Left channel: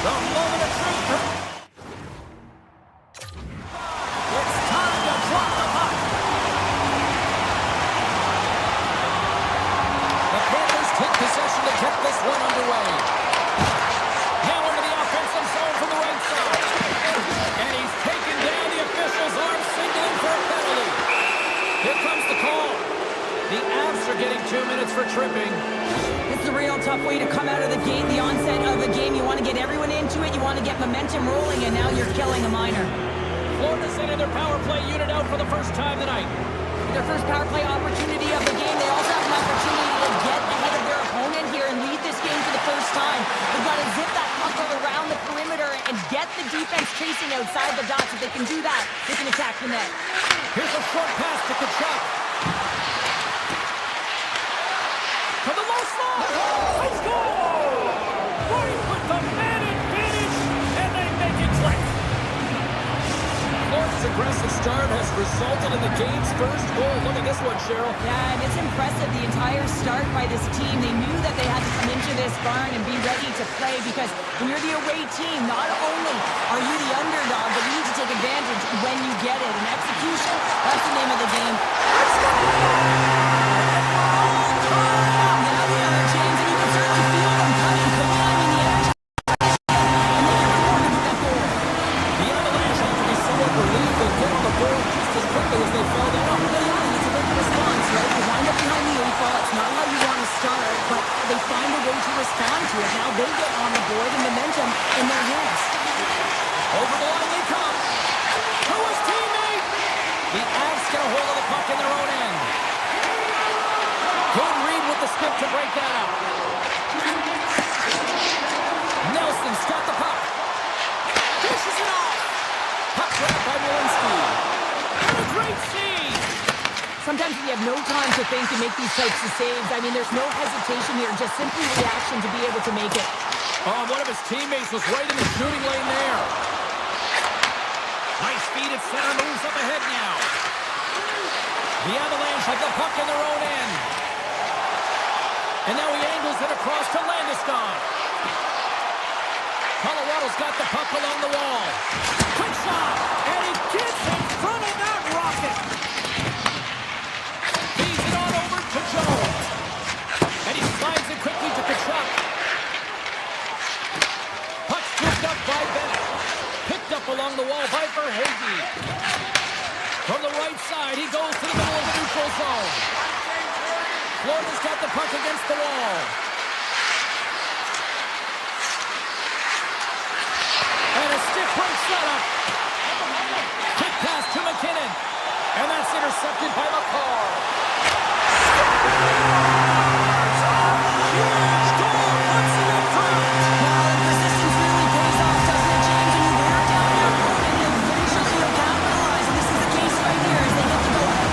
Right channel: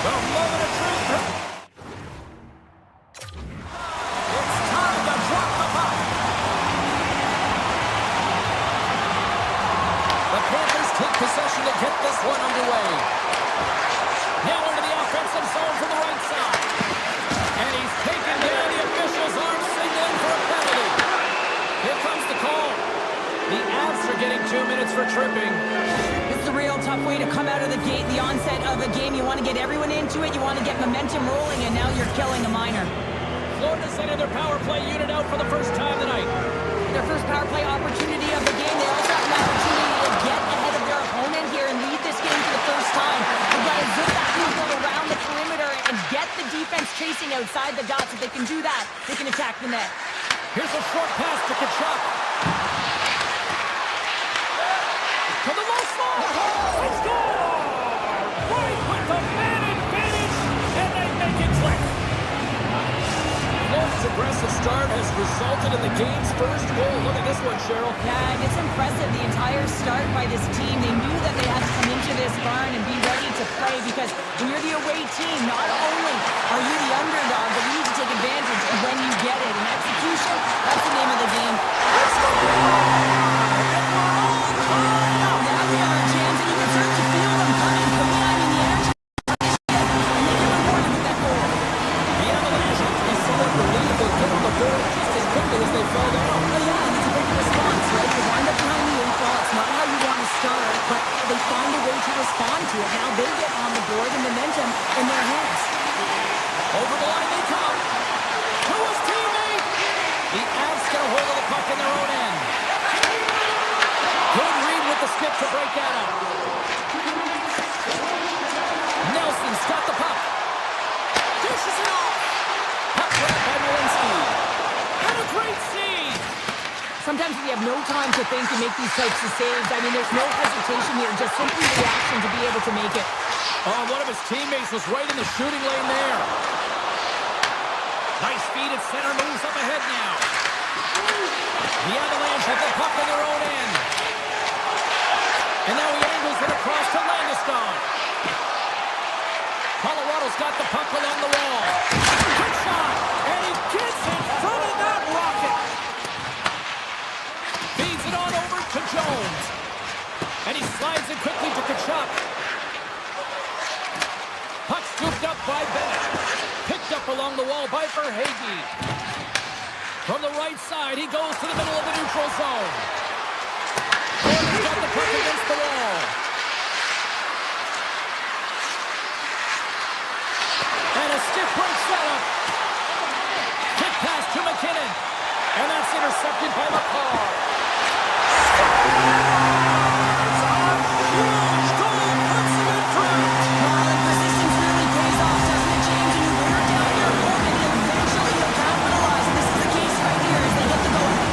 The moment of truth. It's time to drop the puck. The Panthers take possession to get this one underway. Now into the offensive zone from the right side. And he's taken down. The official's arm signaling for a penalty. Here comes the call. The Avs are getting 2 minutes for tripping. It's a real tough way to come out of the gate, the onset of a game. You want to get everyone into it. You want to get momentum rolling, and now you're killing a minor. Florida sending their power play unit out for the first time tonight. Their first power play opportunity of the game. They also have an opportunity to get ahead of their opponent here and lead this game for the first time. They've got to zip that puck around the perimeter and get the defense chasing outside the dots. If they can do that, they can attack the net. Here's a short pass to Kodiak. To the low slot. They score! Right with the man advantage, and they make it click. Florida's aggressive start has resulted in the game's first goal. Look at this one, Cheryl. Yeah, and it's impressive, the entire start by this team. They knew that they had to come into this barn and be ready to play, because when you're the away team, not only are you the underdog, but you need to take advantage when you get it. And execution, that's the name of the game. Let's go! And we're all tied up. Now we are, James, and you can certainly feel them coming. I mean, the energy, and they get rewarded with that goal. The Avalanche have to be somewhat relieved they get on the board just as quickly as they fell down. Oh, yeah, and it's a big response, right? You wind up behind the 8 ball. It's not how you want to start, but they find a way to respond to it. Now they get on the board and momentum in their hands. Over the line they come. To his teammate. The Avs get a hold of the puck in their own end. Good read with the stick to break that up. Nelson's got the puck. Dishes it off. Puck grab by Walensky. And a great save. Sometimes you have no time to think and make these types of saves. I mean, there's no hesitation here, just simply reaction to be able to make it. Oh, one of his teammates was right in the shooting lane there. Nice feed at center, moves up ahead now. The Avalanche have the puck in their own end. And now he angles it across to Landeskog. Colorado's got the puck along the wall. Quick shot, and he gets in front of that rocket. Feeds it on over to Jones. And he slides it quickly to Kodiak. Puck scooped up by Bennett. Picked up along the wall by Verhaeghe. From the right side, he goes to the middle of the neutral zone. Florida's got the puck against the wall. And a stiff break setup. Quick pass to McKinnon. And that's intercepted by McCall. Scores! A huge goal puts him in front. Well, and persistence really pays off, doesn't it, James? And you wear down your opponent, and eventually you'll capitalize. And this is the case right here as they get the go-ahead.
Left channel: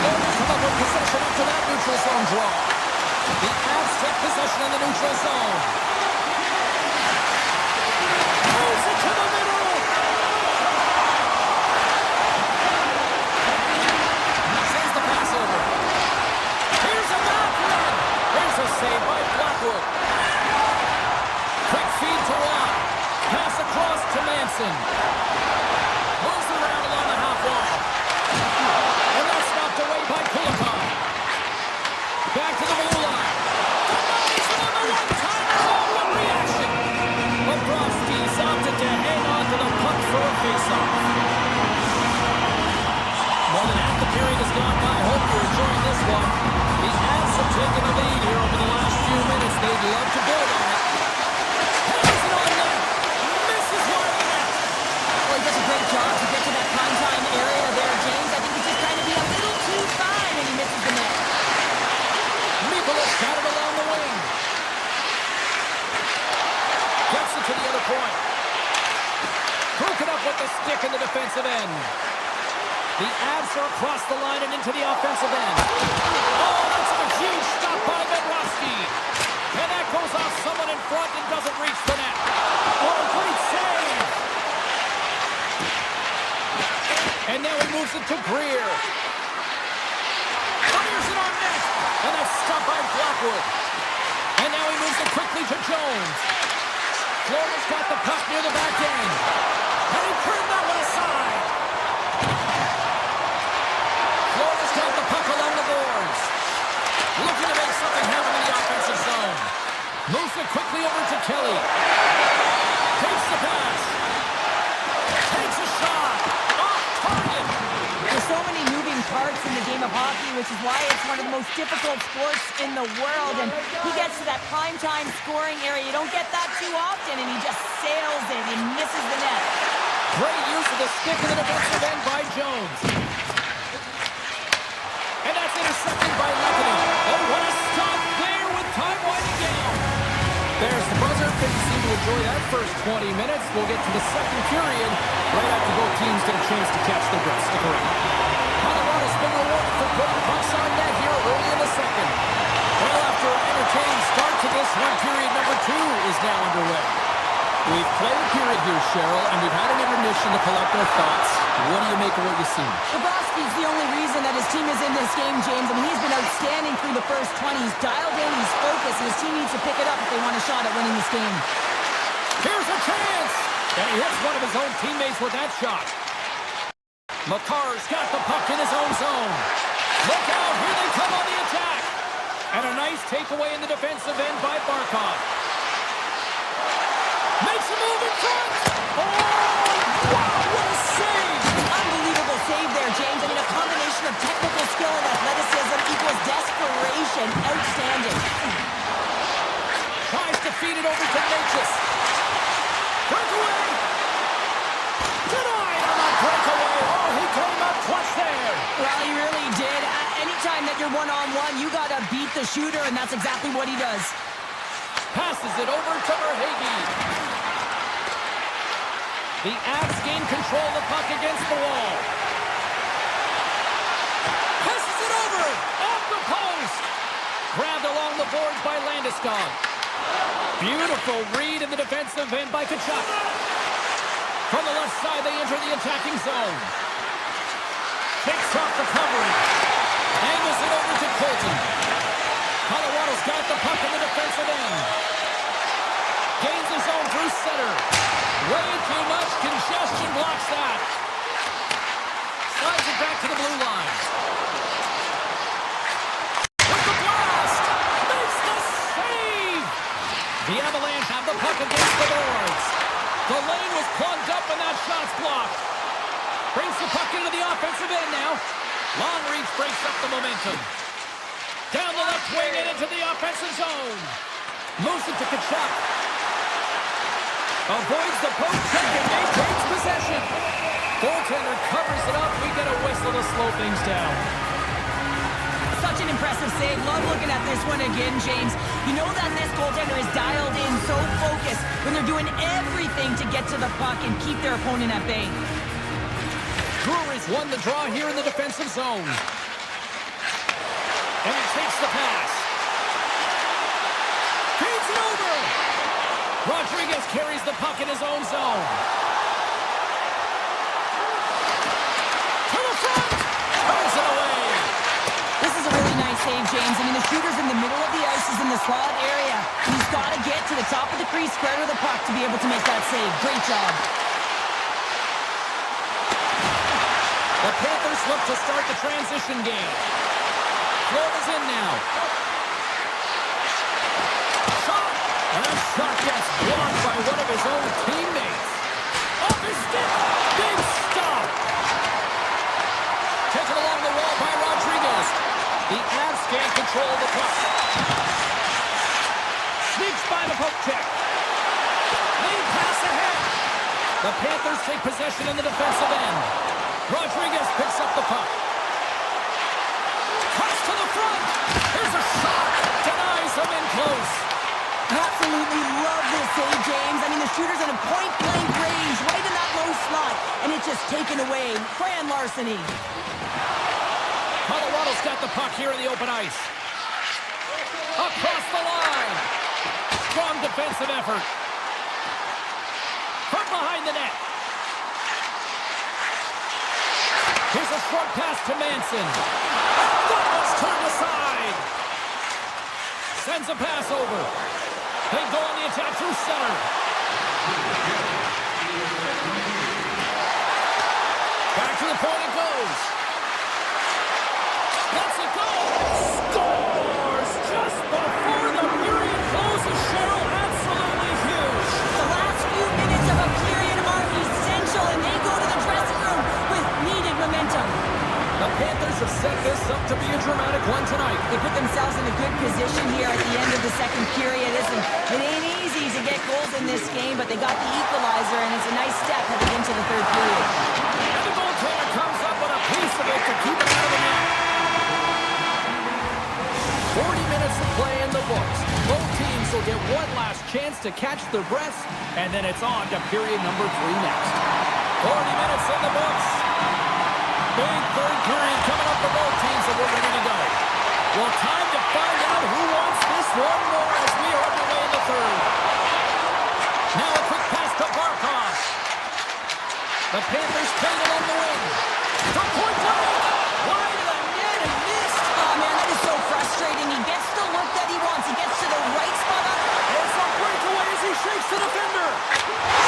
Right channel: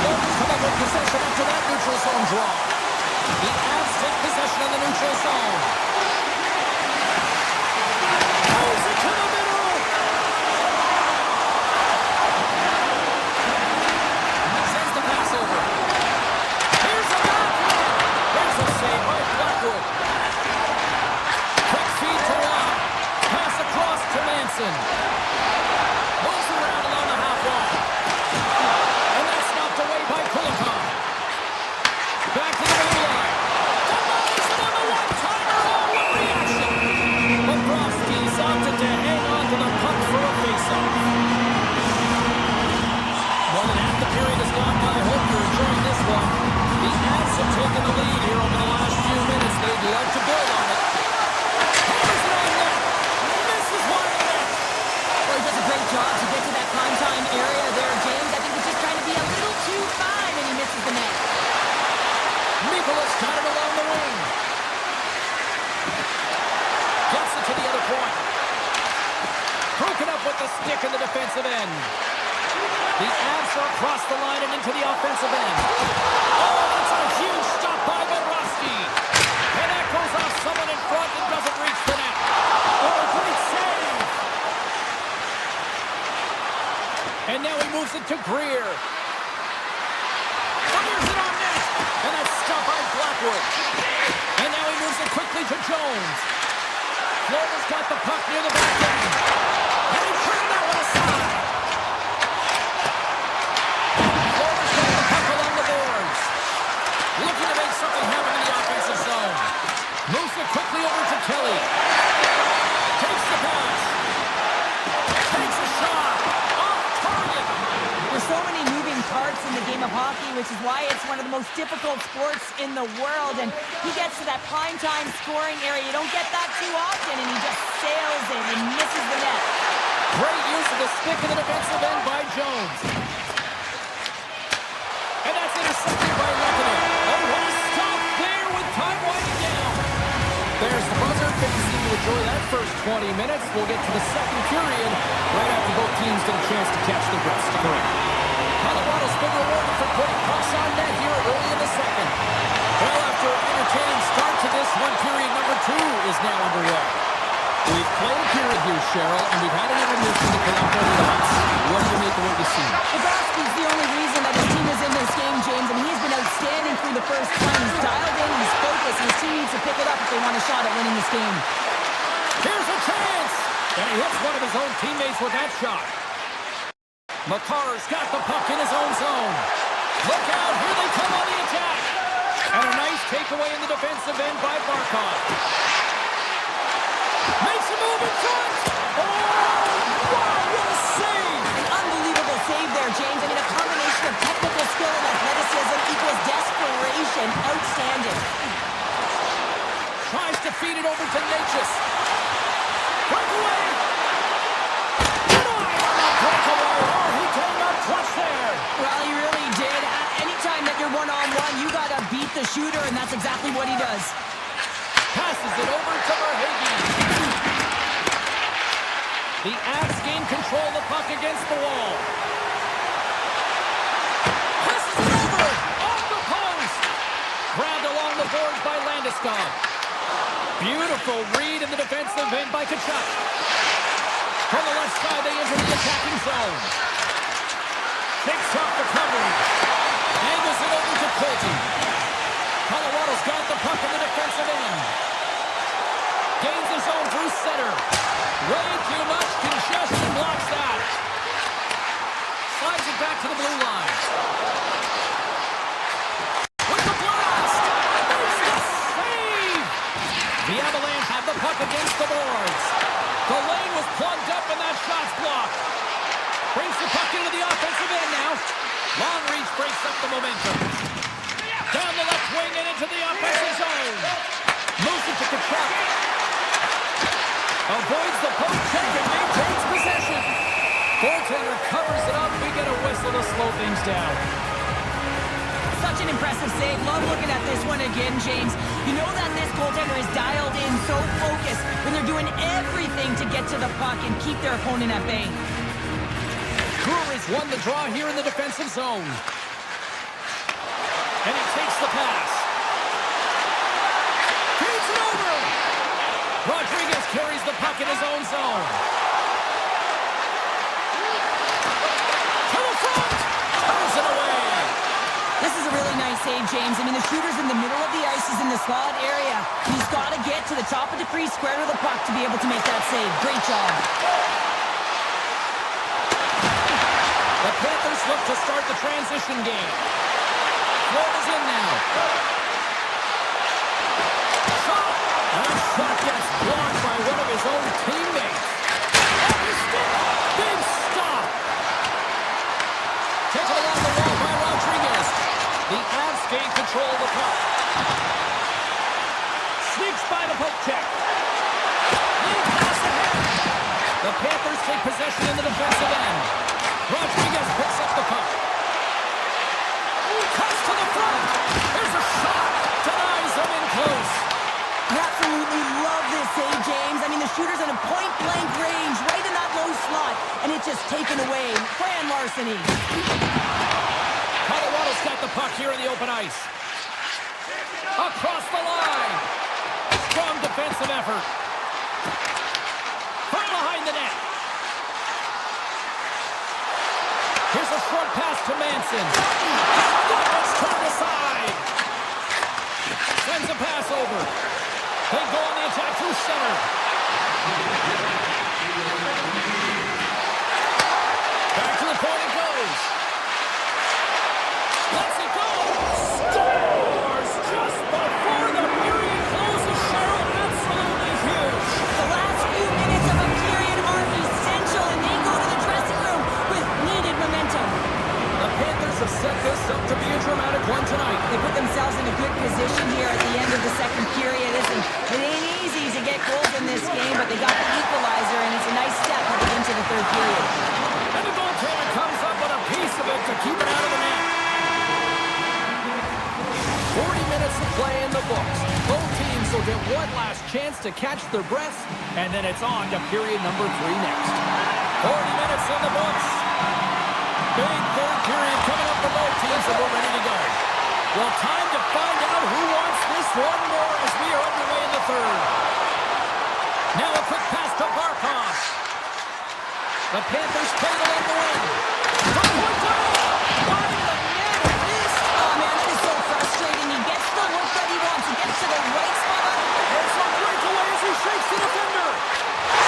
Florida's come up with possession after that neutral zone draw. The Avs take possession in the neutral zone. Moves it to the middle. Sends the pass over. Here's a backhand. There's a save by Blackwood. Quick feed to Watt. Pass across to Manson. Moves around along the half wall. And that's knocked away by Kodiak. Back to the blue line. Denies him on the one-timer. Oh, what reaction. Bobrovsky's opted to hang on to the puck for a face-off. More than half the period has gone by. Hope you're enjoying this one. The Avs have taken the lead here over the last few minutes. They'd love to build on it. Hammers it on net. Misses wide of the net. Well, he does a great job to get to that prime-time area there, James. I think he's just trying to be a little too fine, and he misses the net. Nicholas got it along the wing. Gets it to the other point. Broken up with the stick in the defensive end. The Avs are across the line and into the offensive end. Oh, that's a huge stop by Bobrovsky. And that goes off someone in front and doesn't reach the net. Oh, great save. And now he moves it to Greer. Fires it on net. And that's stopped by Blackwood. And now he moves Moves it quickly to Jones. Florida's got the puck near the back end. And he turned that one aside. Florida's got the puck along the boards. Looking to make something happen in the offensive zone. Moves it quickly over to Kelly. Takes the pass. Takes a shot. Off target. There's so many moving parts in the game of hockey, which is why it's one of the most difficult sports in the world. And he gets to that primetime scoring area. You don't get that too often, and he just sails it and misses the net. Great use of the stick in the defensive end by Jones. And that's intercepted by Lekanen. Oh, what a stop there with time winding down. There's the buzzer. Fans seem to enjoy that first 20 minutes. We'll get to the second period right after both teams get a chance to catch their breath. Stick around. Colorado's been rewarded for putting pucks on net here early in the second. Well, after an entertaining start to this one, period number 2 is now underway. We've played a period here, Cheryl, and we've had an intermission to collect our thoughts. What do you make of what you see? Bobrovsky's the only reason that his team is in this game, James. I mean, he's been outstanding through the first 20. He's dialed in, he's focused, and his team needs to pick it up if they want a shot at winning this game. Here's a chance! And he hits one of his own teammates with that shot. Makar's got the puck in his own zone. Look out, here they come on the attack. And a nice takeaway in the defensive end by Barkov. Makes a move in front. Oh, wow, what a save. An unbelievable save there, James. I mean, a combination of technical skill and athleticism equals desperation. Outstanding. Tries to feed it over to Natchez. Breakaway. Denied on that breakaway. Oh, he came up clutch there. Well, he really did. Anytime that you're one-on-one, you got to beat the shooter, and that's exactly what he does. Passes it over to Verhaeghe. The Avs gain control of the puck against the wall. Passes it over! Off the post! Grabbed along the boards by Landeskog. Beautiful read in the defensive end by Kachuk. From the left side, they enter the attacking zone. Shakes off the covering. Angles it over to Colton. Colorado's got the puck in the defensive end. Gains the zone through center. Way too much congestion blocks that. Slides it back to the blue line. With the blast! Makes the save! The Avalanche have the puck against the boards. The lane was plugged up and that shot's blocked. Brings the puck into the offensive end now. Long reach breaks up the momentum. Down the left wing and into the offensive zone. Moves it to Kachuk. Avoids the poke check and maintains possession. Goaltender covers it up. We get a whistle to slow things down. Such an impressive save. Love looking at this one again, James. You know that this goaltender is dialed in, so focused, when they're doing everything to get to the puck and keep their opponent at bay. Brewery's won the draw here in the defensive zone. And he takes the pass. Feeds it over. Rodriguez carries the puck in his own zone. To the front. Turns it away. This is a really nice save, James. I mean, the shooter's in the middle of the ice. He's in the slot area. He's got to get to the top of the crease, square to the puck to be able to make that save. Great job. The Panthers look to start the transition game. Florida's in now. Shot! And that shot gets blocked by one of his own teammates. Off his stick! Big stop! Taken along the wall by Rodriguez. The Avs gain control of the puck. Sneaks by the poke check. Lead pass ahead. The Panthers take possession in the defensive end. Rodriguez picks up the puck. Cuts to the front. Here's a shot. Denies him in close. I absolutely love this save, James. I mean, the shooter's in a point-blank range, right in that low slot, and it's just taken away. Grand larceny. Colorado's got the puck here in the open ice. Across the line. Strong defensive effort. From behind the net. Here's a short pass to Manson. That was turned aside. Sends a pass over. They go on the attack through center. Back to the point it goes. Lets it go. Scores just before the period closes. Cheryl, absolutely huge. The last few minutes of a period are essential, and they go to the dressing room with needed momentum. The Panthers have set this up to be a dramatic one tonight. They put themselves in a good position here at the end of the second period. Listen, it ain't easy to get goals in this game, but they got the equalizer, and it's a nice step heading into the third period. And the goaltender comes up with a piece of it to keep it out of the net. 40 minutes of play in the books. Both teams will get one last chance to catch their breaths, and then it's on to period number 3 next. 40 minutes in the books. Big third period coming up for both teams, and we're ready to go. Well, time to find out who wants this one more as we are underway in the third. Now a quick pass to Barkov. The Panthers played along the wing. From point blank. Wide of the net and missed. Oh, man, that is so frustrating. He gets the look that he wants. He gets to the right spot. It's a breakaway as he shakes the defender.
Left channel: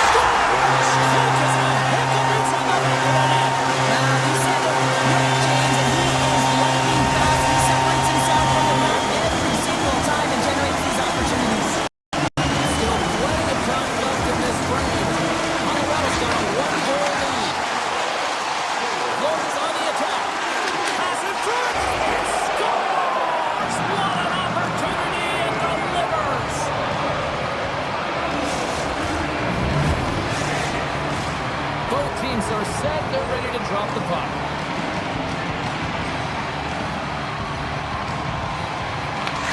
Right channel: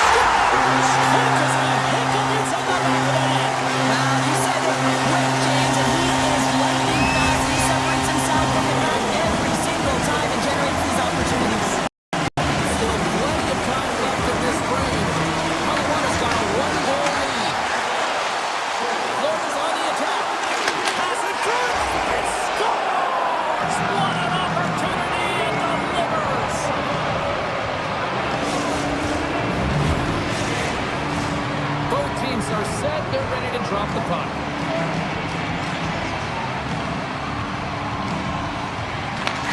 Scores! Quick as a hiccup inside the back of the net. You said it quick, James, and he is lightning fast. He separates himself from the back every single time and generates these opportunities. Still plenty of time left in this frame. Colorado's got a 1-goal lead. Florida's on the attack. Pass in front. It scores! What an opportunity and delivers. Both teams are set. They're ready to drop the puck.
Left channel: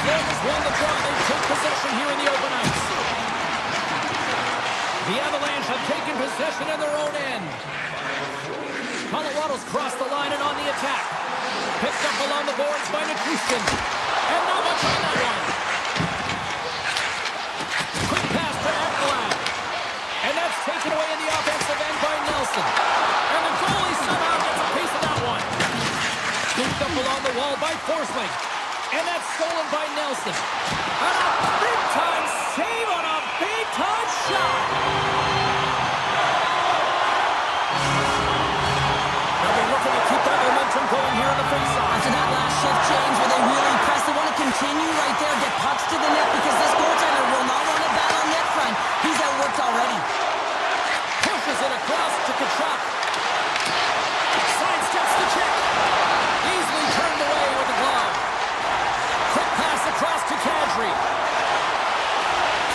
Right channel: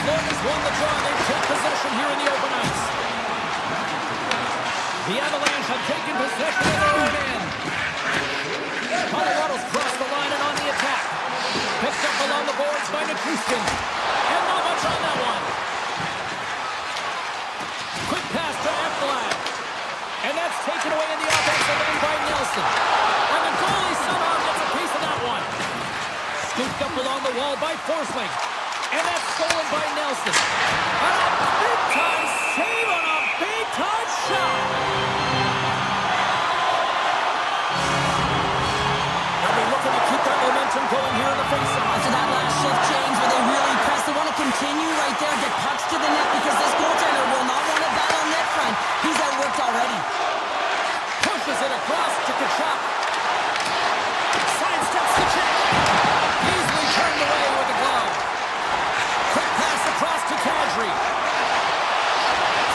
Florida's won the draw. They take possession here in the open ice. The Avalanche have taken possession in their own end. Colorado's crossed the line and on the attack. Picked up along the boards by Nichushkin. And not much on that one. Quick pass to Ekblad. And that's taken away in the offensive end by Nelson. And the goalie somehow gets a piece of that one. Scooped up along the wall by Forsling. And that's stolen by Nelson. And a big-time save on a big-time shot. They'll be looking to keep that momentum going here in the faceoff. After that last shift change where they really press, they want to continue right there, get pucks to the net because this goaltender will not want to battle net front. He's outworked already. Pushes it across to Kachuk. Sidesteps the check. Easily turned away with the glove. Quick pass across to Kadri.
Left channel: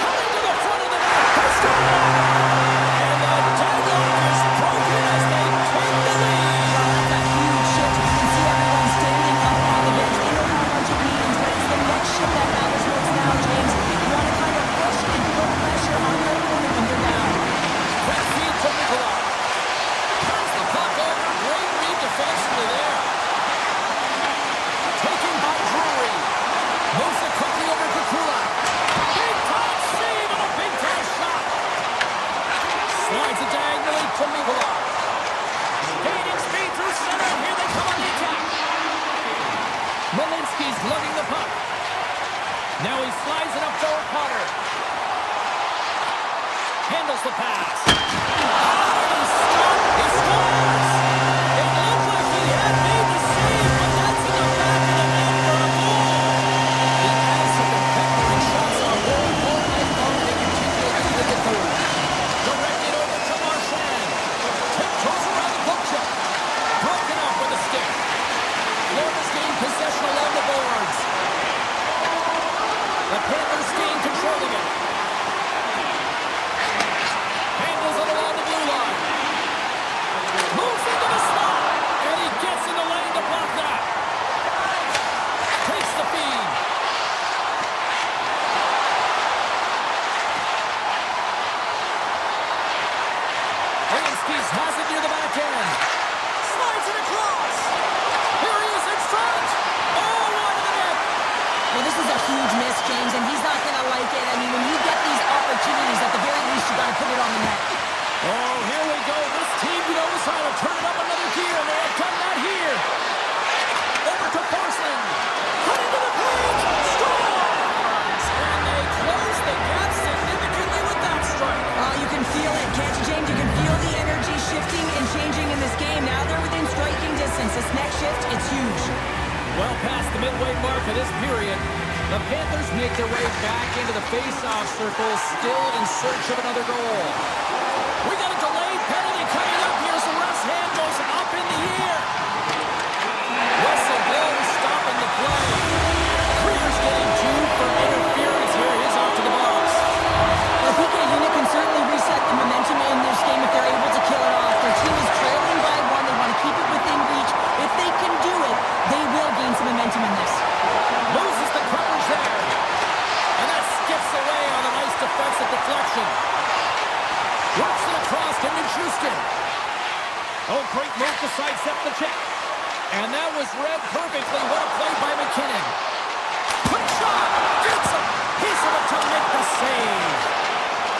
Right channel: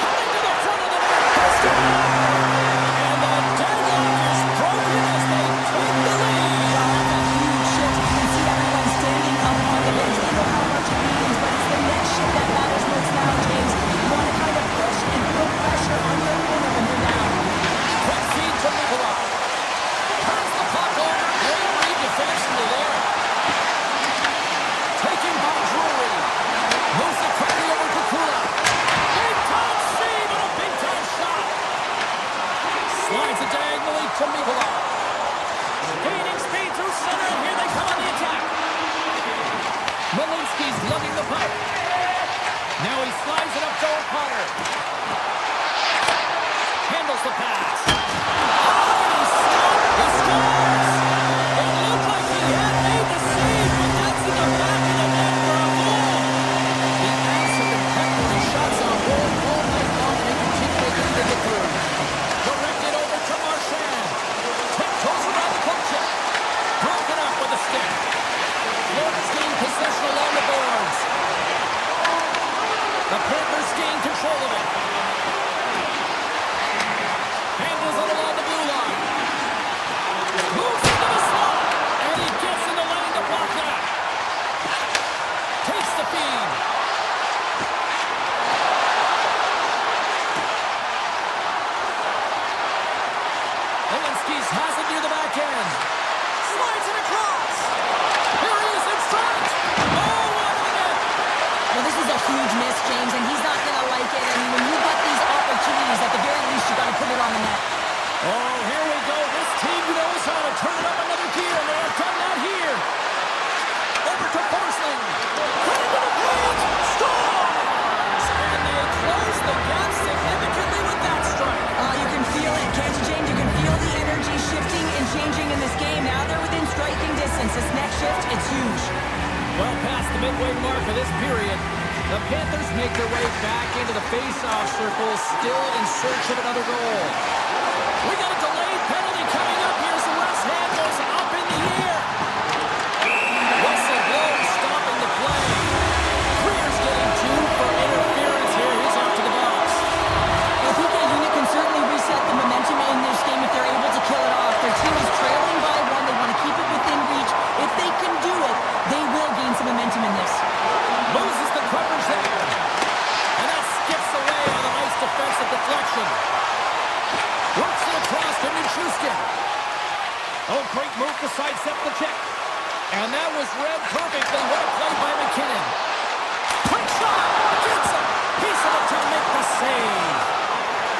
Coming to the front of the net. And the deadlock is broken as they take the lead. Well, that's a huge shift. You can see everyone standing up on the bench. They know how much it means, but it's the next shift that matters most now, James. You want to kind of push and put pressure on your opponent when you're down. Quick feed to Nikolai. Turns the puck over. Great read defensively there. Taken by Drury. Moves it quickly over to Kodiak. Big-time save and a big-time shot. Slides it diagonally to Nikolai. Gaining speed through center, and here they come on the attack. Malinsky's lugging the puck. Now he slides it up to O'Connor. Handles the pass. Oh, and he stopped. He scores. It looked like he had made the save, but that's in the back of the net for a goal. The Avs have been peppering shots on goal all night long, and they continue to lead in the third. Directed over to Marchand. Tiptoes around the poke check. Broken up with a stick. Florida's gained possession along the boards. The Panthers gain control of it. Handles it along the blue line. Moves into the slot. And he gets in the lane to block that. Takes the feed. Malinsky's has it near the back end. Slides it across. Here he is in front. Oh, wide of the net. Well, this is a huge miss, James, and he's not going to like it. I mean, when you get these opportunities, at the very least, you got to put it on the net. Oh, here we go. This team knows how to turn it up another gear, and they have done that here. Over to Forsling. Cut into the paint. Scores! And they close the gap since this next shift, it's huge. Well past the midway mark of this period, the Panthers make their way back into the face-off circle, still in search of another goal. We got a delayed penalty coming up here, so ref's hand goes up in the air. Whistle blows, stopping the play. Creer's getting two for interference here. He's off to the box. Well, PK Unit can certainly reset the momentum in this game if they're able to kill it off. Their team is trailing by one. They want to keep it within reach. If they can do it, they will gain some momentum in this. Loses the coverage there. And that skips away on a nice defensive deflection. Works it across to Nichushkin. Oh, great move to sidestep the check. And that was read perfectly. What a play by McKinnon. Quick shot. Gets a piece of it to make the save.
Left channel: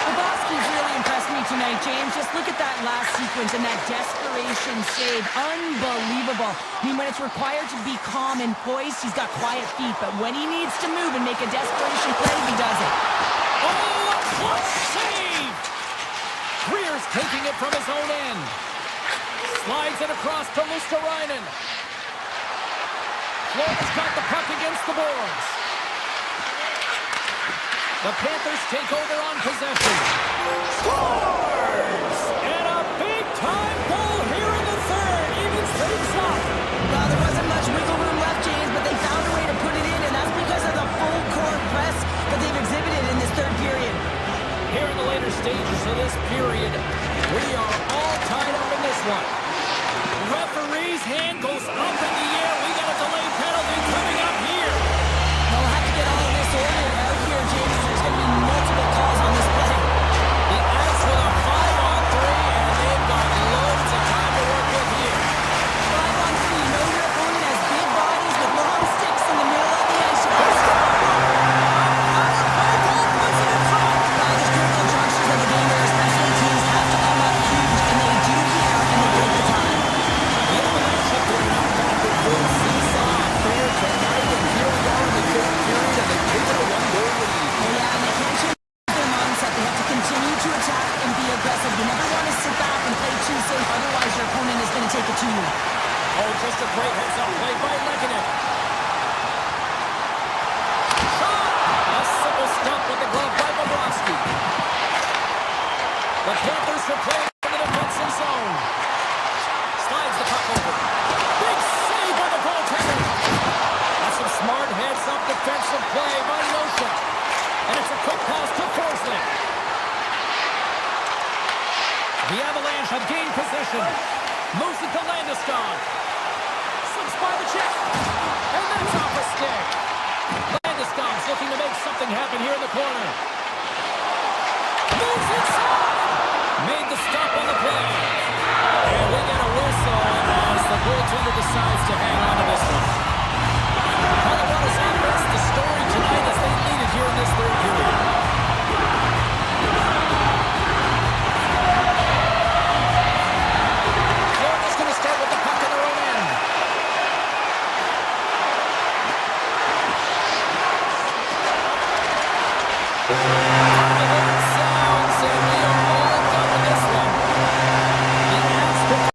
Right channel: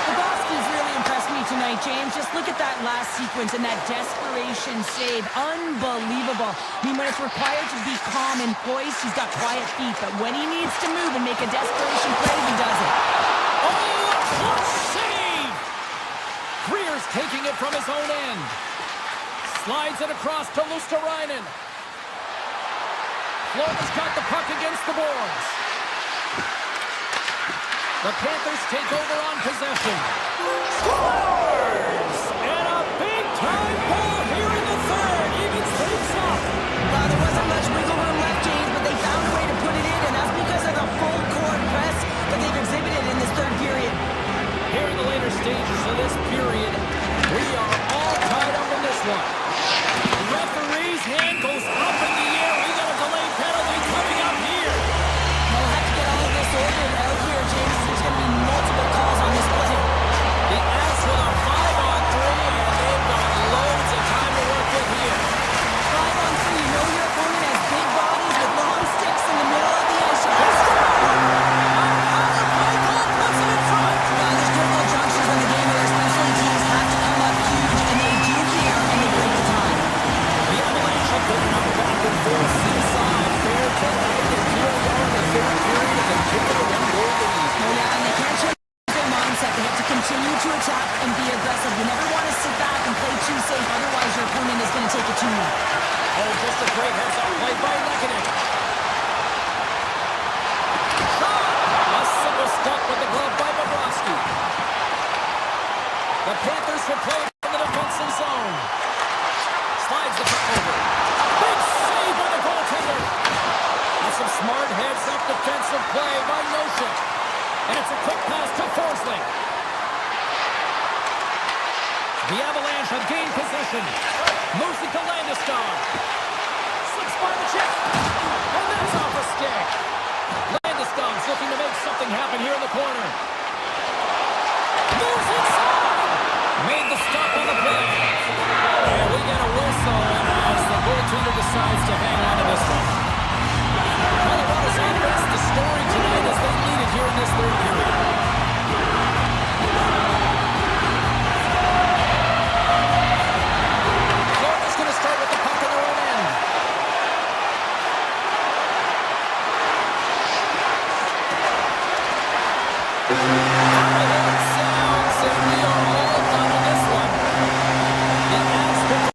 Bobrovsky's really impressed me tonight, James. Just look at that last sequence and that desperation save. Unbelievable. I mean, when it's required to be calm and poised, he's got quiet feet. But when he needs to move and make a desperation play, he does it. Oh, a clutch save! Creer's taking it from his own end. Slides it across to Luosterainen. Florida's got the puck against the boards. The Panthers take over on possession. Scores! And a big-time goal here in the third. Evens things up. Well, there wasn't much wiggle room left, James, but they found a way to put it in, and that's because of the full-court press that they've exhibited in this third period. Here in the later stages of this period, we are all tied up in this one. Referee's hand goes up in the air. We got a delayed penalty coming up here. We'll have to get all of this ordered out here, James. There's going to be multiple calls on this play. The Avs with a 5-on-3, and they've got loads of time to work with here. 5-on-3, you know your opponent has big bodies with long sticks in the middle of the ice. You gotta stop them. Power play goal puts it in front. There's critical junctures of the game where especially teams have to come up huge, and they do here, and they break the tie. The Avalanche have been out back and forth seesaw affair tonight, and here we are in the third period, and they've taken a one-goal lead. Oh yeah, and they can't change their mindset. They have to continue to attack and be aggressive. You never want to sit back and play too safe, otherwise your opponent is going to take it to you. Oh, just a great heads-up play by Lehkonen. Shot! A simple stop with the glove by Bobrovsky. The Panthers will play in the defensive zone. Slides the puck over. Big save by the goaltender. That's some smart heads-up defensive play by Nosek. And it's a quick pass to Forsling. The Avalanche have gained possession. Moves it to Landeskog. Slips by the check. And that's off a stick. Landeskog's looking to make something happen here in the corner. Moves inside. Made the stop on the play. And we get a whistle as the goaltender decides to hang on to this one. Colorado's offense, the story tonight as they lead it here in this third period. Florida's going to start with the puck in their own end. Final horn sounds, and we are all done with this one. The Avs pick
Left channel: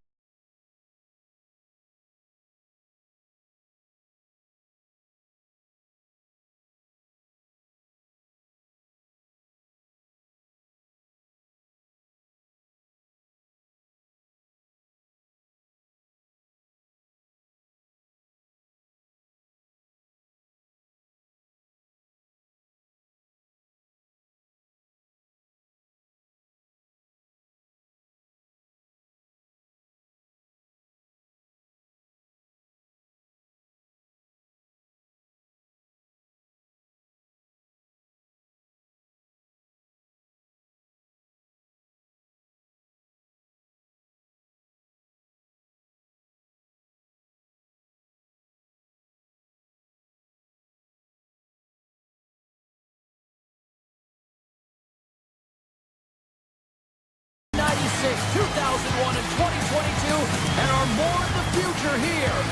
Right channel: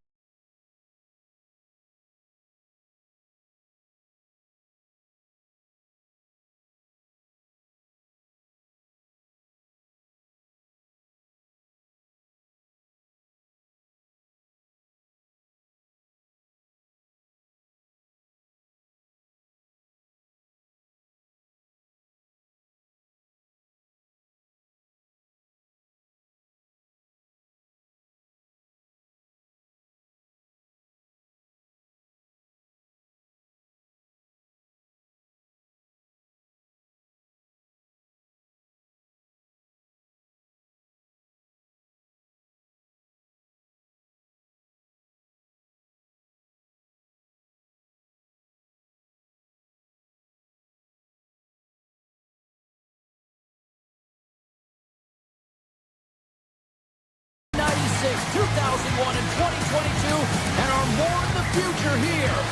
'96, 2001, and 2022, and are more in the future here.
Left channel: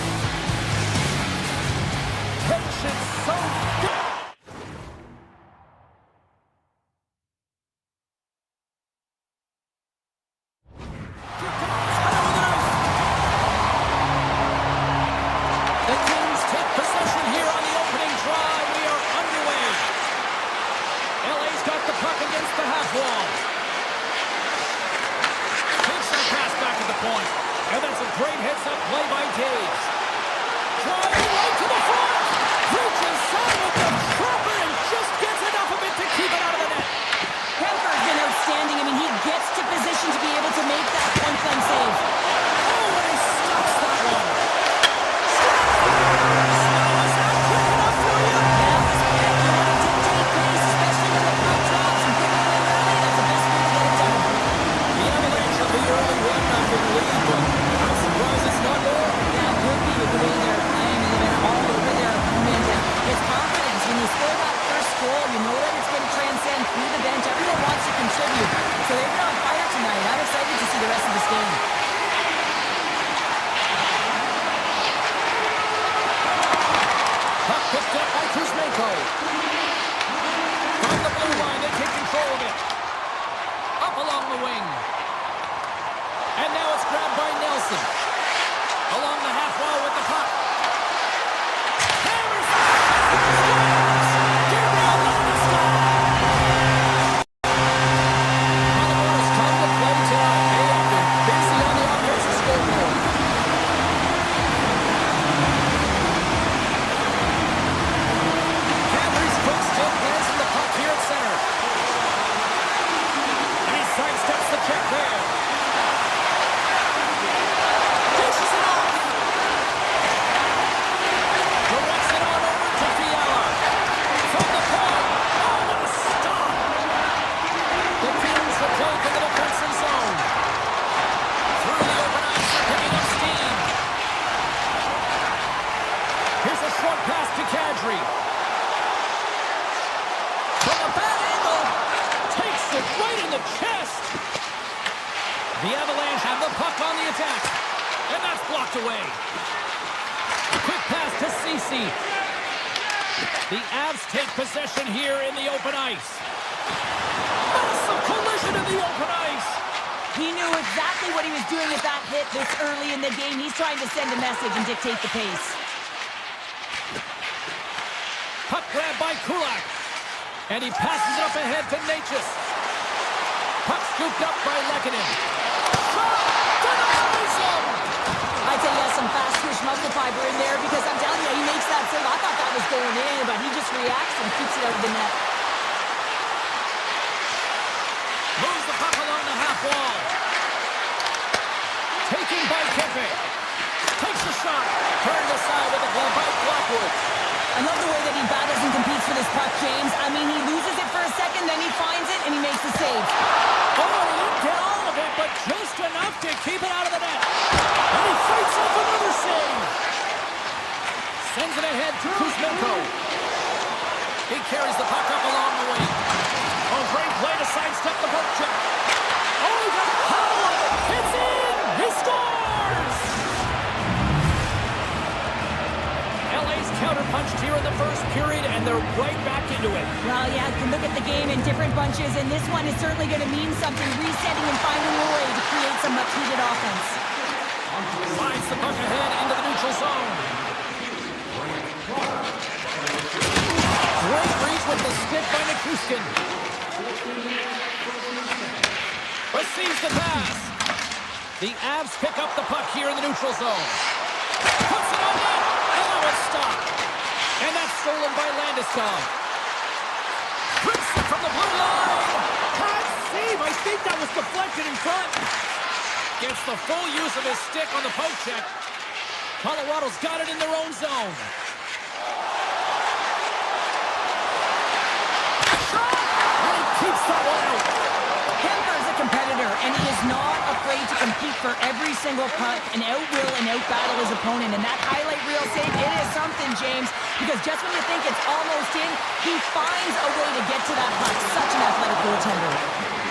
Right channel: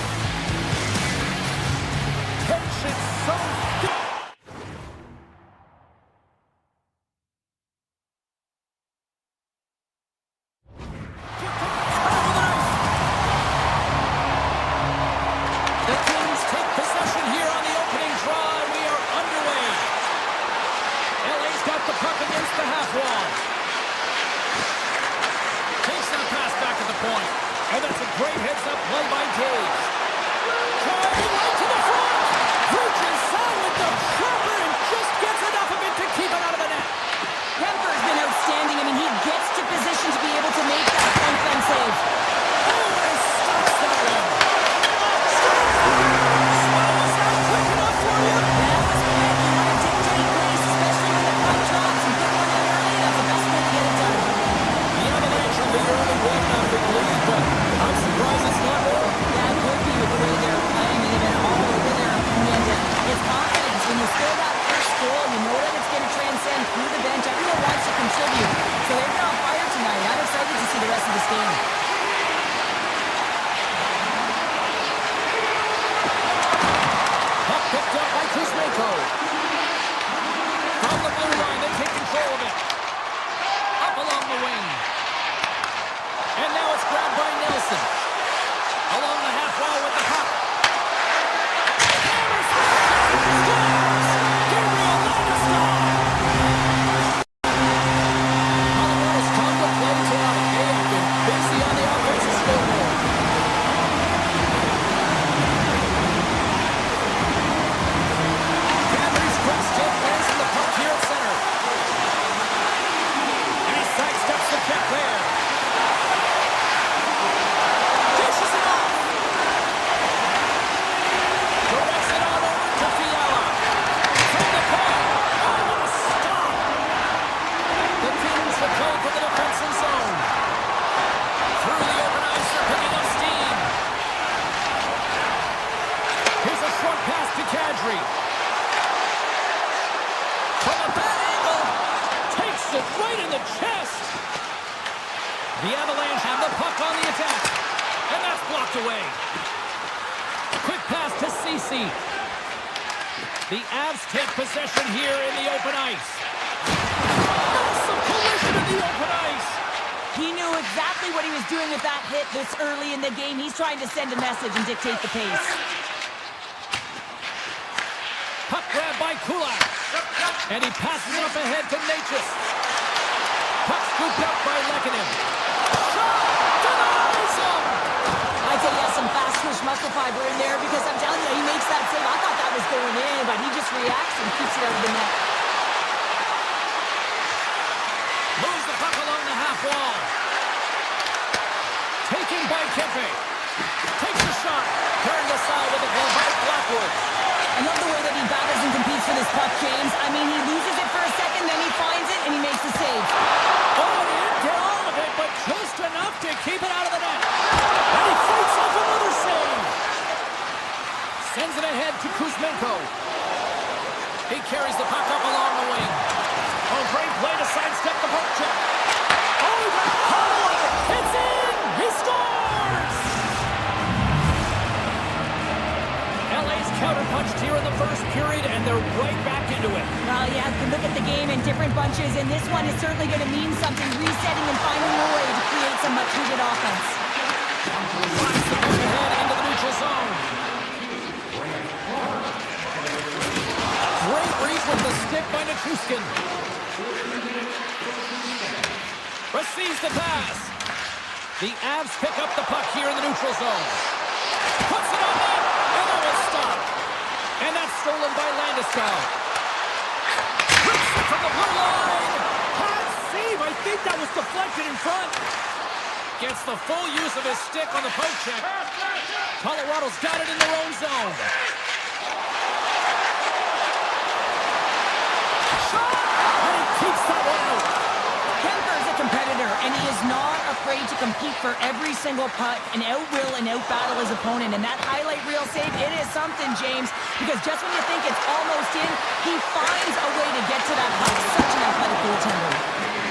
Tension so good. against the half wall. Takes that pass back at the point. And that's a great heads-up play by Taves. Trying right to the front. Reaches out with the trapper and just gets enough of it to keep it out of the net. Kemper's been outstanding. I mean, he gets to position to be able to make that point-blank save. Oh, and he stops that one. Smell was out quick enough for you. That was quick. You want to dictate pace, especially when the puck drops and put one in early. That's the best way to get it done. The Avalanche have the early 1-0 lead, but I'm surprised it's not more. Yeah, it could be with the way they're playing, and they've been all over their opponent. And it's confidence. When you score that first goal, you know that it's going to transcend through the bench. Everyone wants to contribute. So they've been on fire tonight. I'm excited to see the rest of this game. Puck picked up by Kuzmenko. From the blue line, they take control of it. Up along the wing. And now it's grabbed by Nelson. Along the half wall with the puck. Hammers the shot. Scores! Gabriel Landeskog. Colorado's come to play tonight. They have been busy on the offensive scoreboard. Panthers quick stick lands in the puck here at center. And he sidesteps the check there. Dishes it off. Directs it on over to Fiala. From the point. Oh, what a stop. The Kings will play for the defensive zone. Through the open ice, they're picking up steam. Here's a short pass to Kadri. From a bad angle. Takes it right in the chest. The Avalanche have the puck on the attack. And that's blocked away. Quick pass to Ceci. The Avs take possession here in the open ice. Massive collision in the open ice. He knew exactly what he was doing with that hit this early in the game. He's trying to send a message and dictate the pace. Puck grab by Kulak. And he passes it up ahead to Natchez. Puck scooped up by Lekanen. Shot! Denies him! I'd say he has some fast twitch muscle fiber in there because I'm telling you, he makes that save. I thought that was going in, but he just reacts and keeps it out of the net. Moves the puck along the half wall. Taken by Kempe. Takes the shot. Turned aside with a glove by Blackwood. I love the way that he battles and competes for this puck, James. I mean, he loses it for a second, then he finds it, and he makes the save. Oh, he didn't get all of it, but just enough to keep it out of the net. And he fights off another save. Sends it ahead to Kuzmenko. He carries the puck up along the wing. Oh, great play to sidestep the poke check. Oh, he got a huddle of it. It's in! He scores! LA's counterpunched here in the first period, and they're right back into it. Well, yeah, you can look at the game in different bunches, and this one is certainly going to mean something, resetting and finding a way to create some much-needed offense. Finds the puck ahead into the neutral zone. Great reach with the stick by Nichushkin. Receives the pass. The Avs pick up the puck here in the neutral zone. Puts it on net, and that was stopped. And that's stolen by Landeskog. Rips it from the blue line. Hard save. I think that was deflected in front. Gets the full use of his stick on the poke check. Colorado's got it in their own zone. Shot! And he keeps that one out. Kemper's a competitor, and he is not afraid to compete for every single puck and out-will and out-battle his opponent. And that highlight reel save, it is something, James, because just when you think it's almost in, he finds a way to get to that puck. Such an athletic goaltender.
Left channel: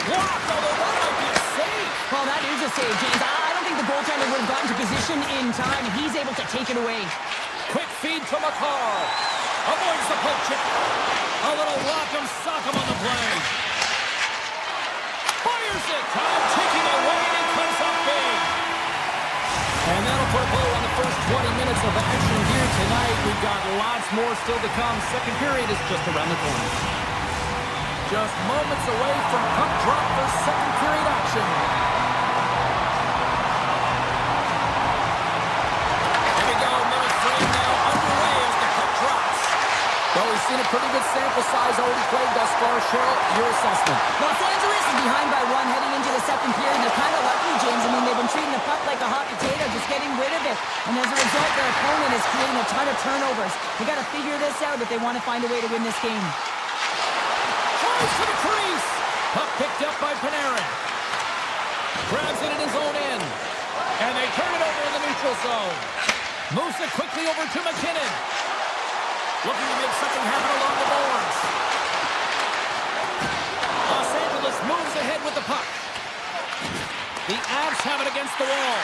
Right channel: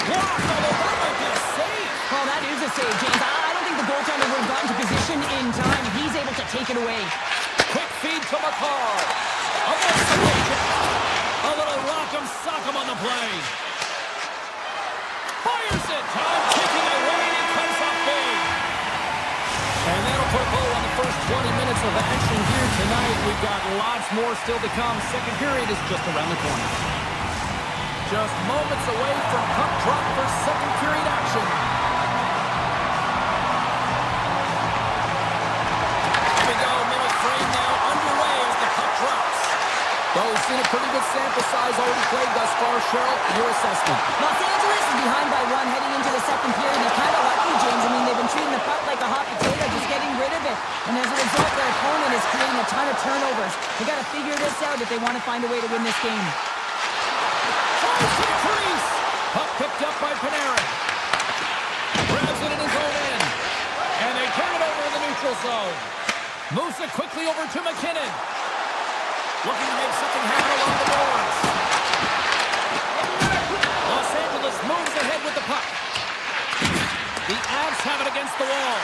Blocked, although that might be a save. Well, that is a save, James. I don't think the goaltender would have gotten to position in time. He's able to take it away. Quick feed to Makar. Avoids the poke check. A little rock'em sock'em on the play. Fires it. Time ticking away, and he comes up big. And that'll put a bow on the first 20 minutes of action here tonight. We've got lots more still to come. Second period is just around the corner. Just moments away from puck drop for second period action. Here we go, middle frame now underway as the puck drops. Well, we've seen a pretty good sample size already played thus far. Cheryl, your assessment. Los Angeles is behind by 1 heading into the second period. They're kind of lucky, James. I mean, they've been treating the puck like a hot potato, just getting rid of it. And as a result, their opponent is creating a ton of turnovers. They got to figure this out if they want to find a way to win this game. Tries to the crease. Puck picked up by Panarin. Grabs it in his own end. And they turn it over in the neutral zone. Moves it quickly over to McKinnon. Looking to make something happen along the boards. Los Angeles moves ahead with the puck. The Avs have it against the wall.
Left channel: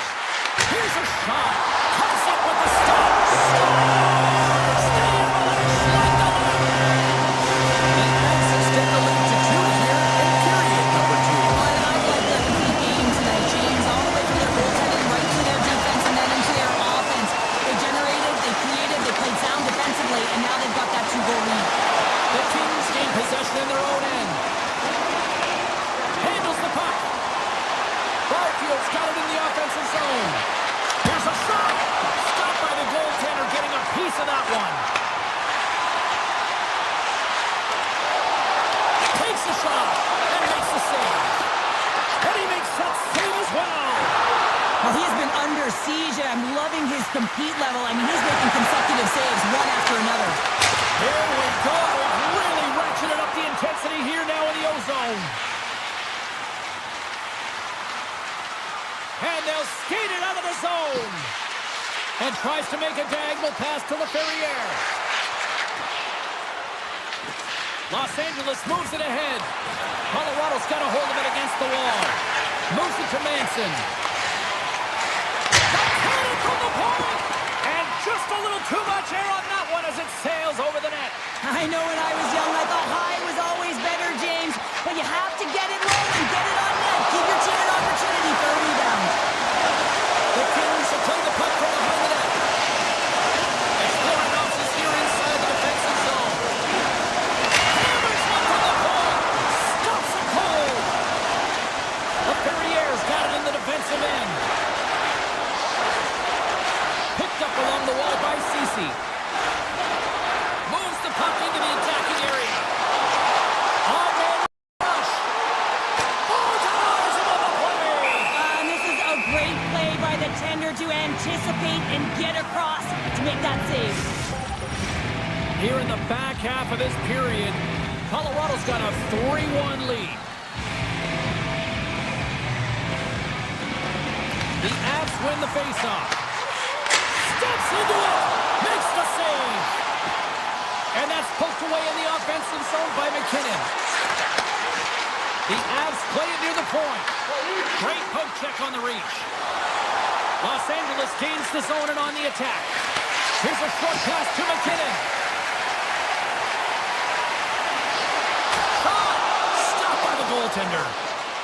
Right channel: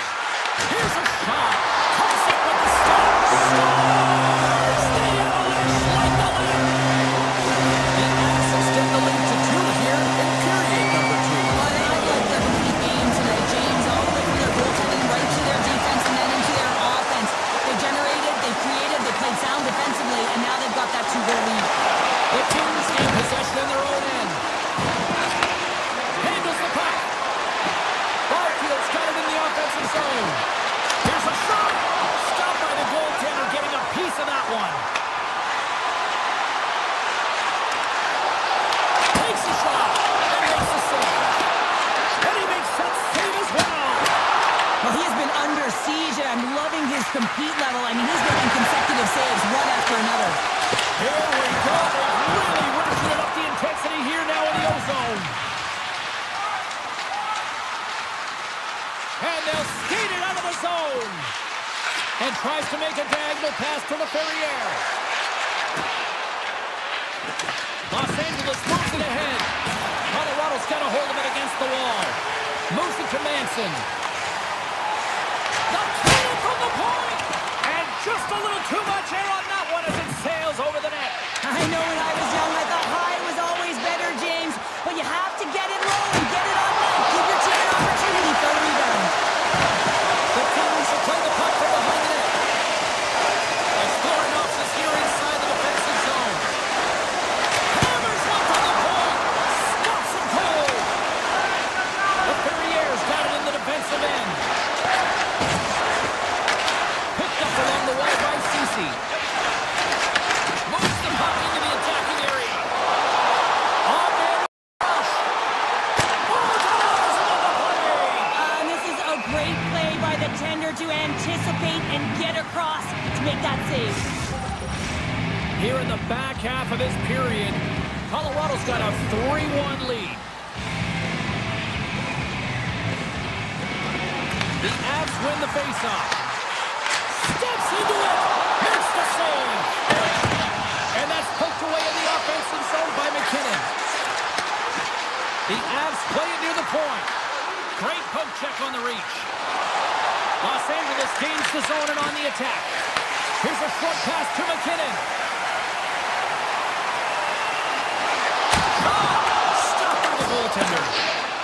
Here's a shot. Comes up with the stop. Scores! The Avalanche like the left. The Avs extend the lead to 2 here in period number 2. Well, I like their complete game tonight, James. All the way from their goaltending right to their defense and then into their offense. They generated, they created, they played sound defensively, and now they've got that 2-goal lead. The Kings gain possession in their own end. Handles the puck. Barfield's got it in the offensive zone. Here's a shot. Stopped by the goaltender, getting a piece of that one. Takes a shot and makes a save. And he makes that save as well. Well, he has been under siege, and I'm loving his compete level. I mean, he's making consecutive saves, one after another. Here we go. They've really ratcheted up the intensity here now in the O-zone. And they'll skate it out of the zone. And tries to make a diagonal pass to Laferriere. Los Angeles moves it ahead. Colorado's got a hold of it against the wall. Moves it to Manson. The cannon from the point! And just a little too much air on that one as it sails over the net. I know when I was young, I thought high was always better, James. But you have to get it low and get it on net. Give your team an opportunity for a rebound. The Kings will play the puck from behind the net. Exploring options here inside the defensive zone. Hammers one from the point. Stops him cold. Laferriere's got it in the defensive end. Picked up along the wall by Ceci. Moves the puck into the attacking area. On-man rush. Oh, denies him on the play. And this is a great play by the tender to anticipate and get across to make that save. Here in the back half of this period, Colorado's got a 3-1 lead. The Avs win the faceoff. Steps into it. Makes the save. And that's poked away in the offensive zone by McKinnon. The Avs play it near the point. Great poke check on the reach. Los Angeles gains the zone and on the attack. Here's a short pass to McKinnon. Shot! Stopped by the goaltender.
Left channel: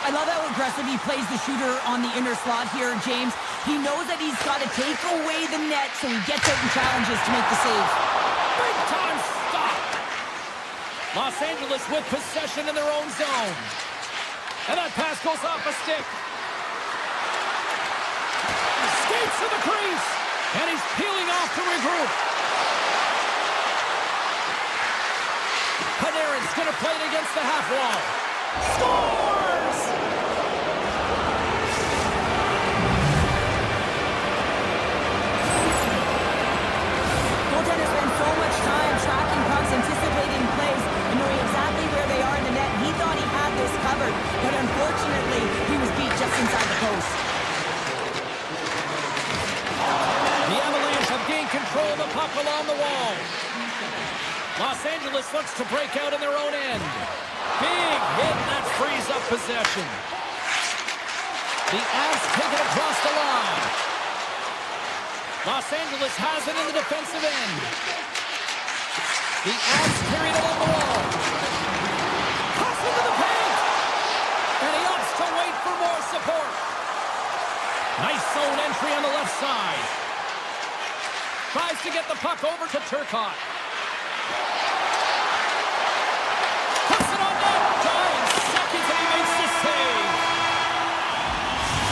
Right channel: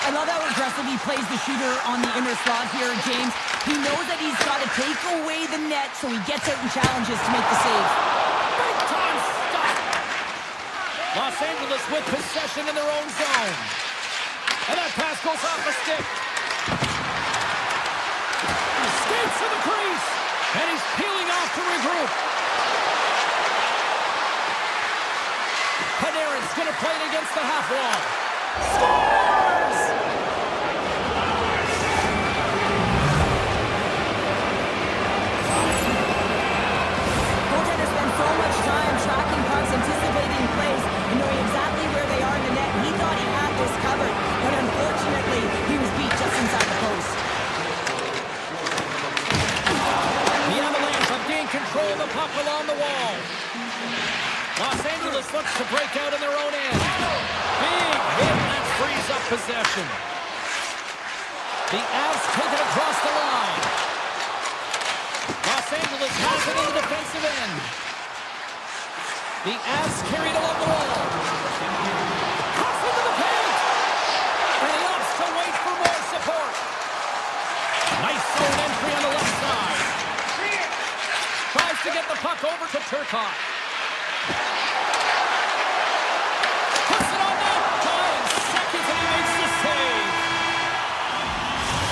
I love how aggressive he plays the shooter on the inner slot here, James. He knows that he's got to take away the net, so he gets out and challenges to make the save. Big time stop. Los Angeles with possession in their own zone. And that pass goes off a stick. Skates to the crease. And he's peeling off to regroup. Panarin's going to play it against the half wall. Scores! Goaltenders spend so much time tracking pucks, anticipating plays, and knowing exactly where they are in the net. He thought he had this covered, but unfortunately, he was beat just inside the post. The Avalanche have gained control of the puck along the wall. Los Angeles looks to break out in their own end. Big hit, and that frees up possession. The Avs take it across the line. Los Angeles has it in the defensive end. The Avs carried along the wall. Cuts into the paint. And he opts to wait for more support. Nice zone entry on the left side. Tries to get the puck over to Turcotte. Puts it on net.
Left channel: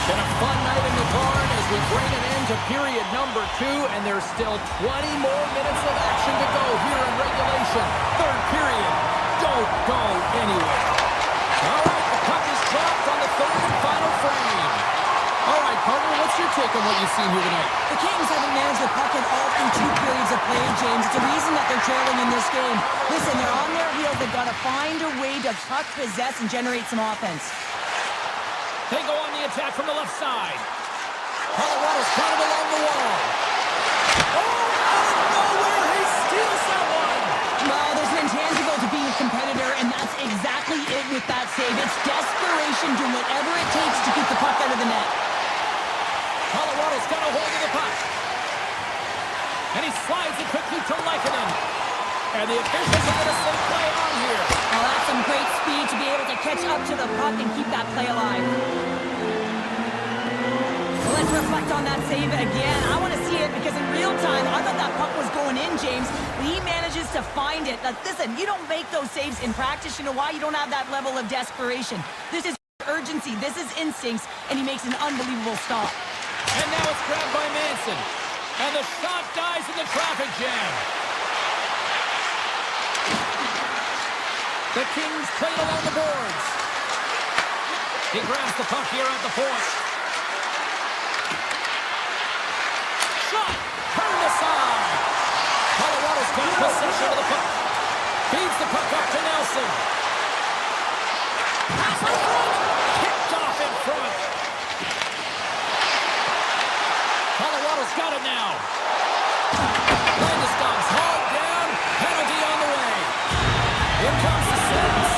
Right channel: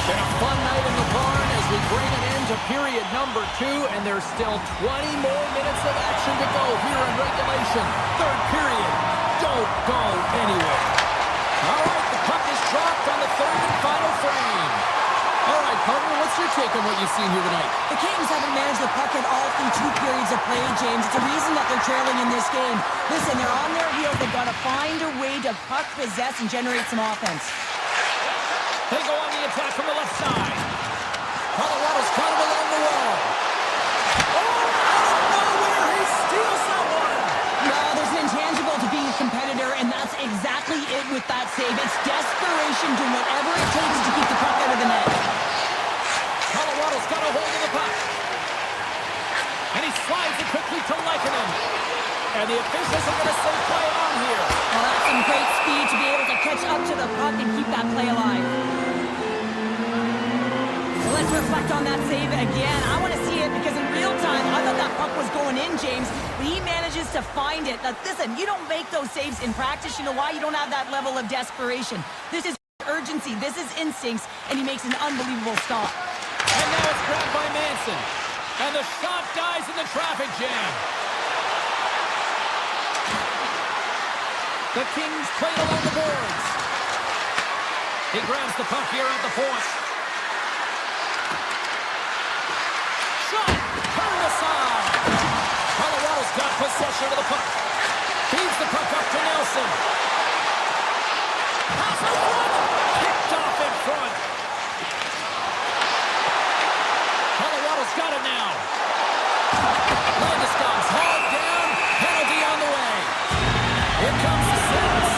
Been a fun night in the barn as we bring an end to period number 2, and there's still 20 more minutes of action to go here in regulation. Third period. Don't go anywhere. All right, the puck is dropped on the third and final frame. All right, partner, what's your take on what you've seen here tonight? The Kings haven't managed the puck at all through 2 periods of play, James. It's a reason that they're trailing in this game. Listen, they're on their heels. They've got to find a way to puck possess and generate some offense. They go on the attack from the left side. Colorado's got him along the wall. Oh, out of nowhere, he steals that one. Well, there's an intangible to being a competitor, and that's exactly it with that save. It's desperation, doing whatever it takes to keep the puck out of the net. Colorado's got a hold of the puck. And he slides it quickly to Lehkonen. And the officials are going to say play on here. Well, that's some great speed to be able to catch up to the puck and keep that play alive. Well, let's reflect on that save again. I want to see it because in real time, I thought that puck was going in, James, but he manages to find it. Now, listen, you don't make those saves in practice. You know why? You don't have that level of desperation. This is urgency. This is instincts, and he makes an unbelievable stop. And now it's grabbed by Manson. And the shot dies in the traffic jam. The Kings play it along the boards. He grabs the puck here at the point. Shot! Turned aside. Colorado's got possession of the puck. Feeds the puck up to Nelson. Pass in front. Kicked off in front. Colorado's got it now. Landeskog's hauled down. Penalty on the way. Here comes the sentence.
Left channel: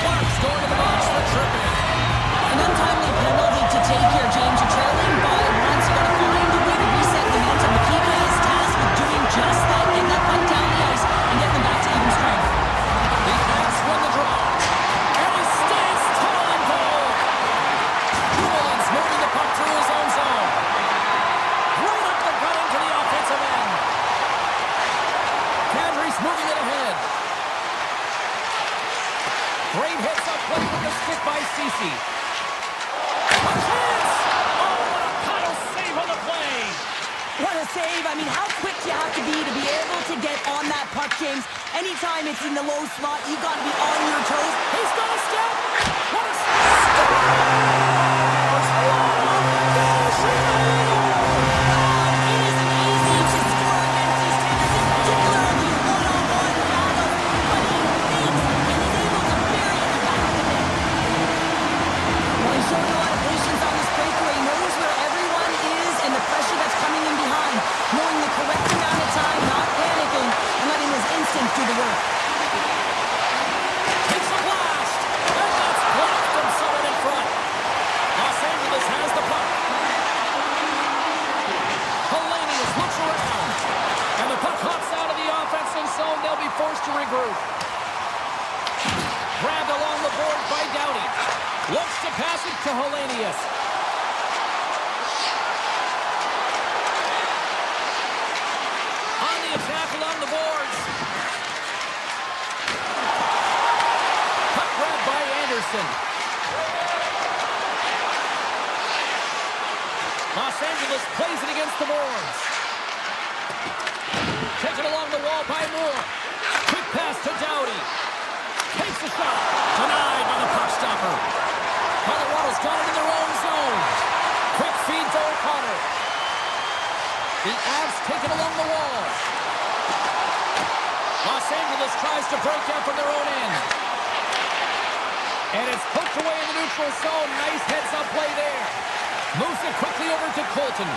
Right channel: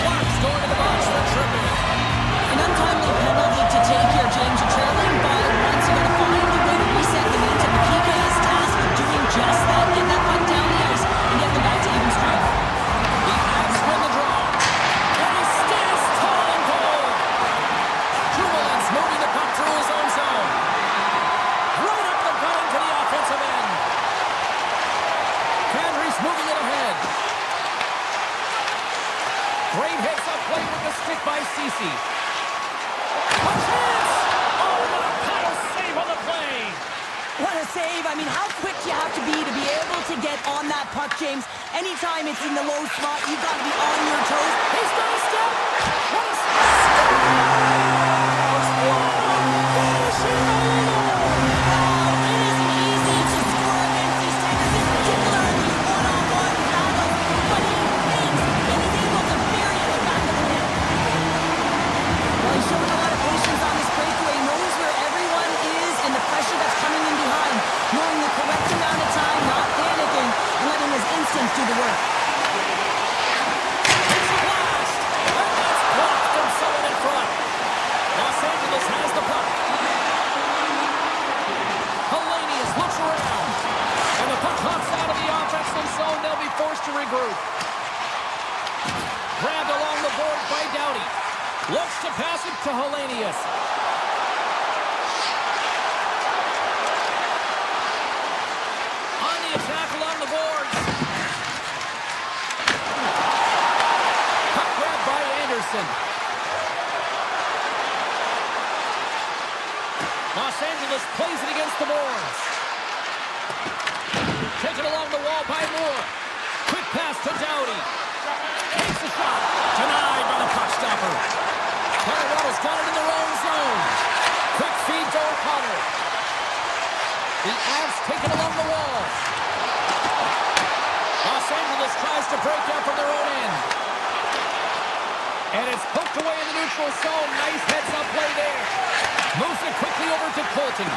Clark's going to the box for tripping. An untimely penalty to take here, James. You're trailing by once. You got to find a way to reset the momentum. The PK is tasked with doing just that. Get that puck down the ice and get them back to even strength. The Avs win the draw. And he stands tall and bold. Jubilin's moving the puck through his own zone. Right up the gut into the offensive end. Kadri's moving it ahead. Great heads-up play with the stick by Ceci. A chance! Oh, what a paddle save on the play! What a save. I mean, how quick do you have to be able to get on that puck, James? Anytime it's in the low spot, you've got to be on your toes. He's got a step! What a step! Wow, it isn't easy to score against these Panthers, in particular in these one-on-one battles, but he thinks and is able to bury at the back of the net. Well, he's showing a lot of patience on this breakaway. He knows where everyone is and the pressure that's coming in behind, knowing the correct amount of time, not panicking, and letting his instincts do the work. Takes a blast! And that's blocked from someone in front. Los Angeles has the puck. Hellenius looks around. And the puck hops out of the offensive zone. They'll be forced to regroup. Grabbed along the boards by Doughty. Looks to pass it to Hellenius. On the attack along the boards. Puck grabbed by Anderson. Los Angeles plays it against the boards. Taken along the wall by Moore. Quick pass to Doughty. Takes the shot. Denied by the puck stopper. Colorado's got it in their own zone. Quick feed to O'Connor. The Avs take it along the wall. Los Angeles tries to break out from their own end. And it's poked away in the neutral zone. Nice heads-up play there. Moves it quickly over to Colton.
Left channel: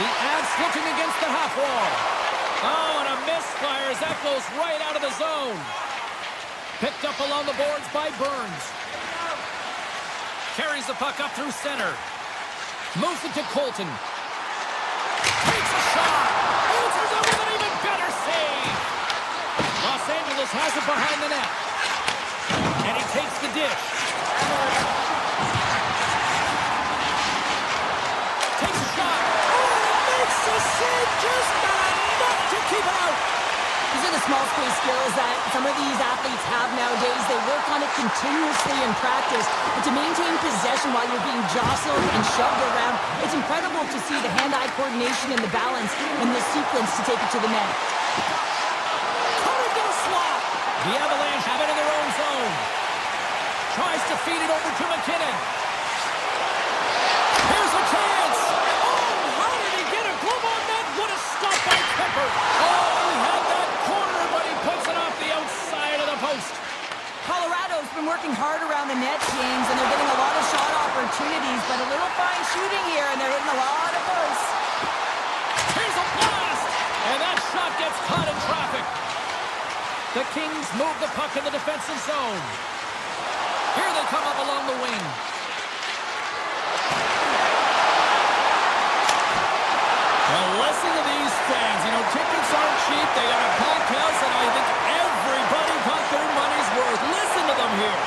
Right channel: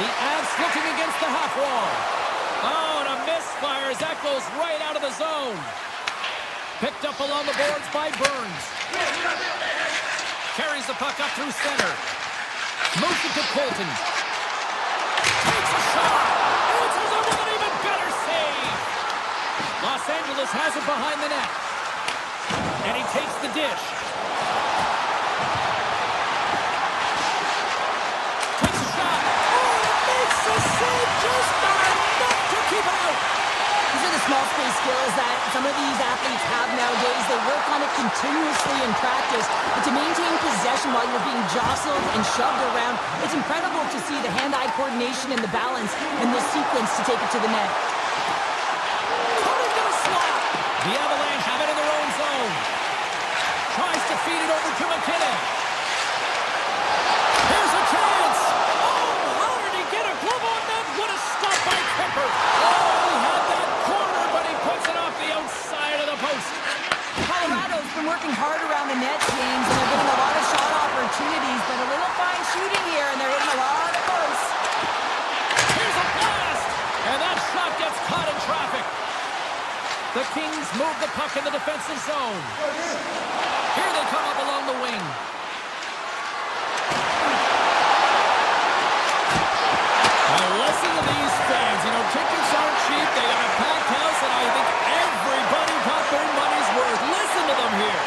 The Avs looking against the half wall. Oh, and a misfire as that goes right out of the zone. Picked up along the boards by Burns. Carries the puck up through center. Moves it to Colton. Takes a shot. Answers it with an even better save. Los Angeles has it behind the net. And he takes the dish. Takes a shot. Oh, and it makes the save, just not enough to keep it out. These are the small space skills that some of these athletes have nowadays. They work on it continuously in practice. But to maintain possession while you're being jostled and shoved around, it's incredible to see the hand-eye coordination and the balance in this sequence to take it to the net. Cut into the slot. The Avalanche have it in their own zone. Tries to feed it over to McKinnon. Here's a chance. Oh, how did he get a glove on that? What a stop by Kemper. Oh, he had that corner, but he puts it off the outside of the post. Colorado's been working hard around the net, James, and they're getting a lot of shot opportunities, but a little fine shooting here, and they're hitting a lot of posts. Here's a blast, and that shot gets caught in traffic. The Kings move the puck in the defensive zone. Here they come up along the wing. Well, listen to these fans. You know, tickets aren't cheap. They got a packed house, and I think everybody got their money's worth. Listen to them here.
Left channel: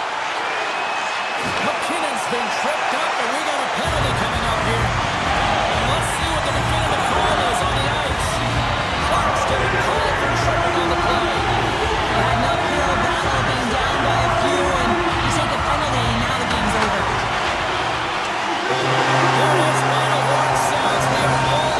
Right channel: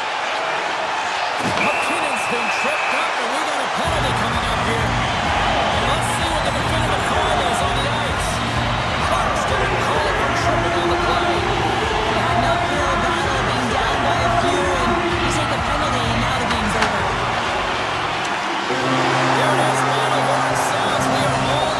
McKinnon's been tripped up, and we got a penalty coming up here. And let's see what the definitive call is on the ice. Clark's getting called for tripping on the play. Had an uphill battle, being down by a few, and you take a penalty, and now the game's over. There it is, final horn sounds. We are all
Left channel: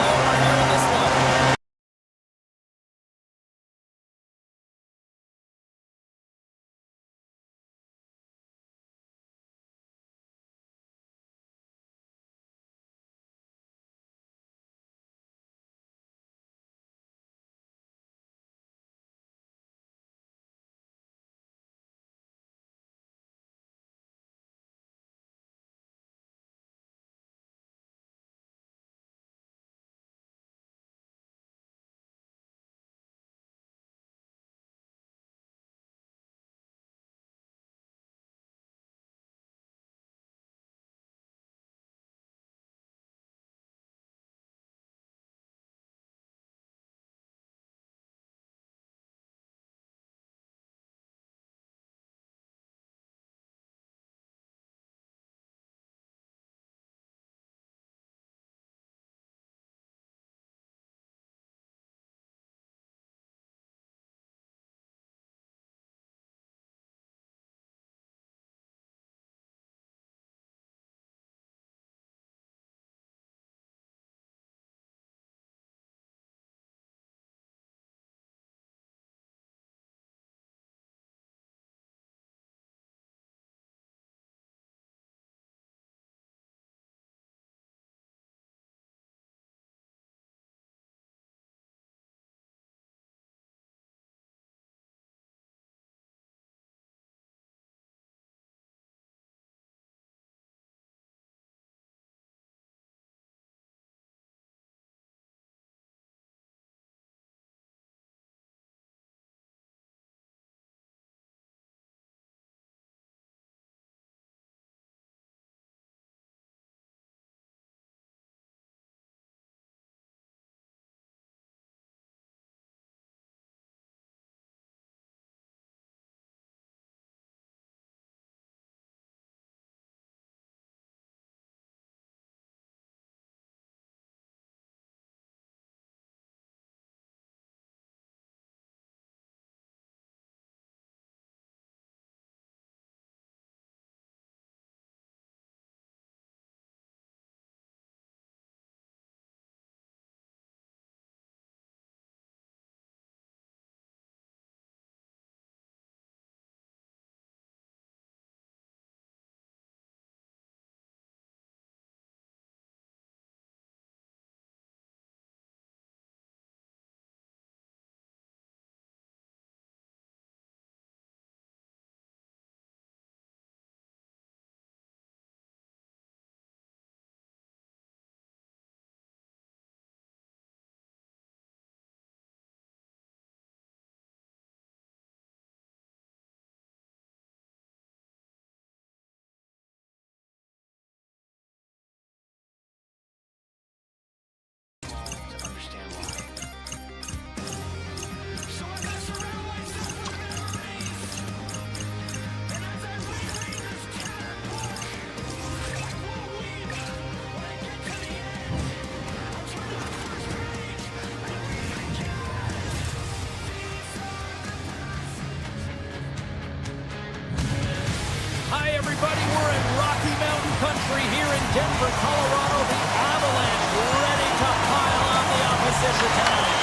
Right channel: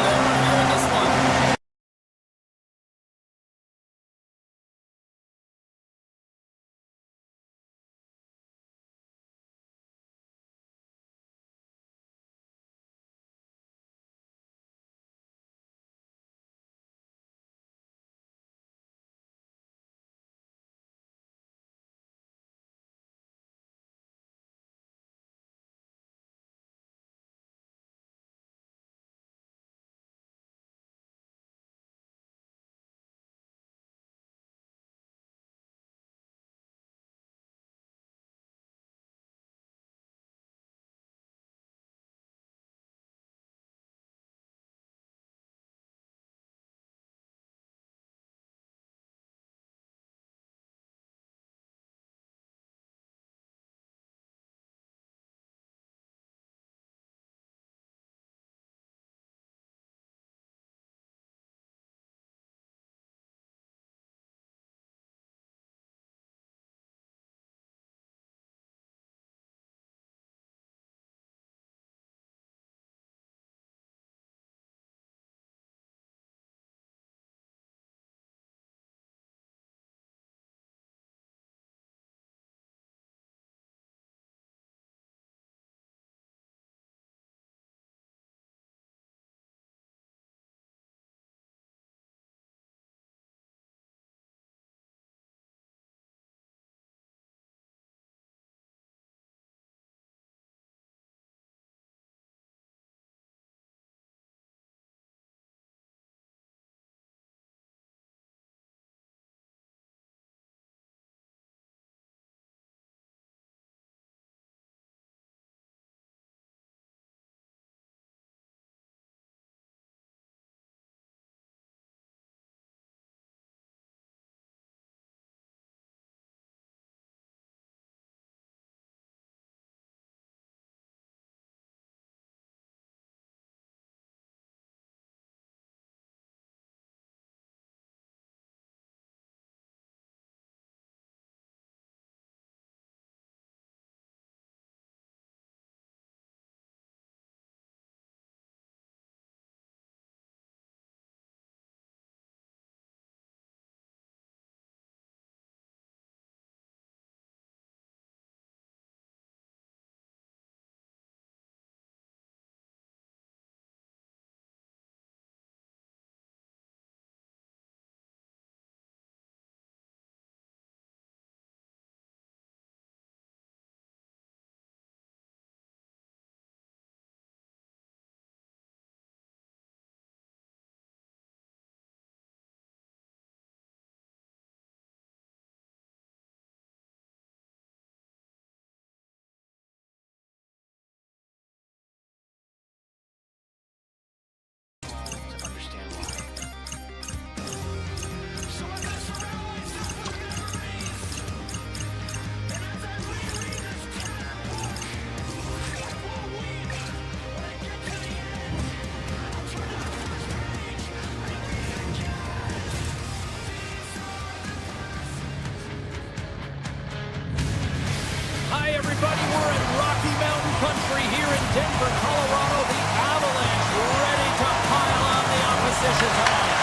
Hi, everybody. We're in Rocky Mountain Country here in Denver, Colorado. The Avalanche ready to pile on the opposition tonight.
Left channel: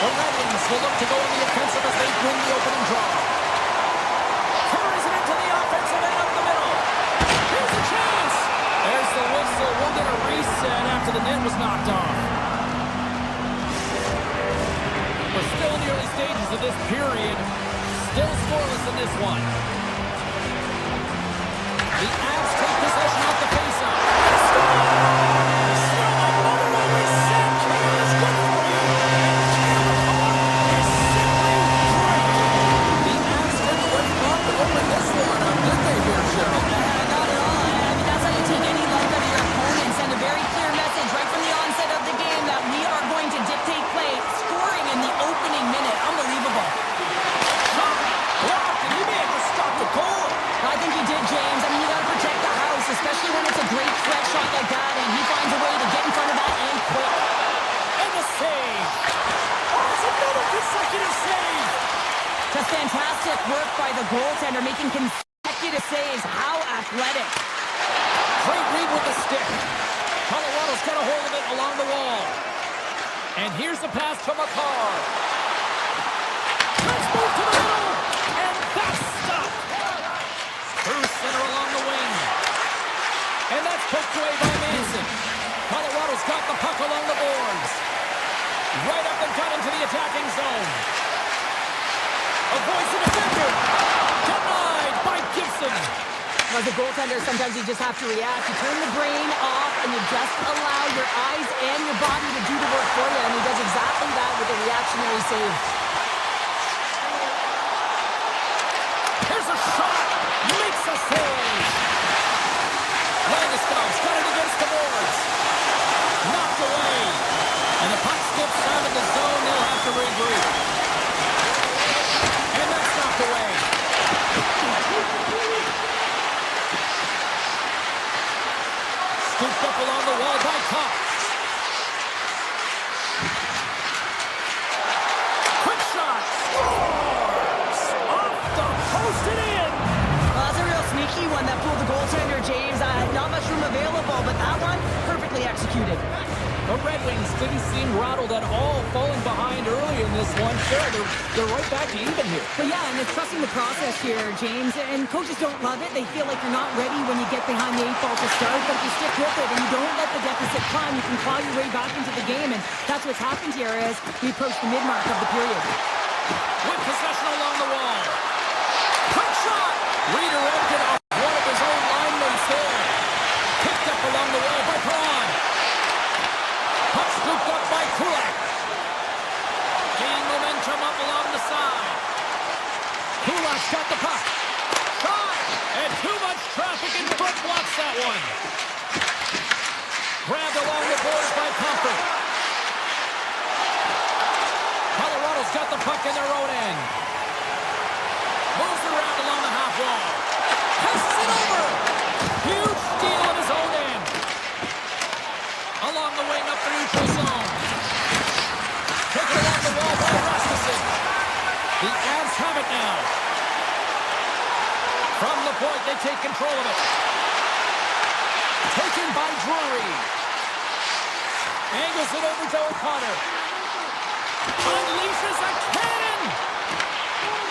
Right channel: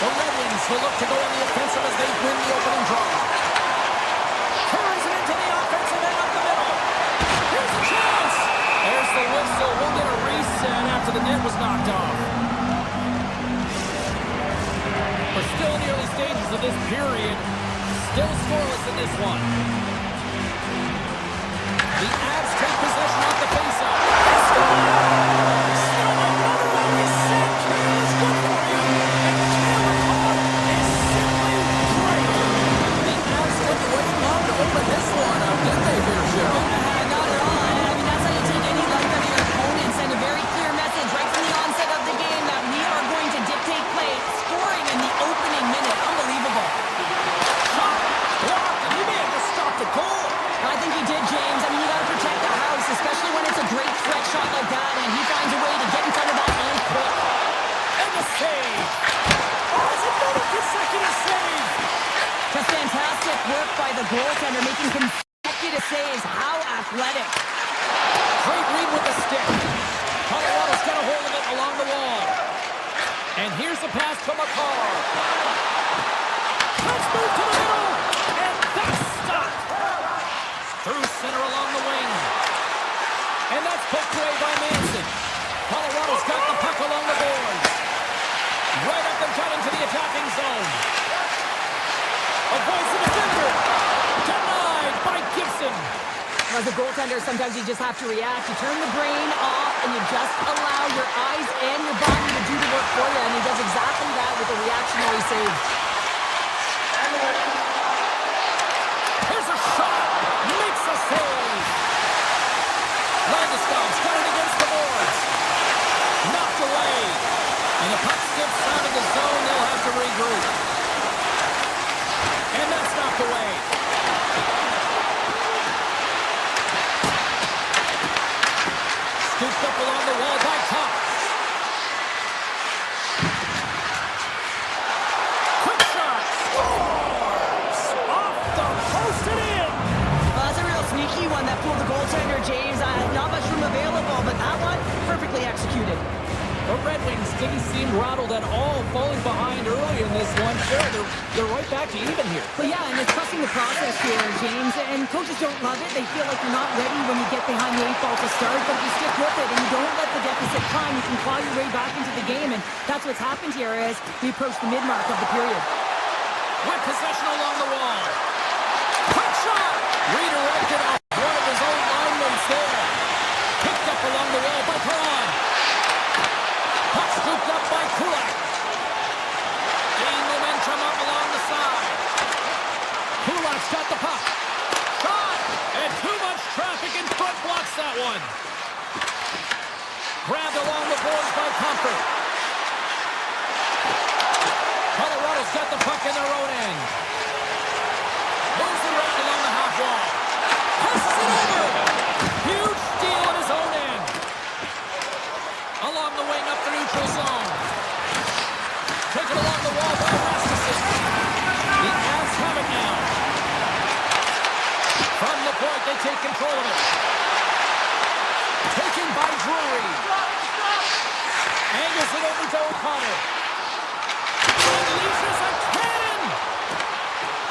The Red Wings will look to go on the offensive as they win the opening draw. Carries it into the offensive end up the middle. Here's a chance. There's the whistle. We'll get a reset after the net was knocked off. We're still in the early stages of this period. Still scoreless in this one. The Avs take possession off the faceoff. They score! You know, my mother always said kale is good for you, and kale is simply great. The Avs didn't wait long to open this one up, did they here, Cheryl? Not at all. I mean, that's how you take any life out of your opponent. Send a very clear message right from the onset of the game that we are going to dictate play, scoring in the opening minute. Unbelievable. Shot! Blocked, and you may have just stopped the goal. I think he did, James. I mean, you got to protect the house, especially when it's a great threat shot like that, and he finds a way to get in front of that and quick. And the save. Oh, it's another consecutive save. Just fantastic work by the goaltender, making consecutive saves. How athletic. Great read with the stick. Colorado's got a hold of it along the wall. And here's the pass to Makar. Let's move to the middle. And that's stopped. Through center along the wing. And that's poked away by Manson. Colorado's got the puck along the boards. Right up and cut into the attacking zone. Avoids the defender. Denied by Gibson. As a goaltender, sometimes you just have to react. You turn the brain off, and you just allow your eyes and your body to do the work for you, and he does exactly that with a reactionary save. Here's a shot. Makes a save. Landeskog's got it against the boards. Knocked away. And the puck skips out of the zone. They'll have to regroup. And that's knocked away. Scooped up along the wall by Cox. Quick shot. Scores! Off the post and in. Well, that's a real sneaky one that pulled the goaltender, James. Not much room available, but that one, perfectly executed. The Red Wings didn't seem rattled at all, falling behind early in this one. Sure, they're right back to even here. But yeah, and it's trusting the process here, James. And coaches don't love it. They feel like you're not ready when you get behind the 8 ball to start, but if you stick with it and you don't let the deficit climb, you can claw your way back into the game, and that's what's happened here as we approach the mid-mark of the period. With possession along the wall. Quick shot! Redirected off one of his own line mates there. Picked up along the wall by Perron. Puck scooped up by Kulak. Gain momentum up along the side. Kulak's got the puck. Shot! And too much traffic in front blocks that one. Grabbed along the boards by Comfort. Colorado's got the puck in their own end. Moves around along the half wall. Passes it over. Huge steal in his own end. Along the wing up the neutral zone. Taken along the wall by Rasmussen. The Avs have it now. From the point, they take control of it. Taken by Drury. Angles it over to O'Connor. Unleashes a cannon.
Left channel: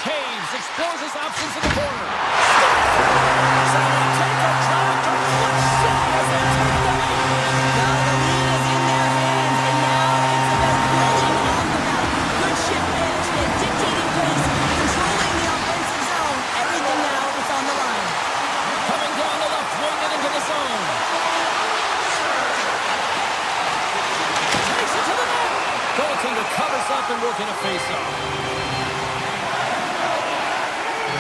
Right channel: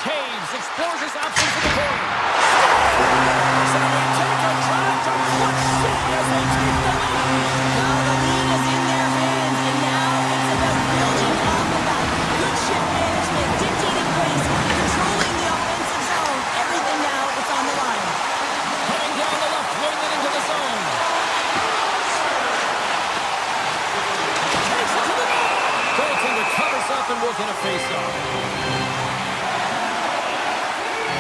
Taves explores his options in the corner. Scores! And they take a drive to Clutch City as they take the lead. Well, the lead is in their hands, and now it's about building off of that. Good shift management, dictating pace, controlling the offensive zone. Everything now is on the line. Coming down the left wing and into the zone. Takes it to the net. Goaltender covers up and will get a face-off.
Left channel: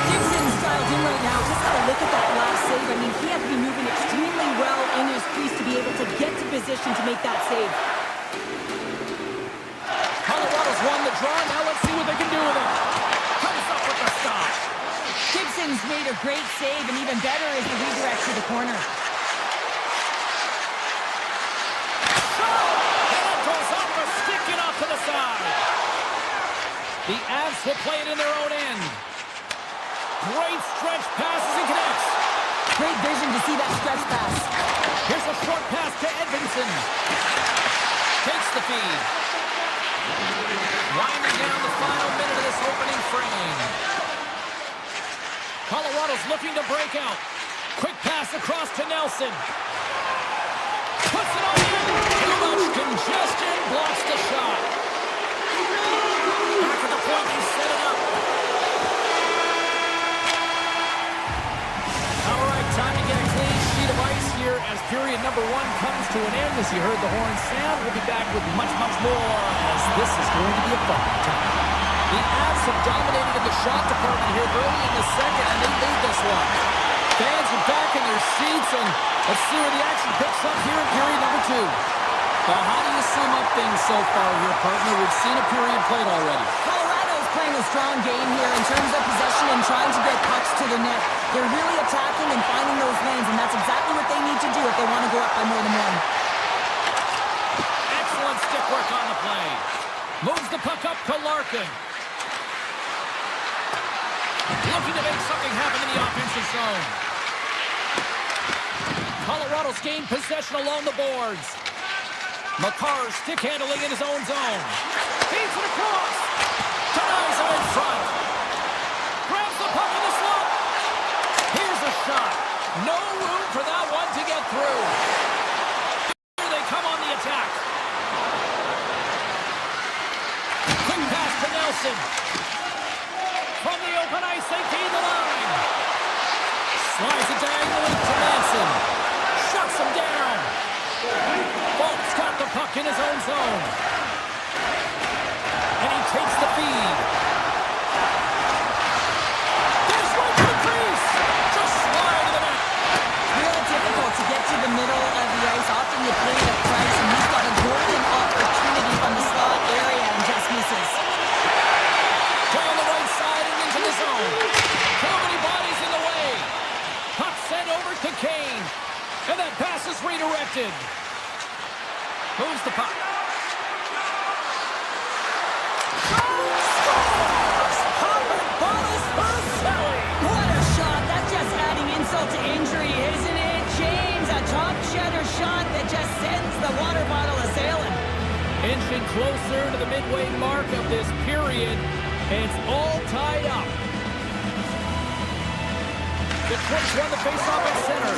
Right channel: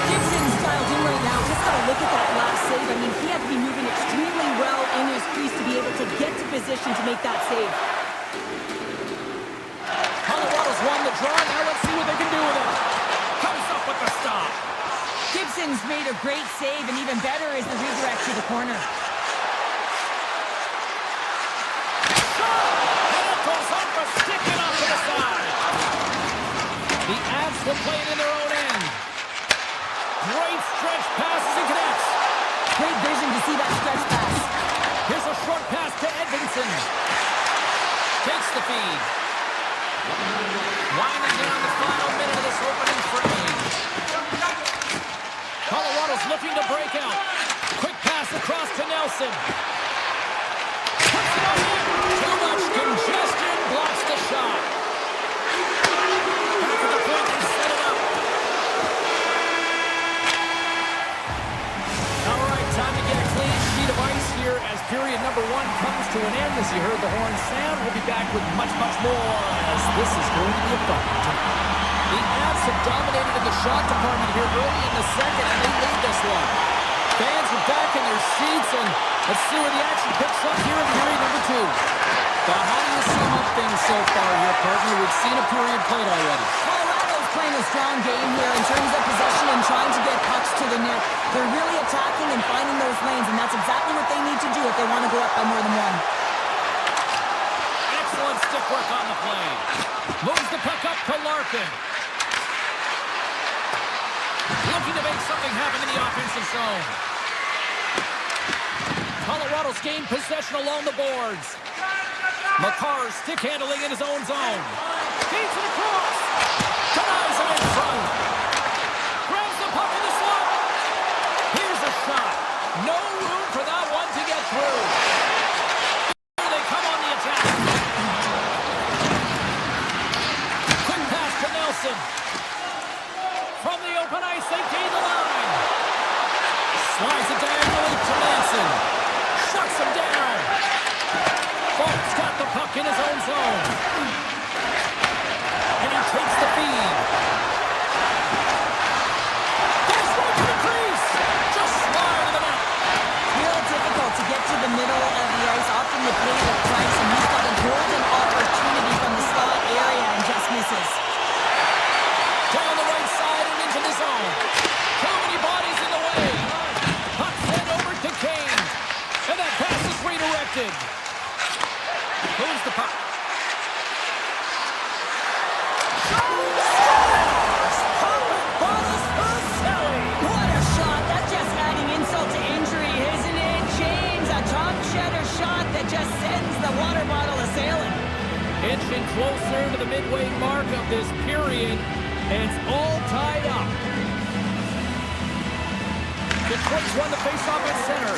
Gibson's dialed in right now. Just got to look at that last save. I mean, he had to be moving extremely well in his crease to be able to get to position to make that save. Colorado's won the draw. Now let's see what they can do with it. Comes up with the stop. Gibson's made a great save, and even better is the redirect to the corner. Shot! And it goes off a stick and off to the side. The Avs will play it in their own end. Great stretch passes and connects. Great vision to see that stretch pass. Here's a short pass to Edvinsson. Takes the feed. Winding down the final minute of this opening frame. Colorado's looking to break out. Quick pass across to Nelson. Puts it on in. Too much congestion. Blocks the shot. Back at the point, they set it up. All right, time to get a clean sheet of ice here as period number 1 comes to an end. As you heard the horn sound, we'll be back with much, much more as this is going to be a fun time. The Avs have dominated in the shot department here early in the second, and they lead this one. Fans are back in their seats, and let's see where the action picks up here in period number 2. But how do you sum up things so far here, partner? We've seen a period played already. Colorado's playing a strong game here in terms of possession and trying to get pucks to the net. They're really attacking and finding those lanes, and that's exactly what they need to do if they want to go up by more than 1. Excellent stick work on the play. Moves the puck up to Larkin. Looking to make something happen in the offensive zone. Colorado's gained possession along the boards. Makar's stick handling in his own zone. Feeds it across. Denies him in front. Grabs the puck in the slot. Here's a shot. No room for that one to get through. Here they come on the attack. Quick pass to Nelson. From the open ice, they gain the line. Slides it diagonally to Manson. Shuts him down. Folk's got the puck in his own zone. And he takes the feed. Goes right to the crease. Just slide to the net. Real difficult to get to the middle of the ice. Often you pay the price, and he's got a golden opportunity from the slot area and just misses. Down the right side and into the zone. Too many bodies in the way. Puck sent over to Kane. And that pass is redirected. Moves the puck. Scores! Popping bottles for Selly. What a shot. That's just adding insult to injury, isn't it, James? A top cheddar shot that just sends the water bottle a-sailing. Inching closer to the midway mark of this period. It's all tied up. Detroit's won the faceoff at center.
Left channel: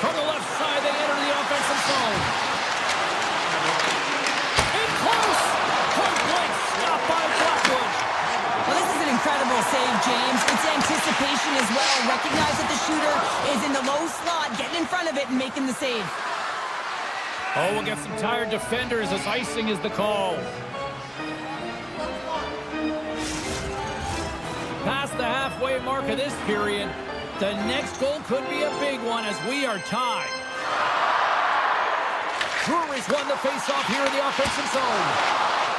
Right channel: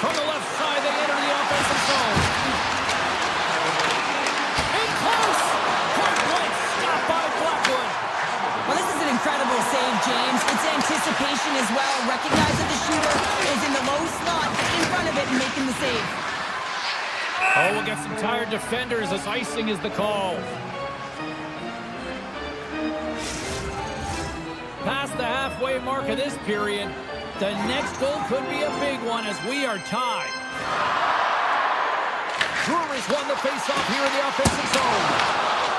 From the left side, they enter the offensive zone. In close! Point blank, stopped by Blackwood. Well, this is an incredible save, James. It's anticipation as well. Recognize that the shooter is in the low slot, getting in front of it and making the save. Oh, we'll get some tired defenders as icing is the call. Past the halfway mark of this period, the next goal could be a big one as we are tied. Brewery's won the faceoff here in the offensive zone.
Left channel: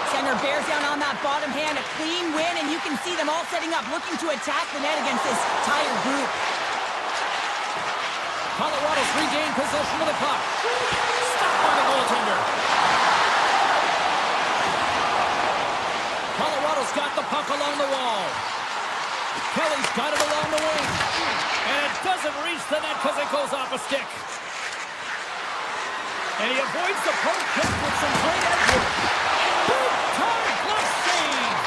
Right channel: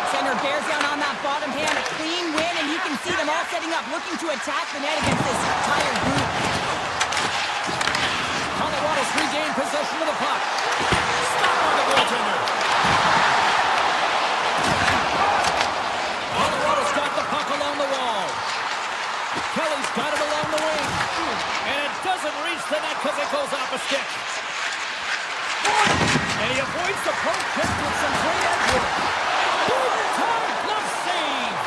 Center bears down on that bottom hand, a clean win, and you can see them all setting up, looking to attack the net against this tired group. Colorado's regained possession of the puck. Stopped by the goaltender. Colorado's got the puck along the wall. Kelly's got it along the wing. And it doesn't reach the net because it goes off a stick. And he avoids the poke check with some great edge work. Big time glove save.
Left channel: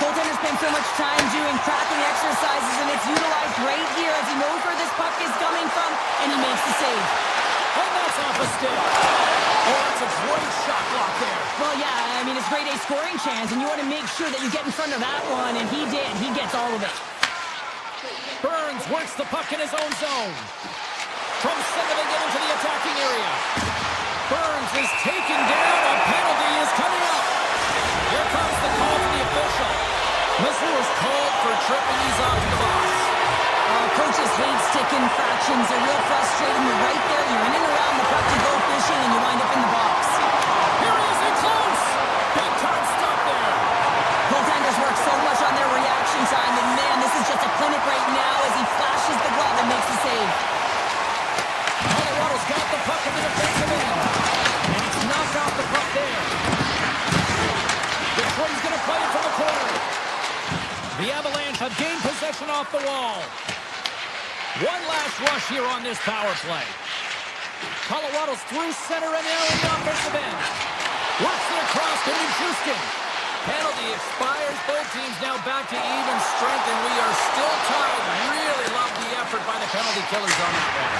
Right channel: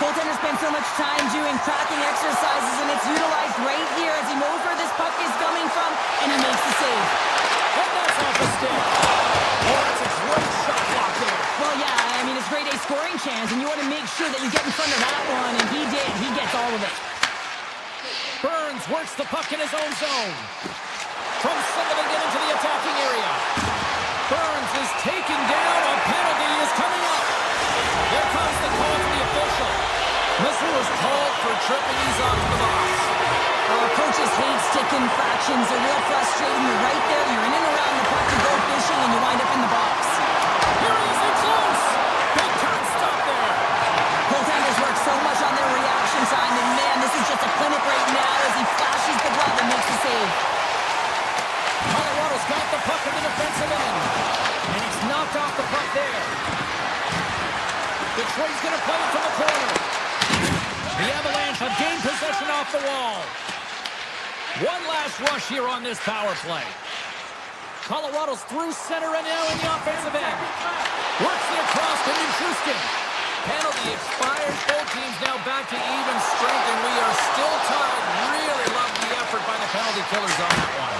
Goaltender spends so much time doing cracking exercises, and it's utilized right here as he knows where this puck is coming from, and he makes the save. And that's off a stick. Oh, that's a great shot block there. Well, yeah, I mean, it's grade A scoring chance, and you want to make sure that you get in front of that one, and he did. He gets all of it. Burns works the puck in his own zone. From center, they get into the attacking area. Burns is taken down. A penalty is coming up. Here comes the call from the official. Missoula's called for tripping. He's off to the box. Coaches hate stick infractions. They're real frustrating. You're right there. You're in and around the puck to go fishing, and you wind up in the box. Here he is in close. Big time stop there. Goaltenders work so much on their reaction time, and man, this is just a clinic right now as he flashes the glove and makes the save. Colorado's got the puck in the defensive end. And he's knocked off the puck there. Detroit's going to play it from the corner. The Avalanche have gained possession off the wall. One last rush here on this power play. Colorado's through center and now in the offensive end. Works it across to Nichushkin. Penalty expires. Both teams now back to even strength, and we are still tied. Really love the effort by the penalty killers on that one.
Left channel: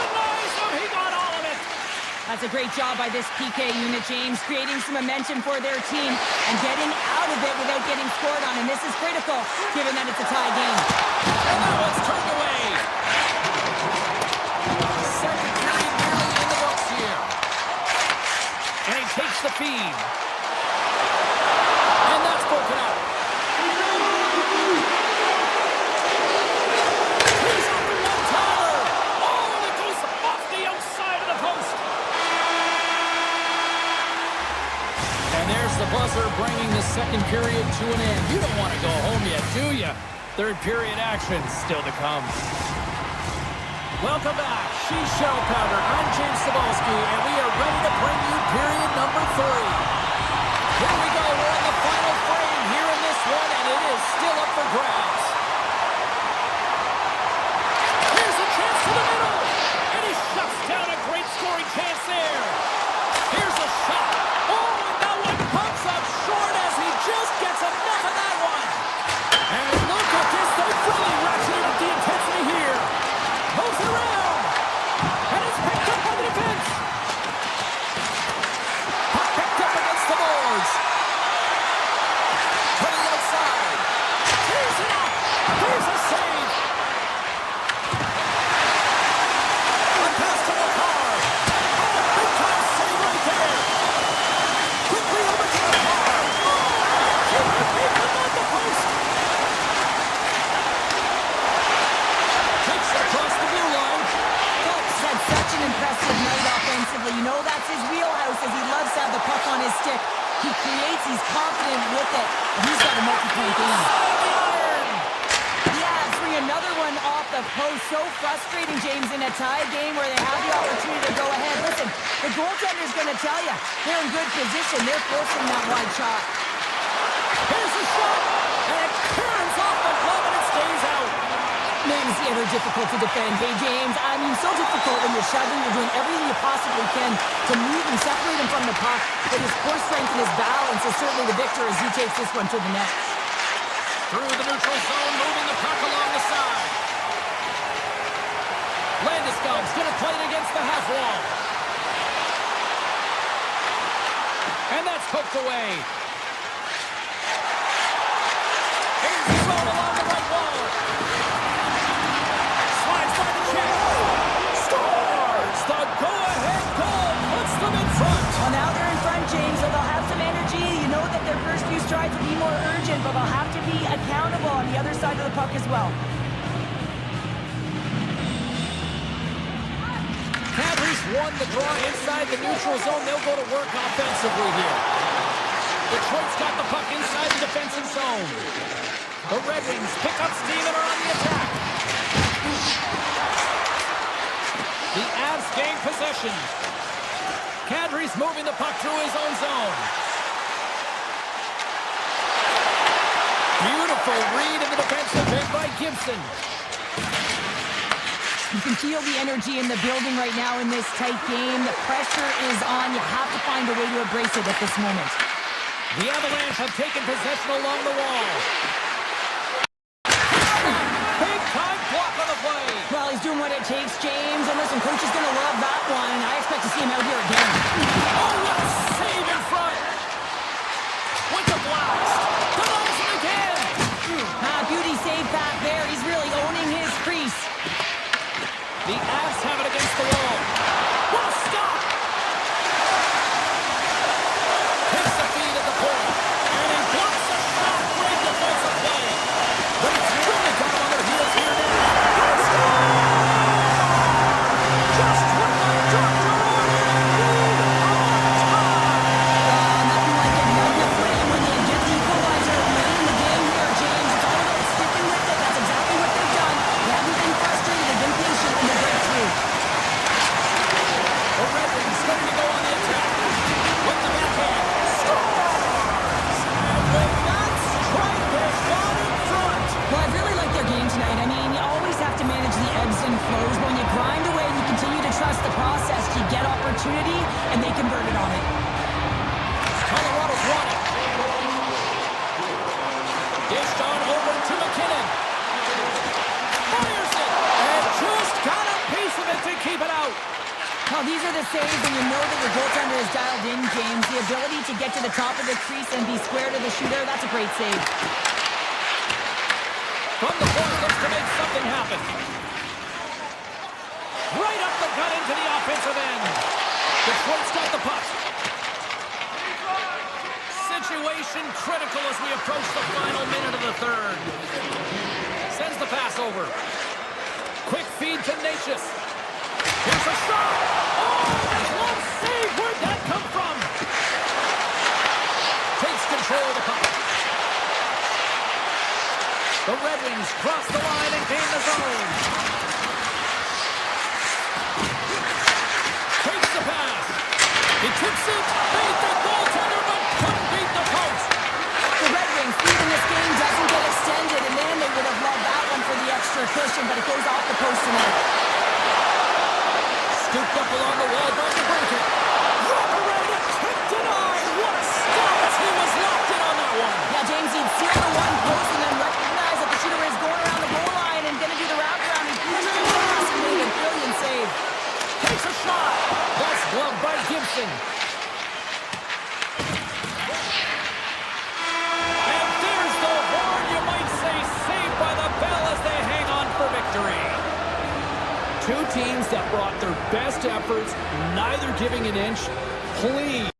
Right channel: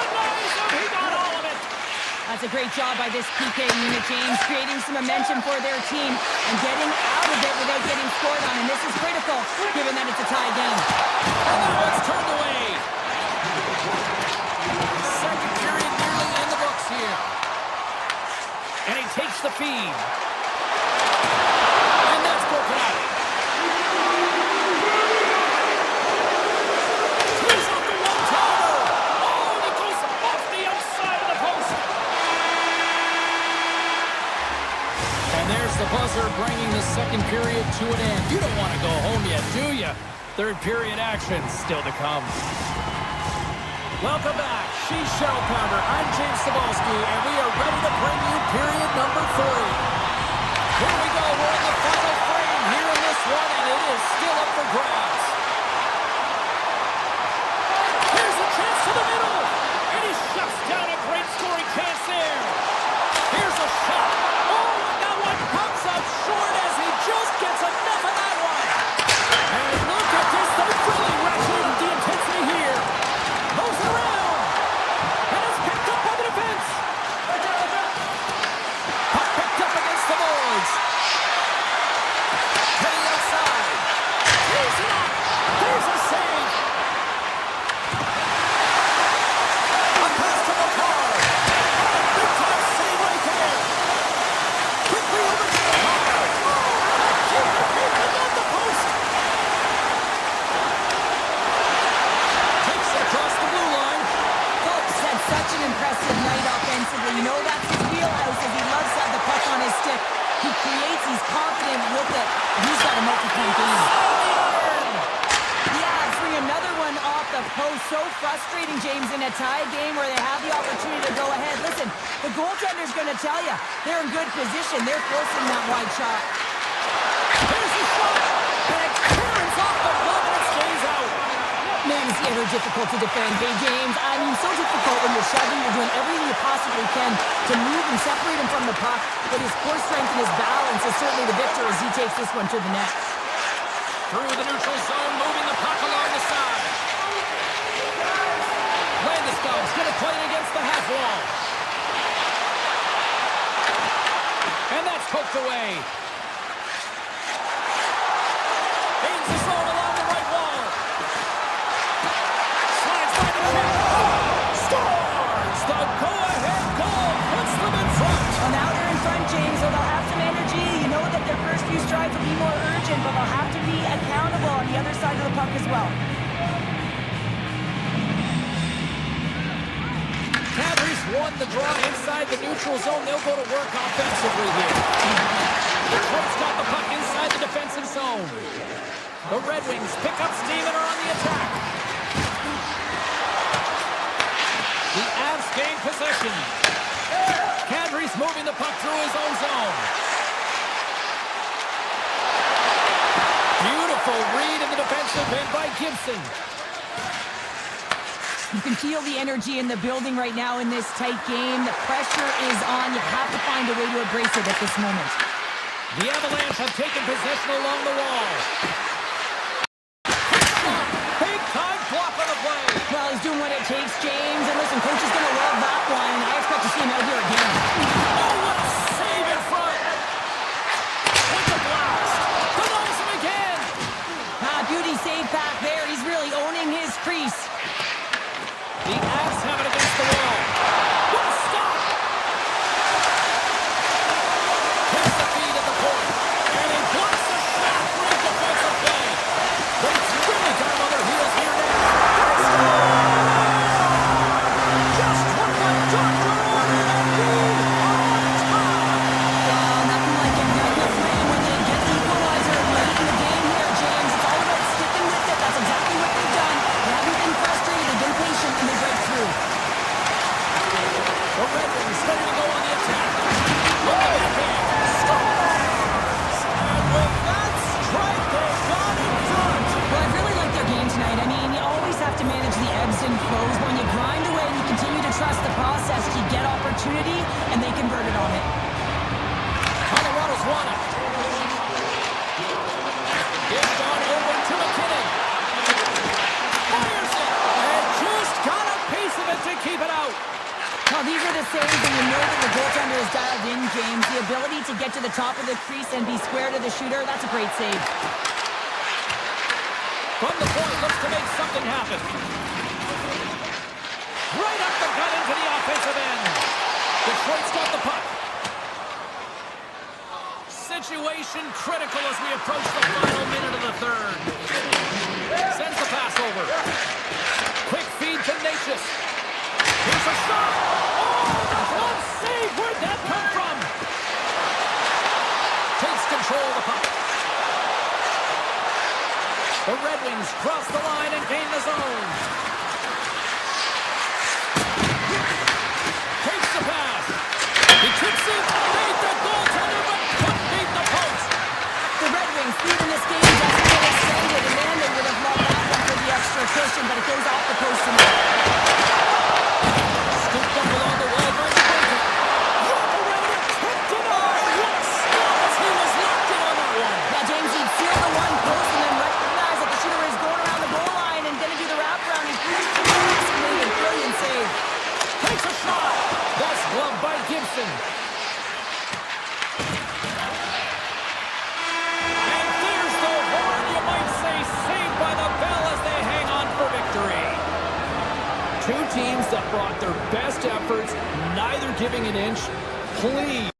Denies him. He got all of it. That's a great job by this PK unit, James, creating some momentum for their team and getting out of it without getting scored on. And this is critical, given that it's a tie game. And that one's turned away. Second period nearly in the books here. And he takes the feed. And that's broken up. He's off the one-timer. Oh, and it goes off the outside of the post. And there's the buzzer bringing the second period to an end. You don't want to go home yet, do you? Third period action still to come. Welcome back. She's Shuttle Pounder. I'm James Cebulski, and we are ready to bring you period number 3. Here we go. We're in the final frame here in this one, and it is still up for grabs. Here's a chance to the middle, and he shuts down a great scoring chance there. Here's a shot. Oh, and that one comes up short as he just gets enough of that one. And look at this. They've really ratcheted up the intensity here. Moves it around, and it's picked up by the defense. Puck picked up against the boards. To the outside. Tees it up. There's a save. A pass to Makar. Oh, big-time save right there. Quickly over to Makar. Oh, and keeper beat him on the post. Takes it across the blue line. Folks had such an impressive night offensively. You know that's his wheelhouse, as he loves to have the puck on his stick. He creates, he's confident with it, and he's got a multi-point game. Yeah, bring another one off the post. So frustrating, James, in a tie game where they have the opportunity to go ahead. Listen, the goaltender's going to tell you they're in good position. They're forcing that wide shot. Here's the shot, and it turns off the glove, and it stays out. Man, is he ever difficult to defend. Hey, James, I mean, so difficult when you're shoving. You're doing everything you possibly can to move and separate him from the puck. But his core strength and his balance is certainly the victor as he takes this one to the net. Through the neutral zone, moving the puck along the side. Landeskog's going to play it against the half wall. And that's poked away. Here's the zone along the right wall. Slides by the check. Scores! The go-ahead goal puts them in front. Well, now they're in front, James, so they'll have some energy. You know that their first few strides will be more urgent, but they'll have to be accountable on the other side of the puck as well. Panthers won the draw inside the neutral zone. They'll go to work offensively here. Detroit's got the puck inside the defensive zone. The Red Wings pick up steam and are on the attack. The Avs gain possession. Kadri's moving the puck through his own zone. Beautiful read in the defensive end by Gibson. You can feel the energy in the building right now in this tight game. The pressure is on. You have to find a way to embrace it at this moment. The Avalanche have taken possession along the wall. Big-time block on the play. Well, he's doing what it takes, James. And listen, coach is going to love that one. I expect to see him out here again. Oh, what a save in front. With the blast. Denies him again. Beauty save back there. He's really owning his crease. The Avs have it against the wall. What a stop! Takes the feed at the point. And he blocks the shot. Great defensive play. But it's really got him on their heels here now. They score! Just what the doctor ordered, and we are tied. Nothing like igniting a flame when you get the equalizer late in the game here, James. It's all about sticking with it. That's exactly what they've done. They haven't been frustrated. They've been patient, and they break through. The Red Wings ready to go on the attack. With the backhand. Scores! And with that strike, they got in front. Well, I've really liked their game tonight. I mean, you always just have to manage the ebbs and flows. When you grind away and you continue to trust the process, you get opportunity, and they converted on it. Colorado's won it. Dished on over to McKinnon. Fires it, and just got a piece of it to keep it out. Well, these are the saves, and you know that your goaltender is dialed in, James. The ability to get to the top of the crease and be square to the shooter, that's a great save. From the point, looks to make something happen. Right up the gut into the offensive end. Detroit's got the puck. Situation critical as we approach the final minute of the third. Sends the pass over. Quick feed to Natchez. Here's a shot. Oh, the glove save. Where'd that come from? Takes control of the puck. The Red Wings cross the line and gain the zone. Takes the pass. He tips it. Beat the goaltender, but couldn't beat the post. The Red Wings lead in this game doesn't get extended, and man, they would have loved that one for the extra cushion, but it goes off the post tonight. Scooped up along the wall by the breaker. Wrap around it, tip denied. What a stop as he was locked in on that one. Yeah, James, he'd seal the one post and then recognize that the shooter is going around the goal line and going to do the wraparound. He pushed him past and made a brilliant save. Takes a shot. That's gloved by Gibson. And there's the horn, you might say, saved by the bell as they hang on for victory. Two teams that brought their best efforts, neither giving an inch. Please.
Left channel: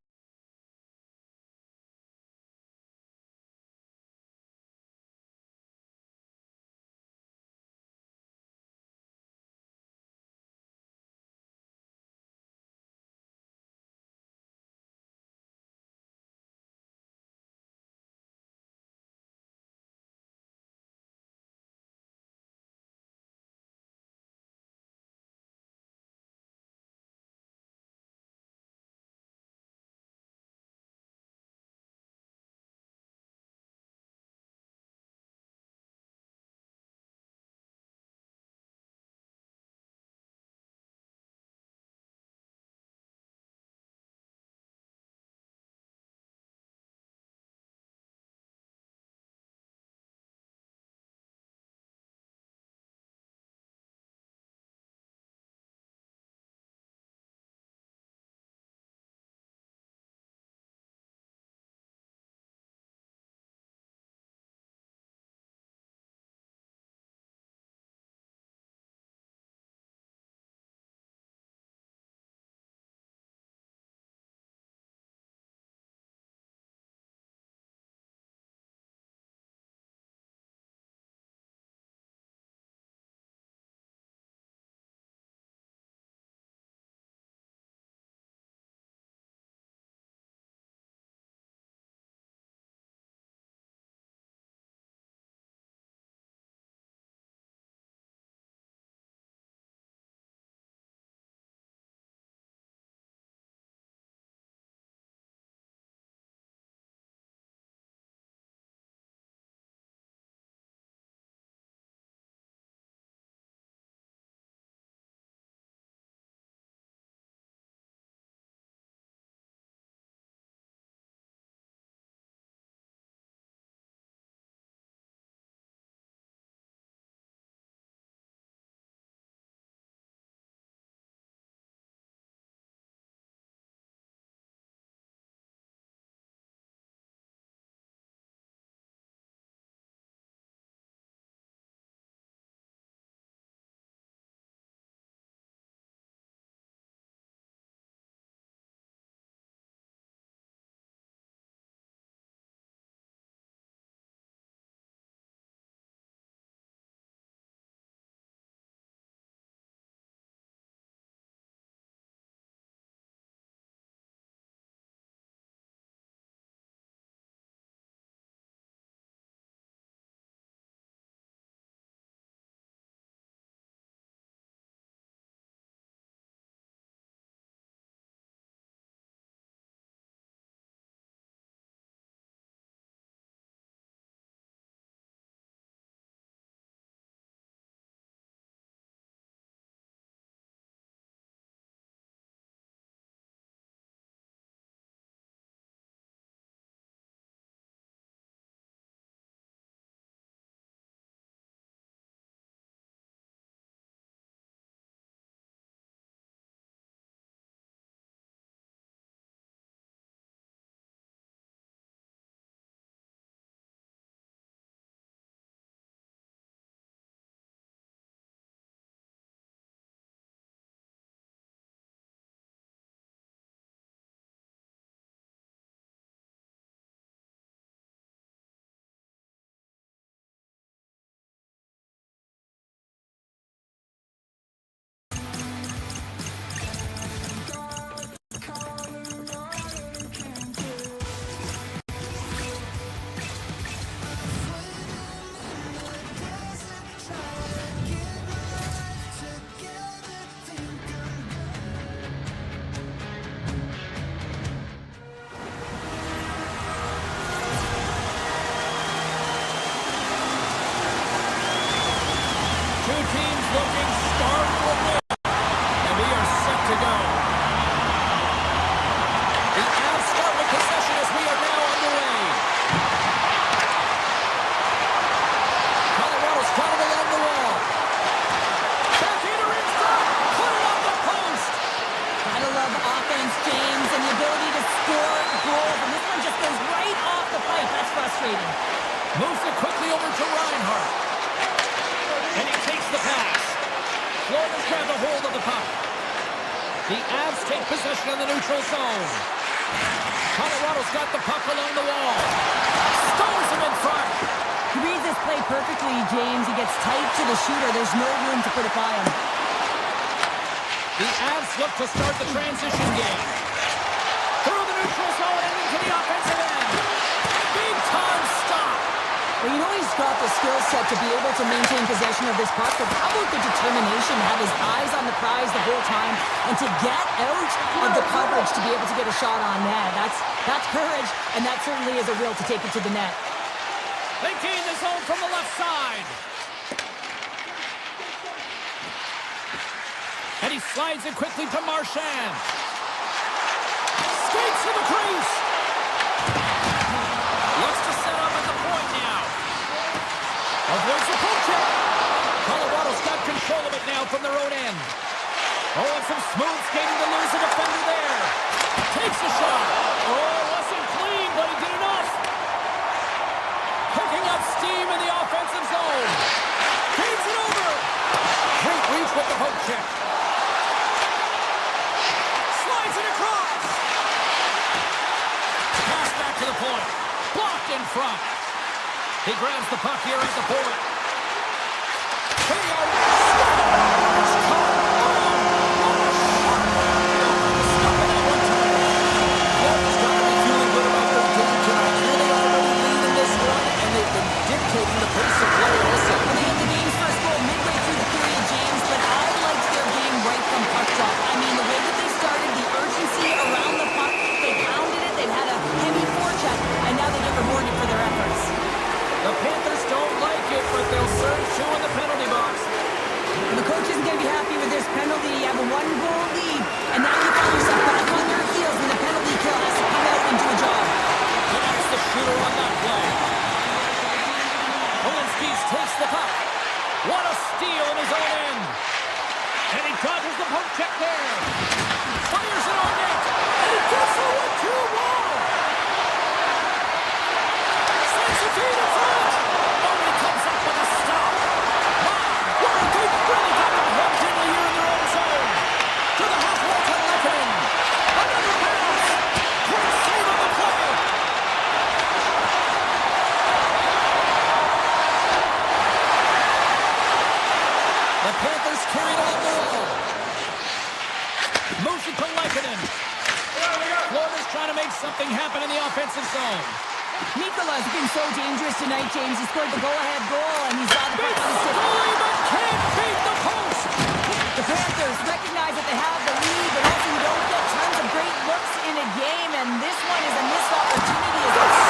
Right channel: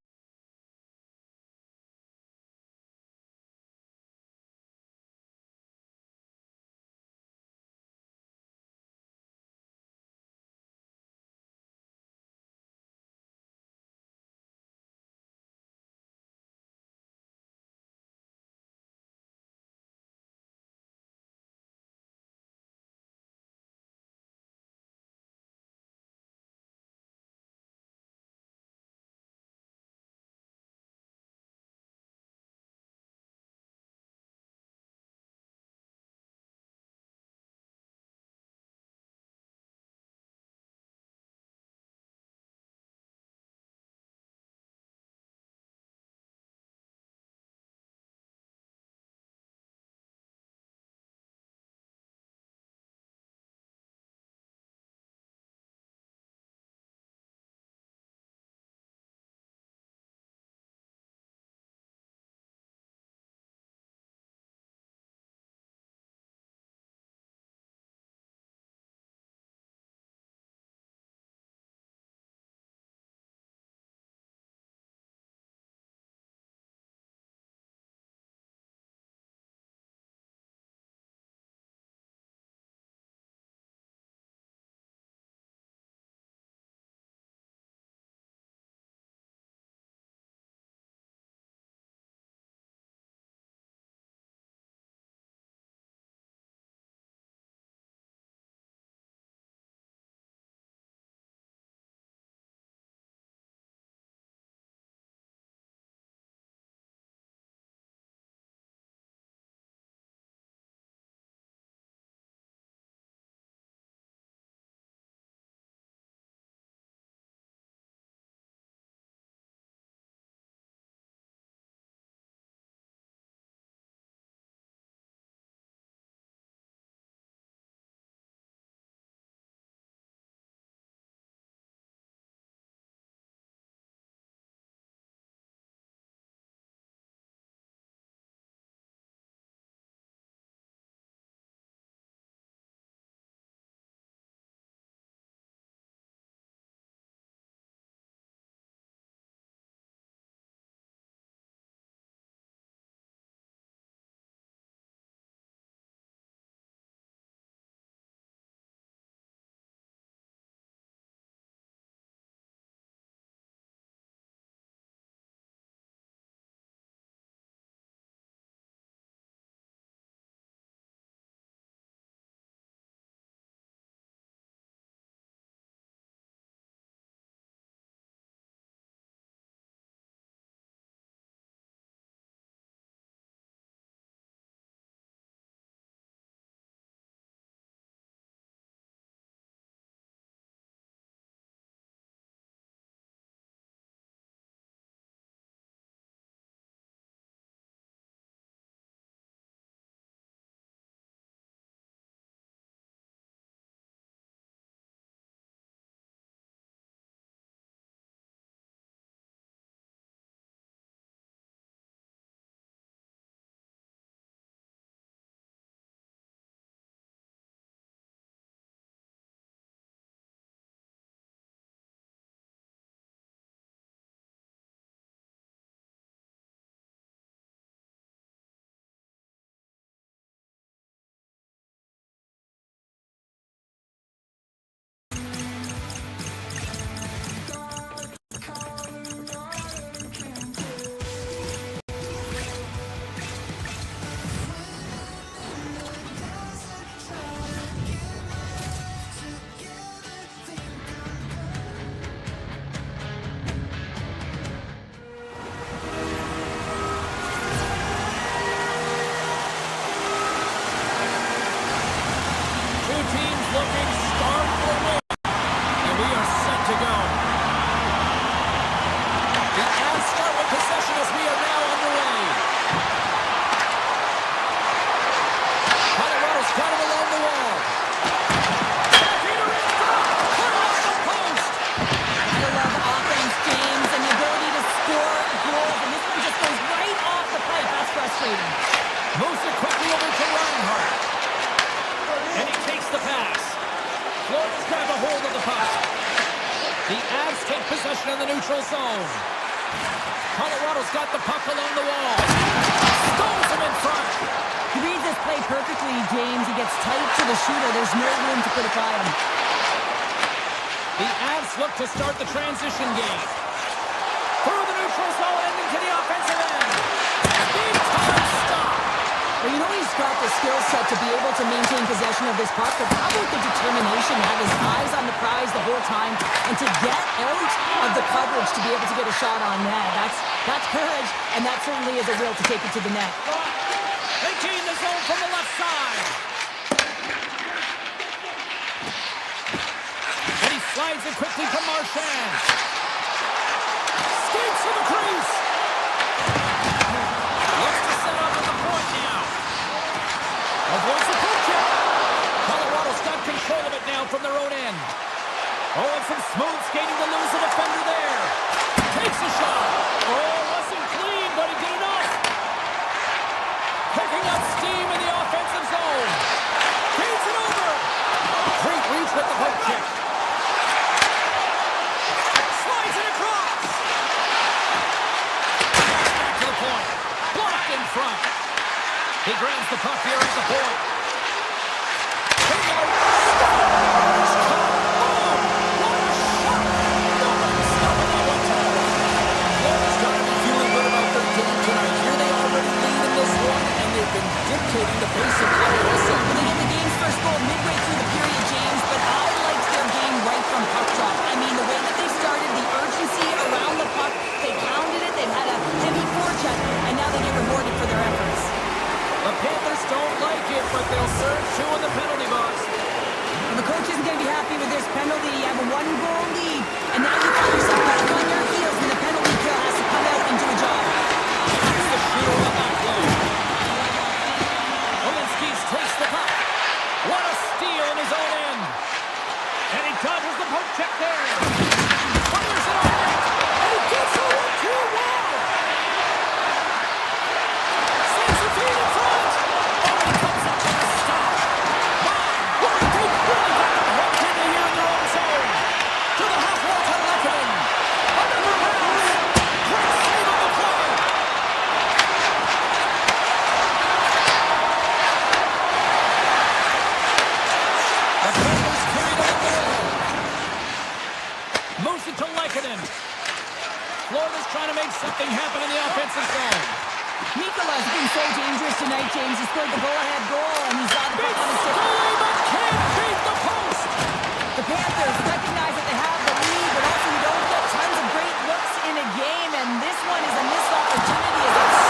two teams looking starved for a win. And we are set to go. The Avs start with possession as we are now underway. Colorado's got it along the wall. Backhander in front. Put it off the post. I love offense, James, and the ability to score goals. And this one just goes right off the pipe. That's frustrating. Moves it quickly over to Reinhart. And he takes the pass. Florida's grabbed a hold of the puck. The Avs take possession in the neutral zone. Colorado's got the puck along the wall. Stones him in front. He reads this play perfectly, James. He gets tight to the shooter. There's no room to put it by him. The Avs look to start the transition game. Through the neutral zone and into the offensive end. Big time stop. Well, you know he's got the skill set to be able to maintain possession of this puck, but how about the determination to have his eyes on the prize the whole time and to get out of the coverage to be able to get a shot on net? That's courage, and that certainly is a will to take it to the net. They gain the zone from the left side. And he slides it quickly to Marchand. Skates to the crease. Looks to set up at the point now. Avoids the poke check. Colorado's got control of it now from their own end. Oh, and some smooth skating to lose the defender there. Takes a shot. Oh, wasn't clean, but he did enough. Picking up steam in the offensive zone. Feeds it over. Great reach with the poke check. Slides it across. Pass back to the point. Blocked in front. He grabs the puck here at the point. Kodiak scores! Caught! Oh! What a shot! Nobody was stopping that one time. Florida's got to be feeling good about their game tonight. Here they already lead in this one, and they've been dictating the pace of play also. Well, they get the game's first goal midway through the period, James, but I liked their game right from puck drop. I mean, the way that they started, the urgency around the puck, they pounded it, they've had a heavy forecheck, and now they get rewarded for their efforts. The Panthers don't like it, but they'll serve two in the penalty box. Well, the coach isn't going to be happy with this penalty. You have a one-goal lead, and now you find yourself back on your heels when the penalty kill has to come out and do a job. That's the shooter on that play. Olinsky takes the puck. What a steal in his own end. And he dodges the poke check there. Fires it on net. And he gets a 1-2 wall. Sends the feed in front. Oh, and he comes up with a stop. My, what a big really got them hemmed in here in their own zone. To the half wall to Lekanen. Another pass. Great save on the play. The Panthers carried along the wall. Moves it to Lekanen. Florida's trying to make something happen in the offensive zone. Mikola's been so dangerous tonight, James. He scored the go-ahead goal, and he's got the puck on his stick. Goalie, but can't beat the post. The Panthers recognize that they have the lead, but also you don't get tons of great looks in a game, and this one is a missed opportunity as it's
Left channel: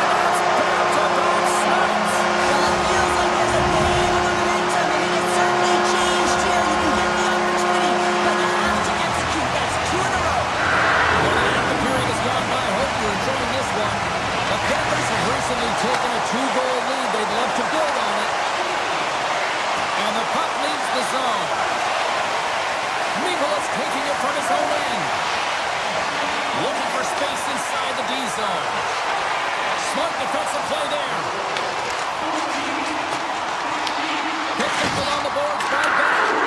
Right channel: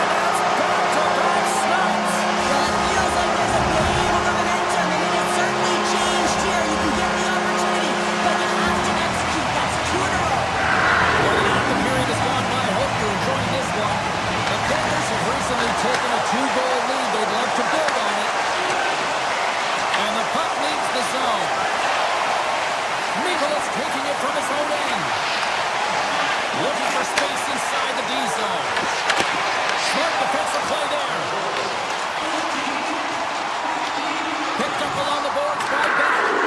And that's back-to-back snipes. well, it feels like there's a wave of momentum, and it has certainly changed here. You can get the opportunity, but you have to execute. That's two in a row. More than half the period has gone by. Hope you're enjoying this one. The Panthers have recently taken a 2-goal lead. They'd love to build on it. And the puck leaves the zone. Mikola's taking it from his own end. Looking for space inside the D zone. Smart defensive play there. Picked up along the boards by Bennett.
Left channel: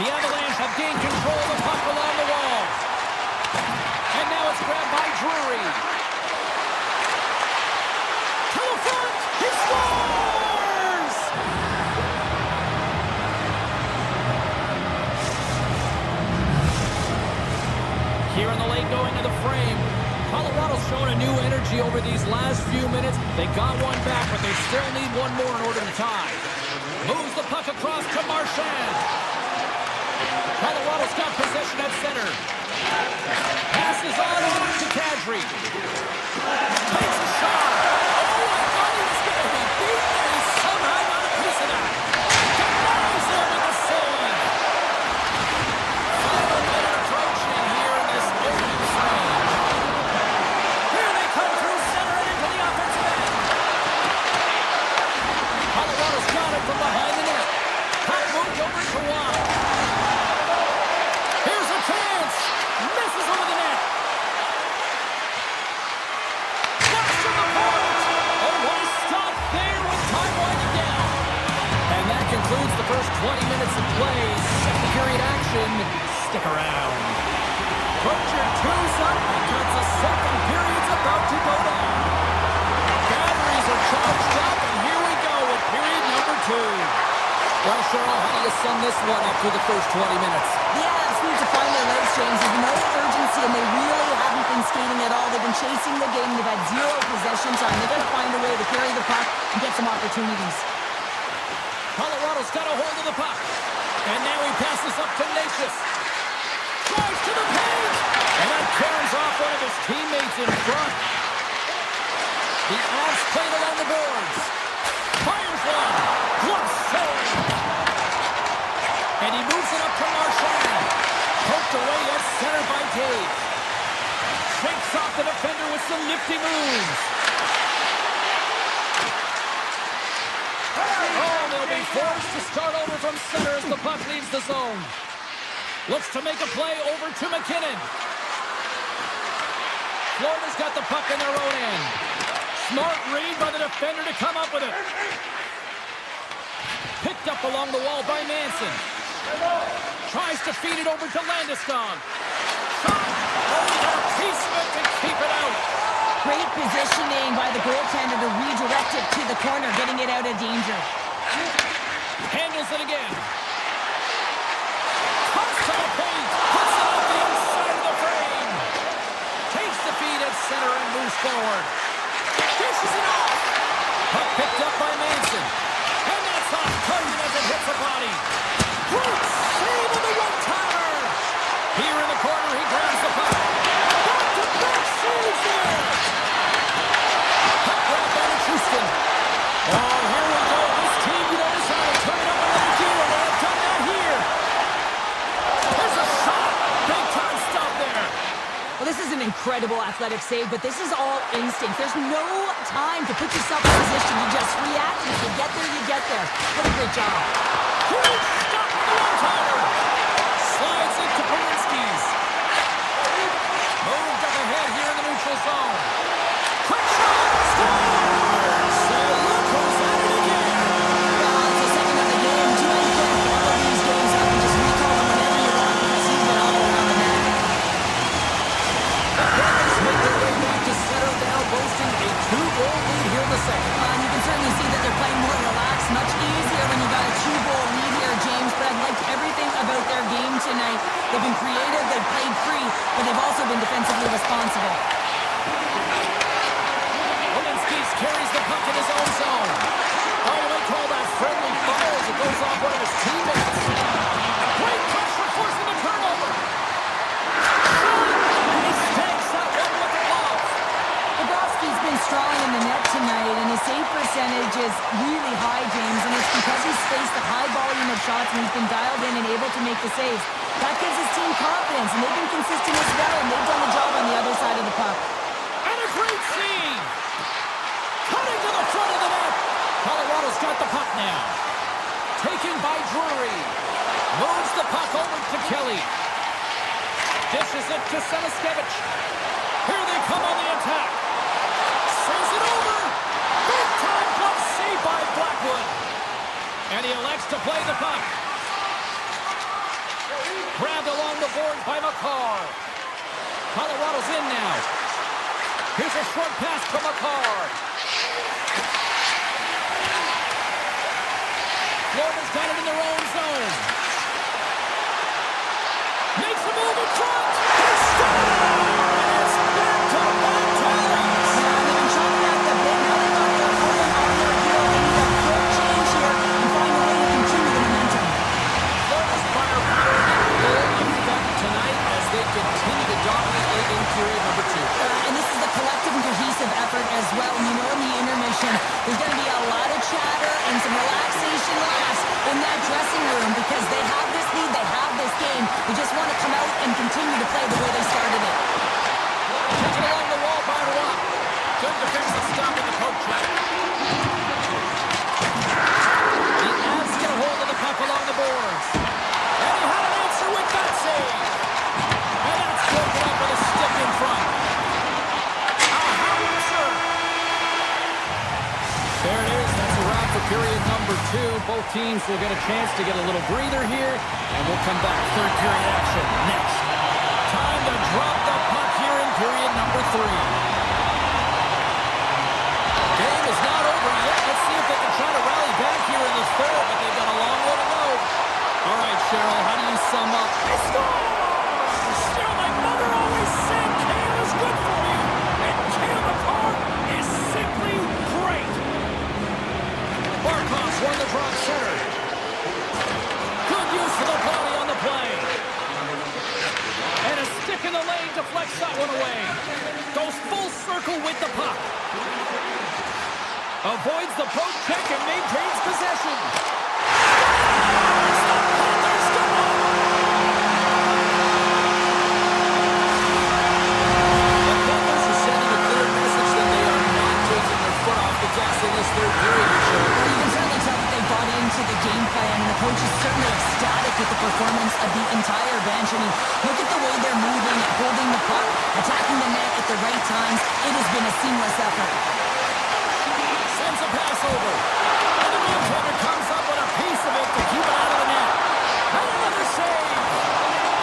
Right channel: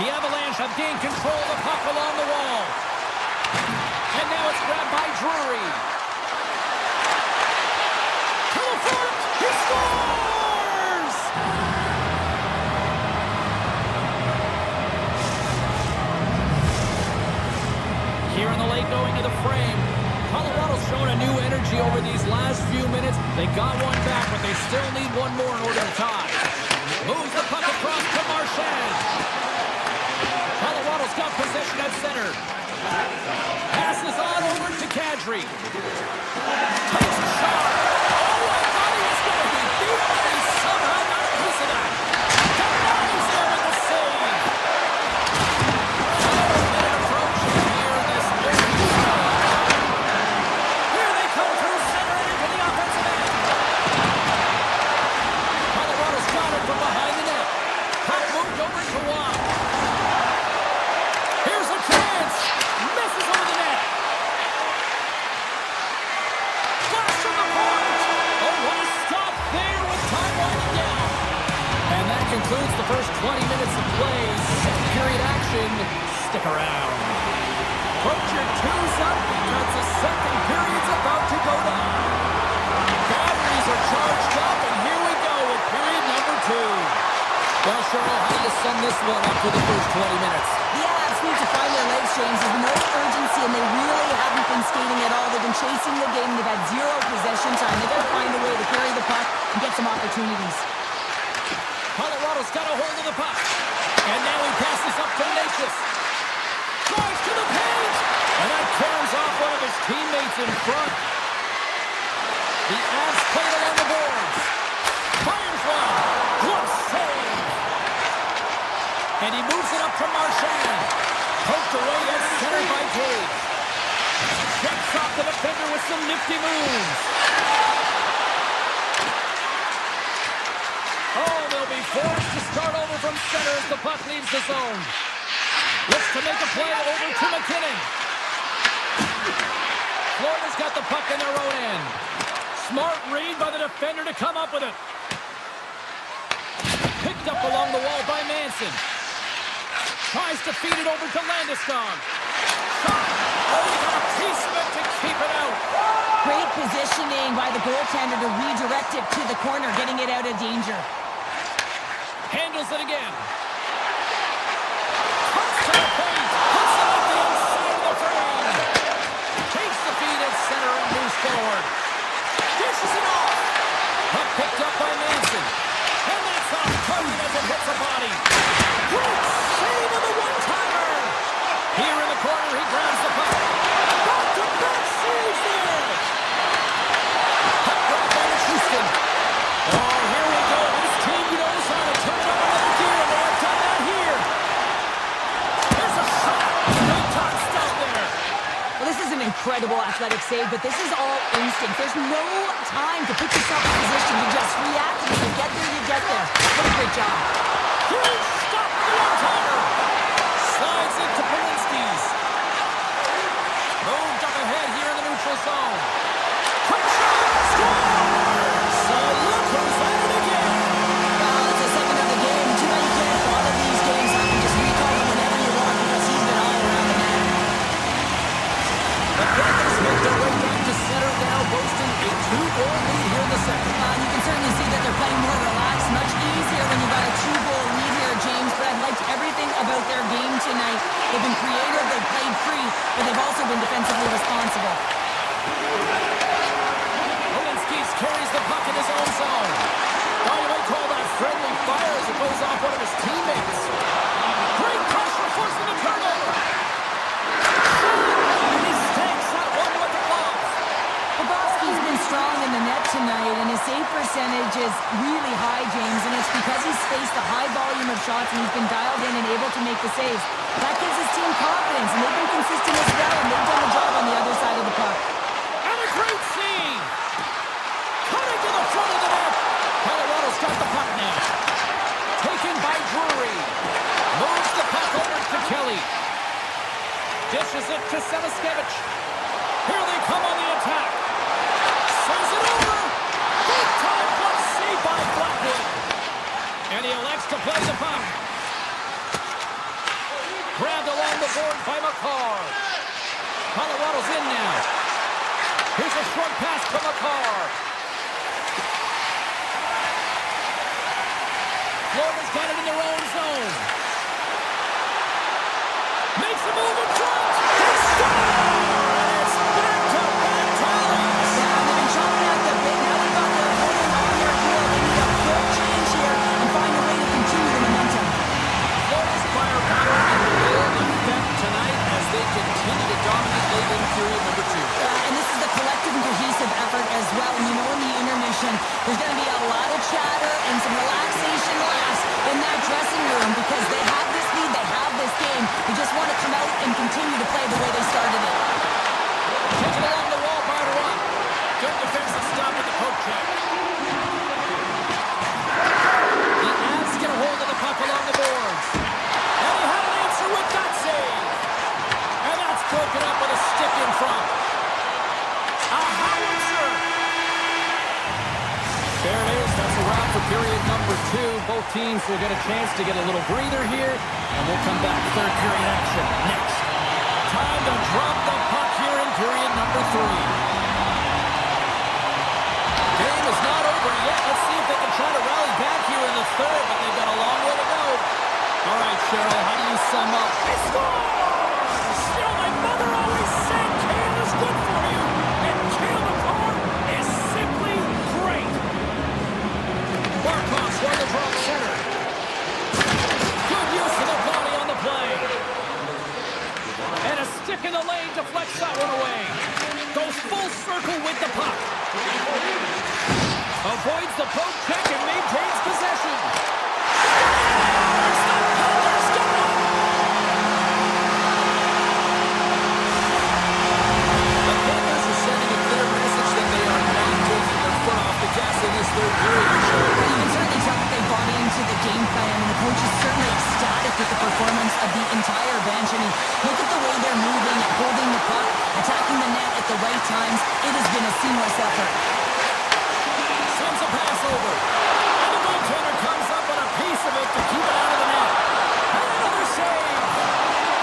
The Avalanche have gained control of the puck along the wall. And now it's grabbed by Drury. To the front! He scores! Here in the late going to the frame. Colorado's shown a new energy over these last few minutes. They got one back, but they still need one more in order to tie. Moves the puck across to Marchand. Colorado's got possession at center. Passes on over to Kadri. Takes a shot. Oh, I thought he was going to be beaten, and he somehow got a piece of that. concludes the first 20 minutes of play. Second period action. Stick around. Put your twos up because the second period's about to go down. Batteries are charged up, and here we go with period number 2. Well, Cheryl, how do you sum this one up through the first 20 minutes? The Avs need to find their legs, James. There's no urgency, and they really haven't been skating at all. They've been chasing the game. They've had zero possession time. They've got to find a way to carry the puck and get some opportunities. Colorado's got a hold of the puck. And now he passes up to Natchez. Drives to the paint! And that caroms off one of his teammates in front. The Avs played along the boards. Fires one. Glove save. And he moves it up to Marchand. Poked away at center by Cage. Shakes off the defender with some nifty moves. Oh, they'll be forced to start over from center as the puck leaves the zone. Looks to make a play over to McKinnon. Florida's got the puck in their own end. Smart read by the defender to come up with it. Picked up along the wall by Manson. Tries to feed it over to Landeskog. Shot! Oh, he got a piece of it to keep it out. Great positioning by the goaltender to redirect it to the corner, getting it out of danger. Handles it again. Cuts to the paint. Puts it off the inside of the frame. Takes the feed at center and moves forward. Dishes it off. Puck picked up by Manson. And that's off target as it hits a body. Great save on the one-timer. Here in the corner, he grabs the puck. Back-to-back saves there. Puck grab by Houston. Oh, here we go. This team knows how to turn it up another gear, and they have done that here. There's a shot. Big-time stop there. Well, this is an incredible athletic save, but this is all instinct. There's no time to put yourself in position to just react, and if you get there, you get there. What a great job. Huge stop for the one-timer. Slides into Polinski's. Moved up ahead here in the neutral zone. Quick shot. Scores! And look who's at it again. Well, it's the second of the game. Too bad you can't follow these games up and just recall them whenever you want because he's been all around the net. The Panthers make their way back to center now, boasting a 2-goal lead here in the second. And you can certainly see that they're playing more relaxed. Much easier when you got a 2-goal lead here, James. But I've liked everything about their game tonight. They've been creative, they've played free, but they've also been defensively responsible. Polinski's carries the puck in his own zone. Oh, you might call that friendly fire as it goes off one of his teammates. Great pressure forcing the turnover. And he stakes that one with the glove. Bobrovsky's been strong in the net tonight, and his save percentage is really high, James, and it's because he's faced a high volume of shots and he's been dialed in and able to make the saves. That gives his team confidence, and they've been consistent as well, and they've done the job on the other side of the puck. And a great save. Cutting to the front of the net. Colorado's got the puck now. Taken by Drury. Moves the puck over to Kelly. Dishes it to Semiskevich. Here they come on the attack. Sends it over. Big-time glove save by Blackwood. And he elects to play the puck. Grabbed along the boards by McCarr. Colorado's in now. Here's a short pass to McCarr. Florida's got it in their own zone. Makes a move in front. They score! And it's back-to-back tallies. Yeah, they've been chomping at the bit. Now they've got their opponent on their heel. They need a quick change here and find a way to continue the momentum. Florida's firepower in full effect tonight as they continue to dominate late in period number 2. And this is the collective and cohesive effort as well. And you know, in the intermission, there's going to be a lot of chatter and some relaxation laughs in that dressing room because they have this lead, they have this game. They just want to come out and continue to play the way they started it. Taken along the wall by Roy. Good defensive stop with the poke check. The Avs get a hold of the puck along the boards. And he had an answer with that save. And that's broken up with a stick in front. A howitzer. There it is. That's a wrap for period number 2. Both teams will get a chance to get a little breather here, and we'll come back. Third period action next. Time to drop the puck here in period number 3. Game is not over yet. Let's see if they can try to rally back here in the third, but they've got a long way to go. All right, Cheryl, how do you sum up? They score! You know, my mother always said kale is good for you, and kale McCarr is simply great. Barkov's won the drop center. Good use of the body on the play. And a stick in the lane deflects that one away. Goes full circle with the puck. Avoids the poke check and maintains possession. Scores! The Panthers get one! The Panthers are sending a clear message that they are not taking their foot off the gas in this third period. Well, you can certainly tell that they bought into the game plan, and the coach is certainly ecstatic with the performance of the entire bench. I mean, look at the way they're moving, holding the puck, attacking the net at the right times. It has been a seamless effort. Sends a pass over. And the goaltender comes up with a piece of it to keep it out of the net. And another save.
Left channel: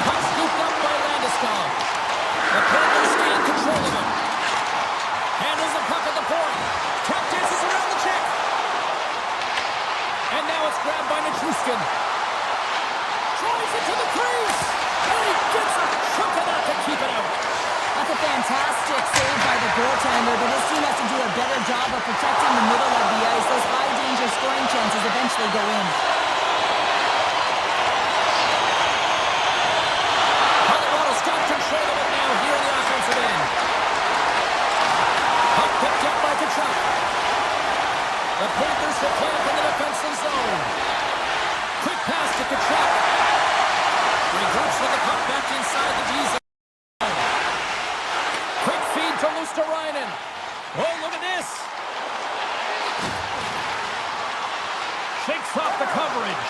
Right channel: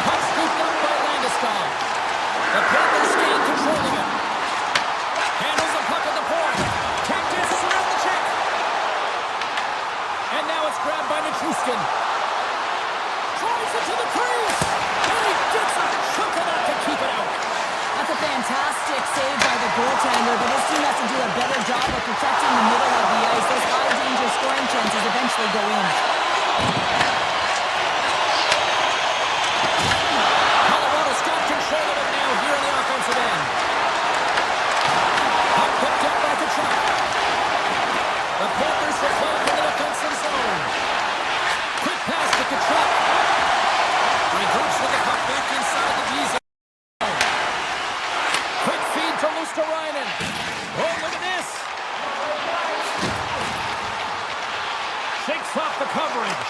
Puck scooped up by Landeskog. The Panthers gain control of it. Handles the puck at the point. Tap dances around the check. And now it's grabbed by Nichushkin. Drives it to the crease. And he gets a chunk of that to keep it out. That's a fantastic save by the goaltender, but his team has to do a better job of protecting the middle of the ice. Those high-danger scoring chances eventually go in. Colorado's got control of it now here in the offensive end. Puck picked up by Kachuk. The Panthers will play it in the defensive zone. Quick pass to Kachuk. Regroups with the puck back inside the D zone. Quick feed to Luosterainen. Oh, look at this. Shakes off the coverage.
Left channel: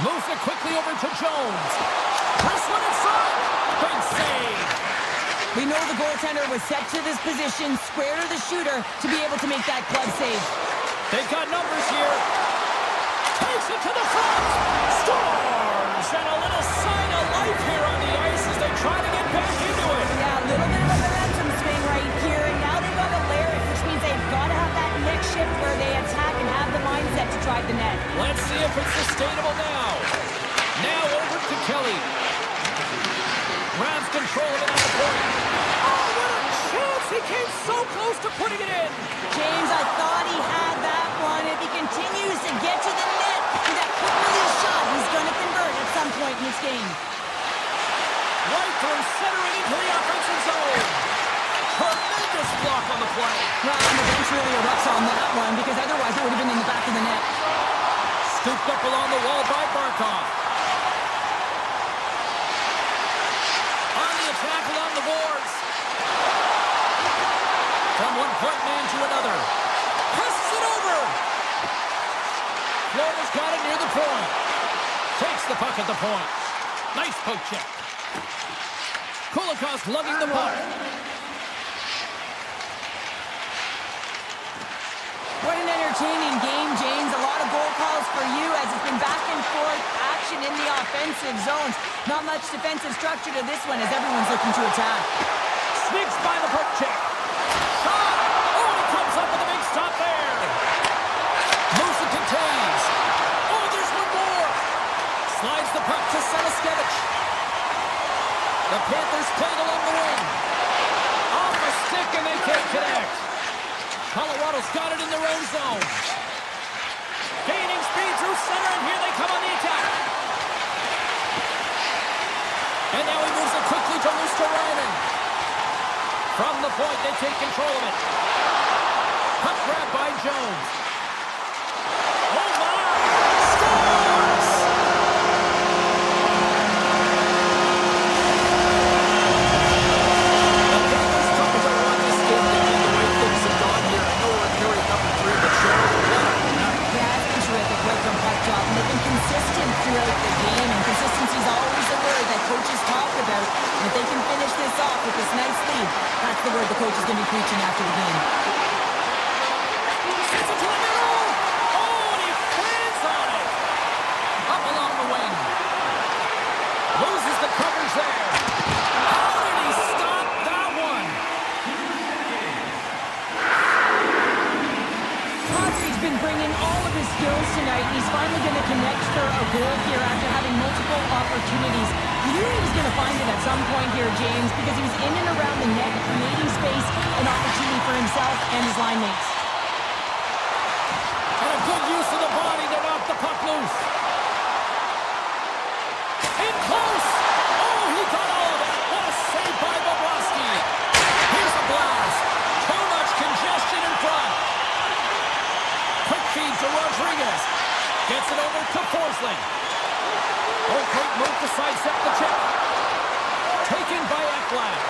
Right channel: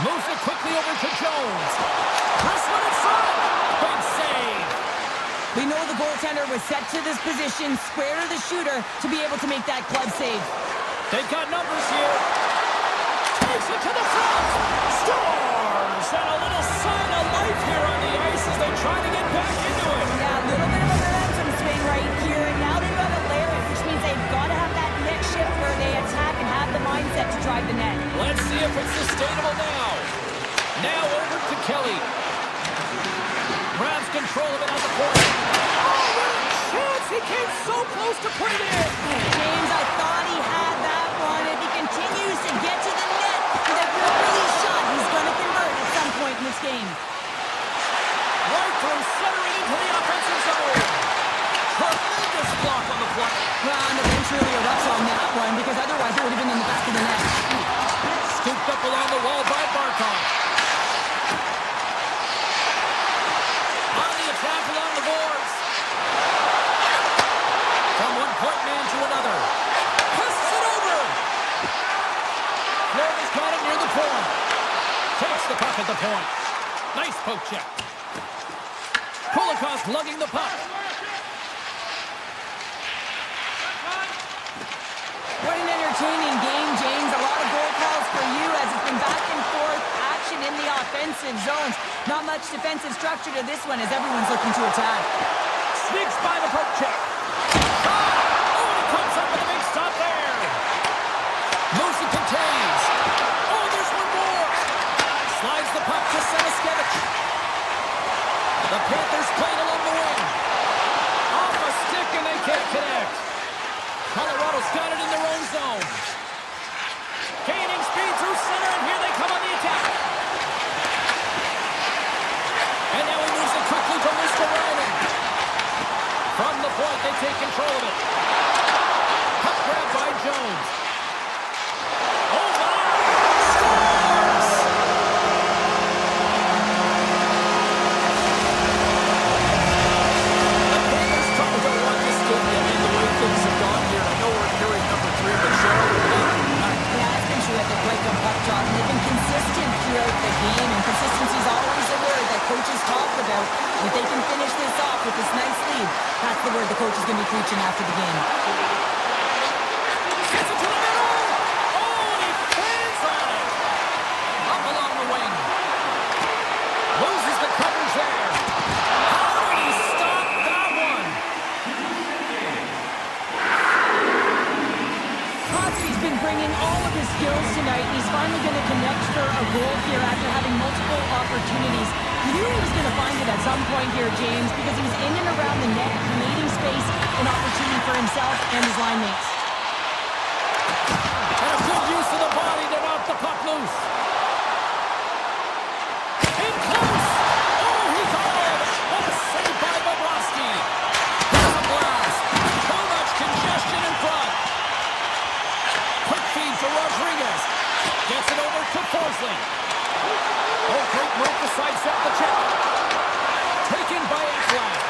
Moves it quickly over to Jones. Press one inside. Big save. We know the goaltender was set to this position, square to the shooter, to be able to make that glove save. They've got numbers here. Takes it to the front. Scores! And a little sign of life here on the ice as they try to get back into it. Yeah, a little bit of a momentum swing right here, and now they've got to layer it, which means they've got to have that next shift where they attack and have the mindset to drive the net. Let's see if it's sustainable now. Now over to Kelly. Grabs control of it on the point. Oh, what a chance! He came so close to putting it in! James, I thought he had that one. If he continues to get to the net with that quick release shot, he's going to convert at some point in this game. Right through, centering into the offensive zone. Tremendous block on the play. Well, and the bench really erupts on that one, because otherwise it would have been in the back of the net. Scooped up along the wall by Barkov. On the attack along the boards. From one point man to another. Passes it over. Florida's got it near the point. Takes the puck at the point. Nice poke check. Kolikov's lugging the puck. What an entertaining game, James. A lot of goal calls for you as it's been back and forth action in the offensive zones. Not much defensive structure to this one as everyone's looking to attack. Sneaks by the poke check. Shot! Oh, and he comes up with a big stop there. Moves and contains. Oh, there's one more. Slides the puck to Seniskevich. The Panthers played along the wing. Off a stick and they can't connect. Colorado's got it in their own zone. Gaining speed through center, and here they come on the attack. And now he moves it quickly to Luosterainen. From the point, they take control of it. Puck grab by Jones. Oh, my! Scores! The Panthers probably don't want this game to end the way things have gone here. I know we're in period number 3, but Cheryl, what a night. Yeah, it's been terrific right from puck drop, and they've been consistent throughout the game, and consistency is always a word that coaches talk about. And if they can finish this off with this nice lead, that's the word the coach is going to be preaching after the game. Sends it to the middle. Oh, all of his skills tonight. He's finally going to connect for a goal here after having multiple opportunities. You knew he was going to find it at some point here, James, because he was in and around the net, creating space and opportunity for himself and his line mates. And a good use of the body to knock the puck loose. In close. Oh, he got all of it. What a save by Bobrovsky. Here's a blast. Too much congestion in front. Quick feed to Rodriguez. Gets it over to Forsling. Oh, great move to sidestep the check. Taken by Ekblad.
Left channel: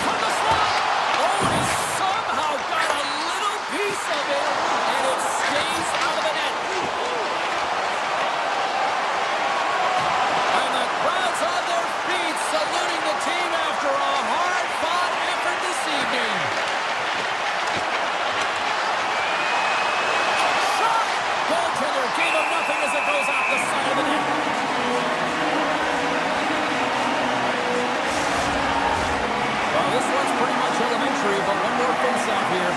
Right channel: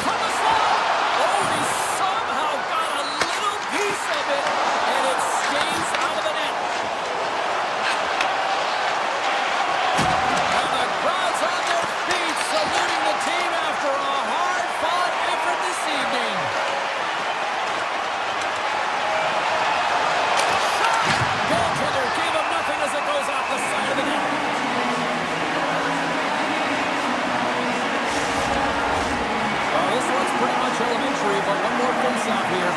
From the slot. Oh, and he somehow got a little piece of it, and it stays out of the net. And the crowd's on their feet, saluting the team after a hard-fought effort this evening. Shot! Goaltender gave him nothing as it goes off the side of the net. Well, this one's pretty much elementary, but one more face-off here.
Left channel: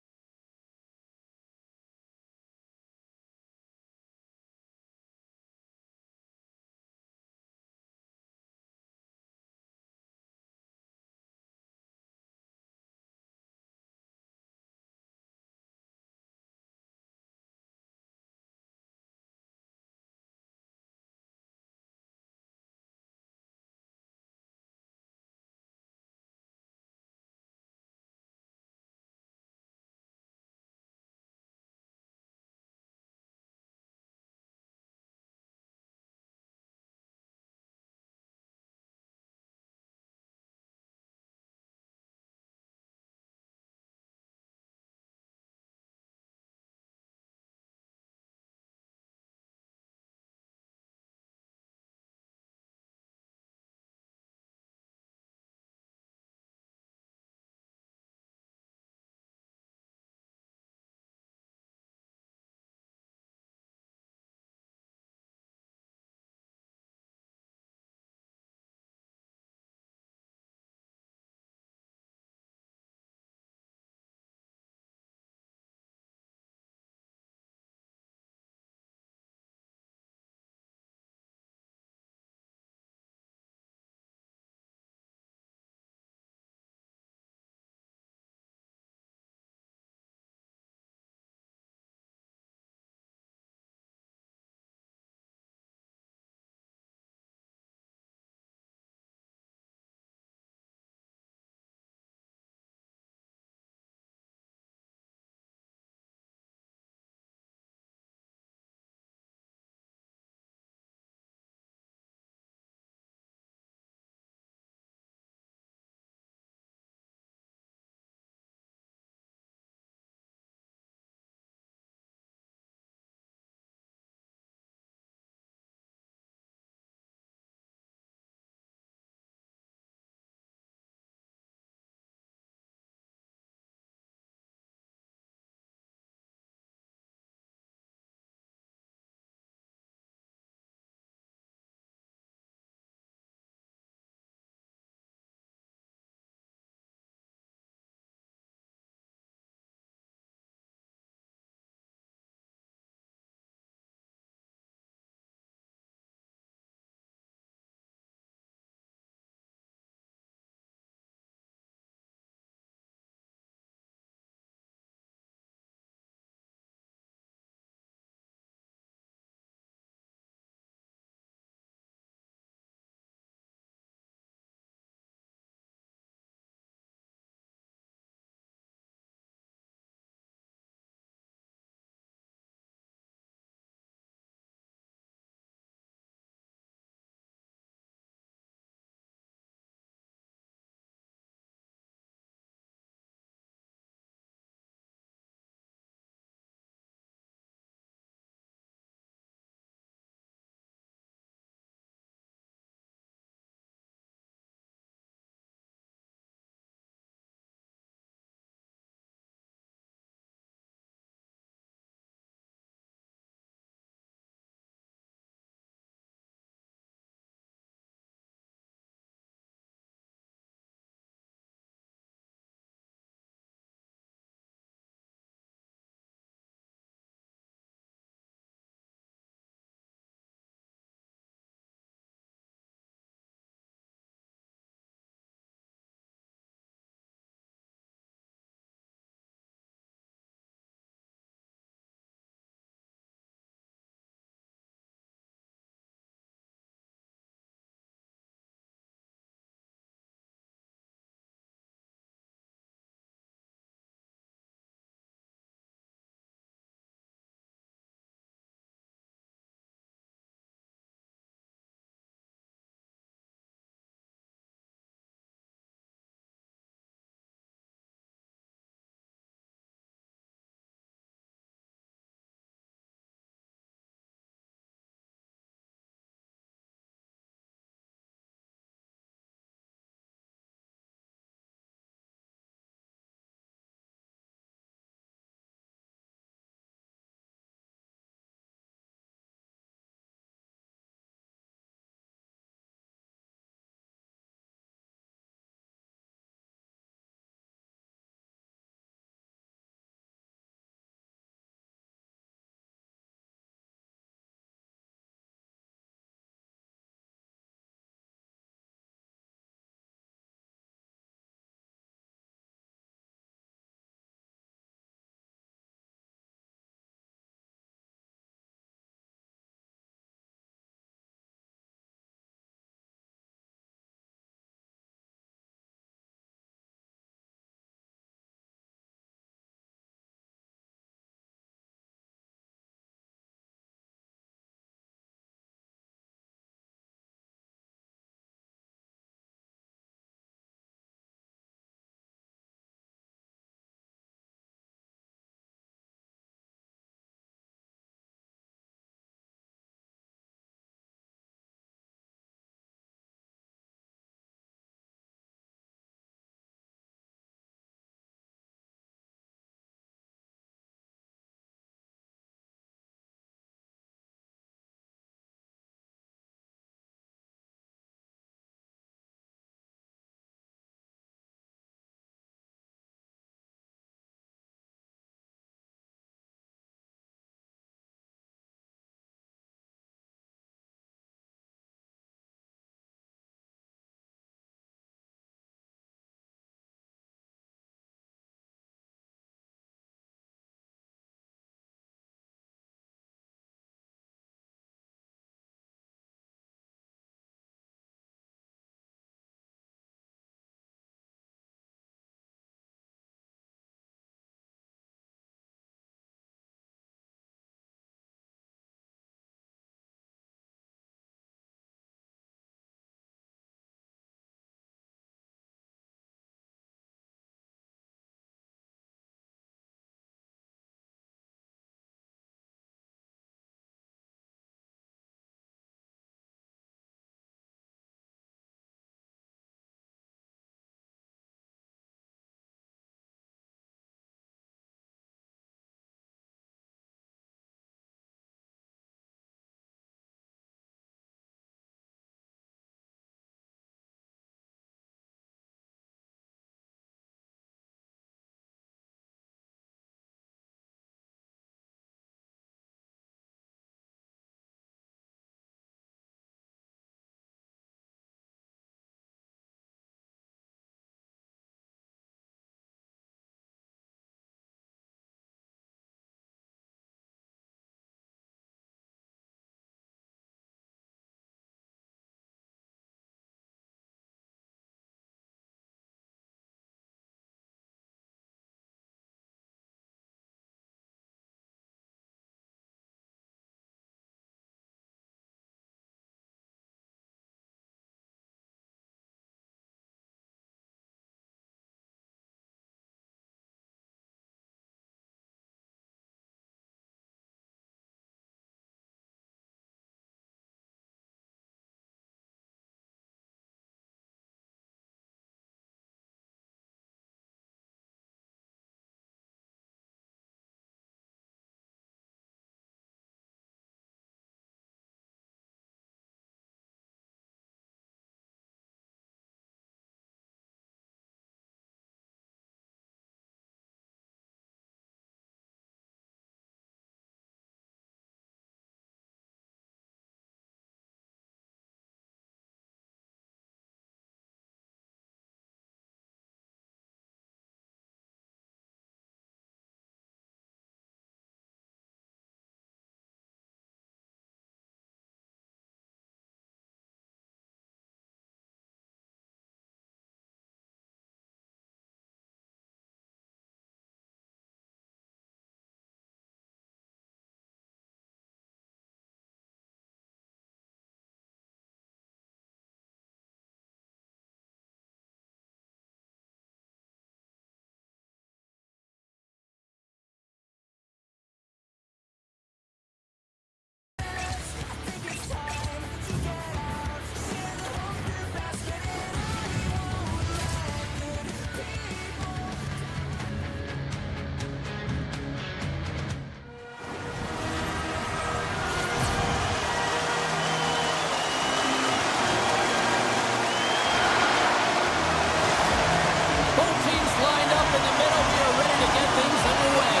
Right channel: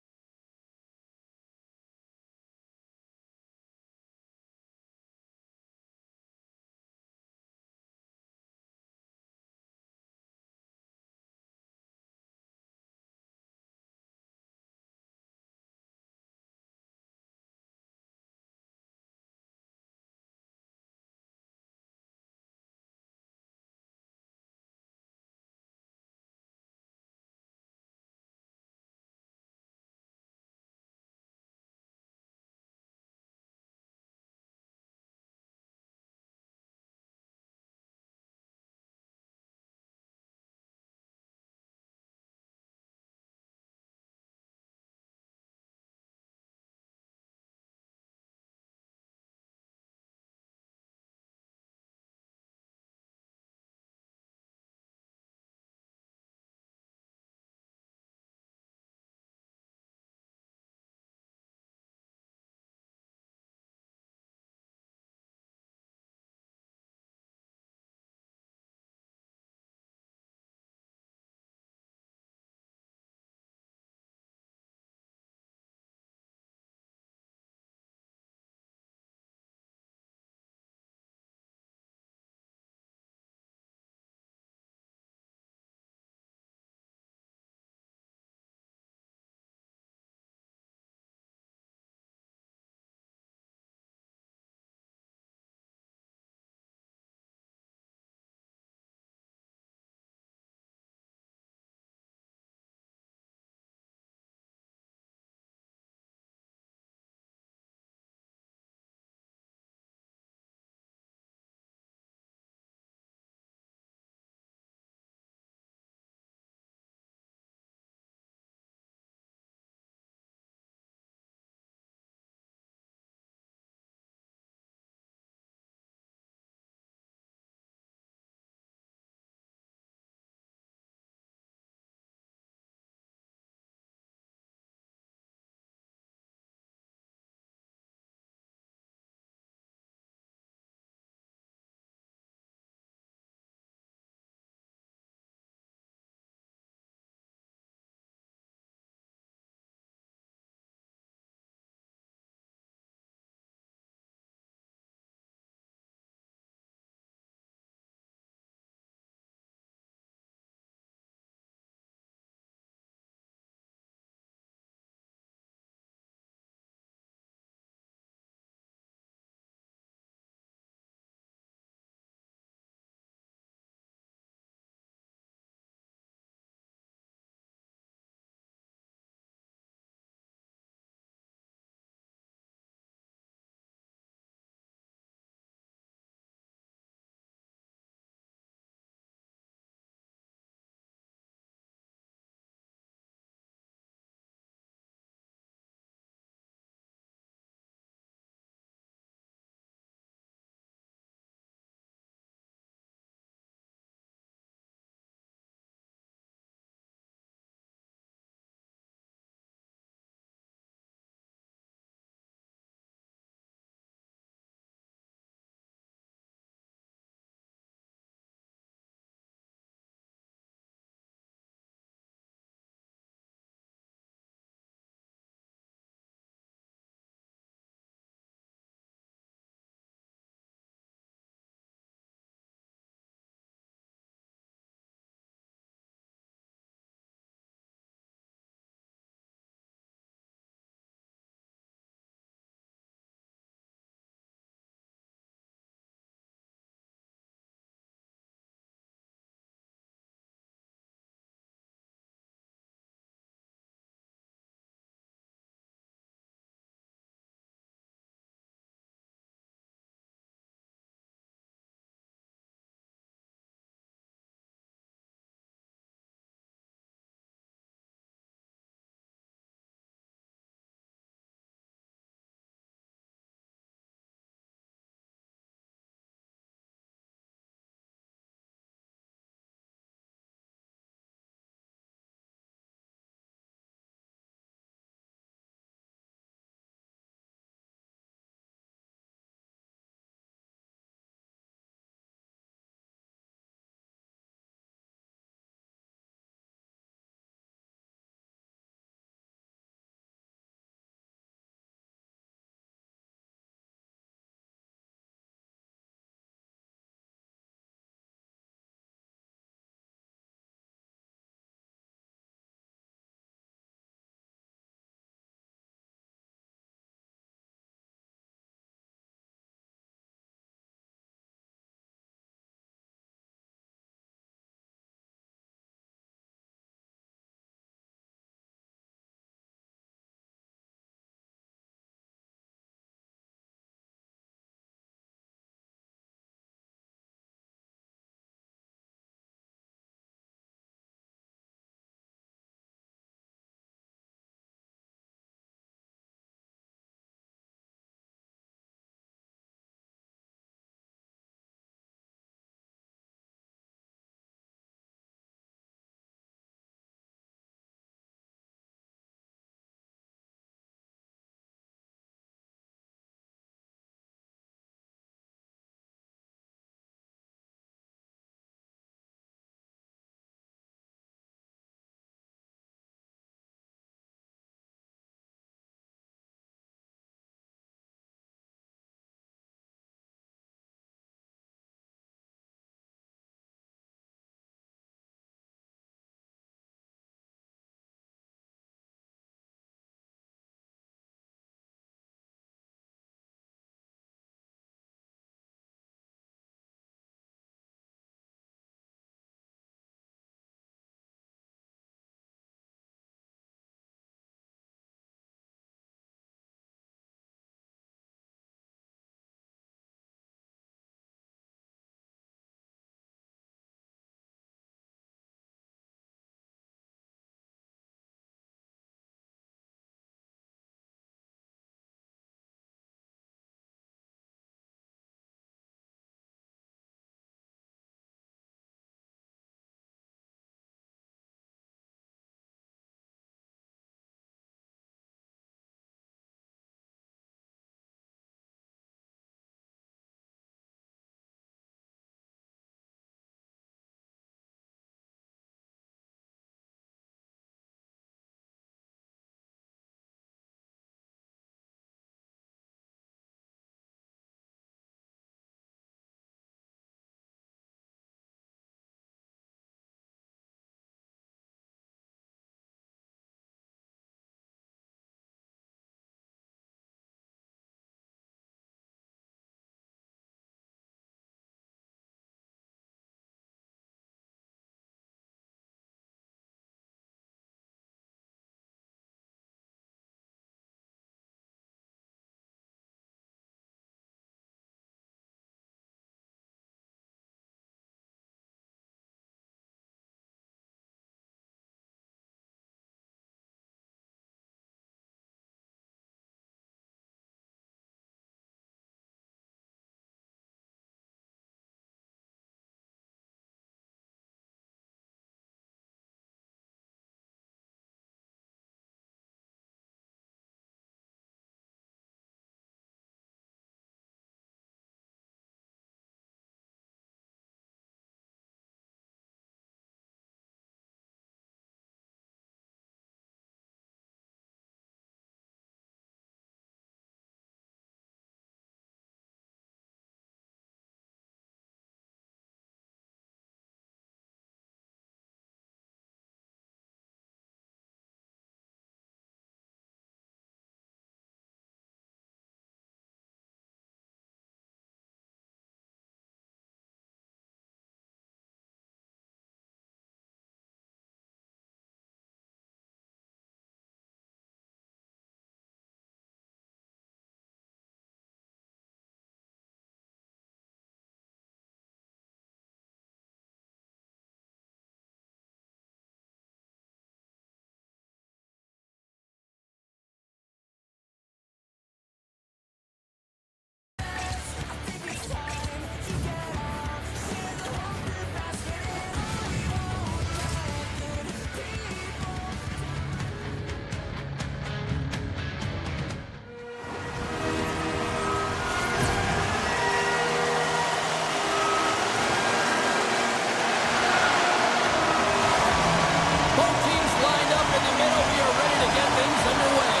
things underway.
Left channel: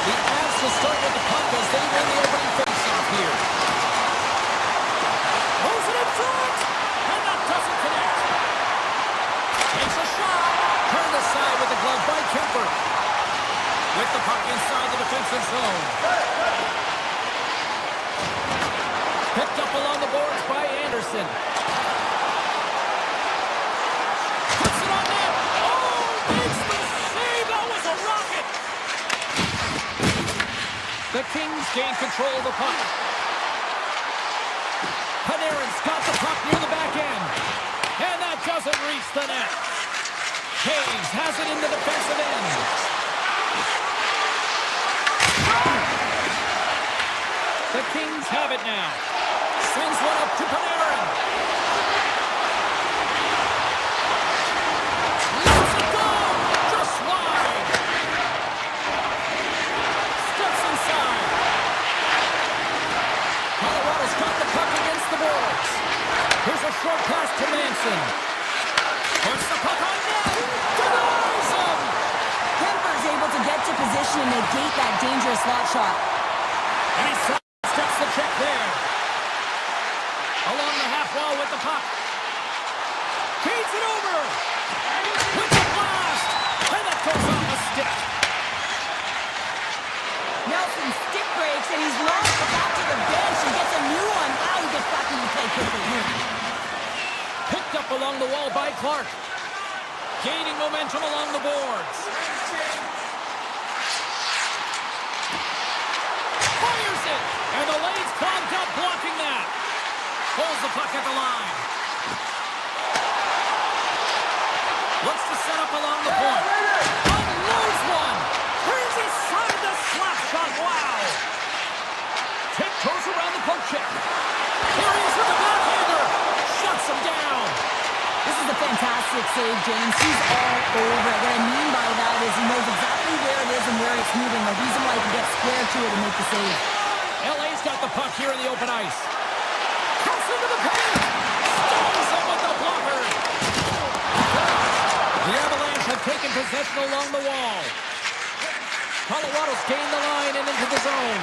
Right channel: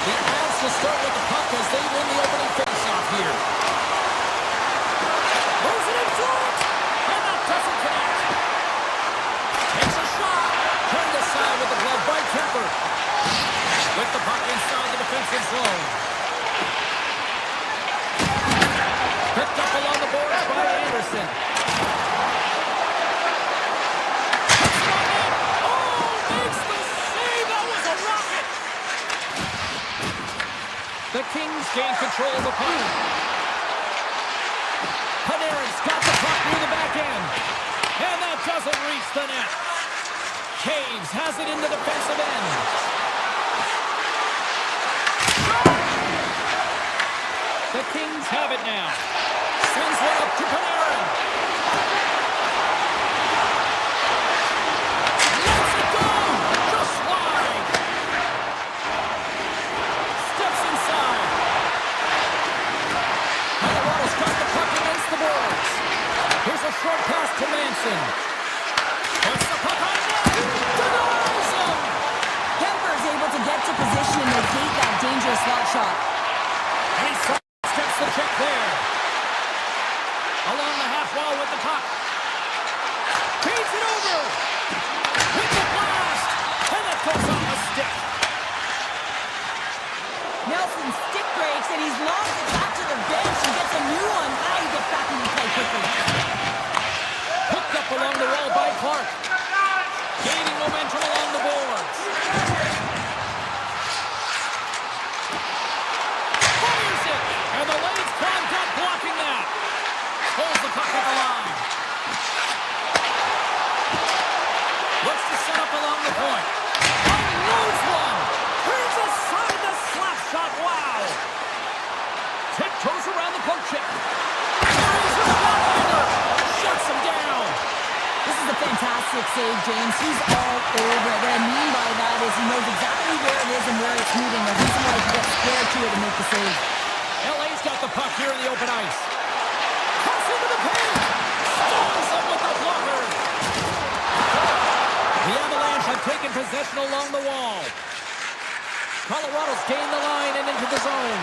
The Avs will start with the puck as they win the opening faceoff here. Moves it in front, and that doesn't connect. Takes a shot. Turned aside with the glove by Kemper. With the puck inside the defensive zone. Picked up along the boards by Anderson. Puts it on net. Oh, makes the save. That was a rocket. The Kings gain control of the puck. Panarin's got the puck near the back end. And that doesn't reach the net. Caves has it in the defensive end. The Kings have it now. Sends one up to Panarin. Lets it go! Just wide! Steps inside. Colorado's got the puck against the boards. Here's a short pass to Manson. Puts the puck on net! Denies him! Kemper's able to get to position and negate that dangerous slot shot. And he steps the check there. Along the half wall with the puck. Feeds it over. With the blast. And that goes off a stick. Nelson stick breaks and he's launched it back to the bench and gets a new one. Wow, he gets back into play quickly. Picked up along the wall by Clark. Gaining momentum along the boards. Fires it. And the lane's clogged up blocking that. Holds the puck at the line. Looks to set up along the point. Unloads one. Turns aside the slap shot. Wow. Tiptoes around the poke check. Here he is with the backhander. Shuts him down. This is a fantastic save, James. He's all over it. What I mean by that is he knows exactly where it is and where it's moving. The reason why he can get square to it and make the save. LA's got the puck here in the open ice. Cuts into the paint. Stones him with the blocker. The Avalanche have taken possession along the wall. Colorado's gained the line and into the zone.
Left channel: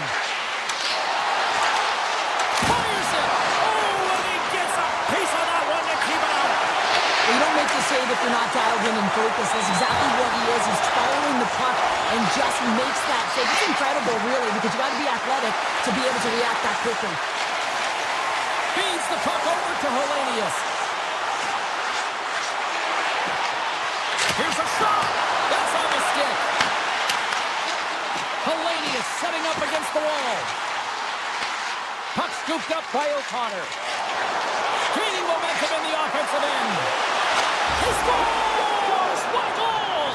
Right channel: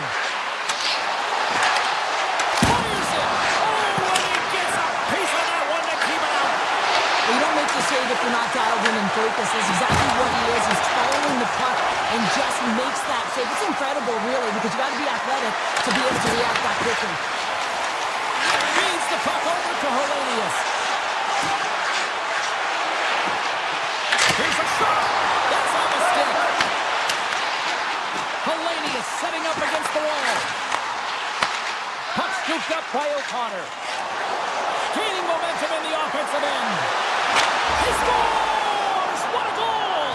Fires it. Oh, and he gets a piece of that one to keep it out. Well, you don't make the save if you're not dialed in and focused. That's exactly what he is. He's following the puck and just makes that save. It's incredible, really, because you got to be athletic to be able to react that quickly. Feeds the puck over to Hellenius. Here's a shot. That's on the stick. Hellenius setting up against the wall. Puck scooped up by O'Connor. Gaining momentum in the offensive end. He scores! What a goal!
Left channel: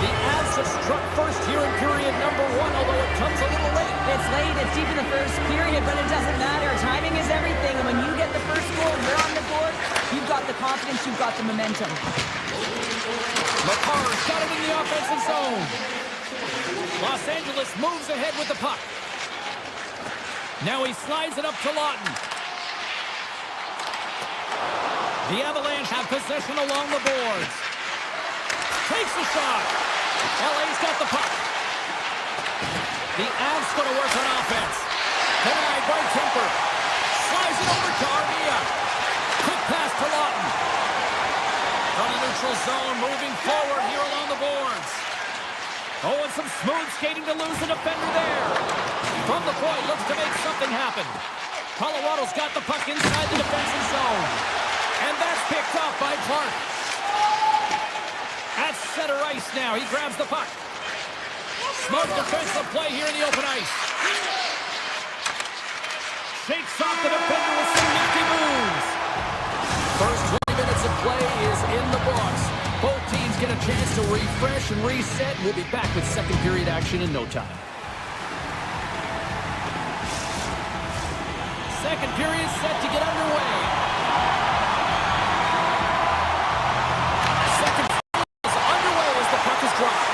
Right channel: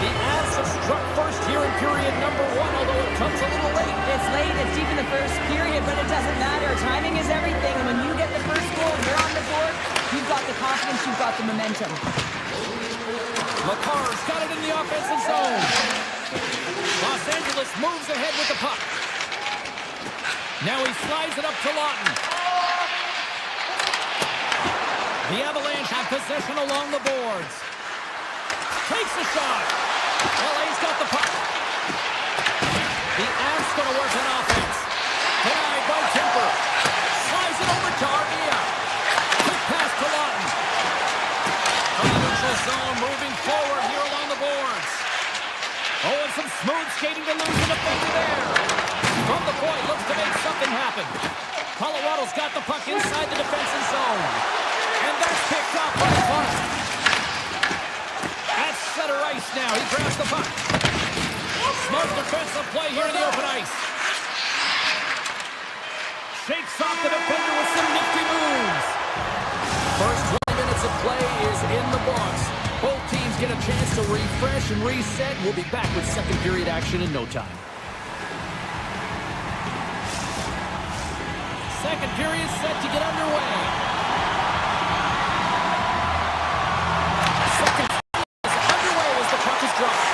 The Avs have struck first here in period number 1, although it comes a little late. It's late, it's deep in the first period, but it doesn't matter. Timing is everything, and when you get the first goal, you're on the board, you've got the confidence, you've got the momentum. McCarr's got it in the offensive zone. Los Angeles moves ahead with the puck. Now he slides it up to Lawton. The Avalanche have possession along the boards. Takes the shot. LA's got the puck. The Avs going to work on offense. Denied by Kemper. Slides it over to Armia. Quick pass to Lawton. From the neutral zone, moving forward here along the boards. Oh, and some smooth skating to lose the defender there. From the point, looks to make something happen. Colorado's got the puck inside the defensive zone. And that's picked up by Clark. At center ice now, he grabs the puck. Smart defensive play here in the open ice. Shakes off the defender with some nifty moves. First 20 minutes of play is in the books. Both teams get a chance to refresh and reset. We'll be back with second period action in no time. Second period set to get underway. Second period is underway as the puck is dropped.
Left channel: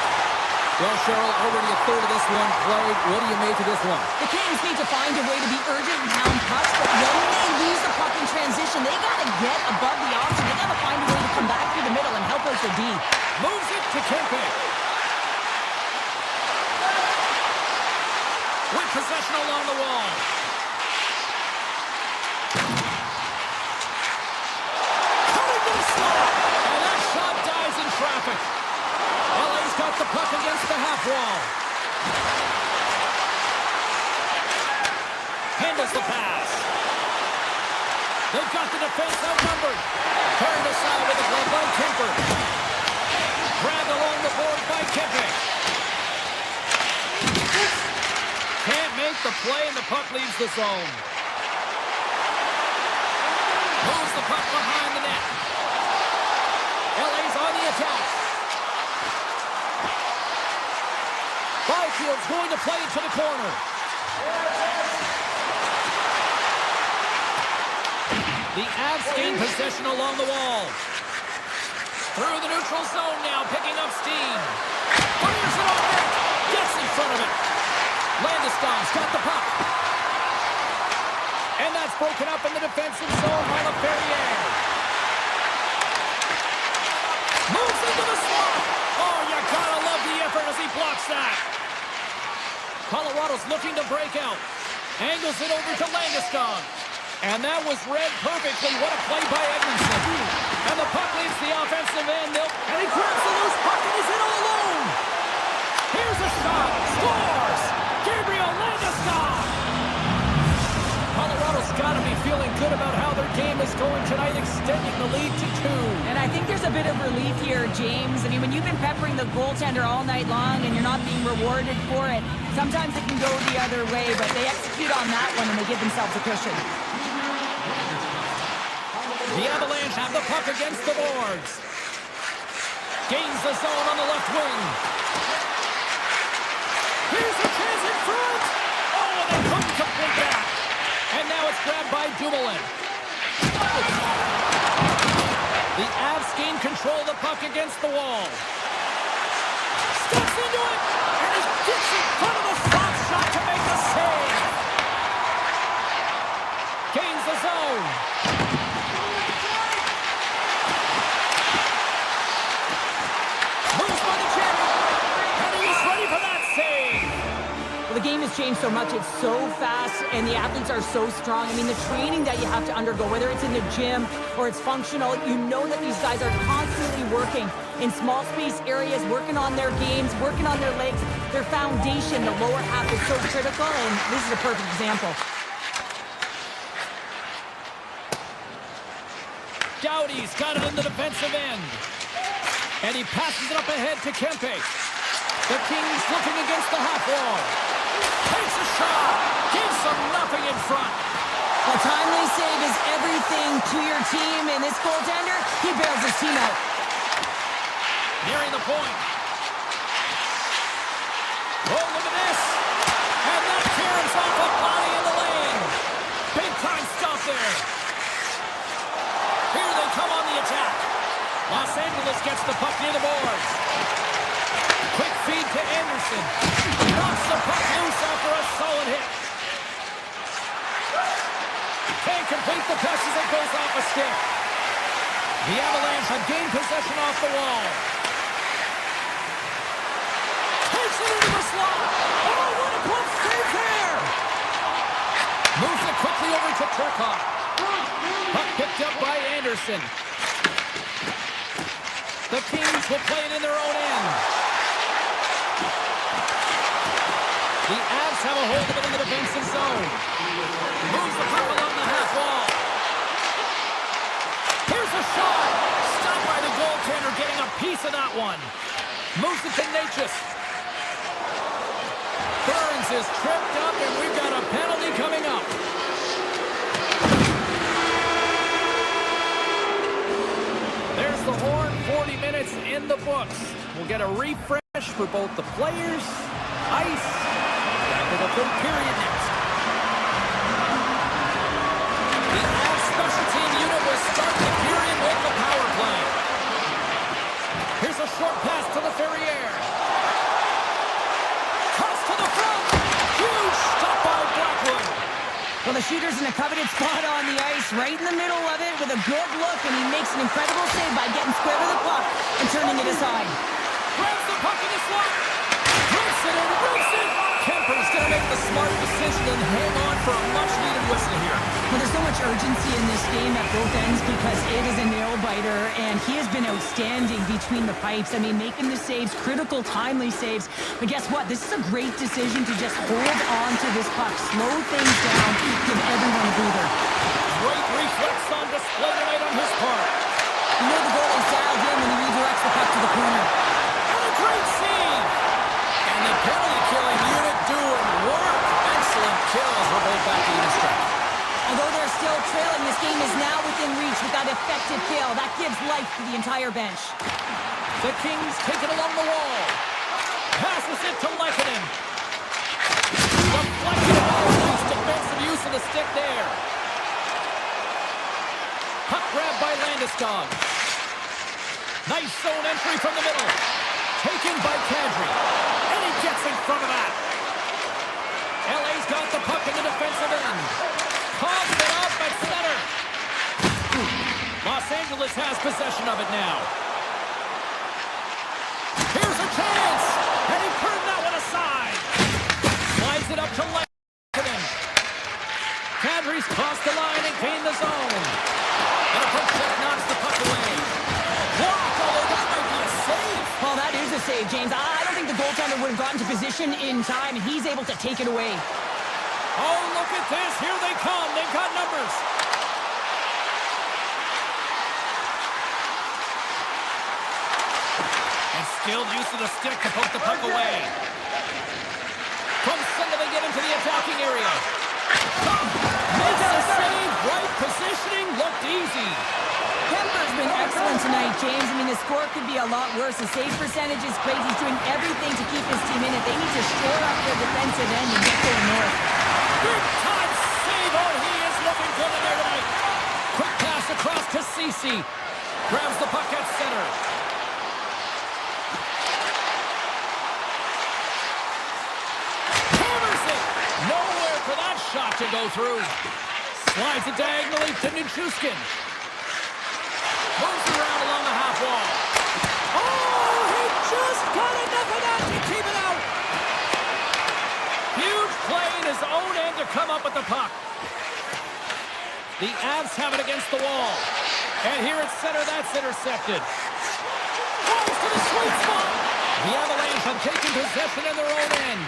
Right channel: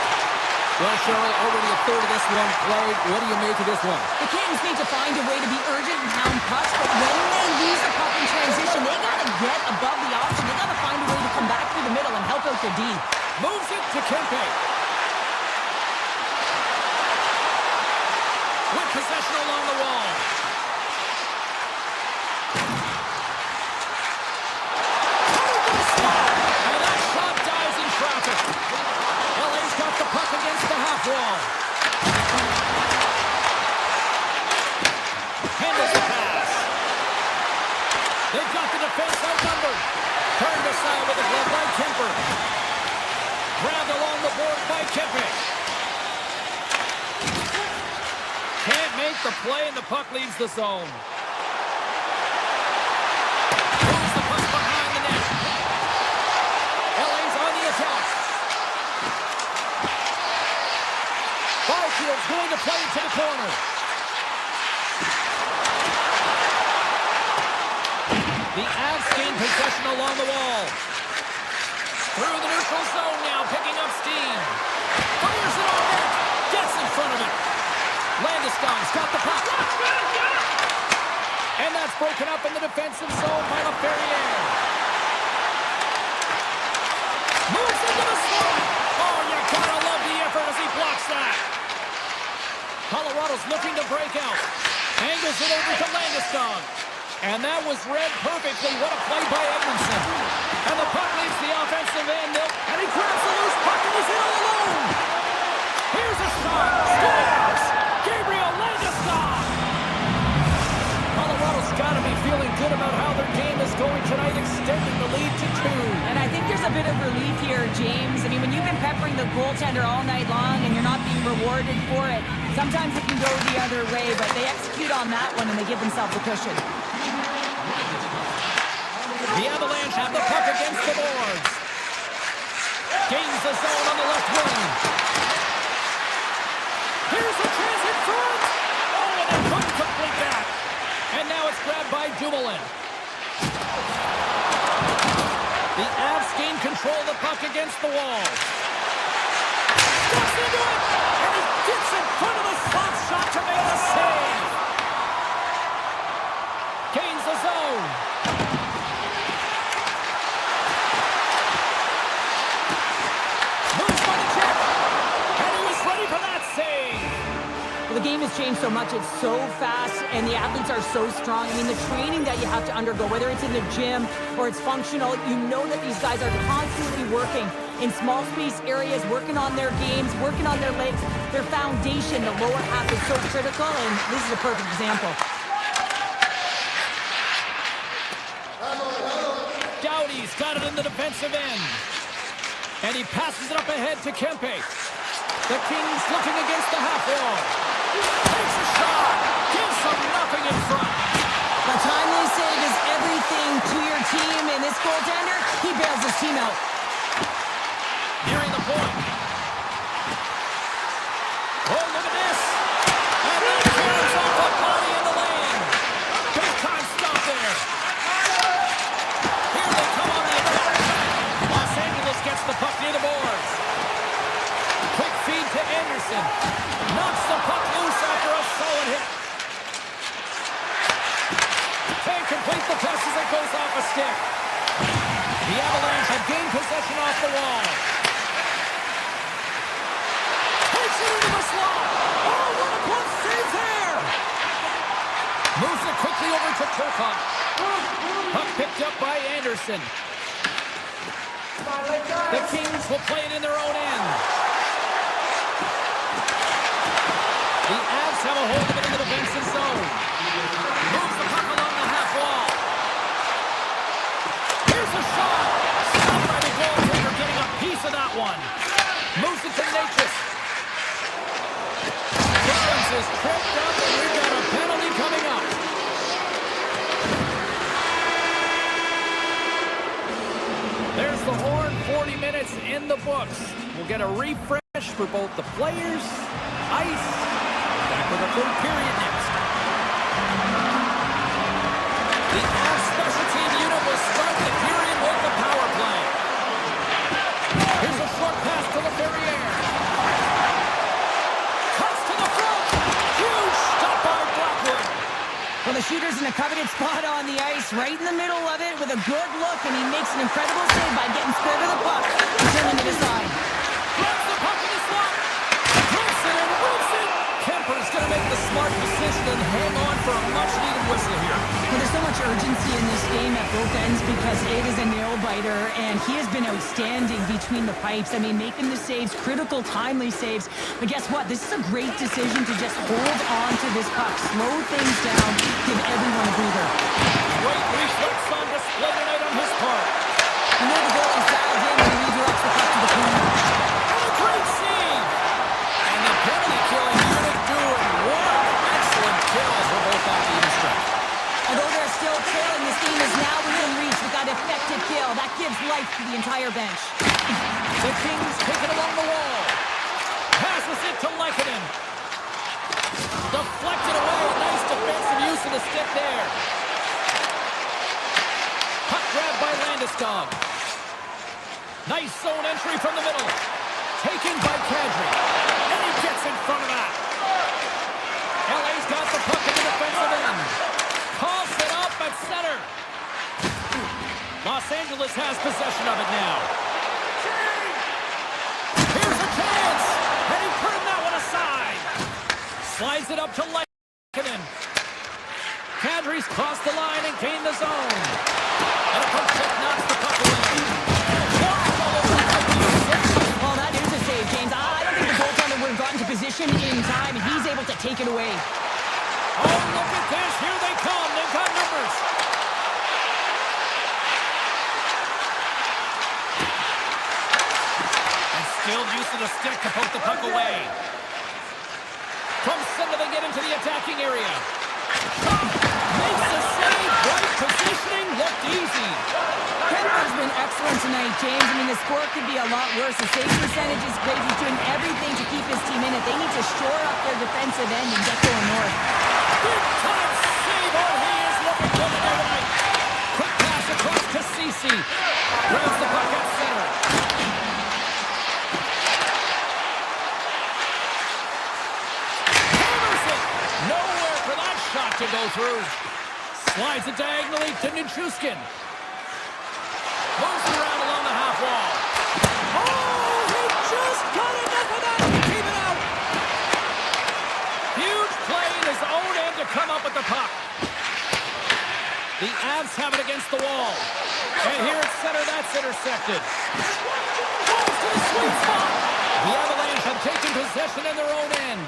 Well, Cheryl, already a third of this one played. What do you make of this one? The Kings need to find a way to be urgent and hound pucks, but when they lose the puck in transition, they got to get above the option. They got to find a way to come back through the middle and help out the D. Moves it to Kempe. With possession along the wall. Cutting to the slot. And that shot dies in traffic. LA's got the puck against the half wall. Handles the pass. They've got the defense outnumbered. Turned aside with a glove by Kemper. Grabbed along the board by Kempe. Can't make the play, and the puck leaves the zone. Moves the puck behind the net. LA's on the attack. Byfield's going to play it to the corner. The Avs gain possession along the wall. Through the neutral zone now, picking up steam. Fires it on net. Gets in front of it. Landeskog's got the puck. And that's broken up in the defensive zone by LaFerriere. Moves into the slot. Oh, you gotta love the effort as he blocks that. Colorado's looking to break out. Angles it over to Landeskog. And that was read perfectly. What a play by Edmondson. And the puck leaves the offensive end. And he grabs the loose puck and he's in all alone. Here's a shot. Scores! Gabriel Landeskog. Colorado's got to be feeling good about how their game is going tonight, extending the lead to 2. And I think there's a bit of relief here, James. I mean, when you've been peppering the goaltender all night long and you're not being rewarded for it, sometimes it can go the other way, but they execute on that one and they give themselves a cushion. The Avalanche have the puck against the boards. Gains the zone on the left wing. Here's a chance in front. Oh, and they couldn't complete that. And now it's grabbed by Dumoulin. The Avs gain control of the puck against the wall. Steps into it, and he gets in front of the slot shot to make the save. Gains the zone. Moves by the check, and he is ready for that save. Well, the game has changed so much. It's so fast, and the athletes are so strong. I mean, the training that you have to undergo, whether it's in the gym or it's functional, you know that these guys are constantly working in small space areas, working on their games, working on their legs. Their foundation, the lower half, is so critical, and this is a perfect example. Doughty's got it in the defensive end. And he passes it up ahead to Kempe. The Kings looking against the half wall. Takes a shot. Gives them nothing in front. A timely save is everything to your team, and this goaltender, he bails his team out. Nearing the point. Oh, look at this. And that caroms off a body in the lane. Big time stop there. Here they come on the attack. Los Angeles gets the puck near the boards. Quick feed to Anderson. Knocks the puck loose after a solid hit. Can't complete the pass as it goes off a stick. The Avalanche have gained possession off the wall. Takes it into the slot. Oh, what a glove save there. Moves it quickly over to Turcotte. Puck picked up by Anderson. The Kings will play it in their own end. The Avs have a hold of it in the defensive zone. Moves the puck along the half wall. Here's a shot. Stopped by the goaltender, getting a piece of that one. Moves it to Natchez. Burns is tripped up, and we've got a penalty coming up. There's the horn. 40 minutes in the books. We'll get a refresh for both the players, ice. Back with a third period next. The Avs special team unit will start the period with the power play. Here's a short pass to LaFerriere. Well, the shooter's in a coveted spot on the ice, right in the middle of it with a good look, and he makes an incredible save by getting square to the puck and turning it aside. Grabs the puck in the slot. Rips it and rips it. Kemper's going to make the smart decision and hang on for a much-needed whistle here. Well, there's so much urgency in this game at both ends because it is a nail-biter, and he has been outstanding between the pipes. I mean, making the saves, critical, timely saves. But guess what? This is a great decision to just hold on to this puck, slow things down, give everyone a breather. Great reflex on display tonight on his part. You know the goalie's dialed in when he redirects the puck to the corner. And a great save. And the penalty-killing unit doing work. Excellent kills. We're both back to even strength. Although they're still trailing, this game is now within reach with that effective kill. That gives life to the entire bench. The Kings take it along the wall. Passes it to Lehkonen. Deflected away. Nice defensive use of the stick there. Puck grab by Landeskog. Nice zone entry from the middle. Taken by Kadri. And he gets in front of that. LA's got the puck in the defensive end. Coughs it up at center. Los Angeles has possession of it now. Here's a chance. And he turned that one aside. Slides it up to Lehkonen. Kadri's crossed the line and gained the zone. And a poke check knocks the puck away. Blocked all over. That might be a save. Well, that is a save, James. I don't think the goaltender would have gotten to position in time, and he's able to take it away. Oh, look at this. Here they come. They've got numbers. And skilled use of the stick to poke the puck away. From center, they get into the attacking area. Makes the save. Right positioning. Looked easy. Kemper's been excellent tonight, James. I mean, the score could be a lot worse. The save percentage is great. He's doing everything to keep his team in it. They need to shore up their defensive end and get going north. Big time save. Oh, he is looking good in there tonight. Quick pass across to Ceci. Grabs the puck at center. Hammers it. Nowhere for that shot to go through. Slides it diagonally to Nichushkin. Moves it around along the half wall. Oh, he just got enough of that to keep it out. Huge play in his own end to come up with the puck. The Avs have it against the wall. And here at center, that's intercepted. Falls to the sweet spot. The Avalanche have taken possession in their own end.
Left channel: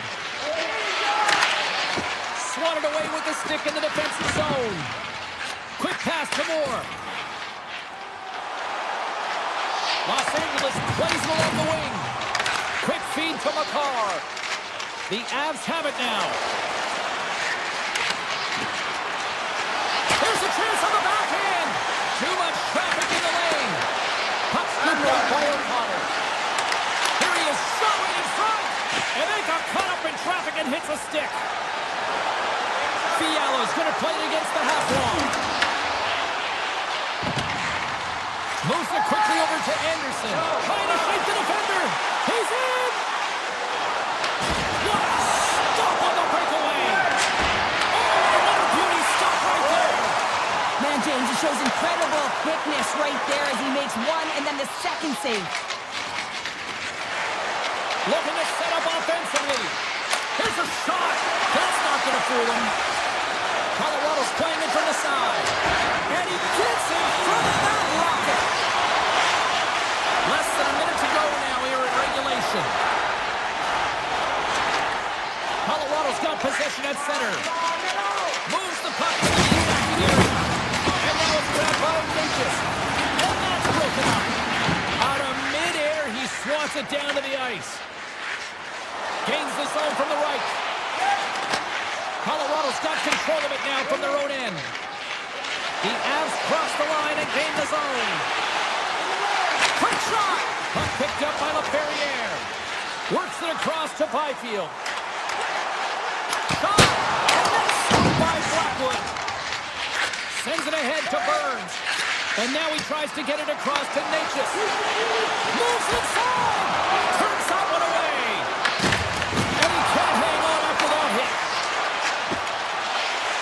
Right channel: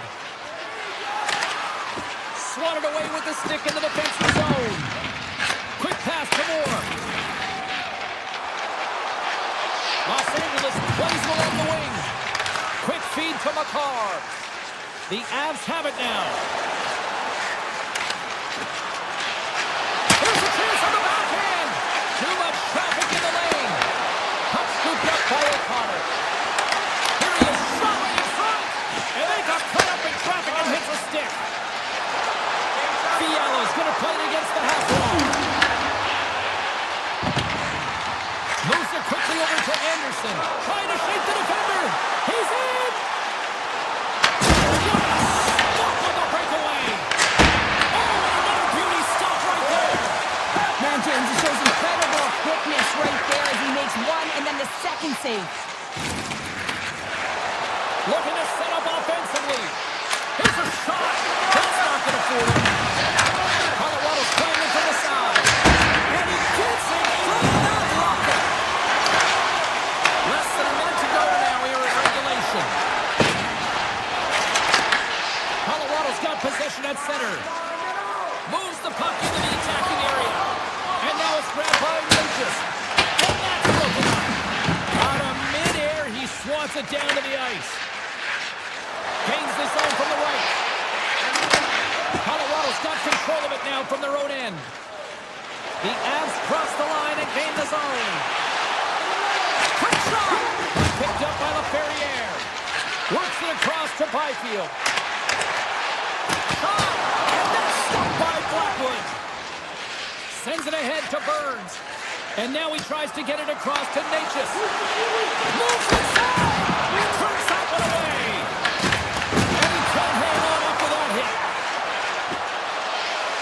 Swatted away with the stick in the defensive zone. Quick pass to Moore. Los Angeles plays along the wing. Quick feed to Makar. The Avs have it now. Here's a chance on the backhand. Too much traffic in the lane. Puck scooped up by O'Connor. Here he is, shot right in front. And they got caught up in traffic and hits a stick. Fiala's going to play it against the half wall. Moves it quickly over to Anderson. Trying to shake the defender. He's in. What a stop on the breakaway. Oh, and another beauty stop right there. Man, James, it shows incredible quickness right there as he makes one and then the second save. Looking to set up offensively. Here's a shot. That's not going to fool him. Colorado's playing it from the side. And he gets in front of that rocket. Less than a minute to go now here in regulation. Colorado's got possession at center. Moves the puck into the attacking area. And now it's grabbed by Lucas. And that's broken up. Out of midair, he swats it down to the ice. Gains the zone from the right. Colorado's got control of it now from their own end. The Avs cross the line and gain the zone. Quick shot! Puck picked up by LaFerriere. Works it across to Byfield. Shot! And that's swept by Blackwood. Sends it ahead to Burns. And now he tries to get it across to Natchez. Moves inside! Turns that one away. And he can't hang on after that hit.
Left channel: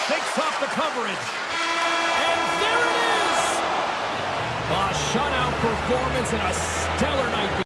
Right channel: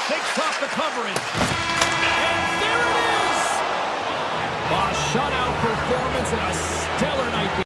Takes off coverage. And there it is! A shutout performance and a stellar night.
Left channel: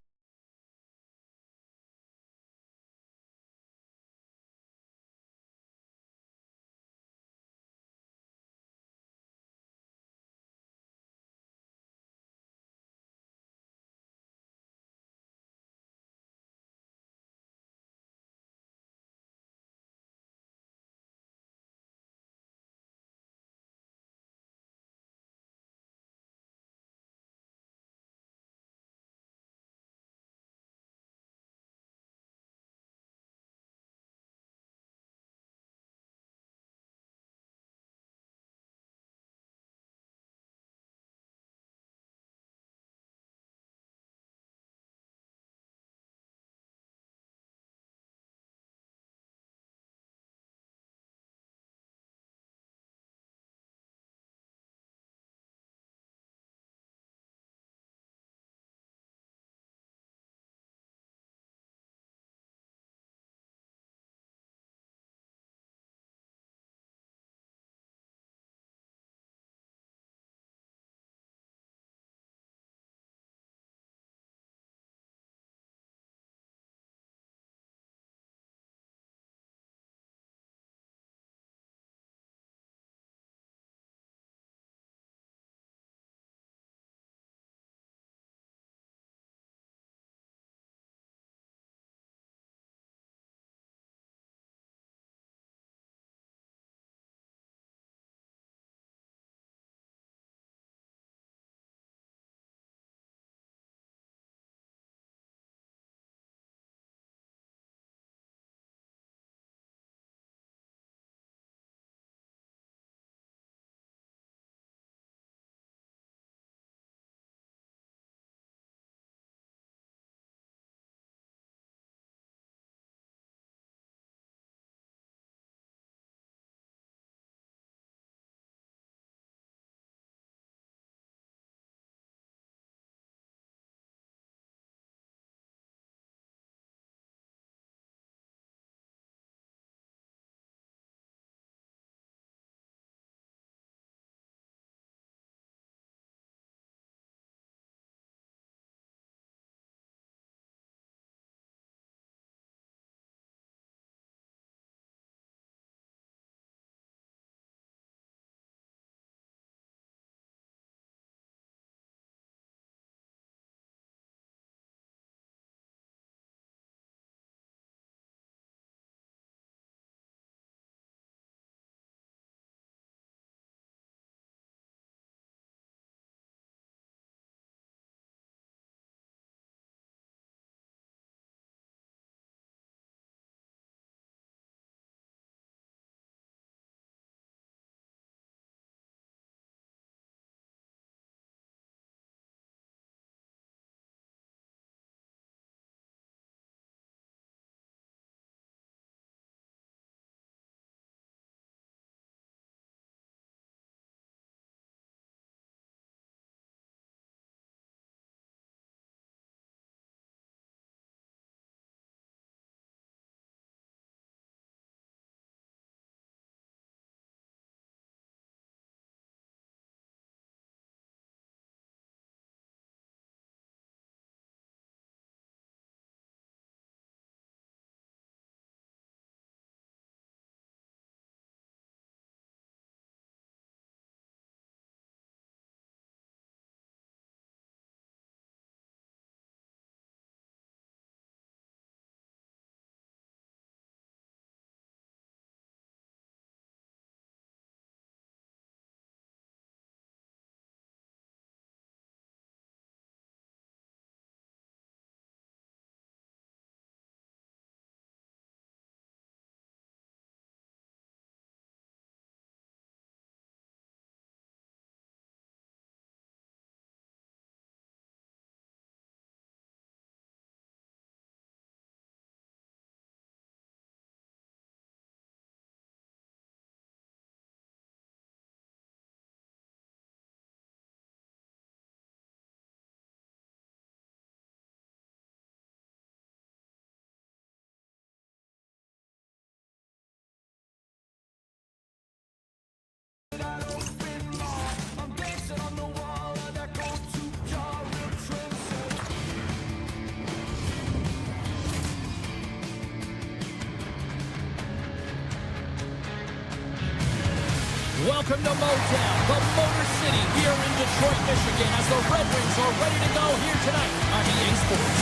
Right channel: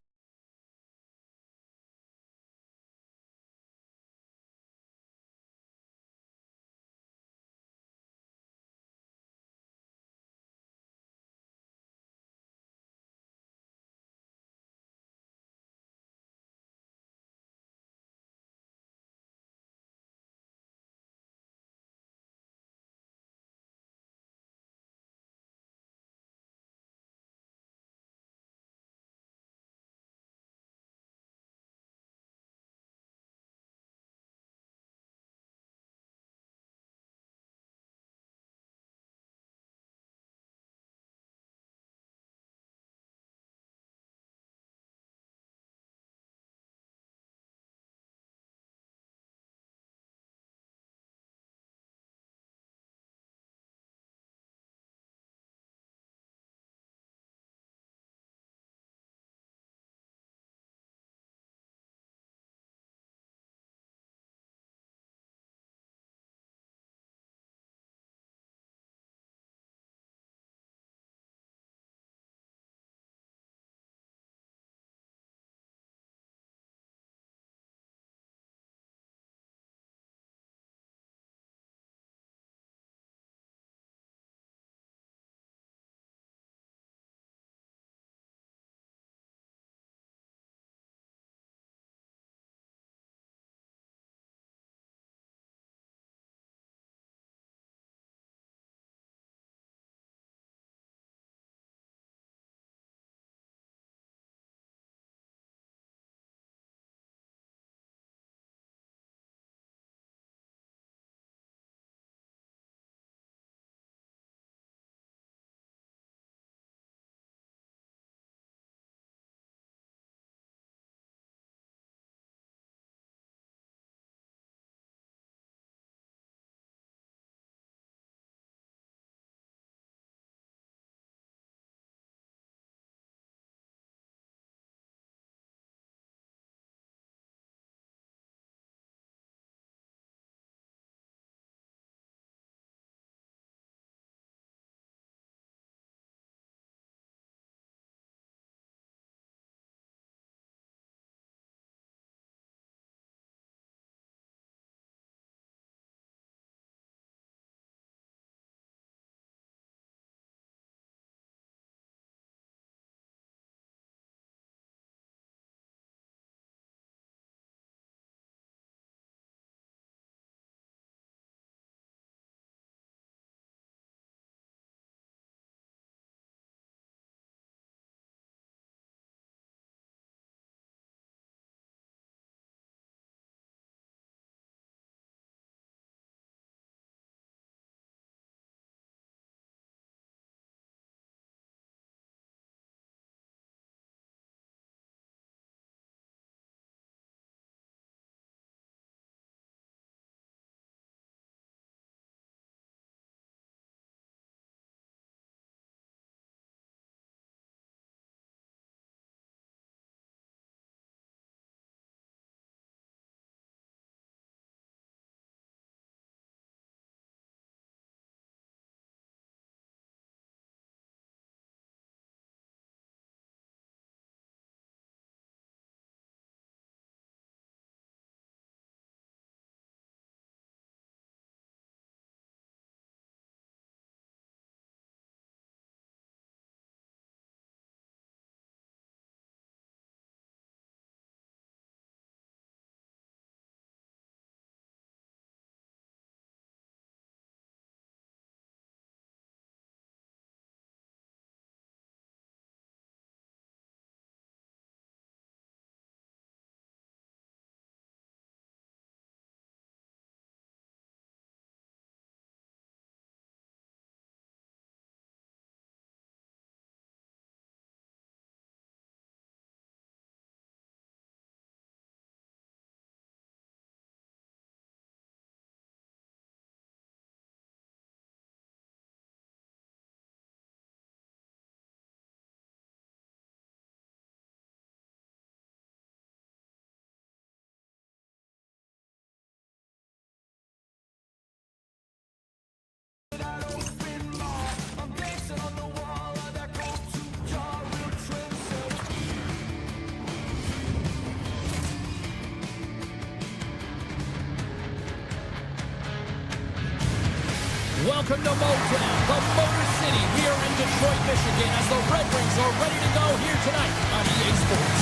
Welcome to Motown, the Motor City. We are in Detroit, Michigan, as the Red Wings are ready to go here tonight on EA Sports.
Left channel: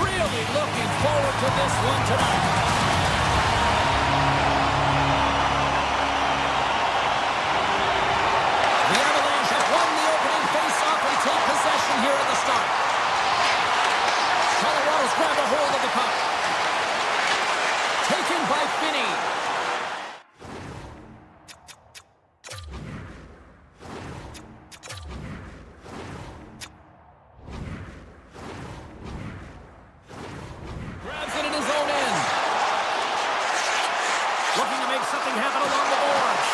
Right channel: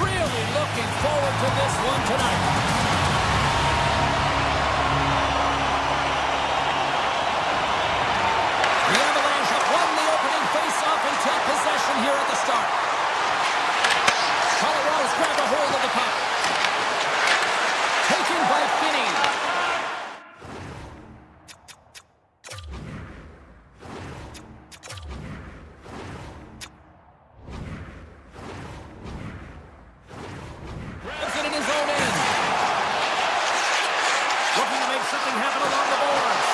Really looking forward to this one tonight. The Avalanche have won the opening face-off and take possession here at the start. Colorado's grabbed a hold of the puck. Taken by Finney. Grabs it in his own end. Looking to make something happen along the boards.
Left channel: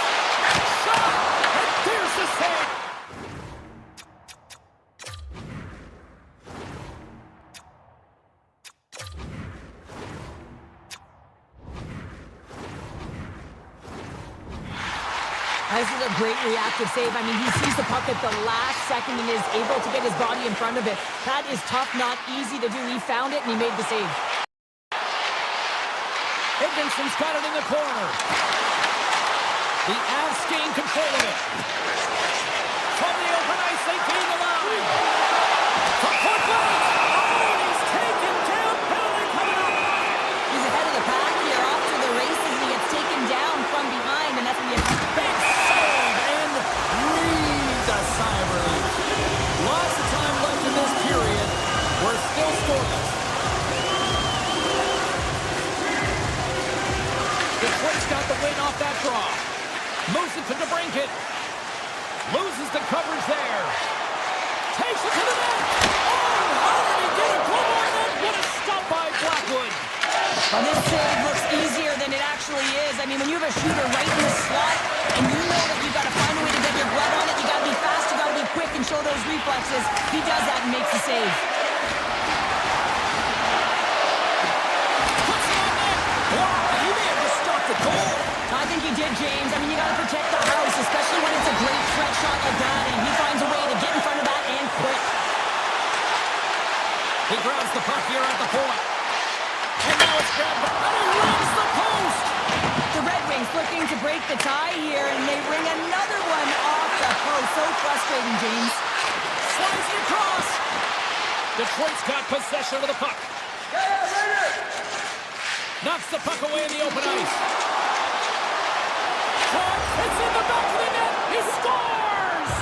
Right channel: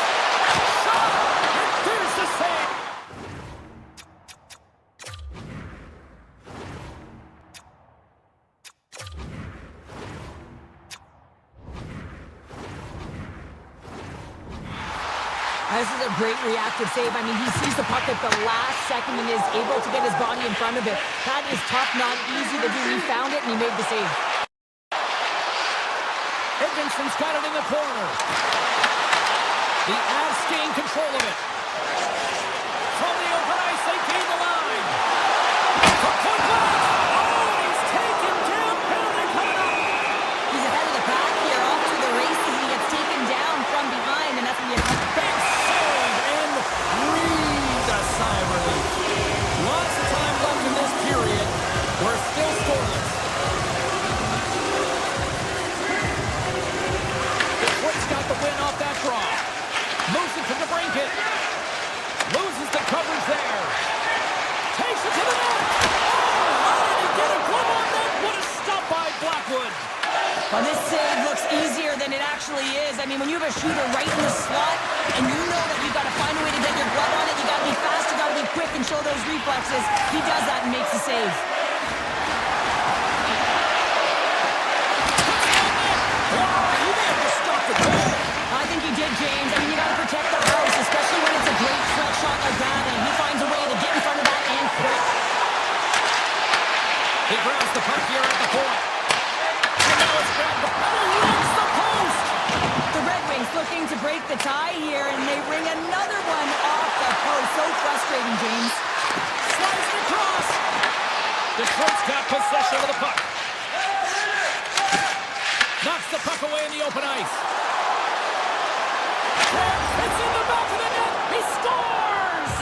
Shot! And there's the save! This is a great reactive save. I mean, he sees the puck at the last second and is able to get his body in front of it. That is tough, not easy to do. He found it and he made the save. Edmondson's got it in the corner. The Avs gain control of it. From the open ice, they gain the line. From point blank. Oh, and he's taken down. Penalty coming up. He's ahead of the pack here, off to the races, and he gets taken down from behind, and that's when you have Big save and breathe a sigh of relief. Lots of time left in this period. We're still scoreless. Detroit's got the win off that draw. Moves it to DeBrincat. Loses the coverage there. Takes it to the net. Oh, how did he get a glove on that? What a stop by Blackwood. Well, this save looks easier than it actually is. I mean, when you have a shooter right in the slot, and you know that you've got to find a way to get your glove on it, you got to be fast, you got to be quick and show those reflexes. He does that and makes the save. Puts it on net. Wow, he may have just stopped the goal. I think he did, James. I mean, you got to protect the house, especially when it's a great threat shot like that, and he finds a way to get in front of that and quick. He grabs the puck here at the point. And now it's grabbed, and he rings the post! The Red Wings looking to break the tie here, and they ring another one off the post. So frustrating, James. Slides it across! Detroit's got possession of the puck. Knocks the puck away in the open ice. It's in the back of the net! He scores!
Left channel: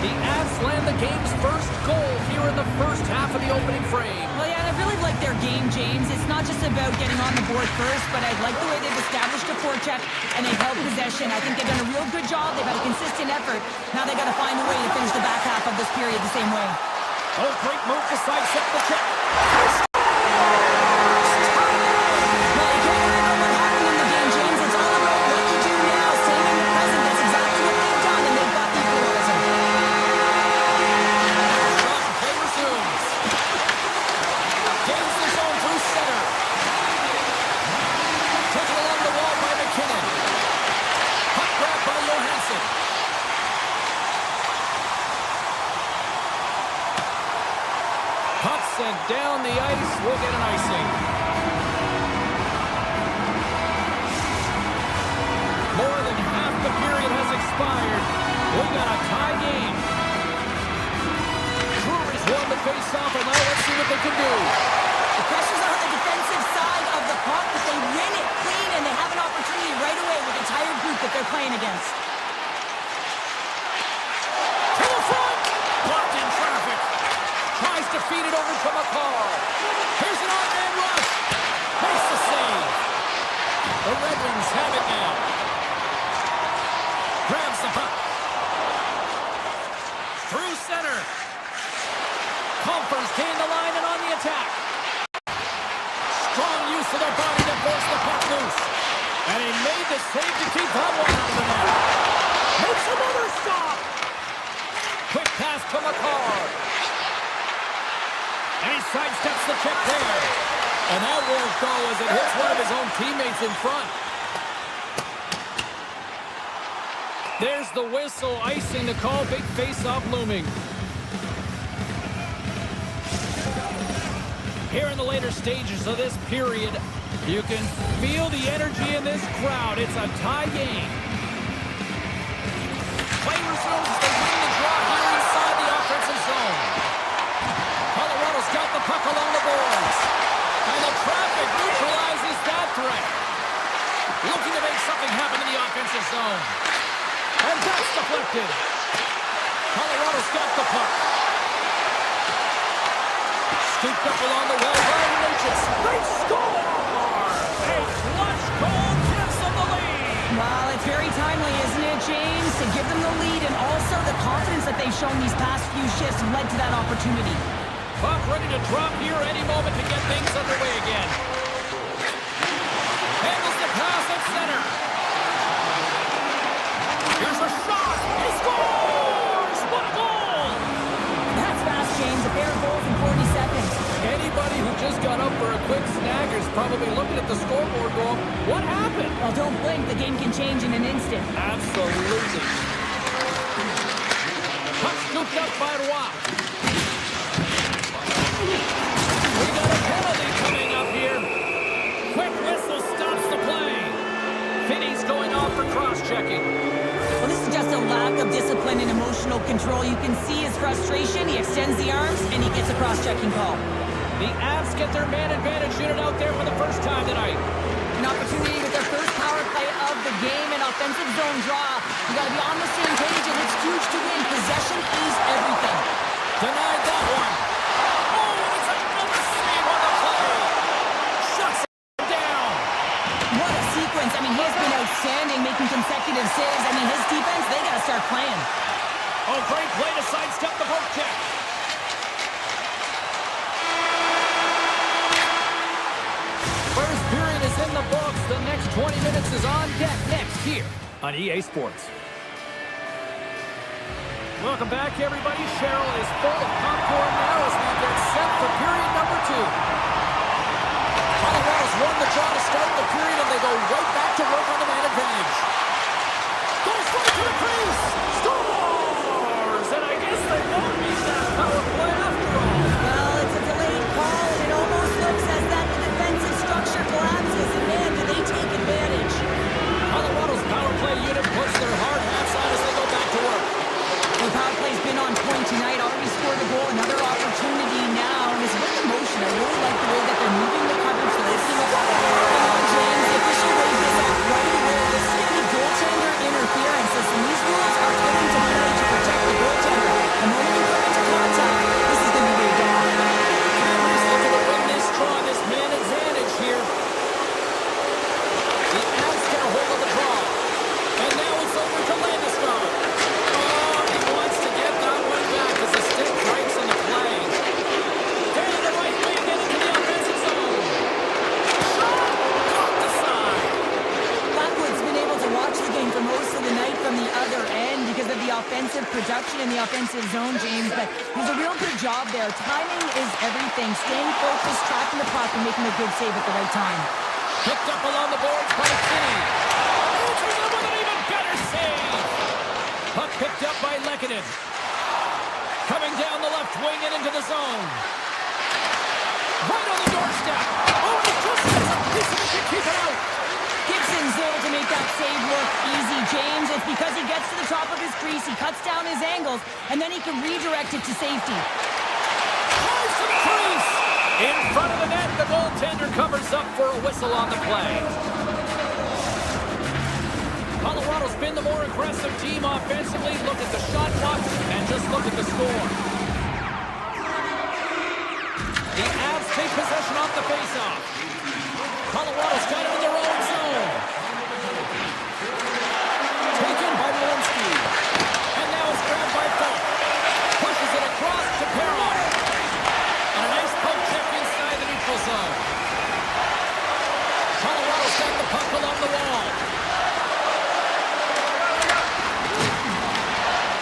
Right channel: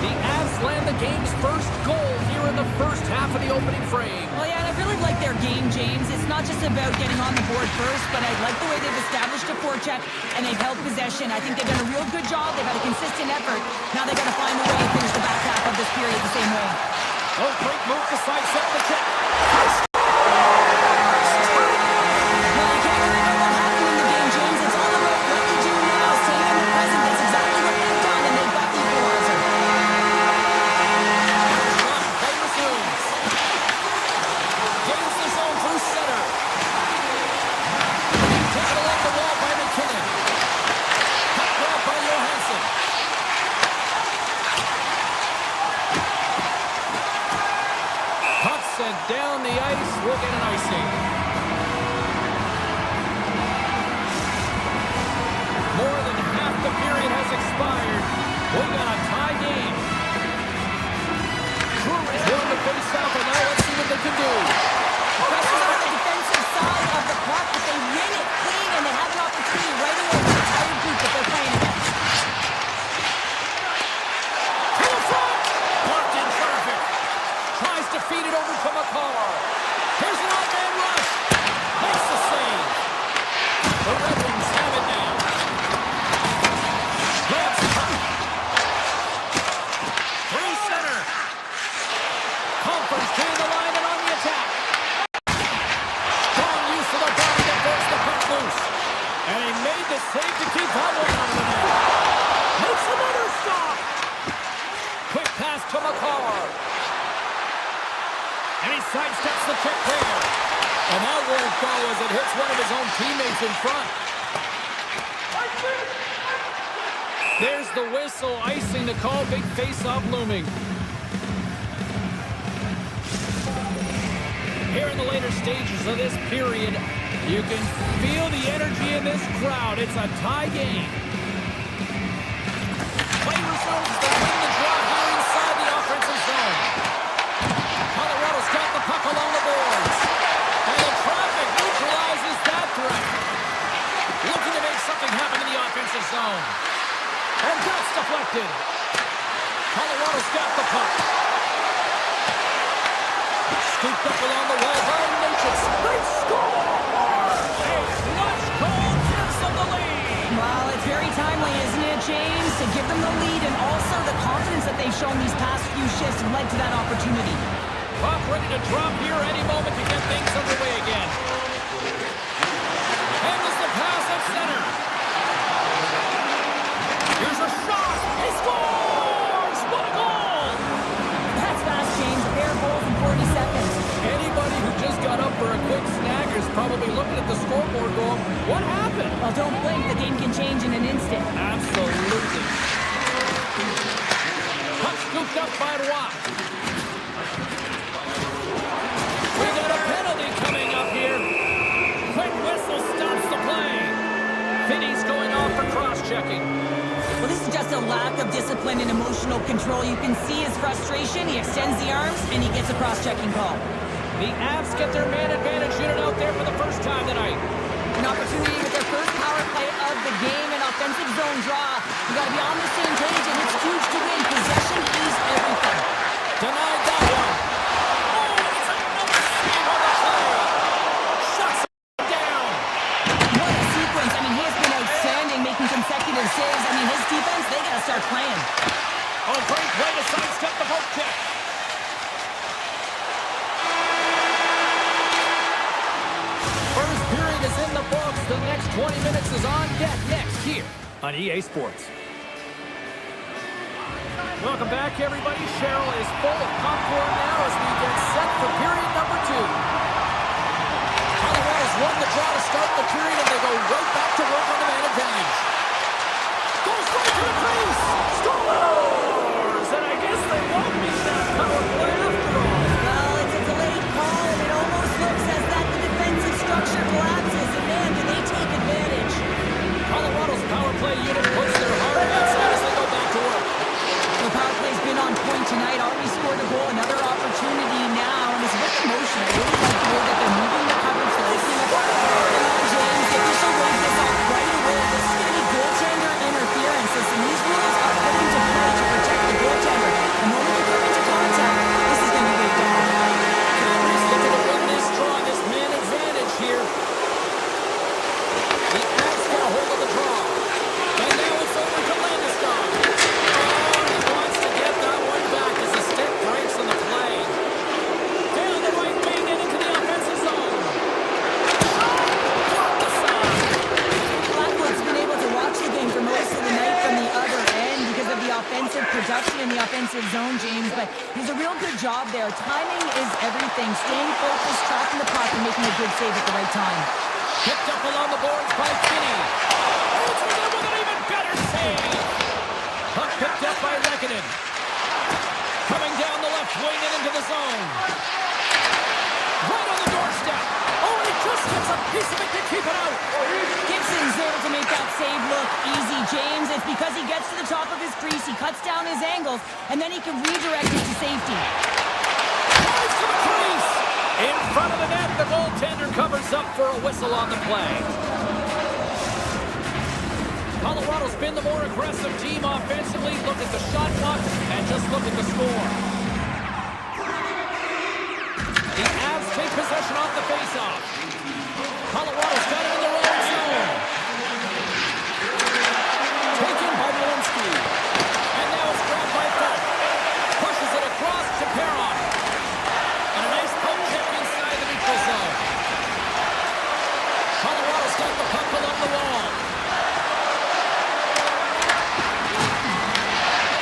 The Avs land the game's first goal here in the first half of the opening frame. Well, yeah, and I really like their game, James. It's not just about getting on the board first, but I like the way they've established a forecheck and they've held possession. I think they've done a real good job. They've had a consistent effort. Now they've got to find a way to finish the back half of this period the same way. Oh, great move to sidestep the check. Well, you can't worry about what happened in the game, James. It's all about what you do now, staying in the present. That's exactly what they've done, and they've got the equalizer. Shot and play resumes. Gains the zone through center. Taken along the wall by McKinnon. Puck grab by Johansson. Puck sent down the ice. We'll get an icing. More than half the period has expired. We got a tie game. Brewery's won the face-off, and now let's see what they can do. The pressure's on the defensive side of the puck, but they win it clean, and they have an opportunity right away with a tired group that they're playing against. To the front! Blocked in traffic. Tries to feed it over to McCarr. Here's an odd-man rush. Makes the save. The Red Wings have it now. Grabs the puck. Through center. Conference gain the line and on the attack. Strong use of the body to force the puck loose. And he made the save to keep that one out of the net. Makes another stop. Quick pass to McCarr. And he sidesteps the check there. And that won't go as it hits one of his own teammates in front. There's the whistle, icing the call, big face-off looming. Here in the later stages of this period, you can feel the energy in this crowd. It's a tie game. Play resumes as they win the draw here inside the offensive zone. Colorado's got the puck along the boards. And the traffic neutralizes that threat. Looking to make something happen in the offensive zone. And that's deflected. Colorado's got the puck. Scooped up along the wall by Natchez. They score! A clutch goal gives them the lead. Well, it's very timely, isn't it, James? To give them the lead and also the confidence that they've shown these past few shifts led to that opportunity. Puck ready to drop here any moment to get things underway again. Handles the pass at center. Here's a shot. He scores! What a goal! That's fast, James. A pair of goals in 40 seconds. Anybody who just got up for a quick snack is probably looking at the scoreboard going, what happened? Well, don't blink. The game can change in an instant. Absolutely. Puck scooped up by Roy. We got a penalty coming up here. Quick whistle stops the play. Finney's going off for cross-checking. Well, this is just a lack of discipline and emotional control. You can see his frustration. He extends the arms, and he gets a cross-checking call. The Avs get their man advantage unit out there for the first time tonight. An opportunity with their first power play of the game, an offensive zone draw. You got to be on the same page, and it's huge to win. Possession is everything. Denied that one. Oh, and it's another save on the play. Shuts him down. What a sequence. I mean, he has been outstanding, making consecutive saves. I mean, his defense, they got to start playing. Oh, great play to sidestep the poke check. First period is in the books. The next 20 minutes is on deck next here on EA Sports. Welcome back, everybody. Cheryl is full of popcorn now as we get set for period number 2. Colorado's won the draw to start the period, and they go right back to work on the man advantage. Goes right to the crease. Scores! And I guess they won't need that power play after all. Well, it's a delayed call, and it almost looks as that the defensive structure collapses. And man, do they take advantage. Colorado's power play unit puts their hard hats on as they go back to work. The power play's been on point tonight. Already scored a goal. Another opportunity now. And it's with emotion. I really like the way that they're moving the coverage. They're opening up. Come on, James. The official waved this off right away. This is going to be goaltender interference. Listen, these rules are put into play to protect the goaltender. The moment you come into contact, this is going to be waved off. Panthers looking to win this draw, this man advantage here. The Avs get a hold of the draw. And now it's over to Landeskog. Oh, he wants to get that one back as the stick breaks on the play. Down the right wing and into the offensive zone. Shot! Block the side. Blackwood's been able to watch the game for most of the night from the other end because of the offensive production in the offensive zone, James. But he's a real good job there. Timing is everything. Staying focused, tracking the puck, and making a good save at the right time. Picked up along the boards by Finney. Answers it with an even better save. Puck picked up by Lehkonen. Coming down the left wing and into the zone. Right on the doorstep. Oh, and he just gets a piece of it to keep it out. Gibson's able to make that save look easy, James. It's because he gets to the top of his crease, he cuts down his angles, and then he can redirect it to safety. Tries to the crease. In front of the net, the goaltender covers up for a whistle on the play. Colorado's been the more aggressive team offensively. Look at the shot clock and just look at the score. The Avs take possession off the faceoff. Colorado's got it in their own zone. Taken by Walensky. And now it's grabbed by Falk. Pushes it across to Perron. And a nice poke check inside the neutral zone. Colorado's got the puck along the wall.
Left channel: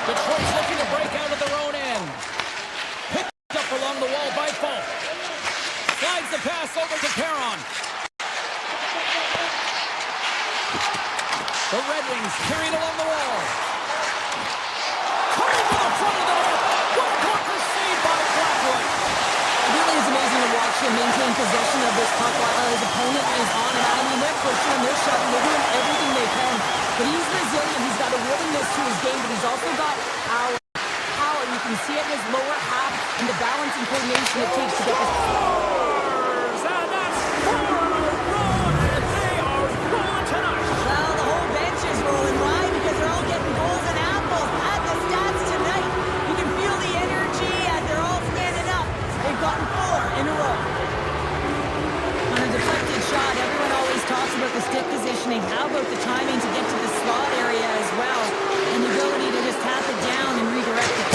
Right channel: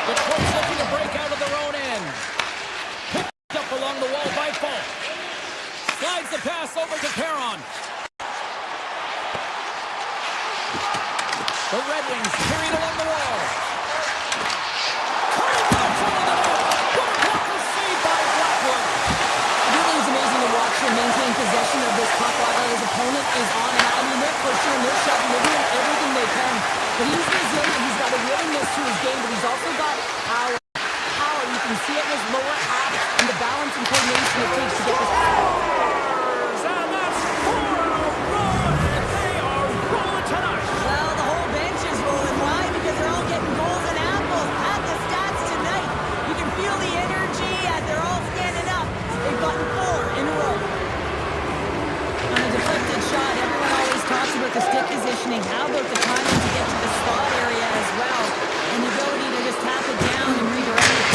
Detroit's looking to break out of their own end. Picked up along the wall by Falk. Slides the pass over to Perron. puck while his opponent is on it. I mean, they're pushing him, they're shoving, they're doing everything they can. But he's resilient, he's got a willingness to his game, but he's also got power. You can see it in his lower half and the balance and coordination it takes to get this. And that's 4 in a row, and they are rolling tonight. Well, the whole bench is rolling. Why? Because they're all getting goals and apples. At the stats tonight, you can feel the energy as they're all standing up. They've gotten 4 in a row. On a deflected shot, everyone always talks about the stick positioning. How about the timing to get to the slot area as well? And the ability to just tap it down and redirect it.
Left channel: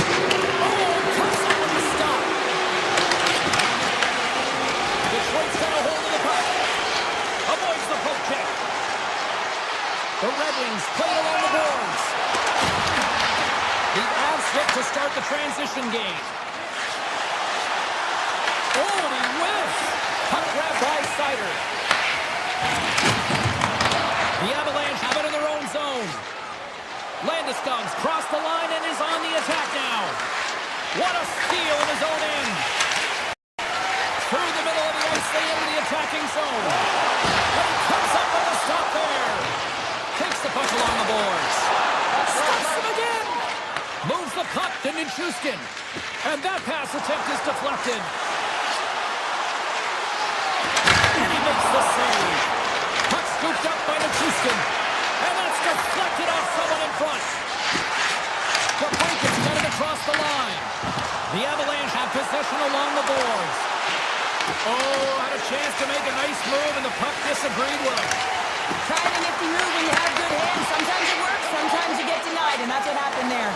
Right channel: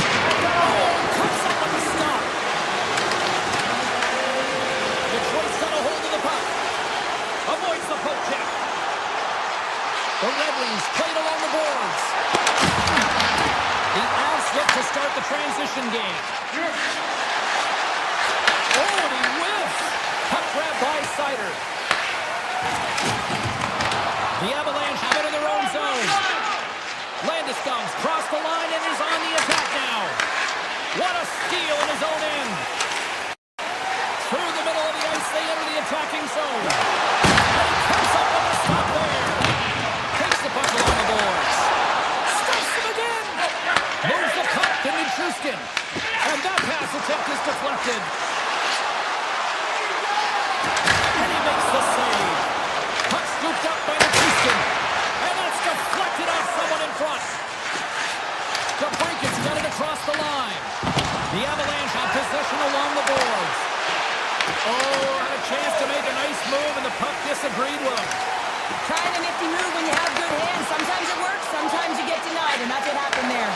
Comes up with the stop. Detroit's got a hold of the puck. Avoids the poke check. The Red Wings played along the boards. The Avs look to start the transition game. Oh, and he whiffs. Puck grab by Sider. The Avalanche have it in their own zone. Landeskog's crossed the line and is on the attack now. What a steal in his own end. Through the middle of the ice, they enter the attacking zone. And he comes up with a stop there. Takes the puck along the boards. Stops him again. Moves the puck to Nichushkin. And that pass attempt is deflected. And he makes the save. Puck scooped up by Nichushkin. And that's deflected off someone in front. DeBrincat's got it across the line. The Avalanche have possession along the boards. Oh, had a chance to make a nice move, and the puck disagreed with him. Trying a nifty move when you have good hands. Sometimes it works, sometimes you get denied, and that's what happened there.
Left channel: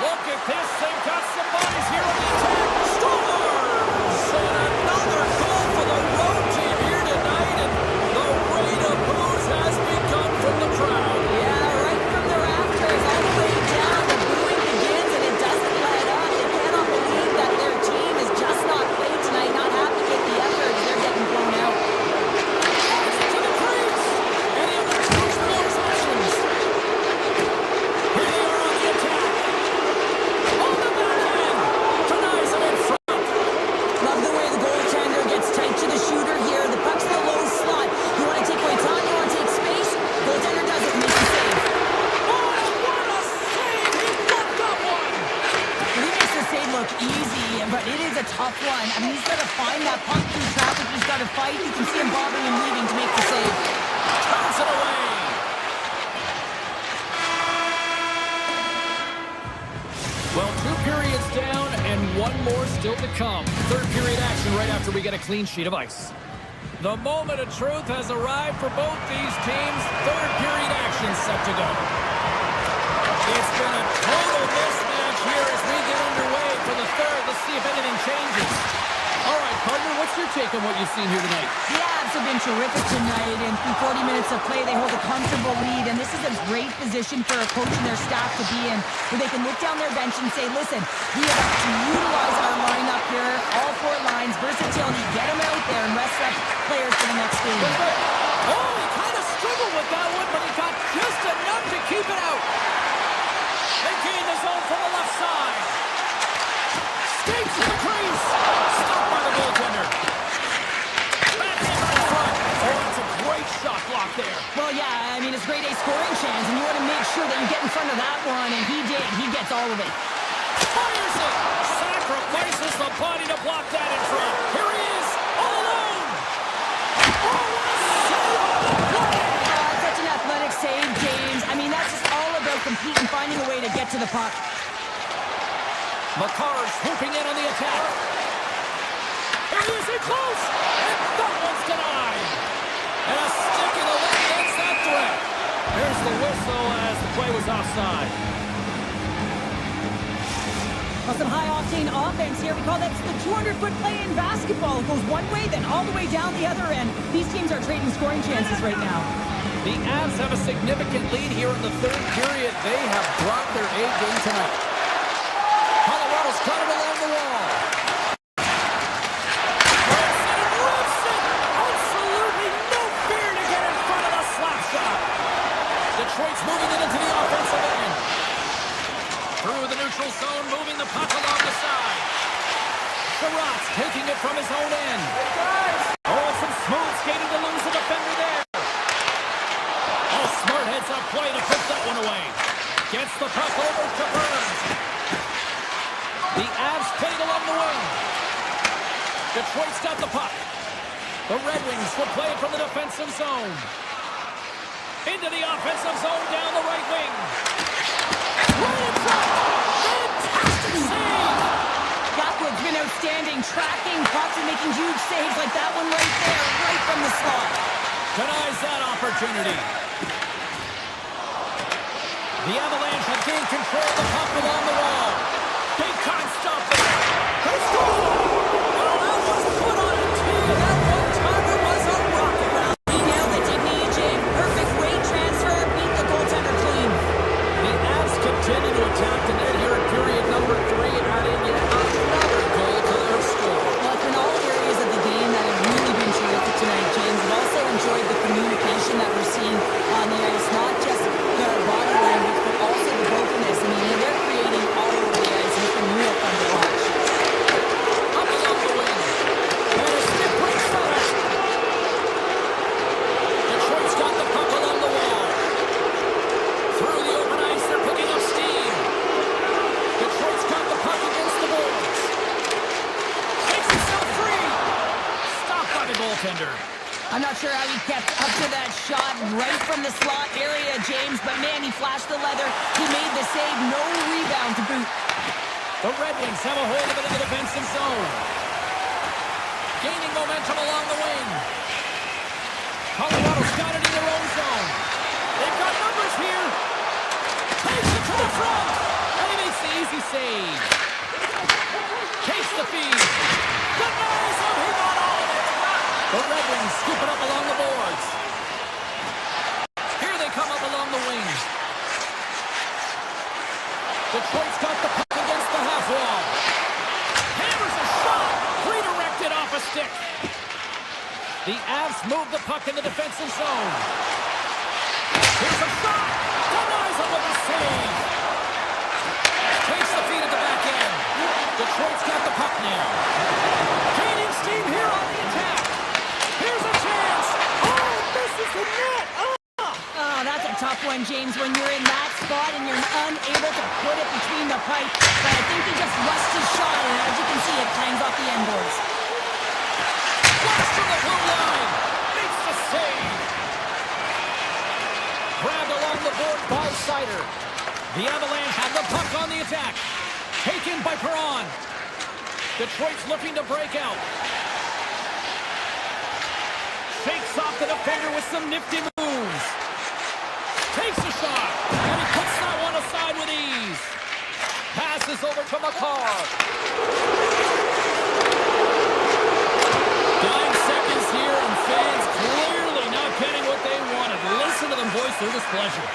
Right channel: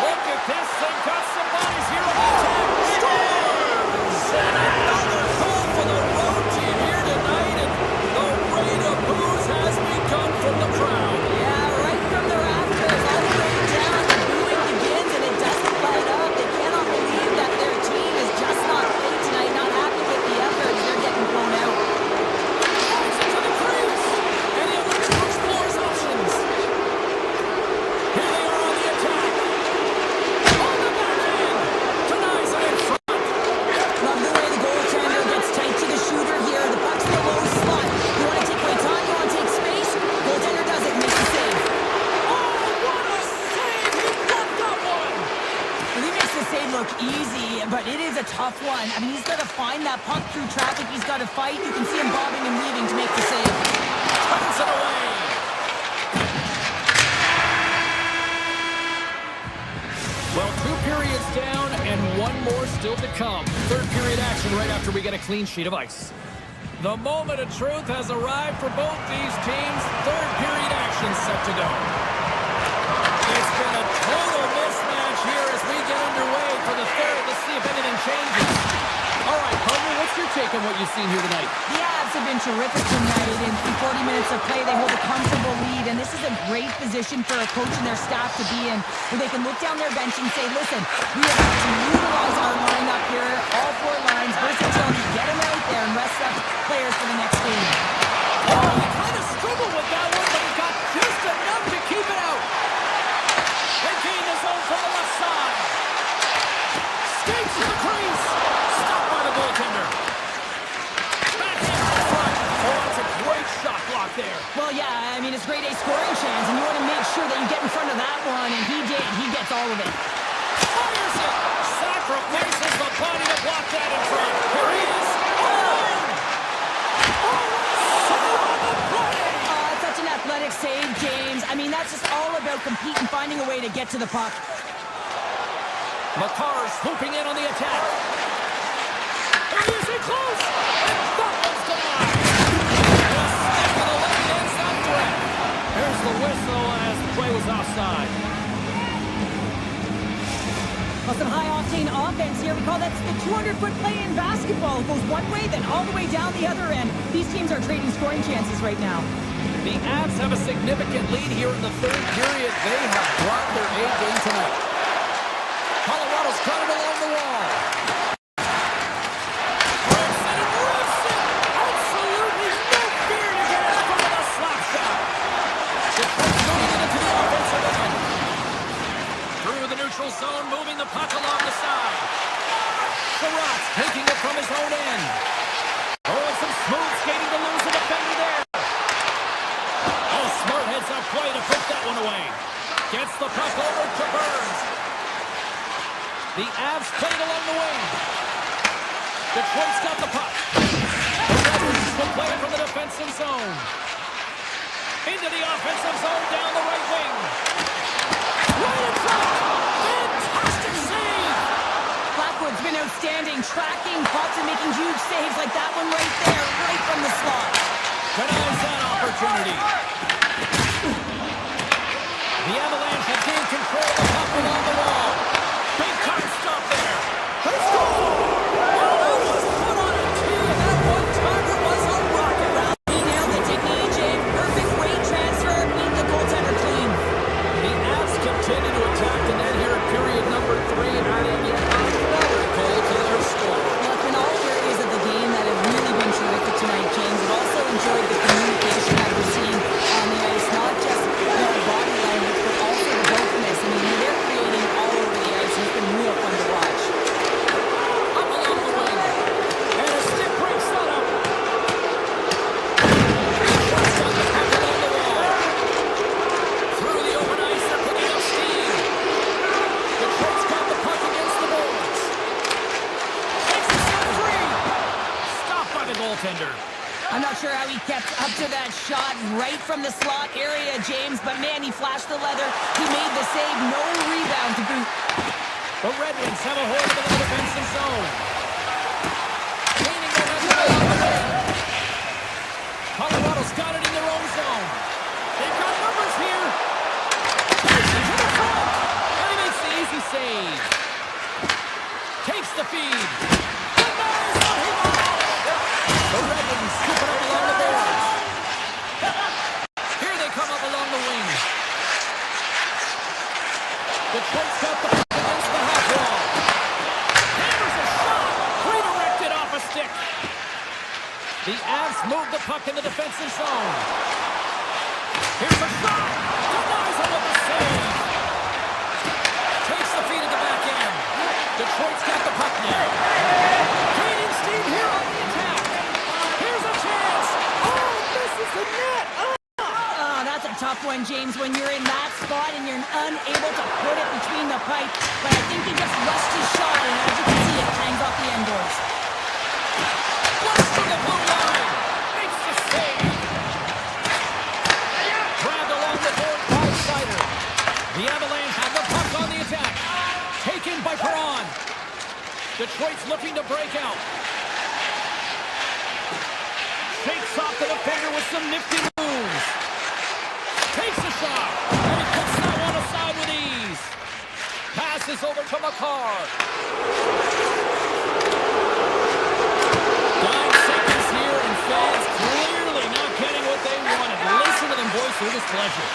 Look at this. They've got some bodies here on the attack. Scores! And another goal for the road team here tonight, and the rain of boos has begun from the crowd. Yeah, right from the rafters, all the way down. The booing begins, and it doesn't let up. They cannot believe that their team is just not played tonight, not happy with the effort. They're getting blown out. Drives it to the crease, and he elects to explore his options. Here they are on the attack. On the back end, denies him in front. Love the way the goaltender gets tight to the shooter here. The puck's in the low slot. You want to take away time, you want to take space. Goaltender does it and makes the save. Oh, what a save! He blocked that one! Well, he makes the save look easy, but it is a tough one. I mean, he's got to find that puck through traffic. He's got to fight. You can see him bobbing and weaving to make the save. Turns it away. Well, 2 periods down and 1 more still to come. Third period action right after we get a clean sheet of ice. The moment of truth has arrived for both these teams. Third period action set to go. It's been a total mismatch here as we get underway for the third. Let's see if anything changes. All right, partner, what's your take on what you've seen here tonight? The Avs have been terrific tonight, and through 40 minutes of play, they hold a comfortable lead, and this is a great position for a coach and their staff to be in, where they can look down their bench and say, listen, we have to utilize our lineup here, all 4 lines, versatility, get them out there and rest up players for the next game. Oh, he kind of struggled with that one, but he got just enough to keep it out. They gain the zone from the left side. Skates to the crease. Stopped by the goaltender. Backhand right front. Oh, that's a great shot block there. Well, yeah, I mean, it's grade A scoring chance, and you want to make sure that you get in front of that one, and he did. He gets all of it. Fires it. Sacrifices the body to block that in front. Here he is, all alone. Oh, what a save on the play. It's such an athletic save, James. I mean, that's just all about competing, finding a way to get to the puck. Makar swooping in on the attack. Here he is in close, and that one's denied. And a stick in the leg ends that threat. Here's the whistle as the play was offside. Well, some high-octane offense here. We call that the 200-foot play in basketball. It goes one way, then all the way down the other end. These teams are trading scoring chances right now. The Avs have a significant lead here in the third period. They have brought their A game tonight. Colorado's got it along the wall. Rips it and rips it. Absolutely no fear to get in front of the slap shot. Detroit's moving it into the offensive end. Through the neutral zone, moving the puck along the side. Sherratt's taking it from his own end. Oh, Smooth skating to lose the defender there. Oh, smart heads-up play to put that one away. Gets the puck over to Burns. The Avs played along the wing. Detroit's got the puck. The Red Wings will play it from the defensive zone. Into the offensive zone down the right wing. Right in front. Fantastic save. Blackwood's been outstanding, tracking pucks and making huge saves like that one right there, right from the slot. Denies that opportunity. The Avalanche have gained control of the puck along the wall. Big time stop there. They score! Well, that was put on a tee, and that one-timer was a rocket round. He nailed it, didn't he, EJ? Perfect rate transfer, beat the goaltender clean. The Avs continue to attack the net here in period number 3, adding yet another goal to their score. Well, it's been all areas of the game that have really been terrific tonight, James. I've also enjoyed the communication that we're seeing on the ice, not just the body language, but also the vocalness. I mean, they're creating all over the ice, and it's been real fun to watch. Up along the wing. And a stick breaks that up. Detroit's got the puck along the wall. Through the open ice, they're picking up steam. Detroit's got the puck against the boards. Takes himself free. Stopped by the goaltender. I'm not sure how he kept up to that shot right from the slot area, James, but man, he flashed the leather. He made the save, no rebound to boot. The Red Wings have a hold of it in the defensive zone. Gaining momentum along the wing. Colorado's got it in their own zone. They've got numbers here. Takes it to the front. And he makes the easy save. Takes the feed. Denies him. He got all of it. The Red Wings scoop it up along the boards. Here they come up along the wing. Detroit's got the puck against the half wall. Hammers a shot. Redirected off a stick. The Avs move the puck in the defensive zone. Here's a shot. Denies him with a save. Takes the feed at the back end. Detroit's got the puck now. Gaining steam here on the attack. Here's a chance. Oh, misses the net. Oh, that's a tough one, James, when you're in that spot and you're unable to put it between the pipe. But I think he just rushed his shot, and as you can see, it hangs off the end boards. Blast from the blue line. Makes the save. Grabbed along the board by Sider. The Avalanche have the puck on the attack. Taken by Perron. Detroit's looking to break out. Shakes off the defender with some nifty moves. Takes a shot. And he puts that one aside with ease. Passes over to McCarr. 9 seconds here, and fans clearly not getting what they wanted. Listen to them voice their displeasure.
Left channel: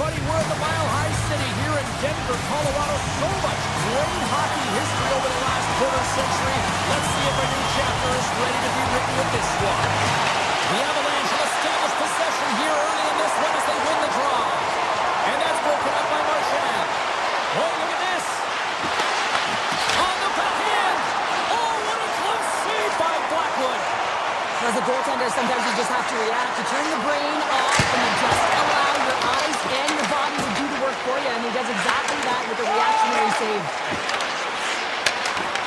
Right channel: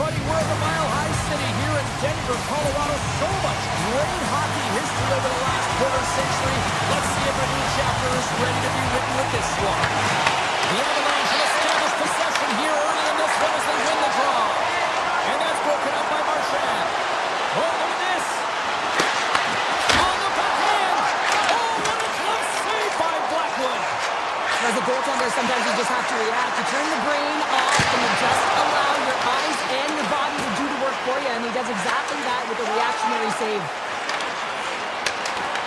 everybody. We're at the Mile High City here in Denver, Colorado. So much great hockey history over the last quarter century. Let's see if a new chapter is ready to be written with this squad. The Avalanche have established possession here early in this one as they win the draw. And that's broken up by Marchand. Oh, look at this. On the backhand. Oh, what a glove save by Blackwood. As a goaltender, sometimes you just have to react. You turn the brain off and you just allow your eyes and your body to do the work for you. And he does exactly that with a reactionary save.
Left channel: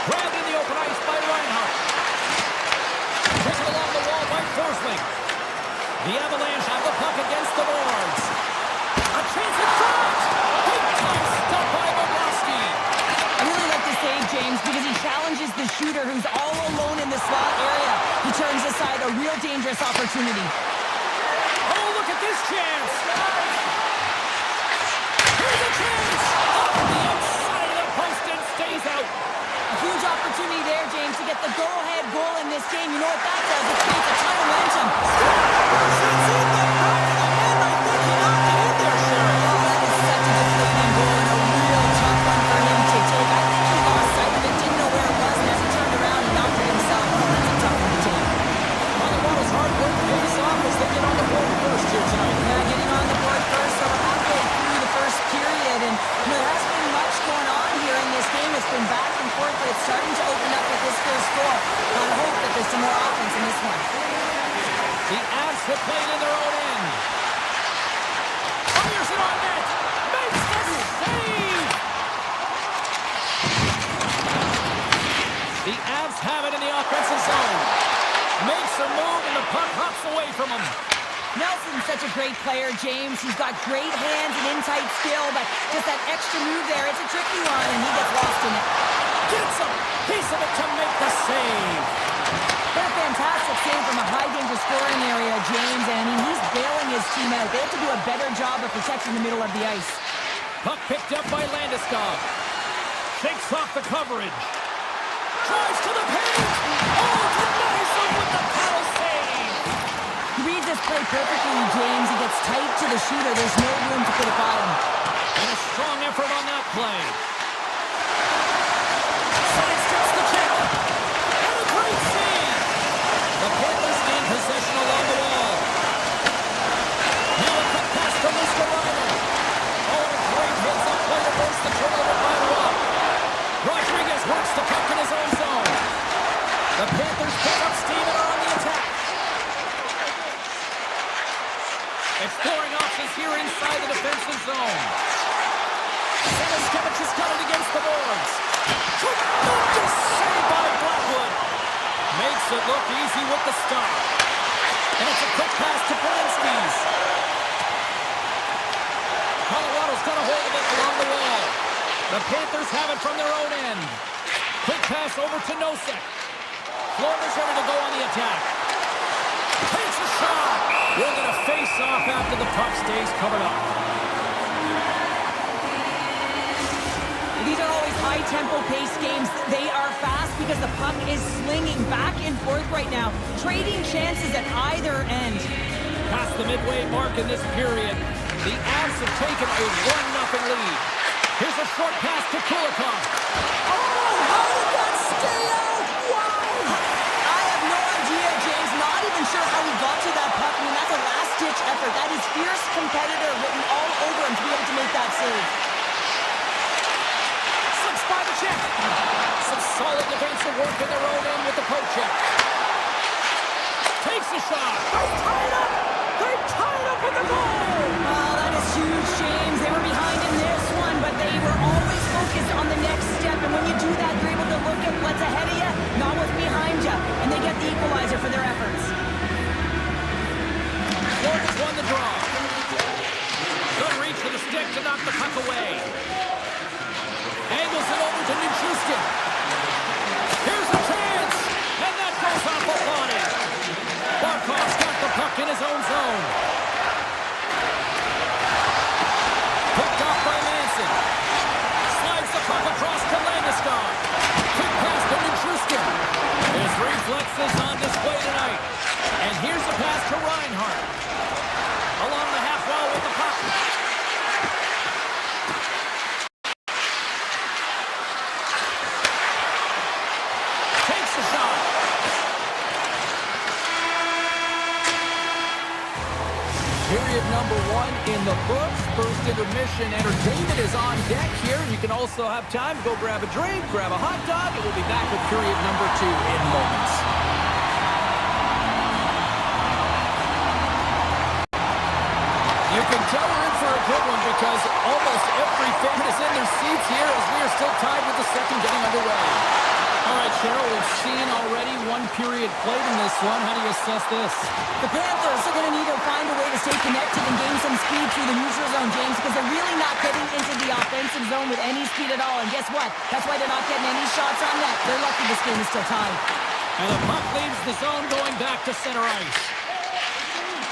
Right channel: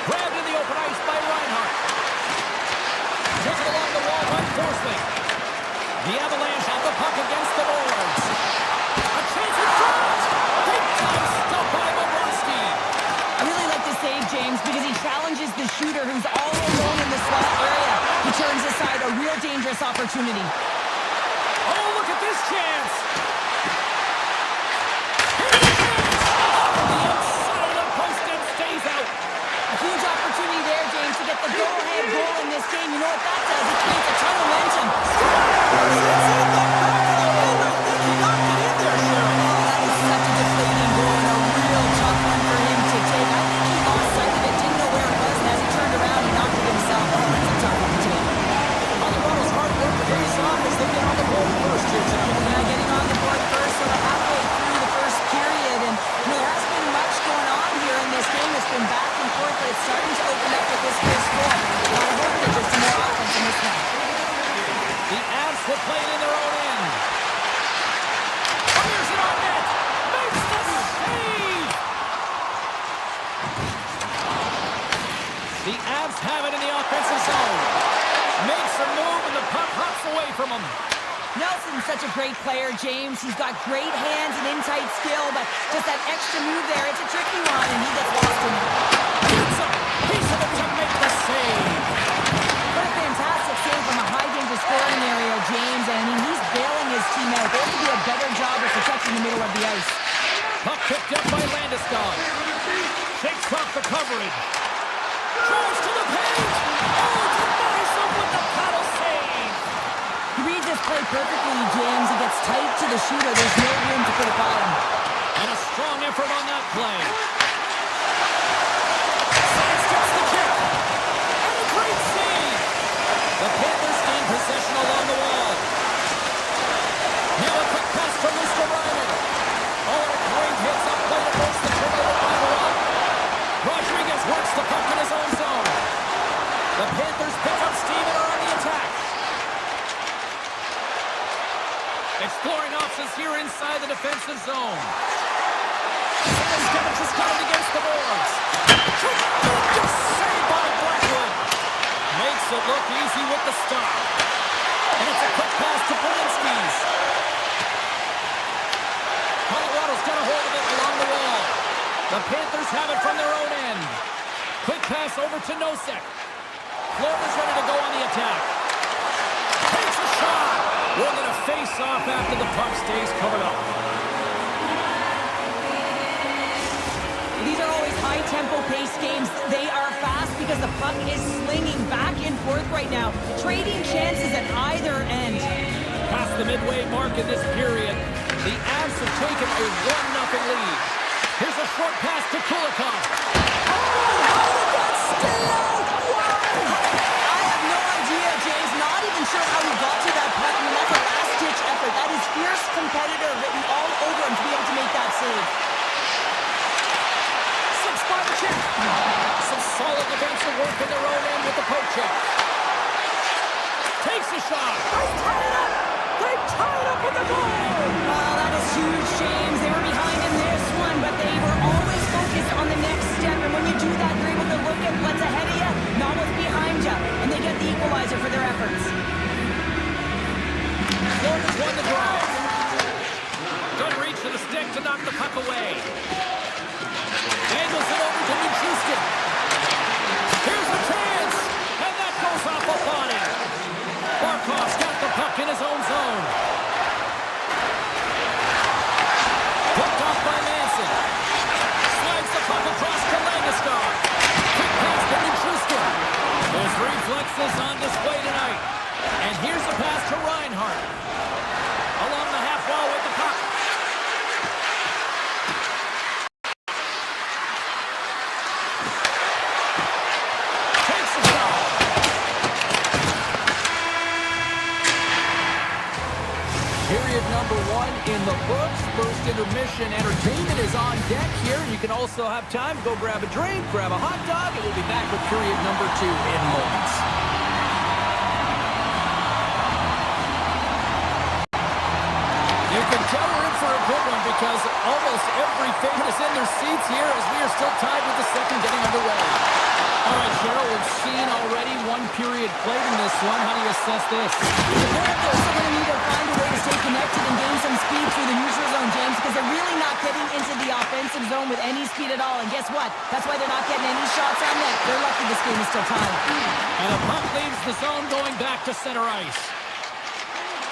Grabbed in the open ice by Reinhart. Taken along the wall by Forsling. The Avalanche have the puck against the boards. A chance in front. Big time stop by Bobrovsky. I really like this save, James, because he challenges the shooter who's all alone in the slot area. He turns aside a real dangerous opportunity. Oh, look at this chance. Here's a chance. Off the outside of the post and stays out. A huge opportunity there, James, to get the go-ahead goal in this game. You know what that does? It creates a ton of momentum. It's in the back of the net. I think he knocked it in there, Sharon. Oh, that is such a deflating goal and a real tough one for him to take. I think he lost sight of it, didn't know where it was, and as he turned around, he knocked it himself. Oh, that's a tough one to take. Colorado's hard work pays off as they get on the board first here tonight. Yeah, getting on the board first, so we're halfway through the first period, and there hasn't been much going on here in this game. It's been back and forth, but it's starting to open up with this first goal. Gotta hope that there's some more offense in this one. The Avs will play it in their own end. Fires it on net. Makes the save. The Avs have it in the offensive zone. Makes a move and the puck hops away from him. Nelson's such a great player, James. He's got great hands and in-tight skill, but just that extra move there, it's a tricky one, and he gets lost in it. Gets a piece of it to make the save. What a fantastic save from a high-danger scoring area, James. And I mean, he's bailing his team out. They have to do a better job of protecting the middle of the ice. Puck picked up by Landeskog. Shakes off the coverage. Drives to the paint. Oh, denies him with the paddle save. He reads this play perfectly, James. He gets tight to the shooter. There's no room to put it by him. And a strong effort on that play. Sidesteps the check. And a great save. The Panthers gain possession along the wall. Now a quick pass to Luskarainen. Oh, and a great heads-up play to force the turnover by Rock. Rodriguez works the puck in his own zone. The Panthers pick up steam and are on the attack. Exploring options here inside the defensive zone. Stamkevich has got it against the boards. Tremendous save by Blackwood. Makes it look easy with the stop. And it's a quick pass to Borinsky's. Colorado's got a hold of it along the wall. The Panthers have it from their own end. Quick pass over to Nosek. Florida's ready to go on the attack. Takes a shot. We're going to face off after the puck stays covered up. These are always high-tempo pace games. They are fast because the puck is slinging back and forth right now, trading chances at either end. Past the midway mark in this period, the Avs have taken a 1-0 lead. Here's a short pass to Kulikov. Oh, how did that stay out? Wow! I have no idea, James. Not even sure how he got to that puck. I mean, that's a last-ditch effort. That is fierce competitor written all over him to be able to make that save. Slips by the check. Some solid defensive work in their own end with the poke check. Takes a shot. They tie it up. They tie it up with the goal. Oh, that is huge, James. They were behind in this one, but they were always focused on the next step. And when you do that, you're able to look at what's ahead of you, not what's behind you. And they get the equalizer for their efforts. Florida's won the draw. Good reach for the stick to knock the puck away. Angles it over to Nichushkin. Here's a chance. And that goes off the body. Barkov's got the puck in his own zone. Picked off by Manson. Slides the puck across to Landeskog. Quick pass to Nichushkin. His reflexes on display tonight. And here's a pass to Reinhart. Along the half wall with the puck. number 1 in the books. First intermission entertainment is on deck here. You can also have time to go grab a drink, grab a hot dog, and we'll be back with period number 2 in moments. You can tell we're in for a good one because almost every fan is in their seats here as we are still tied with the second getting underway. All right, Cheryl, we've seen already 1 period played in this one. How do you assess this? The Panthers are going to need to find a way to stay connected and gain some speed through the neutral zone, James, because they're really not getting into the offensive zone with any speed at all. And guess what? That's why they're not getting any shots on net. They're lucky this game is still tied. And the puck leaves the zone going back to center ice.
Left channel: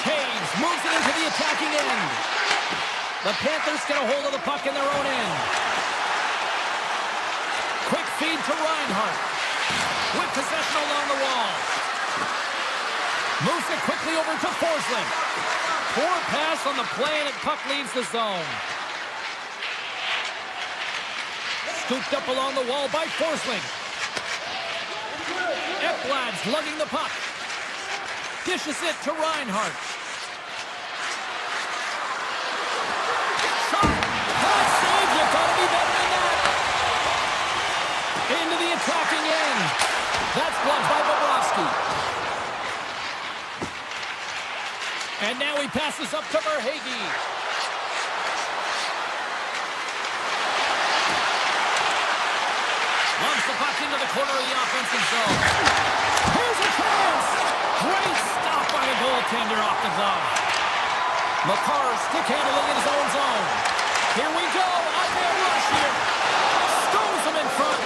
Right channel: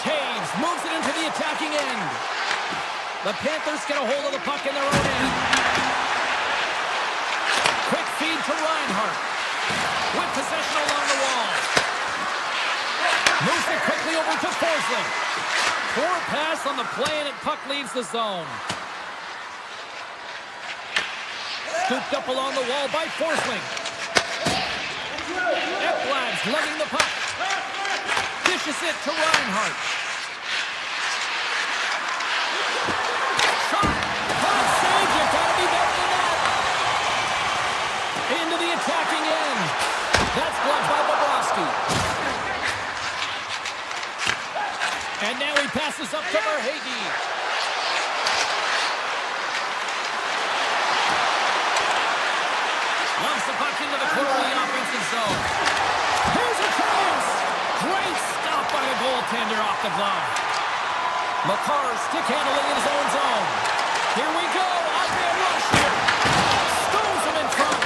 Taves moves it into the attacking end. The Panthers get a hold of the puck in their own end. Quick feed to Reinhart. With possession along the wall. Moves it quickly over to Forsling. Poor pass on the play, and the puck leaves the zone. Scooped up along the wall by Forsling. Ekblad's lugging the puck. Dishes it to Reinhart. Shot! Hot save! You gotta be better than that! Into the attacking end. That's blocked by Bobrovsky. And now he passes up to Verhaeghe. Lumps the puck into the corner of the offensive zone. Here's a chance! Great stop by the goaltender off the glove. Makar stick handling in his own zone. Here we go. Iceman rush here. Stones him in front.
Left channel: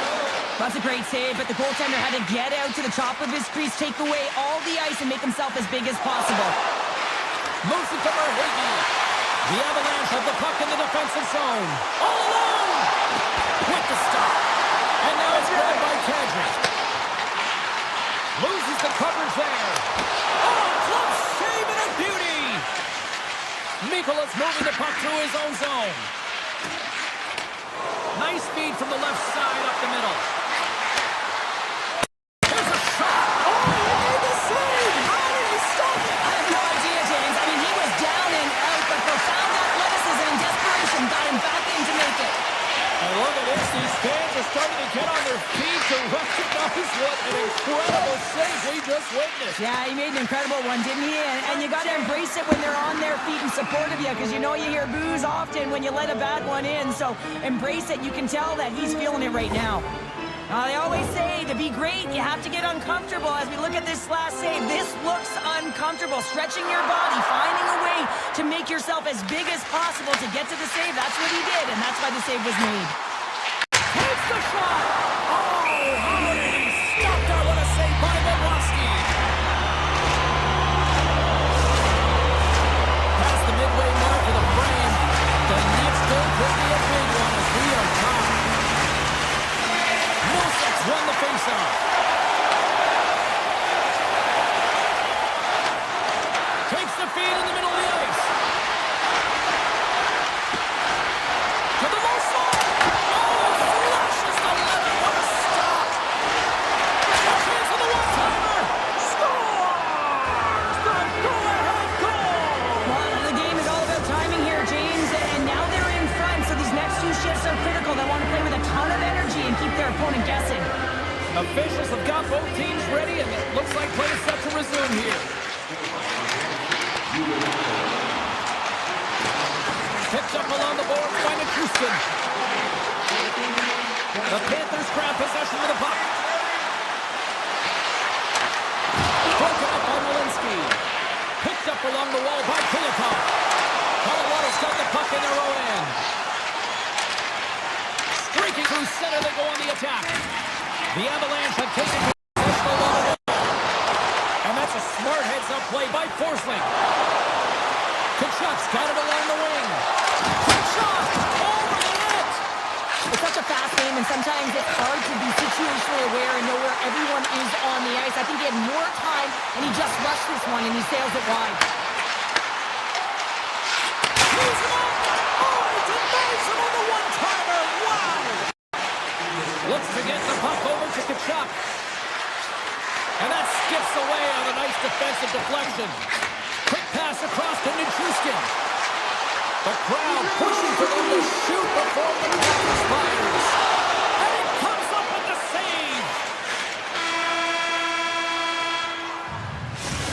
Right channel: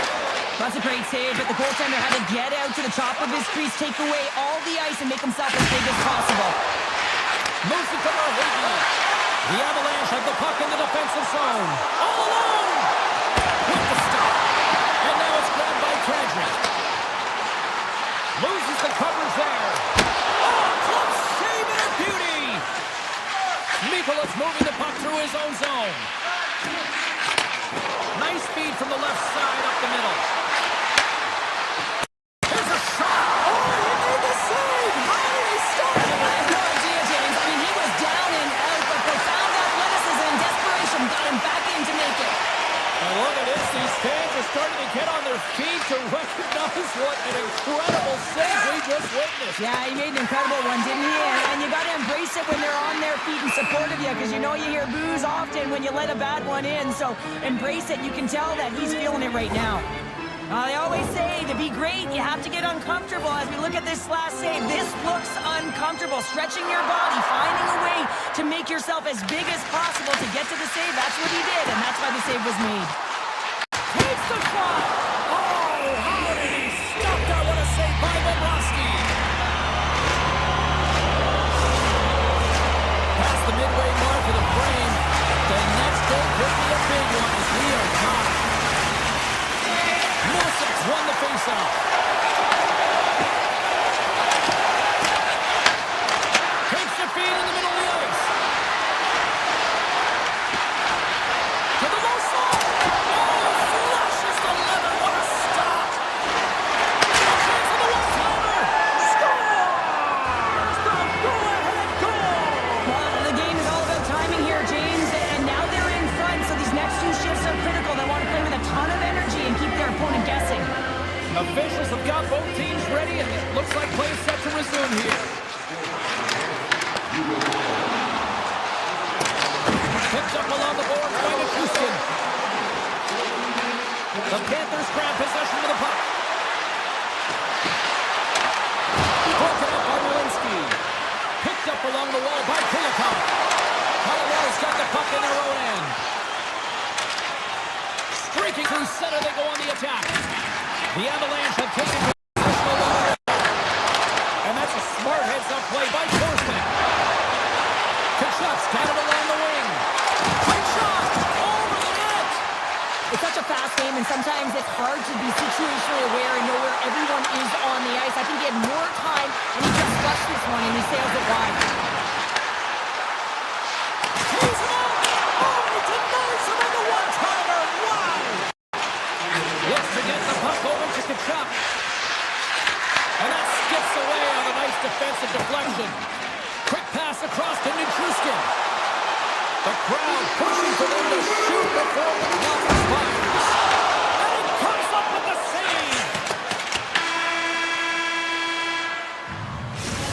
That's a great save, but the goaltender had to get out to the top of his crease, take away all the ice, and make himself as big as possible. Moves it to Verhaeghe. The Avalanche have the puck in the defensive zone. All alone! With the stop. And now it's grabbed by Kadri. Loses the coverage there. Oh, close save and a beauty! Mikola's moving the puck through his own zone. Nice feed from the left side up the middle. Here's a shot! Oh, he made the save! How did he stop it? I have no idea, James. I mean, he was down and out, but profound athleticism and desperation got him back in to make it. And look at this. These fans are starting to get on their feet to recognize what an incredible save we just witnessed. Yeah, he made an incredible one, didn't he? And you got to embrace it when they're on their feet in support of you, because you know you hear boos often when you let a bad one in. So embrace it. You can tell that he's feeling it right now. They always say to be great, you have to get uncomfortable. As we look at this last save, this looks uncomfortable. Stretching your body, finding a way to make yourself as big as possible to get to the save. That's what he did, and that's why the save was made. Takes the shot! Oh, how did he stop that? What a save by Bobrovsky! Past the midway mark of the frame, the next goal could be a big one as we are tied. Millsap's won the faceoff. Takes the feed in the middle of the ice. To the low slot. Oh, flushes the leather. What a stop. A chance on the one-timer. Scores the go-ahead goal. Well, the game is all about timing here, James, and now they're in front, so these next 2 shifts are critical. They want to play with a ton of energy and keep their opponent guessing. Officials have got both teams ready, and it looks like play is set to resume here. Picked up along the boards by Nichushkin. The Panthers grab possession of the puck. Broken up by Malinsky. Picked up along the wall by Kulikov. Colorado's got the puck in their own end. Streaking through center, they go on the attack. The Avalanche have taken possession along the wall. And that's a smart heads-up play by Forsling. Kachuk's got it along the wing. Quick shot! Over the net! It's such a fast game, and sometimes it's hard to be situationally aware and know where everyone is on the ice. I think he had more time, and he just rushed this one, and he sails it wide. He's him up! Oh, he denies him on the one-timer! Wow! Looks to get the puck over to Kachuk. And that skips away on a nice defensive deflection. Quick pass Pass across to Nichushkin. The crowd pushing for them to shoot before the clock expires. And he comes up with the save.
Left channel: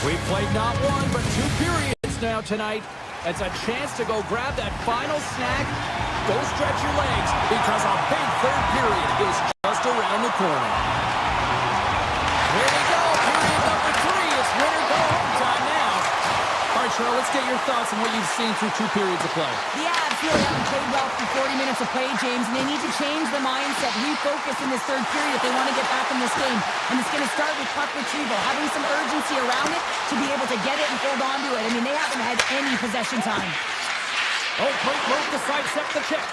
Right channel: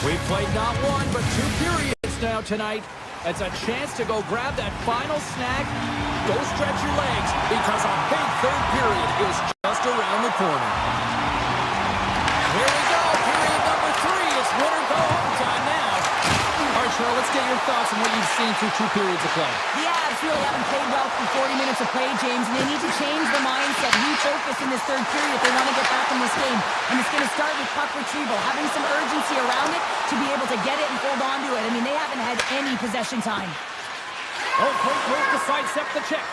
We've played not one, but 2 periods now tonight. It's a chance to go grab that final snack. Go stretch your legs, because a big third period is just around the corner. Here we go, period number 3. It's win or go home time now. All right, Cheryl, let's get your thoughts on what you've seen through 2 periods of play. The Avs really haven't played well through 40 minutes of play, James, and they need to change the mindset, refocus in this third period if they want to get back in this game. And it's going to start with puck retrieval, having some urgency around it to be able to get it and hold on to it. I mean, they haven't had any possession time. Oh, great move to sidestep the check.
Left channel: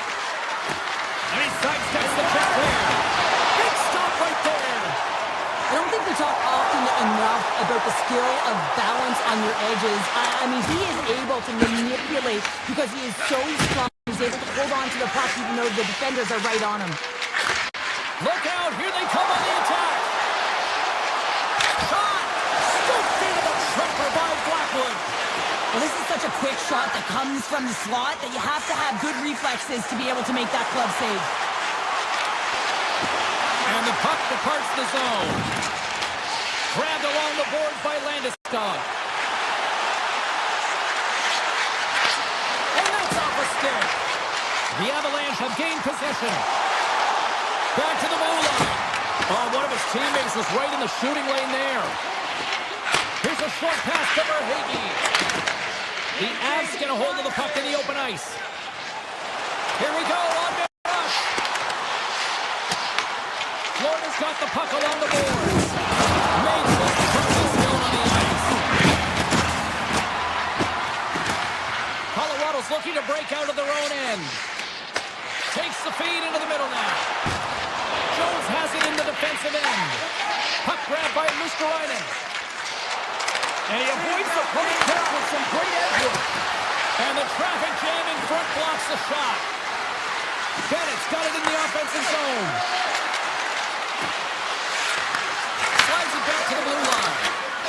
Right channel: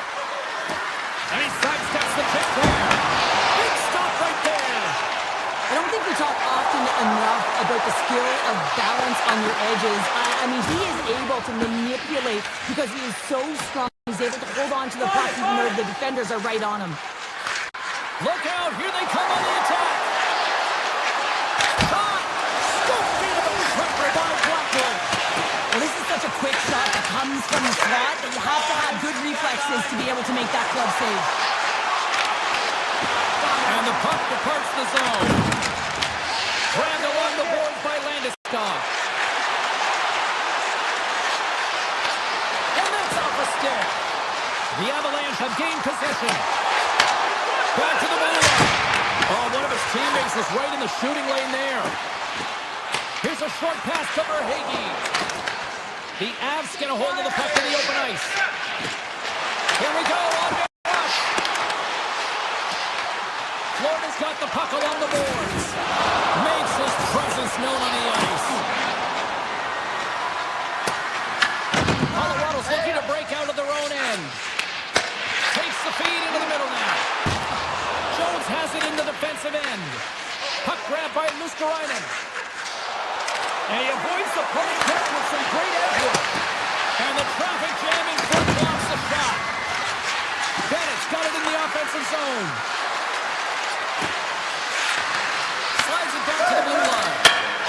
And he sidesteps the check there. Big stop right there. I don't think we talk often enough about the skill of balance on your edges. I mean, he is able to manipulate because he is so strong. He's able to hold on to the puck even though the defenders are right on him. Look out. Here they come on the attack. Shot. Scooped into the trapper by Blackwood. Well, this is such a quick shot that comes from the slot that you have to have good reflexes to be able to make that glove save. And the puck departs the zone. Grabbed along the boards by Landeskog. And that's off a stick. The Avalanche have gained possession. Back to the blue line. Oh, one of his teammates was right in the shooting lane there. Here's a short pass to Verhaeghe. The Avs get a hold of the puck in the open ice. Here we go on the rush. Florida's got the puck along the boards. Makes his presence known on the ice. Colorado's looking to break out of their own end. Takes the feed into the middle now. Jones has it in the defensive end. Puck grabbed by Luskarainen. And he avoids the puck with some great edge work. And the traffic jam in front blocks the shot. Bennett's got it in the offensive zone. Slides it back to the blue line.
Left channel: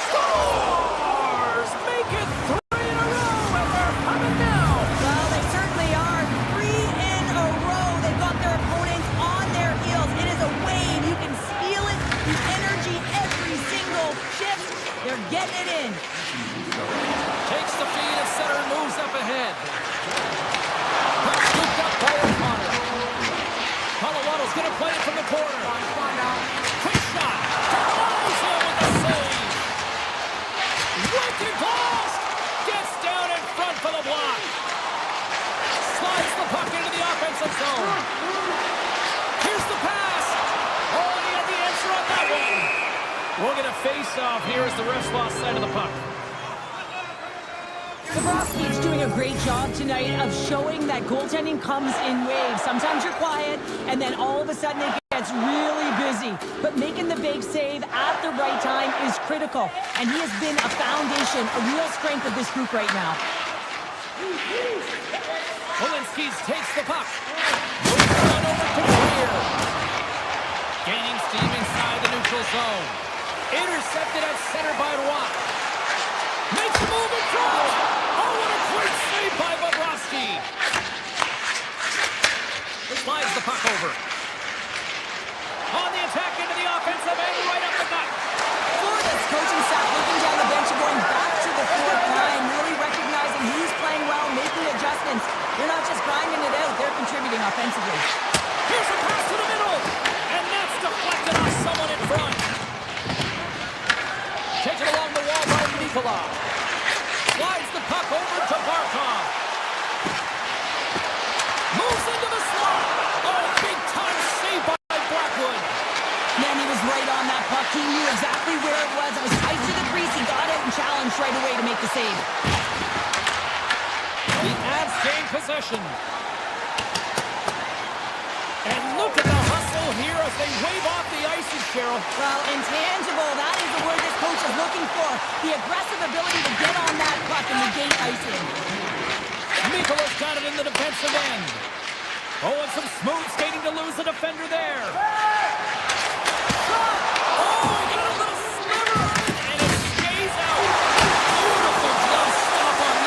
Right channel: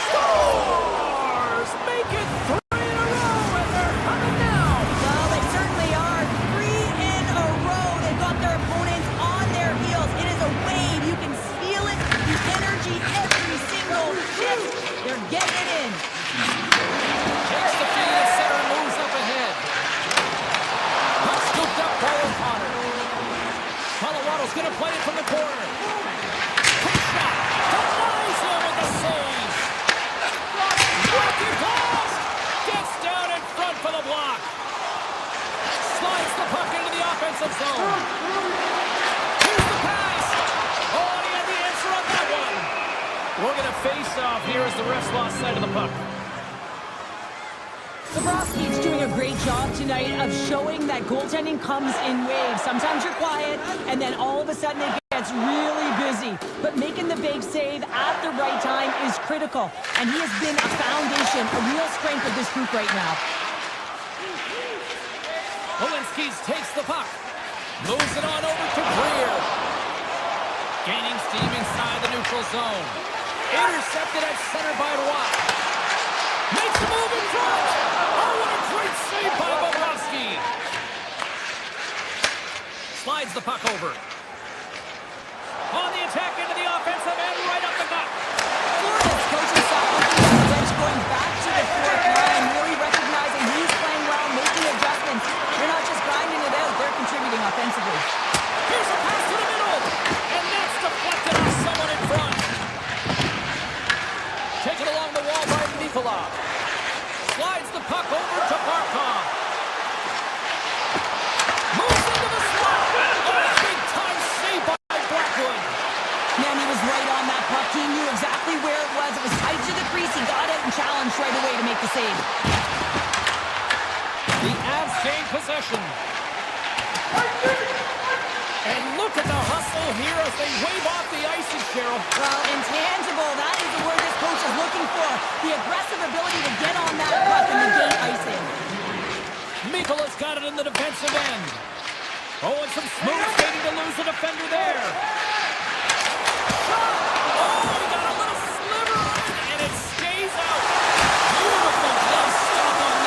Scores! Make it 3 in a row, and they're coming now. Well, they certainly are. 3 in a row. They've got their opponents on their heels. It is a wave. You can feel it. The energy every single shift. They're getting it in. Takes the feed at center and moves up ahead. Puck scooped up by O'Connor. Colorado's going to play it from the corner. Quick shot. Denies him with the save. Wicked blast. Gets down in front for the block. Slides the puck into the offensive zone. Here's the pass. Oh, and he had the answer on that one. We'll get a face-off here as the refs lost sight of the puck. Bobrovsky's doing a great job tonight of showing that goaltending comes in waves. Sometimes you're quiet, and then all of a sudden it gets really busy. But making the big save at the right time is critical. And he has been a foundation, a real strength of this group right now. Polinskis takes the puck. Moves it on over to Greer. Gaining steam inside the neutral zone. Intercepted at center by Roy. Makes a move in front. Oh, what a great save by Bobrovsky. Slides the puck over. On the attack into the offensive end, right up the gut. Florida's coaching staff looking down the bench, going back to the fourth line, really recognizing who's playing well, making adjustments. They're not just grinding it out, they're contributing offensively. Here's a pass to the middle, and that's deflected off someone in front. Taken along the wall by Nicola. Slides the puck over to Barkov. Moves into the slot. Oh, a big-time save by Blackwood. Man, he was right on that puck. He knew exactly where it was. It was tight to the crease. He got out and challenged right away to make the save. The Avs gain possession. And look at the hustle here as they wave off the icing, Cheryl. Well, intangible, that is the word this coach is looking for. The aggressive ability to get on that puck and negate icing. Mikola's got it in the defensive end. Oh, and some smooth skating to lose the defender there. Shot! Oh, he got a little sliver on it, and it stays out. Beautiful glove stop on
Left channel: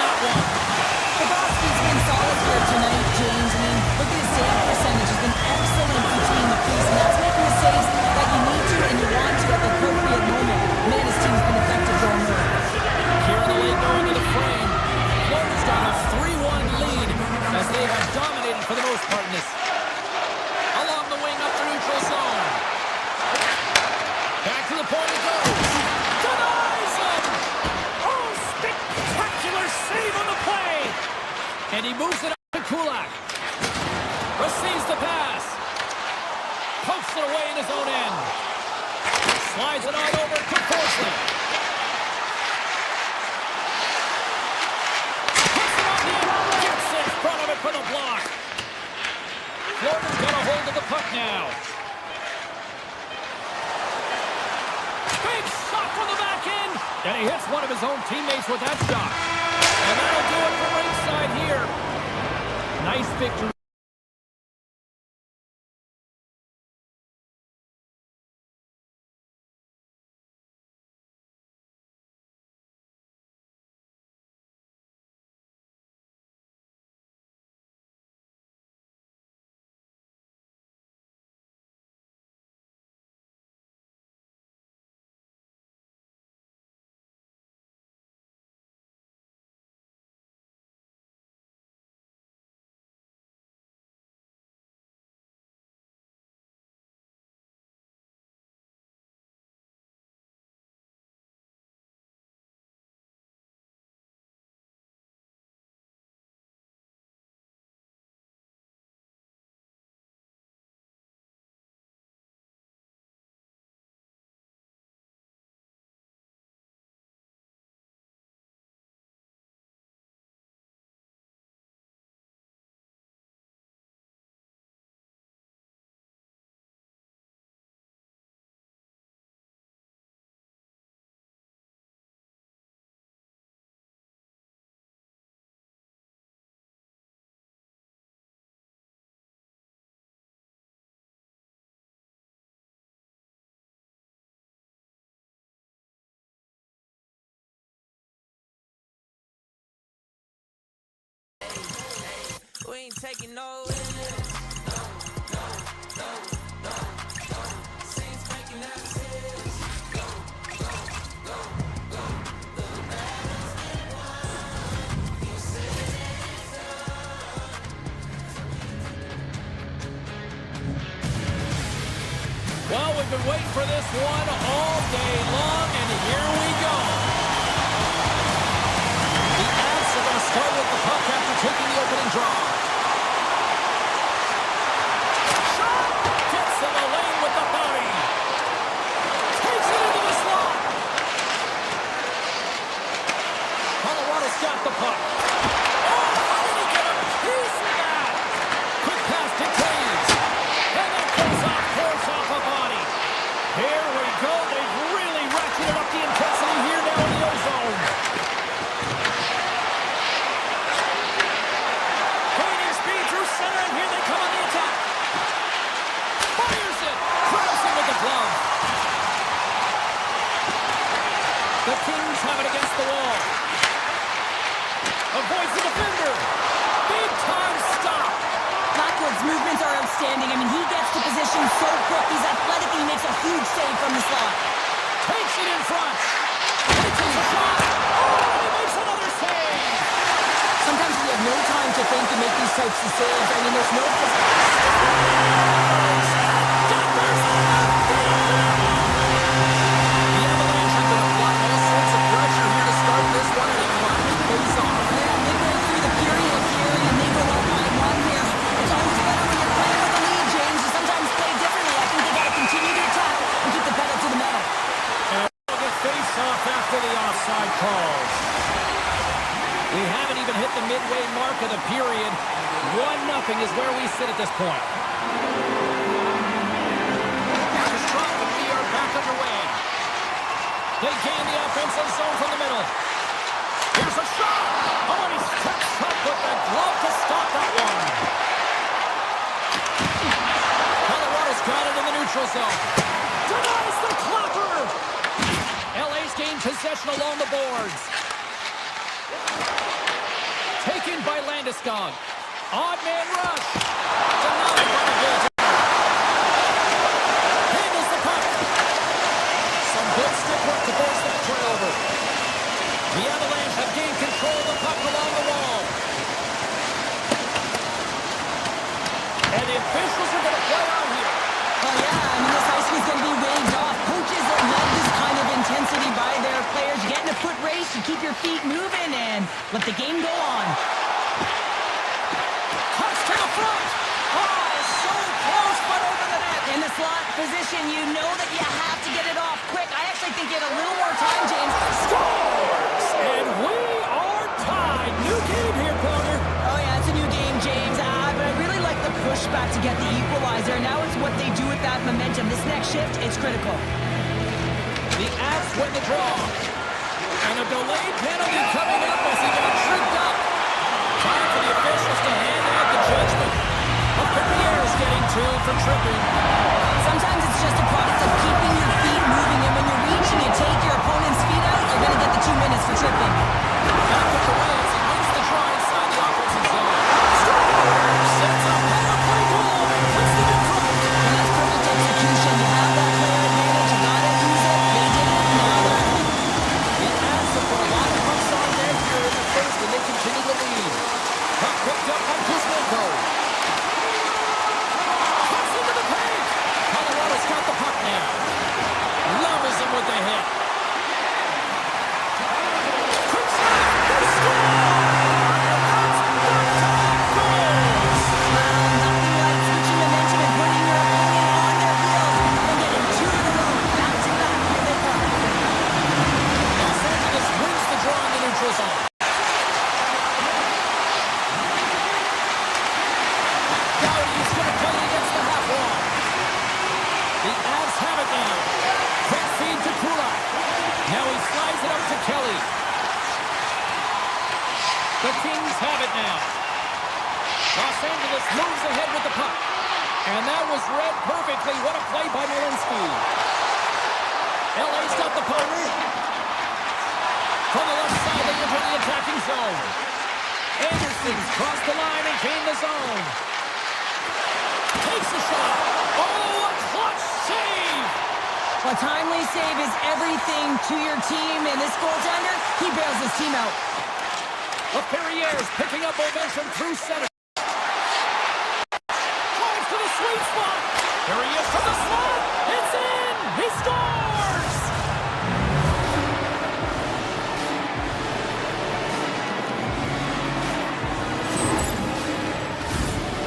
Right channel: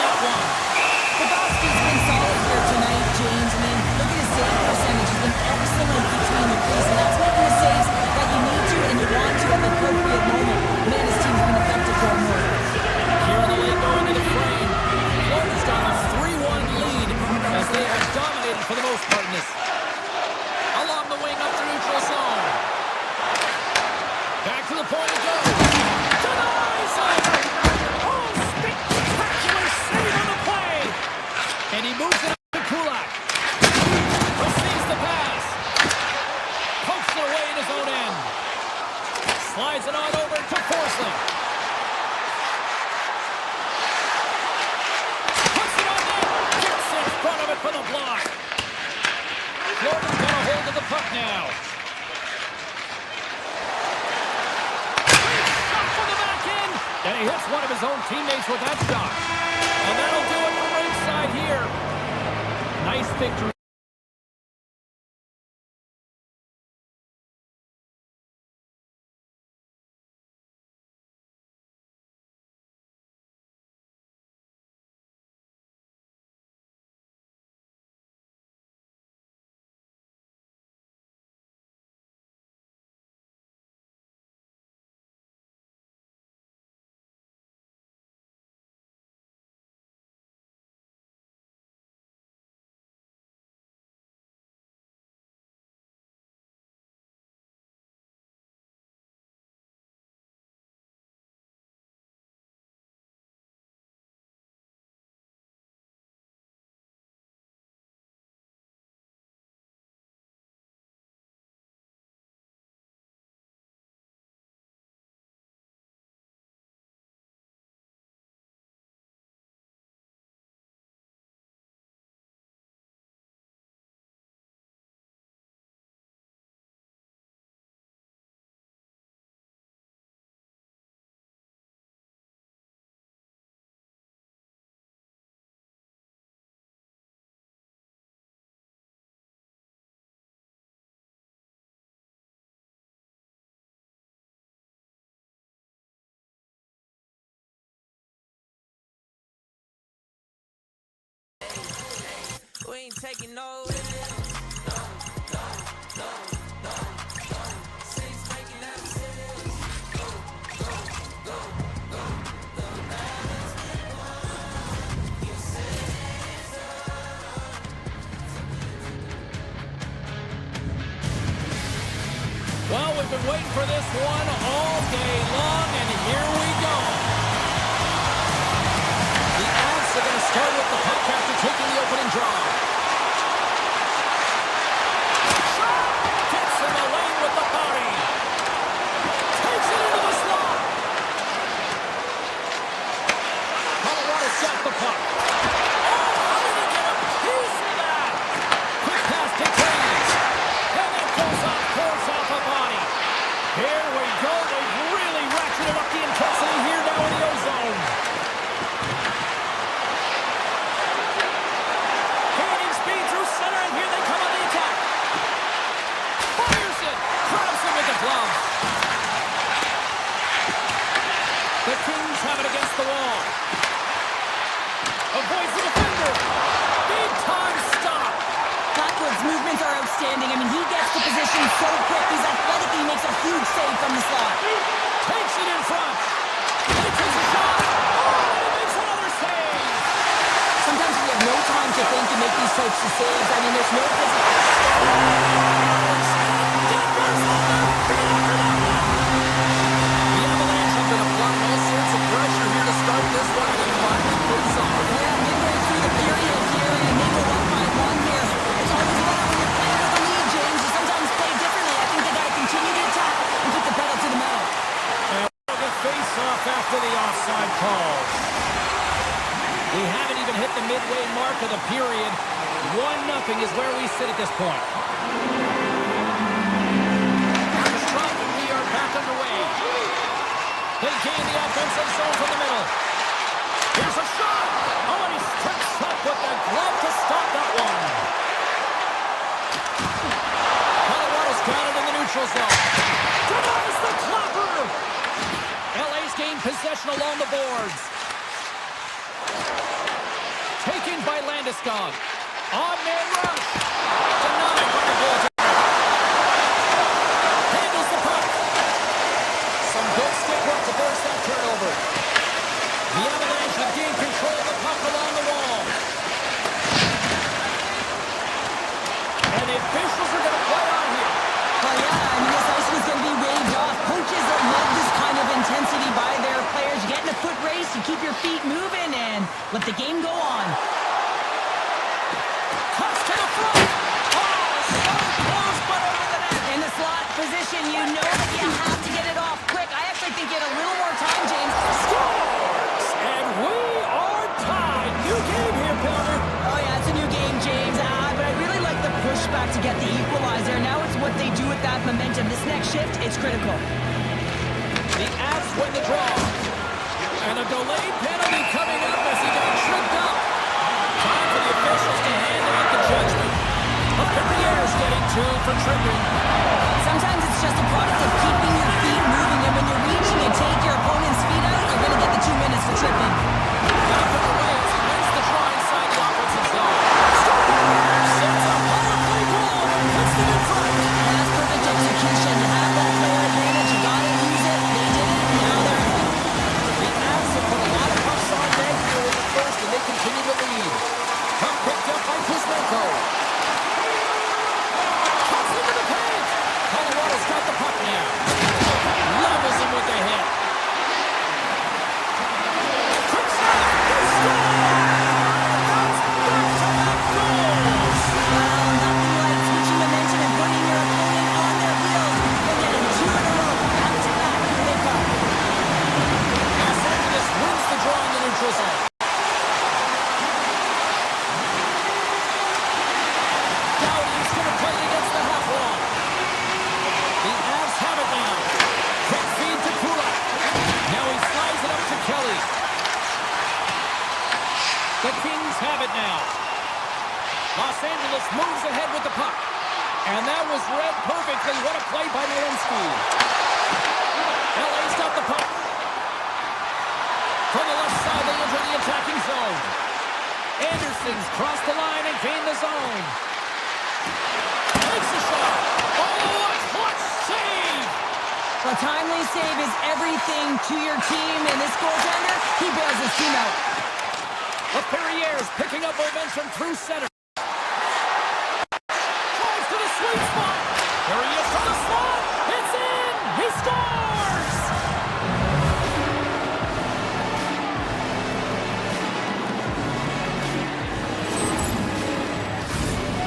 Moves it up to Kulak. Receives the pass. Pokes it away in his own end. Slides it on over to Forsling. Puts it on net. Gets in front of it for the block. Florida's got a hold of the puck now. Big shot from the back end. And he hits one of his own teammates with that shot. And that'll do it from ringside here. Nice victory. We ain't taking no. Saints making that sales. Well, we've been waiting for this one all day long, and here we go. The Avs are going to start with the puck after taking the opening draw. Shot! Gets in the lane with the body. Takes it into the slot. Colorado's got the puck. Oh, how did he get a piece of that? Quick pass to Taves. And that goes off, course off a body. Here we go. They've really ratcheted up the intensity here now in the O-zone. Center, and here they come on the attack. Fires it. Grabs him with the glove. The Kings have it against the wall. Avoids the defender. Big time stop. Blackwood's movements are outstanding. I mean, he gets the position so quick. He's athletic. He makes a huge save from the slot. Takes it in front. And he takes a shot. Oh, and he makes another save. Sometimes we have no time to think and make these types of saves. I mean, there's no physical. Denver's on their feet after that one. The Avalanche have been applying all sorts of pressure here to start this one, and it finally pays off. Yeah, midway through the period here, and they go up by one here. It's always better when you're playing with the lead, James. You sometimes play differently. I think they got to continue to attack and keep the pedal to the metal. And we'll get face-off after the offside calls. We haven't even hit the midway mark of the period. 1-0 is where we sit at this point. Orchestra, and we are back underway. They gain the offensive zone from the middle. Here's a shot. Oh, and he steps up with the glove to stop that one. Colorado's got it in the neutral zone. Denies the clapper. LA's gained possession along the boards. Taken by Landeskog. Odd man rush. Denied by the goaltender. Handles the puck. Some good stick work to force that turnover. The Avalanche have gained control of the puck along the wall. And the officials are going to play on here. Oh, yeah, I mean, this ice was going to be waved off. Coaches that love this kind of intensity by their players. You get in a foot race, you keep your feet moving, and let the game go on. front. Oh, so close, but over the net. In the slot position, you know that you have to get it off quick. I actually think you had a little more time, James. Scores! And we are tied. New game here, Pounder. Oh, yeah, it's a new game, James. But I really like the pushback to get the equalizer. Now it's what they do with that momentum. This next shift, it's critical. The Avs win the draw. And a delayed penalty coming up as he got tripped up. Time for the officials to hand out the judgment. Perrier's getting 2 for tripping. Sometimes it's just a product of keeping your feet moving, and when you're reaching and take your opponent's feet out, you're going to get the 2 minutes for tripping. Back of the way as he wins the draw inside the offensive zone. Scores! Sets a power play goal and puts them in front. And that's perfect execution. You have that player advantage. You got to use it. They did it. Now they're ahead. The Avs have put a lot of pucks on net here in the first, and they continue to lead. Puck picked up by Kuzmenko. Cuts into the paint. Colorado's got the puck now. Levels him with the hit. Quick snap. They score! And that's back-to-back goals. Well, nothing like switching momentum and putting your opponent on their heels and getting 2 in a row. Back to back. Here they come. Los Angeles wins the draw in the neutral zone. Doughty's going to play against the half wall. The Avs have it now. Quick feed to Kodiak. Now he slides it up to Kelly. The Kings have it now. Los Angeles moves ahead with the puck. And that was read perfectly. What a play by Malinsky. LA's got the puck. From the left side, they enter the attacking zone. Anderson's crossed the line and gained the zone. Takes a shot. Oh, a clutch save! A timely save is everything to your team, and this goaltender, he bails his team out. Perrier's picking up momentum through center. Drives to the sweet spot. Here he is from the slot. It's in! He scores!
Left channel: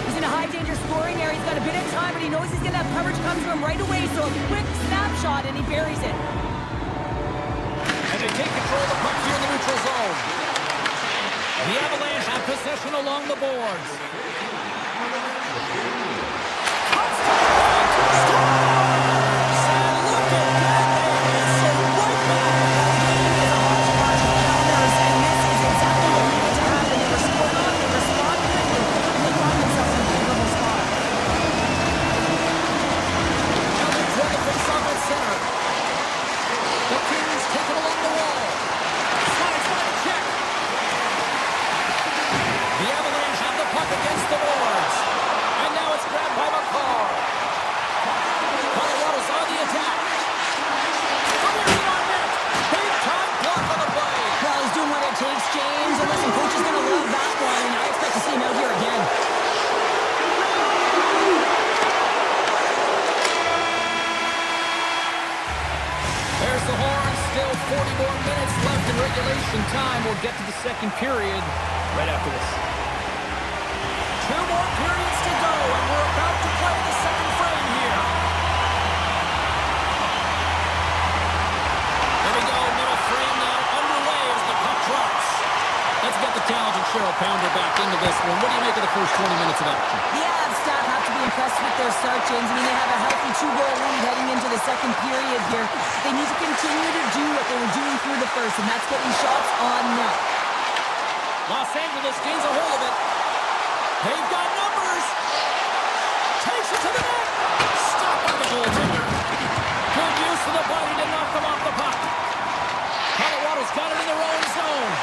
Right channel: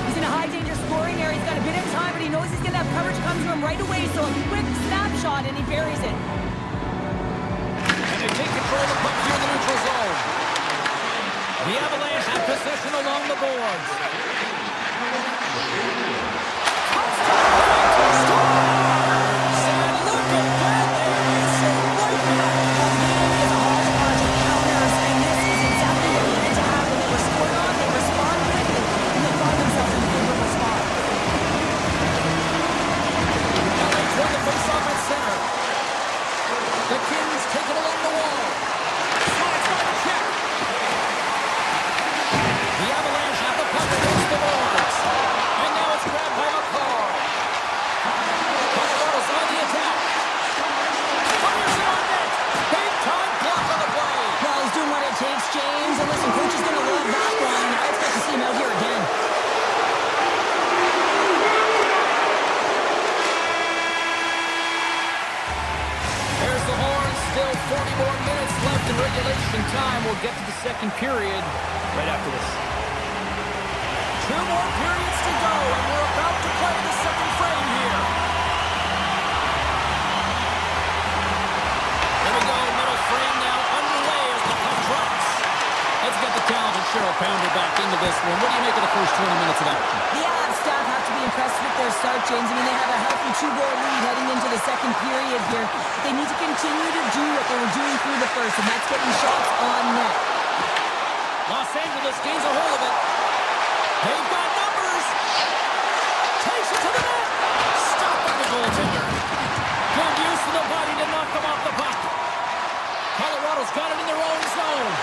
He's in a high-danger scoring area. He's got a bit of time, but he knows he's going to have coverage come to him right away, so a quick snapshot, and he buries it. And they take control of the puck here in the neutral zone. The Avalanche have possession along the boards. Cuts to the paint. Scores! And look at that. They answer right back. The game is a hodgepodge of counters, and this is exactly what needed to happen. They were scored on, they respond quickly, and they find themselves in a favorable spot. LA's won the face-off at center. The Kings take it along the wall. Slides by the check. The Avalanche have the puck against the boards. And now it's grabbed by McCarr. Colorado's on the attack. Fires it on net. Big-time block on the play. Well, he's doing what it takes, James. And listen, coach is going to love that one, and I expect to see him out here again. There's the horn. Still 40 more minutes left in regulation time. We'll get to the second period right after this. 2 more periods to go, and we're about to play the second frame here. Here we go, middle frame now underway as the puck drops. Let's get the talented Cheryl Pounder back into this one. What do you make of the first 20 minutes of action? The Avs staff have to be impressed with their start, James. I mean, they have a healthy 2-goal lead heading into the second period here. They need to continue to do what they were doing through the first, and that's getting shots on net. Los Angeles gains a hold of it. They've got numbers. Takes it to the net. Stopped by the goaltender. Good use of the body to knock them off the puck. Colorado's got it in their own zone.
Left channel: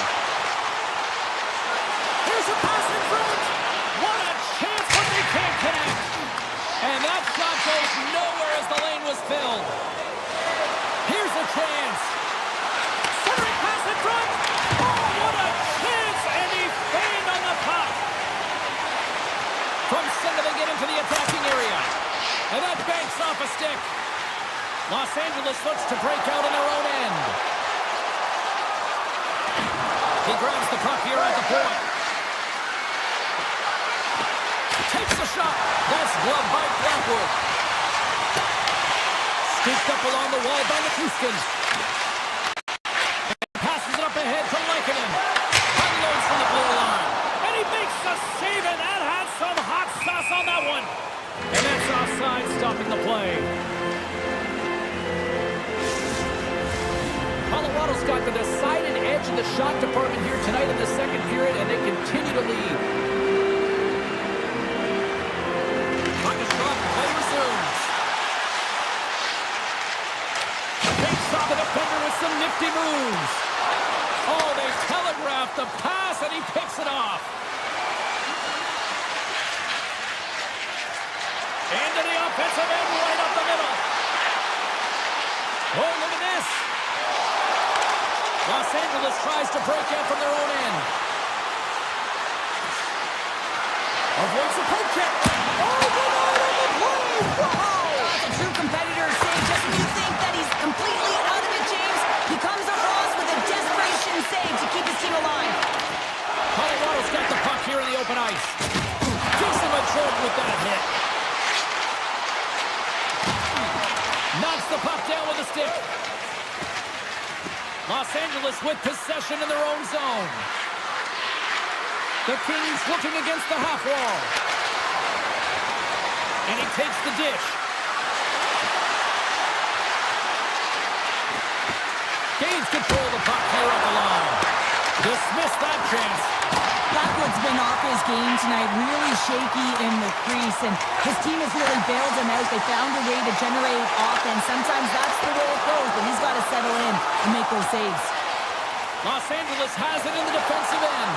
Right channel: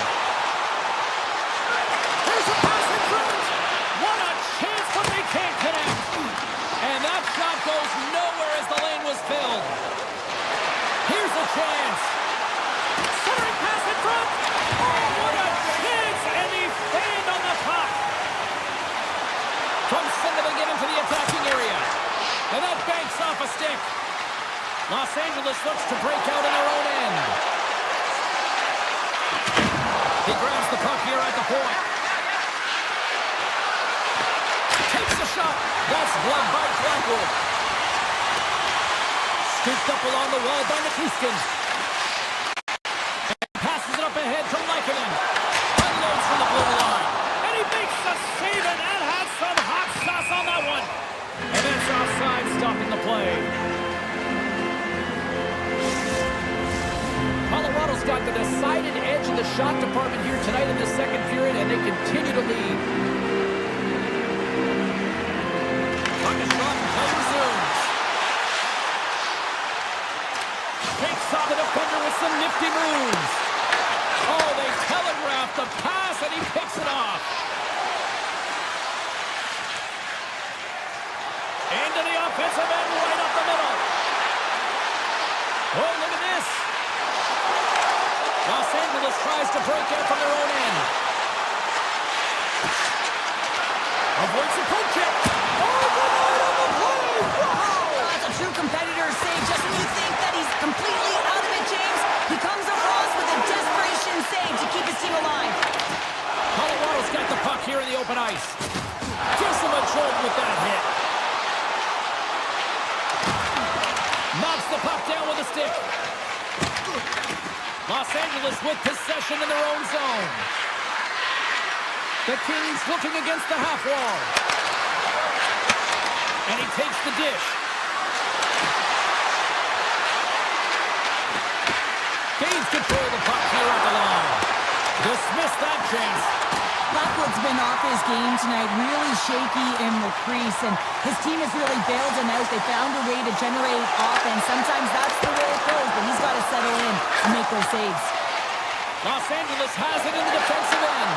Here's a pass in front. What a chance, but they can't connect. And that shot goes nowhere as the lane was filled. Here's a chance. Centering pass in front. Oh, what a chance. And he fanned on the puck. From center, they get into the attacking area. And that banks off a stick. Los Angeles looks to break out in their own end. He grabs the puck here at the point. Takes the shot. That's gloved by Blackwood. Scooped up along the wall by Nikuskin. And passes it up ahead to Lankinen. Unloads from the blue line. And he makes the save, and that had some hot sauce on that one. And that's offside, stopping the play. Colorado's got the decided edge in the shot department here tonight in the second period, and they continue to lead. Puck is dropped, play resumes. Takes off the defender with some nifty moves. Oh, they telegraphed the pass, and he picks it off. Into the offensive end, right up the middle. Oh, look at this. Los Angeles tries to break out from their own end. Avoids the poke check. Oh, denied on the play. Wow! That's a true competitor save. Just when you think that he's completely out of it, James, he comes across with a desperation save to keep his team alive. Colorado's got the puck here in the open ice. Gives him a jolt with that hit. Knocks the puck down with a stick. Los Angeles with possession in their own zone. The Kings looking against the half wall. And he takes the dish. Gains control of the puck here at the line. Dismissed that chance. Blackwood's been off his game tonight, really shaky in the crease, and his team has really bailed him out. They found a way to generate offense. Sometimes that's the way it goes, but he's got to settle in and make those saves. Los Angeles has it in the defensive end.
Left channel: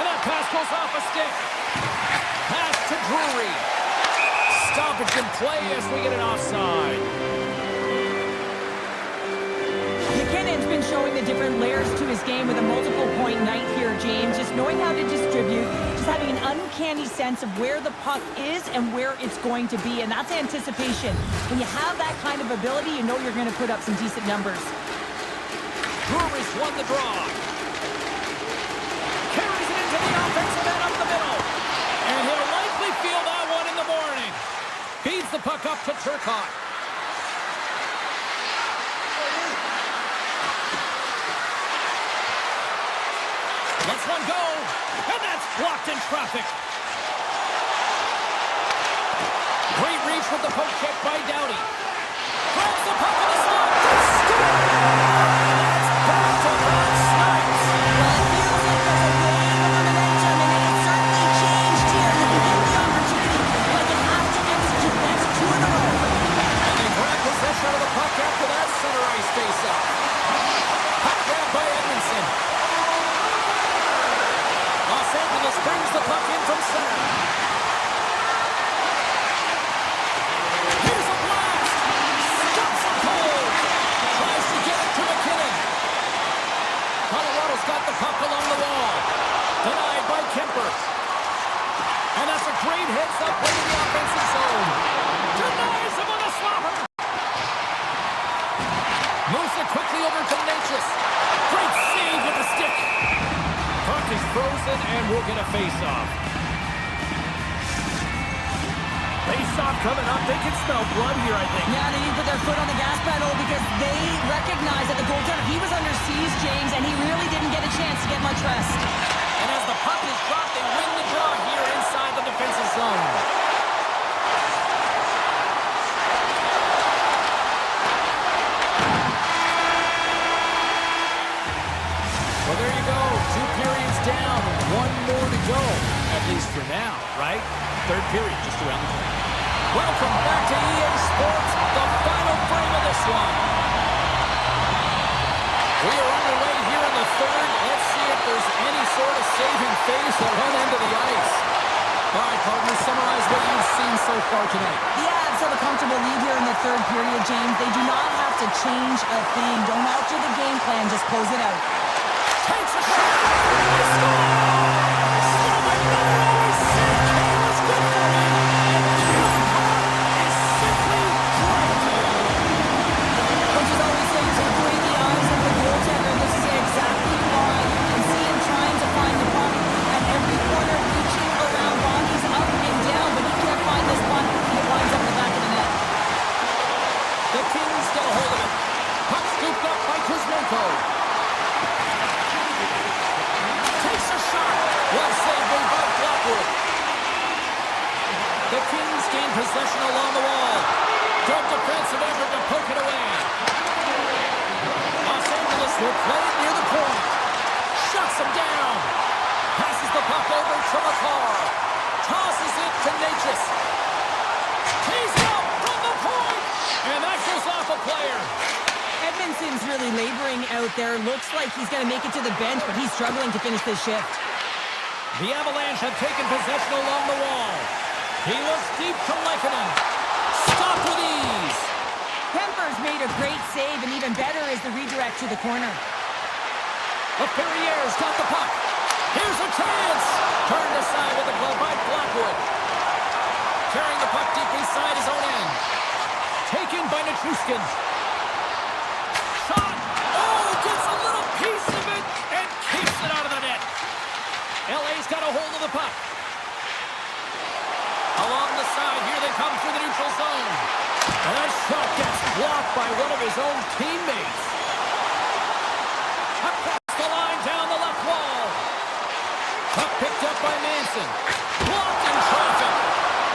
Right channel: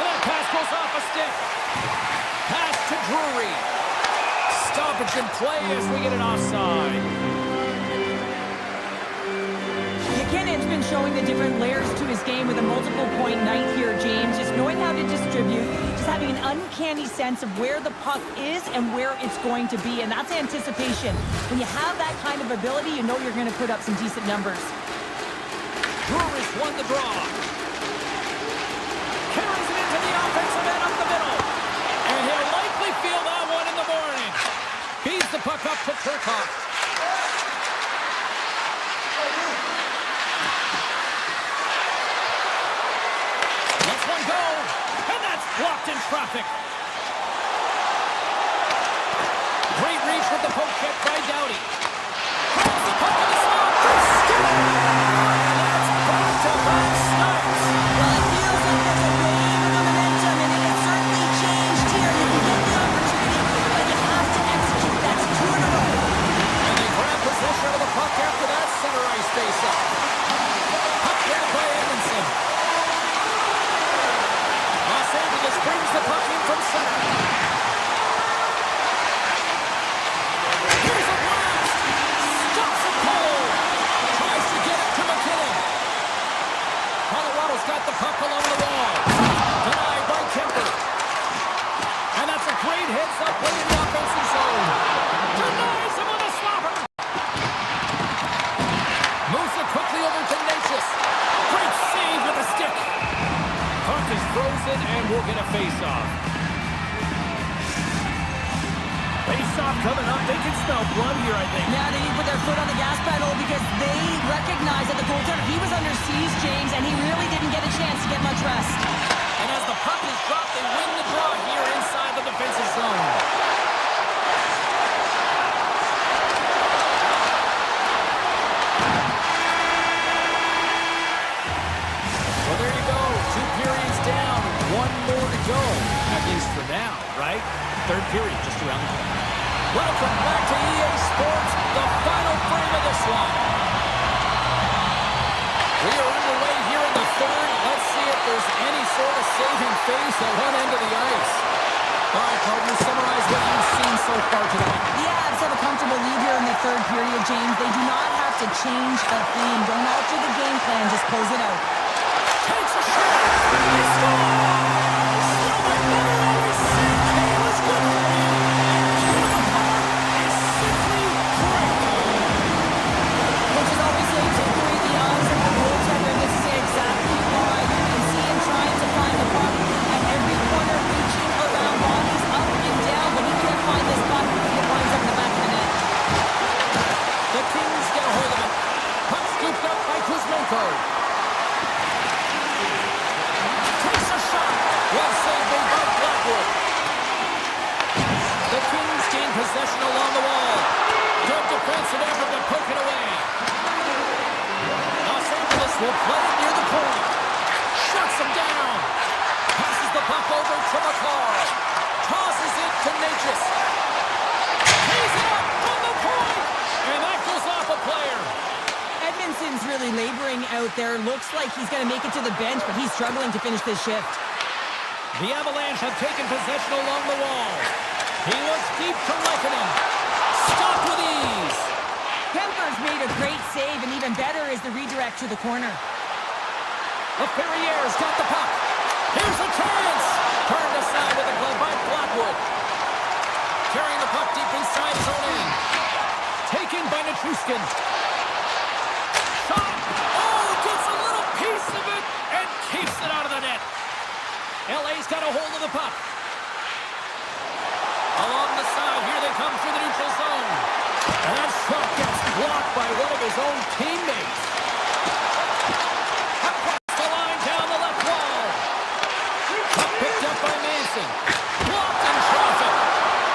And that pass goes off a stick. Pass to Drury. Stoppage in play as we get an offside. McKinnon's been showing the different layers to his game with a multiple-point night here, James. Just knowing how to distribute, just having an uncanny sense of where the puck is and where it's going to be, and that's anticipation. When you have that kind of ability, you know you're going to put up some decent numbers. Drury's won the draw. Carries it into the offensive end up the middle. And he'll likely feel that one in the morning. Feeds the puck up to Turcotte. Lets one go. And that's blocked in traffic. Great reach with the poke check by Doughty. Throws the puck in the slot. They score! And that's back-to-back snipes. Well, it feels like there's a wave of momentum, and it has certainly changed here. You can get the opportunity, but you have to execute. That's 2 in a row. And they grab possession of the puck after that center ice face-off. Puck grab by Edmondson. Los Angeles brings the puck in from center. Here's a blast. Stops him cold. Tries to get it to McKinnon. Colorado's got the puck along the wall. Denied by Kemper. And that's a great heads-up play in the offensive zone. Denies him with a slapper. Moves it quickly over to Natchez. Great save with a stick. Puck is frozen, and we'll get a face-off. Face-off coming up. They can smell blood here, I think. Yeah, they need to put their foot on the gas pedal because they recognize that the goaltender, he was under siege, James, and he really didn't get a chance to get much rest. And as the puck is dropped, they win the draw here inside the defensive zone. Well, there you go. 2 periods down, 1 more to go. At least for now, right? Third period just around the corner. Welcome back to EA Sports, the final frame of this one. We are underway here in the third. Let's see if there's any sort of saving face at one end of the ice. All right, partners, summarize what you've seen so far tonight. The Avs have a comfortable lead here in the third period, James. They do not have to change a thing. Don't alter the game plan. Just close it out. Takes a shot. They score! Still, my mother always said Kane was good for you. And Kane is simply great. Coaches always say take away the eyes of the goaltender. This is exactly why. You can see him trying to find the puck at every corner, reaching around bodies up and down. Good defensive effort to poke it away. Los Angeles will play it near the point. Shuts him down. Passes the puck over to McCarr. Tosses it to Natchez. He's up from the point. And that goes off a player. Edmondson's really laboring out there. Looks like he's going to make it to the bench, but he's struggling to finish this shift. The Avalanche have taken possession along the wall. He looks deep to Lehkonen. Stopped with ease. Kemper's made a great save, and even better is the redirect to the corner. LaFerriere's got the puck. Here's a chance. Turned aside with a glove by Blackwood. Carrying the puck deep inside his own end. Taken by Nichushkin. Shot. Oh, gets a little piece of it and keeps it out of the net. LA's got a hold of the puck. Along the side, here they come through the neutral zone. And that shot gets blocked by one of his own teammates. Across the line, down the left wall. Puck picked up by Manson. Blocked in traffic.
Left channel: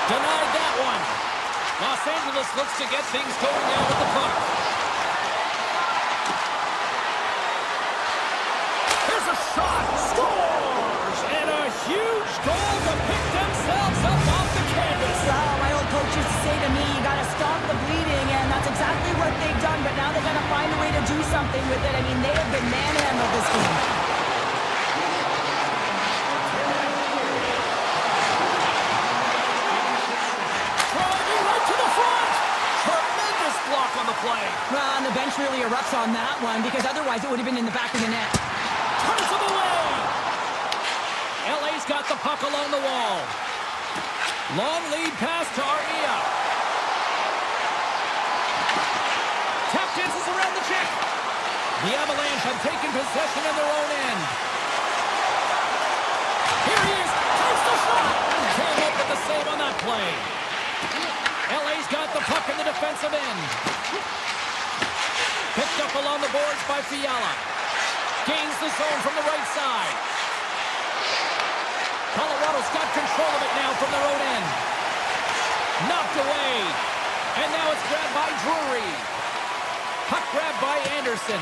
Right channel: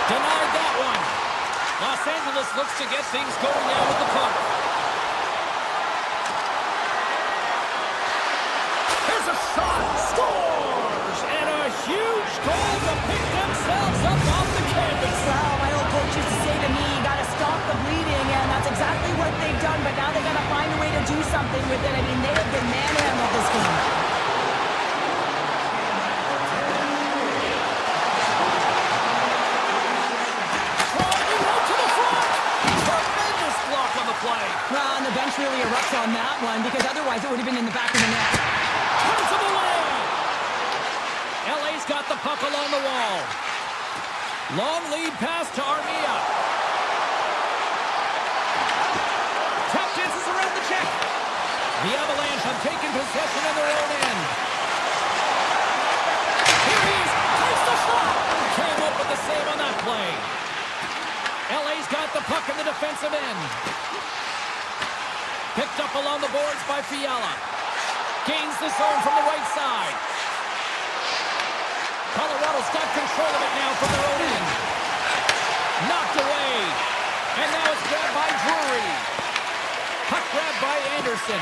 Denied that one. Los Angeles looks to get things going now with the puck. Here's a shot. Scores! And a huge goal to pick themselves up off the canvas. Well, my old coach used to say to me, you got to stop the bleeding, and that's exactly what they've done, but now they got to find a way to do something with it. I mean, they have been manhandled this game. Driving right to the front. Tremendous block on the play. Well, and the bench really erupts on that one, because otherwise it would have been in the back of the net. Turns him away. LA's got the puck along the wall. Long lead pass to Armia. Tap dances around the check. The Avalanche have taken possession in their own end. Here he is. Takes the shot. Came up with the save on that play. LA's got the puck in the defensive end. Picked up along the boards by Fiala. Gains the zone from the right side. Colorado's got control of it now from their own end. Knocked away. And now it's grabbed by Drury. Puck grabbed by Anderson.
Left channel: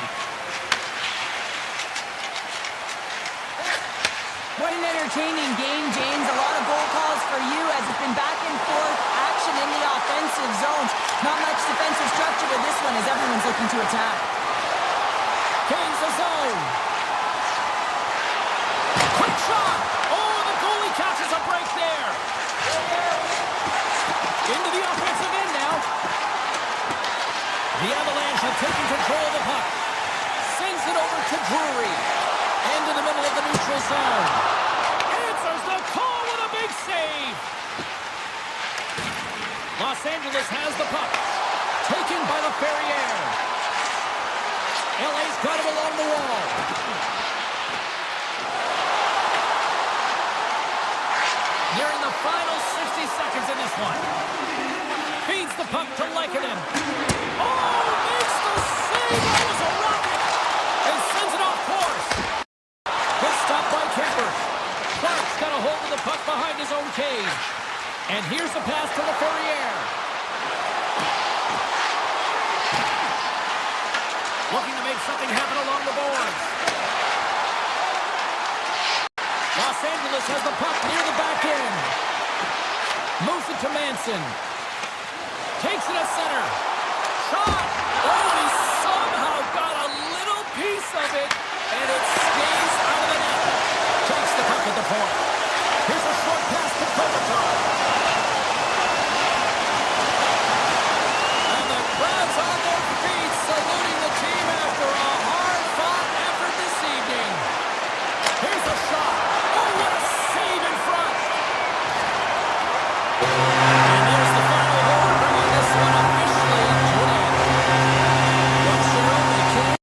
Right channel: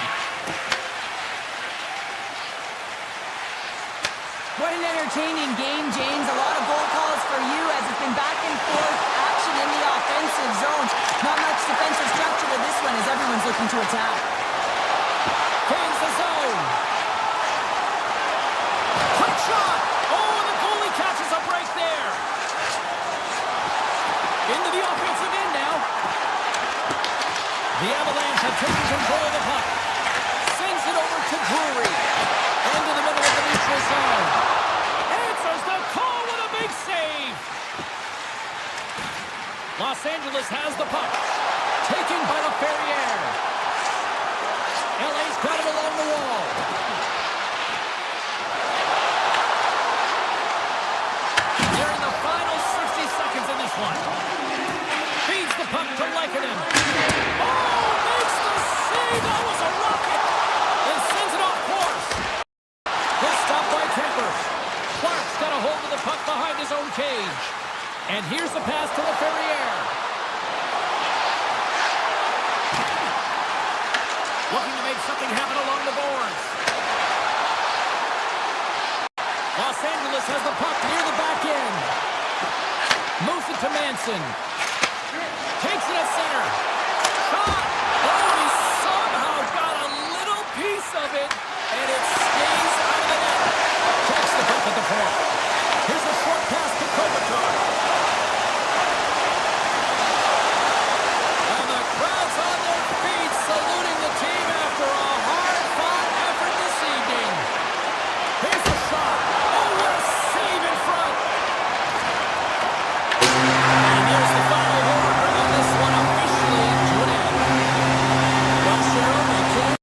What an entertaining game, James. A lot of goal calls for you as it's been back and forth action in the offensive zones. Not much defensive structure with this one as everyone's looking to attack. Gains the zone. Quick shot. Oh, and the goalie catches a break there. Into the offensive end now. The Avalanche have taken control of the puck. Sends it over to Drury. Into the middle of the neutral zone. Answers the call with a big save. Los Angeles has the puck. Taken by LaFerriere. LA's got it along the wall. Nearing the final 60 seconds in this one. Feeds the puck to Lehkonen. Oh, makes the save. That was a rocket. And sends it off course. Good stop by Kemper. Clark's got a hold of the puck behind his own cage. And here's the pass to LaFerriere. Looking to make something happen along the boards. Los Angeles has the puck near the back end. Moves it to Manson. Takes it at center. Shot! Oh, and he somehow got a little piece of it, and it stays out of the net. Takes the puck at the point. Here's a short pass to Kopitar. And the crowd's on their feet, saluting the team after a hard-fought effort this evening. Here's a shot. Oh, what a save in front. And there's the final horn, bringing this one officially to an end. Well, Cheryl, they can't.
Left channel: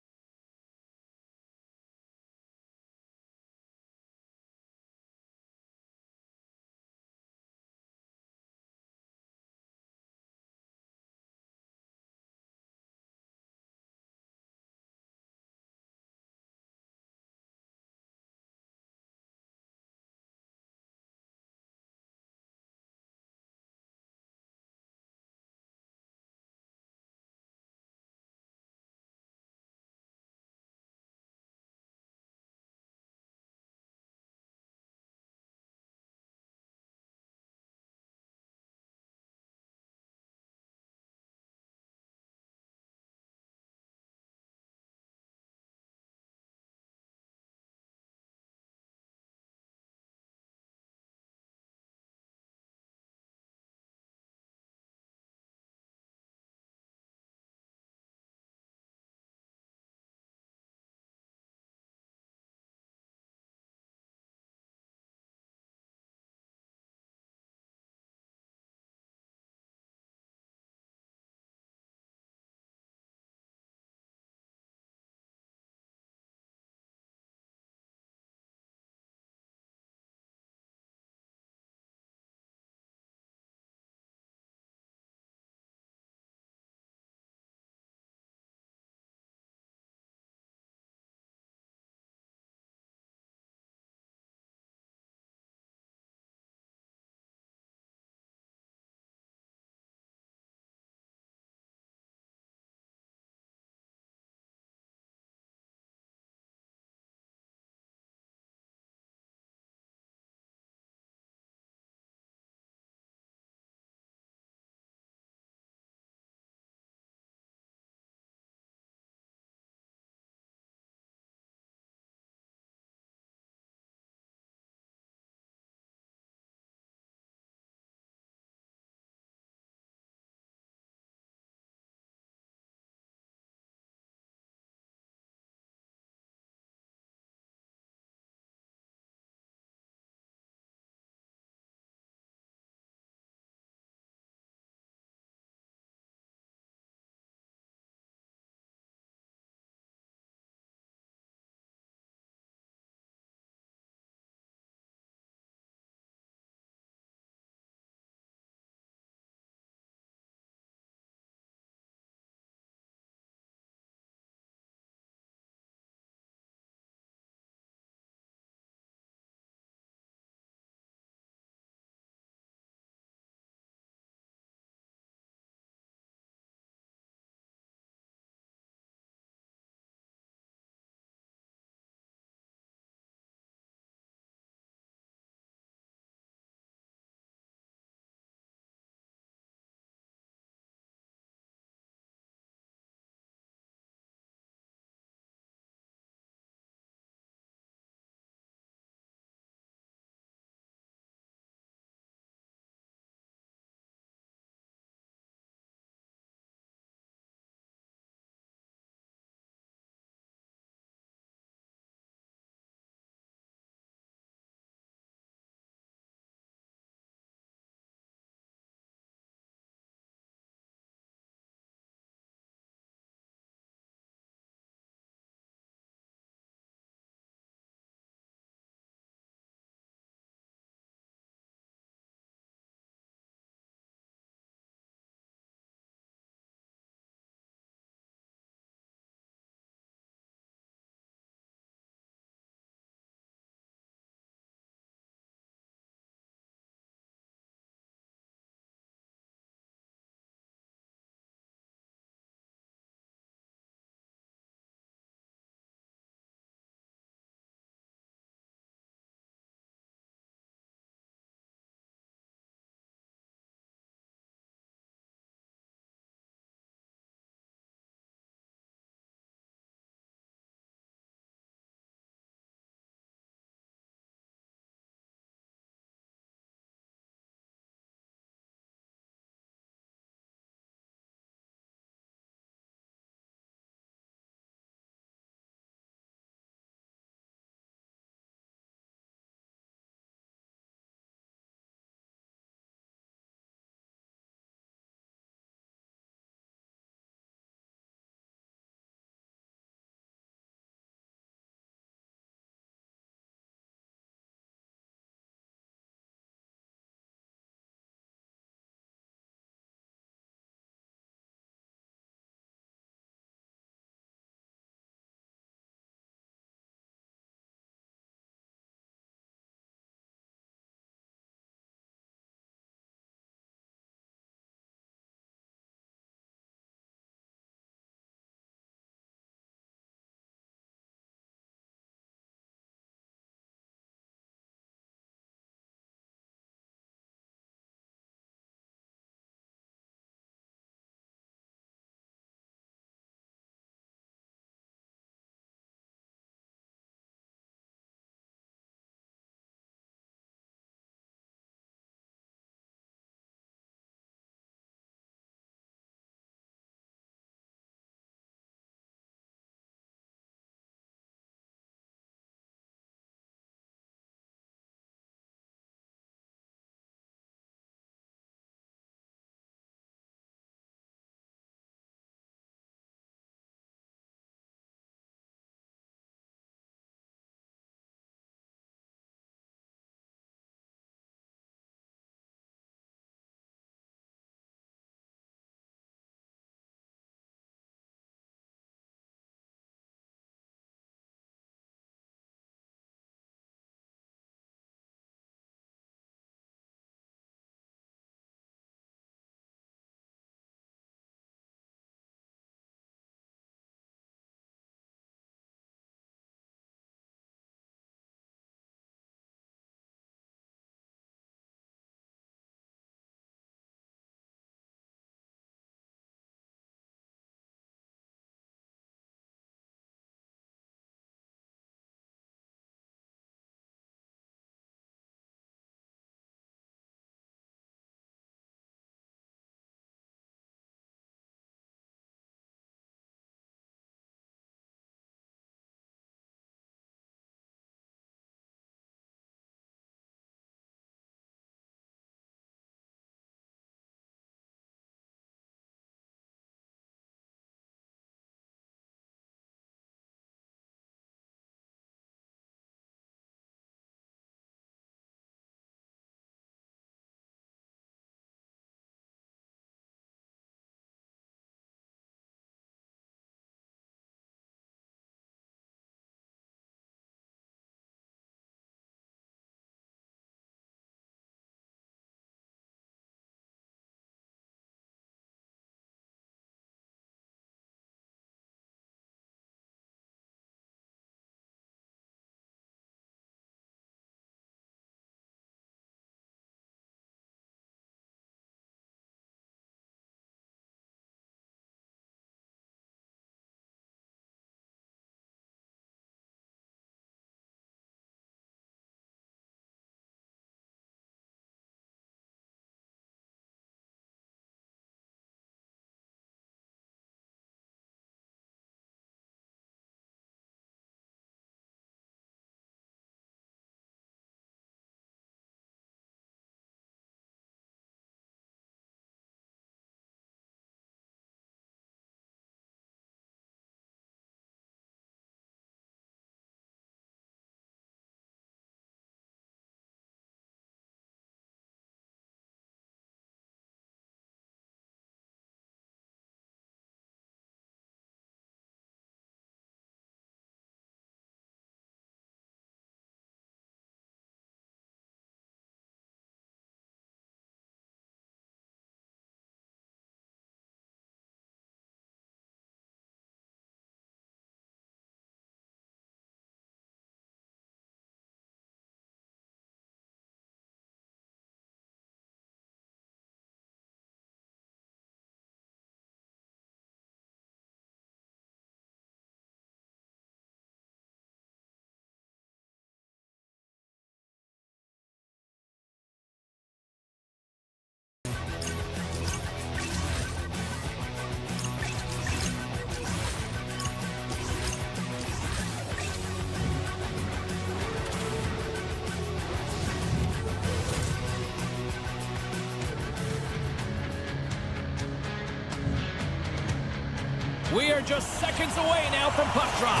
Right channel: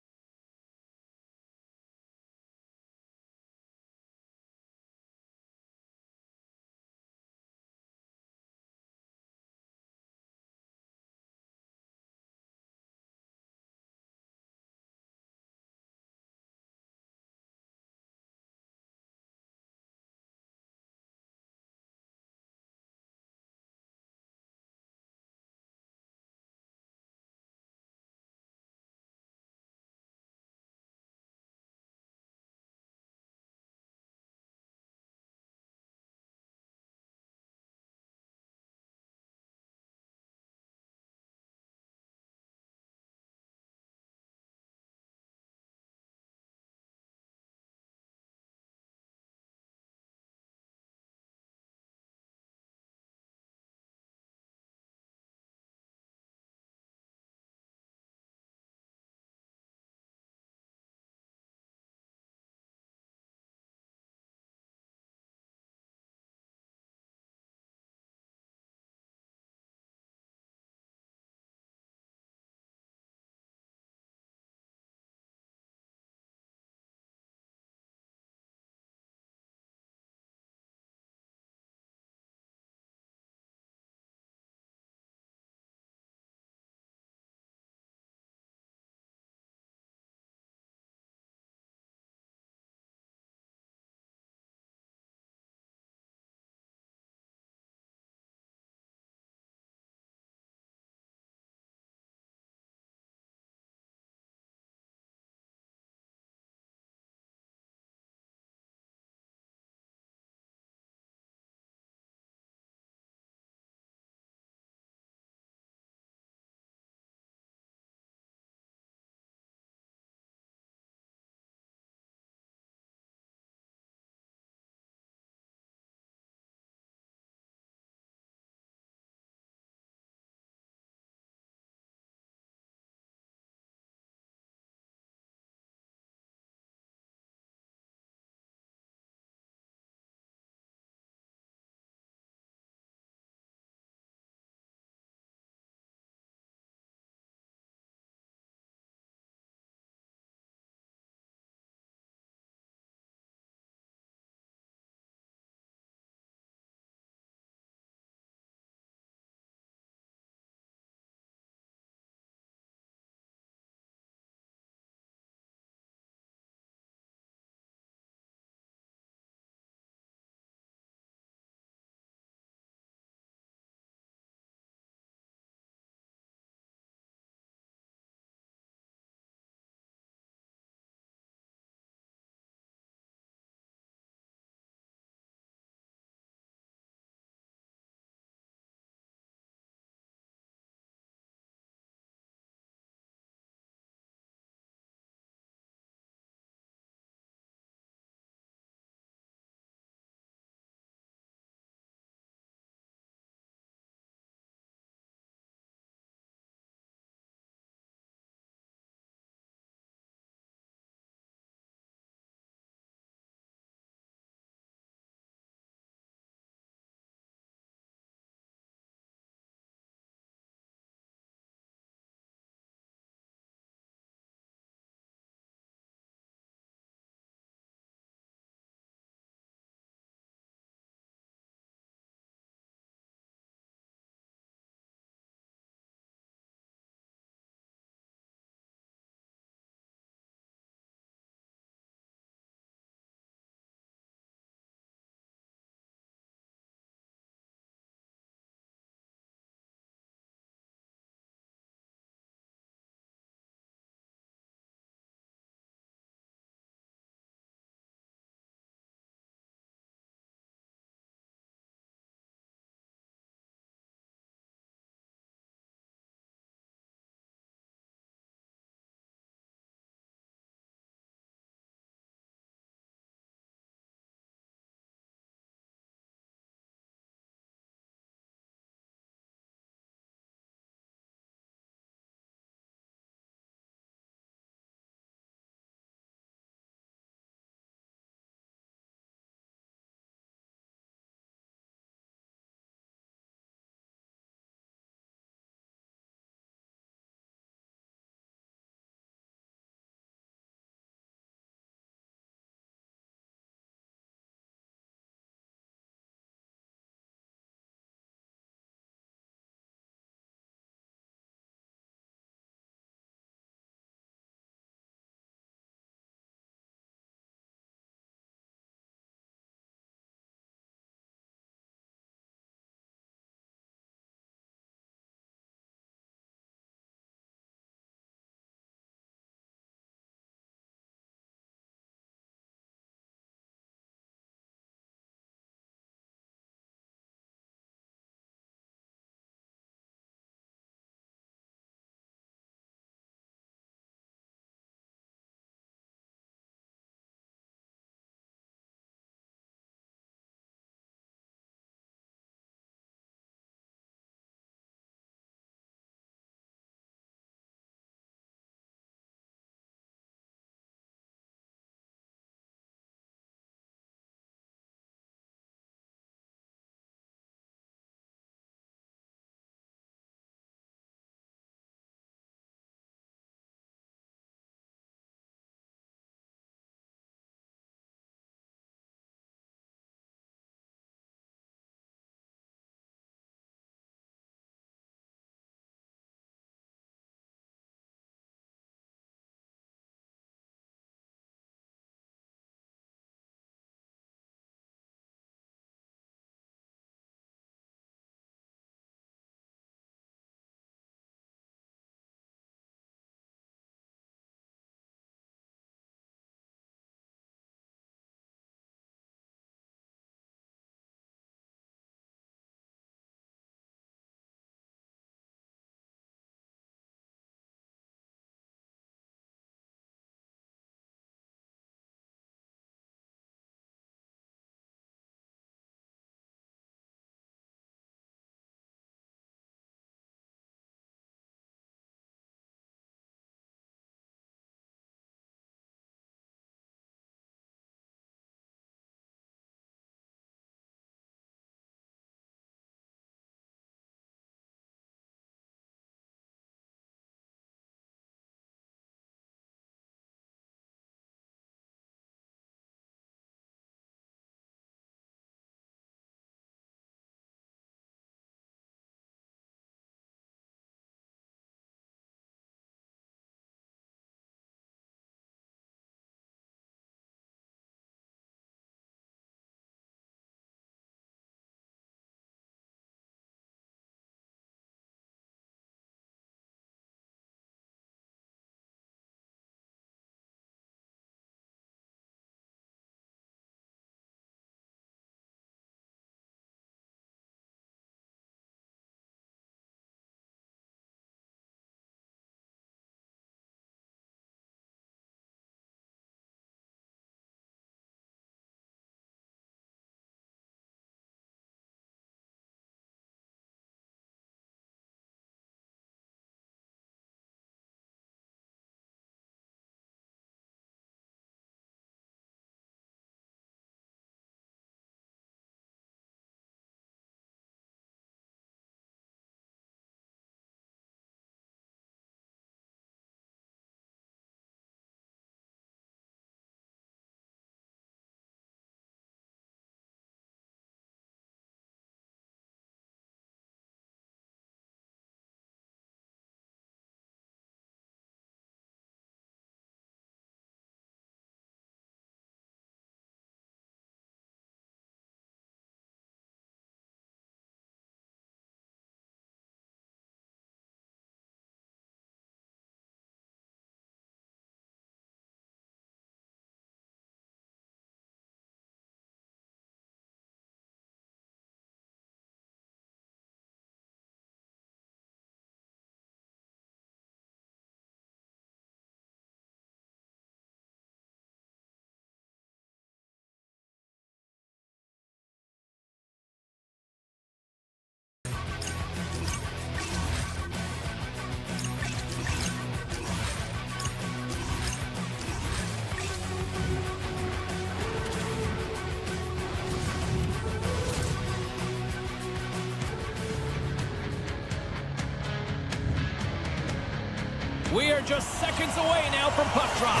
We are just seconds away now from puck drop.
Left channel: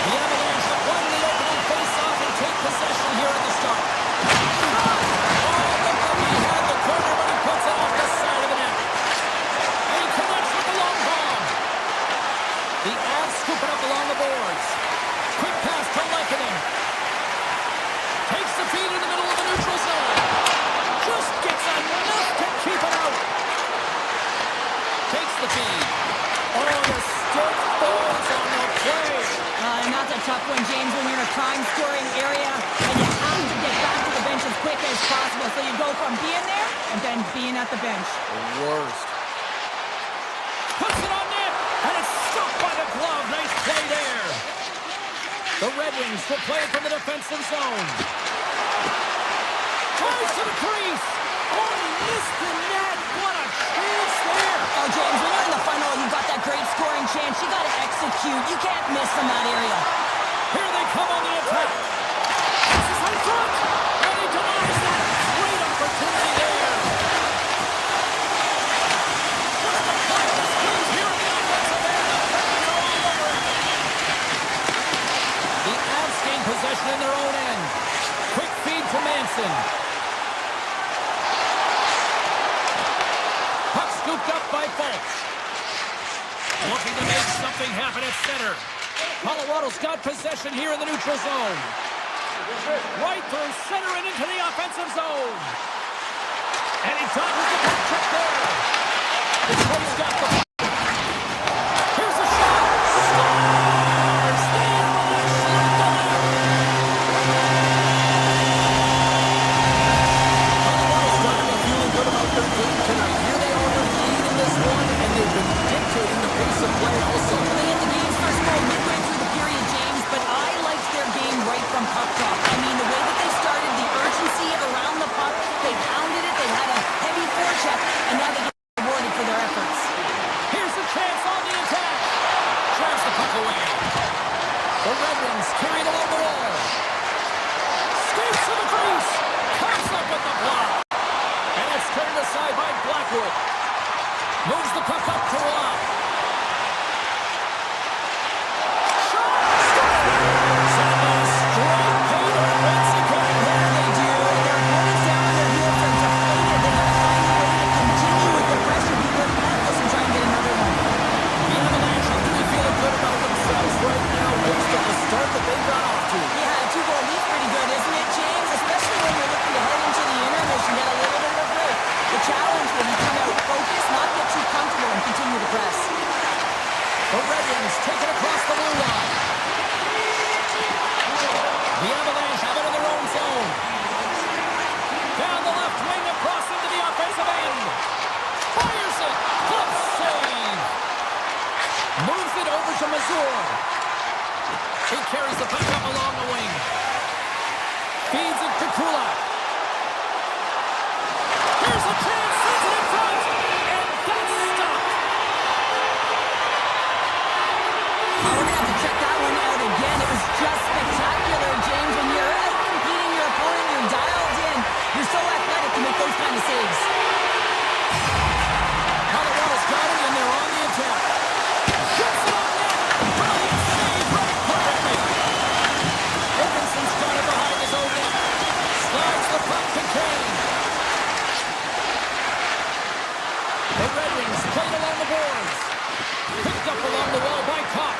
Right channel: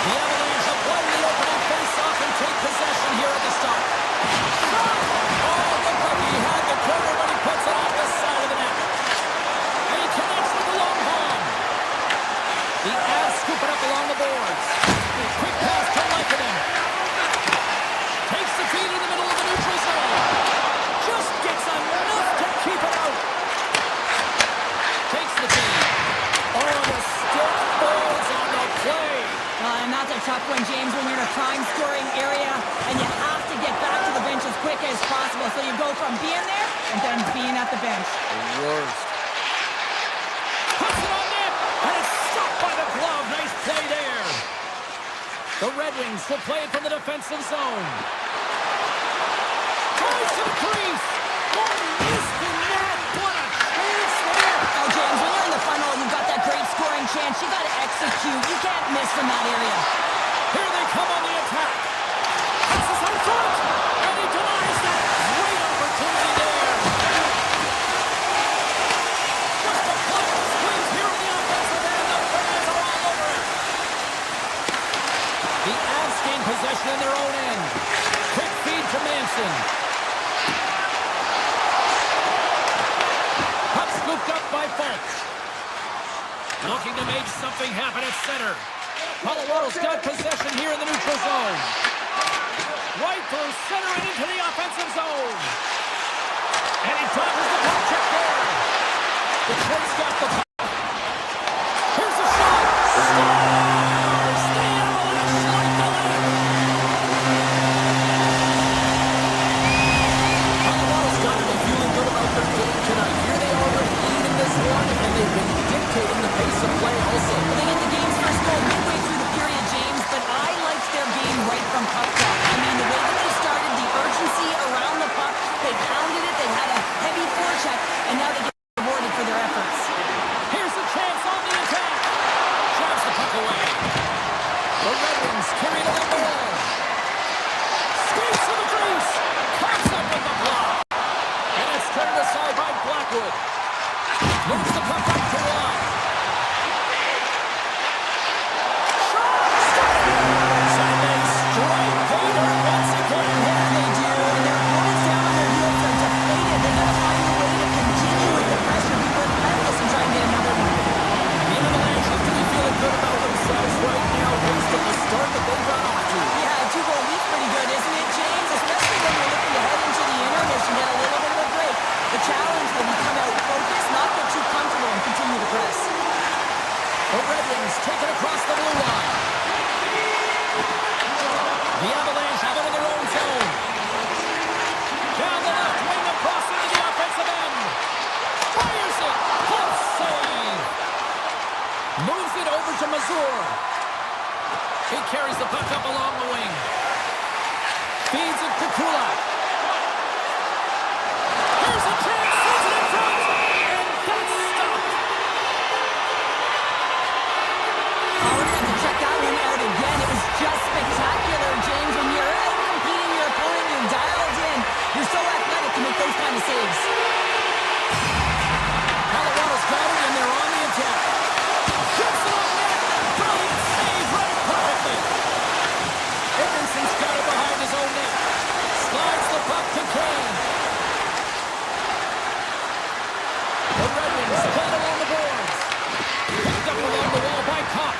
The Avalanche have won the opening face-off and take possession here at the start. Shot! Oh, look like he had the corner, but he puts it off the side of the net. And he connects with the long haul. The Avs scoop it up along the boards. Quick pass to Lekanen. Takes the feed in the middle of the neutral zone. Just gets enough to keep it out. Takes the feed. Oh, the stick falls on the play. And that's a tough one, James, when you're in a prime scoring area and you have to get back to the bench as quick as possible. So you go from being there and then being at the bench. The worst. Puts it on net, and it's stopped by the glove. Nice play there. The Red Wings will play it from the defensive zone. Tries to the crease. Oh, he missed the net. What a chance there. Oh, James, when you're in the final, you've got that great scoring chance. You got to execute. You can't miss from that area. Here they come on the attack. Passes out front, and he denies that great opportunity there. Just a clever squeeze here in the offensive end. The fans are all over it. The Avs gain possession in their own end. Quick feed to Manson. Puck scooped up by Fultz. Looking to make something happen at center. Colorado's got possession here in the neutral zone. Right through center and into the offensive zone. And he dodges the puck check there. Detroit's got the puck. Here's a shot. Scores! The Avalanche light the lamp. Colorado's got to be feeling good about their game tonight. Here they are leading this one, and they've been dictating the pace of play also. They hit the game's first goal midway through the period, James, but I liked their game right from puck drop. I mean, the way that they started, the urgency around the puck, they pounded it, they had a heavy forecheck, and now they get rewarded for their efforts. Here's a chance on the attack. Drives the puck away. The Red Wings carry it along the wall. Skates to the crease. Comes up with the block. And it's turned aside by Blackwood. Moves the puck up to Rob. Shot! Scores! And they strike pay dirt once again. Yeah, they do, and their opponents down on their heels are deflated. They got to find a way to continue with the pressure, be relentless, and try and get another one. The Avalanche have to be feeling good about themselves right now based on the start that they got off to. Yeah, a 2-goal lead's pretty good, isn't it, James? Especially when you're looking to head into the intermission, get a little bit of a break. The challenge will be come out focused, not get too comfortable, and continue to press. The Red Wings take it across the blue line. The Avalanche have it in their own zone. Down the left wing across into the offensive end. Fires it. Close save. Moves it over to Mazur. He carries the puck up along the wing. Feeds it to Kulak. Here's a chance. Sends it in front. And that's stopped. Oh, we're going to have to check that one out again. It was just spectacular, James. When you're out competing your opponent, you're dialed in. You're so athletic to make those kind of saves. Colorado's got it, and they're on the attack. Shoots it on net. Brilliant save. Read it perfectly. Edmondson's got it behind his own net. Slides the puck to Kane. The Red Wings played along the boards. Picked up along the wall by Kopp.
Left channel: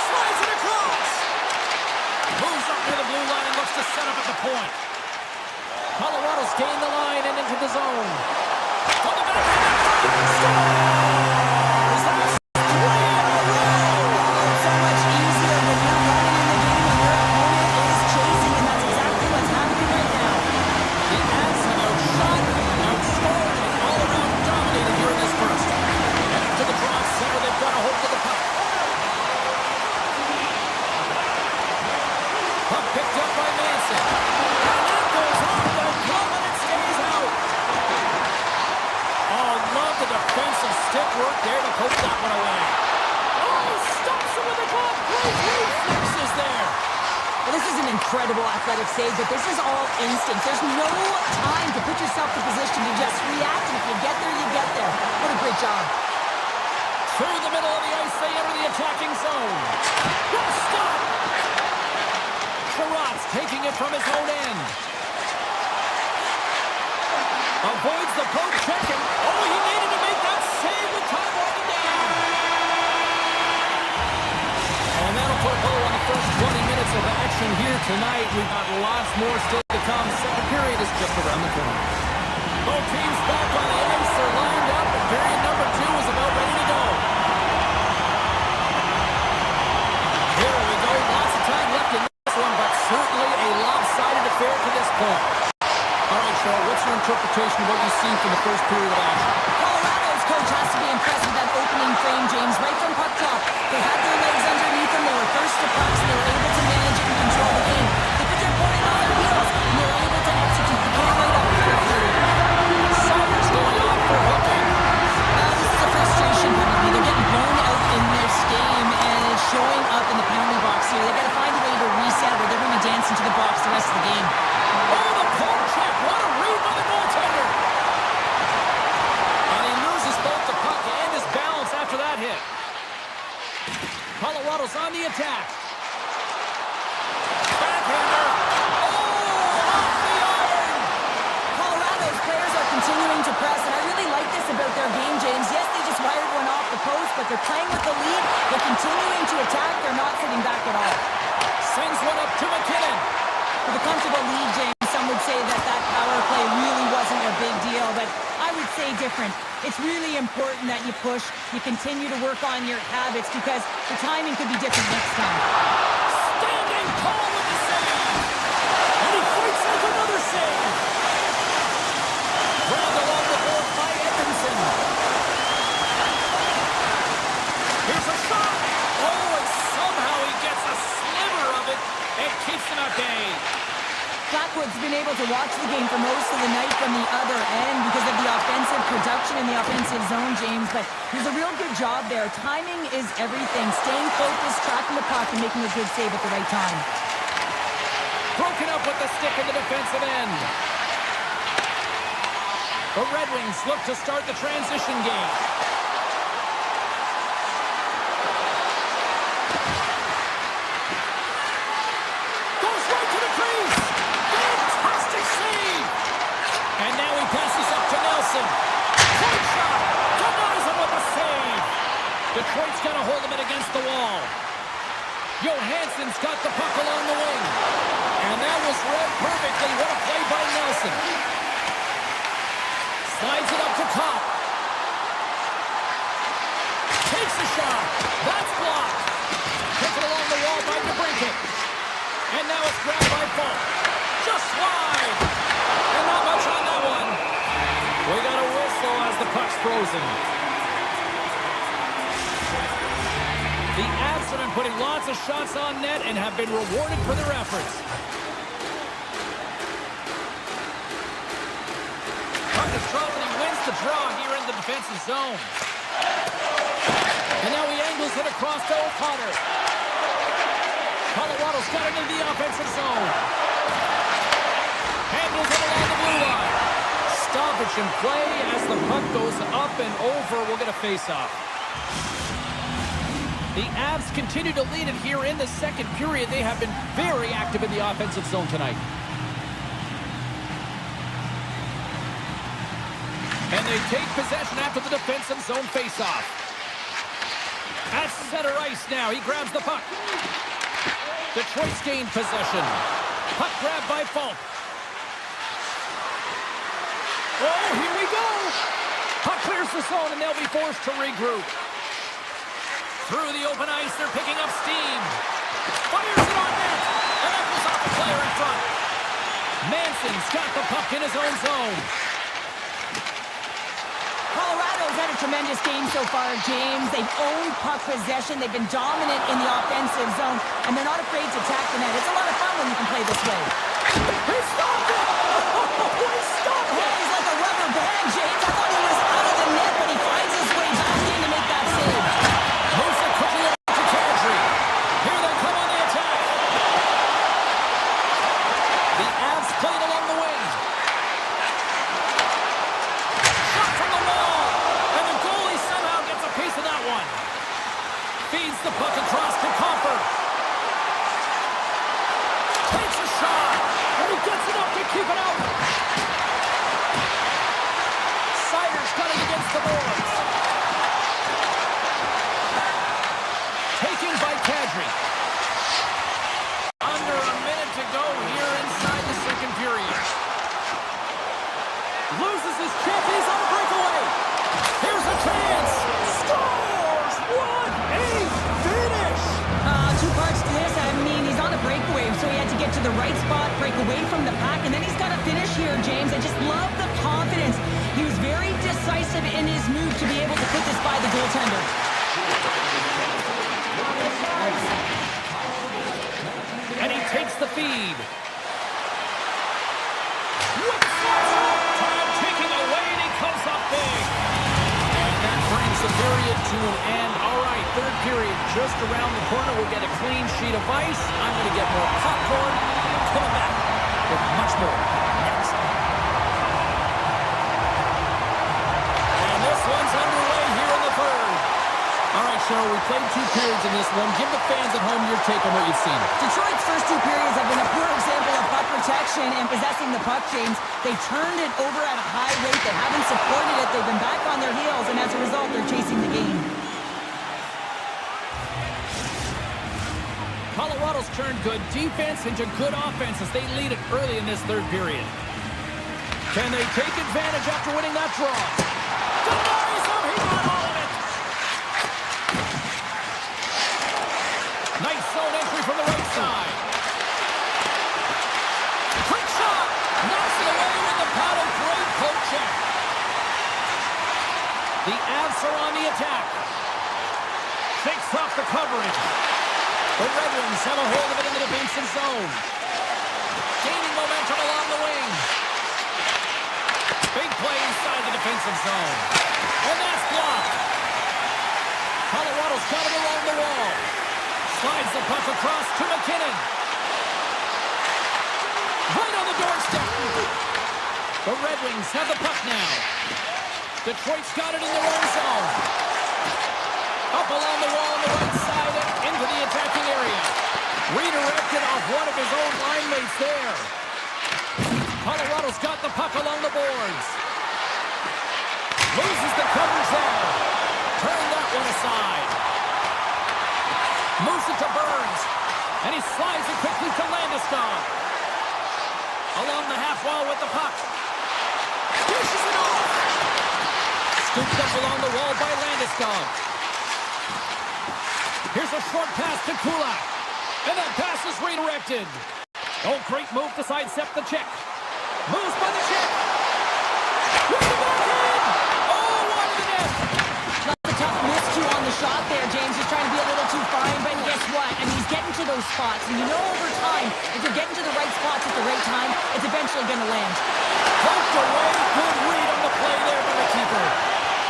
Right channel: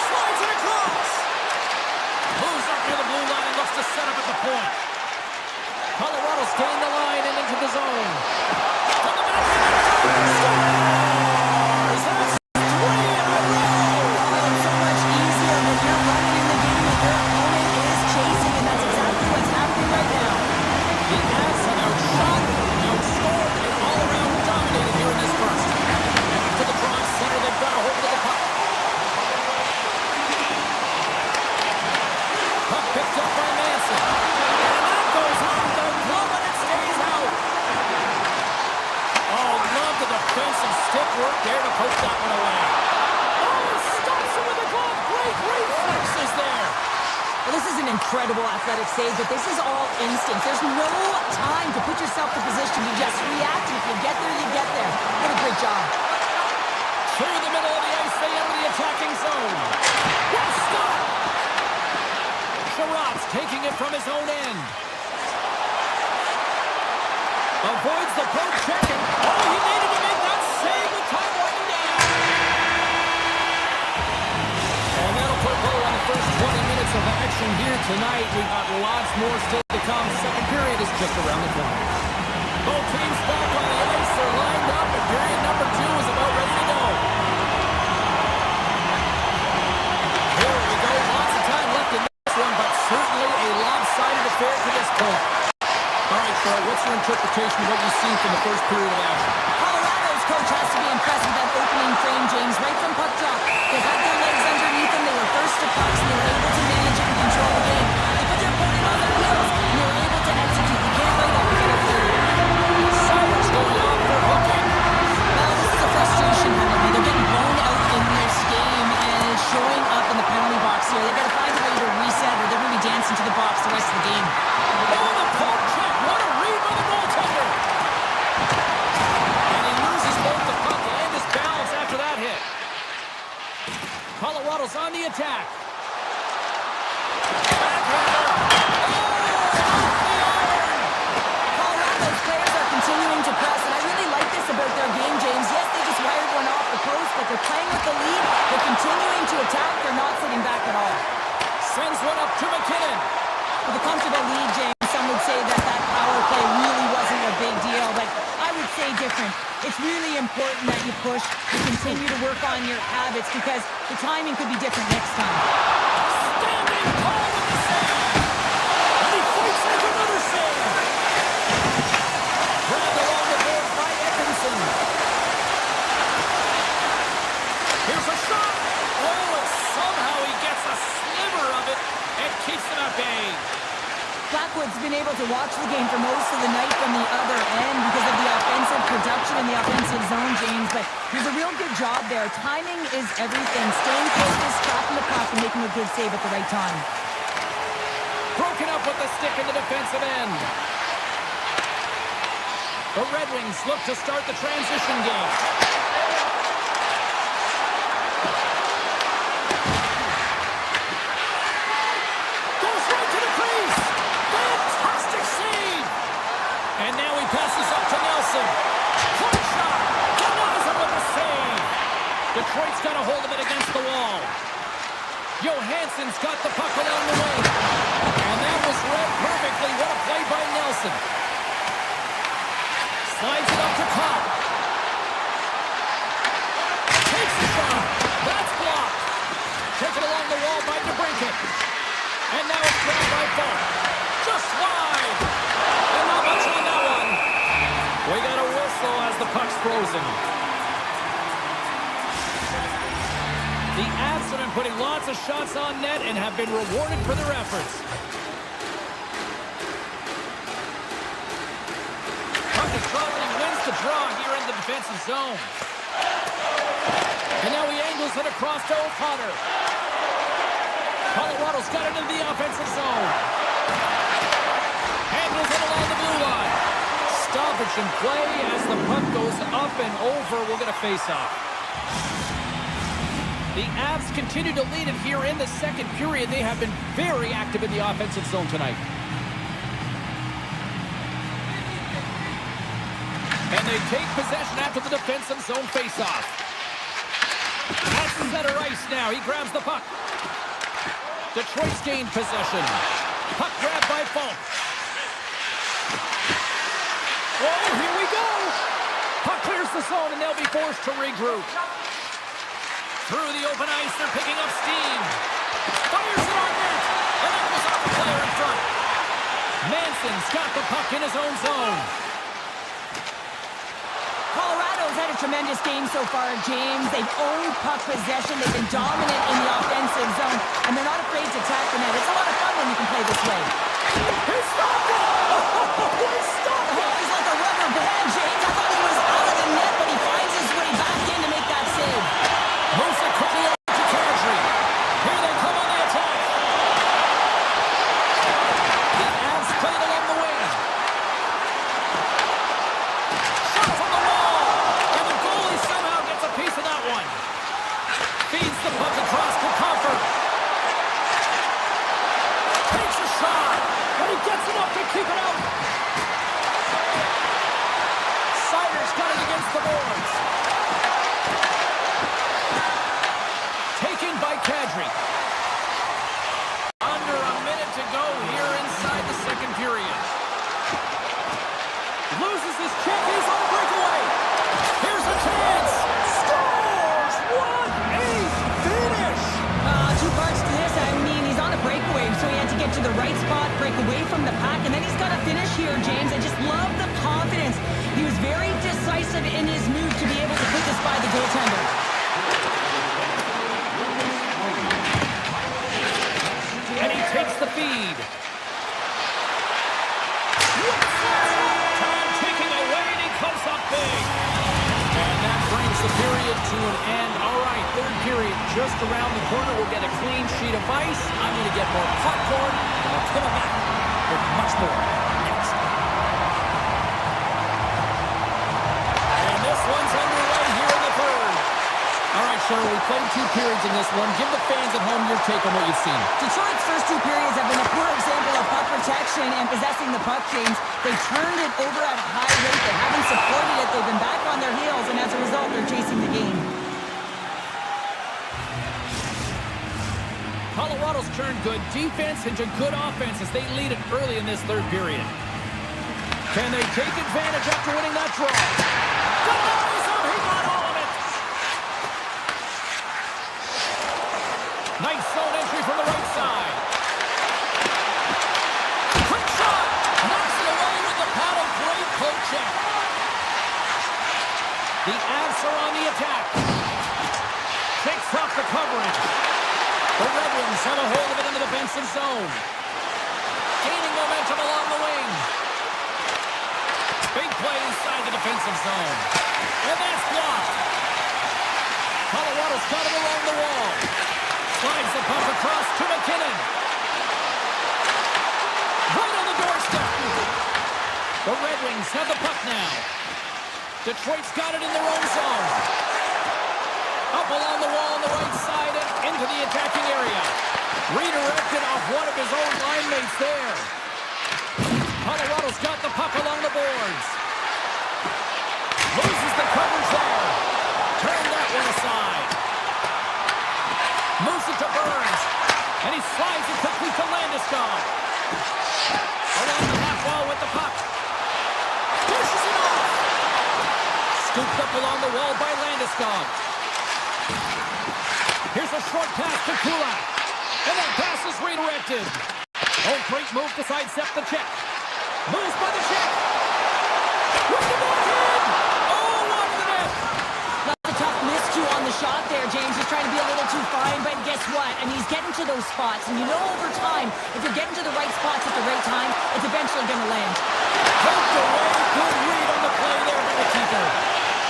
Slides it across. Moves up near the blue line and looks to set up at the point. Colorado's gained the line and into the zone. From the backhand in front. Scores! That's 3 in a row. Oh, it's so much easier when you're running in the game and your opponent is chasing, and that's exactly what's happening right now. The Avs have outshot, outscored, and all-around dominated here in this first. And after the draw center, they've got a hold of the puck. Puck picked up by Manson. And that goes off the glove, and it stays out. Oh, love the defensive stick work there to poke that one away. Oh, stops it with a glove. Great reflexes there. Well, this is an incredible athletic save, but this is all instinct. There's no time to put yourself in position to just react, and if you get there, you get there. What a great job. Through the middle of the ice, they enter the attacking zone. What a stop! Sherratt's taking it from his own end. Avoids the poke check, and oh, he needed to make that save with time winding down. And that'll put a bow on the first 20 minutes of action here tonight. We've got lots more still to come. Second period is just around the corner. Both teams back on the ice. They're lined up, and period number 2 is about ready to go. Here we go. Lots of time left in this one, but certainly a lopsided affair to this point. All right, Cheryl, what's your interpretation of what you've seen from the first period of action? Colorado's coach has to be impressed with that opening frame, James, right from puck drop. They had their legs underneath them. They were first to pucks, and they were able to manage it and control the game. They put their opponent on their heels, and they were able to execute. You can't write up a better period. Sirens going off for hooking. Well, this is a frustration penalty. They're getting blown out in this game, and it's showing up in the penalty box here. They've got to find a way to reset, or they're going to be dancing to the box the rest of the game. Oh, the poke check. What a read by the goaltender. And he loses both the puck and his balance after that hit. Colorado's on the attack. Backhander. Oh, off the iron. Colorado's players are continuing to press, and I really like this about their game, James. Yes, they just wired one off the post, but they're playing with the lead. They're continuing to attack. They're not sitting back at all. Sends one up to McKinnon. With a comfortable lead, James, some would say that that power play really wasn't a big deal, but I would say different. It's really important that you push, you continue to work on your habits, because the timing could be different next time. Standing tall with the save. And he fights like another save. Grabbed along the board by Edmondson. Here's a shot. Oh, and somehow he gets a sliver of it and keeps them at bay. Blackwood's been able to watch the game for most of the night from the other end because of the offensive production in the offensive zone, James, but there's a real good job there. Timing is everything. Staying focused, tracking the puck, and making a good save at the right time. Broken up with the stick in the defensive end. The Red Wings look to start the transition game. Goes right to the crease. Fantastic save. And now he passes up to Nelson. Point shot. Denies him with a save. Detroit's got to hold him against the wall. Johansson's got the puck along the wing. And that was read perfectly. What a play by Nelson. Slides it up to Kopp. Takes a shot. That's blocked. Taken along the wall by DeBrincat. And now it's grabbed by Falk. Just wide. And not much on that one. We got a whistle as the puck's frozen. The Avs have been putting lots of shots on net and have been rewarded for their efforts. Puck is dropped and he wins the draw here in the defensive zone. And now he angles it across to O'Connor. Colorado's got it into the offensive zone. Handles it along the blue line. Stoppage in play as the puck goes up and over. We'll get a face-off. The Avs continue to lead it here in the second period. They have been very active in the offensive zone tonight. And they take possession after the defensive zone face-off. At center ice now. He grabs the puck. Detroit's gained possession. Puck grabbed by Falk. Oh, here we go. Puck clears the zone and they'll be forced to regroup. Through the open ice, they're picking up steam. Fires it on net. And that goes off the player in front. Manson's got the puck in his own zone. Colorado's had a tremendous game so far, James. They've owned puck possession. They've been dominant in the offensive zone, and they're not afraid to attack the net. It's a lot of fun when you can play this way. He stopped it! Oh, he stopped it! He's like a rubber band, James. I thought he was out of the net, but he finds his way back in to make that save. Moves it quickly over to Kadri. Here they come on the attack. takes a shot, and he gets enough to keep it out. Sider's got it against the boards. Taken by Kadri. Under a minute to go here inside the second period. Loses his check, and he's on a breakaway. Here's a chance. Scores! What a finish! Two parts to this. I mean, he's on a breakaway, so he had to get to the right spot, break away from the pack, and then he's got to finish here, James. I just love the confidence. He was very decisive in his move to be able to put this by the goaltender. And he takes the feed. Time ticking away, and he comes up big. And that brings the period to an end. All right, third period just around the corner. We'll get a clean sheet of ice. I'm going to get more popcorn, and we're coming back with much more next. And this one's underway here in the third. All right, Cheryl, we played 2 periods in this one. Give the fans at home your take on what you've seen. Detroit's first 2 periods have been a poor example of puck protection and possessing the puck, James. They turned it over at a high rate. They haven't supported it. They've been back on their heels, and as a result, they're chasing the game. Colorado's turned good defense into good offense as they lead it early in this third period. Can they take advantage after winning that draw? Denies him! He got all of it! Nice zone entry from the right side. Quick shot! Knocks it away with the paddle. Great poke check. The Avs are on the attack. Shakes off the coverage. The Red Wings have a hold of it in the defensive zone. Gaining momentum along the wing. Big play inside the defensive zone. And that's blocked. Colorado's got it along the wall. Slides the puck across to McKinnon. Right on the doorstep. The Red Wings have the puck now. Detroit's got it in their own zone. Up along the wall on the right side and into the attacking area. Redirected off one of his own line mates there. Colorado's got the puck along the boards. Loses the coverage there. Turn that one aside. Moves it to Burns. And he slides it quickly to Landeskog. Along the half wall with the puck. Pushes it off. Scooped up along the wall by Landeskog. Here's a short pass to Kulak. And that pass is redirected. Oh, great move to sidestep the check. Moves by the check. With the backhand. Oh, wide of the net. That's a tough miscue on the shot there, James. He's trying to be a little too fine, but guess what? I mean, he's getting to those spots. And you know over time, if you're getting to the right spots at the right time, it's eventually going to land. Poked away. Good read on the play there by the keeper.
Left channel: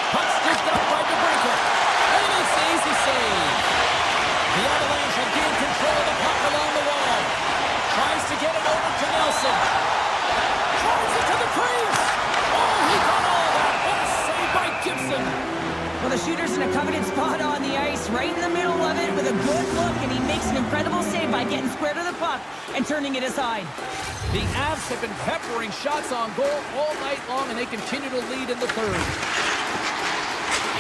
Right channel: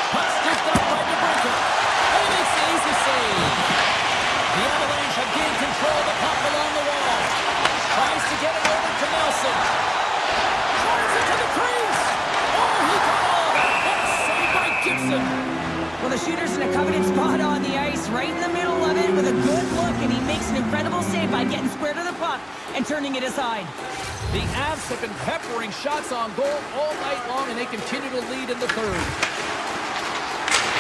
Puck scooped up by DeBrincat. And he makes the easy save. The Avalanche have gained control of the puck along the wall. Tries to get it over to Nelson. Drives it to the crease. Oh, he got all that. What a save by Gibson. Well, the shooter's in a coveted spot on the ice, right in the middle of it with a good look, and he makes an incredible save by getting square to the puck and turning it aside. The Avs have been peppering shots on goal all night long, and they continue to lead in the third.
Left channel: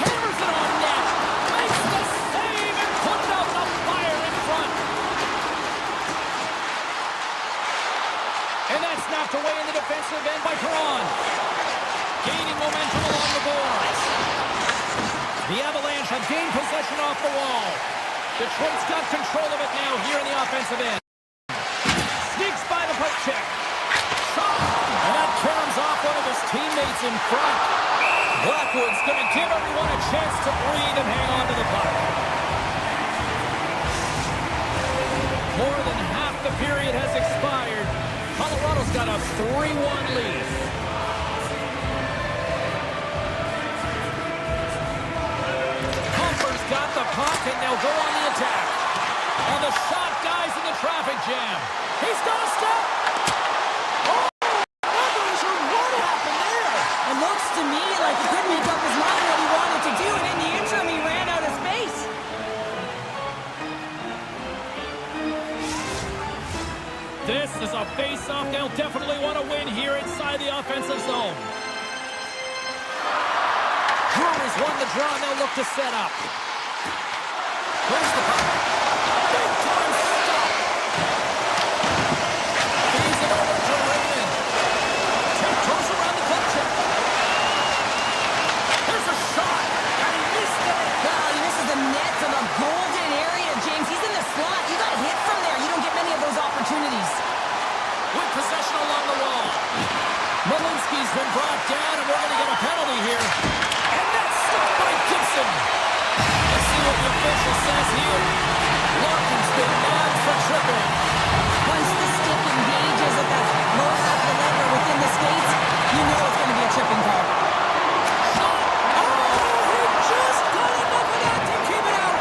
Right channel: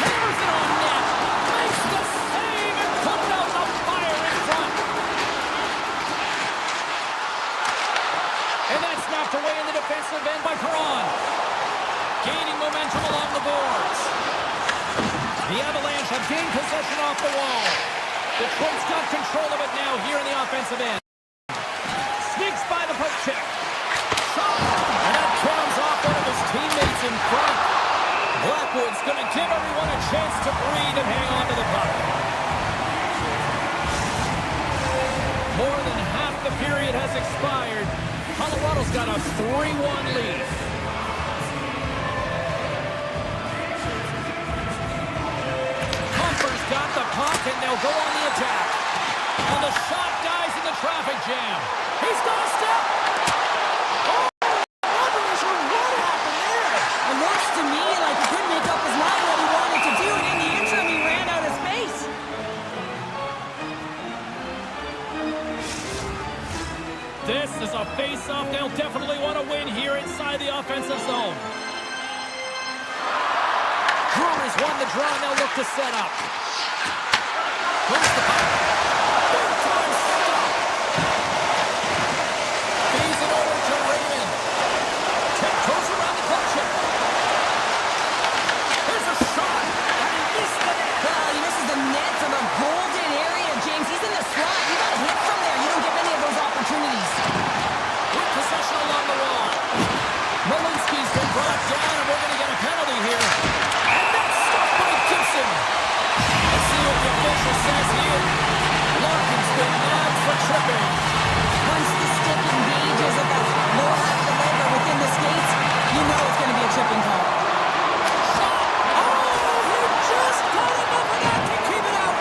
Hammers it on net. Makes the save and puts out the fire in front. And that's snapped away in the defensive end by Perron. Gaining momentum along the boards. The Avalanche have gained possession off the wall. Detroit's got control of it now here in the offensive end. Sneaks by the poke check. Shot! And that caroms off one of his teammates in front. Blackwood's going to give everyone a chance to breathe and hang on to the puck. More than half the period has expired. Colorado's got a 3-1 lead. Comfer's got the puck, and they'll go on the attack. And the shot dies in the traffic jam. He's got a step. Oh, what happened there? It looks to me like he couldn't make up his mind what he wanted to do, and in the interim, he ran out of space. This This is a face-off they'll definitely want to win here inside the offensive zone. Brewers won the draw, and they'll look to set up. Moves the puck. Big time stop. Feeds it over to Raymond. Tiptoes around the glove chip. There's a shot, and he missed the net. Well, he misses the net from a golden area, James. He's in the slot. You got hit from there. You don't get many of those opportunities. With possession along the wall. Malinsky's been brought down, and we're going to get a penalty here. And that's stopped by Gibson. Let's see what the official says here. Larkin's been nabbed for tripping. Once the stick engages at the lower half of the leg or within the skates, you know it's going to be a tripping call. Shot! Oh, he just got enough of that to keep it out.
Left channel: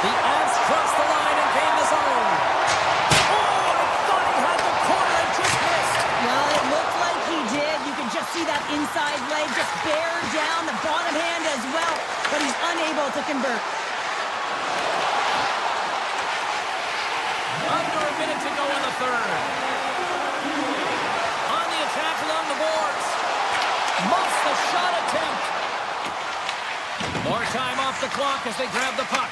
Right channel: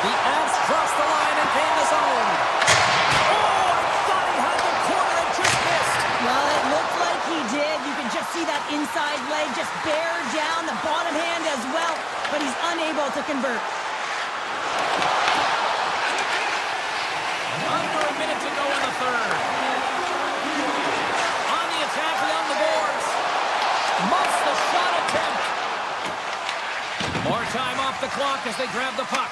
The Avs crossed the line and gained the zone. Oh, I thought he had the corner and just missed. Well, it looked like he did. You could just see that inside leg just bear down, the bottom hand as well, but he's unable to convert. Under a minute to go in the third. On the attack along the boards. Muffs the shot attempt. More time off the clock as they grab the puck.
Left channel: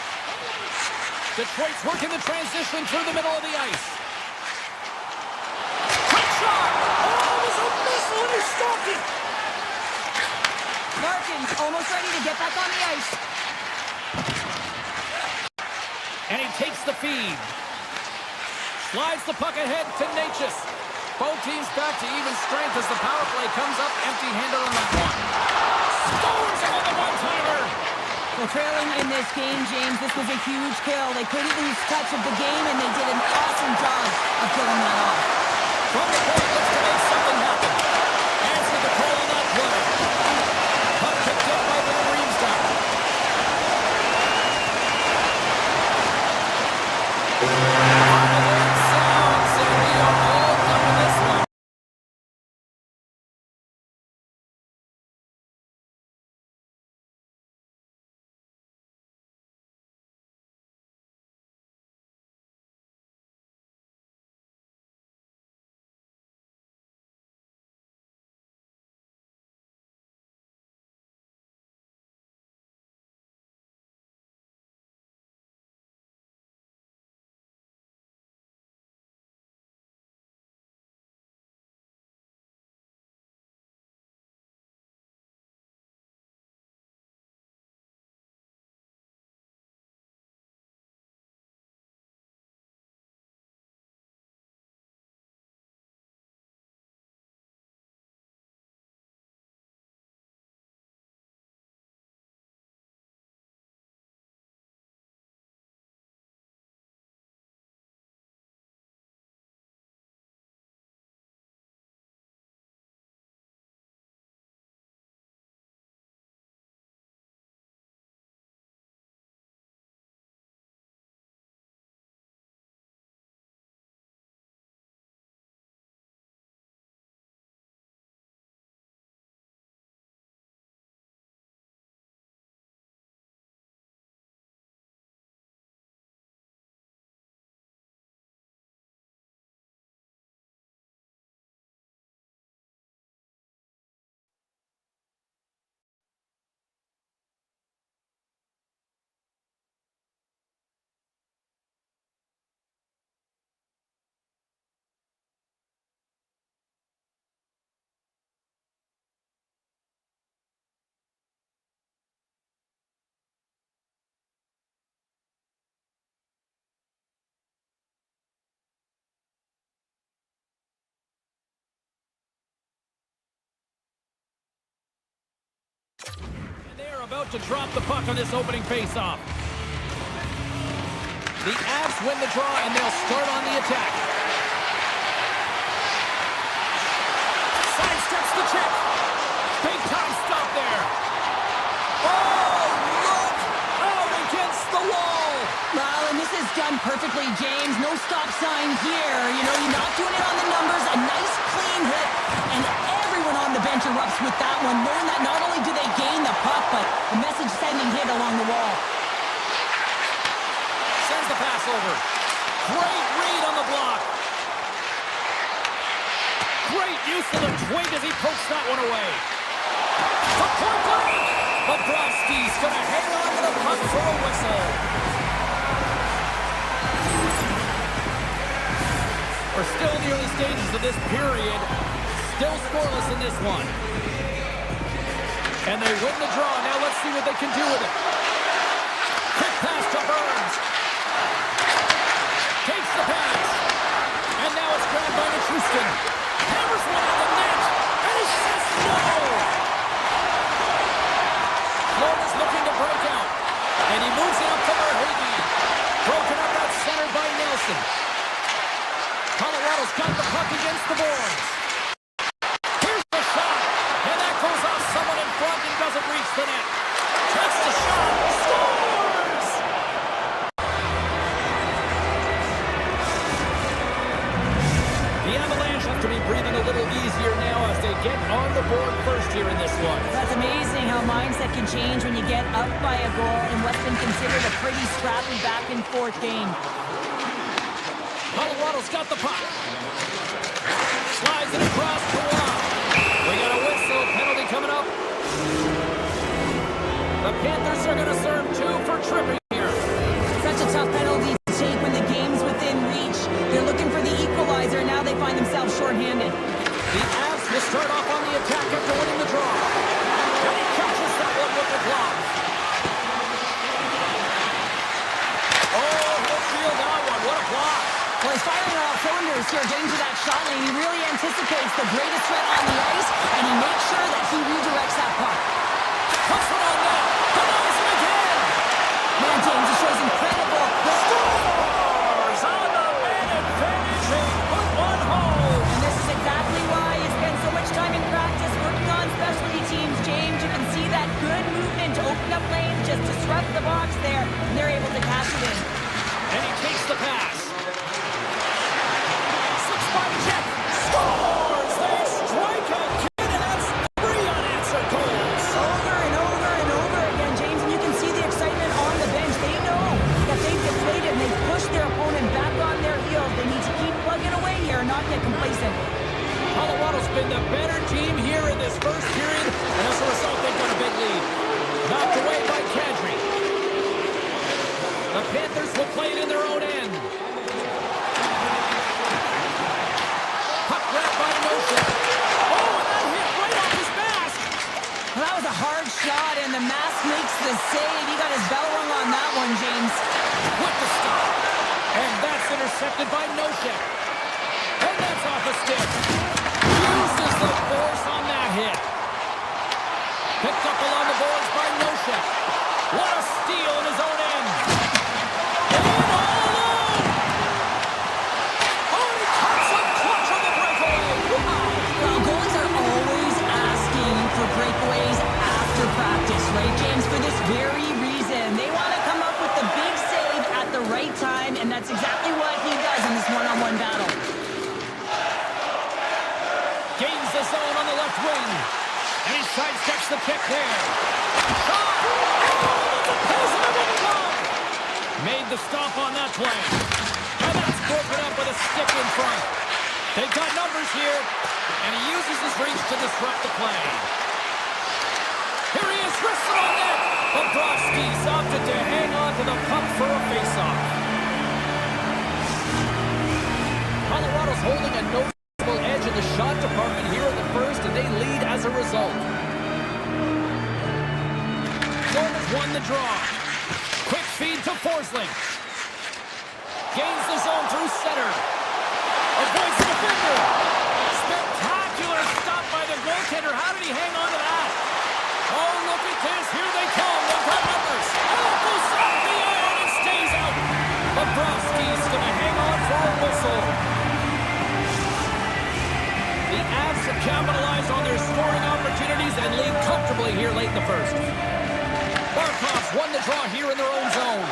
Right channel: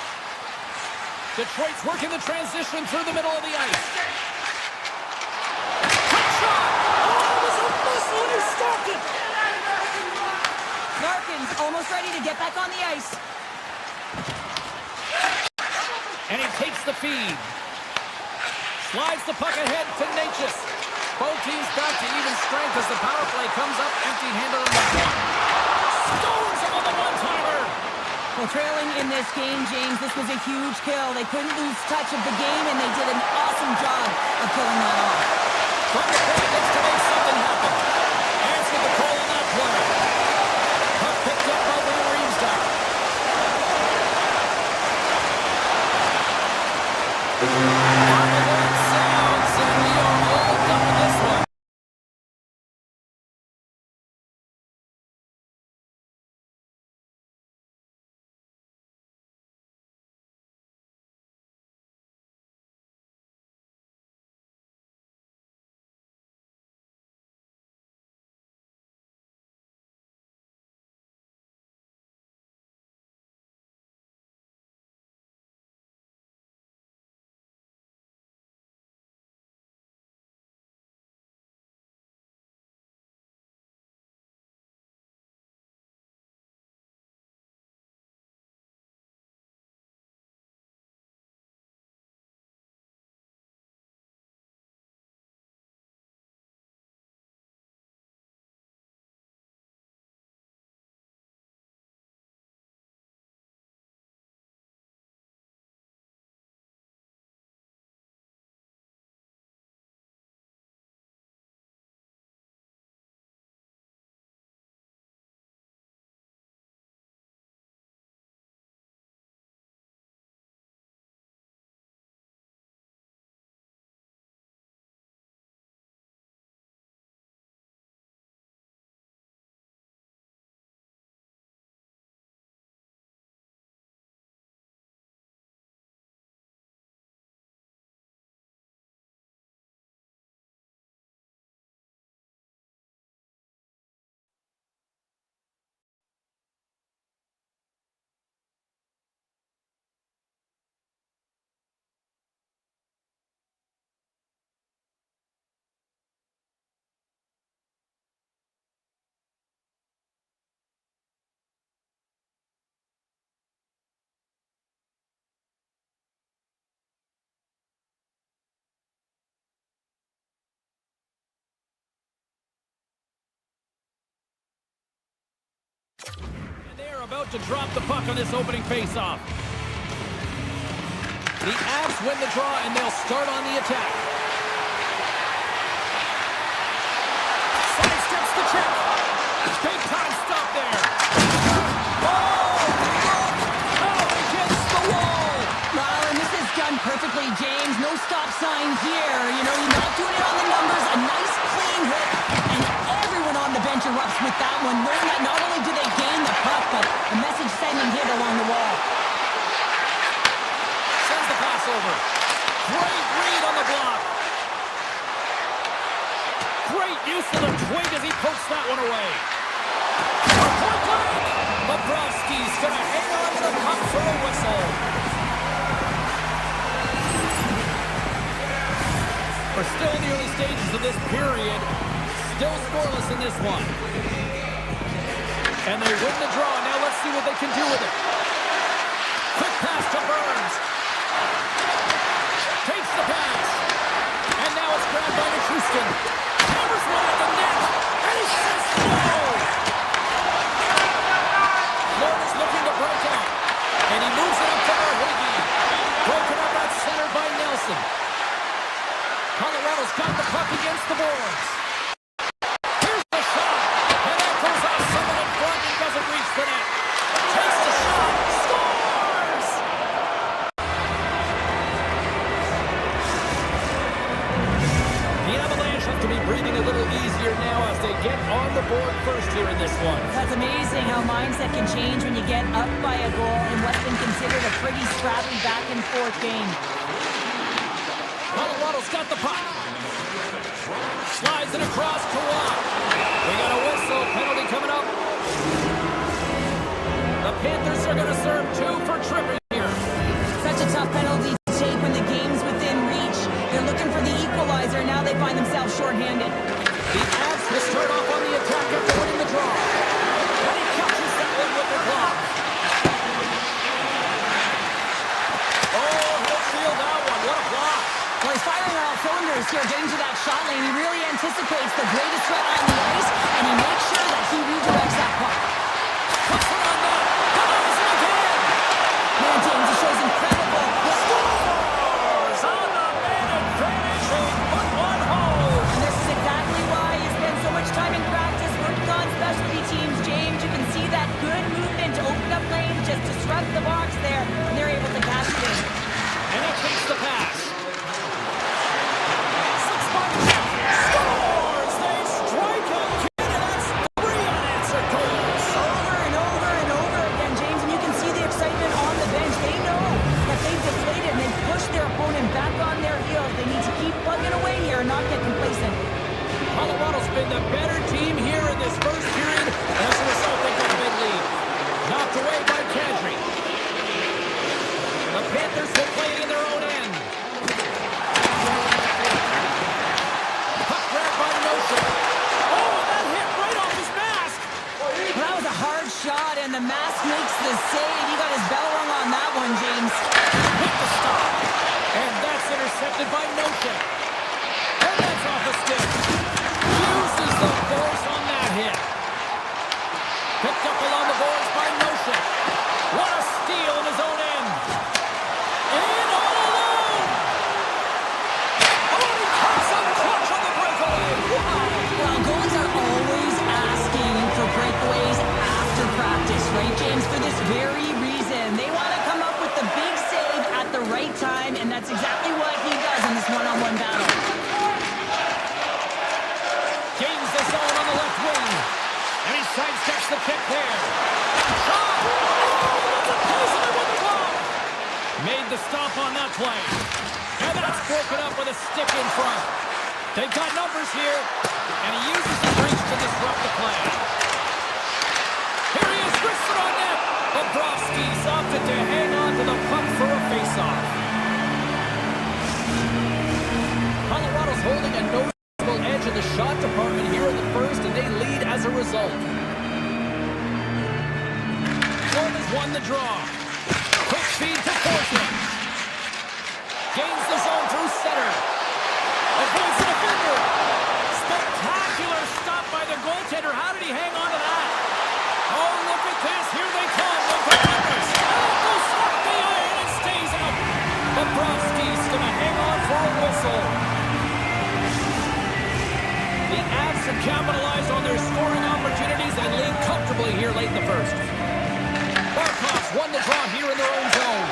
Detroit's working the transition through the middle of the ice. Quick shot! Oh, it was a missile and he stopped it! Larkin's almost ready to get back on the ice. And he takes the feed. Slides the puck ahead to Natchez. Both teams back to even strength as the power play comes up empty-handed on that one. Stones on the one-timer! Well, trailing in this game, James, this was a huge kill. They couldn't lose touch of the game, and they did an awesome job of killing that off. From the point, looks to make something happen. Answered the call on that play. Puck picked up by Van Riemsdyk. Final word sounds, and we are all done with this one. And they are about to drop the puck on this opening faceoff. The Avs win the draw, and they'll start on the attack. Sidesteps the check. Big time stop there. Oh, look! Out against the wall. Well, and this is done perfectly, James. No stop sign here. You know, you're not doing it on the numbers. A nice, clean hit. And everyone on the bench erupts with that one, knowing that not only do they gain the puck, but a message-sending hit along the wall. Sends the pass over. Great read on the block. Great use of the twig as he pokes that one away. A point blank! Bobrovsky's going to hang on to the puck for a whistle. We're still in the early stages of this period. Still scoreless in this one. And they win the draw. Now let's see what they can do with it. Quick pass to Burns. Takes the pass. And now it's grabbed by Nichushkin. Hammers one at the net. And he says no. Florida's looking to break out. And he moves it up to Verhaeghe. Broken up at center by Nelson. Colorado's got the puck against the boards. Here's the shot. And that goes off someone in front and doesn't reach the net. Takes the shot. Scores! The Avalanche have to be breathing a little easier now as they get on the board first here in this one. That's amazing how mindset can change when you get up by a goal in what's been considered a pretty scrappy back-and-forth game. Colorado's got the puck. Slides it across to Watt. We got a whistle. Penalty coming up. The Panthers are going to serve 2 for tripping here. Such a tough penalty to take when the game's within reach. They're looking for the equalizer. Now they find themselves shorthanded. The Avs will start off on the attack after winning the draw. And he catches that one with the glove. Oh, he'll shield that one. What a block. Well, he's firing on all cylinders here, getting to that shot lane. He really anticipates the greatest threat on the ice, and he makes sure that he redirects that puck. Puts it on net. Denies it again. Man, James, he shows incredible. Scores on the man advantage. They put one home. And this is exactly why he spends so much time in practice working on specialty teams, James. You can see that good movement to open up lanes, just disrupt the box there, and they're able to cash it in. And he takes the pass. By Jeff. Scores! They strike again, and that's 3 unanswered goals. Over and over and over again, James, and you can see the excitement on the bench. They know that they've deflated and they've pushed their opponent back on their heels. They need to keep plugging away here and not get complacent. Colorado's been the better team here in this first period, and as a result, they've got a big lead. Knocked away by Kadri. The Panthers will play it in their own end. By Notion. Oh, and that hit right off his mask. Well, that was a hard shot, and the mask makes the save. He got his bell rung on that one, James. With the stop. And that's intercepted by Notion. And that's off a stick. Uses the force on that hit. Picked up along the boards by Notion. What a steal in his own end. And all alone. Oh, and he comes up clutch on the breakaway. Wow. Well, goalies are always asking for breakaways after practice, right, James? For this very reason. They want to come up with the big save at the right time, and that's exactly what he does in this one-on-one battle. Gains the zone on the left wing. And he sidesteps the kick there. Shot! Oh, that's a pass and with the glove. Made the stop on that play. And that's broken up with a stick in front. They've got numbers here, and he uses his reach to disrupt the play. Here he is, wristed on net. Bobrovsky's opted to hang on to the puck for a faceoff. Colorado's holding a noticeable edge in the shot department here in the first, and they lead as a result. Florida's won the draw. Quick feed to Forsling. Gains the zone through center. Avoids the defender. Spectacular stop by the goaltender. How did he hang on to that? Oh, look at this. Here they come. They've got numbers. Oh, it goes off the iron and stays out. Bobrovsky's going to hang on for a whistle. The Avs have capitalized on their scoring opportunities and lead comfortably here late in the first. Barkov's won the draw here in their own zone.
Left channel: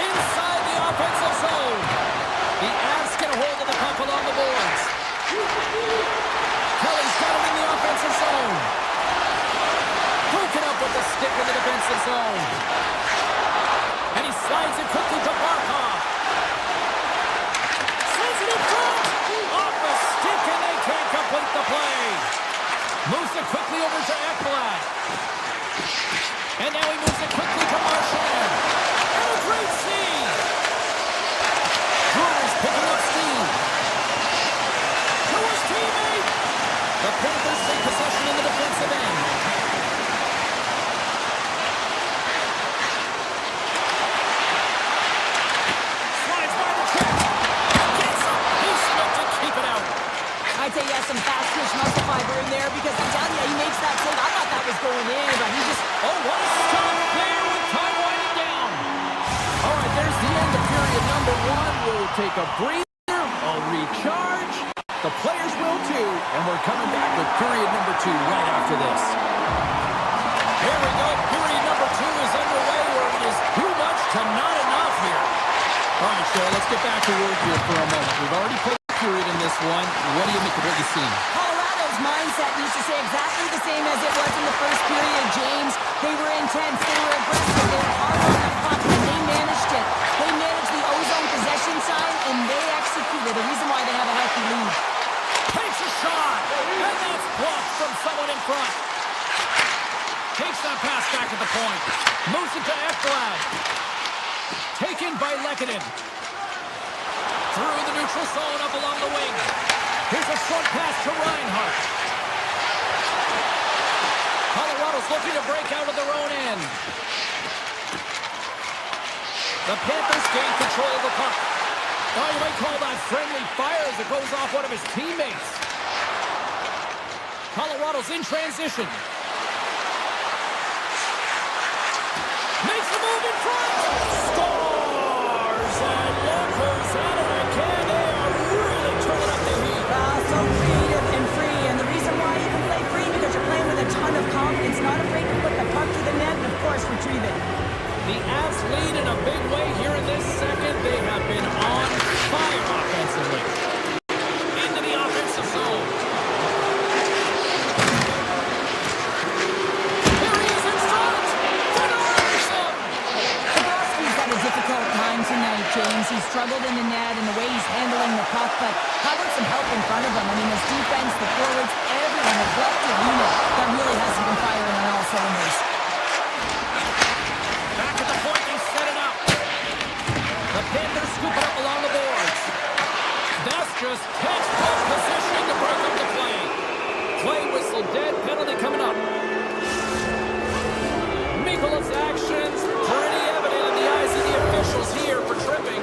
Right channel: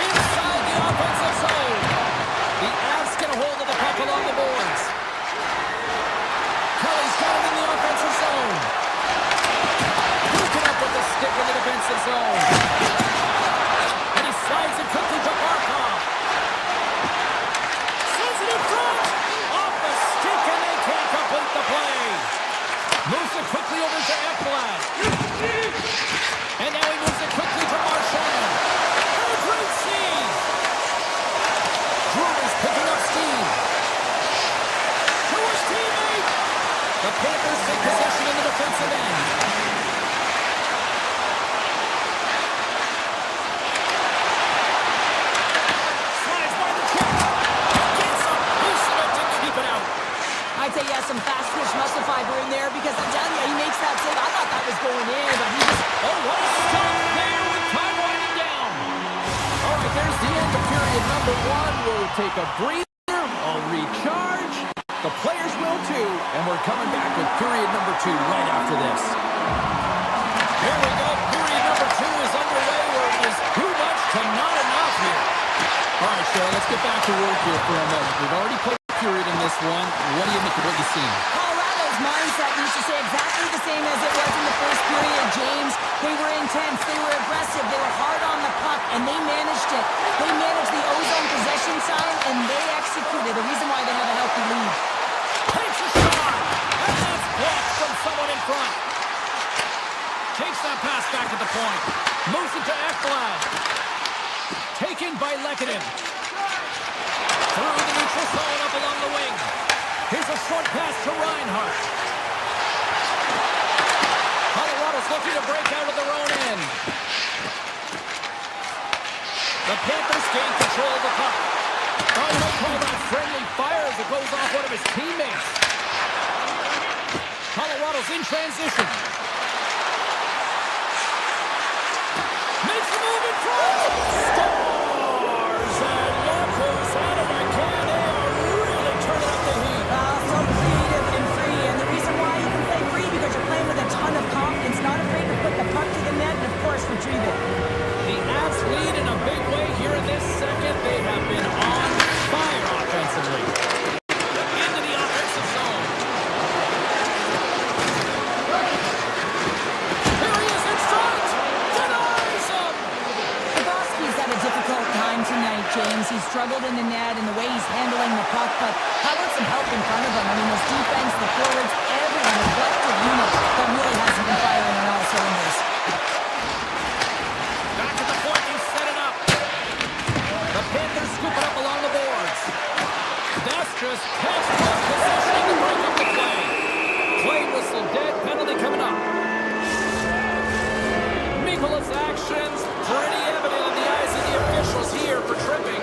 Inside the offensive zone. The Avs get a hold of the puck along the boards. Kelly's got it in the offensive zone. Broken up with the stick in the defensive zone. And he slides it quickly The Panthers take possession in the defensive end. Slides by the check. Gets a piece of it to keep it out. I'd say he has some fast twitch muscle fiber in there because I'm telling you, he makes that save. I thought that was going in, but he just... Oh, what a stop there with time winding down. All right, there's the end of period number 1. We'll take a breather. I'll recharge. The players will too. And we're coming back with period number 2 right after this. Here we go. Period number 2 is underway where it is too much to not enough here. All right, Cheryl, let's get back to work here for a moment. We've already played a period in this one. What do you make of what you've seen? Colorado's mindset needs to stay exactly the same as it was in the first period, James. They were intense, they were aggressive, they were hard on the puck, and they managed it. They managed the ozone possession sign, and they executed. The reason why they have a healthy lead. Takes a shot, and that's blocked from someone in front. Takes that pass back at the point. Moves it to Ekblad. Taken by Lehkonen. Through the neutral zone, up along the wing. Here's a short pass to Reinhart. Colorado's looking to break out of their own end. The Panthers gain control of the puck. Oh, you might call that friendly fire as it goes off one of his teammates. Colorado's in transition. Makes the move in front. Scores and Lockers at it again. They are really turning up the heat. So creative and free, and the reason why you can play free because you're playing with a ton of confidence, not afraid to put the puck to the net and, of course, retrieve it. The Avs lead in a big way here in this second. They have been on fire offensively. Into the offensive zone. Here he is in front. Denies him. Bobrovsky's had a difficult time tonight, James. He's struggled in the net and the way he's handling the puck, but how about some help in front of him? I mean, his defense, the forwards, everyone, a collective unit that really hasn't been firing on all cylinders. Back at the point, they set it up. The Panthers scoop it up along the boards. That's just textbook positioning to break up the play. Play whistle dead, penalty coming up. Mikola's actions pretty evident in the eyes of the officials here for tripping.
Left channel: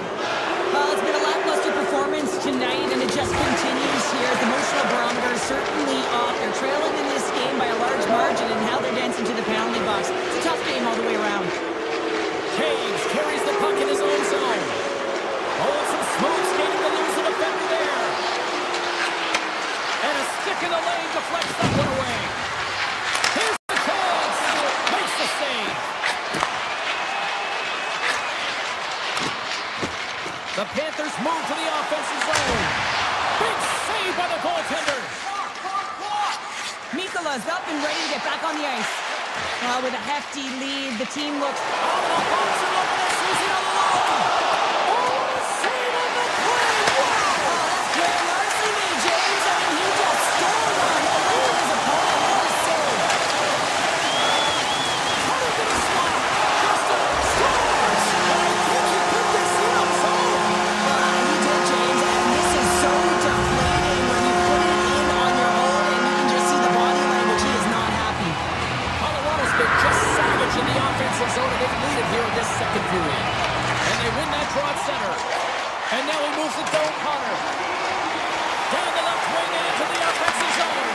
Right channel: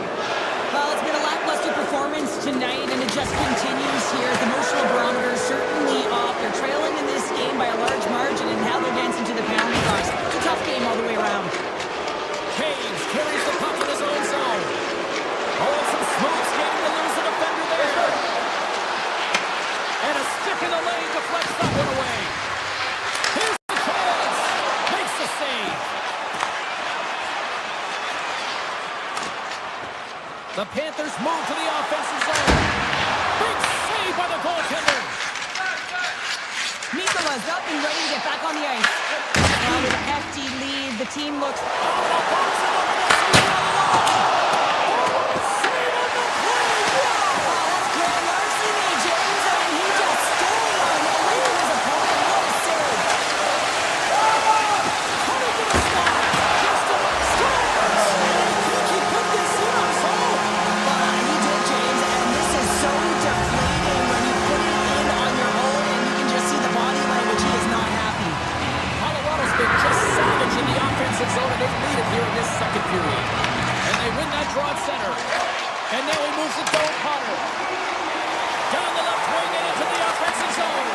Well, it's been a lackluster performance tonight, and it just continues here. The emotional barometer is certainly off. They're trailing in this game by a large margin, and how they're dancing to the penalty box. It's a tough game all the way around. Caves carries the puck in his own zone. Oh, some smooth skating to lose the defender there. And a stick in the lane deflects that one away. Here's the chance. Makes the save. The Panthers move to the offensive zone. Big save by the goaltender. Mikola's up and ready to get back on the ice. With a hefty lead, the team looks... Out of the box and looking at season on the line. Oh, what a save on the play. Wow. Oh, that's Claire Larson made, James. I mean, he just stole one away from his opponent. What a save. Cutting to the slot. Justin scores. And I think he put this in on his own. He did, James, and this is so deflating when you put it in on your own and you can just see the body language. He is not happy. Colorado's been just savage in the offensive zone, and they lead it here in this second period. And they win that draw at center. And now he moves it down Potter. Down the left wing and into the offensive zone.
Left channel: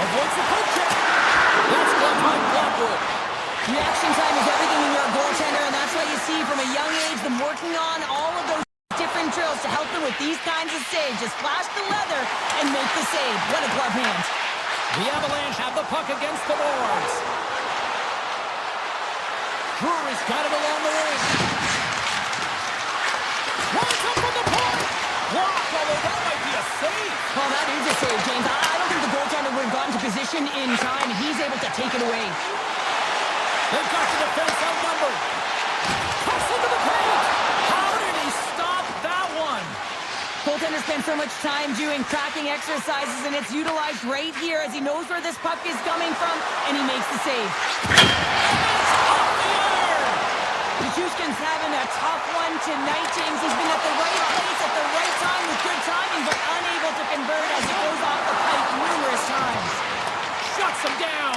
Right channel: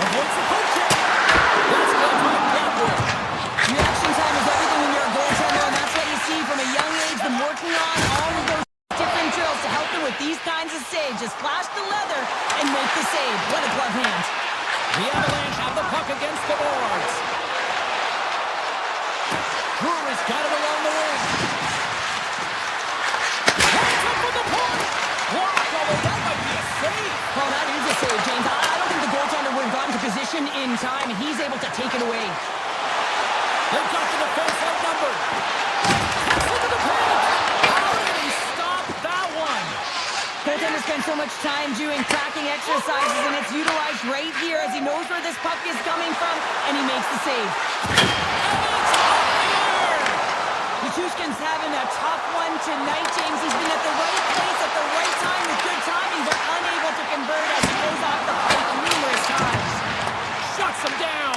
Avoids the poke check. That's gloved by Blackwood. Reaction time is everything when you're a goaltender, and that's what you see from a young age, them working on all of those different drills to help them with these kinds of saves. Just flash the leather and make the save. What a glove hand. The Avalanche have the puck against the boards. Drury's got it along the wing. Points up from the point. Blocked, although that might be a save. Well, that is a save, James. I don't think the goaltender would have gotten to position in time, and he's able to take it away. They've got the defense outnumbered. Cuts into the paint. How did he stop that one? Goaltender spends so much time doing tracking exercises, and it's utilized right here as he knows where this puck is coming from, and he makes the save. And it's off the iron. Nichushkin's having a tough one tonight, James. He's been at the right place at the right time with good timing, but unable to convert as it goes off knocks him down.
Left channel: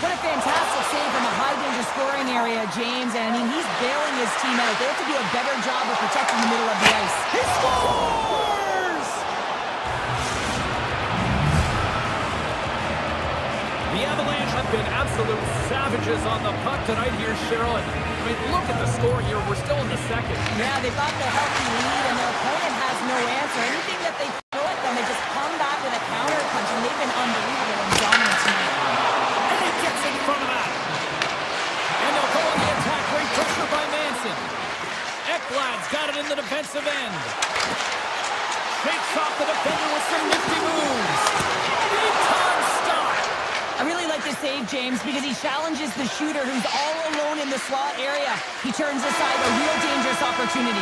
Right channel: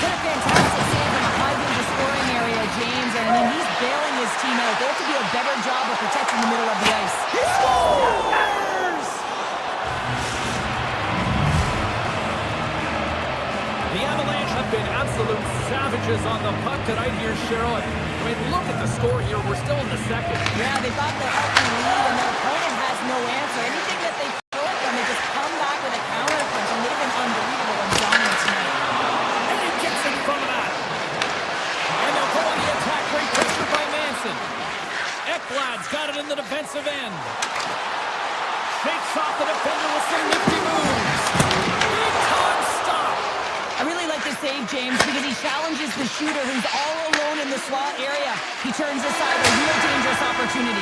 What a fantastic save from a high-danger scoring area, James. And, I mean, he's bailing his team out. They have to do a better job of protecting the middle of the ice. He scores! The Avalanche have been absolute savages on the puck tonight here, Cheryl. I mean, look at the score here. We're still in the second. Yeah, they got the healthy lead, and their opponent has no answer. Anything that they throw at them, they just come back with a counter punch, and they've been unbelievable and dominant tonight. And he gets in front of that. And they'll go on the attack. Great pressure by Manson. Ekblad's got it in the defensive end. Shakes off the defender with some nifty moves. Big time stop. I really like this save, James, because he challenges the shooter who's all alone in the slot area. He turns aside a real dangerous opportunity.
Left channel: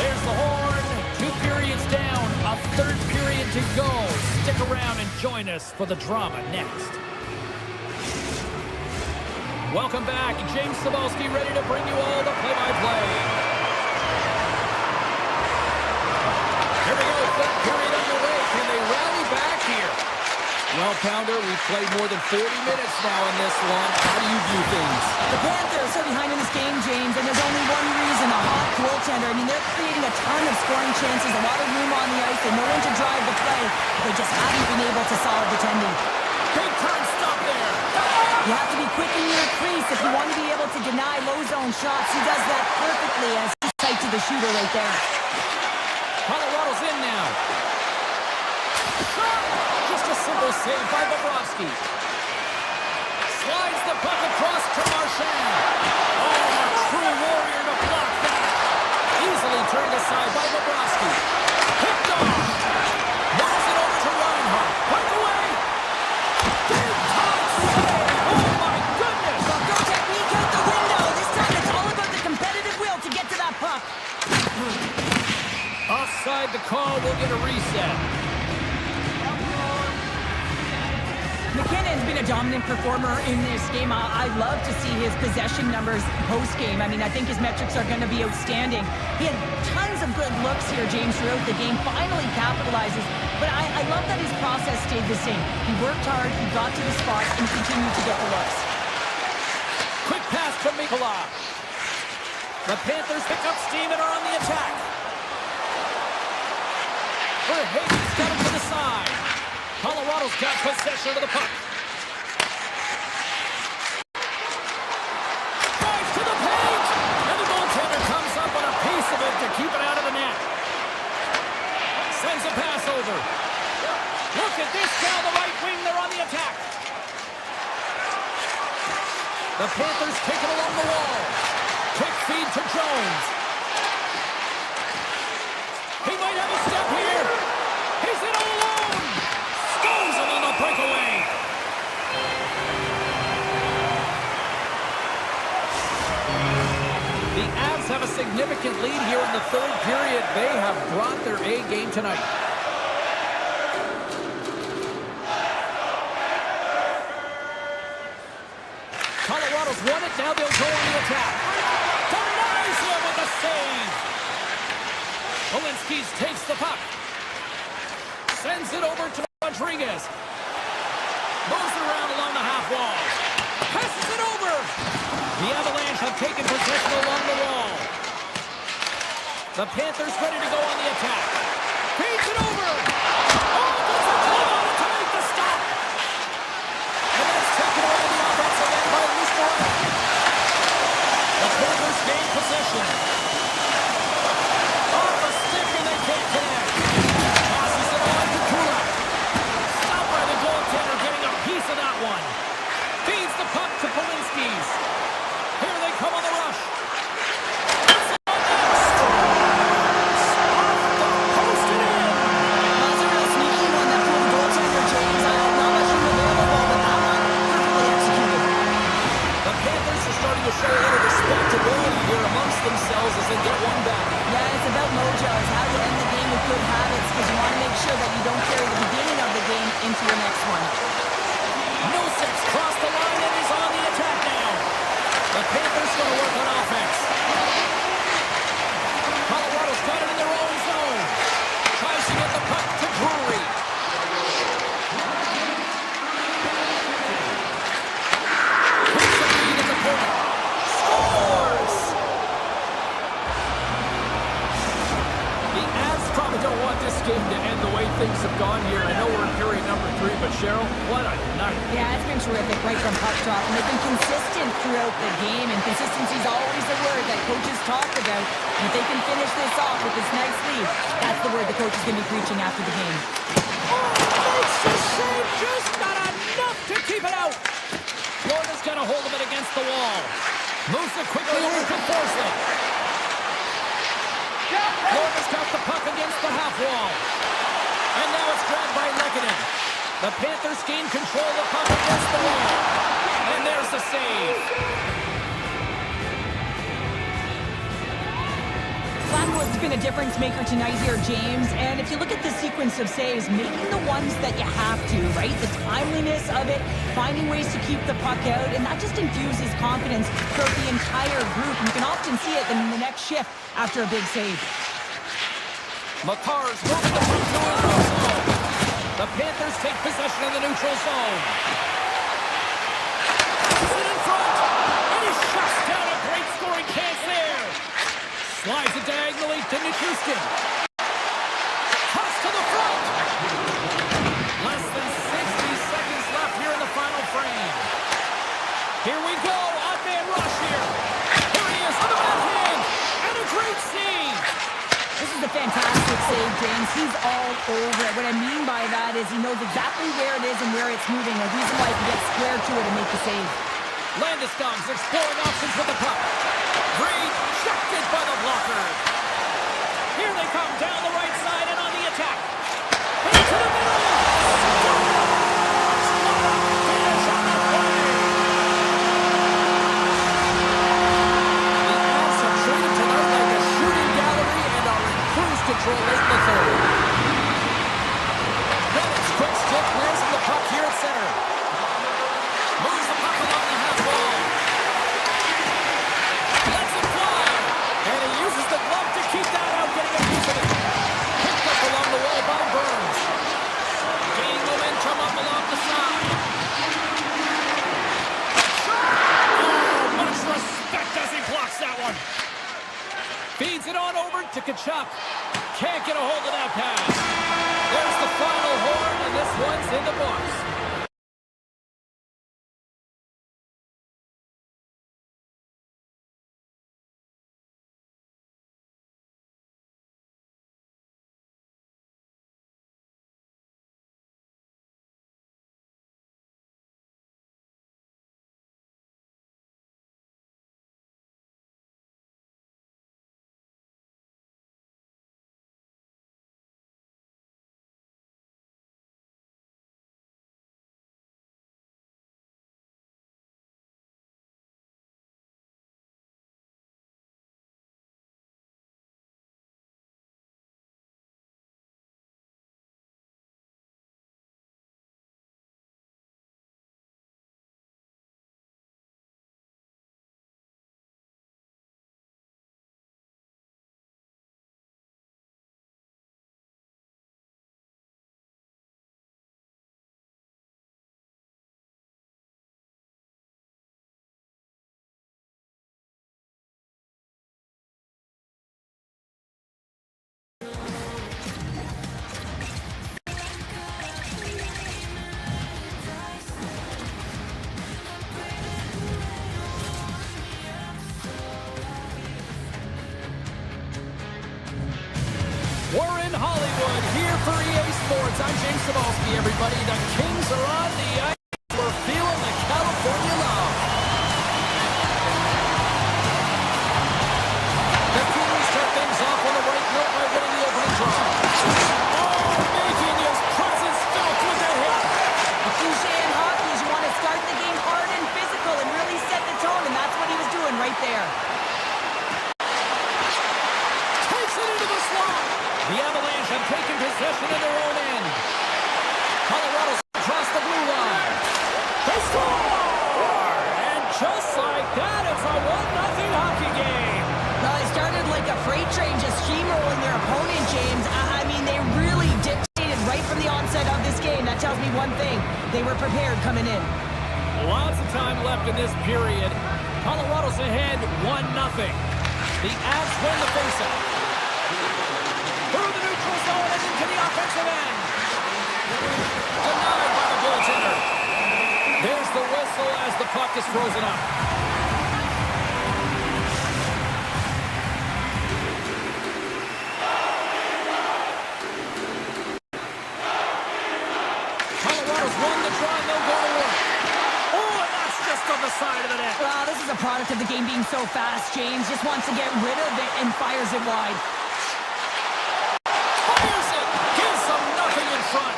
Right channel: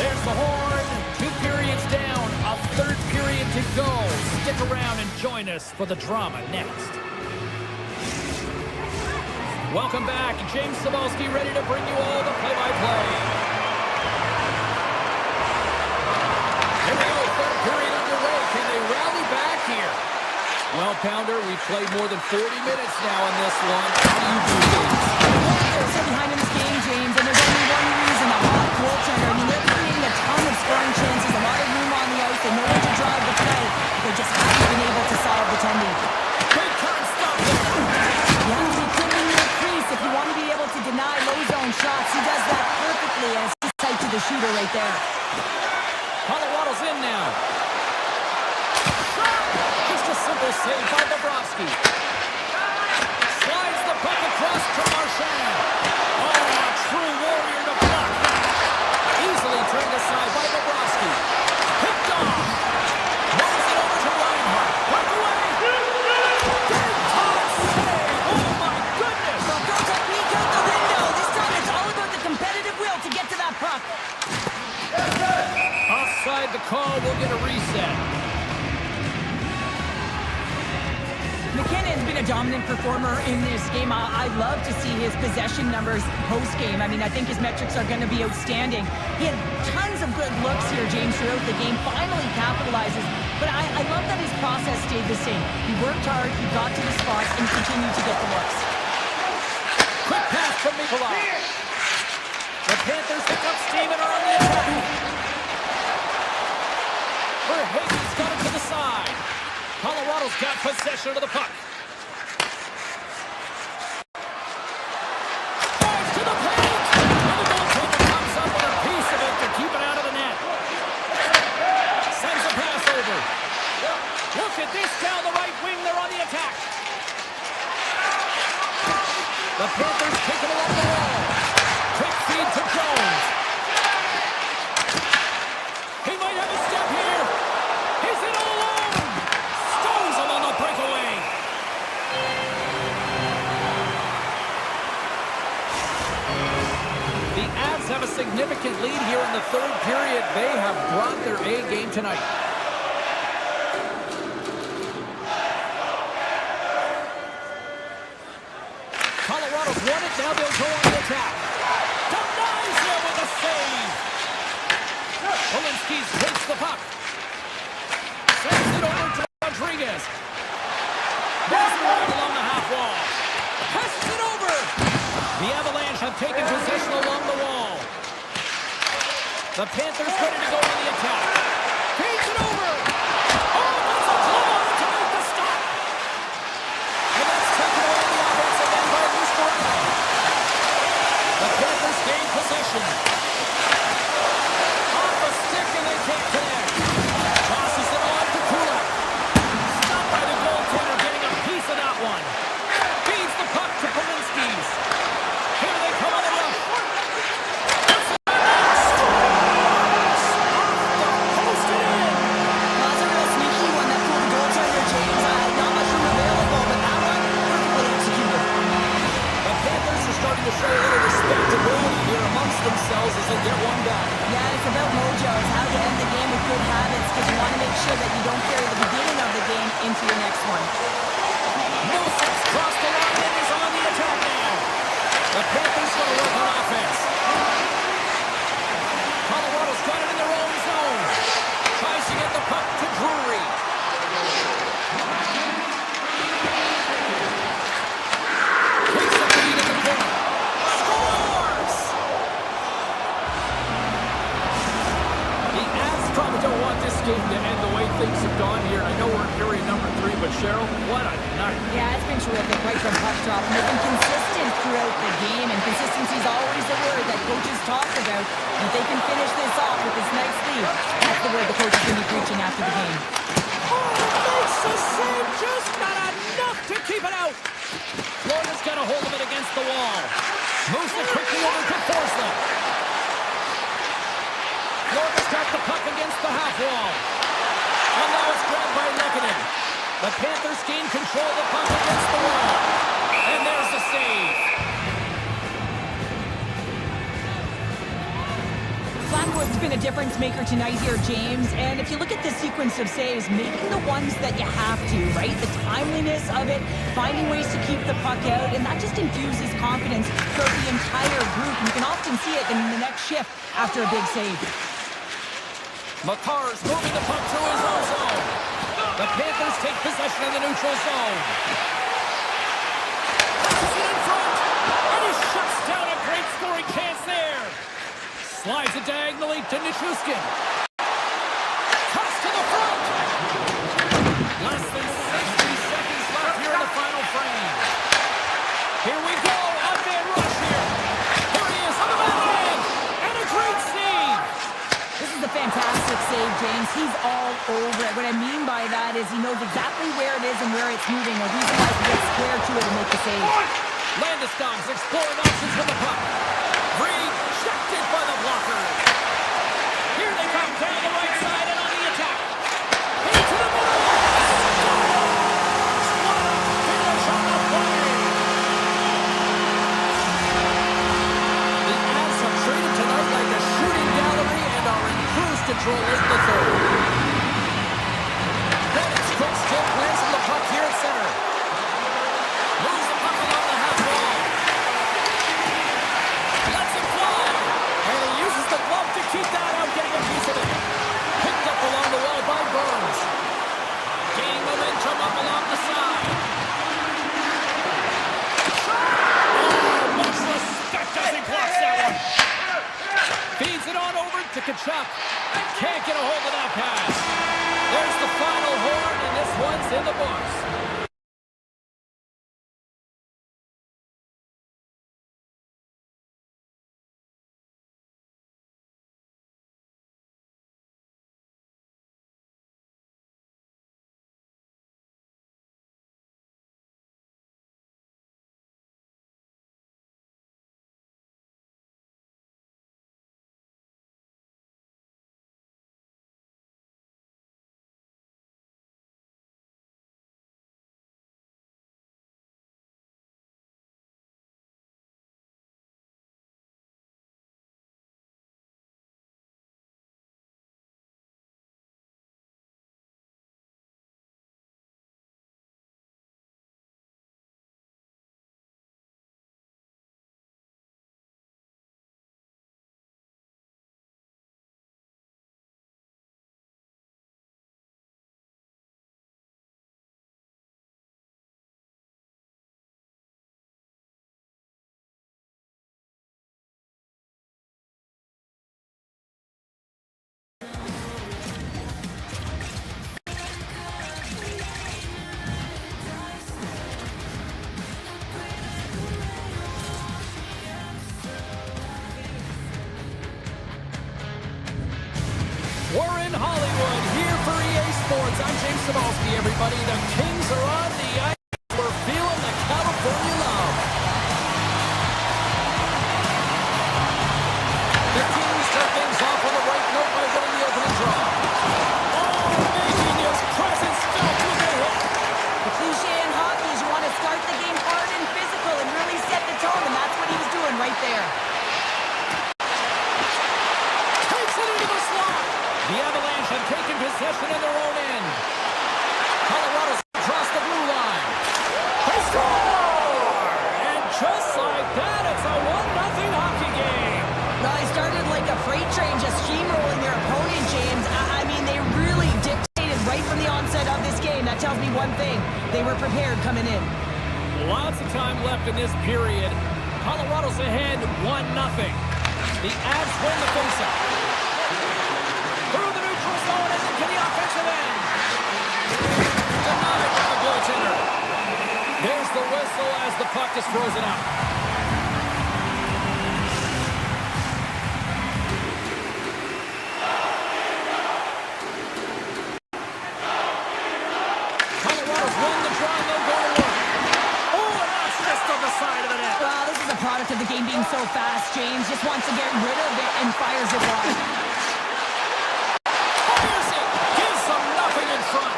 There's the horn. 2 periods down. A third period to go. Stick around and join us for the drama next. Welcome back. James Cybulski ready to bring you all the play-by-play. Here we go. Third period underway. Can they rally back here? Well, Pounder, we've played more than 40 minutes now in this one. How do you do things? The Panthers are behind in this game, James, and there's only one reason, a hot goaltender. I mean, they're creating a ton of scoring chances, a lot of room on the ice. They know when to drive the play. They just haven't been able to solve the tending. Big time stop there. You have to be quick in your crease if you want to be able to deny low zone shots. He does that perfectly, and it's tight to the shooter right there. Colorado's in now. Shot! Just a simple save by Bobrovsky. Slides the puck across to Marchand. Oh, a true warrior to block that. Easily turned aside by Bobrovsky. Picked off. Moves it over to Reinhart. Break away. Big time save. Oh, my goodness. Well, go technique out the window. This time it's all about the competitive will to get to that puck. Offside the call. We'll get a reset. McKinnon's been a dominant performer in this game. I love to see his possession numbers post-game. I mean, I think his metrics are going to be outstanding. He had tons of good looks here, James, throughout the game. Finally capitalizes. But I love that his process stayed the same. He worked hard, he got to the spot, and continued to get the looks. Quick pass from Mikula. The Panthers pick up steam and are on the attack. Verhaeghe's got it to the side. Colorado's got possession of the puck. Drives to the paint! And the goaltender comes up with a piece of it to keep it out of the net. Sends a pass over. Look at this down the right wing. They're on the attack. The Panthers take it along the wall. Quick feed to Jones. He might have a step here. He's in all alone. Stones him on the breakaway. The Avs have a significant lead here in the third period. They have brought their A game tonight. Colorado's won it. Now they'll go on the attack. Denies him with a save. Walensky takes the puck. Sends it over to Rodriguez. Moves it around along the half wall. Passes it over. The Avalanche have taken possession along the wall. The Panthers ready to go on the attack. Feeds it over. Oh, gets a glove on it to make the stop. And that's taken away the offensive end by Lusterano. The Panthers gain possession. Off a stick and they can't connect. Tosses it on to Kodiak. Stopped by the goaltender, getting a piece of that one. Feeds the puck to Polinskis. Here they come on the rush. Puts it on net. Scores! Off the post and in. Well, that's a real sneaky one that fooled the goaltender, James. Not much room available, but that one perfectly executed. The Panthers are starting to show a little respectability here amongst themselves as they get one back. Yeah, it's about mojo. It's how you end the game with good habits because you want to make sure that you don't carry the beginning of the game into your next one. Millsap's crossed the line and is on the attack now. The Panthers going to work on offense. Colorado's got it in their own zone. Tries to get the puck to Drury. probably don't want this game to end the way things have gone here. I know we're in period number 3, but Cheryl, what a night. Yeah, it's been terrific right from puck drop. And they've been consistent throughout the game, and consistency is always the word that coaches talk about. And if they can finish this off with this nice lead, that's the word the coach is going to be preaching after the game. Oh, makes the save, just not enough to keep it out. Florida's got a hold of it against the wall. Moves it quickly over to Forsling. Florida's got the puck against the half wall. And now it's grabbed by Lehkonen. The Panthers gain control of the puck against the wall. And there's the save. Blackwood's been a difference maker tonight here, James. And if you look at the sequence of saves, making the ones that you have to, right? The timeliness of it, finding ways to keep the puck out, and that just infuses confidence throughout the entire group. And you can often see it in the next shift after a big save. Makar's moving the puck to his own zone. The Panthers take possession of the neutral zone. Passes it in front, and he shuts down a great scoring chance there. Slides it diagonally to Nichushkin. Toss to the front. Less than 60 seconds left here in the final frame. Here we go, odd man rush here. Here he is on the backhand, and a great save. This is a fantastic save, James. He's all over it. What I mean by that is he knows exactly where it is and where it's moving. A reason why he can get square to it and make the save. Landeskog's exploring options with the puck. Rejected by the blocker. Here they come down the right side and on the attack. Into the middle. Scores! What a finish on the play. The Avs are treated tonight like a shooting gallery and are in cruise control late in the third. Bennett's quick stick lands on the puck here at center. Moves the puck along the half wall. Lets it fly. And he uses the glove to keep that out, getting a piece of it. Picked up along the wall by Burns. Gaining momentum up along the side. Oh, much respect as he blocks that one. Feeds it on over to Kachuk. Can't get a hold of that pass. There's the final horn, and this one's in the books. We're in Hollywood, here for EA Sports. I'm James Cebulski, everybody. The Kings are on the ice. We're feeling the California love. The Kings start things off on the right note by winning the opening draw. Oh, making his presence felt with a hit. The cliche in hockey is you want to start the game hard and physical and really set the tone, and that's what he was doing right there. Takes it into the slot. The Avalanche have taken possession in their own end. Colorado's across the blue line. They score! And just like that, it's a 1-0 hockey game. No, they started like a freight train just steamrolling their opponent, James. I mean, they really dictated right from the onset of this game. That tells me one thing. They were prepared coming in. Lots of time left in this period. Colorado's ahead 1-0. The Avs win the faceoff. Through the neutral whistle as the puck is frozen up. Colorado's won the draw, and they'll go to work. Oh, and that's just on the side of the net. Well, this is a product of the game being so fast. James just wants to get rid of it and fires it wide. Fires it! Gives them nothing in front.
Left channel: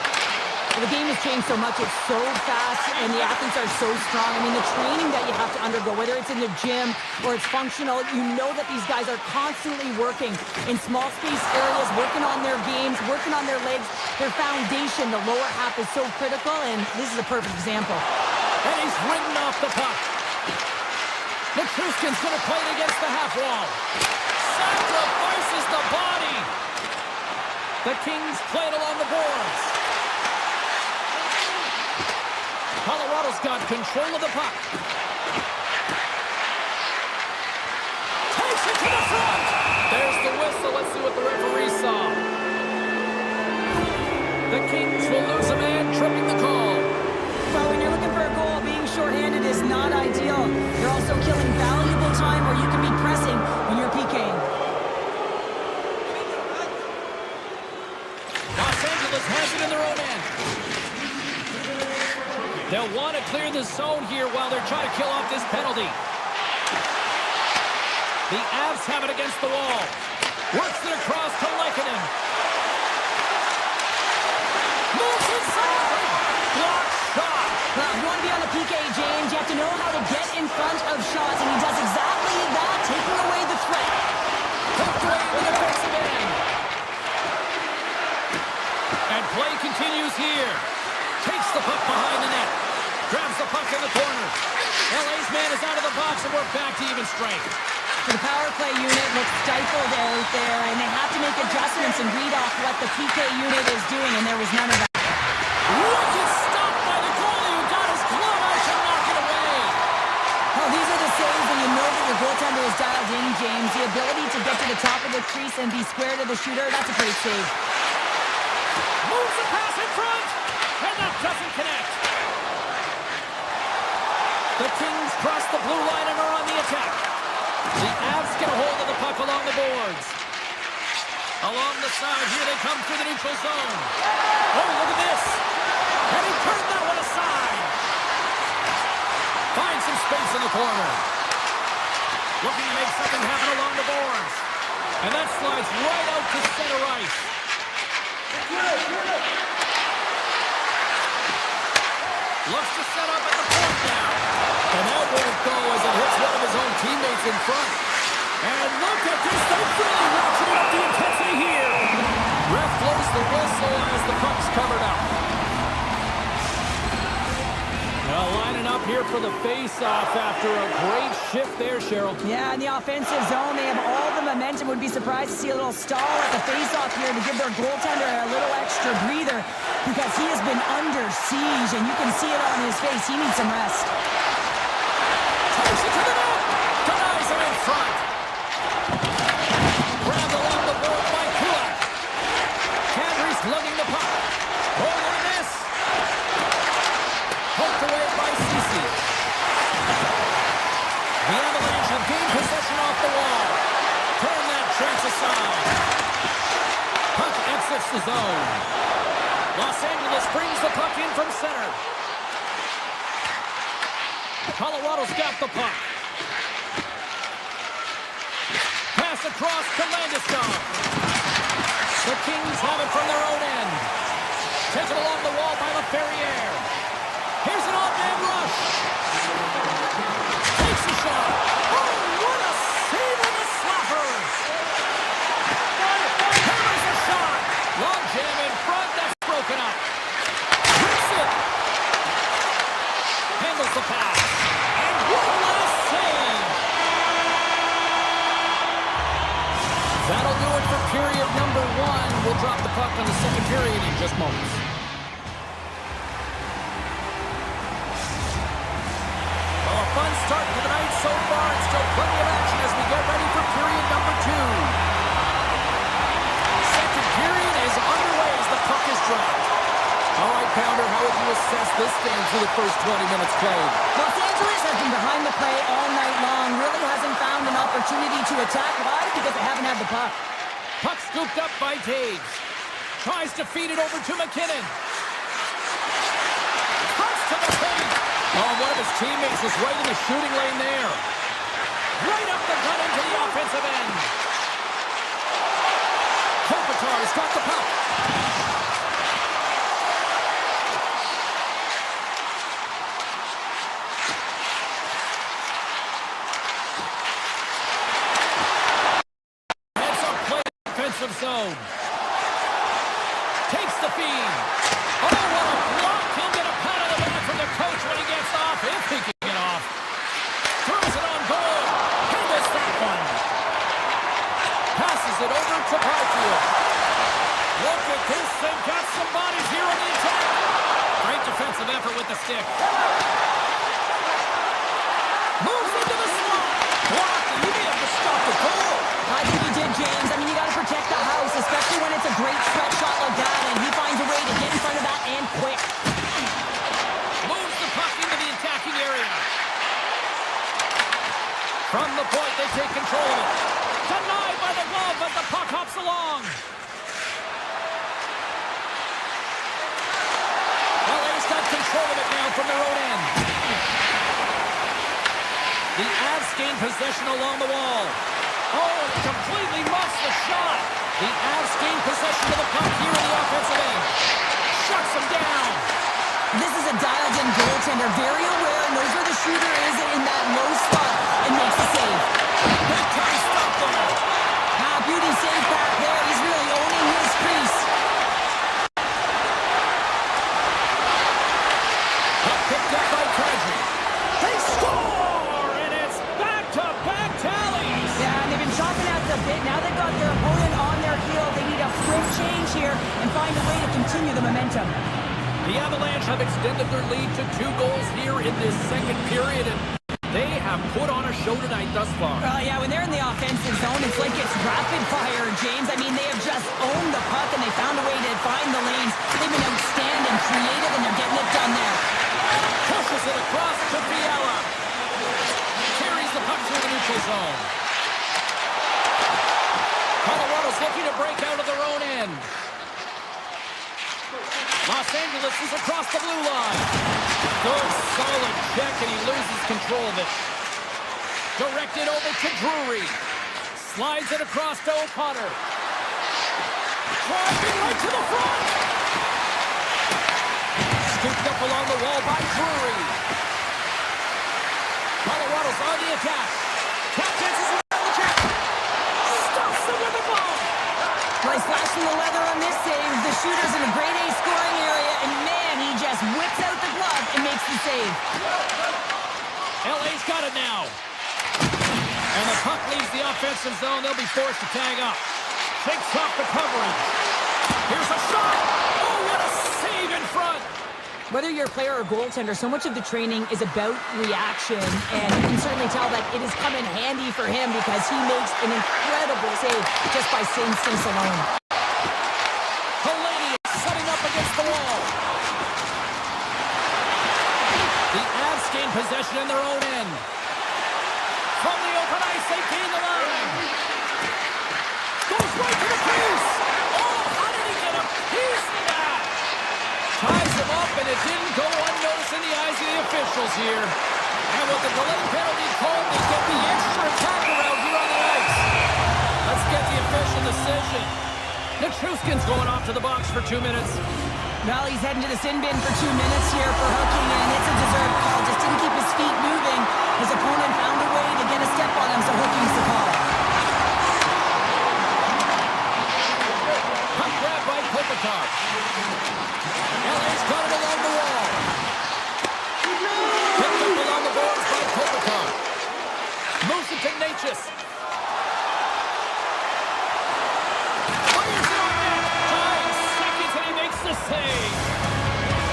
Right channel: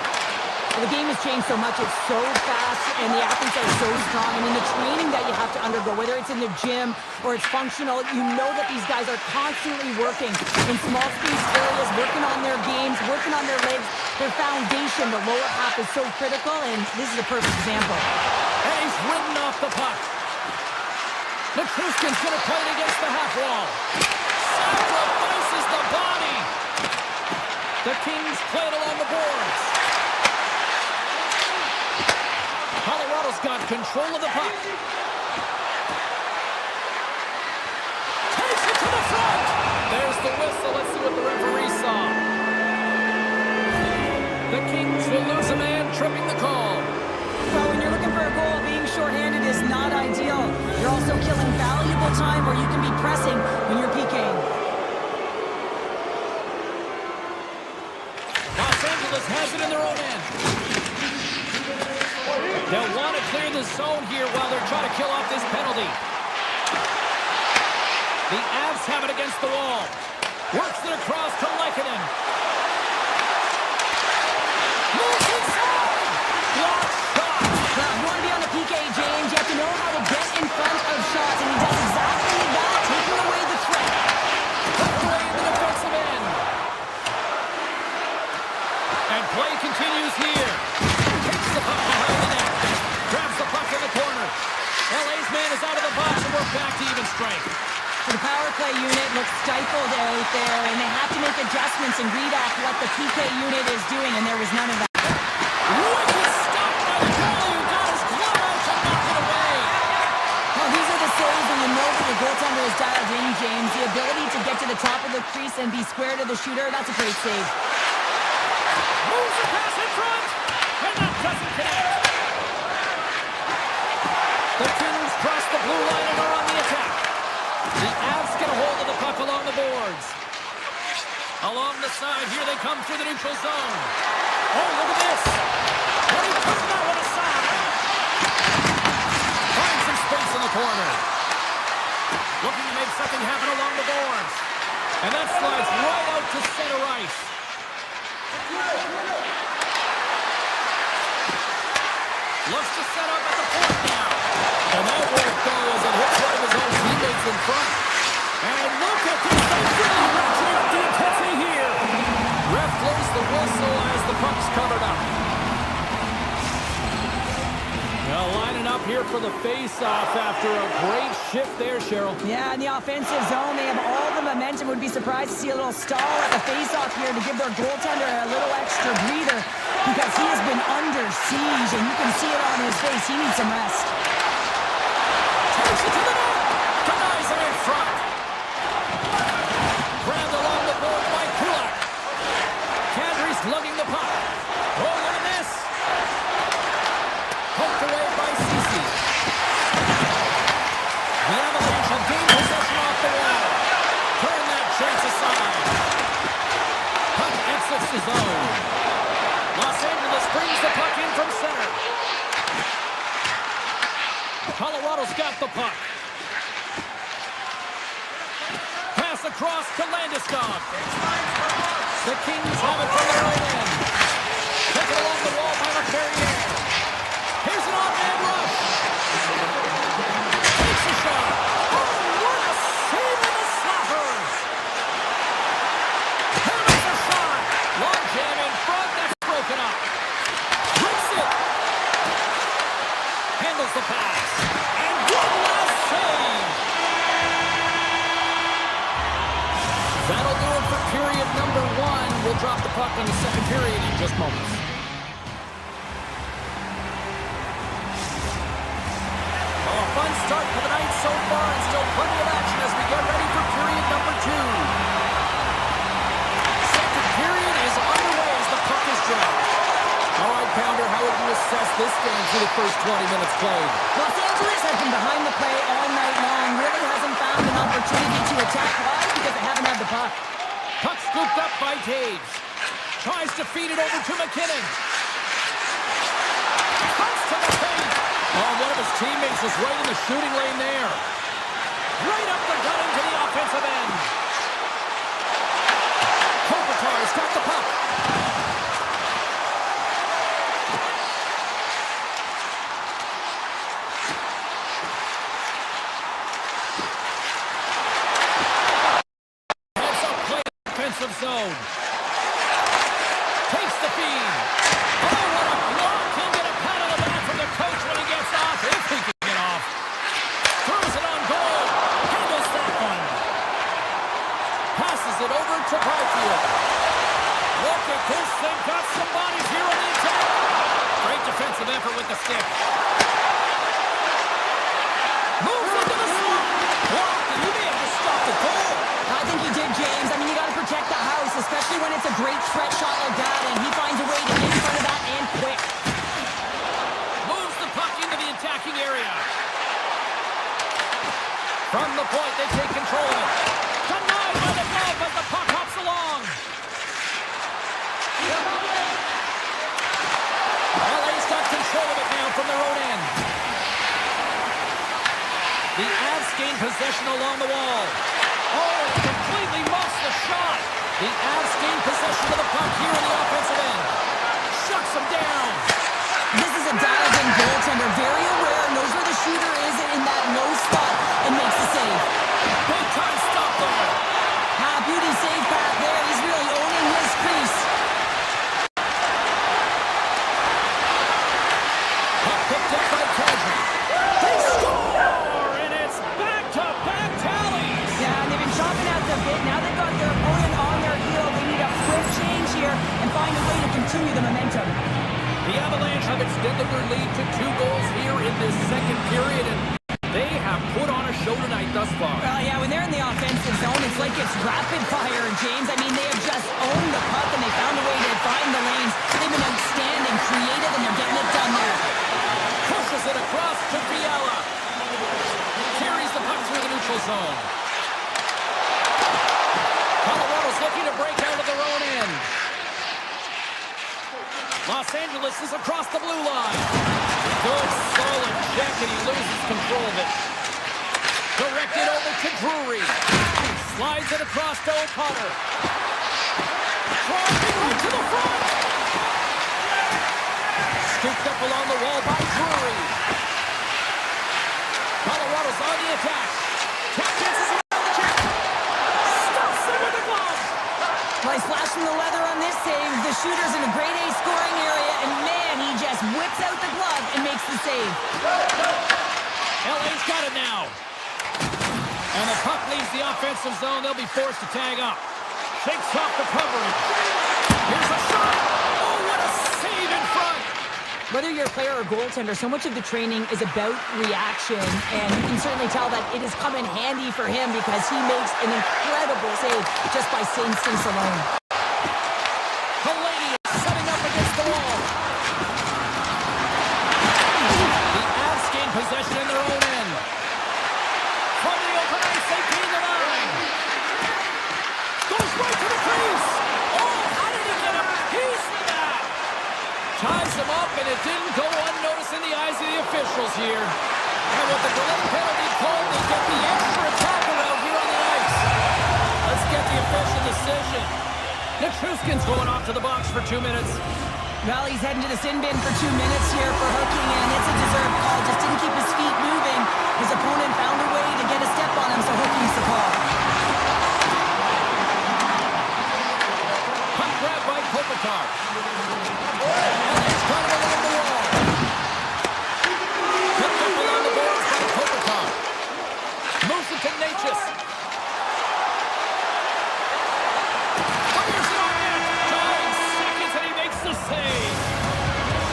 Well, the game has changed so much. It's so fast, and the athletes are so strong. I mean, the training that you have to undergo, whether it's in the gym or it's functional, you know that these guys are constantly working in small space areas, working on their games, working on their legs. Their foundation, the lower half, is so critical, and this is a perfect example. And he's ridden off the puck. Nichushkin's going to play it against the half wall. Sacrifices the body. The Kings play it along the boards. Colorado's got control of the puck. Takes it to the front. There's the whistle. Let's see what the referee saw. The Kings will lose a man, tripping the call. Well, when you're looking for a goal, being shorthanded is not ideal. You're also killing valuable time where you can be pressing when you're PKing. Los Angeles has it in their own end. They'll want to clear the zone here while they're trying to kill off this penalty. The Avs have it against the wall. Works it across to Lehkonen. Moves inside. Block shot. Well, if you want to be on the PK, James, you have to know how to get in front of shots, and he does exactly that, taking away the threat. Tucked away in the defensive end. And play continues here. Takes the puck behind the net. Grabs the puck in the corner. LA's man is out of the box, and we're back to even strength. The power play unit looks stifled out there, and they have to make adjustments and read off what the PK unit is doing, and there was none of that. Wicked stop by the goalie who got his glove out to knock it away. Well, these are the saves when you know that your goaltender is dialed in, James. The ability to get to the top of the crease and be square to the shooter, that's a great save. Moves the pass in front, and that doesn't connect. The Kings cross the blue line and are on the attack. The Avs get a hold of the puck along the boards. Along the side, here they come through the neutral zone. Oh, look at this. And he turned that one aside. Finds some space in the corner. Looking to make something happen along the boards. And that slides right out to center ice. Looks to set up at the point now. And that won't go as it hits one of his own teammates in front. And look at this. They're really ratcheting up the intensity here. Ref blows the whistle as the puck's covered up. Now lining up here for the face-off after a great shift there, Cheryl. Yeah, in the offensive zone, they have all the momentum. Would be surprised to see a little stall at the face-off here to give their goaltender a little extra breather because he has been under siege, and you can see it on his face. He needs some rest. Takes it to the net. Denies him in front. Grabbed along the board by Kodiak. Kadri's lugging the puck. Oh, look at this. Poked away by Ceci. The Avalanche have gained possession off the wall. Turn that chance aside. Puck exits the zone. Los Angeles brings the puck in from center. Colorado's got the puck. Pass across to Landeskog. The Kings have it from their own end. Taken along the wall by LaFerriere. Here's an odd-man rush. Takes a shot. Oh, what a save on the slappers. Hammers a shot. Long jam in front. That's broken up. Rips it. Handles the pass. And one last save. That'll do it for period number 1. We'll drop the puck on the second period in just moments. Well, a fun start to the night so far, and still plenty of action as we get ready for period number 2. Second period is underway as the puck is dropped. All right, Pounder, how would you assess this game through the first 20 minutes played? Los Angeles has been behind the play all night long. Really hasn't found an opportunity to attack. Why? Because they haven't had the puck. Puck scooped up by Taves. Tries to feed it over to McKinnon. Cuts to the paint. Oh, one of his teammates was right in the shooting lane there. Right up the gut into the offensive end. Kopitar's got the puck. Heads up play defensive zone. Takes the feed. Oh, what a block. He'll get a pat on the back from the coach when he gets off, if he can get off. Throws it on goal. He missed that one. Passes it over to Byfield. Look at this thing. Got some bodies here on the attack. Great defensive effort with the stick. Moves into the slot. Blocked, and he may have just stopped the goal. I think he did, James. I mean, you got to protect the house, especially when it's a great threat shot like that, and he finds a way to get in front of that and quick. Moves the puck into the attacking area. From the point, they take control of it. Denied by the glove, but the puck hops along. LA's got control of it now from their own end. The Avs gain possession along the wall. Oh, completely muffs the shot. The Avs gain possession of the puck here in the offensive end. Shuts them down. This is a dialed-in goaltender, very aware, knows where the shooter is in that low spot, and makes the save. Big time stop there. Beauty save back there. He's really owning his crease. Puck picked up by Kadri. They score, and it's back-to-back tallies. Yeah, and they've been chopping at the bit. Now they've got their opponent on their heel. They need a quick change here and find a way to continue the momentum. The Avalanche have extended their lead to 2 goals here in this second period, and they have put on a show tonight thus far. Yeah, when they're in the offensive zone, it's like it's rapid fire, James. I mean, they have just owned the puck, and they found a way to find the lanes. They've been outstanding, creative, and they're getting it done there. Pushes it across to Fiala. Carries the puck through the neutral zone. Colorado's looking to break out of their own end. Los Angeles is across the blue line. Good, solid check, and he loses control of it. Directed over to Drury. Slides it across to O'Connor. Driving right to the front. Scooped up along the wall by Drury. Colorado's on the attack. Tap dances around the check. Stuffs it with the glove. Well, he's flashing the leather on this save. The shooter's in a grade A scoring area, and man, he just whips out the glove and makes the save. LA's got it now. And the puck leaves the offensive zone. They'll be forced to tag up. Shakes off the coverage. Here's a shot. Oh, what a save in front. Whether you're a player or goaltender, so much of the training is about reaction, and you can certainly tell that it has come in handy for him because he makes an incredible save just by instincts alone. Palladium setting up against the wall. The Avs gain possession in their own end. From the open ice, they gain the line. Goes right to the crease. Oh, how did he get a piece of that? Ties him up, and it didn't go unnoticed in the eyes of the officials here. And with the delayed penalty called, they get the extra attacker out here on the ice. Let's get the official decision. Nichushkin's going off to the box for 2 minutes. Well, he's heading to the sin bin for 2 minutes here for hooking, and it's a deserved call. Just didn't keep his feet moving. His opponent found a way to get a step on him, so hooking's the call. Puck grab by Kopitar. LA's got it along the wall. Picked up along the boards by Kopitar. Moves it to Natchez. Fires it on net. 9 seconds and he makes the save.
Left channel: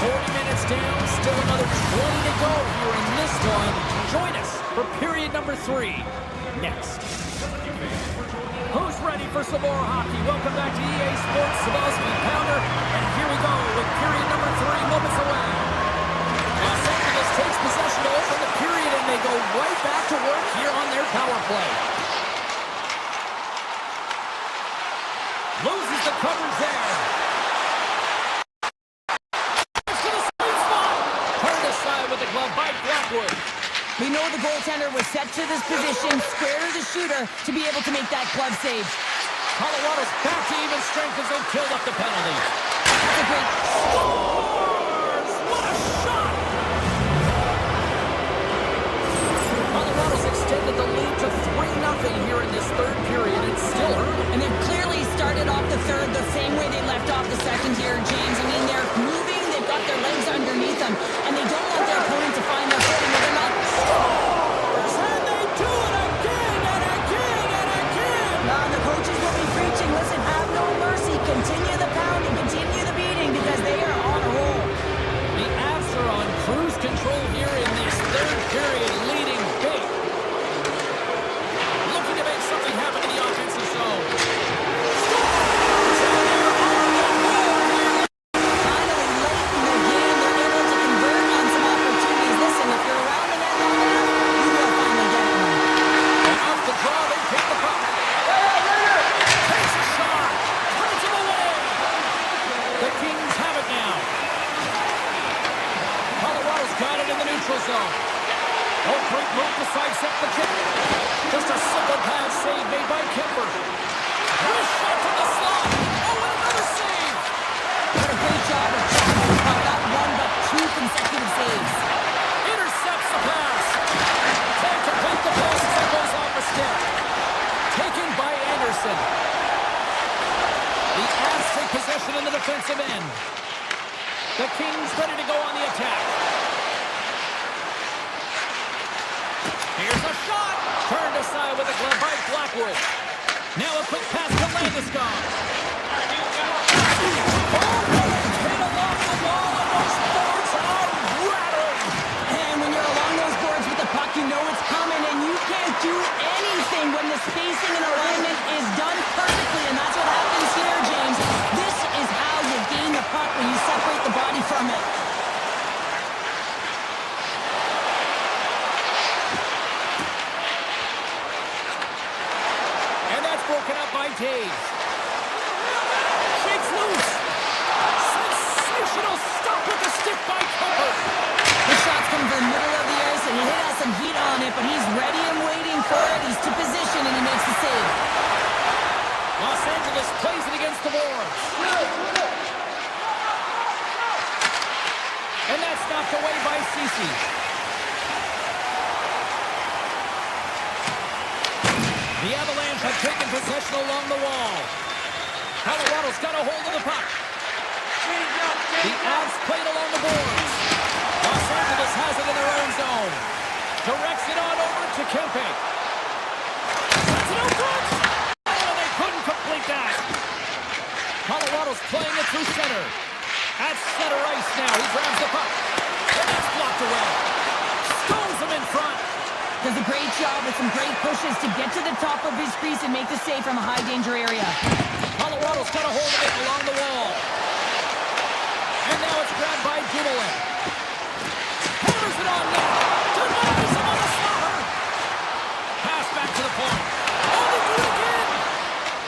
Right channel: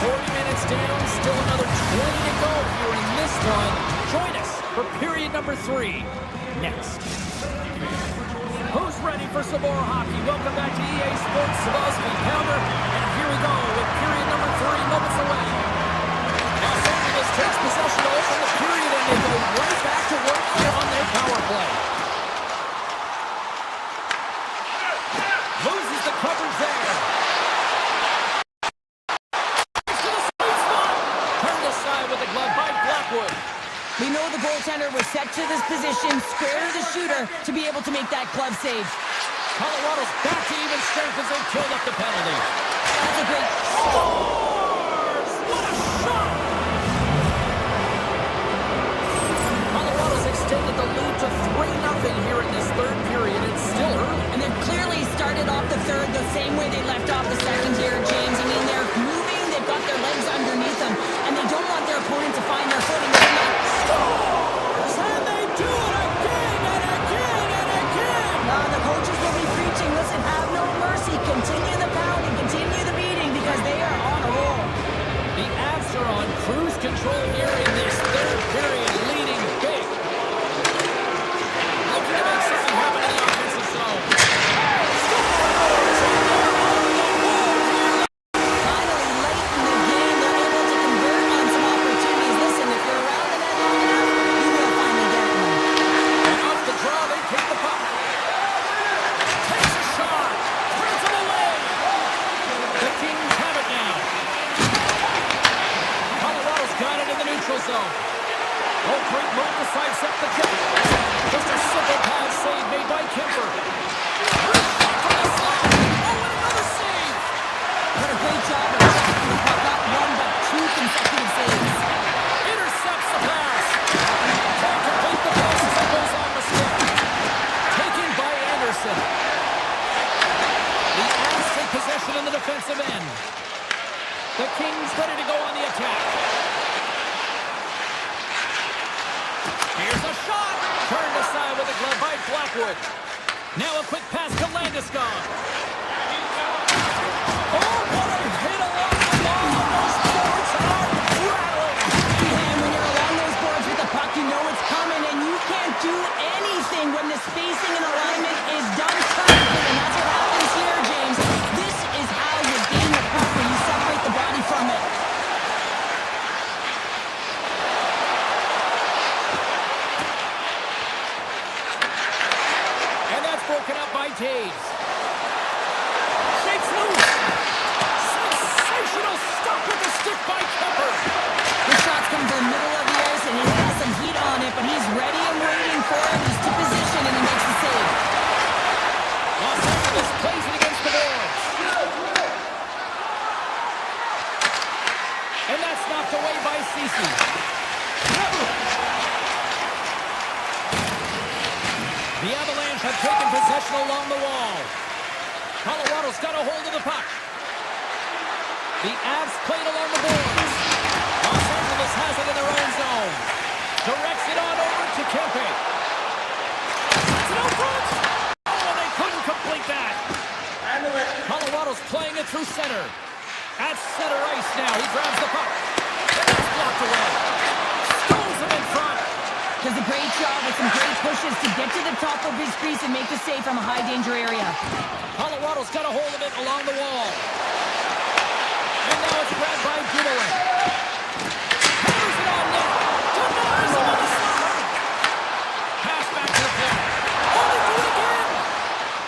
40 minutes down, still another 20 to go here in this one. Join us for period number 3 next. Who's ready for some more hockey. Welcome back to EA Sports Sabowski Pounder. And here we go with period number 3 moments away. Los Angeles takes possession to open the period, and they go right back to work here on their power play. Loses the coverage there. To the sweet spot. Turned aside with the glove by Blackwood. We know the goaltender was set to this position, square to the shooter, to be able to make that glove save. Colorado's back to even strength as they killed up the penalty. That's a great... Scores! What a shot! Colorado's extended the lead to 3-0 here in this third period. It's still early. And they've clearly started off the third the same way they left off the second here, James. I mean, they're moving, they've got their legs underneath them, and they don't want their opponent to find their footing. They're not... Scores! And they do it again and again and again! The coaches will be preaching, listen, have no mercy. Continue the pounding, continue the beating, because they are on a roll. The Avs are on cruise control here in this third period, leading big. Looking to make something happen in the offensive zone. Scores! And they're on the board here. Finally, late in the game, they're able to convert on some opportunities. Listen, if you're around the net long enough, you will finally get one. And off the draw, they take the puck. Takes a shot. Turns him away. The Kings have it now. Colorado's got it in the neutral zone. Oh, great move to sidestep the kick. Just a simple pad save made by Kemper. Nice shot from the slot. Oh, and another save. What a great job of tracking the puck. Not one, but 2 consecutive saves. Intercepts the pass. Can't complete the pass as it goes on the stick. Taken by Anderson. The Avs take possession in the defensive end. The Kings ready to go on the attack. Here's a shot. Turned aside with a glove by Blackwood. Now a quick pass to Landeskog. Oh, what a hit along the wall. Those boards are rattling. And when you're along those boards with the puck, you know it's coming, and you can't do anything when the spacing and alignment is done perfectly, and that's what happens here, James. This is how you gain the puck, when you separate the body from it. And that's broken up by Taves. Shakes loose. Sensational stop with the stick by Kemper. The shot's coming from the middle of the ice, and he has some heat on it, but he's ready and waiting for it. He's to position, and he makes the save. Los Angeles plays it against the boards. And that's knocked away by Ceci. The Avalanche have taken possession along the wall. Colorado's got a hold of the puck. The Avs played along the boards. Los Angeles has it in their own zone. Directs it on over to Kempe. Sets it out front. Oh, they couldn't complete that. Colorado's playing it through center. At center ice now. He grabs the puck. And that's blocked away. Stones him in front. Does a great job with some great pushes to get to the top of his crease and make the save from a high-danger area. Colorado's got a hold of it along the wall. And now it's grabbed by Dumoulin. Hammers it on net. Denies him on the slaughter. Pass back to the point. Oh, they do it again.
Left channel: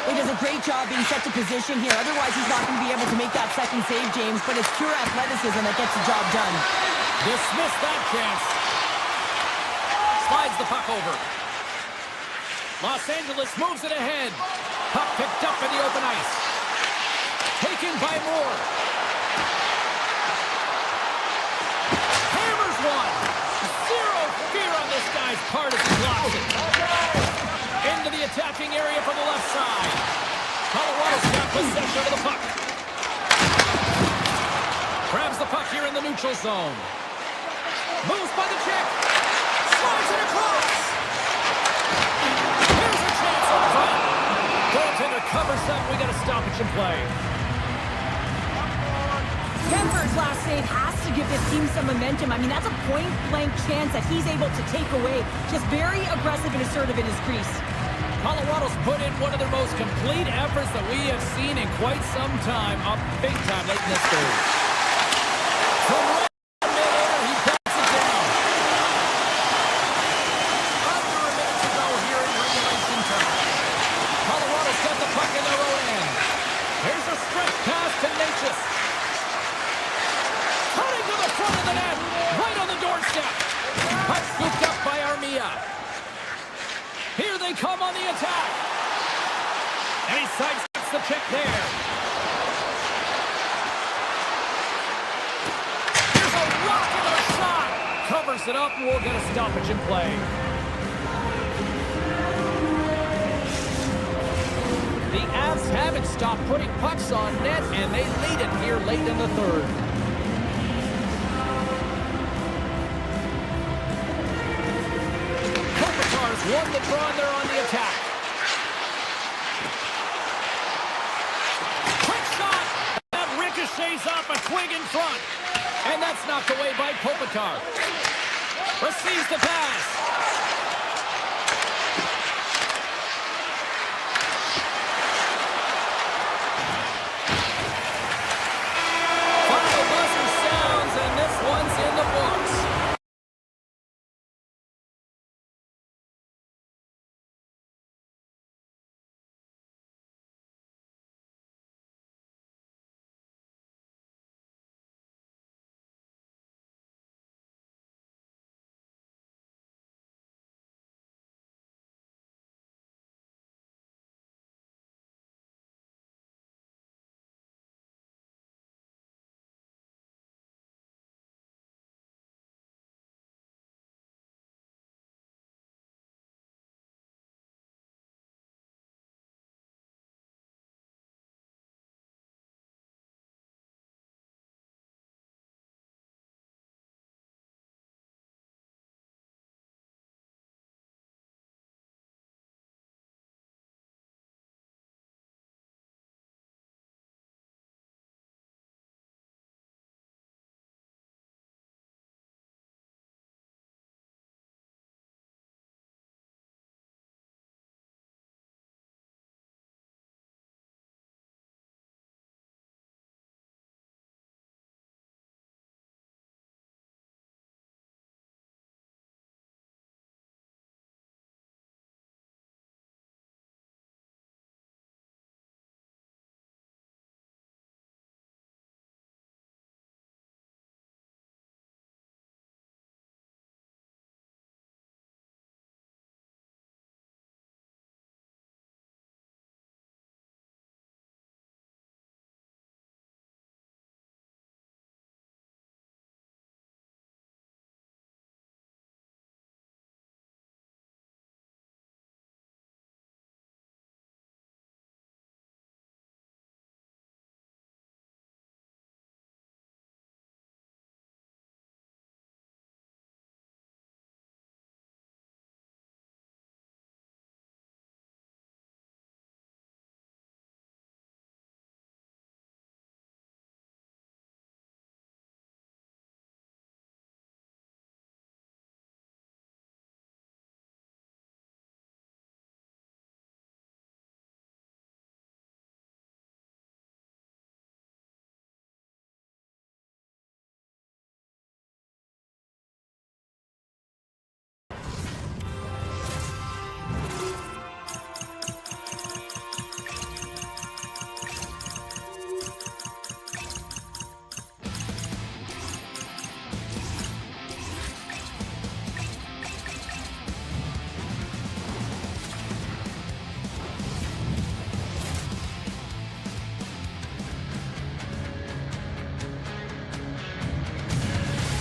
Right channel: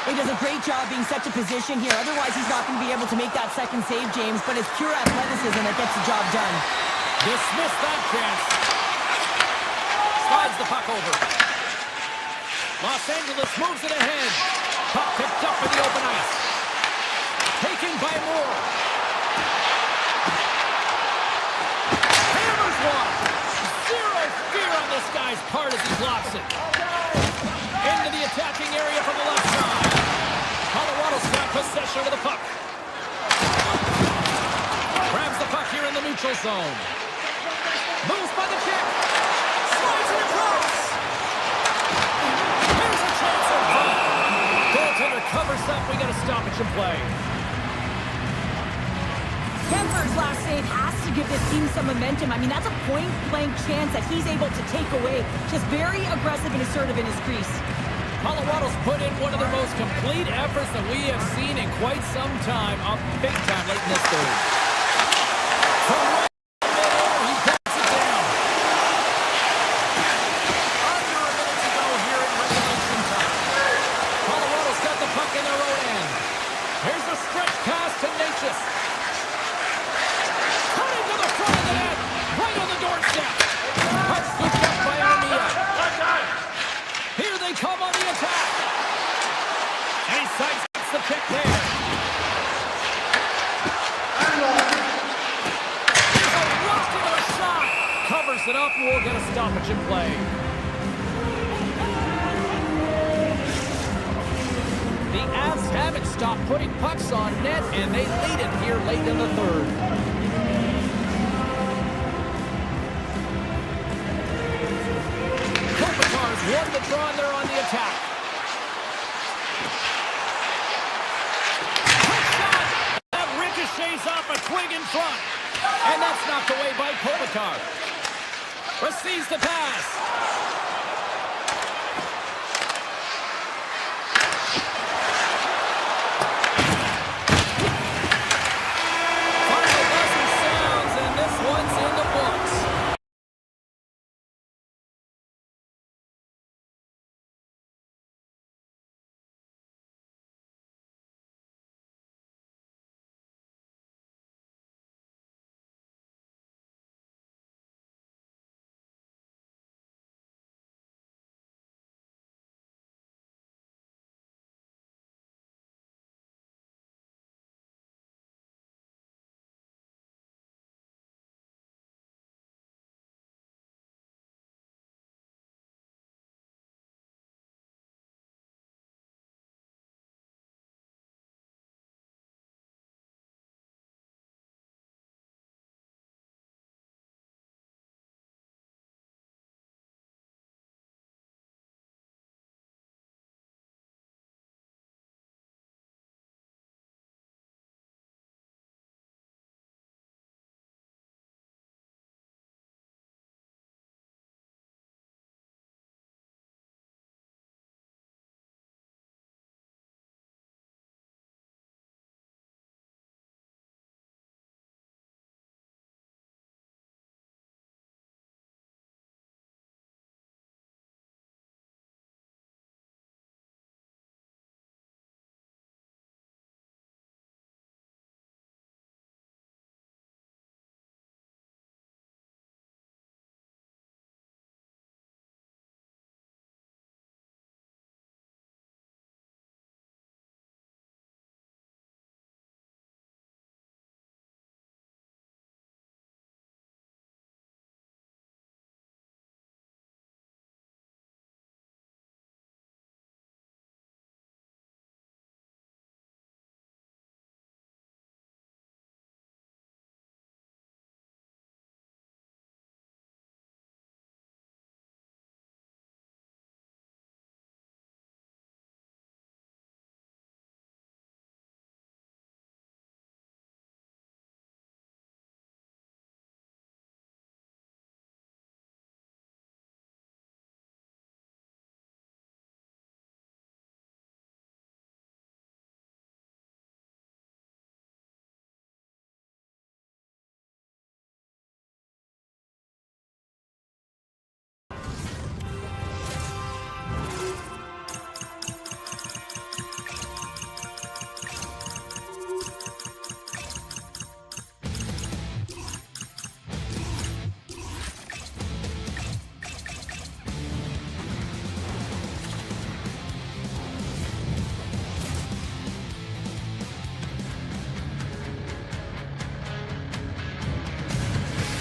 He does a great job being set to position here. Otherwise, he's not going to be able to make that second save, James. But it's pure athleticism that gets the job done. Dismiss that chance. Slides the puck over. Los Angeles moves it ahead. Puck picked up in the open ice. Taken by Moore. Hammers one. Zero fear on this guy's part as he blocks it. Into the attacking area from the left side. Colorado's got possession of the puck. Grabs the puck here in the neutral zone. Moves by the check. Slides it across. Here's a chance up front. Goaltender covers up. We got a stoppage in play. Kemper's last save has to give this team some momentum. I mean, that's a point-blank chance that he's able to take away. Just very aggressive and assertive in his crease. Colorado's put in one of their most complete efforts that we have seen in quite some time. Up big time late in this third. From right in midair, he backs it down. Under a minute to go here in regulation time. Colorado's got the puck in their own end. Here's a stretch pass to Natchez. Cutting to the front of the net. Right on the doorstep. Puck scooped up by Armia. Here they come on the attack. And he sidesteps the pick there. Here's a rocket of a shot. Covers it up and we'll get a stoppage in play. The Avs haven't stopped putting pucks on net, and they lead it here late in the third. Kopitar's won the draw, and they're on the attack. Quick shot! That ricochets off a twig in front. And that's knocked away by Kopitar. Receives the pass. One's in the books.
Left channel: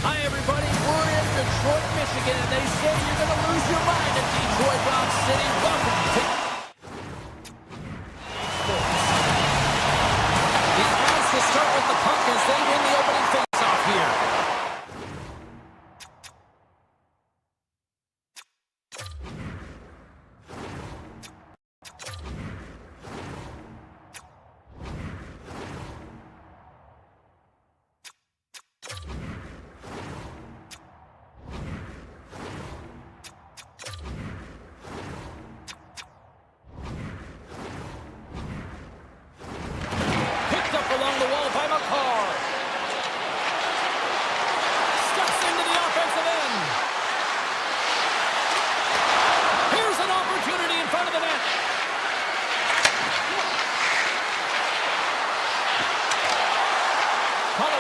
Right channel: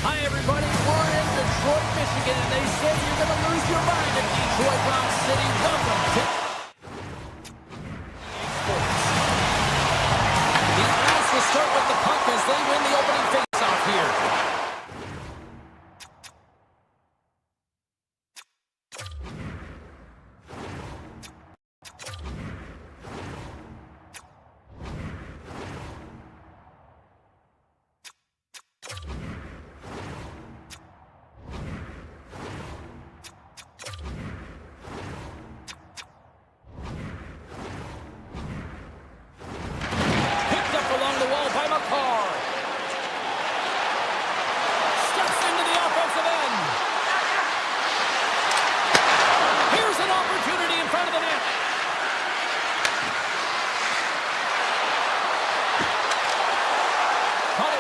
Hi, everybody. We're in Detroit, Michigan, and they say you're going to lose your mind at Detroit Rock City. Welcome to Sports. The Avs will start with the puck as they win the opening face-off here.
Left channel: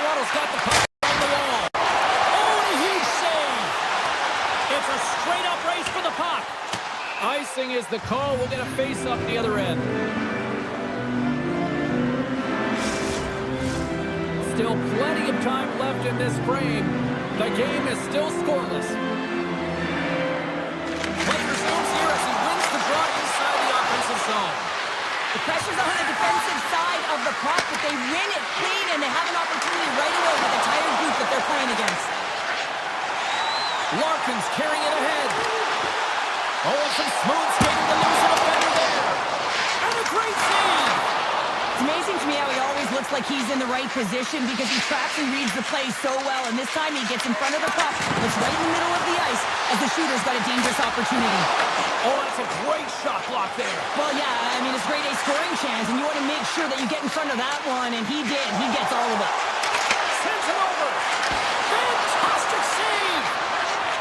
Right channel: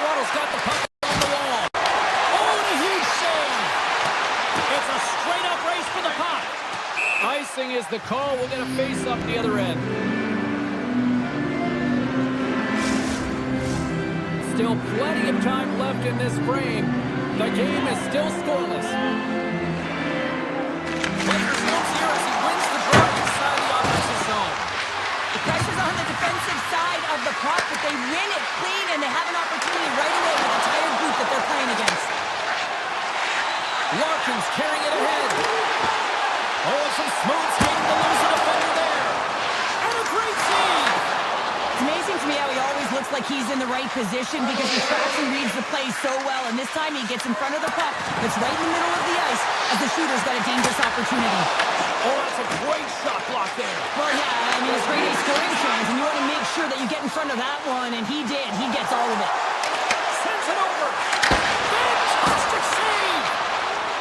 Colorado's got the puck on the wall. Oh, and a huge save. It's a straight-up race for the puck. Icing is the call. We'll get a face-up the other end. Still plenty of time left in this frame. The game is still scoreless. Play resumes here as he wins the draw inside the offensive zone. The pressure's on the defensive side of the puck, but they win it clean, and they have an opportunity right away with the tired group that they're playing against. Larkin's carrying it ahead. Oh, and some smooth skating to lose the defender there. And a great save. It's amazing to me how he always looks like he's in the right position because he tracks and reads the play so well, and this time he gets in front of the puck that's right in the middle of the ice as the shooter's got a dangerous opportunity. Oh, that's a great shot block there. Well, yeah, I mean, it's grade A scoring chance, and you want to make sure that you get in front of that one, and he did. He gets all of it. Sends it over. Fantastic save.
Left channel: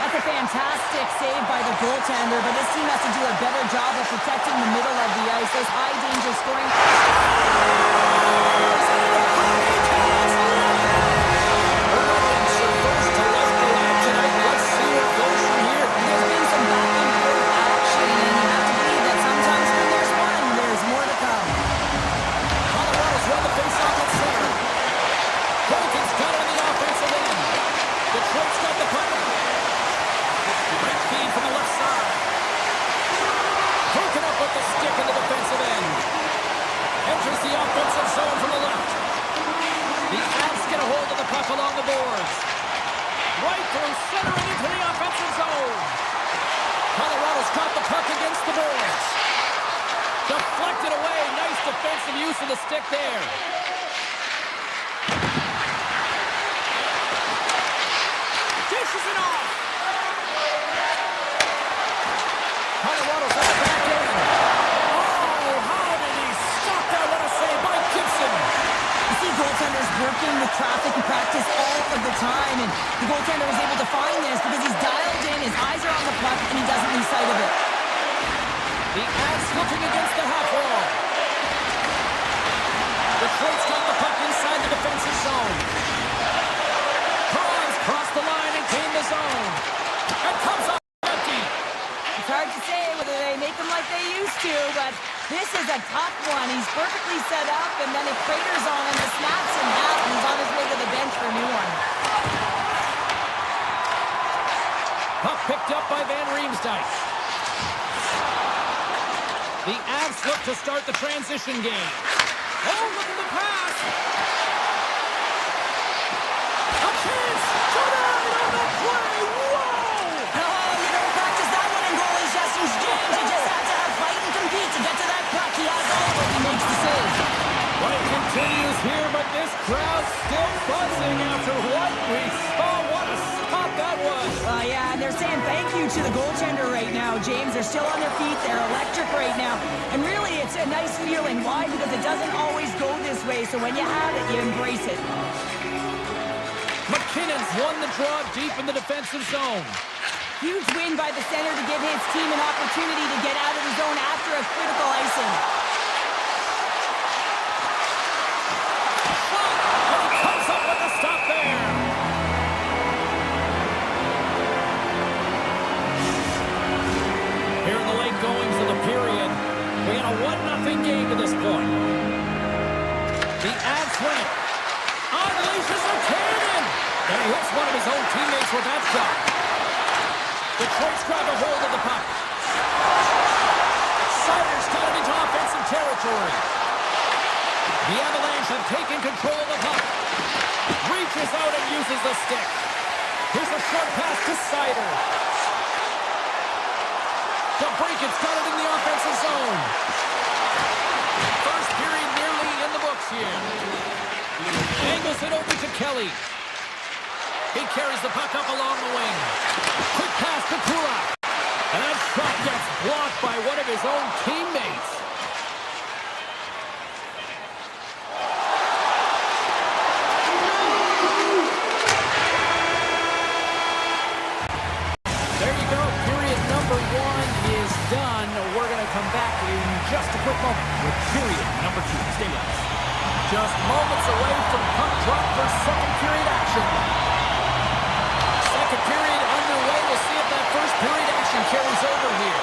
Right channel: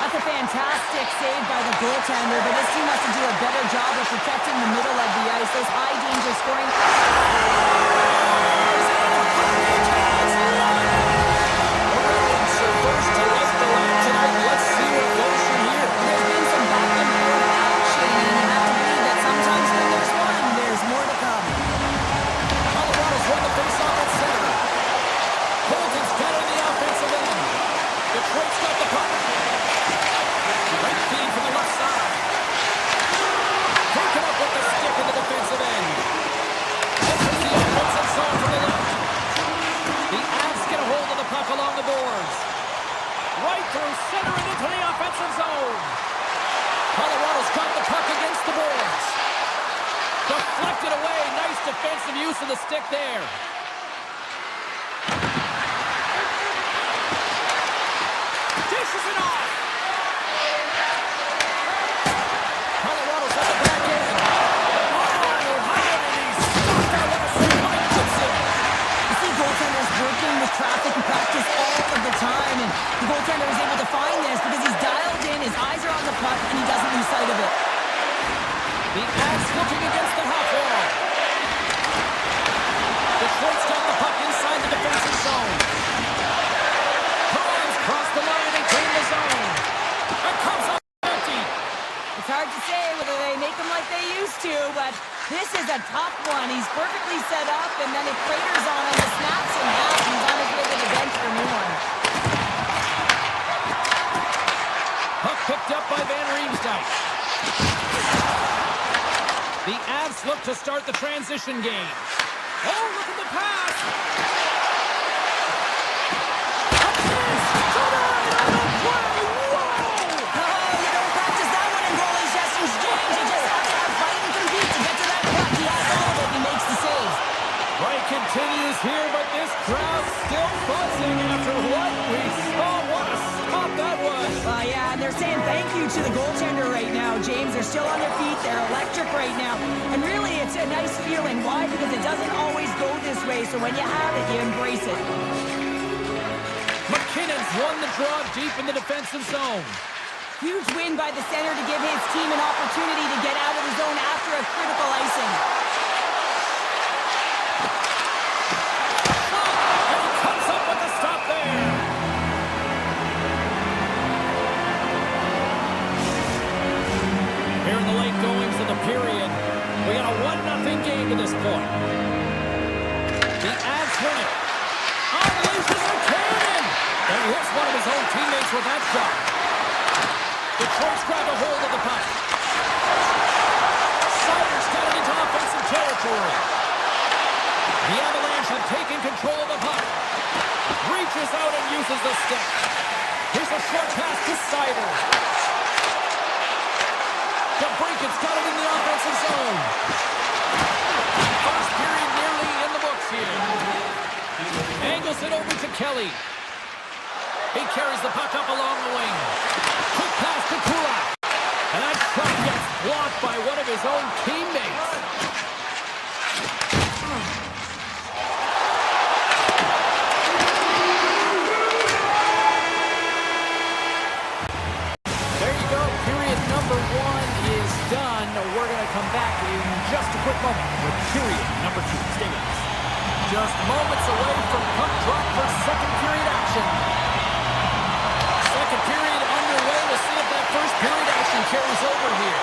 That's a fantastic save by the goaltender, but this team has to do a better job of protecting the middle of the ice. Those high-danger scoring... There's been some back-and-forth action, and you have to believe that sometimes when there's one, there's more to come. Colorado's won the face-off at center. Colton's got it on the offensive end. Detroit's got the puck. Great feed from the left side. Broken up with the stick in the defensive end. Enters the offensive zone from the left. The Avs get a hold of the puck along the boards. Right through center and into the offensive zone. Colorado's got the puck against the boards. Deflected away. Nice defensive use of the stick there. Dishes it off. Colorado's at the back end. Oh, how did he stop that? What a save by Gibson. You see goaltenders working with traffic and practice all of the time, and the goaltender is able to find this because he's dialed in, his eyes are on the puck, and he doesn't lose sight of it. The Avs looking against the half wall. Detroit's got the puck inside the defensive zone. Bruins cross the line and gain the zone. And comes up empty. It's hard to say whether they make him like they used to, but this is a tough one. He's perfectly set up, and then it craters on him, the snaps in half, and he's on his way to the bench for a new one. Puck picked up by Van Riemsdyk. The Avs look to start the transition game. Oh, look at the pass! A chance! Tonight on the play! Whoa! Oh, you don't practice that one in goalie sessions, James. You just have to have fight and compete to get to that puck. He has all of it. He makes the save. Play continues here, but this crowd's still buzzing after what we saw. What a stop that was! Yeah, and they're saying thank you to the goaltender right now, James. They're still on their feet. They're electric right now. And really, it's a nice feeling. Why? Because it doesn't always go this way, so when you have it, you embrace it. McKinnon's won the draw deep in the defensive zone. Huge win by the center to give his team an opportunity to get out of the zone after a critical icing. Shot! And he comes up with the stop there. Here in the late goings of the period, we got a 1-0 game to this point. The Avs win it. Unleashes a cannon! And he hits one of his own teammates with that shot. Detroit's grabbed a hold of the puck. Sider's got it into offensive territory. The Avalanche have taken control of the puck. Reaches out and uses the stick. Here's a short pass to Sider. DeBrinket's got it in the offensive zone. First period nearly in the books here. Angles it over to Kelly. He carries the puck up along the wing. Quick pass to Kodiak. And that shot gets blocked by one of his own teammates. There you go. Period number 1 is done. We're going to come back in just a quick moment with period number 2. Stay with us. Just moments away from puck drop for second period action. Second period underway. We'll see if that first period action carries over here.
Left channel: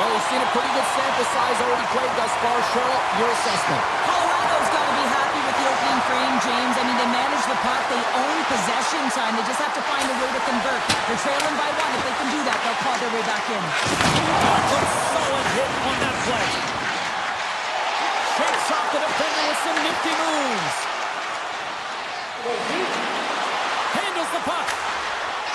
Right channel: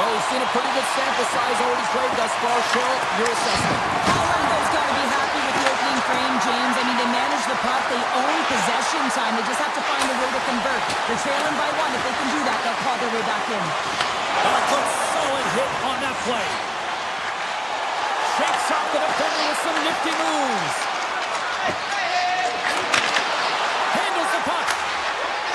Well, we've seen a pretty good sample size already played thus far. Cheryl, your assessment. Colorado's got to be happy with the opening frame, James. I mean, they manage the puck. They own possession time. They just have to find a way to convert. They're trailing by one. If they can do that, they'll claw their way back in. A good solid hit on that play. Shakes off the defender with some nifty moves. Handles the puck.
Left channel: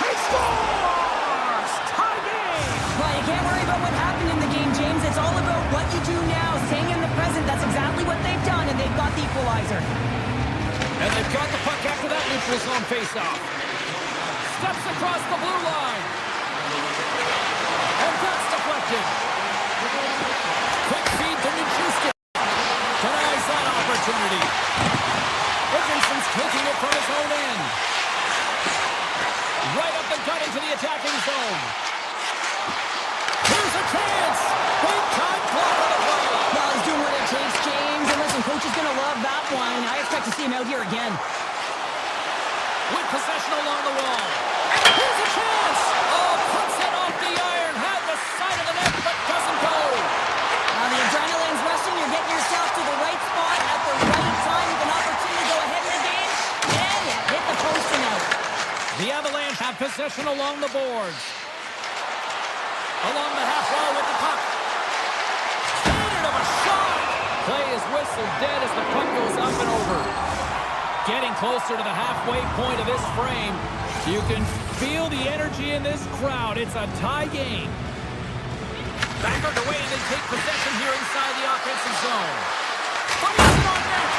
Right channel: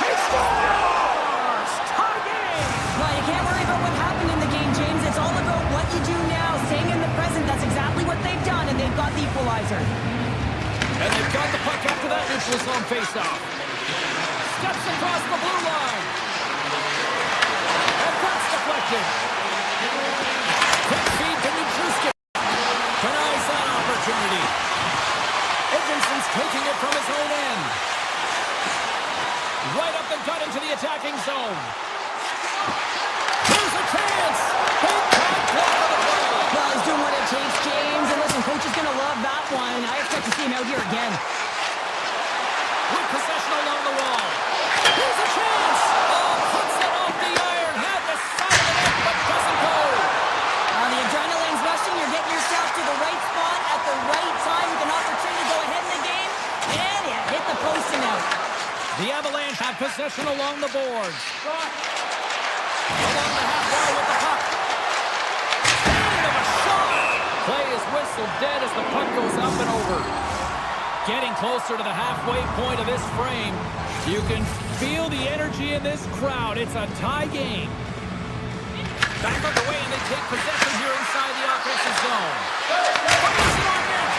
He scores! Tie game! Well, you can't worry about what happened in the game, James. It's all about what you do now, staying in the present. That's exactly what they've done, and they've got the equalizer. And they've got the puck after that neutral zone faceoff. Steps across the blue line. And that's deflected. Quick feed to Nichuski. Denies that opportunity. Edmondson's taking it from his own end. Right up the gut into the attacking zone. Here's a chance. Big time block on the play. Well, he's doing what it takes, James. And listen, coach is going to love that one. I expect to see him out here again. With possession along the wall. Here's a chance. Oh, puts it off the iron. Had the side of the net, but doesn't go. The adrenaline's rushing. You're getting yourself to the right spot at the right time with an opportunity to go ahead in the game. And you hit the post and out. The Avalanche have possession along the boards. Along the half wall with the puck. Cannon of a shot. Play is whistled dead as the puck goes up and over. Getting closer to the halfway point of this frame. You can feel the energy in this crowd. It's a tie game. Back underway, and they take possession here inside the offensive zone. But is it on net?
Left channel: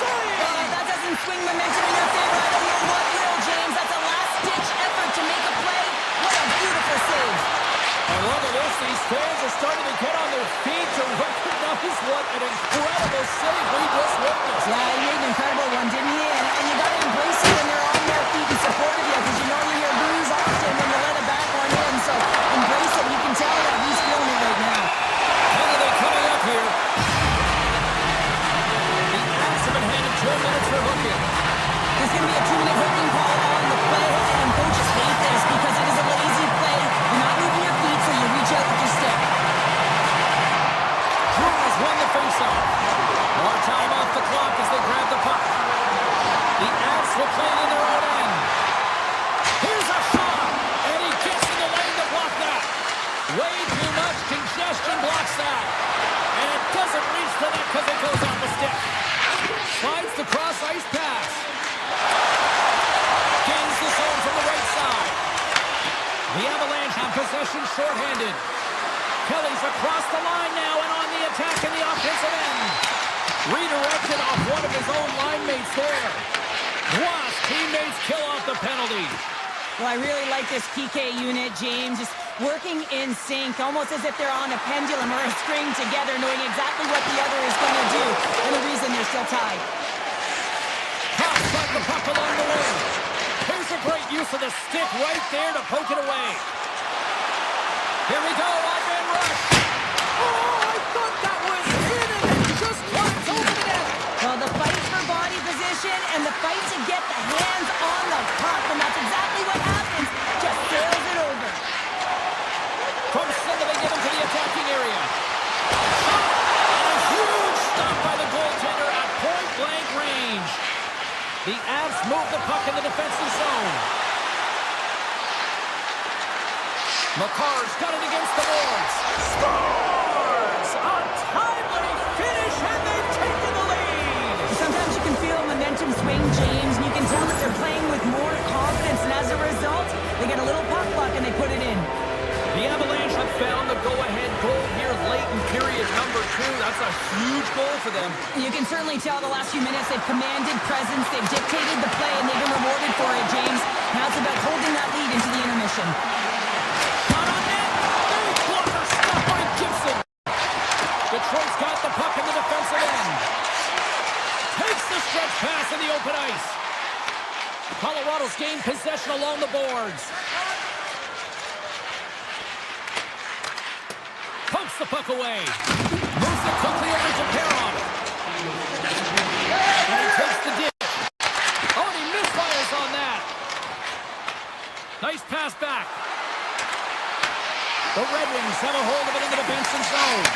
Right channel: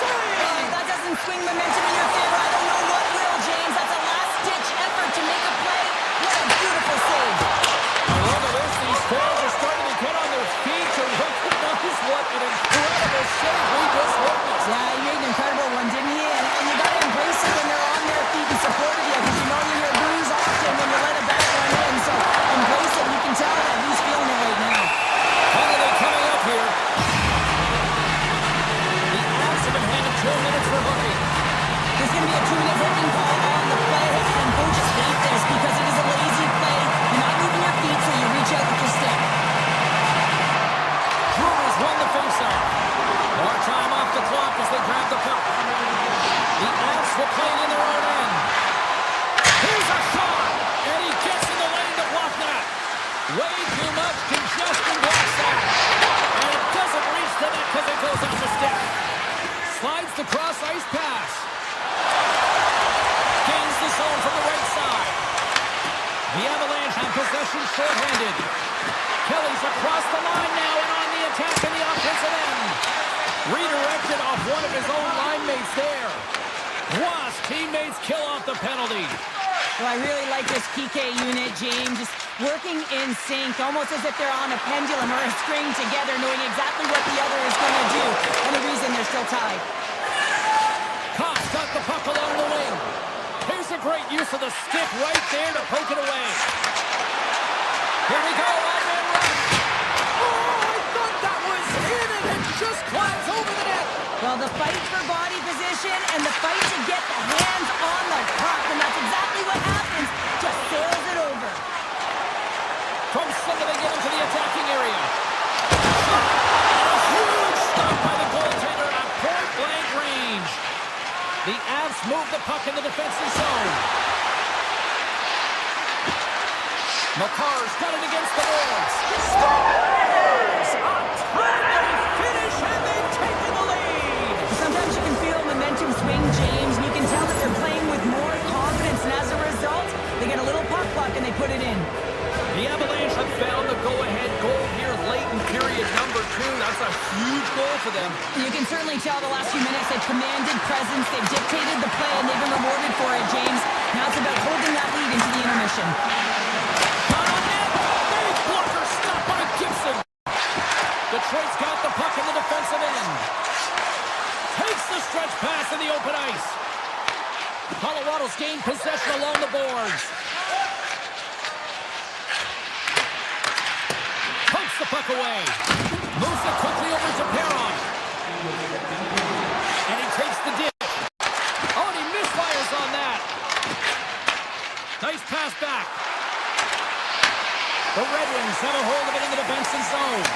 Save! That doesn't swing momentum in your favor. I don't know what will, James. That's a last-ditch effort to make a play. What a beautiful save. Look at this. These fans are starting to get on their feet to recognize what an incredible save we just witnessed. Yeah, he made an incredible one, didn't he? And you got to embrace it when they're on their feet in support of you, because you know you hear boos often when you let a back one in. So embrace it. You can tell that he's feeling it right now. Penalty coming up here. The Avs have been handed 2 minutes for hooking. There's going to be a 2-minute hooking call on the play, and coaches hate this because it is a lazy play. You're not moving your feet, so you reach out with your stick. Brewers won the faceoff. More time off the clock as they grab the puck. The Avs will play it in their own end. Here's a shot, and he gets in the lane to block that. Way too much congestion blocks that. And it doesn't reach the net because it goes off the stick. Slides the cross ice pass. Gains the zone from the right side. The Avalanche have possession shorthanded. Kelly's across the line now and on the attack in the offensive end. Redirected off one of his own line mates there. Wasp teammates kill off the penalty. Well, I really like this PK unit, James. Just working in sync, almost as if they're on a pendulum or a string together, knowing exactly what the other is going to do, and the reason they're still tied. Cox got the puck along the wing. Here's a great use of the stick right there to poke it away. Here we go, odd-man rush. Oh, I thought that was in, and it just climbs over the net. Well, the fight for body position and the fight to get the hands on the puck, and that's exactly what happens. Just sails it over. From center, they get him to the attacking area. Shot, and a huge stop by the goaltender at point-blank range. The Avs move the puck in the defensive zone. McCarr's got it against the boards. Scores! A timely finish, and they've taken the lead. Sometimes you can feel momentum swing, James, and you can tell that they're playing with more confidence, and as a result, they get a little puck luck and they put it in. The Avalanche have found the go-ahead goal here late in period number 2. That's a huge goal for them. You can certainly tell the last few minutes they've commanded presence, they've dictated the play, and they've been rewarded for it, James. Now it's about holding that lead into the intermission. Shot on net. Big blocker stop by Gibson. Detroit's got the puck in the defensive end. Takes the stretch pass in the open ice. Colorado's gained possession along the boards. Pumps the puck away. Moves it quickly over to Perron. And he takes the dip. Oh, and he misfires on that. Nice pass back. The Red Wings have a hold of it into the Benson zone.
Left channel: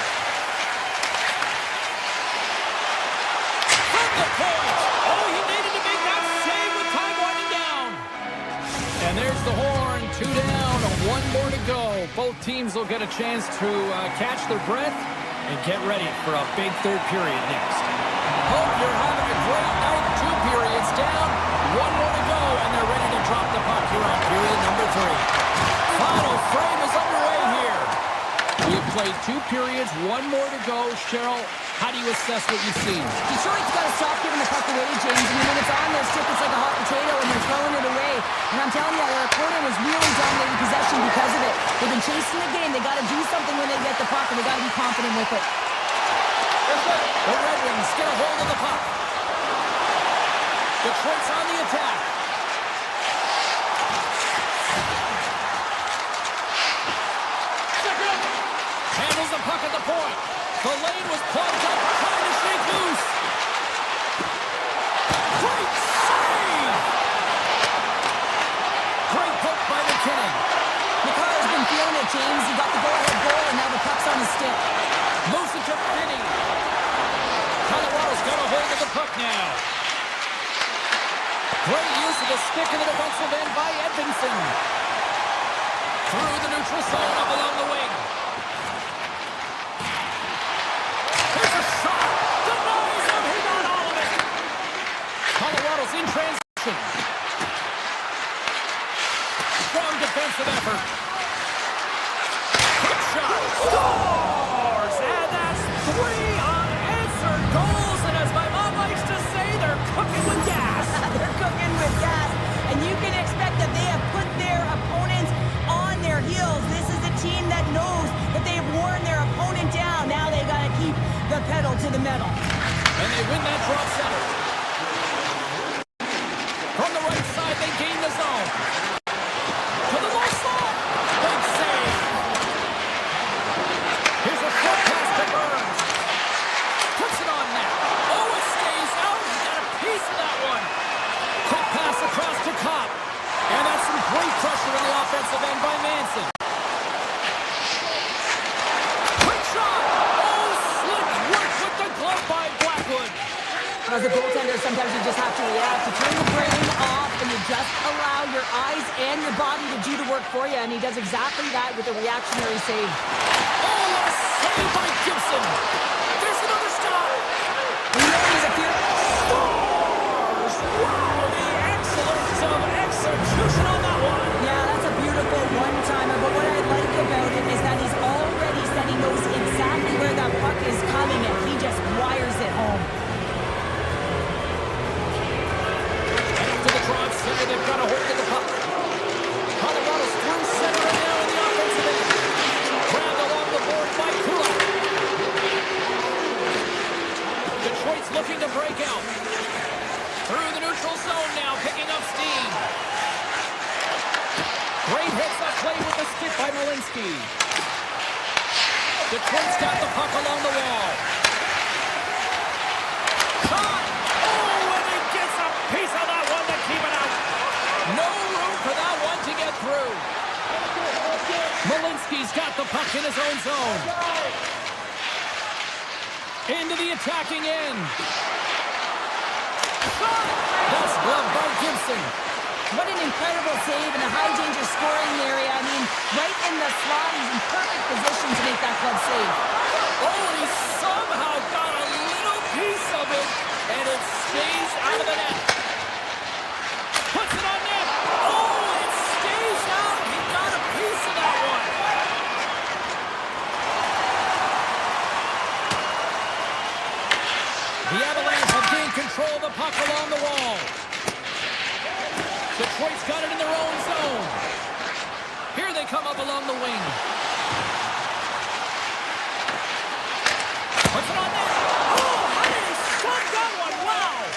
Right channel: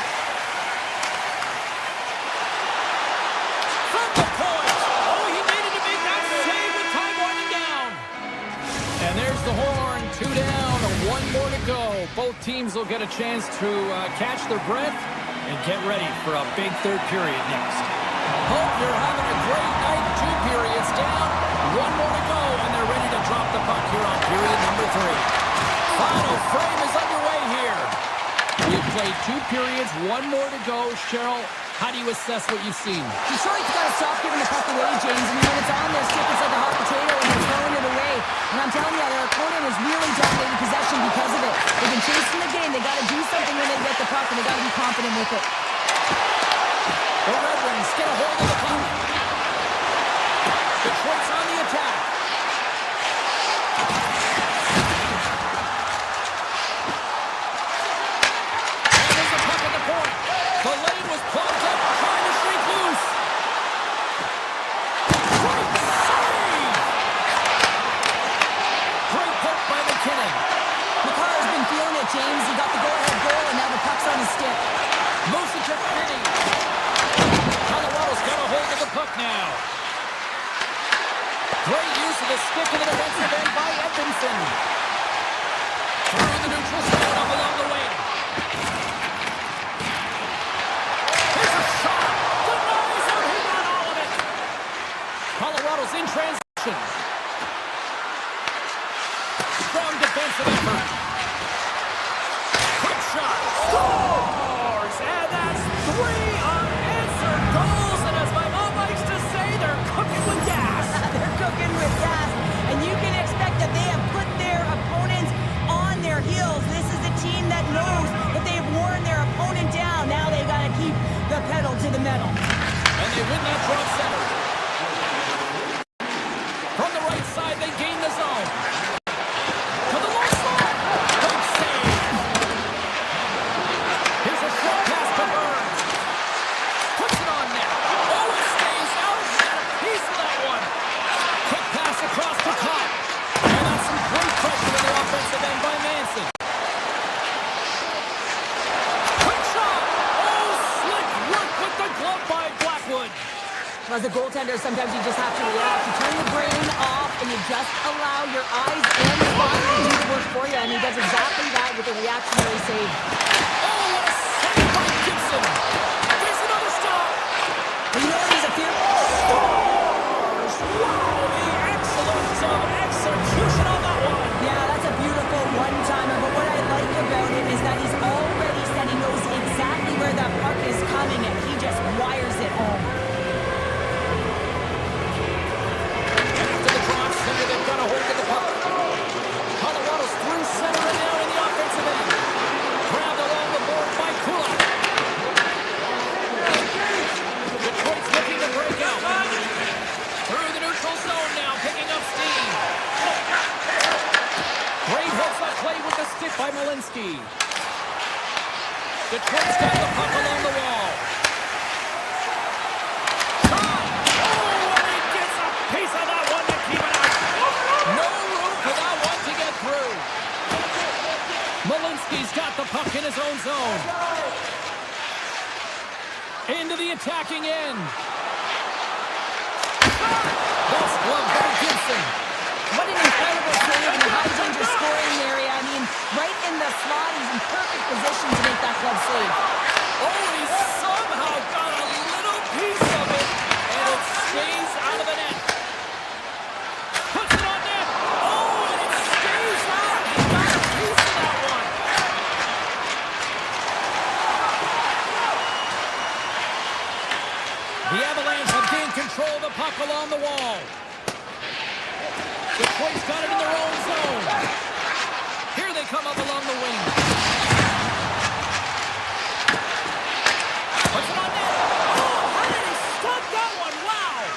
From the point. Oh, he needed to make that save with time winding down. And there's the horn. 2 down, 1 more to go. Both teams will get a chance to catch their breath and get ready for a big third period next. Hope you're having a great night. 2 periods down, 1 more to go, and they're ready to drop the puck here on period number 3. Final frame is underway here. We've played 2 periods, 1 more to go. Cheryl, how do you assess what you've seen? Detroit's got to stop giving the puck away, James. I mean, when it's on their stick, it's like a hot potato, and they're throwing it away. And I'm telling you, their opponent is really dominating possession because of it. They've been chasing the game. They got to do something when they get the puck, and they got to be confident with it. The Red Wings get a hold of the puck. Detroit's on the attack. And there's the puck at the point. The lane was plugged up, trying to shake loose. Great save! Great poke by McKinnon. McCarr's been feeling it, James. He got the go-ahead goal, and now the puck's on his stick. Moves it to Finney. Colorado's got a hold of the puck now. Great use of the stick in the defensive end by Edvinsson. Through the neutral zone up along the wing. Here's a shot. Denies him. He got all of it. Colorado's in transition. Strong defensive effort. Quick shot. Scores! And that's 3 unanswered goals. And as my mom likes to say, they're cooking with gas. They're cooking with gas, and you can expect that they have put their opponents on their heels. This is a team that knows that they've worn their opponent down. Now they got to keep the pedal to the metal. And they win that drop center. From the right side, they gain the zone. To the low slot. Big save. Here's a short pass to Burns. Puts it on net. Oh, it stays out. He got a piece of that one. Quick pass across to Kopp. And that's some great pressure in the offensive end by Manson. Quick shot. Oh, slick work with the glove by Blackwood. As a goaltender, sometimes you just have to react. You turn the brain off, and you just allow your eyes and your body to do the work for you, and he does exactly that with a reactionary save. Oh, what a save by Gibson. There's another stop. You know he's a fearful. Scores! Wow, the excellence of execution on that one. Yeah, that's a beautiful one-timer, but what I like about it is that he's already said he knows exactly where that puck is coming, and he just wires it home. And after the draw center, they've got a hold of the puck. Colorado's through center and now in the offensive end. Grabbed along the board by Kodiak. Detroit's looking to break out. Through the neutral zone now, picking up steam. Great heads-up play with the stick by Malinsky. Detroit's got the puck along the wall. Shot! Oh, and he gets a piece of that one to keep it out. No room for that one to get through. Malinsky's got the puck in his own zone. Into the attacking end. Shot! That's gloved by Gibson. What an incredible save in the high-danger scoring area. I mean, right in the slot, he's in perfect position to make that glove save. Oh, and he somehow got a little piece of it, and it stays out of the net. Puts it on net. Oh, and it stays out. He got a piece of that one. The Avalanche have gained control of the puck along the wall. Detroit's got it in their own zone. Here they come up along the wing. Puts it on net. Oh, how did he stop that one? Wow.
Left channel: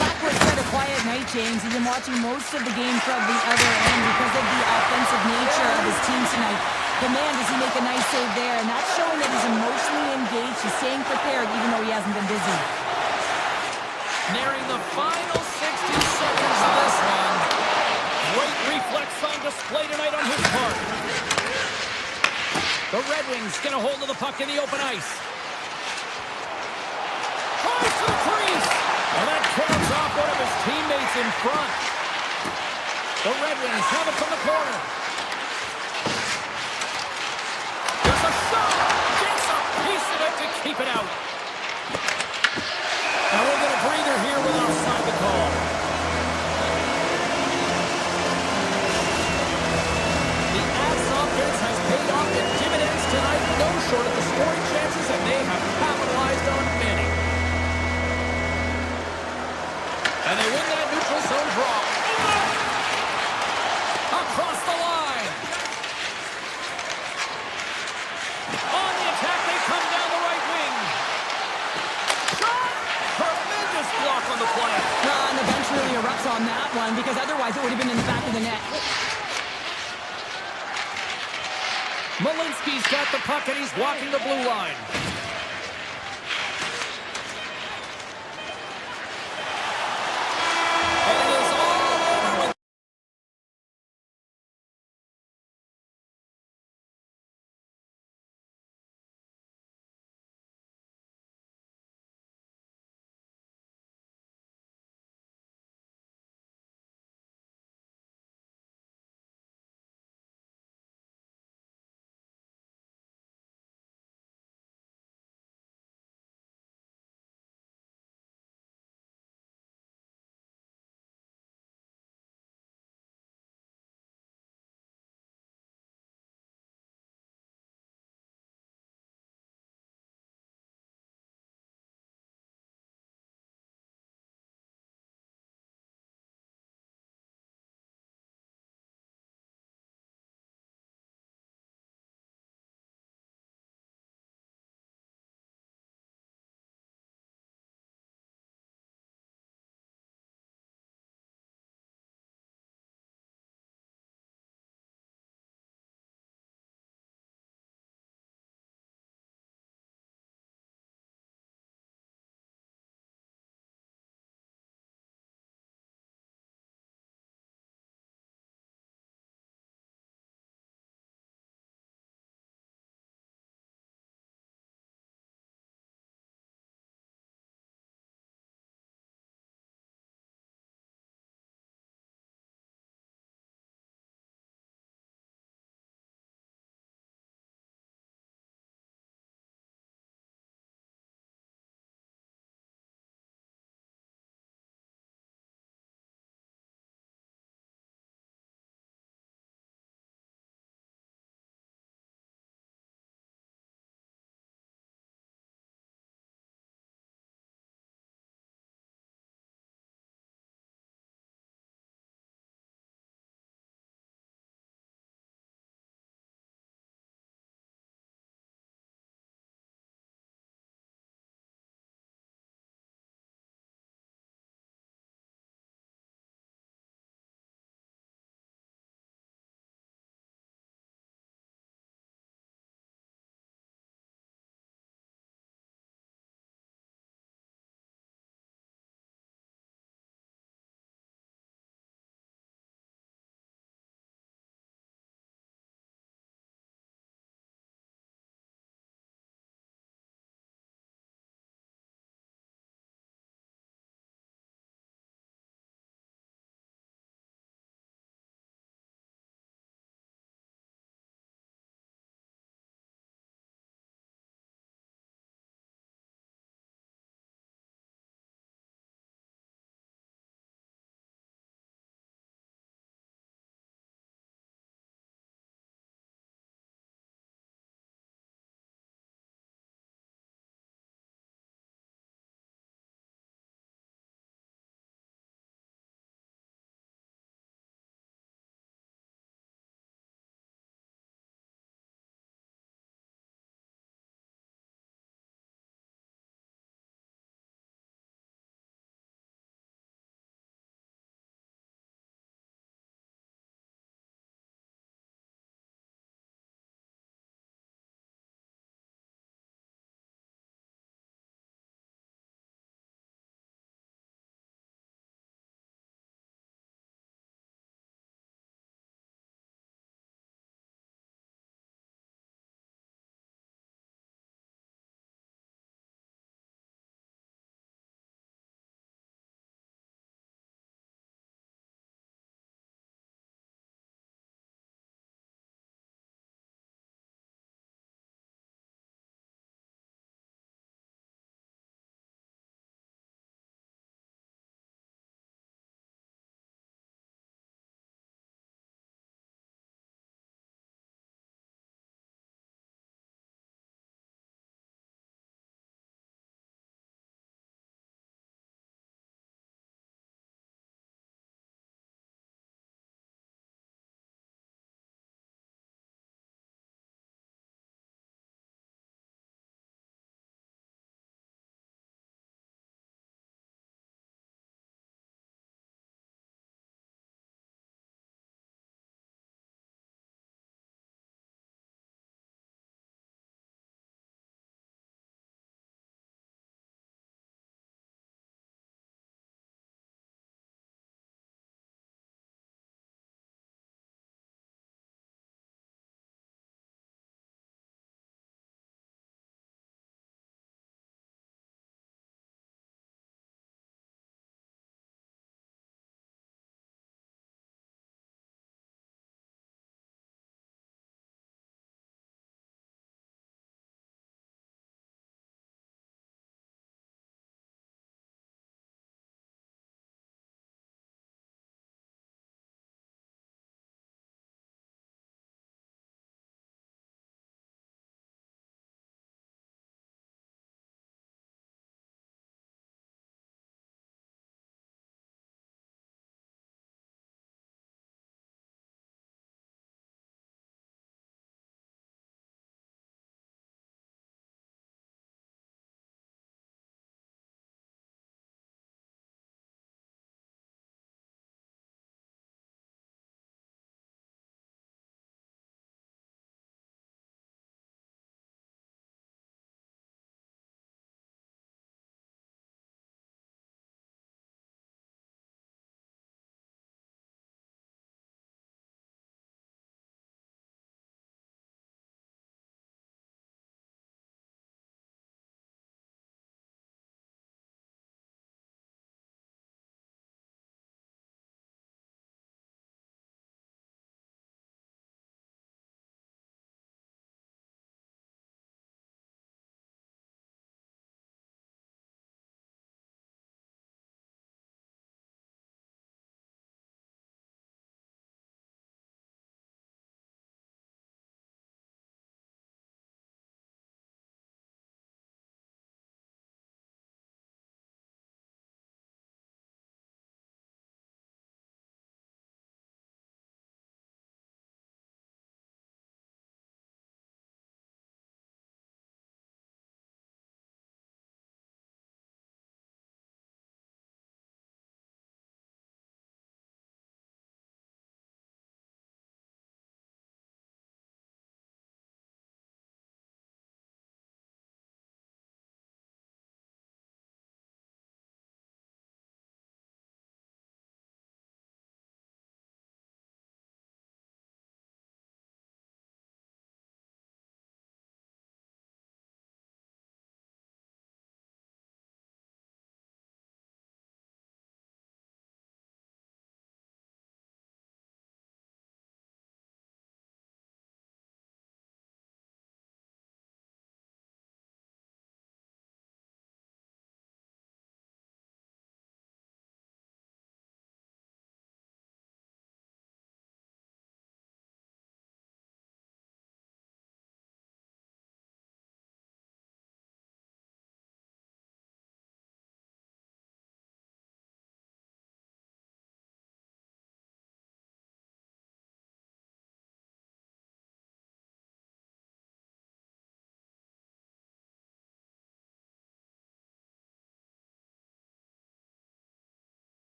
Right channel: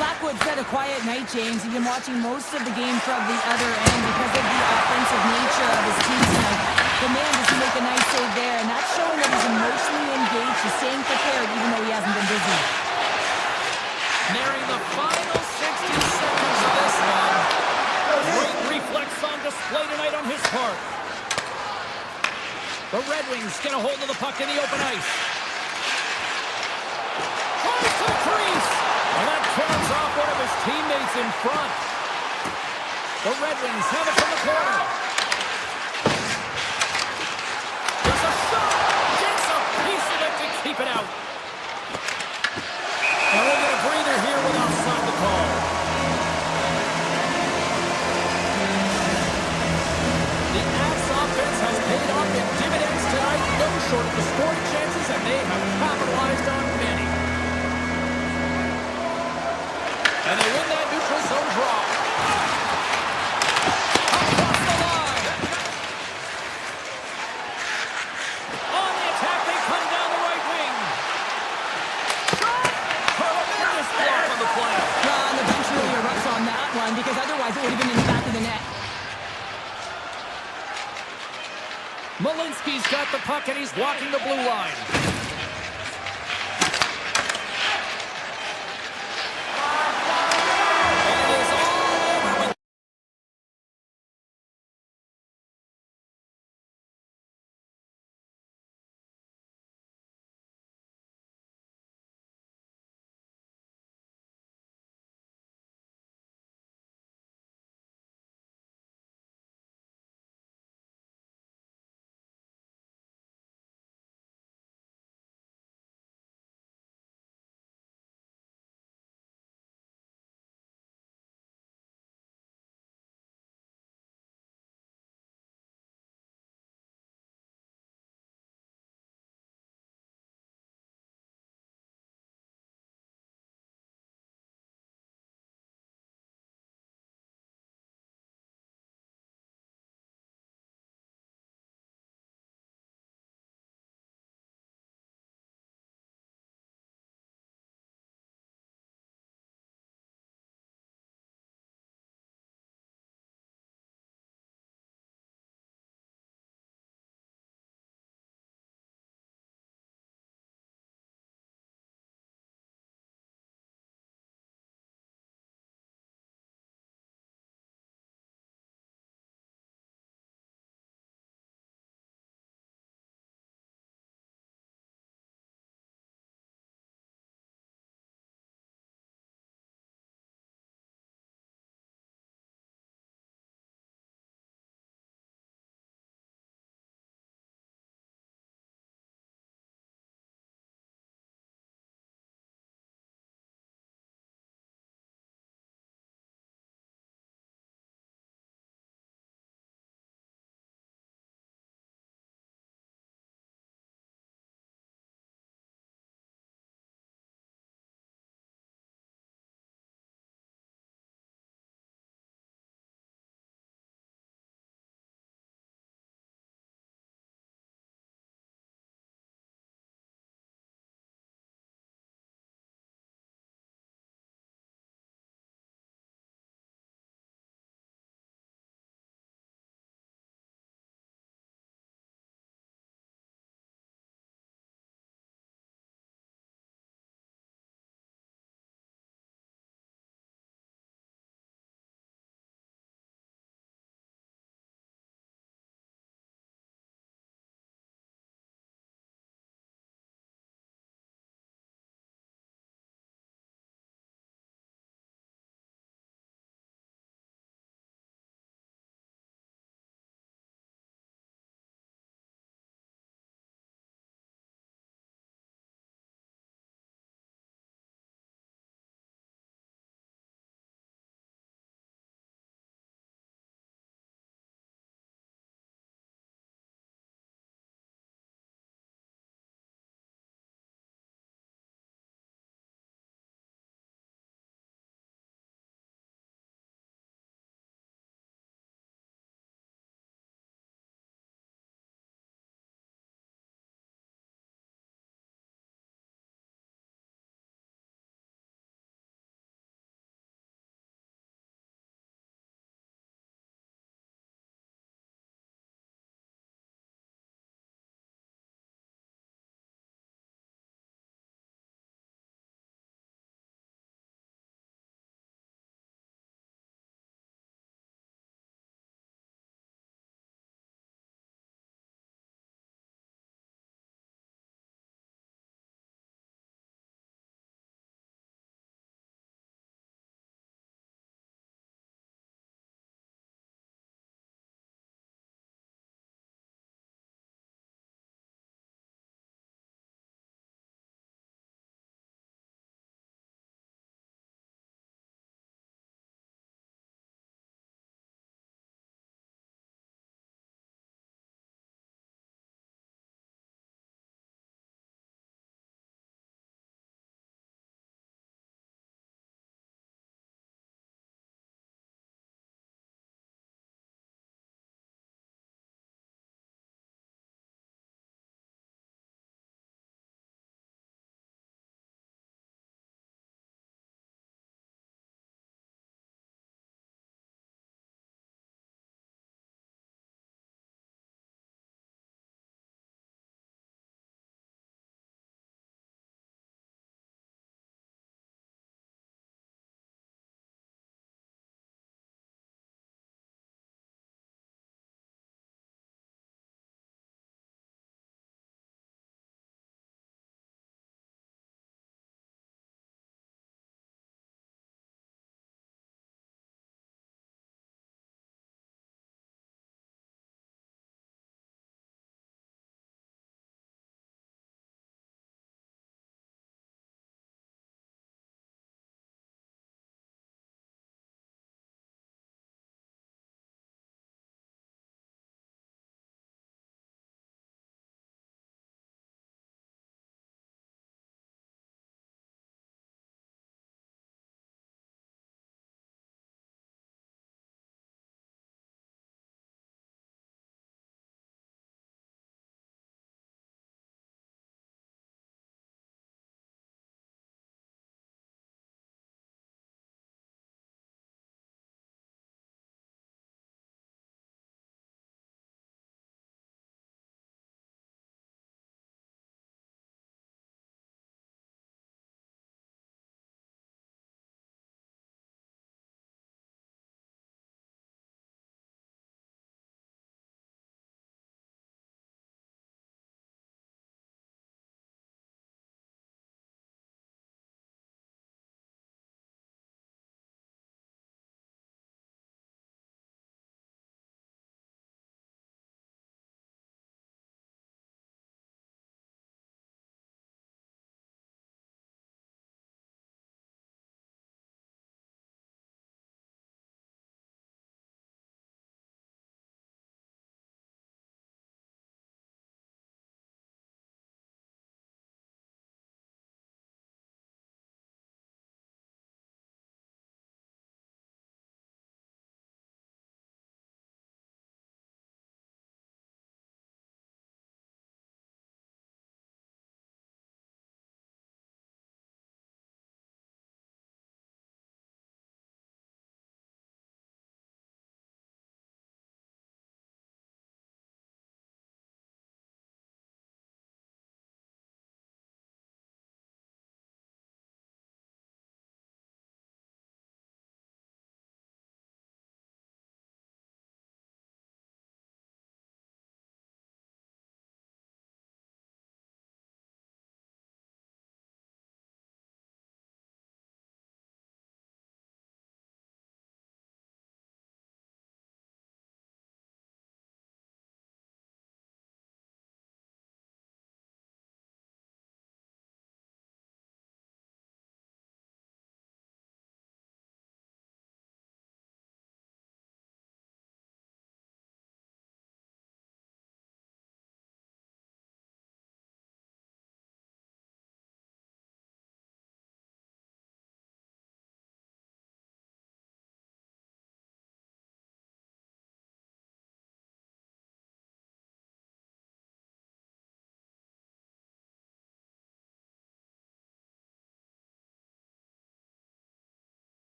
Blackwood's had a quiet night, James. He's been watching most of the game from the other end because of the offensive nature of his team tonight. But man, does he make a nice save there, and that's showing that he's emotionally engaged He's staying prepared even though he hasn't been busy. Nearing the final 60 seconds of this one. Great reflex on display tonight on his part. The Red Wings get a hold of the puck in the open ice. Tries to the crease. And that turns off one of his teammates in front. The Red Wings have it from the corner. There's a shot. Gets a piece of it to keep it out. And we'll get a breather here with offside the call. The Avs offense has paid off in dividends tonight, no short of the scoring chances, and they have capitalized on many. And they win that neutral zone draw. Across the line. On the attack, they come down the right wing. Shot! Tremendous block on the play. And the bench really erupts on that one because otherwise it would have been in the back of the net. Malinsky's got the puck and he's walking the blue line.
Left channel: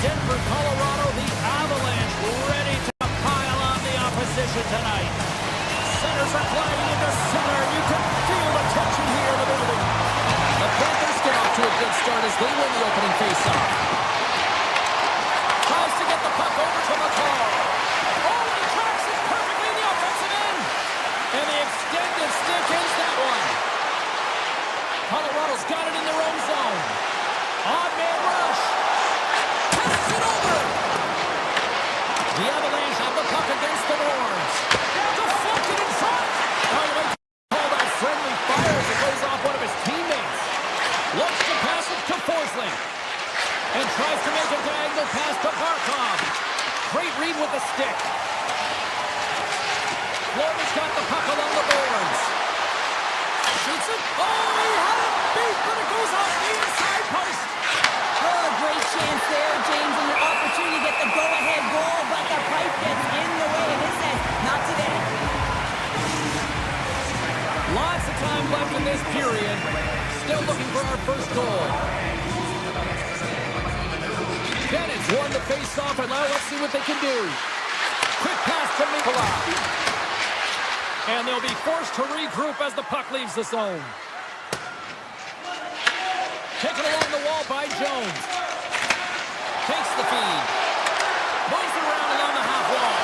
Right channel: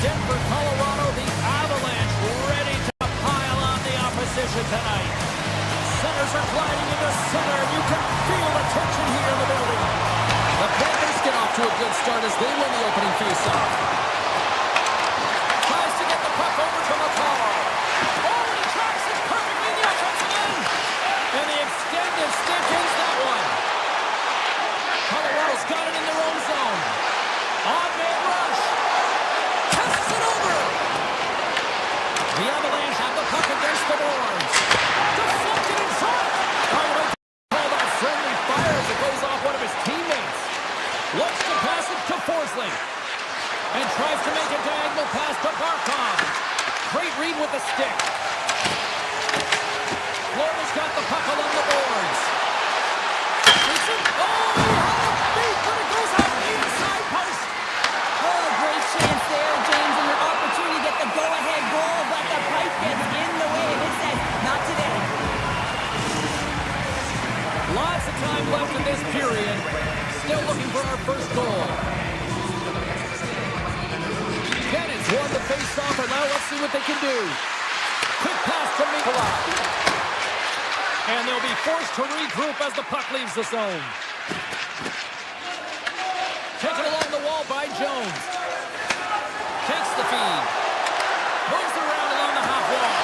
Denver, Colorado, the Avalanche ready to pile on the opposition tonight. Centers are gliding into center. You can feel the tension here in the building. The Panthers get off to a good start as they win the opening faceoff. Tries to get the puck over to McCall. Oh, and he tracks it perfectly in the offensive end. And the extended stick ends that one. Colorado's got it in their own zone. Odd man rush. Tests it over. The Avalanche have the puck against the boards. Deflected in front. Oh, you might call that friendly fire as it goes off one of his teammates. Looks to pass it to Forsling. And tries to make a diagonal pass to Barkov. Great read with the stick. Florida's got the puck along the boards. Shoots it. Oh, he had it beat, but it goes off the inside post. Oh, great chance there, James, and your opportunity to get the go-ahead goal, but the pipe gets in the way, and it says, not today. Lots of time left in this period. Still looking for our first goal. Bennett's won the face-off, and now let's see what they can do. Quick pass to Mikola. And they'll be forced to regroup as the puck leaves the zone. Taken along the wall by Jones. Takes the feed. Moves around along the half wall.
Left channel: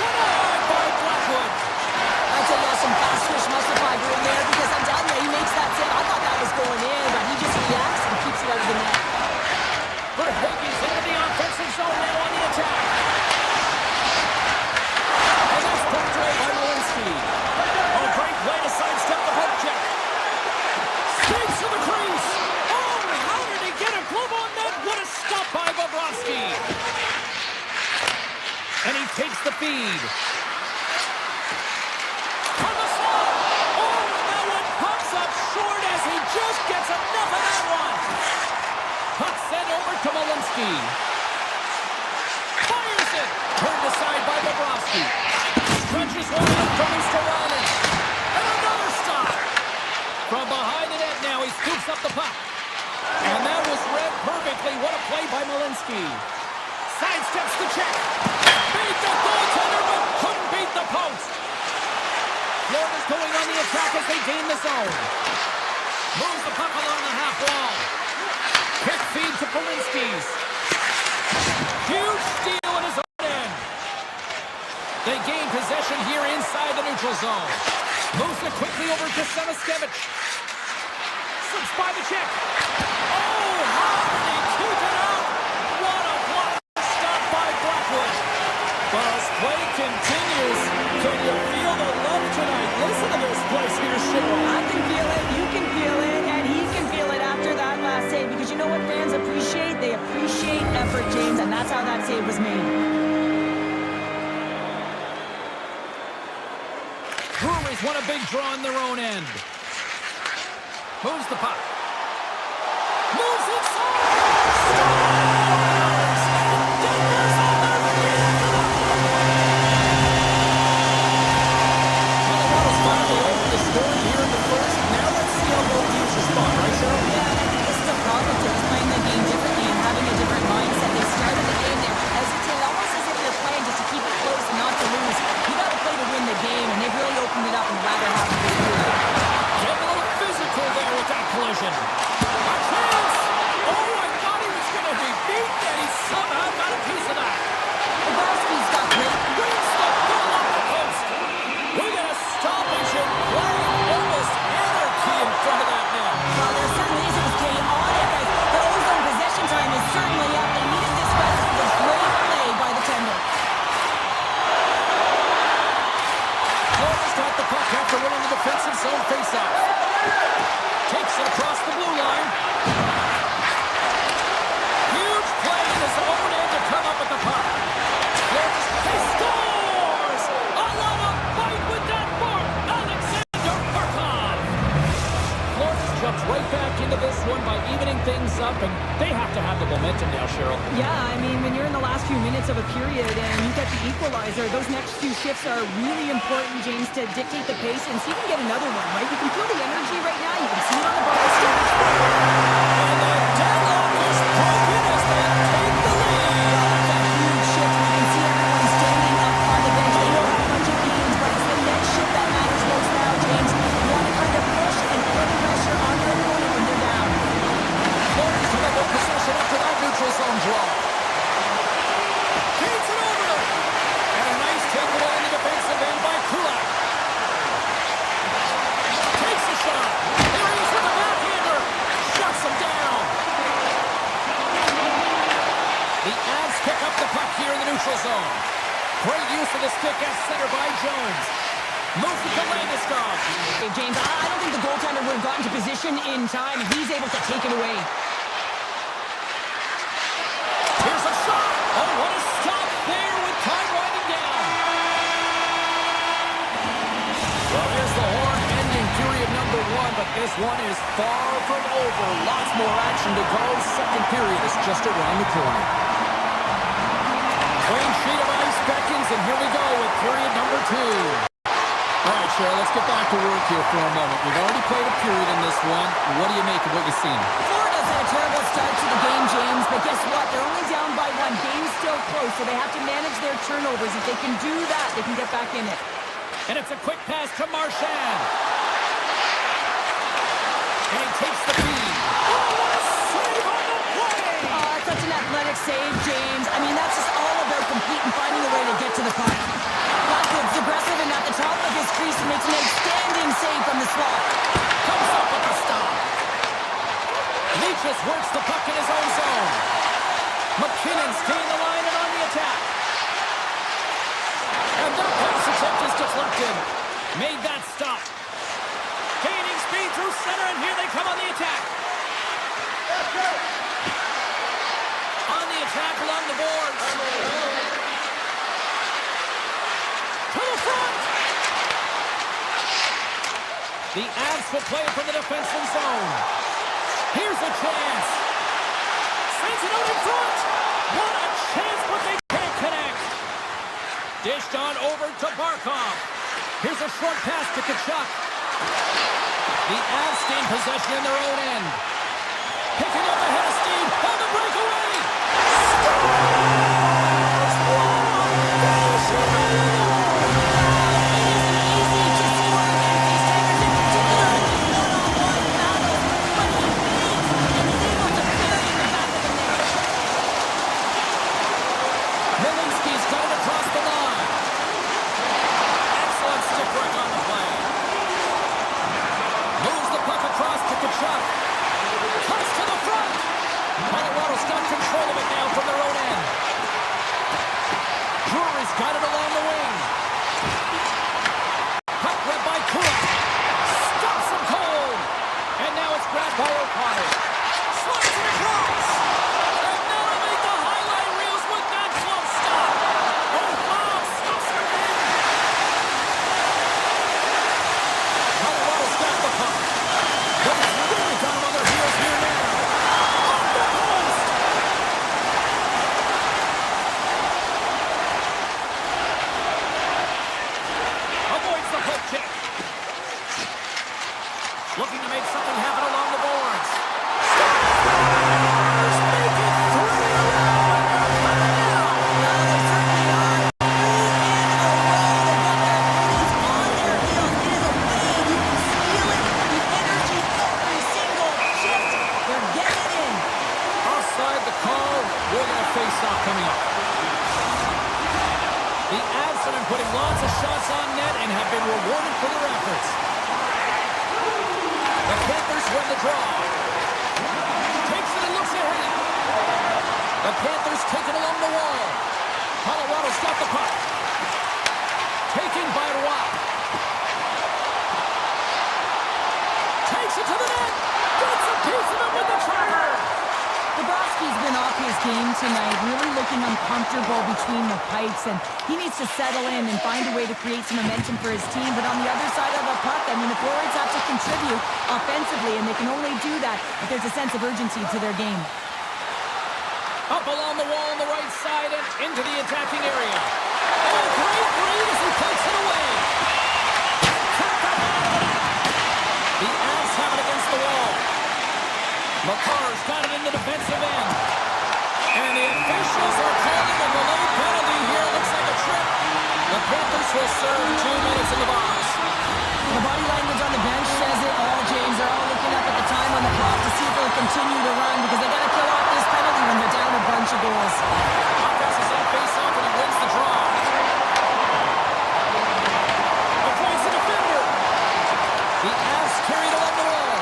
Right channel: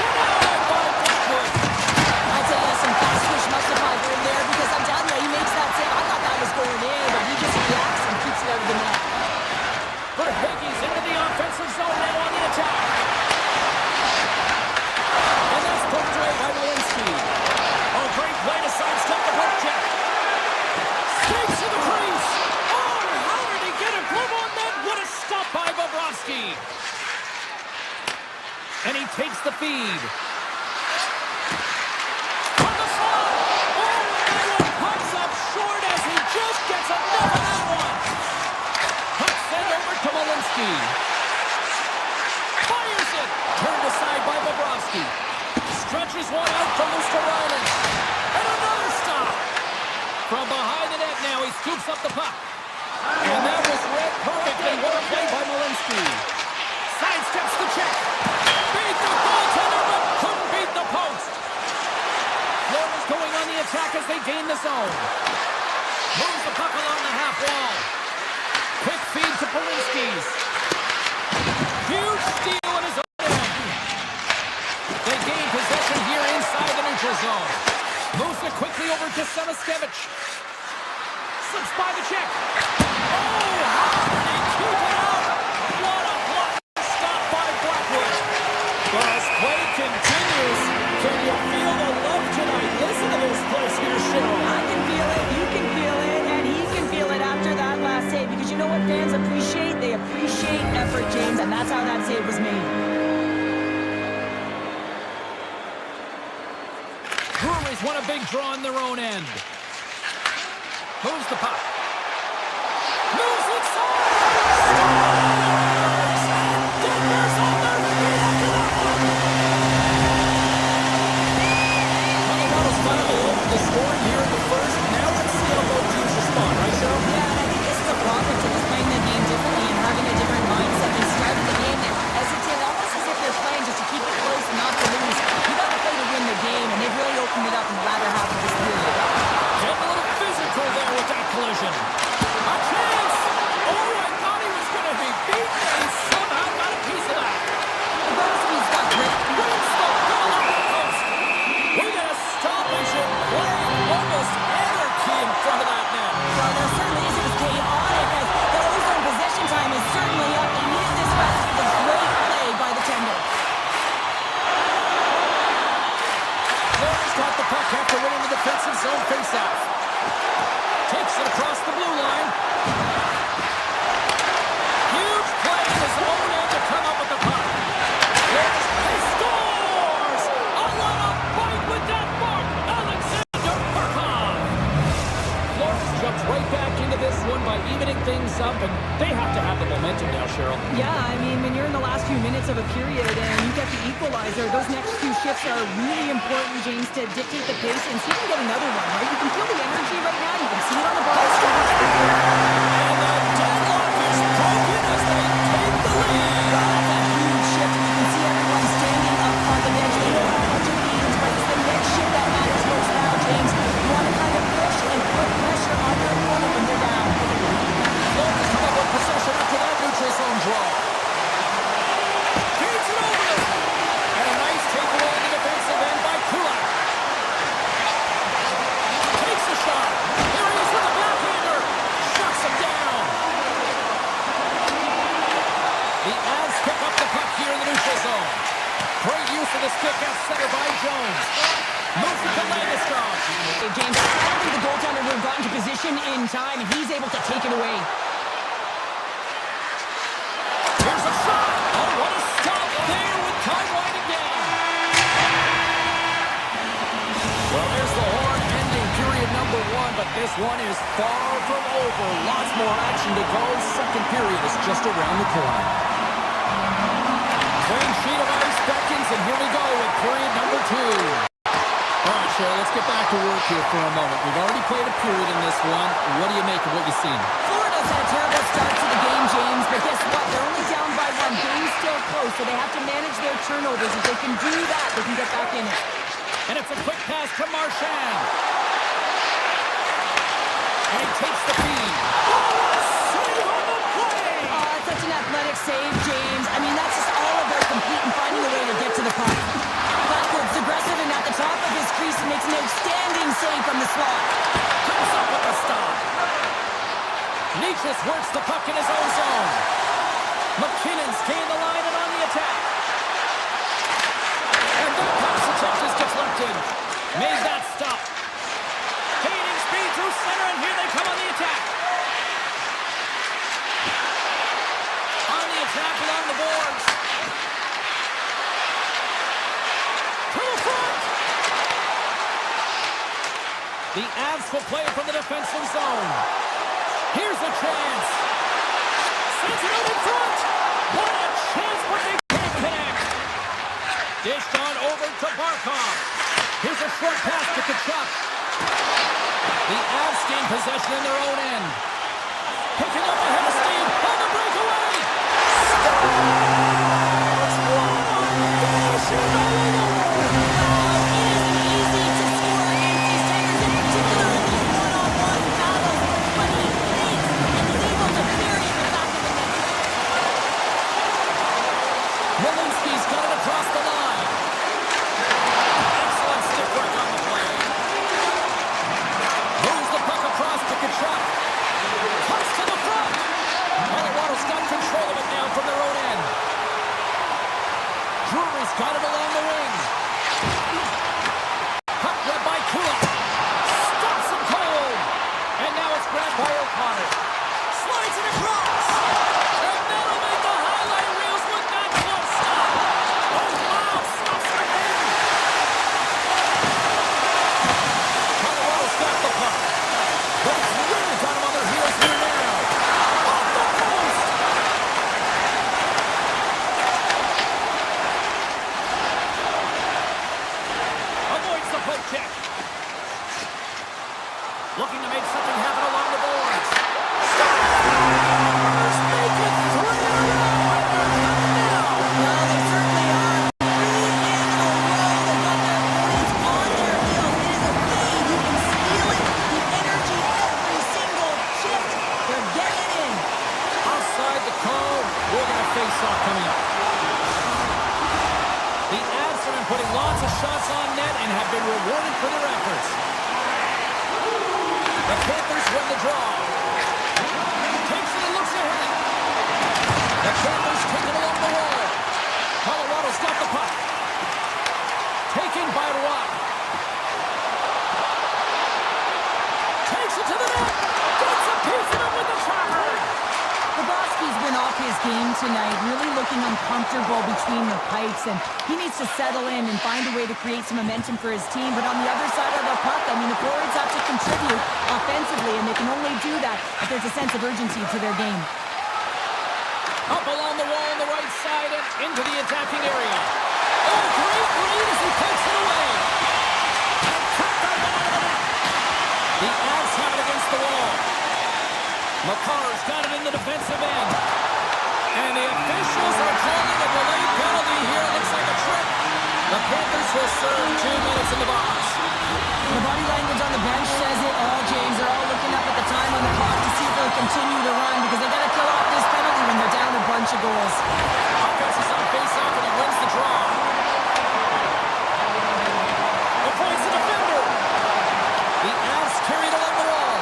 Denied by Blackwood. I'd say some fast twitch muscle fiber in there because I'm telling you, he makes that save. I thought that was going in, but he just reacts and keeps it out of the net. Verhaeghe's into the offensive zone now on the attack. And that's poked away by Malinsky. Oh, great play to sidestep the poke check. Skates to the crease. Oh, how did he get a glove on that? What a stop by Bobrovsky. And he takes the feed. On the slot. Oh, and that one pops up short as he just gets enough of that one. Puck sent over to Malinsky. Fires it. Turned aside by Bobrovsky. Stretches one out from Mustarainen. And another stop. From behind the net now, he scoops up the puck. And that was read perfectly. What a play by Malinsky. Sidesteps the check. Beat the goaltender, but couldn't beat the post. Florida's going on the attack as they gain the zone. Moves the puck along the half wall. Quick feed to Polinski's. Huge steal in his own end. They gain possession here inside the neutral zone. Moves it quickly over to Samaskevich. Slips by the check. Oh, how did he keep it out? What a block stop by Blackwood. But as play continues, can you feel the love tonight? Listen to this place here, Cheryl. I can feel it, you can feel it, and he can feel it after that last save. Because you know what fans appreciate? They appreciate effort, James, and that's how that save was made. Breweries won a big draw in their own end. Moves the puck. Moves inside! Scores! And Denver's on their feet after that one! Colorado's finally opened the scoring here in the first. Now let's see how both teams respond, right, Cheryl? Yeah, and I think this is a problem to just playing the game differently and having a different mindset. They started the game, they were hesitant, almost as if they're playing just to keep it close and not to lose. You got to play to win the game, and they've really opened it up in the latter half of this period. Getting a little physical there with that collision. A chance! Oh, I thought he was going to be beaten, and he somehow got a piece of that. Bobrovsky's got great. Wins the goal off the post. We got a stoppage in play. Almost anarchy in front of that net. Well, there certainly is. It was chaotic as the ozone possession time is certainly up. They needed this rest with a great play by the tender. Florida's got the puck after winning the defensive zone faceoff. Takes it across the blue line. Huge play in his own end to come up with the puck. Florida's, he scores! A lot of fight with that mark. Alexander Barkov. Florida's jumped right back into this one by evening things up, and they have to have the momentum now, Cheryl. Yeah, I mean, when you're in the last few minutes of a period and you get the equalizer, those next few shifts are really important, James, to dictate the pace and see if you can get another one, right? You can feel the energy right now. You can see it on the ball. And the deadlock is broken as they take the lead. zone draw. Feeds it over. And a nice takeaway in the defensive end by Kodiak. Takes a shot. Here he is with the backhander. Shuts him down. The Avs pick up the puck here in the neutral zone. Great use of the stick at center by Jones. Moves it to Landeskog. Hey, James, I don't think the goaltender would have gotten to position in time, and he's able to take it away. Here's a shot. Oh, what a stop there with time winding down. Well, there's the horn ending period number 1, but this one is far from over. Lots more action to go. Second period is just around the corner. Clean sheet of ice beckons, and here we go with period number 2. All right, Cheryl, let's get back to work here for a moment. We've already played a period in this one. What do you make of what you've seen? Florida's had a terrible start to the game, James, but guess what? They're only down by 1. Game's still close, so they have to manage their turnovers. If they can do that, they can get back in it. And it's a quick pass to Marchand. And he takes the feed. Oh, what a save on the play! Such an athletic save, James. I mean, that's just all about competing, finding a way to get to the puck. Blackwood's aggressive and at the top of his crease and makes an outstanding save from the slot. Comes up with the stop. Leachus works the puck in his own zone. McKinnon staying the line and on the attack. And that pass attempt is deflected. Made that stop. Gaining speed through center, and here they come on the attack. On the attack along the boards. To the front. The Avs will play it from the defensive zone. Here's a chance. Sends it out in front. What a chance, but they can't connect. Dished on over to Barkov. Here's a short pass to Kachuk. The Avs gain possession in their own end. Picking up ahead of steam on the breakaway. Scores! What a finish in the middle. It isn't easy to score against these Tigers, in particular in these one-on-one battles, but he thinks and is able to bury in the back of the net. Malinsky's got it across the line. Excellent stick work on the play. Moves the puck across to Kachuk. Cuts to the front. Colorado's got control of it now from their own end. Drury's got it along the wing. Puck read by Kula. Stops him cold. And now it's grabbed by O'Connor. Slides it across. And that'll make the highlight reels with that glove stop. Oh, wow. Stops him in. Colorado's got the puck. But it's really got him on their heels here now. Off the post. Avoids the poke check. Looking to make something happen along the boards. Scores! Make it 3 in a row, and they're coming now. Well, they certainly are. 3 in a row. They've got their opponents on their heels. It is a fade. You can feel it. The energy every single shift. They're getting it in. Offside the call. We're going to face off coming up. The Avs have been putting lots of shots on net and have been rewarded for their efforts. The Panthers win the draw. Takes it and looks ahead. The Panthers take it along the wall. Colorado's got the puck. Taken by Rock. Takes it to the net. Gets a piece of it with the trapper. Bobrovsky's been off his game tonight, really looking uncomfortable between the pipes, and he needs to settle in and find a way to create some momentum for his team. But on the other side of the puck, I mean, the forwards have to contribute offensively, and they can only do that if there's a sense of urgency to their game. Up along the wall on the right side and into the attacking area. Oh, great read as he pokes it away. And cut that one out of the net. The Avs have it against the wall. McCarr's got it in the defensive end. And the officials are calling a delayed penalty here. It looks like a trip. The Panthers will serve 2 minutes in the box. The body language on the bench says it all, James. They're all looking up at the time on the clock to see if they'll continue to run because they got to kill off this penalty when they're down a bunch bunch of goals. Offense is on face-off, and he wins the draw. Avoids the defender. The Avs carried along the wall.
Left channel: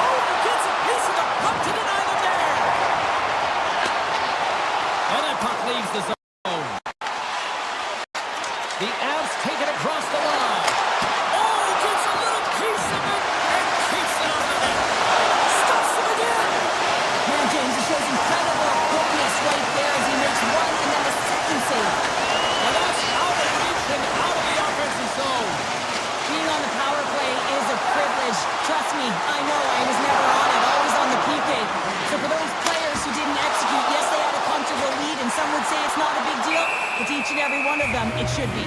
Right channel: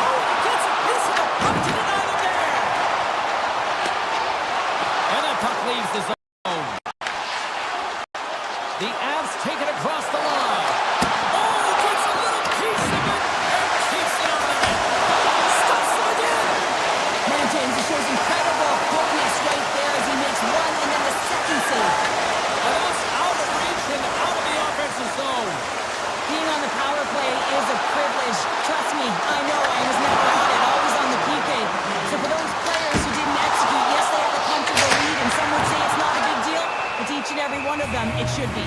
Oh, he gets a piece of the puck to deny them there. And that puck leaves the zone. The Avs take it across the line. Oh, gets a little piece of it and keeps it out of the net. Stuffs him again. Man, James, it shows incredible quickness right there as he makes one and then the second save. And that's out of reach and out of the offensive zone. Being on the power play is a privilege. Trust me, I know I was never on it, always on the PK. So for those players who didn't execute, yes, they had a comfortable lead, and some would say it's not a big deal, but to each and every one of them, it should be.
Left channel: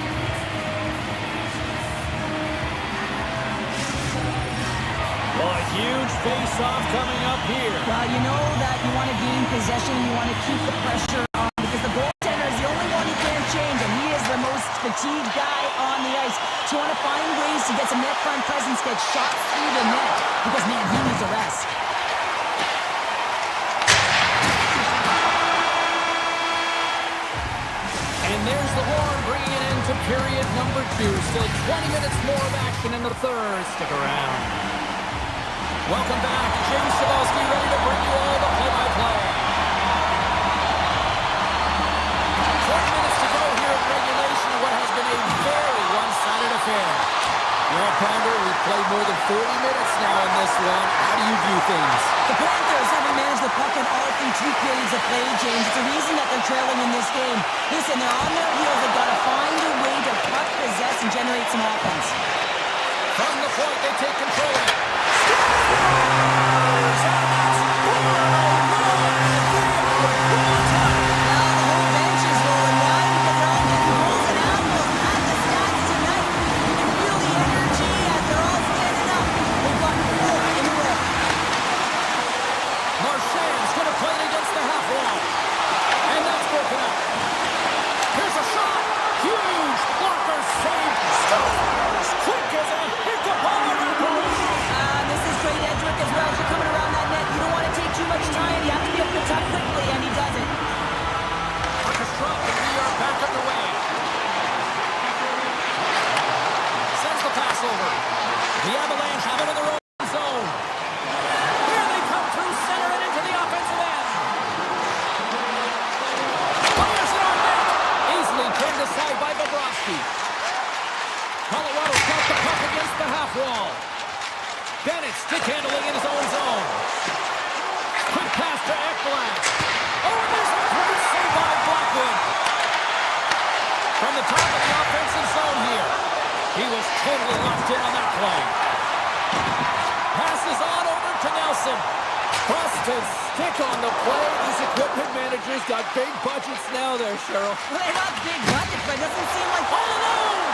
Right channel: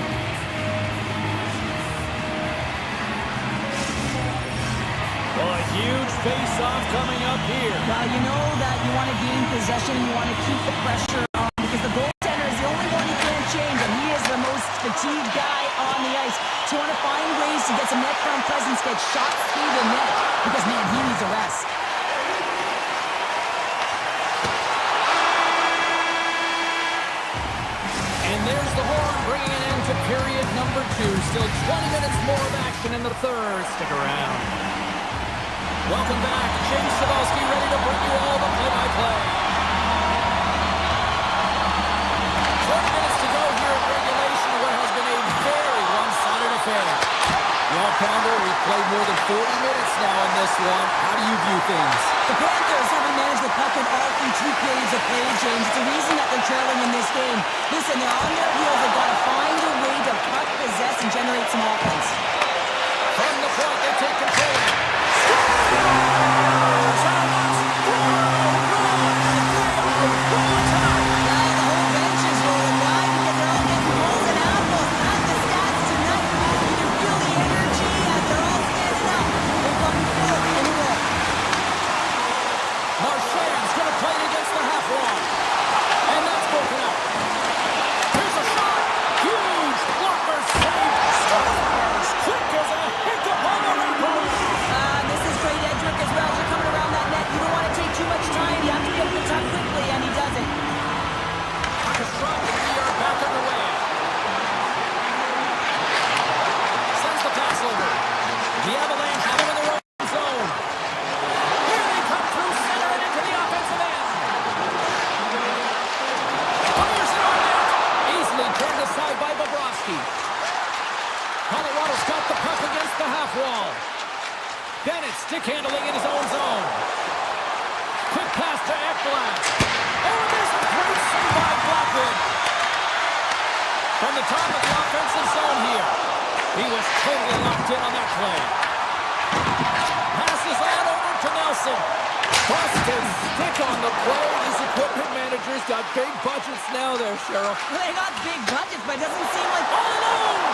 Well, a huge face-off coming up here. Well, you know that you want to gain possession, you want to keep the pressure on, because the goaltender is the only one who can't change, and he is the most fatigued guy on the ice. So you want to find ways to get some net front presence, get shots through the net, because, man, he needs a rest. And there's the horn, bringing it into period number 2. Still 20 minutes more of action in the third. Stick around. Welcome back. James Cybulski ready to bring you all the play-by-play. 20 minutes to go here in regulation of what has been a very one-sided affair. Well, Pounder, we've played more than 40 minutes now in this one. How do you view things? The Panthers haven't managed the puck in all through 2 periods of play, James. It's a reason that they're trailing in this game. Listen, they're on their heels. They've got to find a way to puck possess and generate some offense. From the point, they take control of it. Scores! And that's 4-1! They are rolling time! Now the whole bench is rolling. Why? Because they're all getting goals and apples. At the stats tonight, you can feel the energy as they're all standing up. They've gotten 4 in a row. Marchand's going to play it against the half wall. And that's broken up. Here's a shot. Huge blocker save. Scores! Quick as a hiccup on the wraparound. This is great edge work as well. As you're coming around that net, you don't want to take too much time. You have to be able to tuck quickly, and he does it. ePuckStorm, and we are back underway. Sends the pass over. The Avalanche have it in their own zone. Here they come through center and into the offensive end. Fires it on net. Easily turned aside by Bobrovsky. Colorado's got the puck against the half wall. Bennett stick handling in his own zone. Quick pass to Ekblad. Oh, and there's a great save by Blackwood. From the top of the offensive zone here. He was totally locked in on that play. Passes on over to Nelson. Busted stick on the play. These equipment managers got big budgets now there, Cheryl. Well, they got big budgets, but it doesn't seem like... All alone!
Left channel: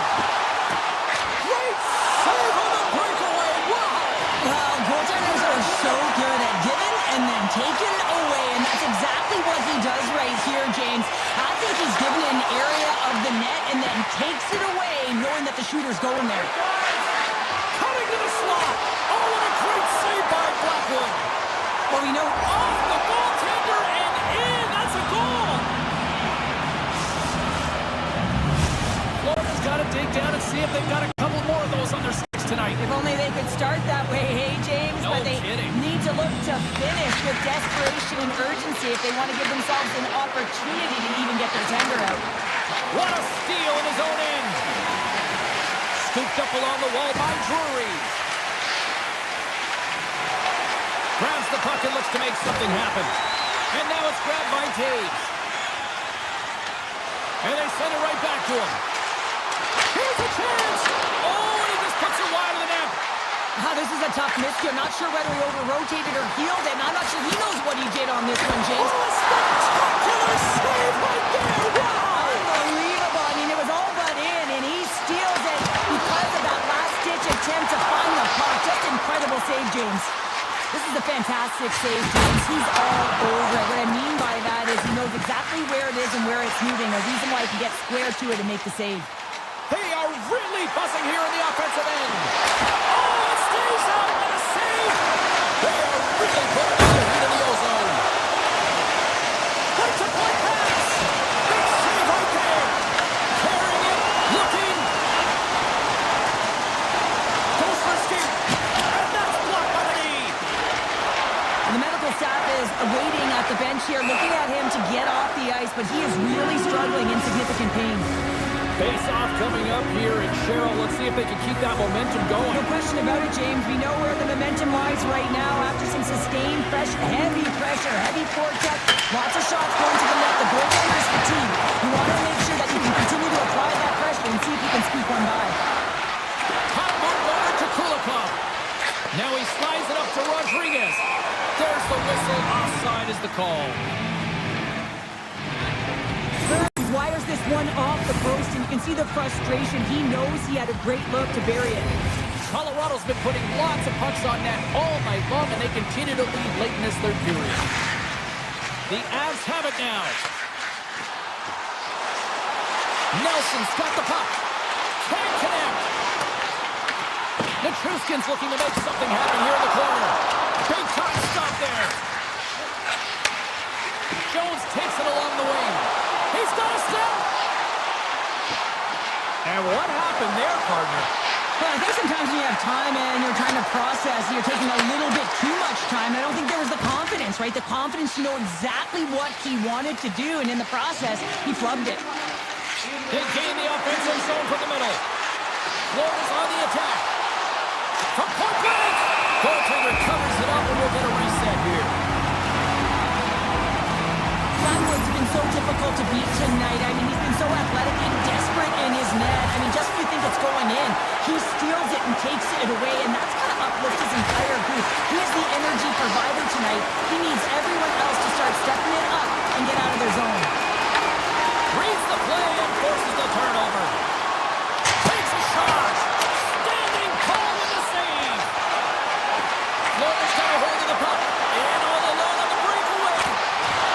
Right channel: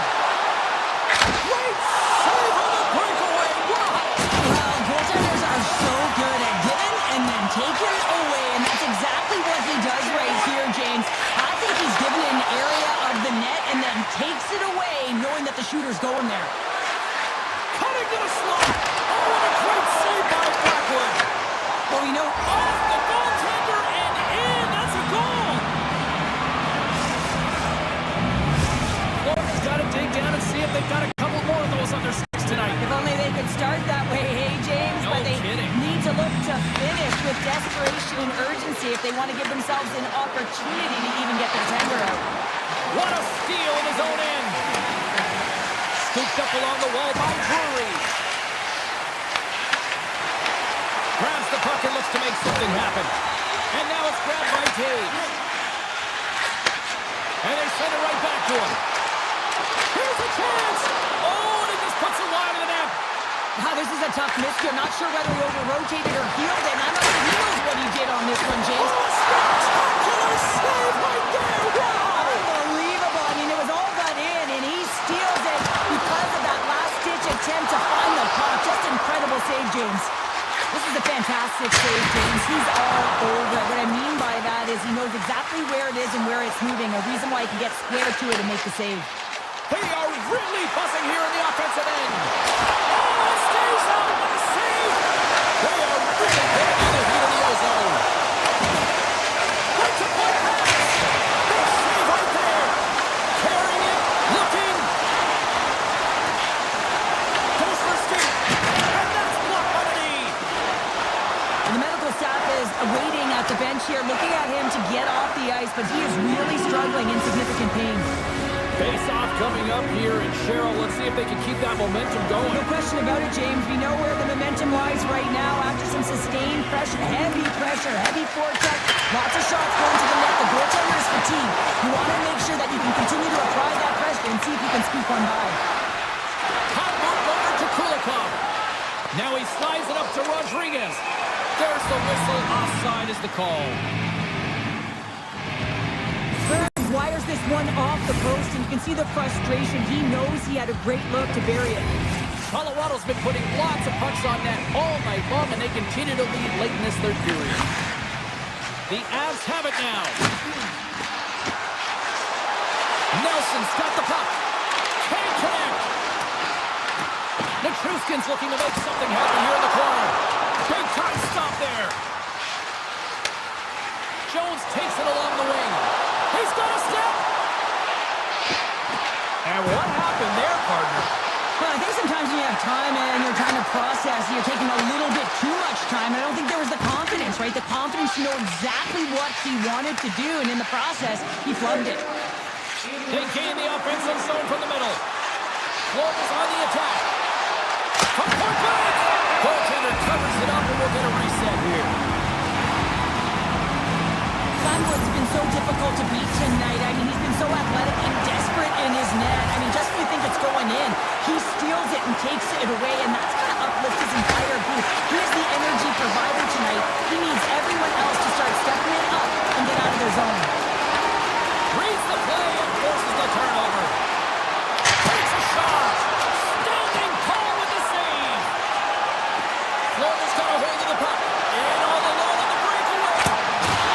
Great save on the breakaway. Wow! Well, goaltenders are so good at giving and then taking away, and that's exactly what he does right here, James. I think he's given an area of the net and then takes it away, knowing that the shooter's going there. Cutting to the slot. Oh, what a great save by Blackwood. Well, we know... Off the goaltender and in. That's a goal. Florida's got to dig down and see if they've got a couple more of those on their sticks tonight. If only they could start that way, hey, James? No but they kidding. need to look to finish with desperation and urgency if they want to give themselves an opportunity to even get their tender out. What a steal in his own end. Scooped up along the wall by Drury. Grabs the puck and looks to make something happen. And now it's grabbed by Taves. And they send it right back to him. Here's a chance. Oh, and he just puts it wide of the net. Wow, this is a tough miscue. I'm not sure whether he over-rotated or healed it, and I'm not sure he knows what he did on this one, James. Oh, a spectacular save right there. Wow. Unbelievable. I mean, it was all but in, and he steals it because of that last-ditch attempt to find the puck. Just incredible save, James. This is a fantastic save, James. He's all over it. What I mean by that is he knows exactly where it is and where it's moving, a reason why he can get square to it and make the save. They are really buzzing here in the offensive end. Oh, it stays out. What a save. They are really putting on the heat in the ozone. Right to get off the ice, but he is really struggling in significant pain. Face-off coming up here, and Cheryl, let's see if they can keep that momentum going. No question about it, James. We know where the momentum lies right now after some sustained pressure, heavy forecheck, lots of shots going to the net. The goaltender is fatigued. You want to make sure that you can continue to apply that pressure and see if you can squeak one by. Hot move over to Kulikov. Now he slides it up to Rodriguez. There's the whistle. Offside is the call. Wires this one off the post, and you can see the frustration. He knows he had a great look to bury it. Colorado's been putting lots of pucks on net all night long, and they continue to lead late in this third period. The Avs have it now. Nelson's got the puck. Can't connect. Nichushkin's looking to make something happen here in the corner. Big time stop there. Jones takes it along the wing. He's got a step! And what happened there, partner? Well, I think sometimes when you have time and you're trying to process, you're taking a little bit too much time. I don't think there was the confidence, right? The confidence to know exactly what he wanted to do, and in the process, he flubbed it. They gain the offensive zone from the middle. Florida's on the attack. From point blank! Goaltender covers it up, and we'll get a reset here. Gladwood's been so difficult to beat tonight. I mean, he's been so athletic and desperate in his net. I mean, just when you think it's going in, he steals it and takes it away, and that's going to uplift his entire group. He is the energy provider tonight. He needs everyone else to start stepping it up and get out of their zone. Reads the play and forces the turnover. Takes a shot. Standing tall with the save. Florida's got a hold of the puck. In all alone on the breakaway.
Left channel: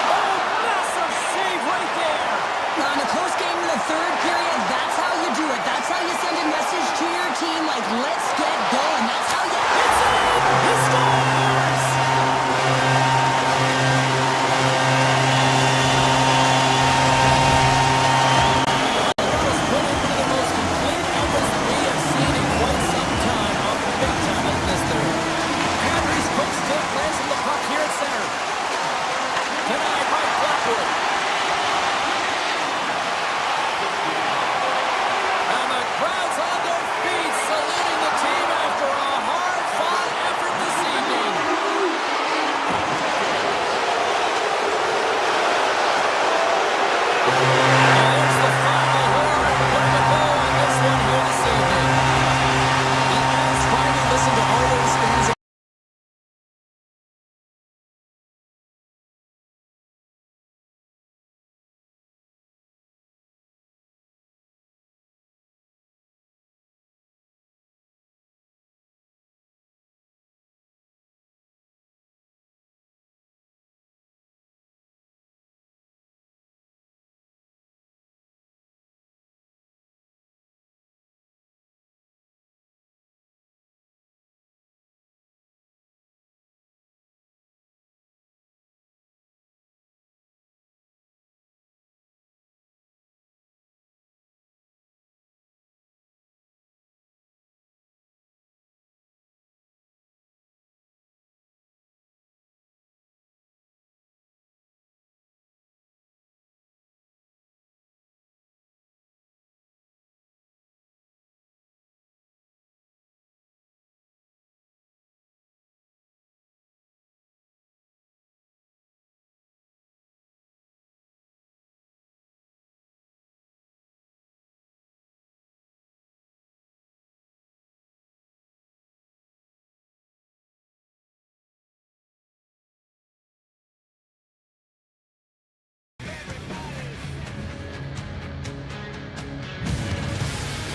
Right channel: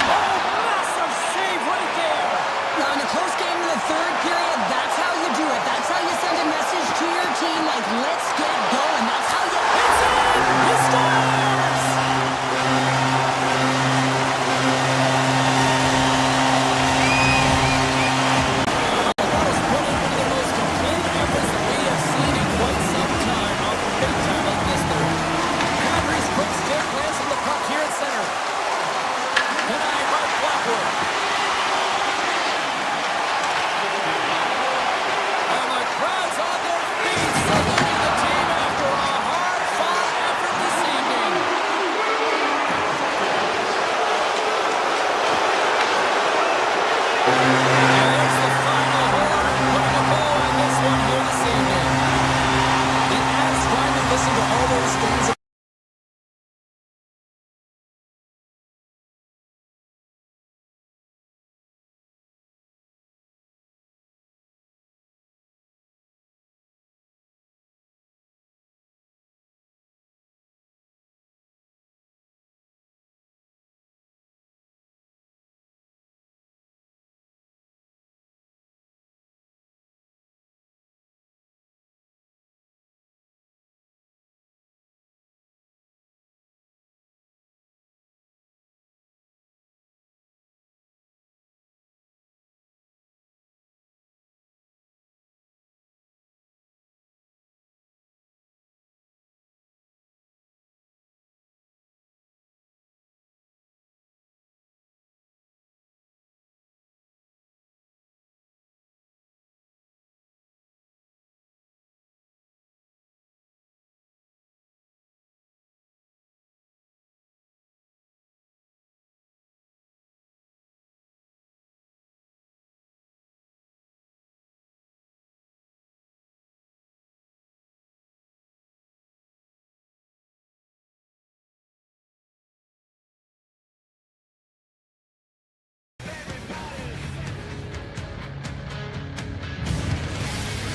Oh, massive save right there. Now, in a close game in the third period, that's how you do it. That's how you send a message to your team, like, let's get going. That's how you... It's in! He scores! Colorado's put in one of the most complete efforts that we have seen in quite some time off the big time like this third. Kadri's quick stick lands on the puck here at center. Denied by Blackwood. And the crowd's on their feet, saluting the team after a hard-fought effort this evening. And there's the final horn, putting a bow on this one here this evening. The Avs finally listened to all those fans.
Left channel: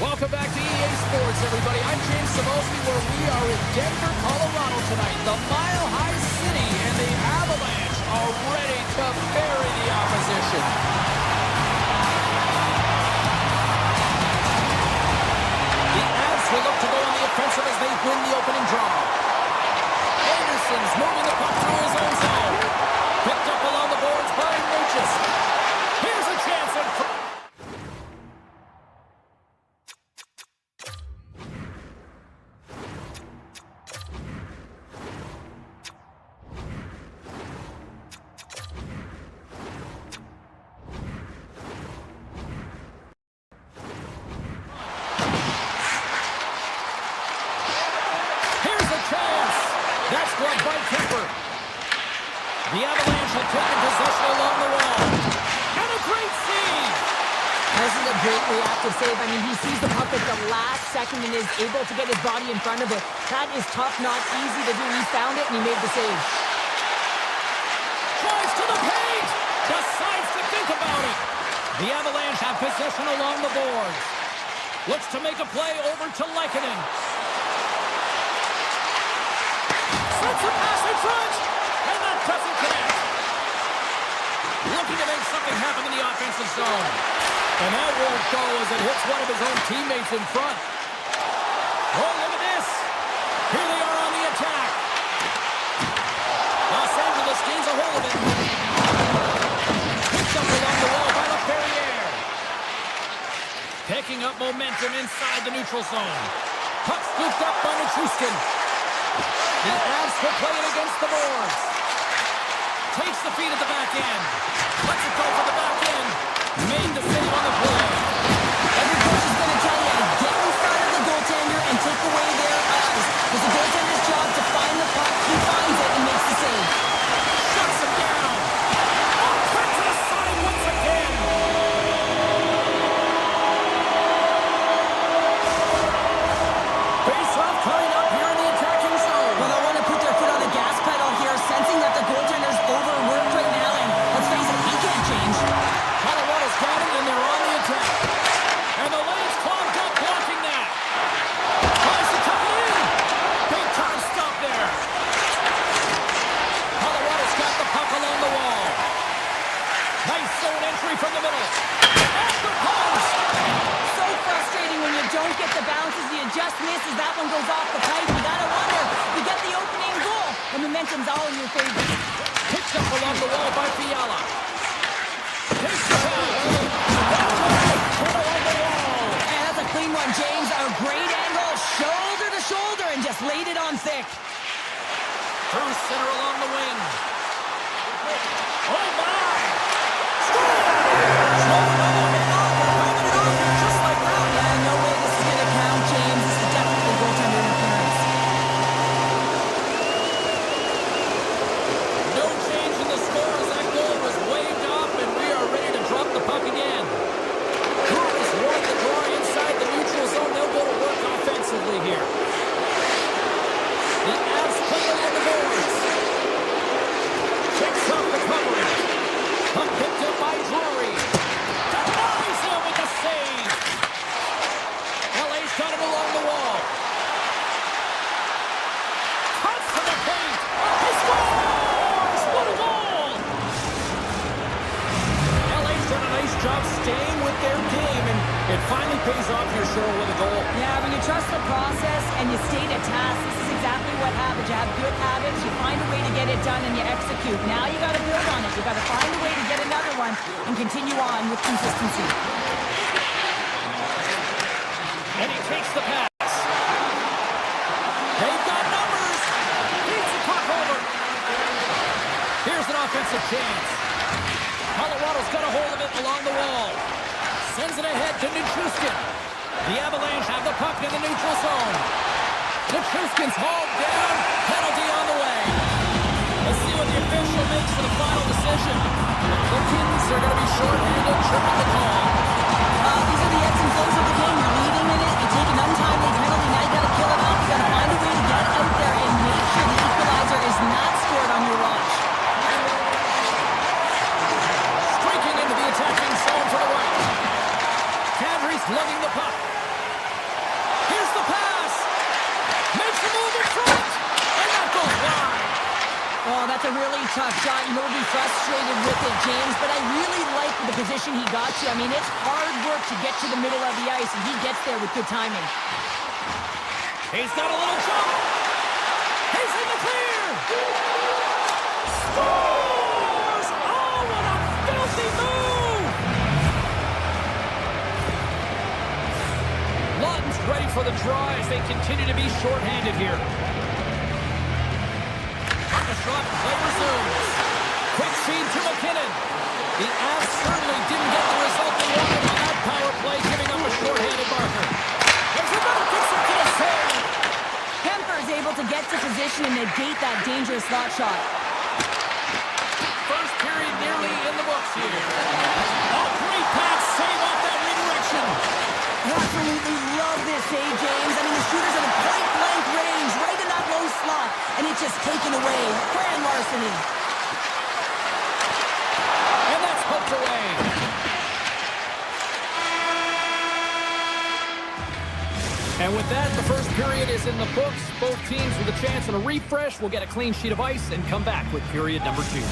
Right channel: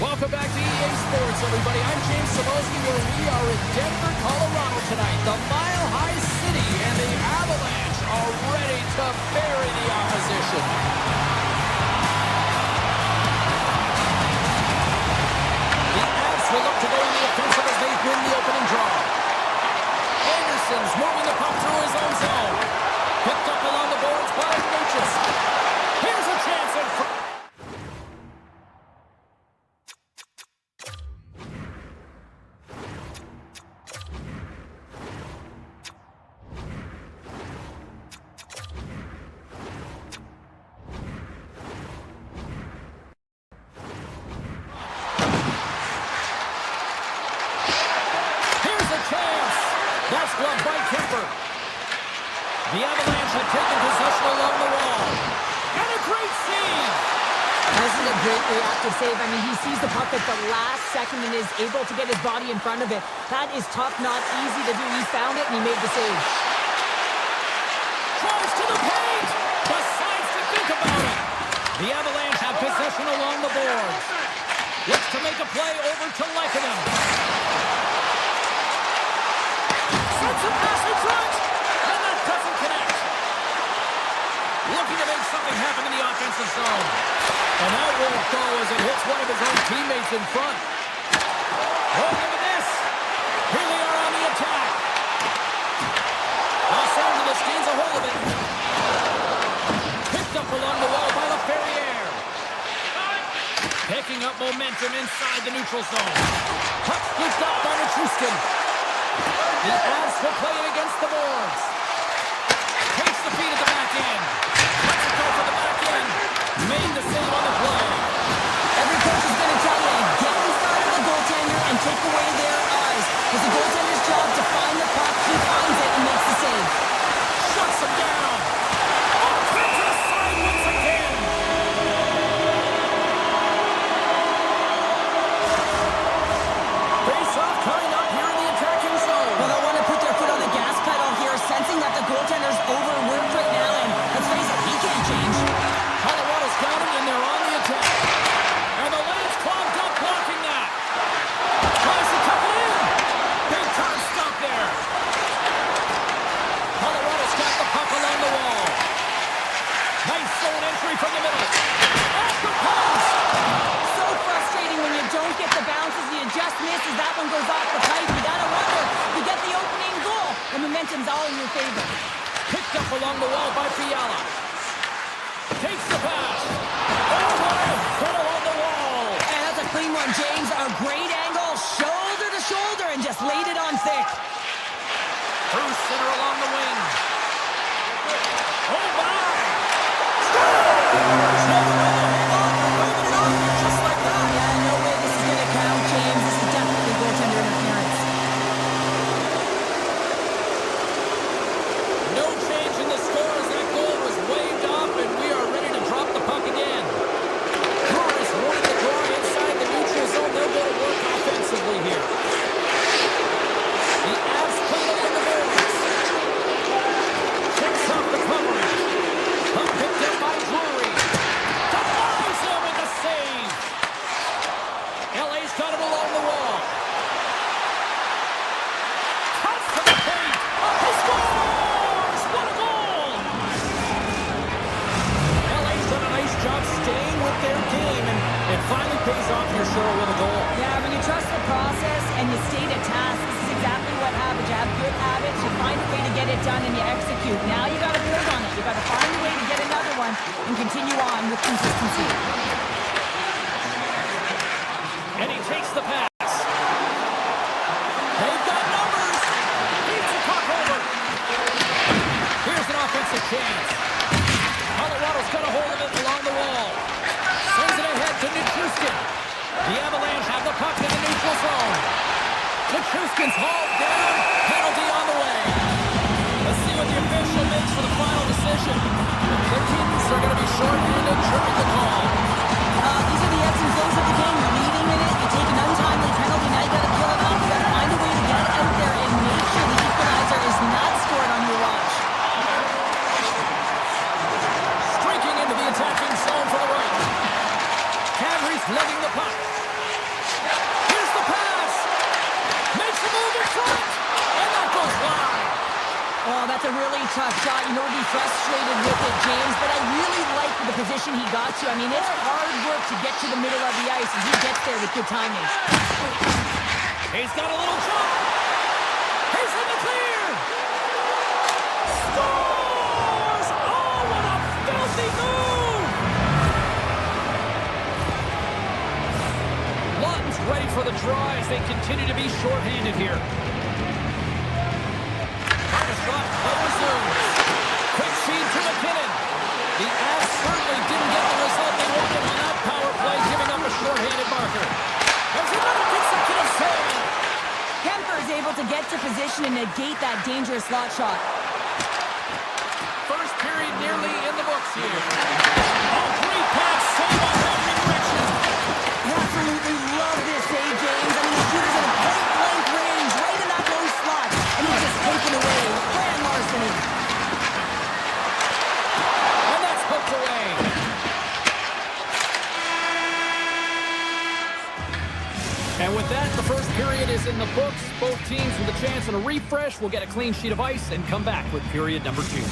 Welcome back to EA Sports, everybody. I'm James Cebulski, where we are in Denver, Colorado tonight. The Mile High City and the Avalanche are ready to bury the opposition. The Avs will look to go on the offensive as they win the opening draw. Anderson's moving the puck through his own zone. Picked up along the boards by Natchez. Here's a chance in front. The Avalanche have taken possession along the wall. And a great save! This is a great reactive save. I mean, he sees the puck at the last second and is able to get his body in front of it. That is tough, not easy to do. He found it and he made the save. Tries to the paint! Decides to think about it! The Avalanche have possession along the boards. Looks to make a play over to Lehkonen. Sends a pass in front! And that doesn't connect. Looking to make something happen in the offensive zone. And that won't go as it hits one of his own teammates in front. Oh, look at this! Here they are on the attack. Los Angeles gains a hold of it. Picked up along the wall by LaFerriere. Picking up momentum inside the neutral zone. Puck scooped up by Nichushkin. The Avs will play it against the boards. Takes the feed at the back end. Lets it go for the back end. Made the save on the play. Every coach is going to tell you to get in front of the goaltender and take away their eyes. It's the goaltender's job to find the puck. He finds it and makes the save. Shuts him down. Oh, turns to the side once again. Face-off coming up here in the attacking zone. Well, they want to put their foot on the gas pedal here, sensing that the goaltender's overworked right now, and let's face it, he can't change. Colorado's got him, and they're on the attack. And the lane's clogged up, blocking that. Tries to tuck it in. Big time stop there. Colorado's got the puck along the wall. Nice zone entry from the middle. Off the post. So frustrating when you don't get the bounces, you just miss as that one goes off the pipe. You gotta wonder, you get the opening goal, the momentum's all in your favor. Picked up along the wall by Fiala. Takes the pass. Oh, put along the wall. And that's a clean one, James. A great angle, shoulder to shoulder, and just laid it on thick. Through center along the wing. Oh, my. Scores! No, hang on. They're waving it off just like that. Yeah, no way this is going to count, James. This is definitely goaltender interference. No change in the score as that goal was waved off, and we are ready to drop the puck again. Brewers won the draw inside the neutral zone. They'll go to work offensively here. The Avs play along the boards. Checks off the coverage. Puck picked up by Drury. Denies him with the save. LA's got it along the wall. Cuts to the paint. He scores! What a goal! LA's done a nice job staying with their game, and it finally pays off here, Cheryl, with a goal. Yeah, when you trust the process and you stay to task, this is exactly what happens. You have good habits, you find a way to get it done, and you execute. Now you got to build on it. You got to find a way to get another one and continue on with consistency. And he takes the pass. They've got numbers. Beats the puck over. Here's an offensive chance. Colorado's got a hold of it along the wall. Sends it ahead to Nichushkin. The Avalanche have the puck in the neutral zone. Nichushkin's hauled down. Penalty on the way. Let's see what the official makes for the final decision. The Kittens are going to be shorthanded, tripping the call. These are the ebbs and flows of the game. You're leading in it. You take an untimely penalty. Now you got to kill it off. You got to find a way to get out there and make sure the equalizer is not scored on your watch. Streaking into the attacking zone for the right. Kadri's lugging the puck. Here's the pass. Makes a move in front. And that goes wide. Oh, that's a really tough shot. You know, he'll be frustrated with it, James, but I really like the position he got to. I mean, it's hard work to get to the middle of the ice, and he gets there with good timing. He's got a little jump. He's in the clear. Scores! Oh, what a filthy move! Lawton's ready for the draw as they continue to be shorthanded here. Shot, play resumes. Quick feed to McKinnon. The Avs certainly didn't get the result they wanted on that power play, giving up a shorthanded marker. There's another consecutive save. Kemper is able to get to position and negate that dangerous slot shot. nearly in the books here. Oh, great pass. Save on that redirection. I absolutely love this save, James. I mean, the shooter's at a point-blank range, right in that low slot, and it's just taken away. Grand larceny. And that's poked away. And with that, the first period is in the books. Both teams with a chance and a refresh will get a clean sheet of ice and come back with period number 2.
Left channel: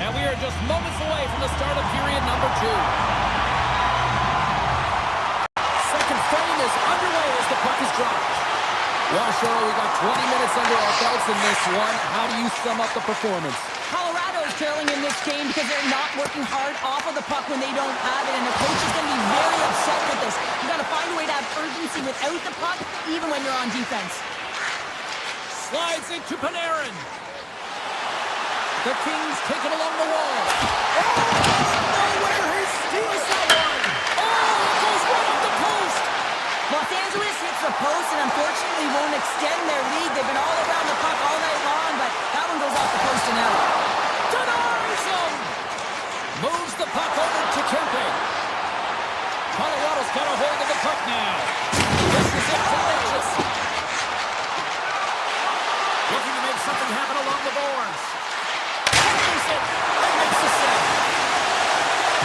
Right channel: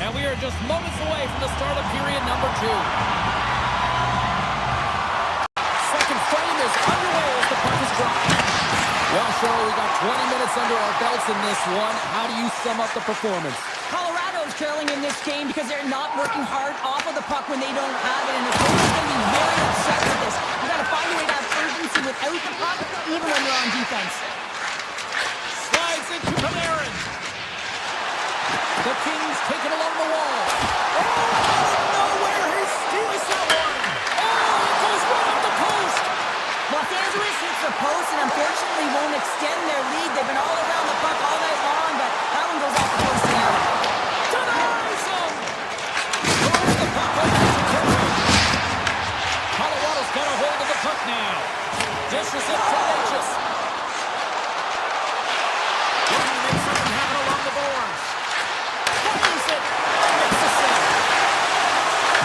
And we are just moments away from the start of period number 2. Second frame is underway as the puck is dropped. Well, Cheryl, we got 20 minutes under our belts in this one. How do you sum up the performance? Colorado's trailing in this game because they're not working hard off of the puck when they don't have it, and the coach is going to be very upset with this. You got to find a way to have urgency without the puck, even when they're on defense. Slides into Panarin. The Kings take it along the wall. Oh, out of nowhere, he steals that one. Oh, it goes right up the post. Los Angeles hits the post and unfortunately won't extend their lead. They've been all around the puck all night long, but that one goes off the post and out. Denies him. Moves the puck over to Kempe. Colorado's got a hold of the puck now. This is it for Natchez. Looking to make something happen along the boards. Fires it and makes the save.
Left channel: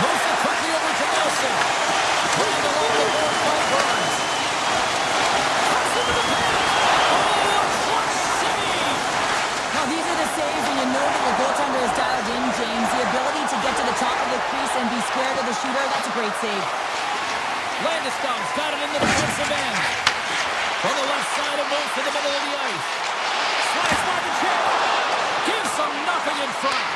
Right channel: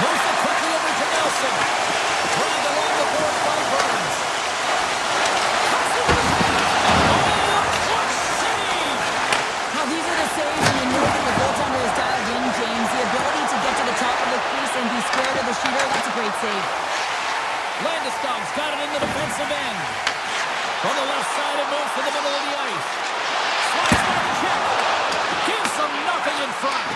Moves it quickly over to Nelson. Grabbed along the board by Burns. Cuts into the paint. Oh, a clutch save. Now these are the saves when you know that your goaltender is dialed in, James. The ability to get to the top of the crease and be square to the shooter, that's a great save. Landeskog's got it in the defensive end. From the left side, it moves to the middle of the ice. Slides by the check. Gives them nothing in front.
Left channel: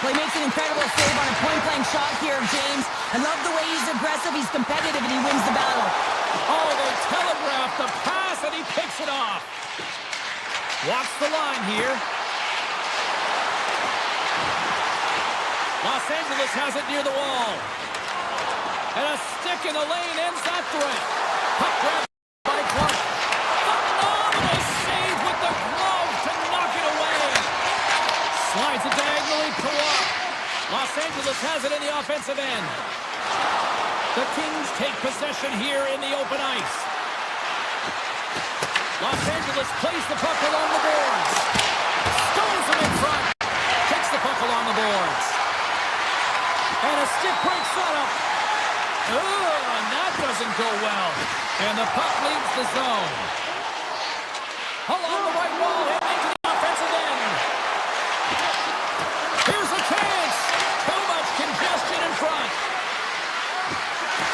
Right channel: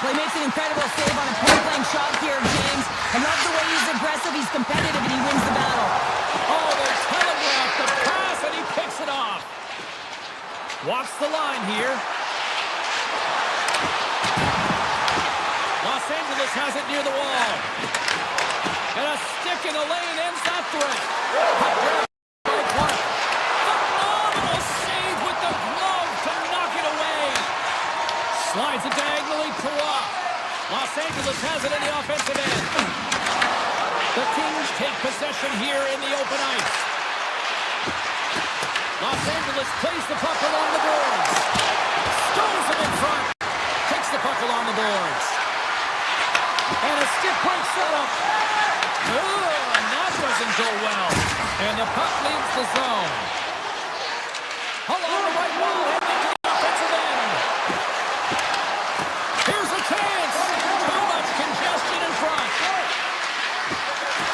Well, he makes an incredible save on a point-blank shot here, James. I love the way he's aggressive, he's competitive, and he wins the battle. Oh, they telegraphed the pass, and he picks it off. Walks the line here. Los Angeles has it near the wall. And a stick in the lane ends that threat. Puck grab by Clark. Phenomenal save with the glove to knock it away. Slides it diagonally to Waugh. Los Angeles has it in the offensive end. The Kings take possession here in the open ice. Los Angeles plays the puck along the boards. Stones him in front. Takes the puck along the boards. And a stick breaks that up. And that doesn't go well. And the puck leaves the zone. Along the right wall, heading into the offensive end. Here's a chance. Too much congestion in front.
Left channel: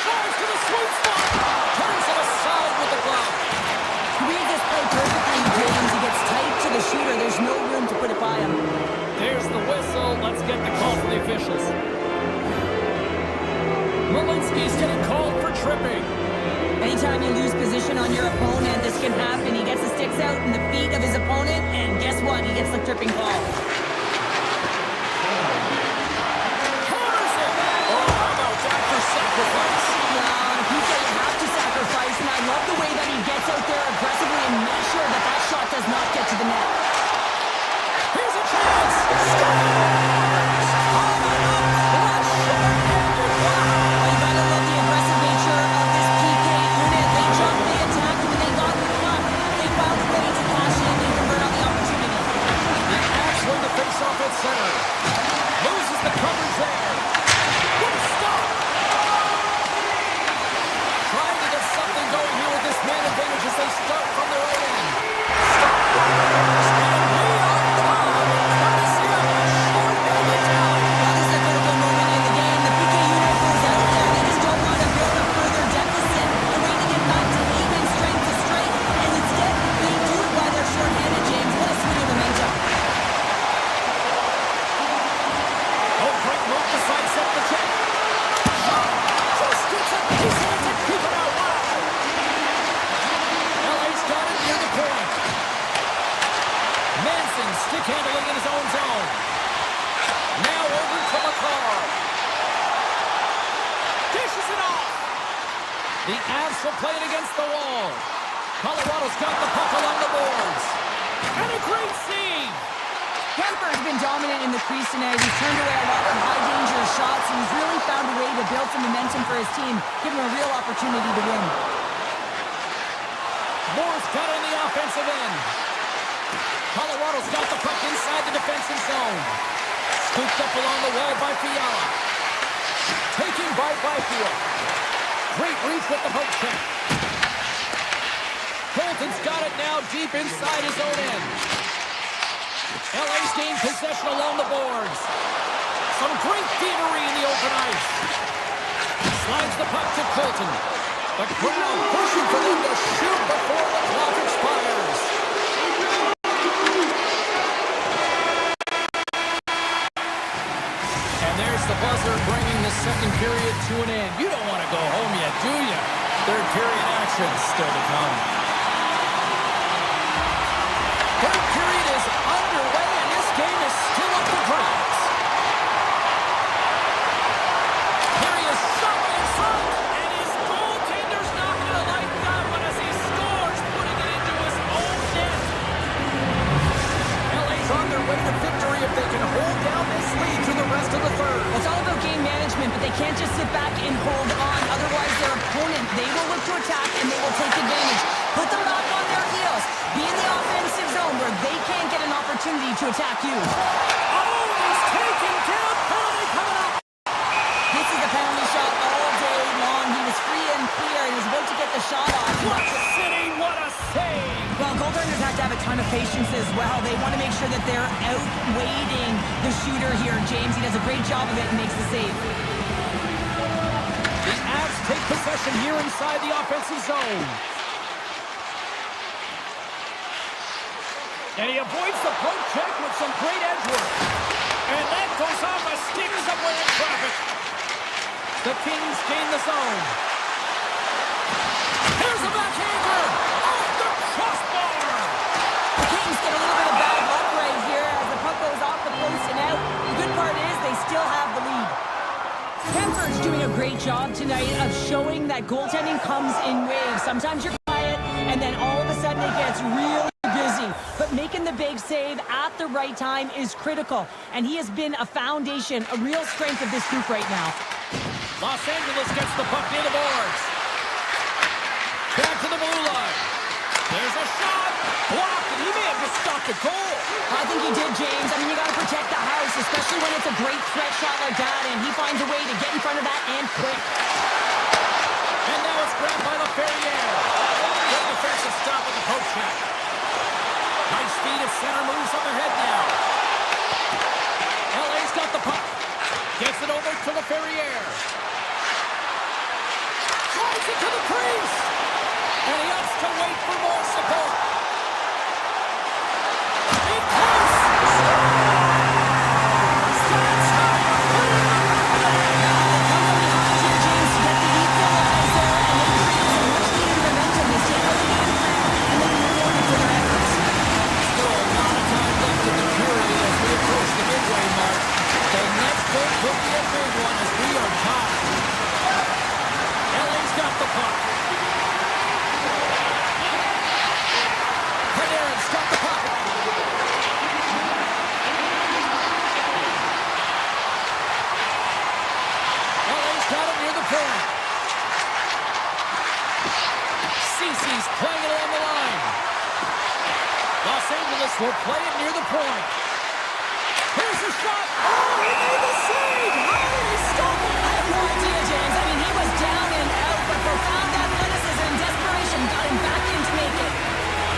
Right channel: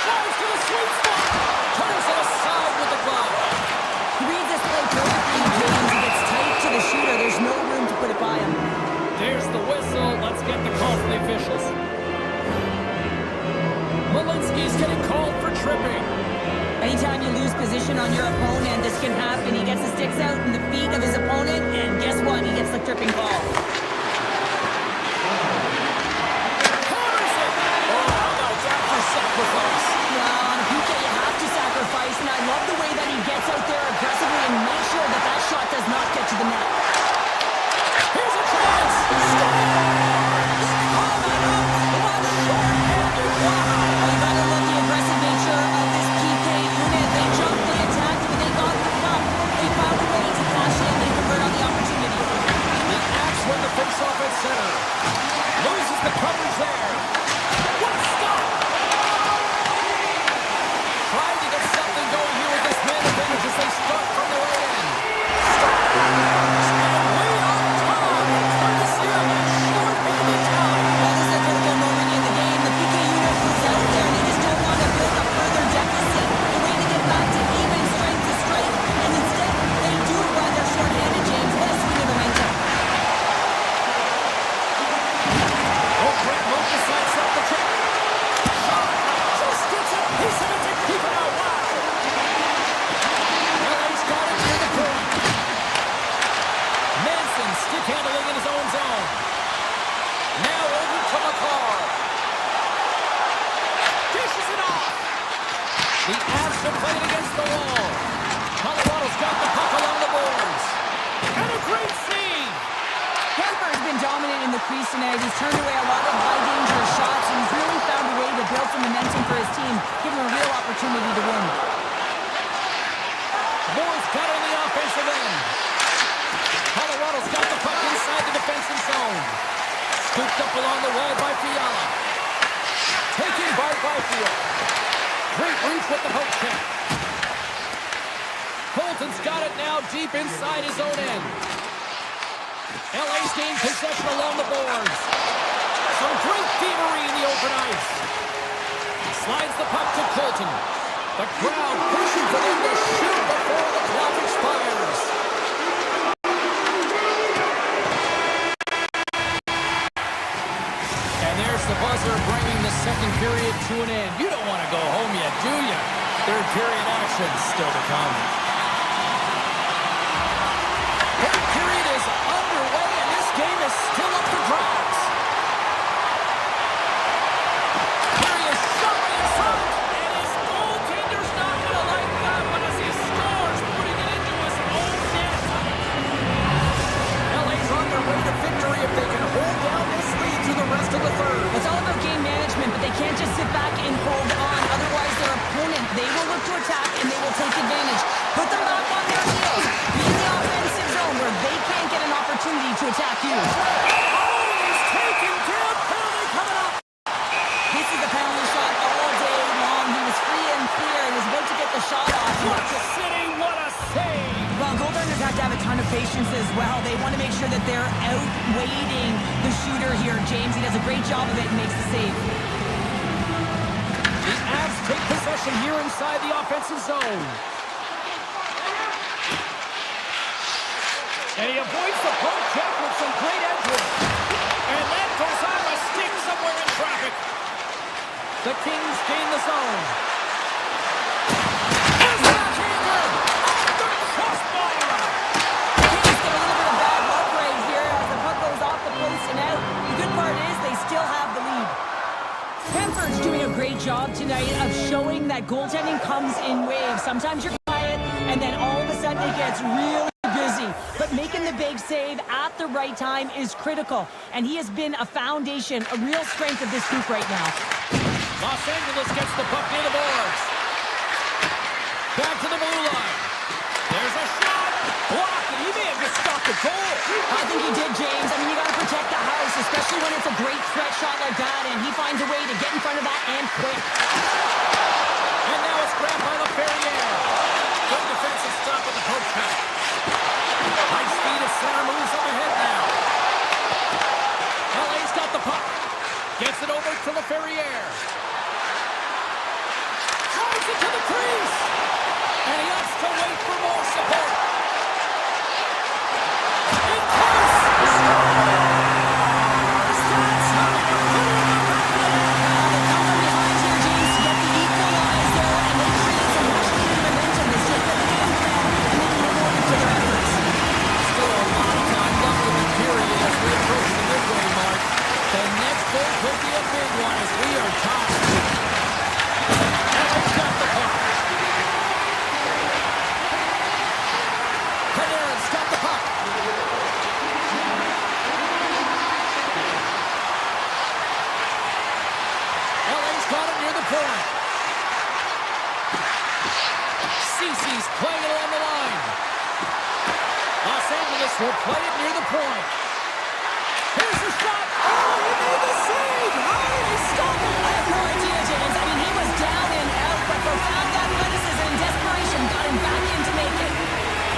Drives to the sweet spot. Turns it aside with the glove. Read this play perfectly, James. He gets tight to the shooter. There's no room to put it by him. There's the whistle. Let's get the call from the officials. Malinsky's getting called for tripping. Anytime you lose position on your opponent, this can happen. He gets the sticks out in the feet of his opponent, and guess what? He gets the tripping call. Hammers it! Oh, how about that for sacrifice? Well, on a PK, you have to sacrifice, and I love the way that he gets out there aggressively and makes sure that that shot does not get to the net. Here's a chance! Scores! Coming up! What short-handed! Wow! Well, you gotta love the aggressive nature of this PK unit. They jumped, they attacked, and when they got the puck, they found a way to cash in and convert on the opportunity. The Avs win the face-off at center. Loses the coverage there. What a stop! Trying to get something going here with this man advantage as they start from the right end. Scores! And we are tied, courtesy of a short-handed tally. Well, this is a critical moment in the game. The PK unit goes out there, and they just don't want to build a further deficit. They're waiting to get back to even strength to strength, and instead, they do it while they're short-handed, James. What a swing of momentum. Oh, great move to sidestep the check. Shot! Just gets a piece of it to keep it out. Wow! LA's got it near the point. Manson stick handling in his own zone. Now over to McCarr. Dishes it off. The Avs will play it against the wall. Colorado's got the puck along the boards. And a great save. Kemper's been dominant in the crease tonight. He's turned away a lot of high-danger shots, and he's really found a way to build some momentum for his team, give him a real opportunity to win. Moore's got it in the offensive end. Colorado's got the puck inside the defensive zone. Scooped up along the wall by Fiala. Taken by Byfield. Great reach with the poke check. Colton's got it now deep inside his own end. LA's gained possession along the boards. Some great thievery in the open ice. Slides the puck to Colton. The crowd pushing for them to shoot before the clock expires. And there's the buzzer bringing the second period to an end. You don't want to go home yet, do you? Third period action still to come. Third period is underway, and this game is still up for grabs. Here he is, shot right in front, and his goaltender's not going to like that one as he scores, putting it into his own net. LA's on their way to victory if they can hold down this lead through the rest of the third. It's all about game management, but they can't just sit back and hold on. Otherwise, their opponent, they will look to attack, and they will take advantage. Put them back on their heels. Be in the offensive zone where they can't get an opportunity to attack you. Oh, he's taken down. Penalty coming up. This is a penalty shot all day long. He was free and clear. He was about to get the shot off. What a city, what a save. Well, goaltenders have to have a ton of patience as well. They want to make sure that they're outweighting the shooter here. James, he does a great job of it and makes the save. The Avs take possession here inside the offensive zone. And he avoids the poke check with some great edge work. And that goes off a stick somewhere in traffic. The Kings gain the zone. Here's the backhander! Off the crossbar! The Kings get a little bit of bad luck right here as the puck goes off the post and out. The good part is they still have the lead. Kemper's doing a great job tonight of showing that goaltending comes in waves. Sometimes you're quiet, and then all of a sudden it gets really busy. But making the big save at the right time is critical. And he has been a foundation, a real strength of this group right now. Los Angeles gets the puck near the boards. Back to the blue line. There's a shot. Blocked, and he may have just stopped the goal. I think he did, James. I mean, you got to protect the house, especially when it's a great threat shot like that, and he finds a way to get in front of that and quick. And now it's grabbed by LaFerriere. Good defensive stop with the poke check. High speed at center, moves up ahead now. LA's got the puck. Gets it over to LaFerriere. Drives it to the crease. And he opts to wait for more support. In close. Scores! That's how you put it in the back of the net. They come from behind here, James, to get the equalizer, and they create some much-needed momentum. They stick with the game plan, and they can reward them for their efforts. Still a lot of time left in the period as we approach the midway mark. The next goal could be a big one as we are tied. LA's got the puck. Panarin's got the puck. LA's got it near the point. Cece's playing it along the line. Los Angeles will play it near the point. Here's the shot. Oh, he made the save. How did he stop it? I have no idea, James. I mean, he was down and out, but profound athleticism and desperation got him back in to make it.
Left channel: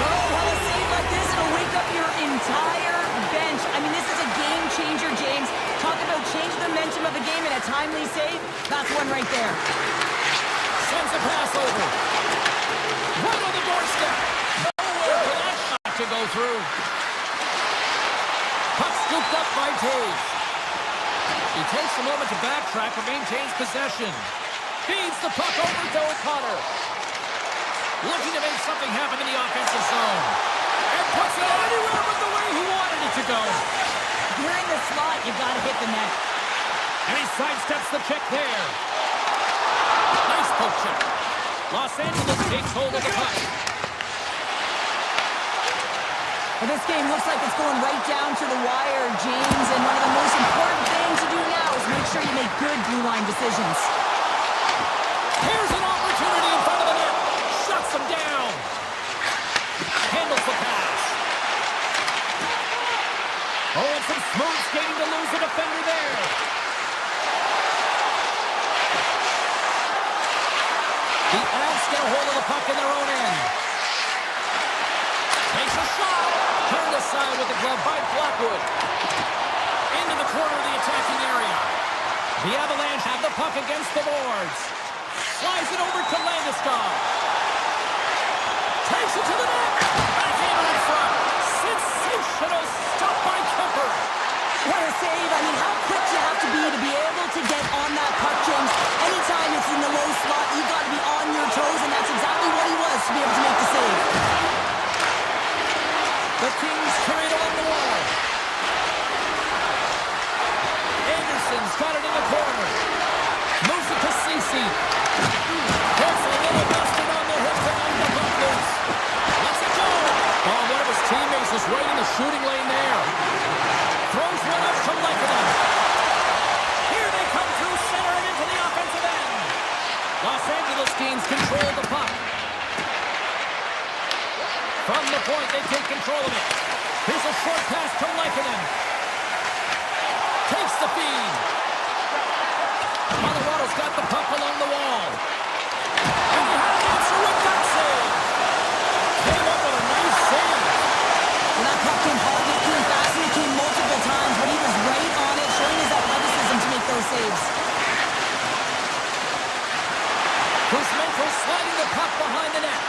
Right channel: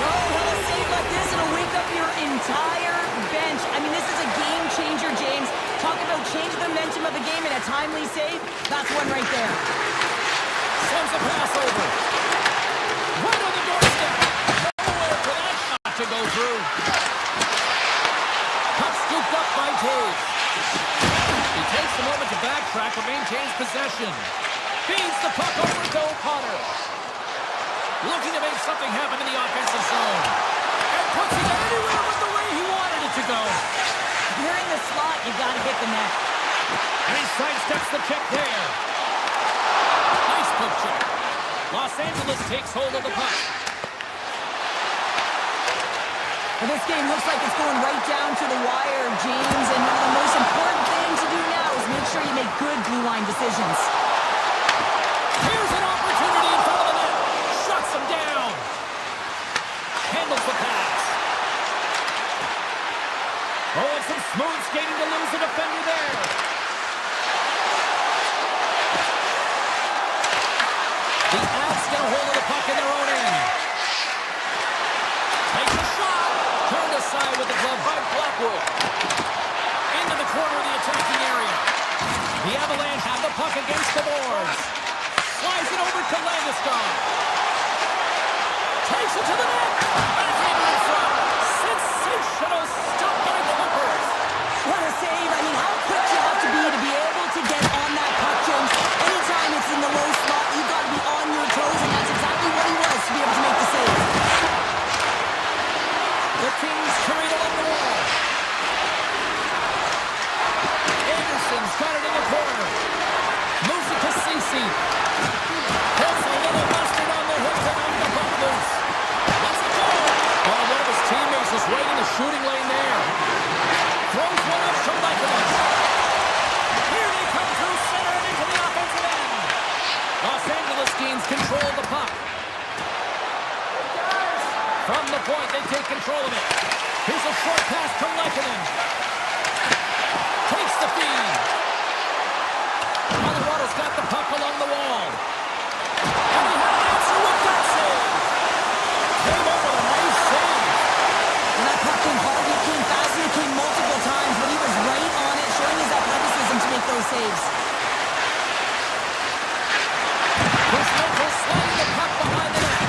Oh, well, a save like this, it'll wake up your entire bench. I mean, this is a game changer, James. Talk about change the momentum of the game in a timely save. That's one right there. Sends a pass over. Right on the doorstep. Nowhere for that shot to go through. Puck scooped up by Taves. He takes a moment to backtrack but maintains possession. Feeds the puck over to O'Connor. Looking to make something happen in the offensive zone. And puts it anywhere but the way he wanted it to go. If you're in the slot, you've got to hit the net. And he sidesteps the check there. Nice poke check. Los Angeles takes hold of the puck. Well, this game looks like it's going right down to the wire, James, and one of the most important things to do now is make sure you make good blue line decisions. Here's an opportunity in front of the net. Shuts him down. Handles the pass. Oh, and some smooth skating to lose the defender there. The Avs get a hold of the puck in their own end. Takes a shot. Turned aside with the glove by Blackwood. Into the corner of the attacking area. The Avalanche have the puck against the boards. Slides it over to Landeskog. Takes it to the net. Backhander in front. Sensational stop by Kemper. What a save. I mean, how quick you have to be able to get on that puck, James. Anytime it's in the low slot, you've got to be on your toes, and that's exactly what he was to be able to make the save. The Kings carry it along the wall. Anderson's got it in the corner. Moves it to Ceci. Puts a little mustard on the hook and on the puck loose. Lets it go. Oh, one of his teammates is right in the shooting lane there. Throws one up to Lekanen. Here they come through center and into the offensive end. Los Angeles gains control of the puck. From the point, they take control of it. Here's a short pass to Lekanen. Takes the feed. Colorado's got the puck along the wall. And he had an answer with that save. Came up with a nice save. When that puck came hard, it came fast, and it came multiple times, but he was right on it, showing his athleticism to make those saves. Kuzmenko sliding the puck behind the net.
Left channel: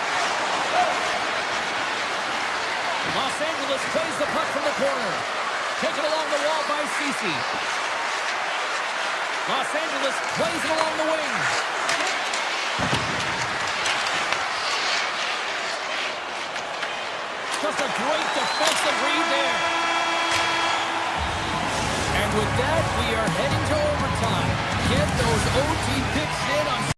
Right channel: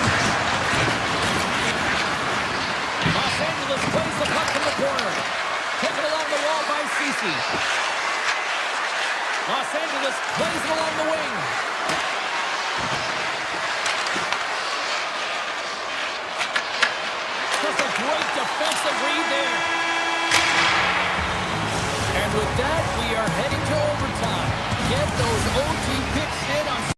Los Angeles plays the puck from the corner. Taken along the wall by Ceci. Los Angeles plays it along the wing. Just a great defensive read there. And with that, we are heading to overtime. Get those OT picks in on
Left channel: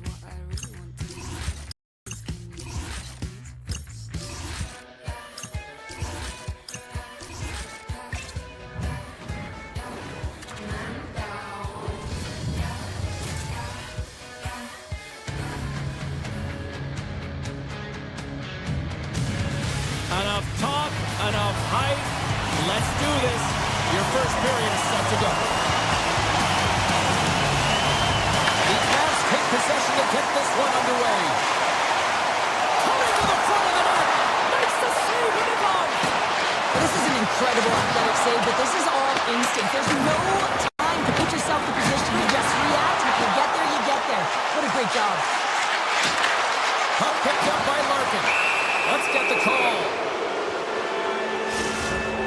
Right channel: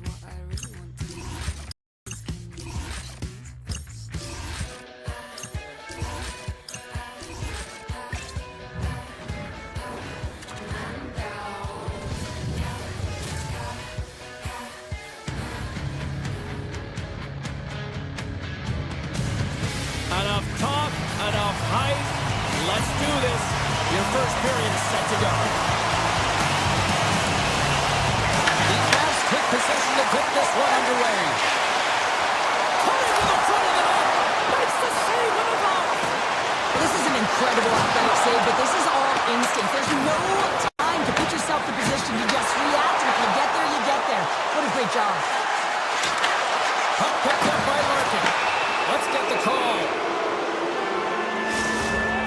what I really want to do is can you enough talk, enough hype. Let's do this. Your first period is set to go. The Avs take possession to get this one underway. Coming to the front of the net. Makes the save with the glove. Well, this is an incredible athletic save, but this is all instinct. There's no time to put yourself in position to just react, and if you get there, you get there. What a great job. Puck picked up by Larkin. Let's get the call.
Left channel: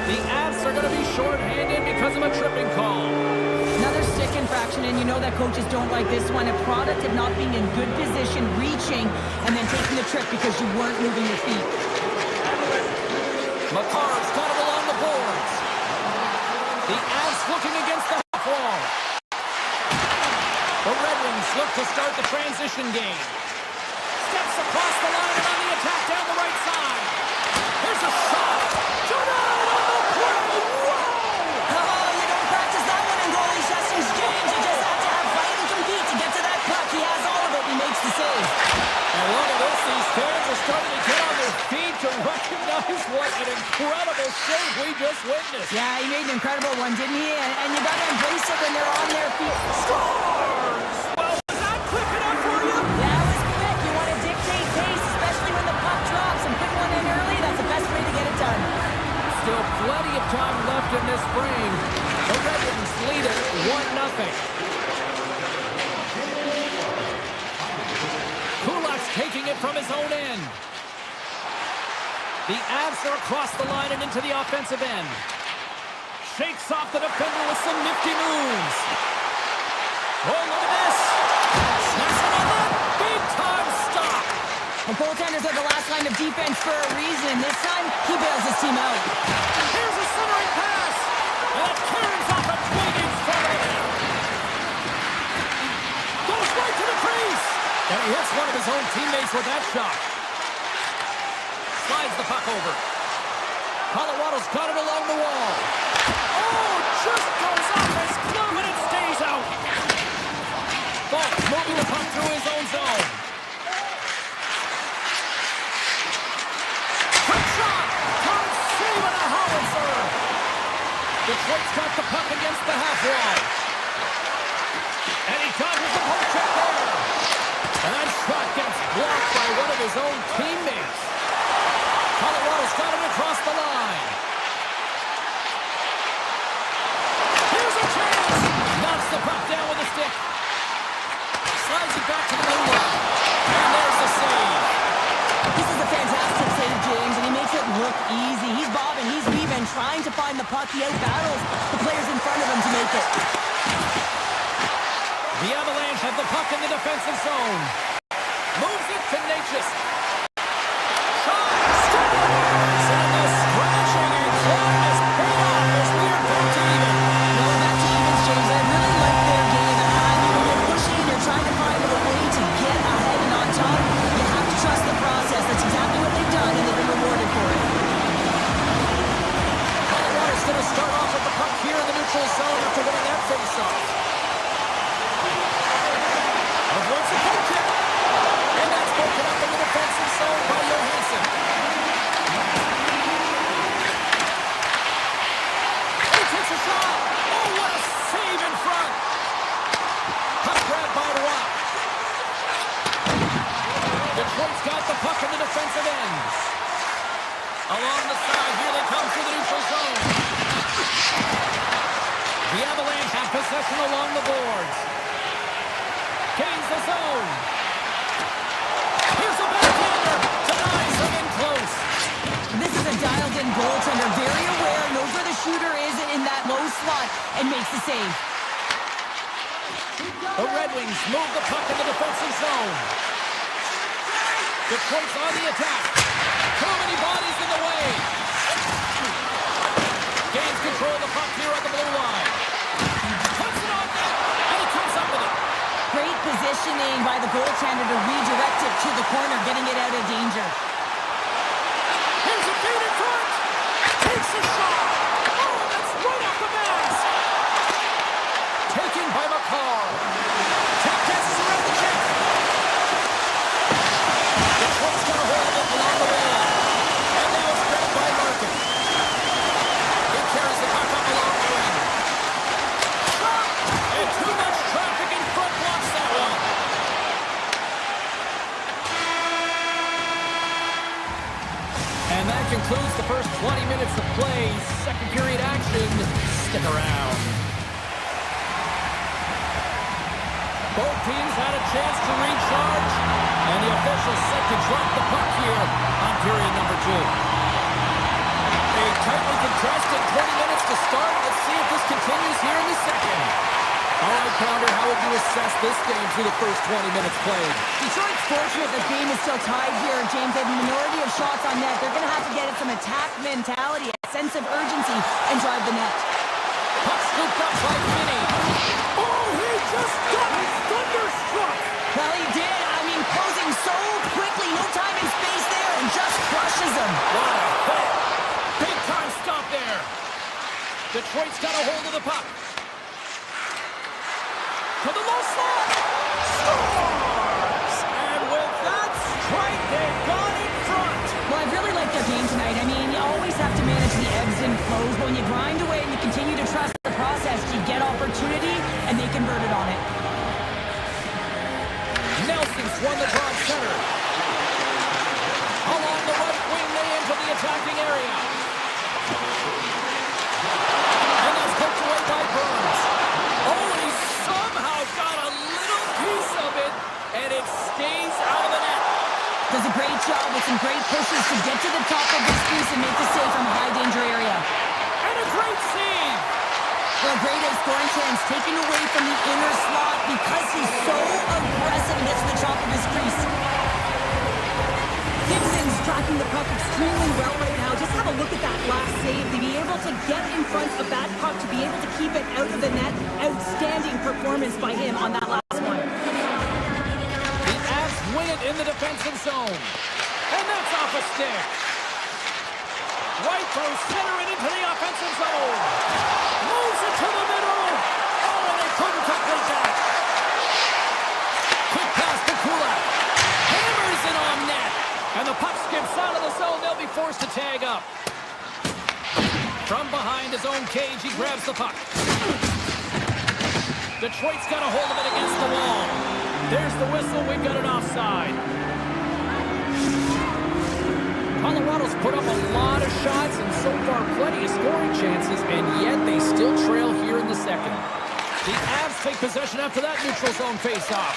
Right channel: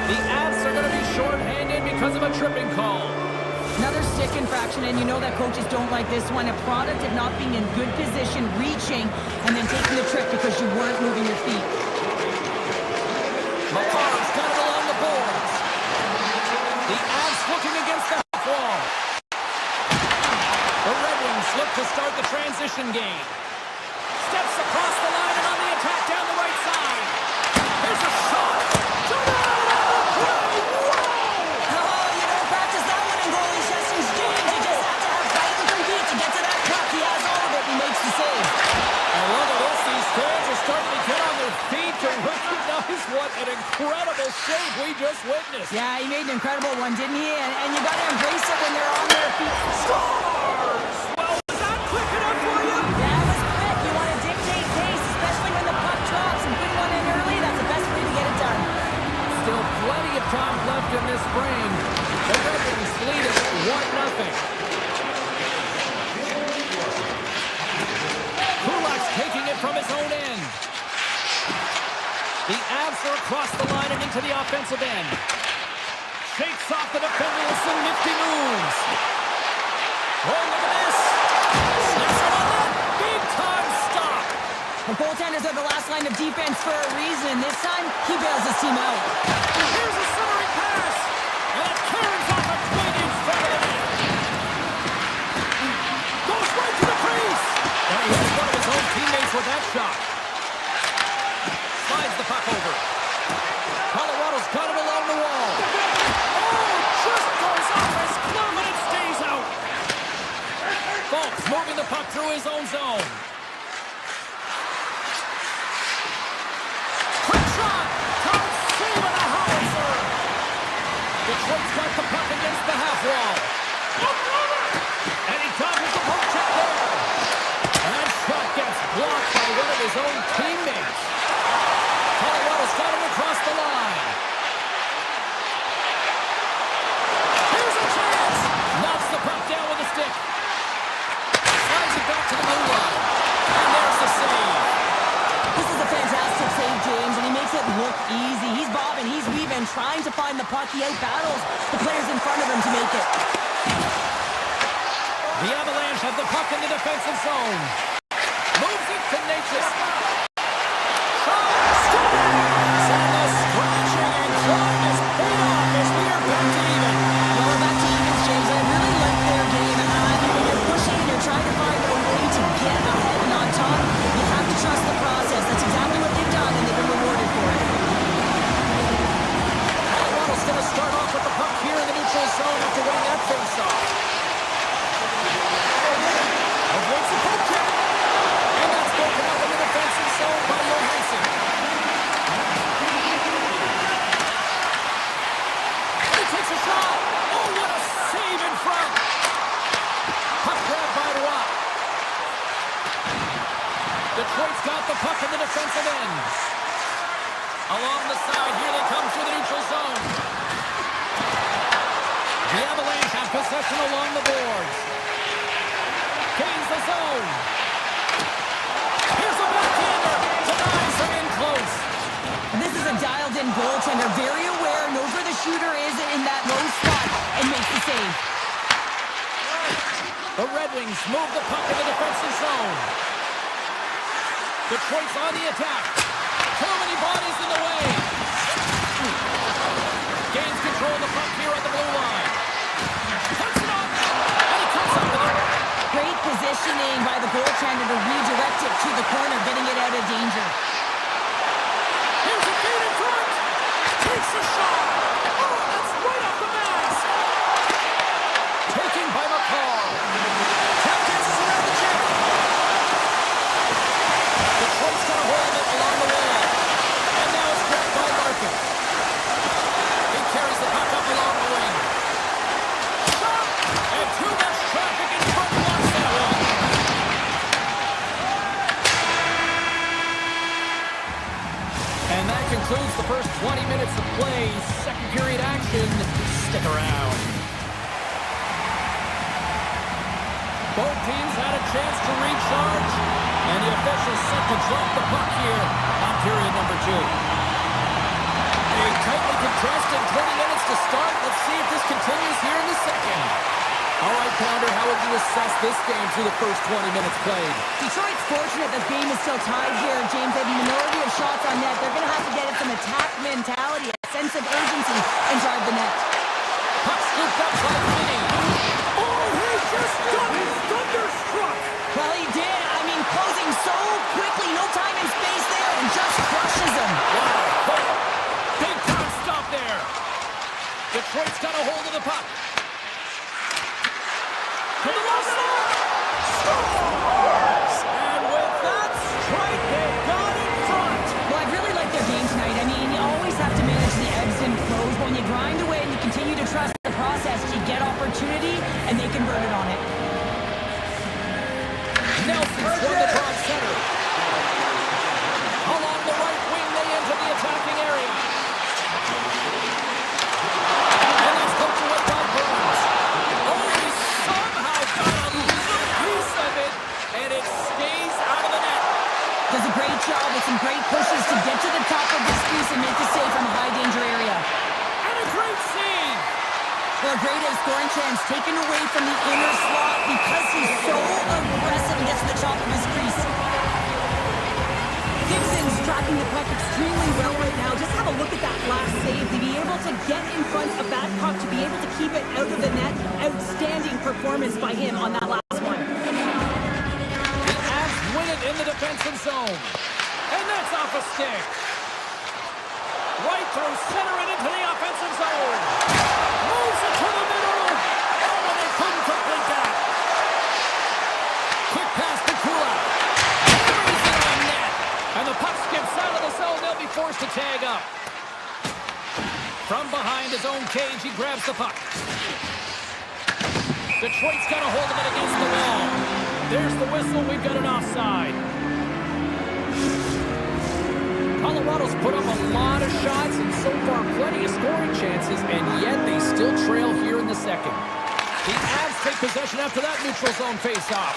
The Avs are going to be shorthanded because of a tripping call. Another stick infraction, and you know that coaches don't like this one. A product of not being in good position, reaching, and then taking the trip because you weren't moving your feet. Makar's got it along the boards. The Avs looking against the half wall. The Red Wings look to start the transition game. Steps across the line and on the attack down the right side. Here's a shot. Denied on the play. Whoa! Oh, you don't practice that one in goalie sessions, James. You just have to have fight and compete to get to that puck. He has all of it. He makes the save. And look at this. These fans are starting to get on their feet to recognize what an incredible save we just witnessed. Yeah, he made an incredible one, didn't he? And you got to embrace it when they're on their feet. Scores! Well, was that quick enough for you? That was quick. You want to dictate pace, especially when the puck drops. And putting one in early, that's the best way to get it done. Still plenty of time left in this frame. The Red Wings lead it 1-0. Kulak's taking it from his own end. The Avs are across the line and into the offensive end. Shakes off the defender with some nifty moves. Oh, look at this. Snaps it on that. Big time stop. The goaltenders are the last line of defense for a reason. This time, he bails his team out. Here's a centering pass. And it carries off a twig in front of the net. Goes right to the crease. And he hits one of his own teammates with that shot. Slides the puck over. Colorado's got it along the wall. Oh, just goes off his glove and it stays out. Fultz moving the puck through his own zone. Quick shot. Todd saving a howitzer. Detroit's got the puck against the half wall. And he dodges the poke check there. And that shot gets blocked by one of his own teammates. Colorado's got him across the line. Here's a chance. Knocks the puck down with a stick. Slides it back to the blue line. And there's the save. This is a fantastic save, James, and he makes it look easy. He's bobbing, he's weaving, trying to find the puck. He out-battles the players in front of him to make it. The Avalanche have the puck in the defensive zone. Moves it to Natchez. Shot! Scores! And the scratching and clawing is paid off as we are back to even. Well, we're back to evens, James. I really like their game. When you're pushing and you're trying to find a way to get ahead and on top, you have to trust the process. That's exactly what they've done, and they've been rewarded for it. Colorado's going to start off with the puck here in the neutral zone after winning that face-off. Avoids the poke check. And that's broken up in the defensive zone by Johansson. And he takes a shot. Oh, what a save in front. Puck grab by Rock. Detroit's got the puck in the defensive end. Along the side, here they come through the neutral zone. The Avalanche have possession along the boards. Gains the zone. Here's a backhander. Denies him in close. This is a dialed-in goaltender, very aware, knows where the shooter is in that low spot, and makes the save. The Red Wings move the puck in the defensive zone. Detroit's on the attack. Too many bodies in the way. Gains control of the puck here at the blue line. Puts it on net, and he comes up with it. Great positioning by the goaltender to redirect it to the corner, getting it out of danger. Here's a feed in front. Takes a shot. Oh, that's right off the mask. Taken by McCall. Tap dances around the check. Detroit's got a hold of it along the wall. And now it's grabbed by Larkin. He carries the puck up along the wing. Shot! And too much traffic in front blocks that one. And that concludes the first 20 minutes of play. Second period action. Stick around. Both teams had a chance to recharge, and the officials set to drop the puck here on period number 2. A tightly contested 20 minutes to start. Let's see if this continues here in the second. All right, Pounder, how would you assess this game through the first 20 minutes played? Detroit's fortunate the game is still tied here, James. They have a minority of shots on net. They're going to have to get at some attack mentality, a sense of urgency, and drive the net. Puck scooped up by Finney. Oh, he just got it! so quickly, no time and space there, and just crushes him. What a hit. Big time stop there. Detroit's got a hold of the puck. To the low slot. Scores! And with that strike, they got in front. Well, I really like their game tonight. I mean, you always have to manage the ebbs and flows. But when you grind away and you continue to trust the process, you get opportunity, and they converted on it. Nelson's won the draw at center. Along the right wing, they enter the attacking area. And that's poked away by Burns. Oh, he somehow got a little piece of it, and it stays out of the net. Does a great job with some great pushes to get to the top of his crease and make the save from a high-danger area. And a great save. Well, a great scoring chance taken away from the inner slot because he's so aggressive and gets to the top of his crease. Gibson's tracking the puck extremely well right now. Just have a look at that last save. To be able to get in front of that puck, to be able to keep it out of the net. Outstanding performance by him on that last one. The Avs win it in the defensive zone. And that's off a stick. Right through center and into the offensive zone. Moves it to the middle. Oh, and they couldn't complete that. Quick pass to Kulak. Hammers it on net. And the puck skips out of the zone. They'll be forced to tag up. From behind his own cage, he grabs the puck. Detroit's got a hold of it against the wall. There's the whistle. We've got an offside. Colorado's put up a lot of shots and so far plenty of scoring chances, and yet they still trail here in the second. The Avs take possession after that neutral zone face-off.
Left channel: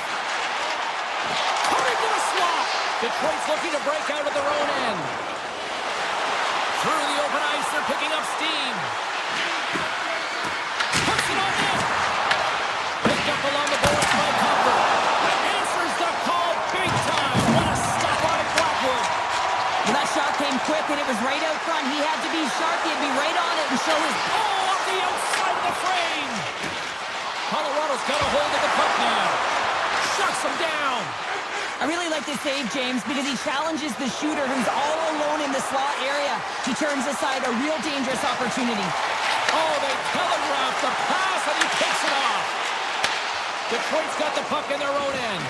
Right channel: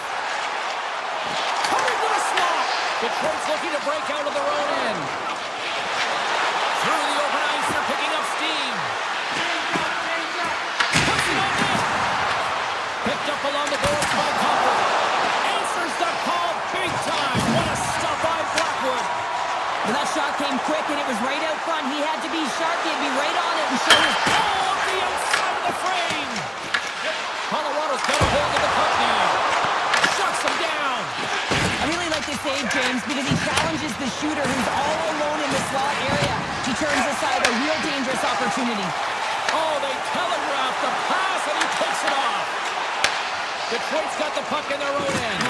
Coming to the slot. Detroit's looking to break out of their own end. Through the open ice, they're picking up steam. Puts it on net. Picked up along the boards by Comfort. Answers the call big time. What a stop by Blackwood. Well, that shot came quick, and it was right out front. He had to be sharp. He had to be right on it and show his... Oh, off the outside of the frame. Colorado's got a hold of the puck now. Shuts him down. I really like this save, James, because he challenges the shooter who's all alone in the slot area. He turns aside a real dangerous opportunity. Oh, they telegraph the pass, and he takes it off. Detroit's got the puck in their own end.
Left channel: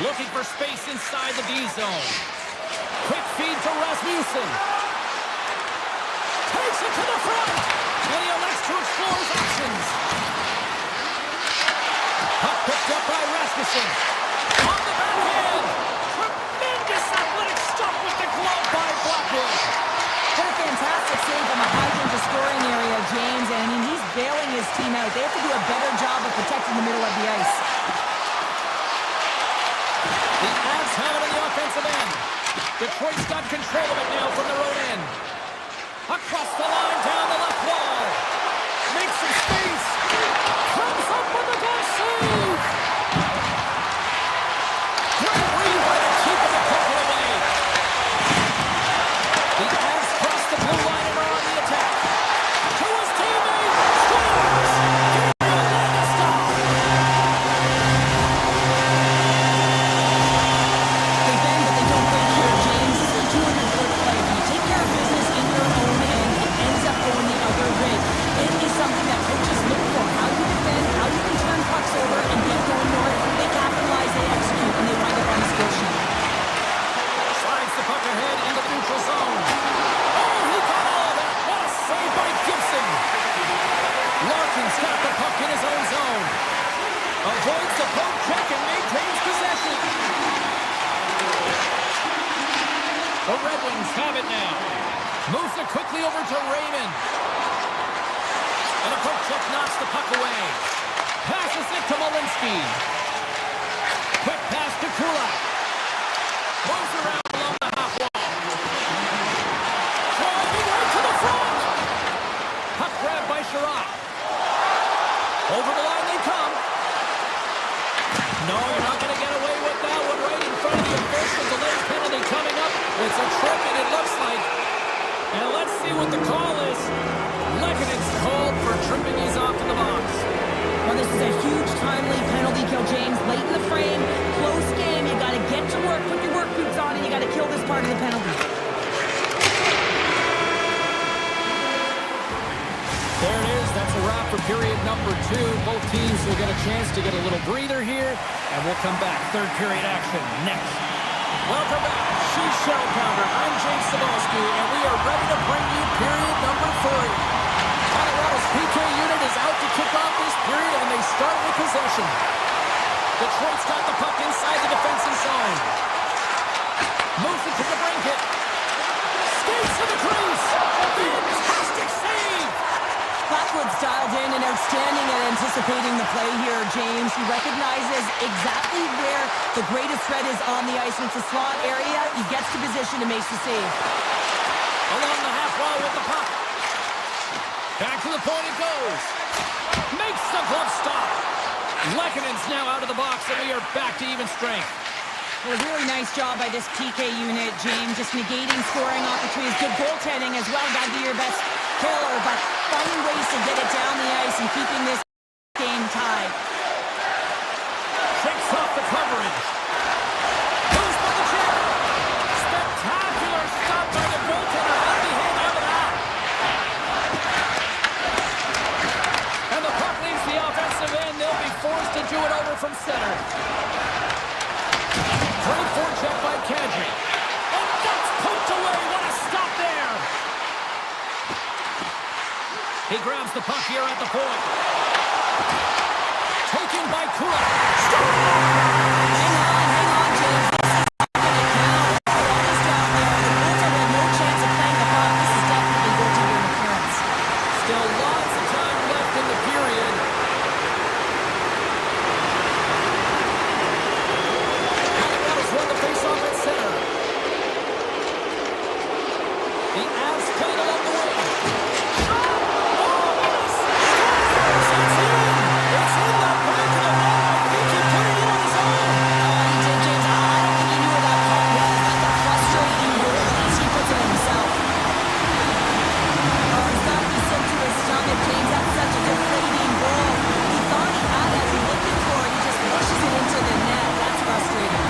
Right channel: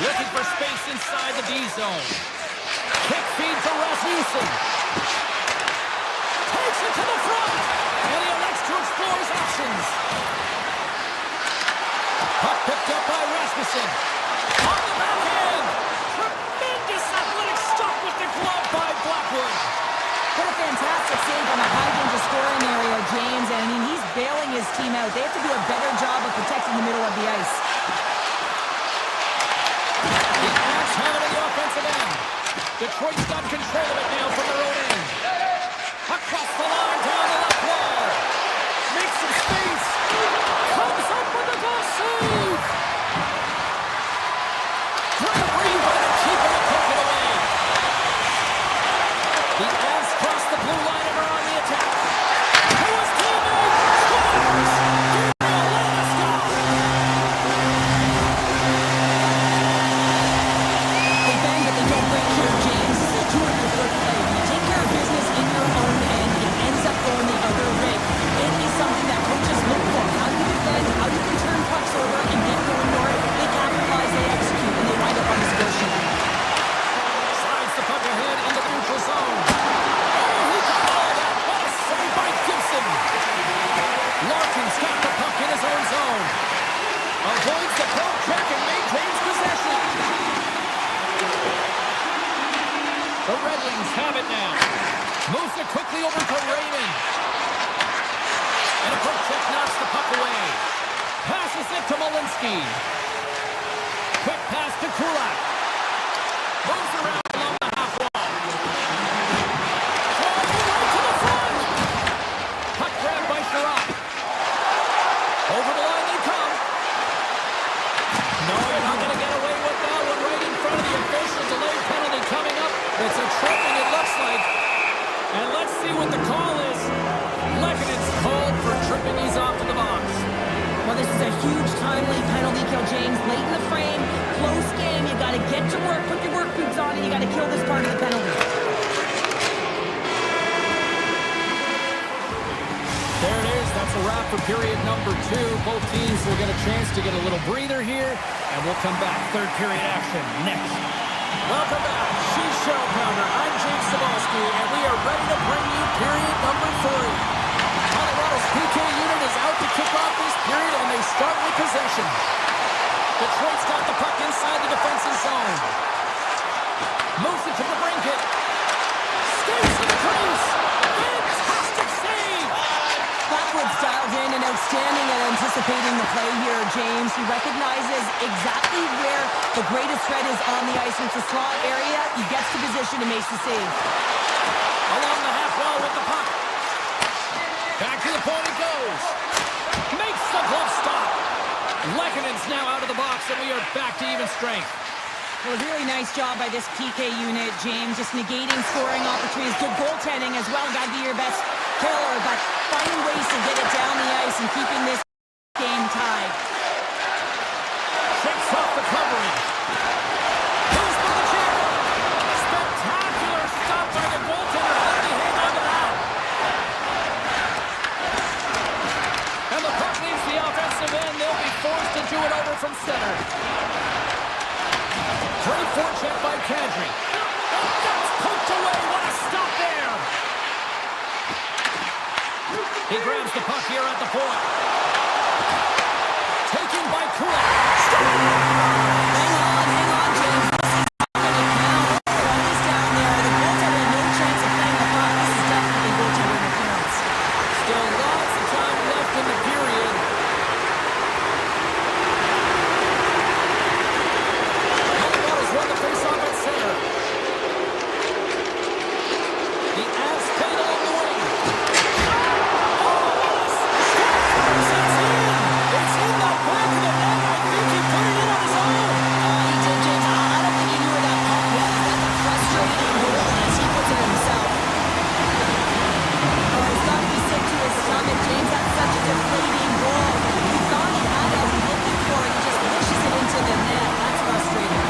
Looking for space inside the D zone. Quick feed to Rasmussen. Takes it to the front. And he elects to explore his options. Puck picked up by Rasmussen. On the backhand. Tremendous athletic stop with the glove by Blackwood. What a fantastic save from a high-danger scoring area, James. And I mean, he's bailing his team out. They have to do a better job of protecting the middle of the ice. The Avs have it on the offensive end. Detroit's got control of it now from their own end. Across the line, down the left wall. Makes some space. Comes up with a goal save. Great read by the keeper to pick it away. The Avs cross the blue line and are on the attack. To his teammate. Scores. Gabriel Landeskog. They bang, but they don't break here, James. This is a 200-foot play. When you take care of business in your own end, it ends up going the other way. It is something that coaches look for. How you defend, how you can turn pucks over and get going north. They capitalize, they execute, and they wind up on the score sheet. Slides the puck ahead into the neutral zone. Oh, he got all that. What a save by Gibson. Larkin's got the puck in his own zone. Avoids the poke check and maintains possession. The Red Wings have it now. Moves it quickly over to Raymond. And a poke check knocks the puck away. Passes it to Malinsky. Quick pass to Kulak. Moves around along the half wall. Driving right to the front. Puck grabbed by Sherratt. Over the line they come. No, you're not going to get away with that one right in front of the official. Delayed penalty coming up. It's a tripping, it looks like. And let's see what the call is. Lekkonen's called for tripping. He's off to the box. Well, this is a huge timely penalty kill, James. Late in the frame, close game. You got to get to work, put your work boots on, and you got to kill this part of the penalty. There it is. That's a wrap for period number 2. Both teams will get a chance to get a little breather here, and we'll come back. Third period action next. Welcome back. She's Shell Pounder. I'm James Cebulski, and we are ready to bring you period number 3. Colorado's PK unit is out to kick off this period, and they start with possession. Detroit's got the puck inside the defensive zone. Moves it to the brinket. Skates to the crease. Fantastic save. Blackwood's dialed in and outstanding at anticipating the play here, James. He recognizes exactly where the greatest threat is on the ice. It's a slot area. He gets to position and makes the save. Along the half wall with the puck. Back to the point it goes. Makes the glove stop. Lekkonen's now out of the box, and we are back to even strength. Well, a really nice job by this PK unit, James. Just negating scoring opportunities. Good goaltending as well. Got to be your best killer, but finding ways to get it down the ice and keeping this game tied. Shakes off the coverage. Goes for the check. Spectacular stop by the goaltender. How did he hang on to that? And the puck leaves the offensive end. They'll be forced to do it over from center. Great forecheck by Kadri. And that's poked away. What a stop there. He grabs the puck here at the point. Taken by Kula. Hang on, James. This is not going to count. What is down there? The goaltender had no chance of playing the puck. This is definitely goaltender interference. Still lots of time left in the period. Colorado's won the faceoff at center. The Avs played along the wing. It's in the back of the net. I think he put it in on his own. He did, James. I don't think he knew where that puck was. That's a frustrating goal as he puts it in himself. Oh, he's got to be sick to his stomach, James. That's such a deflating goal. He thought he had it. He's looking for it. He just pushes it into the net. That's frustrating.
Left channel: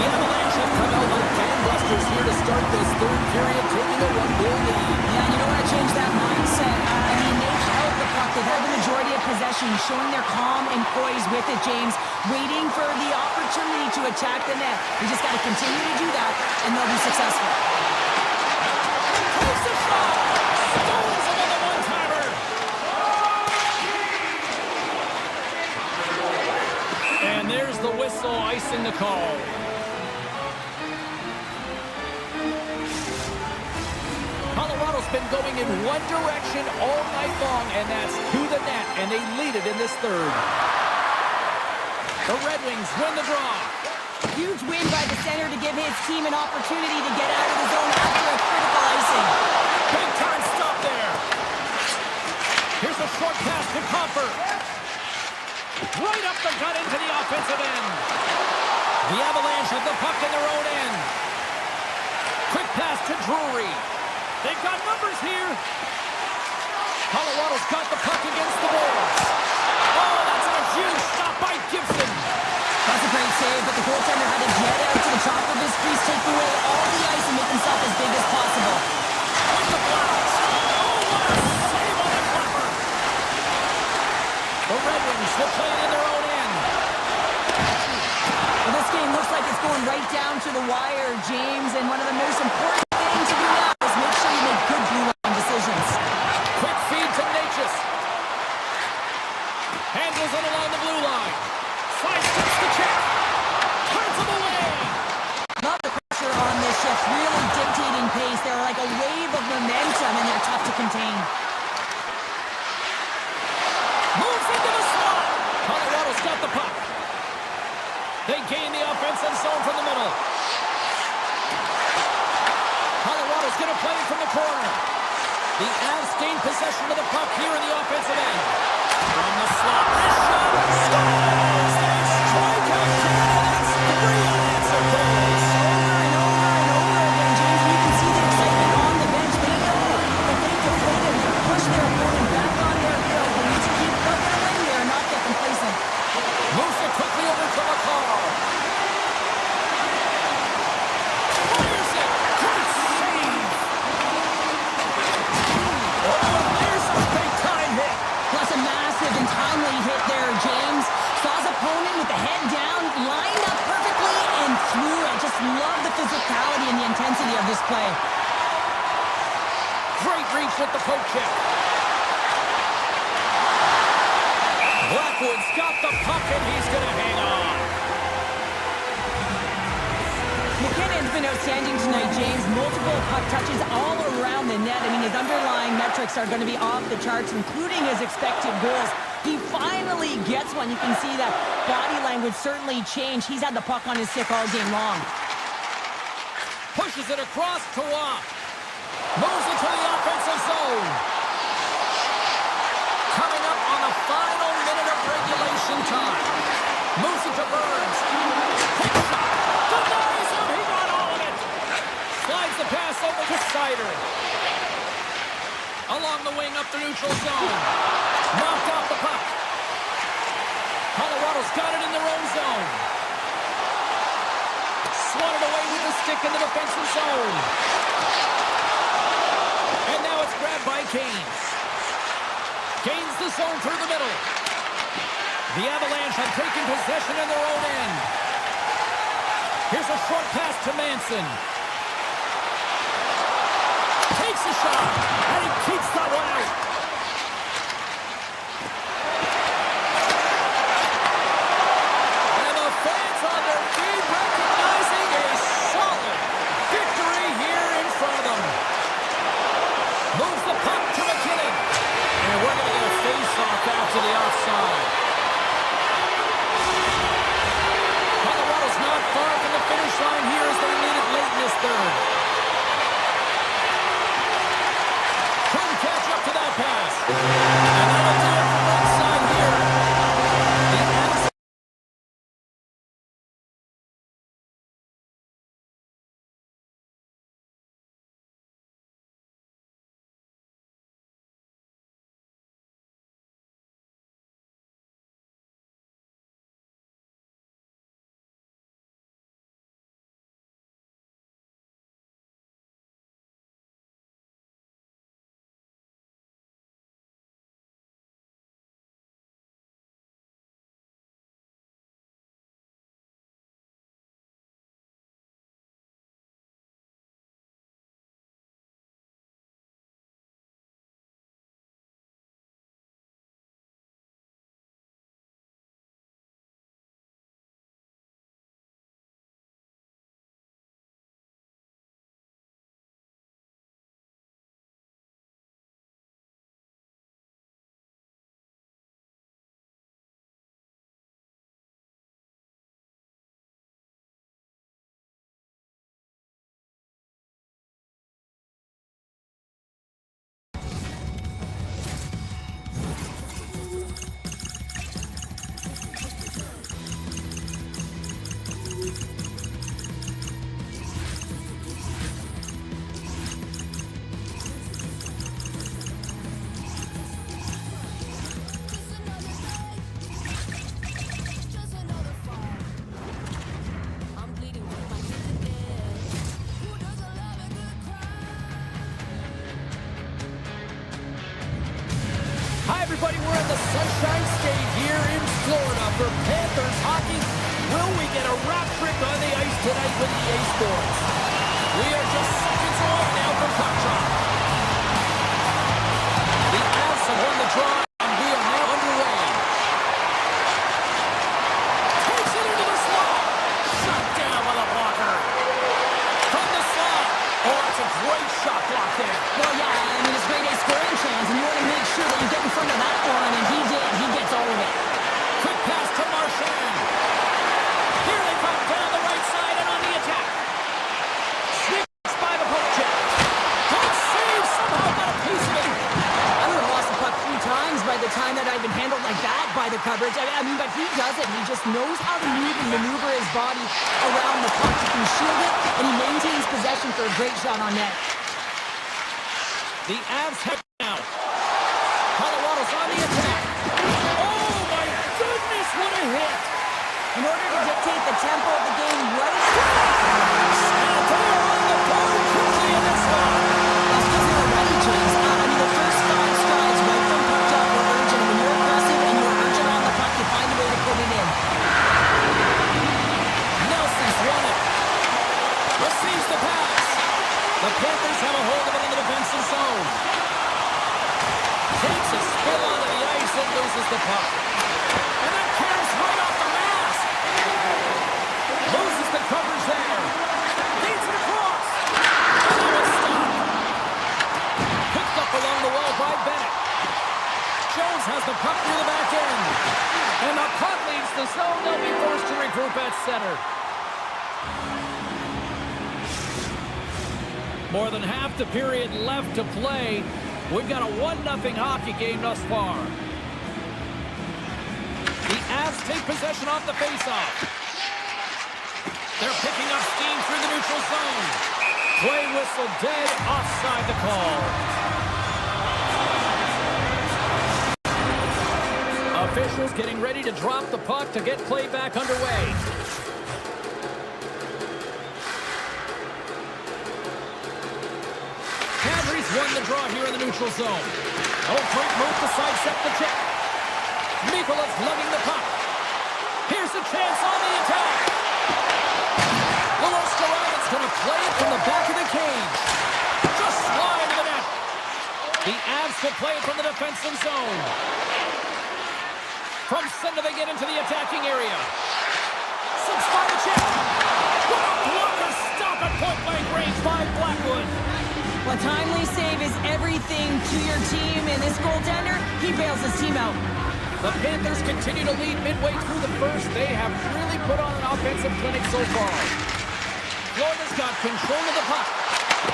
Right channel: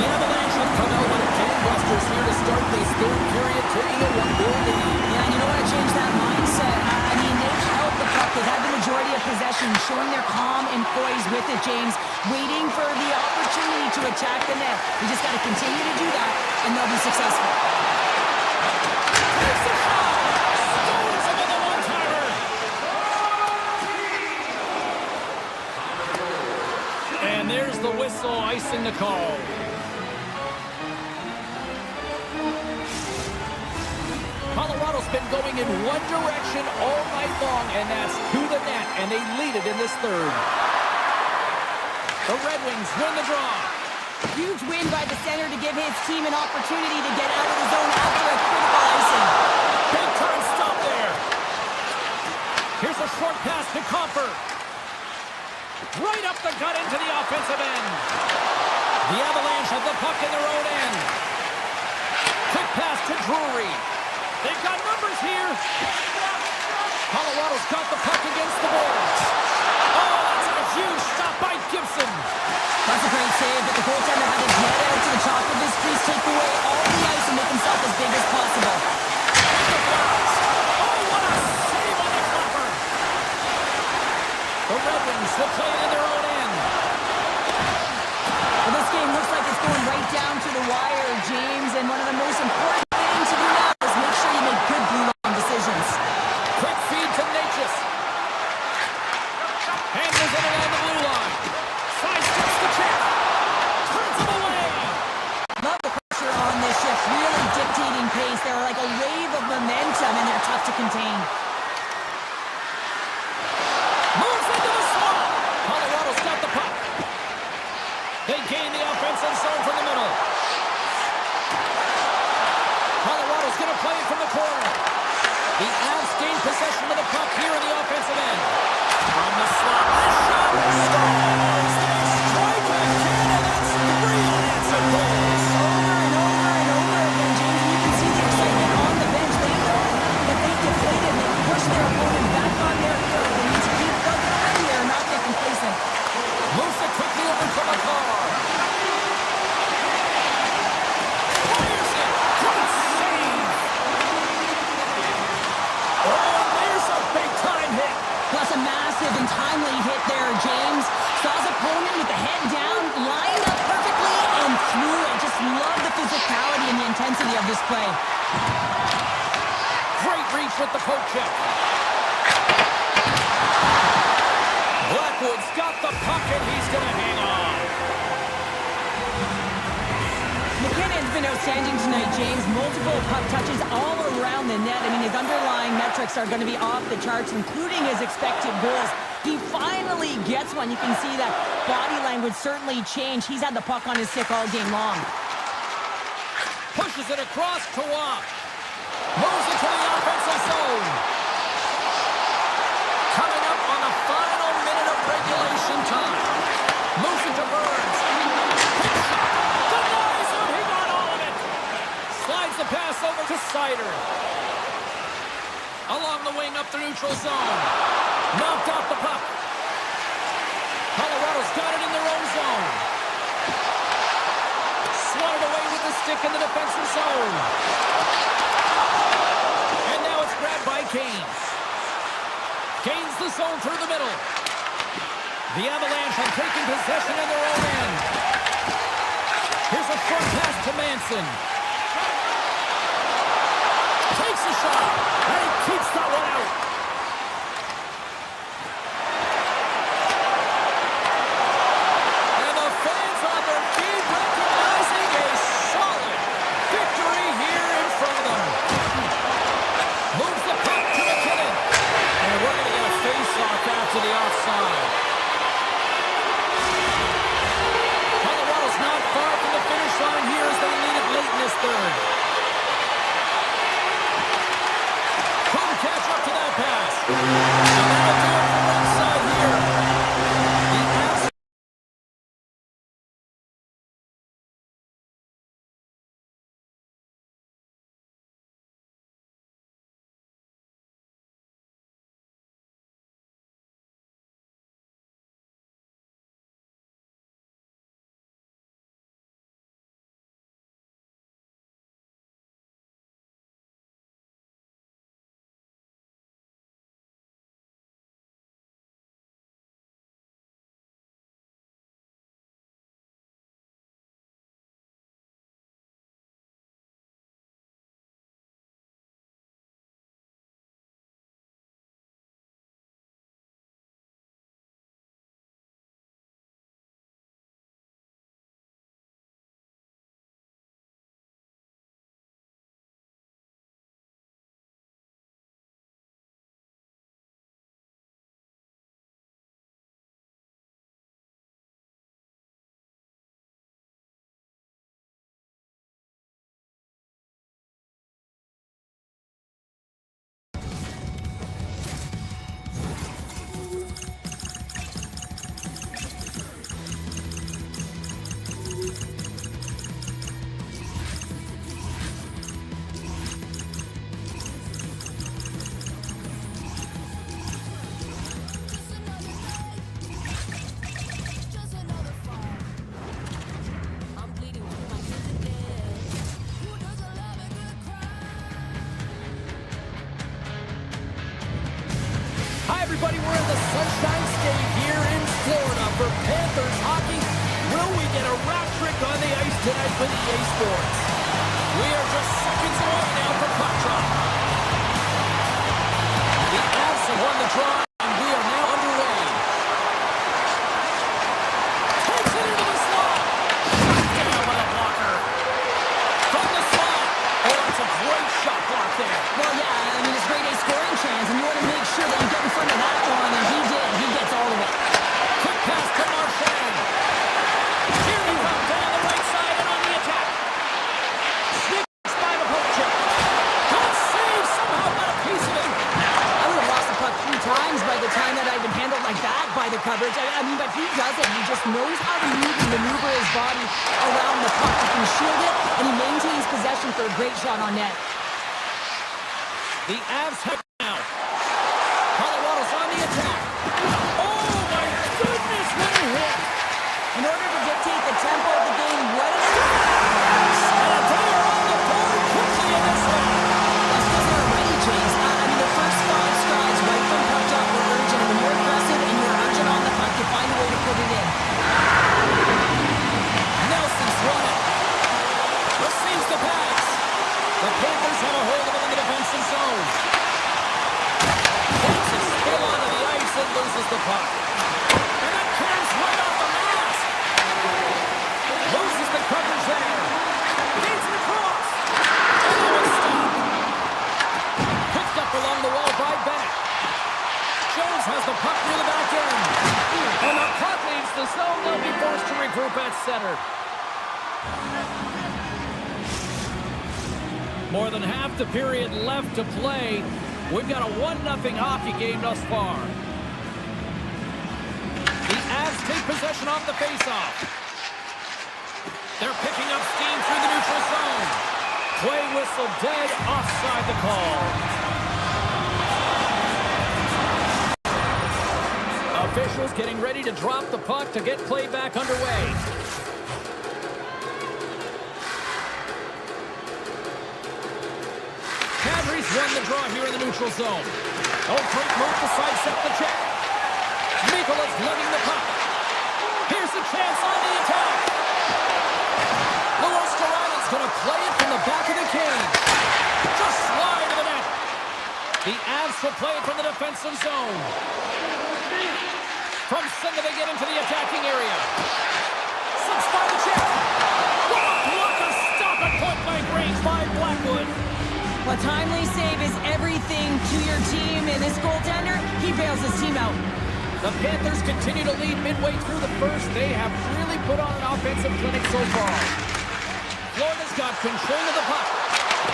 The Avalanche have come out like gangbusters here to start this third period, taking a 1-goal lead. Yeah, and you don't want to change that mindset. I mean, they've held the puck. They've had the majority of possession, showing their calm and poise with it, James, waiting for the opportunity to attack the net. We just got to continue to do that, and they'll be successful. Takes a shot. Stones another one-timer. And there's the whistle, icing the call. Colorado's been going in one direction all night long, and that's to the net, and they lead it in this third. The Red Wings win the draw. Huge win by the center to give his team an opportunity to get out of the zone after a critical icing. Big time stop there. Here's a short pass to Comfer. Right up the gut into the offensive end. The Avalanche have the puck in their own end. Quick pass to Drury. They've got numbers here. Colorado's got the puck against the boards. Oh, that's a huge stop by Gibson. That's a great save, but the goaltender had to get out to the top of his crease, take away all the ice, and make himself as big as possible. With the blast. Oh, what a save on the flapper. The Red Wings will play it in their own end. Well, this game looks like it's going right down to the wire, James, and one of the most important things to do now is make sure you make good blue line decisions. Quick feed to Natchez. Handles it along the blue line. Sidesteps the check. Turns him away. Love the pressure on this shift, really dictating pace. They're like a wave of momentum, and they're tough to contain. Moves into the slot. Colorado's got the puck. They gain the offensive zone from the middle. Colorado's going to play it from the corner. The Avs gain possession of the puck here in the offensive end. From the slot, wrist shot, scores! They strike again, and that's 3 unanswered goals. Over and over and over again, James. You can see the excitement on the bench. They know that they deflated just love the physicality and the intensity of this play. Great reach with the poke check. Blackwood's got the puck, and he's going to hang on. McKinnon's been outstanding tonight, James. Multiple puck touches all around the net. I mean, his underlying metrics are going to be off the charts, including his expected goals. He finally gets one. You can see that body language certainly changed. He's had the puck on his stick all game long. Pushes it across to Waugh. Moves it to the offensive zone. Coming up on the final minute of regulation time. Moves it to Burns. Quick shot. Denies him. He got all of it. Slides the pass over to Sider. Along the wing up the neutral zone. Knocked off the puck. Colorado's got it in their own zone. Swatted away with the stick in the defensive zone. And now it's grabbed by Kane. Gains the zone through the middle. The Avalanche have taken possession in their own end. Here's a short pass to Manson. Takes a shot, and he keeps that one out. And the fans on their feet recognizing a solid victory here in front of them. Moves the puck to McKinnon. And we're going to get a face-off after the offside. Colorado's not far from the finish line here as they lead it late in this third. Couldn't catch up to that pass. And that'll do it from ringside here. The Avs. Hi, everybody. We're at the Sunshine State here in Florida for Panthers hockey. Will we get a rap trick on the ice tonight with EA Sports? We are just seconds away now from puck drop. The Avs have won the draw, and we are now underway. Takes it into the slot. Shot down with a blocker. From the slot. Oh, it's a great shot block there. Well, yeah, I mean, it's grade A scoring chance, and you want to make sure that you get in front of that one, and he did. He gets all of it. Quick pass to Marchand. Here they come down the right side and on the attack. Sneaks by the poke check. Good save. Somehow got a piece of it. I would have lost the puck 3 times by the time that I'd been handled like that by the coverage. I mean, but he does it. He just knows how to move and maneuver his body around the puck. He can shield it, and he maintains possession for a great shot on net. The Avs have now. Colorado's on the attack. Oh, my goodness, what a hit. In order to dictate the tempo of the game right And they are on the board quickly in this one. That's because they're ready, James. I mean, the first 5 strides right from puck drop were urgent, and when you're aggressive and you're urgent on the puck, you find a way to put it in. Nelson's won it. Receives the pass. The Panthers have a hold of it in the defensive zone. Takes a spill onto the ice and loses the puck. And that carries right off the mask. Loses the coverage there. Feeds it across. And that one's stopped. Picked up along the wall by Bennett. Jones has the puck near the back end. And the puck leaves the zone. They'll be forced to regroup at center. More than half the period left to play. We've got a 1-0 hockey game thus far. The Avs take possession off the faceoff. They're picking up steam through the neutral zone. Play whistle dead, offside the call. Officials getting ready to drop the puck to get play back underway. Cadry's won the draw here in the neutral zone. Oh, great move to sidestep the check. Mikola's lugging the puck. Here's a chance on the attack. Luostarai's going to play it from the back of the cage. Just slide to the net. The Avs will play it from the defensive zone. From center they get into the attacking area. Slips by the check. What a blocker stop at point-blank range by Blackwood. A timely save is everything to your team, and this goaltender, he bails his team out. The Panthers continue to lead midway through the first. They have really put on an offensive clinic so far. Florida's got control of the puck.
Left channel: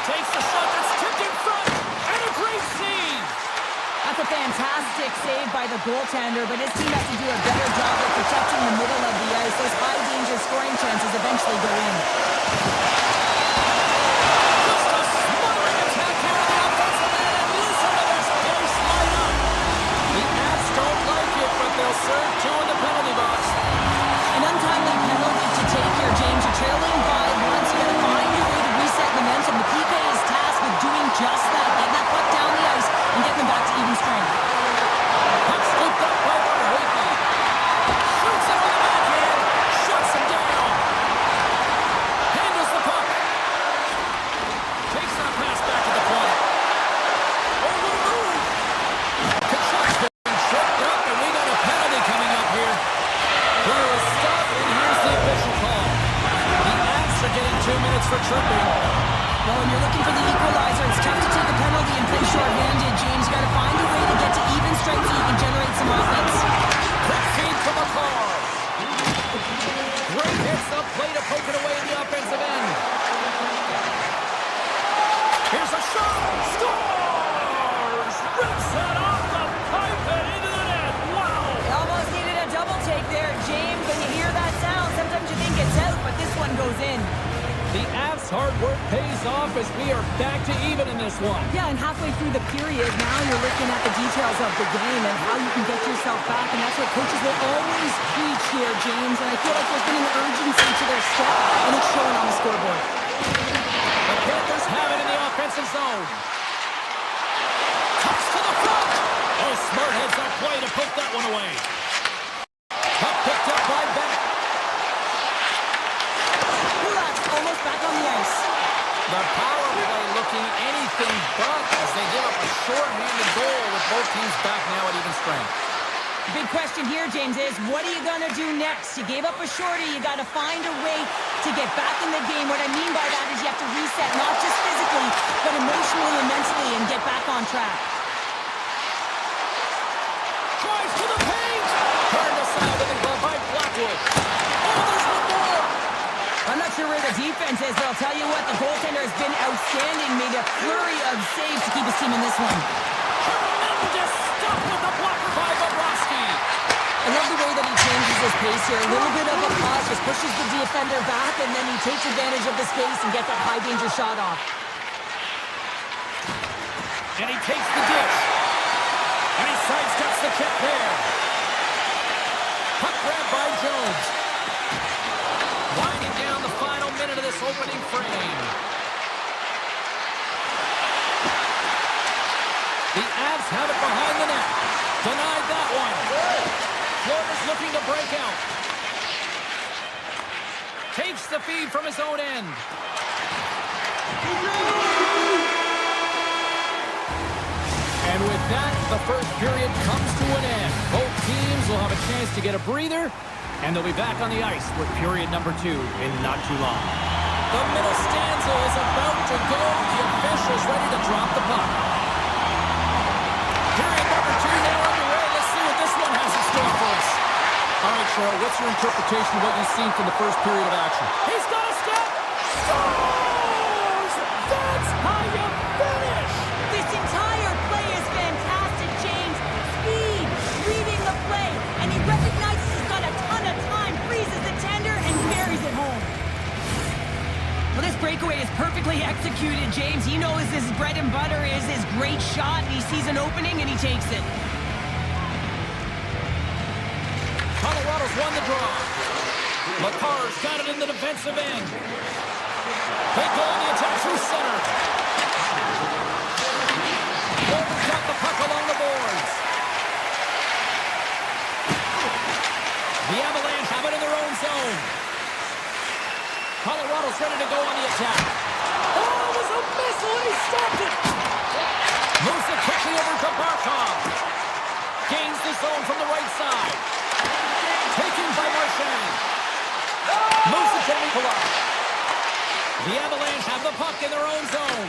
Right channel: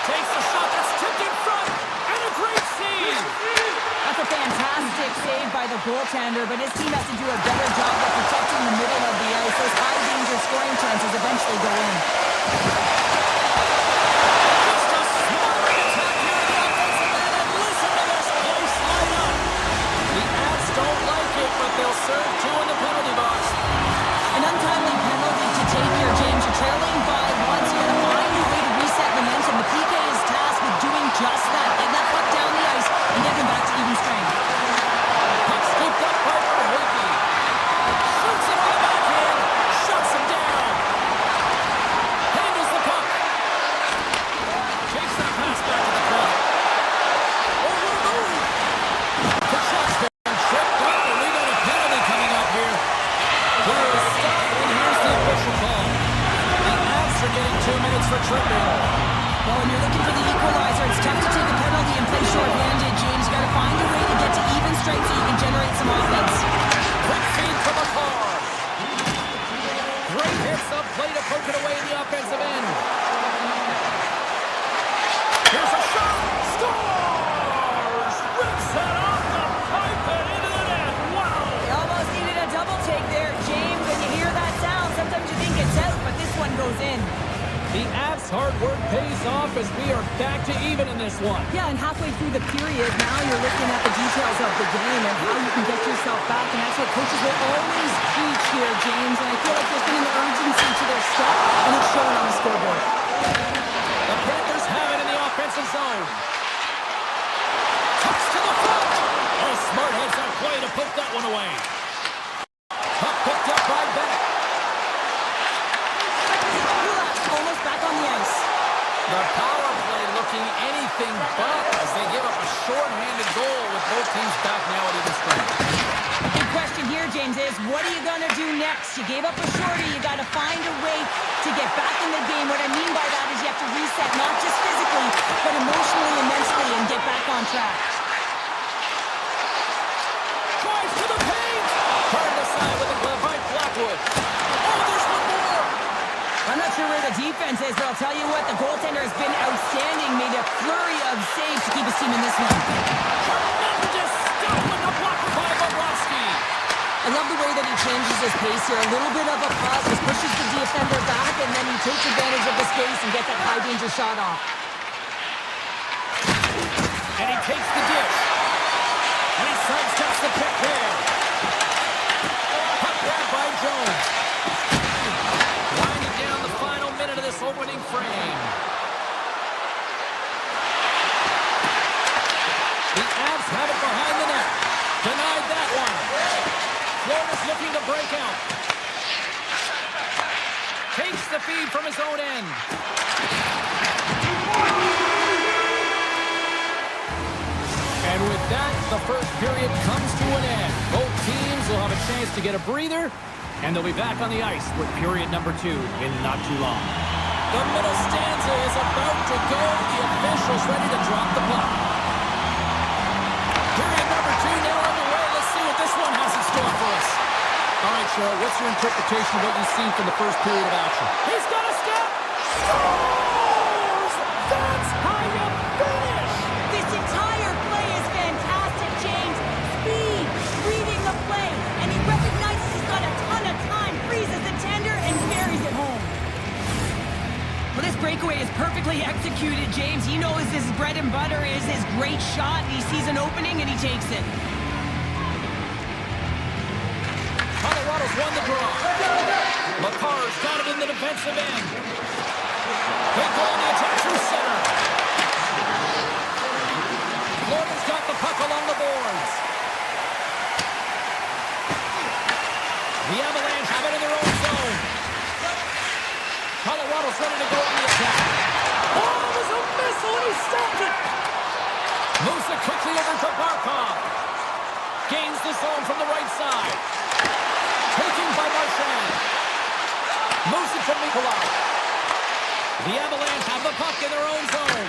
Takes the shot that's tipped in front, and a great save. That's a fantastic save by the goaltender, but his team has to do a better job of protecting the middle of the ice. Those high-danger scoring chances eventually go in. Just a smothering attack here in the offensive end, and listen to this place light up. The Avs don't like it, but they'll serve two in the penalty box. An untimely penalty to take here, James. You're trailing by once. You got to find a way to reset momentum. The PK is tasked with doing just that. Getting that puck down the ice and getting them back to even strength. Puck scooped up by Verhoeven. Shoots it on the backhand. Shuts him down. Handles the puck. Takes that pass back to the corner. Oh, what a move. Kachuk's been tripped up, and we got a penalty coming up here. Play is stopped, and here's the official call. The Avs are getting 2 minutes for tripping. Well, when you're looking for the equalizer, it's tough to take a penalty and play short-handed, James. You got to find a way to get to even strength so you can generate some offense. Quick feed from a car. Great hits up play to poke it away in the offensive end. Here's a shot. Scores! Rips it off the pipe and into the net. Wow! They almost needed a double take there, James. When you hear that sound, sometimes you think it's out, but this one goes in. The Avs' hard work pays off as we are back to even in this one. Yeah, and halfway through the period, now you're looking at the details of the game and how you can get yourself back, and that's what coaches will always preach here, James. And I feel like there's been an urgency to their step, and it's showing on the scoreboard. The Panthers have it in the offensive zone. Touch to the front. Oh, smart heads up play to poke that one away. Puck picked up by Bennett. Almost back on the ice. The power play looking anything but as they give up a short-handed goal with both teams back now at even strength. Big question here, James, is what are you going to do next? You gave up a shorty. You got to find a way to get back in the game. What I mean by that is you have to reset, not just physically, but emotionally and mentally, and get back on track. Drives to the paint. Turned aside with a glove by Blackwood. Oh, there's one more. I'm not sure where the defense is, but I'll tell you what, the goaltender has been outstanding, made a flurry of saves to keep his team in this one. Tremendous stop with the blocker by Bobrovsky. I love the way that he changes his pace here. A little bit of a pause, just pushes the defender back, and then he takes advantage of the space and gets that high-danger shot off. And he takes the dish. And he sidesteps the check there. Puck grab by Jones. Winding down the final minute of this opening frame. The Avs have it behind the net. Denied that one. Florida's looking to break out. Takes Takes the feed from his own end. And with that, the first period comes to an end. Both teams will have a chance to get a breather, and they'll be back on the ice with period number 2 in not too long. The middle stanza is about to go. The officials ready to drop the puck. Period number 2 now underway. Let's see what this one has in store for us. All right, Cheryl, what's your interpretation of what you've seen from the first period of action? He's got a step. Scores! That's how you finish! This entire play is fantastic, James. Speed, reading the play, and he recognizes he's got a ton of time, freezes the tender, and buries it home. Well, this breakaway is perfectly executed, James. He knows his bread and butter is his great shot, and he sees an opening, and he takes it. Colorado's won the draw. McCarr's got it in the defensive end. They go on the attack through center. Florida's got the puck along the boards. The Avalanche have it in their own zone. Colorado's ready to go on the attack. Oh, it was a missile, and he stopped it. Moves it quickly over to Barkov. Gains the zone from the right side. Taken by Marchand. Moves it to Nikolai. The Avalanche have the puck in their own zone.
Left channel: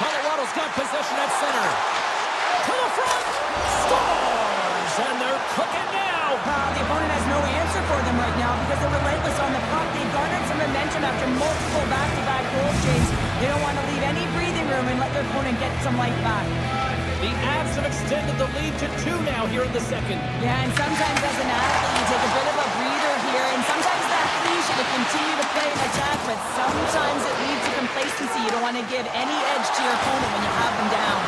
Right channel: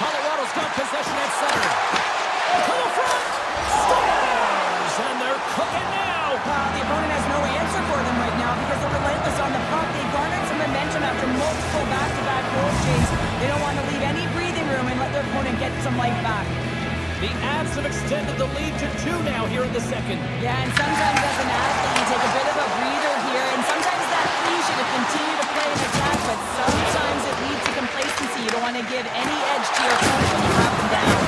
Colorado's got possession at center. To the front. Scores! And they're cooking now. The opponent has no answer for them right now because they're relentless on the puck. They garnered some momentum after multiple back-to-back goals, James. They don't want to leave any breathing room and let their opponent get some life back. The Avs have extended the lead to 2 now here in the second. Yeah, and sometimes as an athlete, you take a bit of a breather here, and sometimes that leads you to continue to play an attack, but sometimes it leads to complacency. You don't want to give any edge to your opponent when you have them down.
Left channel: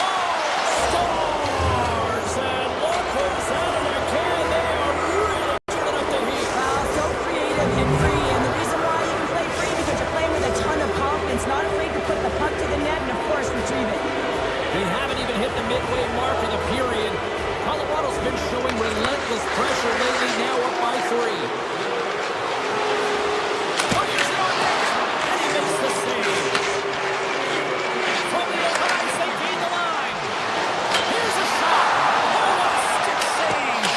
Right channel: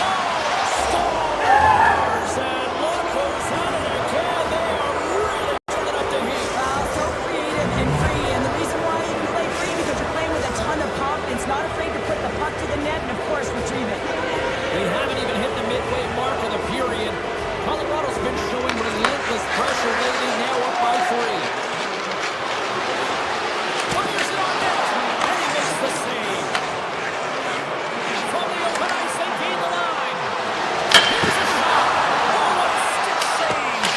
Oh, scores! And look who's at it again. They are really turning up the heat. So creative and free, and the reason why you can play free because you're playing with a ton of confidence, not afraid to put the puck to the net and, of course, retrieve it. They haven't even hit the midway mark of the period. Colorado's been showing relentless pressure lately, now up by 3. Fires it on net, and he makes the save. From the open ice, they gain the line. Here's a shot. Oh, what a stick save.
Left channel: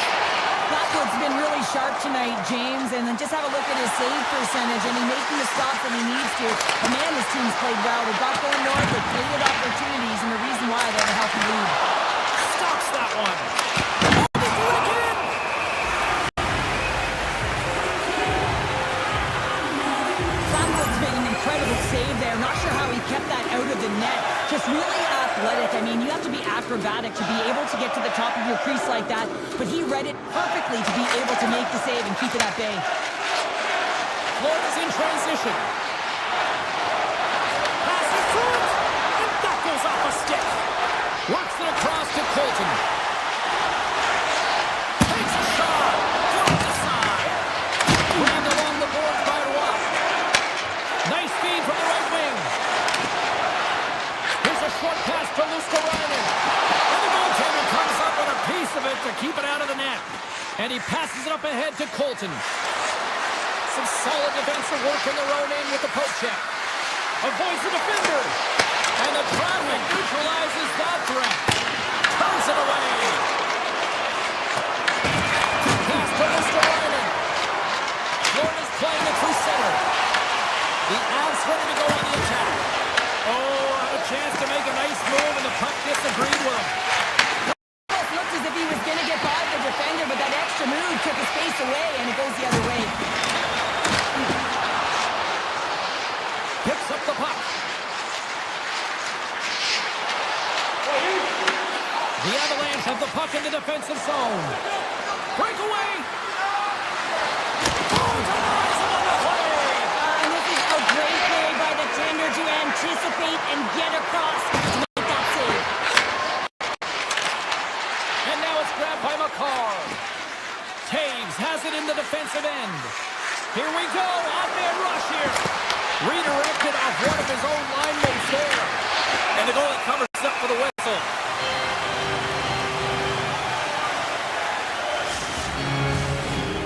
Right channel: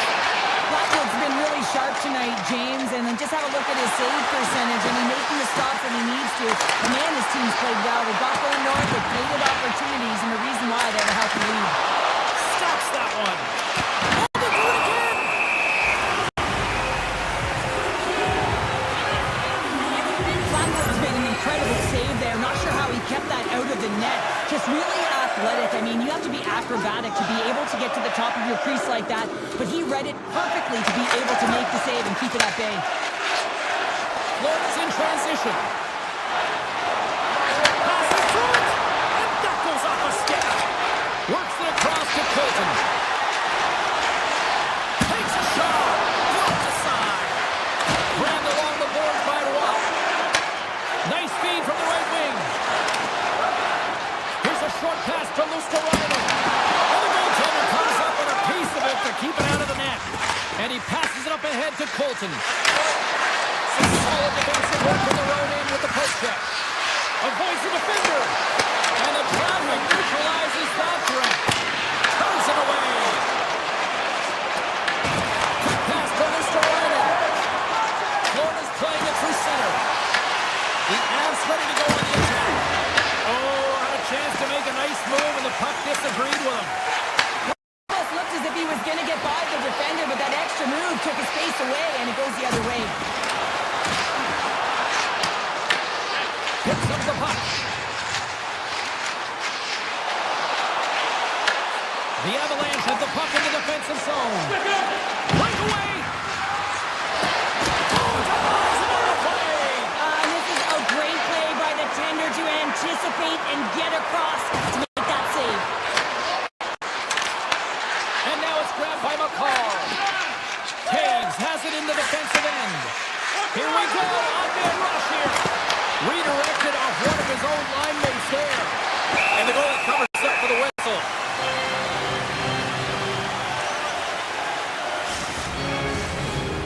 Blackwood's been really sharp tonight, James, and then just have a look at his save percentage, and he's making the stops that he needs to. But man, his team's played well. They got going north, they created opportunities, and the reason why they have a healthy lead. Stops that one. Oh, they do it again. Blackwood's made an incredible save there. Not sure how he kept that out of the net. Just really athletic. I mean, you have to be acrobatic to be able to get to the top of your crease like that, but he read it perfectly to be able to make the save and keep it at bay. Florida's in transition. Pass in front, and that goes off a stick. Works it across to Colton. Takes a shot. Dropped aside. Grabbed along the boards by Roy. Nice feed from the right wing. Here's a short pass to Luskarainen. And the goaltender comes up with a piece of it to keep it out of the net. And he passes it up ahead to Colton. Some solid defensive work in their own end with the poke check. Avoids the defender. And the traffic neutralizes that threat. Turns it away. Quick pass to Luskarainen. Florida's playing it through center. The Avs ready to go on the attack. Oh, had a chance to make a nice move, and the puck disagreed with him. Almost looked as if he was going to get by the defender, but that extra move took his pace away, and it goes the other way. Picks up the puck. The Avalanche have the puck in the defensive zone. Breakaway. Oh, denies him on the play. And this is a great play by the tender to anticipate and get across to make that save. And now it's grabbed by McCarr. Taves has it in the defensive end. Here we go. On-man rush here. Redirected off one of his own line mates there. And the goalie covers up for the whistle.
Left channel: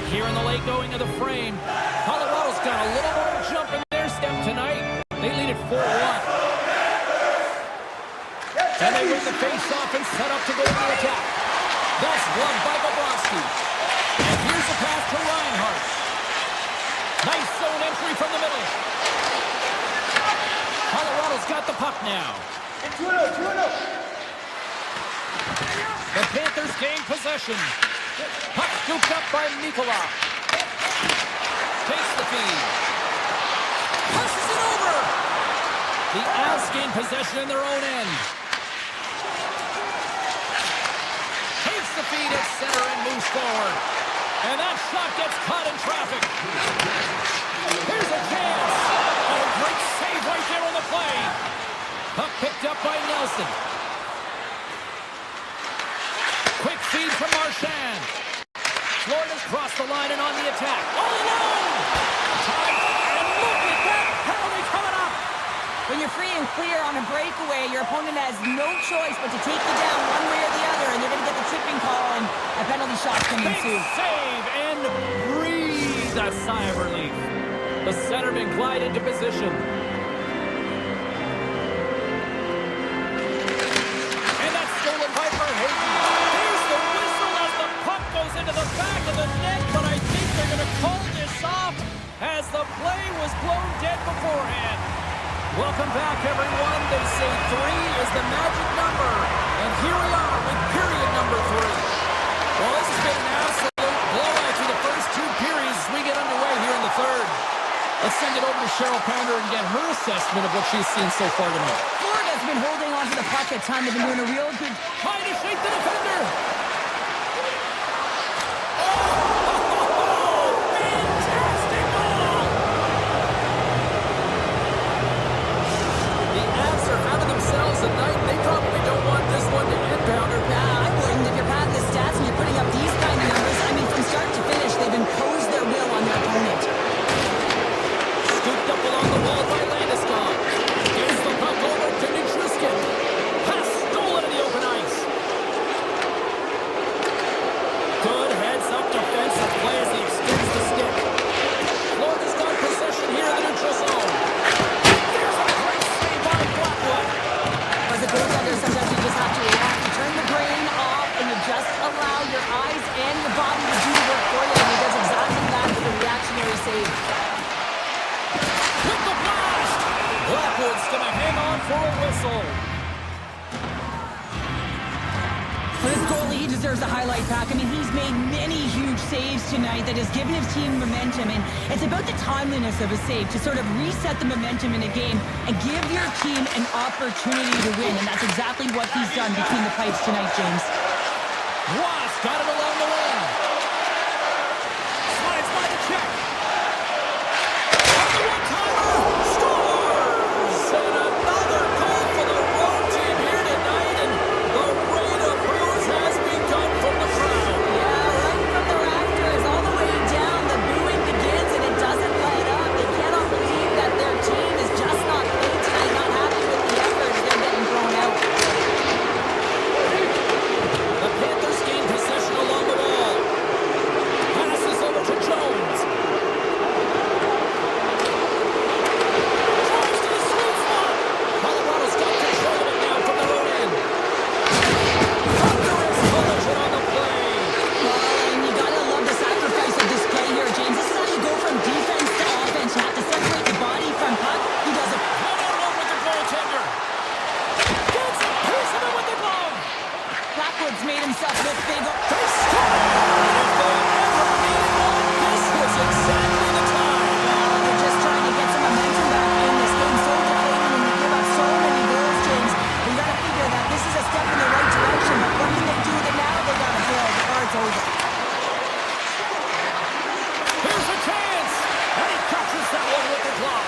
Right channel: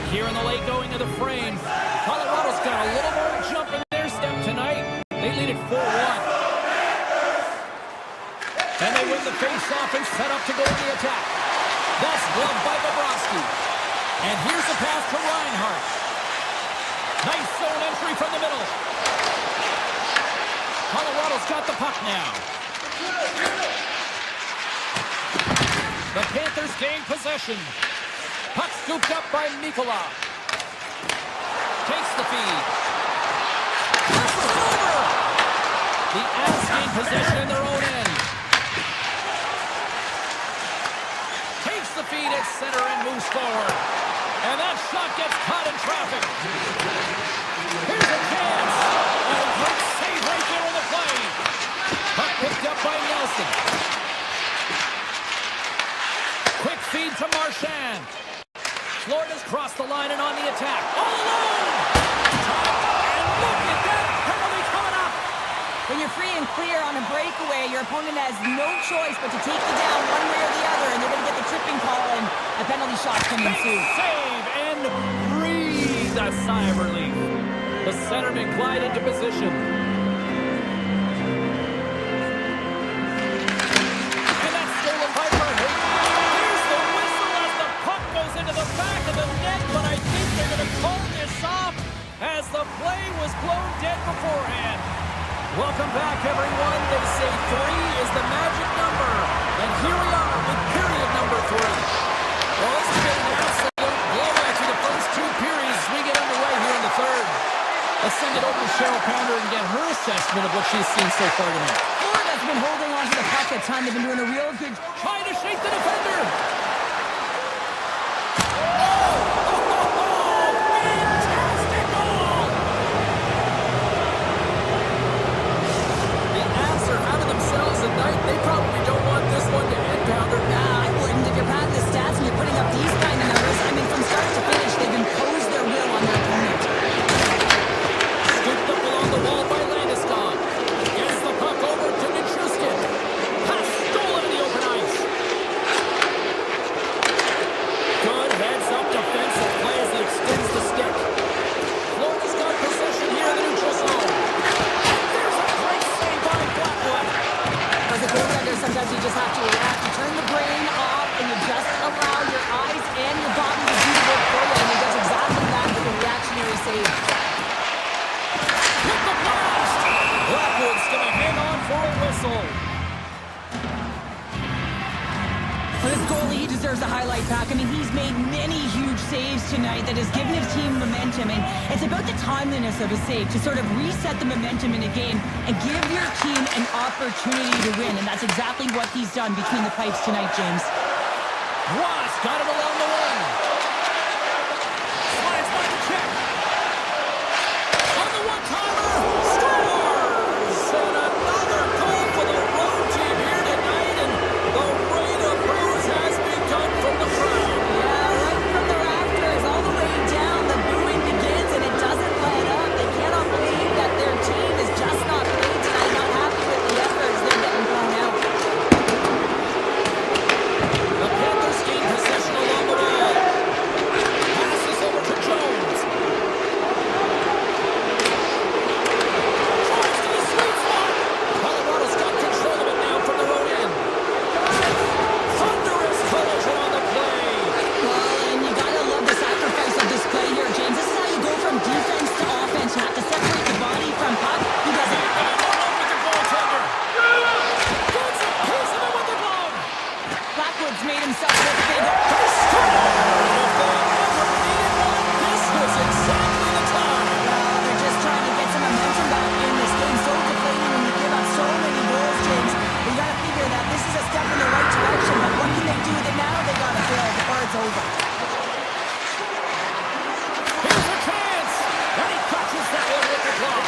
Here in the late going of the frame, Colorado's got a little more jump in their step tonight. They lead it 4-1. And they win the face-off and set up to go on the attack. That's gloved by Bobrovsky. And here's the pass to Reinhart. Nice zone entry from the middle. Colorado's got the puck now. The Panthers gain possession. Puck scooped up by Mikkola. Takes the feed. Passes it over. The Avs gain possession in their own end. Takes the feed at center and moves forward. And that shot gets caught in traffic. Here's a chance. Oh, great save right there on the play. Puck picked up by Nelson. Quick feed to Marchand. Florida's crossed the line and on the attack. All alone! Time, and look at that penalty coming up! When you're free and clear on a breakaway, your opponent has no choice but to take you down one way or the other, and they're going to get the tripping call, and a penalty shot can ensue. Save and breathe a sigh of relief. The centerman glide into position. And that's stolen by Verhaeghe. Here's the whistle as the puck goes into the back of the net, but I think they're going to call this off as the play was blown dead beforehand. Welcome back, everyone. They say 3 is the magic number. And here we are with period number 3. Well, this has been an absolute blowout through the first 2 periods as we get underway here in the third. Let's send it over to Cheryl Pounder and get her assessment of what she's seen so far tonight. Florida's been holding on to the puck at time. They've been doing a real good... Trying to shake the defender. Fantastic goal! The Avs are having themselves a night. They probably don't want this one to end, Pounder. Nah, I wouldn't. If you're padding the stats and you're putting up these kind of numbers, I mean, from start to finish, they've imposed their will on their opponent. Scooped up along the wall by Landeskog. Gets the puck over to Nichushkin. Pass stolen in the open ice. Good heads-up defensive play as he extends the stick. Florida's got possession here in the neutral zone. There's a great save by Blackwood. As a goaltender, sometimes you just have to react. You turn the brain off, and you just allow your eyes and your body to do the work for you, and he does exactly that with a reactionary save. With the blast! Blackwood's going to hang on for a whistle. For this goalie, he deserves a highlight pack. I mean, he's made many huge saves tonight that has given his team momentum, and it's about the timeliness of a save to sort of reset the momentum in a game and give your team an opportunity to win, and that's exactly what he's done between the pipes tonight, James. Ross got it along the wing. Slides by the check. On the one-timer, scores! And another goal for the road team here tonight, and the rain of boos has begun from the crowd. Yeah, right from the rafters, all the way down, the booing begins, and it doesn't let up. They cannot believe that their team is just not playing tonight, not happy with the efforts. They're getting thrown out. The Panthers gain possession along the wall. Passes over to Jones. Drives to the sweet spot. Colorado's got control of it now from their own end. Thunderous collision on the play. Well, and you gotta love the sacrifice of this play here, James. This is how you go from defense to offense. You have to separate the body from puck. He does it. And along with the goaltender. Gets a piece of it with the glove. Blackwood's made himself look big. They score! If they ever needed one, this was exactly the time. Well, they're just trying to get some momentum back in this game. So deflating when you give up so many goals, James. But you gotta figure that this is a step in the right direction. But what can they do with it now? They gotta build or it's over. Here's a chance! And he catches that one with the glove.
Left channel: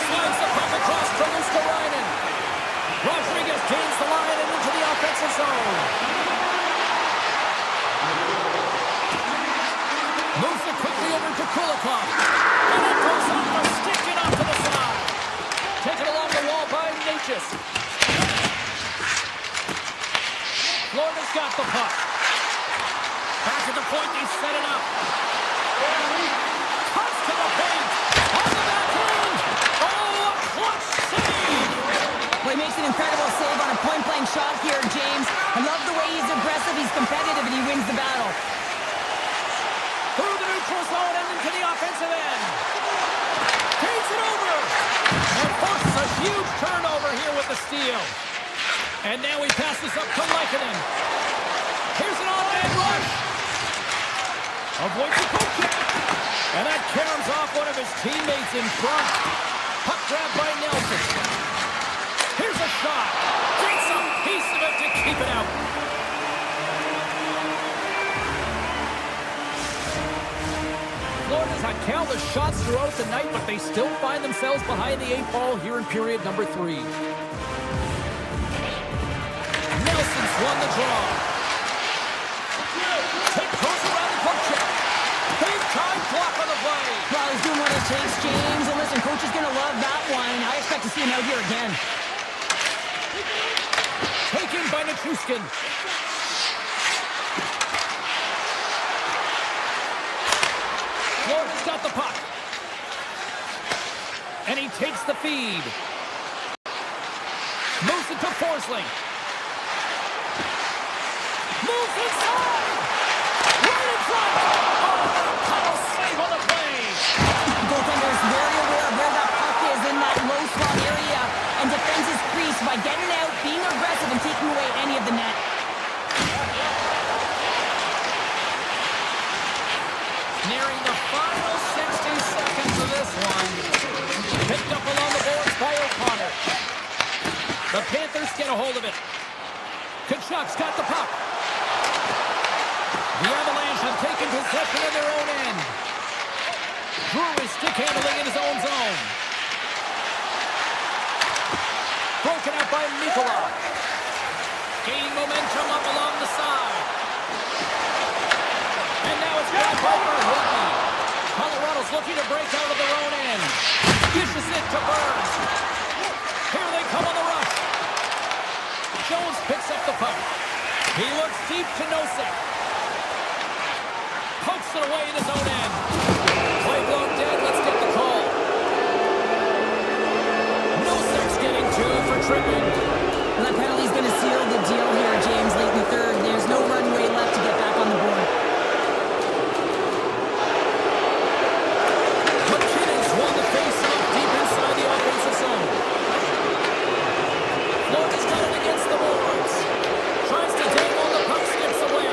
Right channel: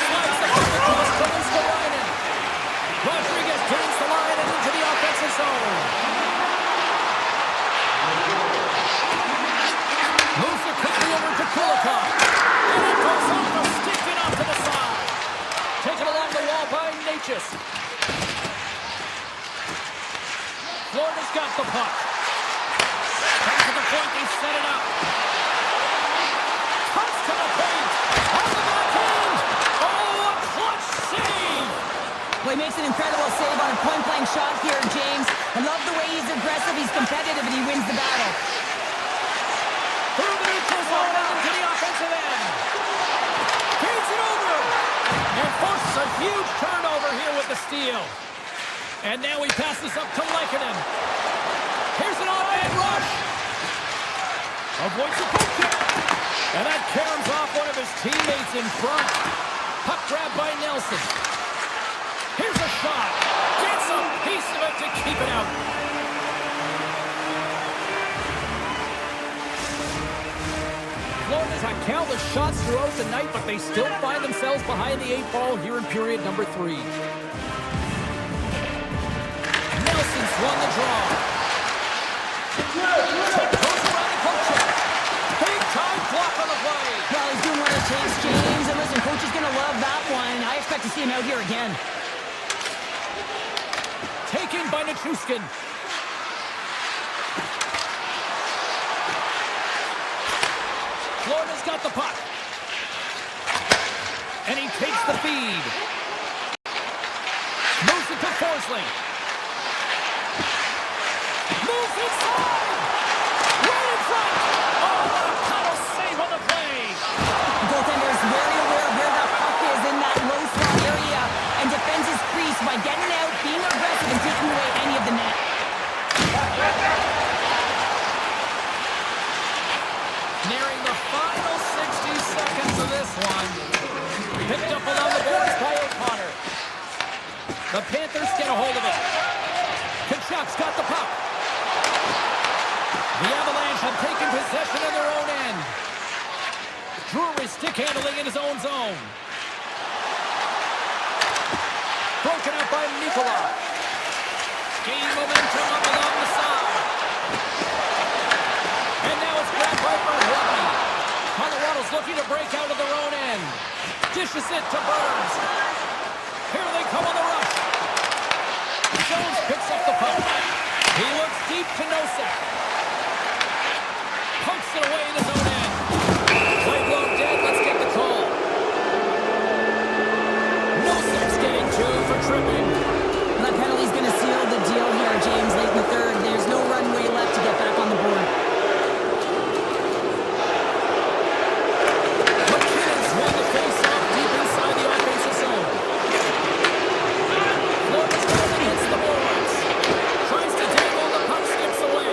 Slides the puck across to Luskarainen. Rodriguez gains the line and into the offensive zone. Moves it quickly over to Kulikov. And it goes off the stick and off to the side. Taken along the wall by Natchez. Florida's got the puck. Back at the point, they set it up. Cuts to the makes an incredible save on a point-blank shot here, James. I love the way he's aggressive, he's competitive, and he wins the battle. Through the neutral zone and into the offensive end. Feeds it over. And forces a huge turnover here with the steal. And now he passes up to Lehkonen. Here's an on-man rush. Avoids the poke check. And that caroms off one of his teammates in front. Puck grabbed by Nelson. Here's a shot. Gets a piece of it to keep it out. Florida's had countless shots throughout the night, but they still find themselves behind the 8 ball here in period number 3. Nelson's won the draw. Tip goes around the poke check. Big time block on the play. Well, he's doing what it takes, James. And listen, coach is going to love that one. I expect to see him out here again. Taken by Nichushkin. Florida's got the puck. And he takes the feed. Moves it to Forsling. Moves inside. Right in front. Oh, what a paddle save on the play. The goaltender is very aware of where that puck is in that low slot area and defends his crease by getting out, being aggressive, and taking away any of the net. Nearing the final 60 seconds of this one. Picked up along the boards by O'Connor. The Panthers get a hold of it. Kachuk's got the puck. The Avalanche have taken possession of their own end. Drury stick handling in his own zone. Broken out by Nikola. Gaining momentum up along the side. And now it's grabbed by Verhoeven. Colorado's looking to break out of their own end. Dishes it to Burns. Here they come on the rush. Jones picks up the puck. He looks deep to Nosek. Pokes it away in his own end. Play blown dead. Let's get the call. Nosek's getting 2 for tripping. And that penalty's going to seal the deal here, James, late in the third. There's no runway left to get back on the board. McKinnon's won the face-off deep inside the offensive zone. Florida's got it against the boards. Tries to dangle, the puck skips away.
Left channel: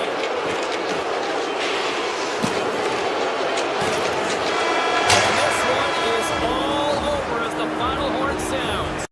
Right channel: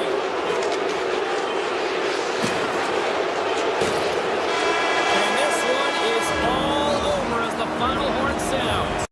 And this one is all over as the final horn sounds.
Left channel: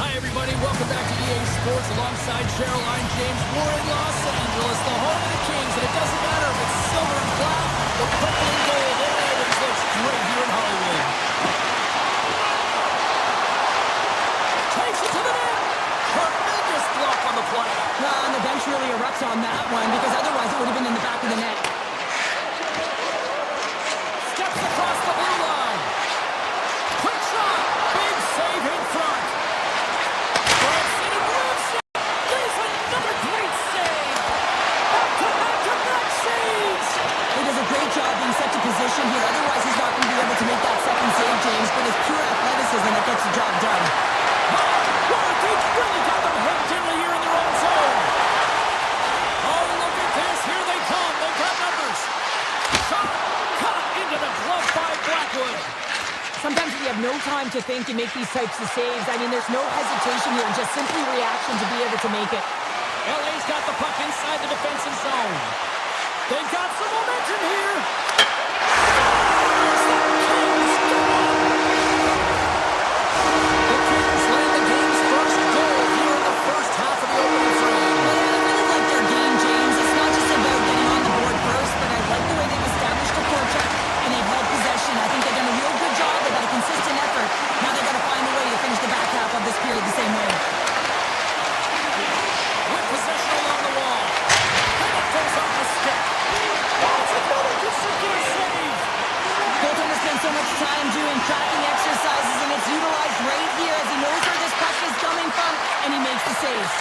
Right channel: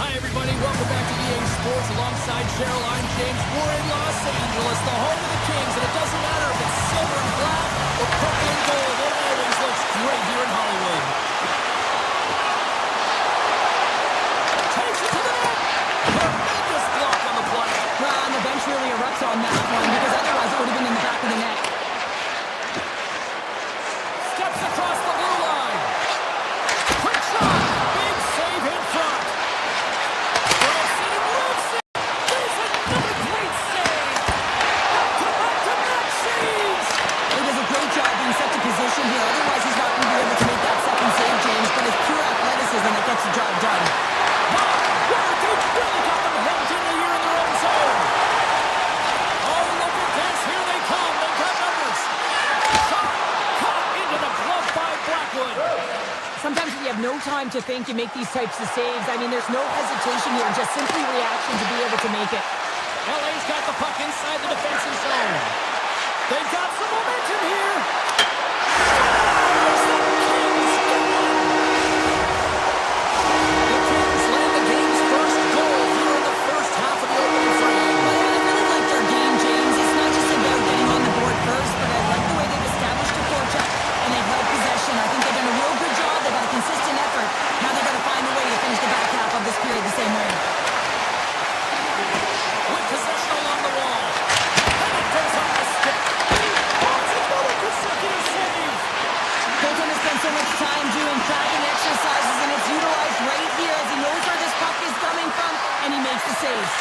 Hi, everybody. Welcome back to EA Sports alongside Cheryl. I'm James. We're in Los Angeles, the home of the Kings, and it doesn't matter if it's silver and black or purple and gold. It always looks great here in Hollywood. Takes it to the net. Tremendous block on the play. Well, and the bench really erupts on that one because otherwise it would have been in the back of the net. Steps across the blue line. Quick shot. Big save in front. Grabs it and rips it. There's another great save. Back-to-back-to-back saves. He does a great job being set to position here. Otherwise, he's not going to be able to make that second save, James. But it's pure athleticism that gets the job done. They've really got them hemmed in here in their own zone. Oh, look at this. Here they come. They've got numbers. Shot. Caught into the glove by Blackwood. Sometimes when you have no time to think, you make these types of saves. I mean, there's no hesitation here, just simply reaction to be able to make it. LA's got the puck inside the defensive zone. They've got some momentum here. Scores! The Kings get one. The Kings land the game's first goal here in the first half of the opening frame. Well, yeah, I really like their game, James. It's not just about getting on the board first, but I like the way they've established a forecheck and they've held possession. I think they've done a real good job. They've got a consistent effort. Now they've got to find a way to finish the back half of this period the same way. With possession along the wall. And it goes off the stick. Oh, it's another consecutive save. Colton has spent so much time doing tracking exercises, and it's utilized right here as he knows where this puck is coming from, and he makes the saves.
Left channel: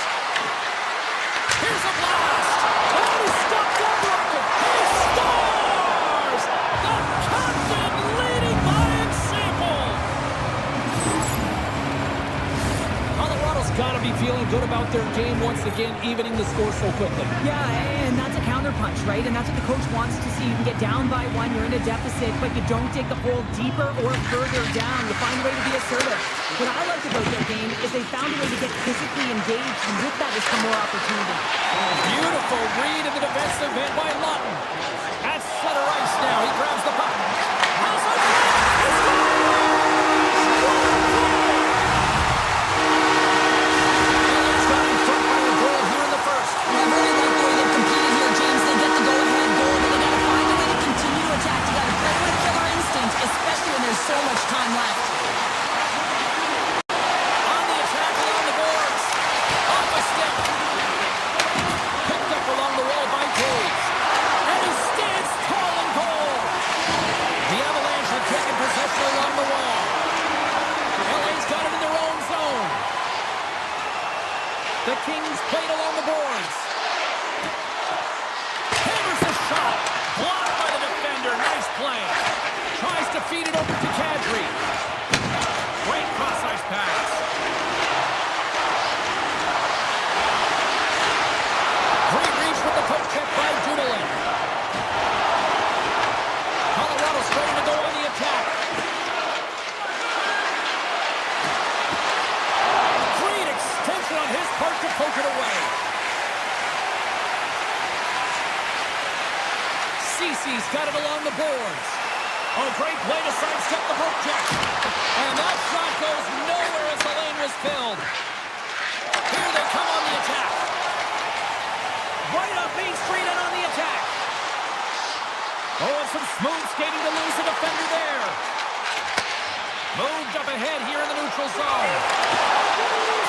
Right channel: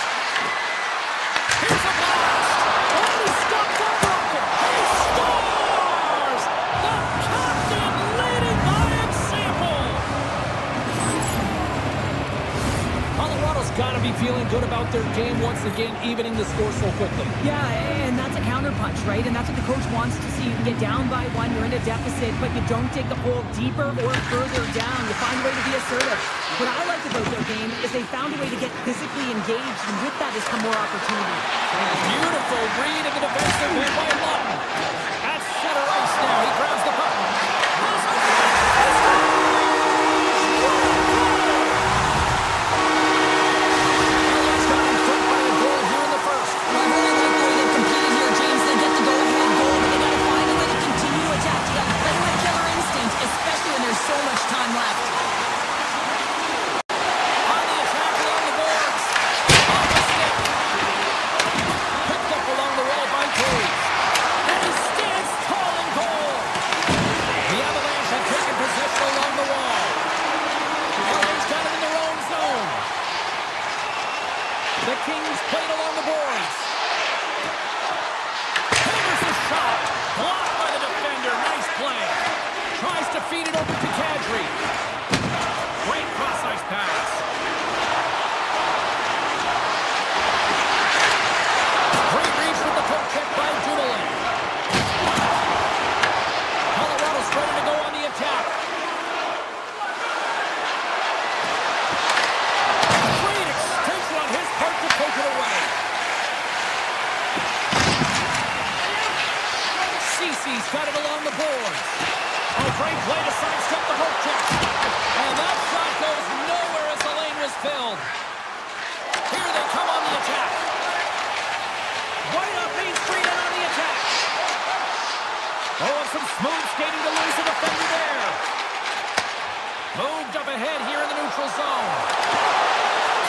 Here's a blast. Oh, he stopped that rocket. He scores! The captain leading by example. Colorado's got to be feeling good about their game once again, evening the score so quickly. Yeah, and that's a counterpunch, right? And that's what the coach wants to see. You can get down by one, you're in a deficit, but you don't dig the hole deeper or further down. You find a way to be assertive. What I like about their game is they found a way to get physically engaged, and with that has come more opportunity. Beautiful read in the defensive end by Lawton. At center ice now. He grabs the puck. Has a shot. He scores! What a goal! LA's got in front by a goal here in the first. Well, I really like the way they've competed here, James. They get the go-ahead goal, but they got to find a way to continue to attack. You got to play with killer instinct, especially when there's so much time left. On the attack along the boards. Off the stick. Picked up along the wall by Taves. And he stands tall and goal. The Avalanche have taken possession along the wall. LA's got it in their own zone. The Kings played along the boards. Hammers the shot. Blocked by the defender. Nice play. Tries to feed it over to Kadri. Great cross-ice pass. Great reach with the poke check by Dumoulin. Colorado's ready to go on the attack. Great extension on his part to poke it away. Cece's got it along the boards. Oh, great play to sidestep the poke check. And that shot goes nowhere as the lane was filled. Here they come on the attack. Right up Main Street and on the attack. Oh, and some smooth skating to lose the defender there. Moved up ahead here in the neutral zone.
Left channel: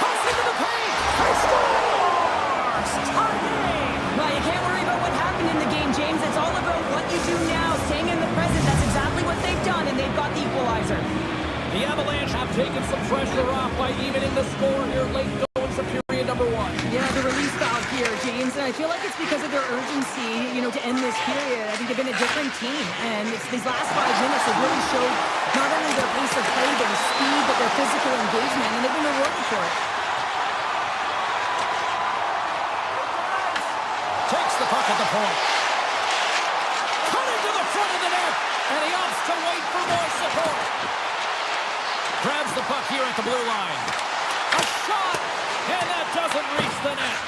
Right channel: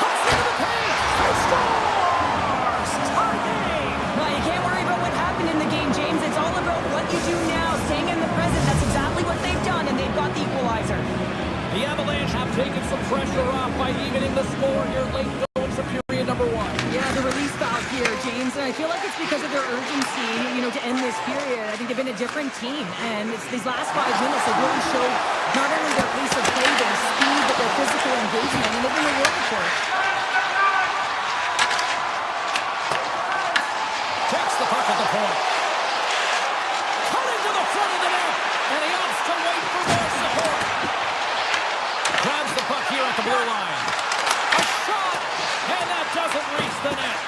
Cuts into the paint. He scores! Tie game! Well, you can't worry about what happened in the game, James. It's all about what you do now, staying in the present. That's exactly what they've done, and they've got the equalizer. The Avalanche have taken some pressure off by evening the score here late going to period number one. Yeah, the release valve here, James, and I feel like it's because of their urgency, to end this period. I think they've been a different team, and it's these last 5 minutes have really showed not only their pace of play, their speed, but their physical engagement, and they've been rewarded for it. Takes the puck at the point. Cutting to the front of the net, and he opts to wait for more support. Grabs the puck here at the blue line. A shot, and that doesn't reach the net.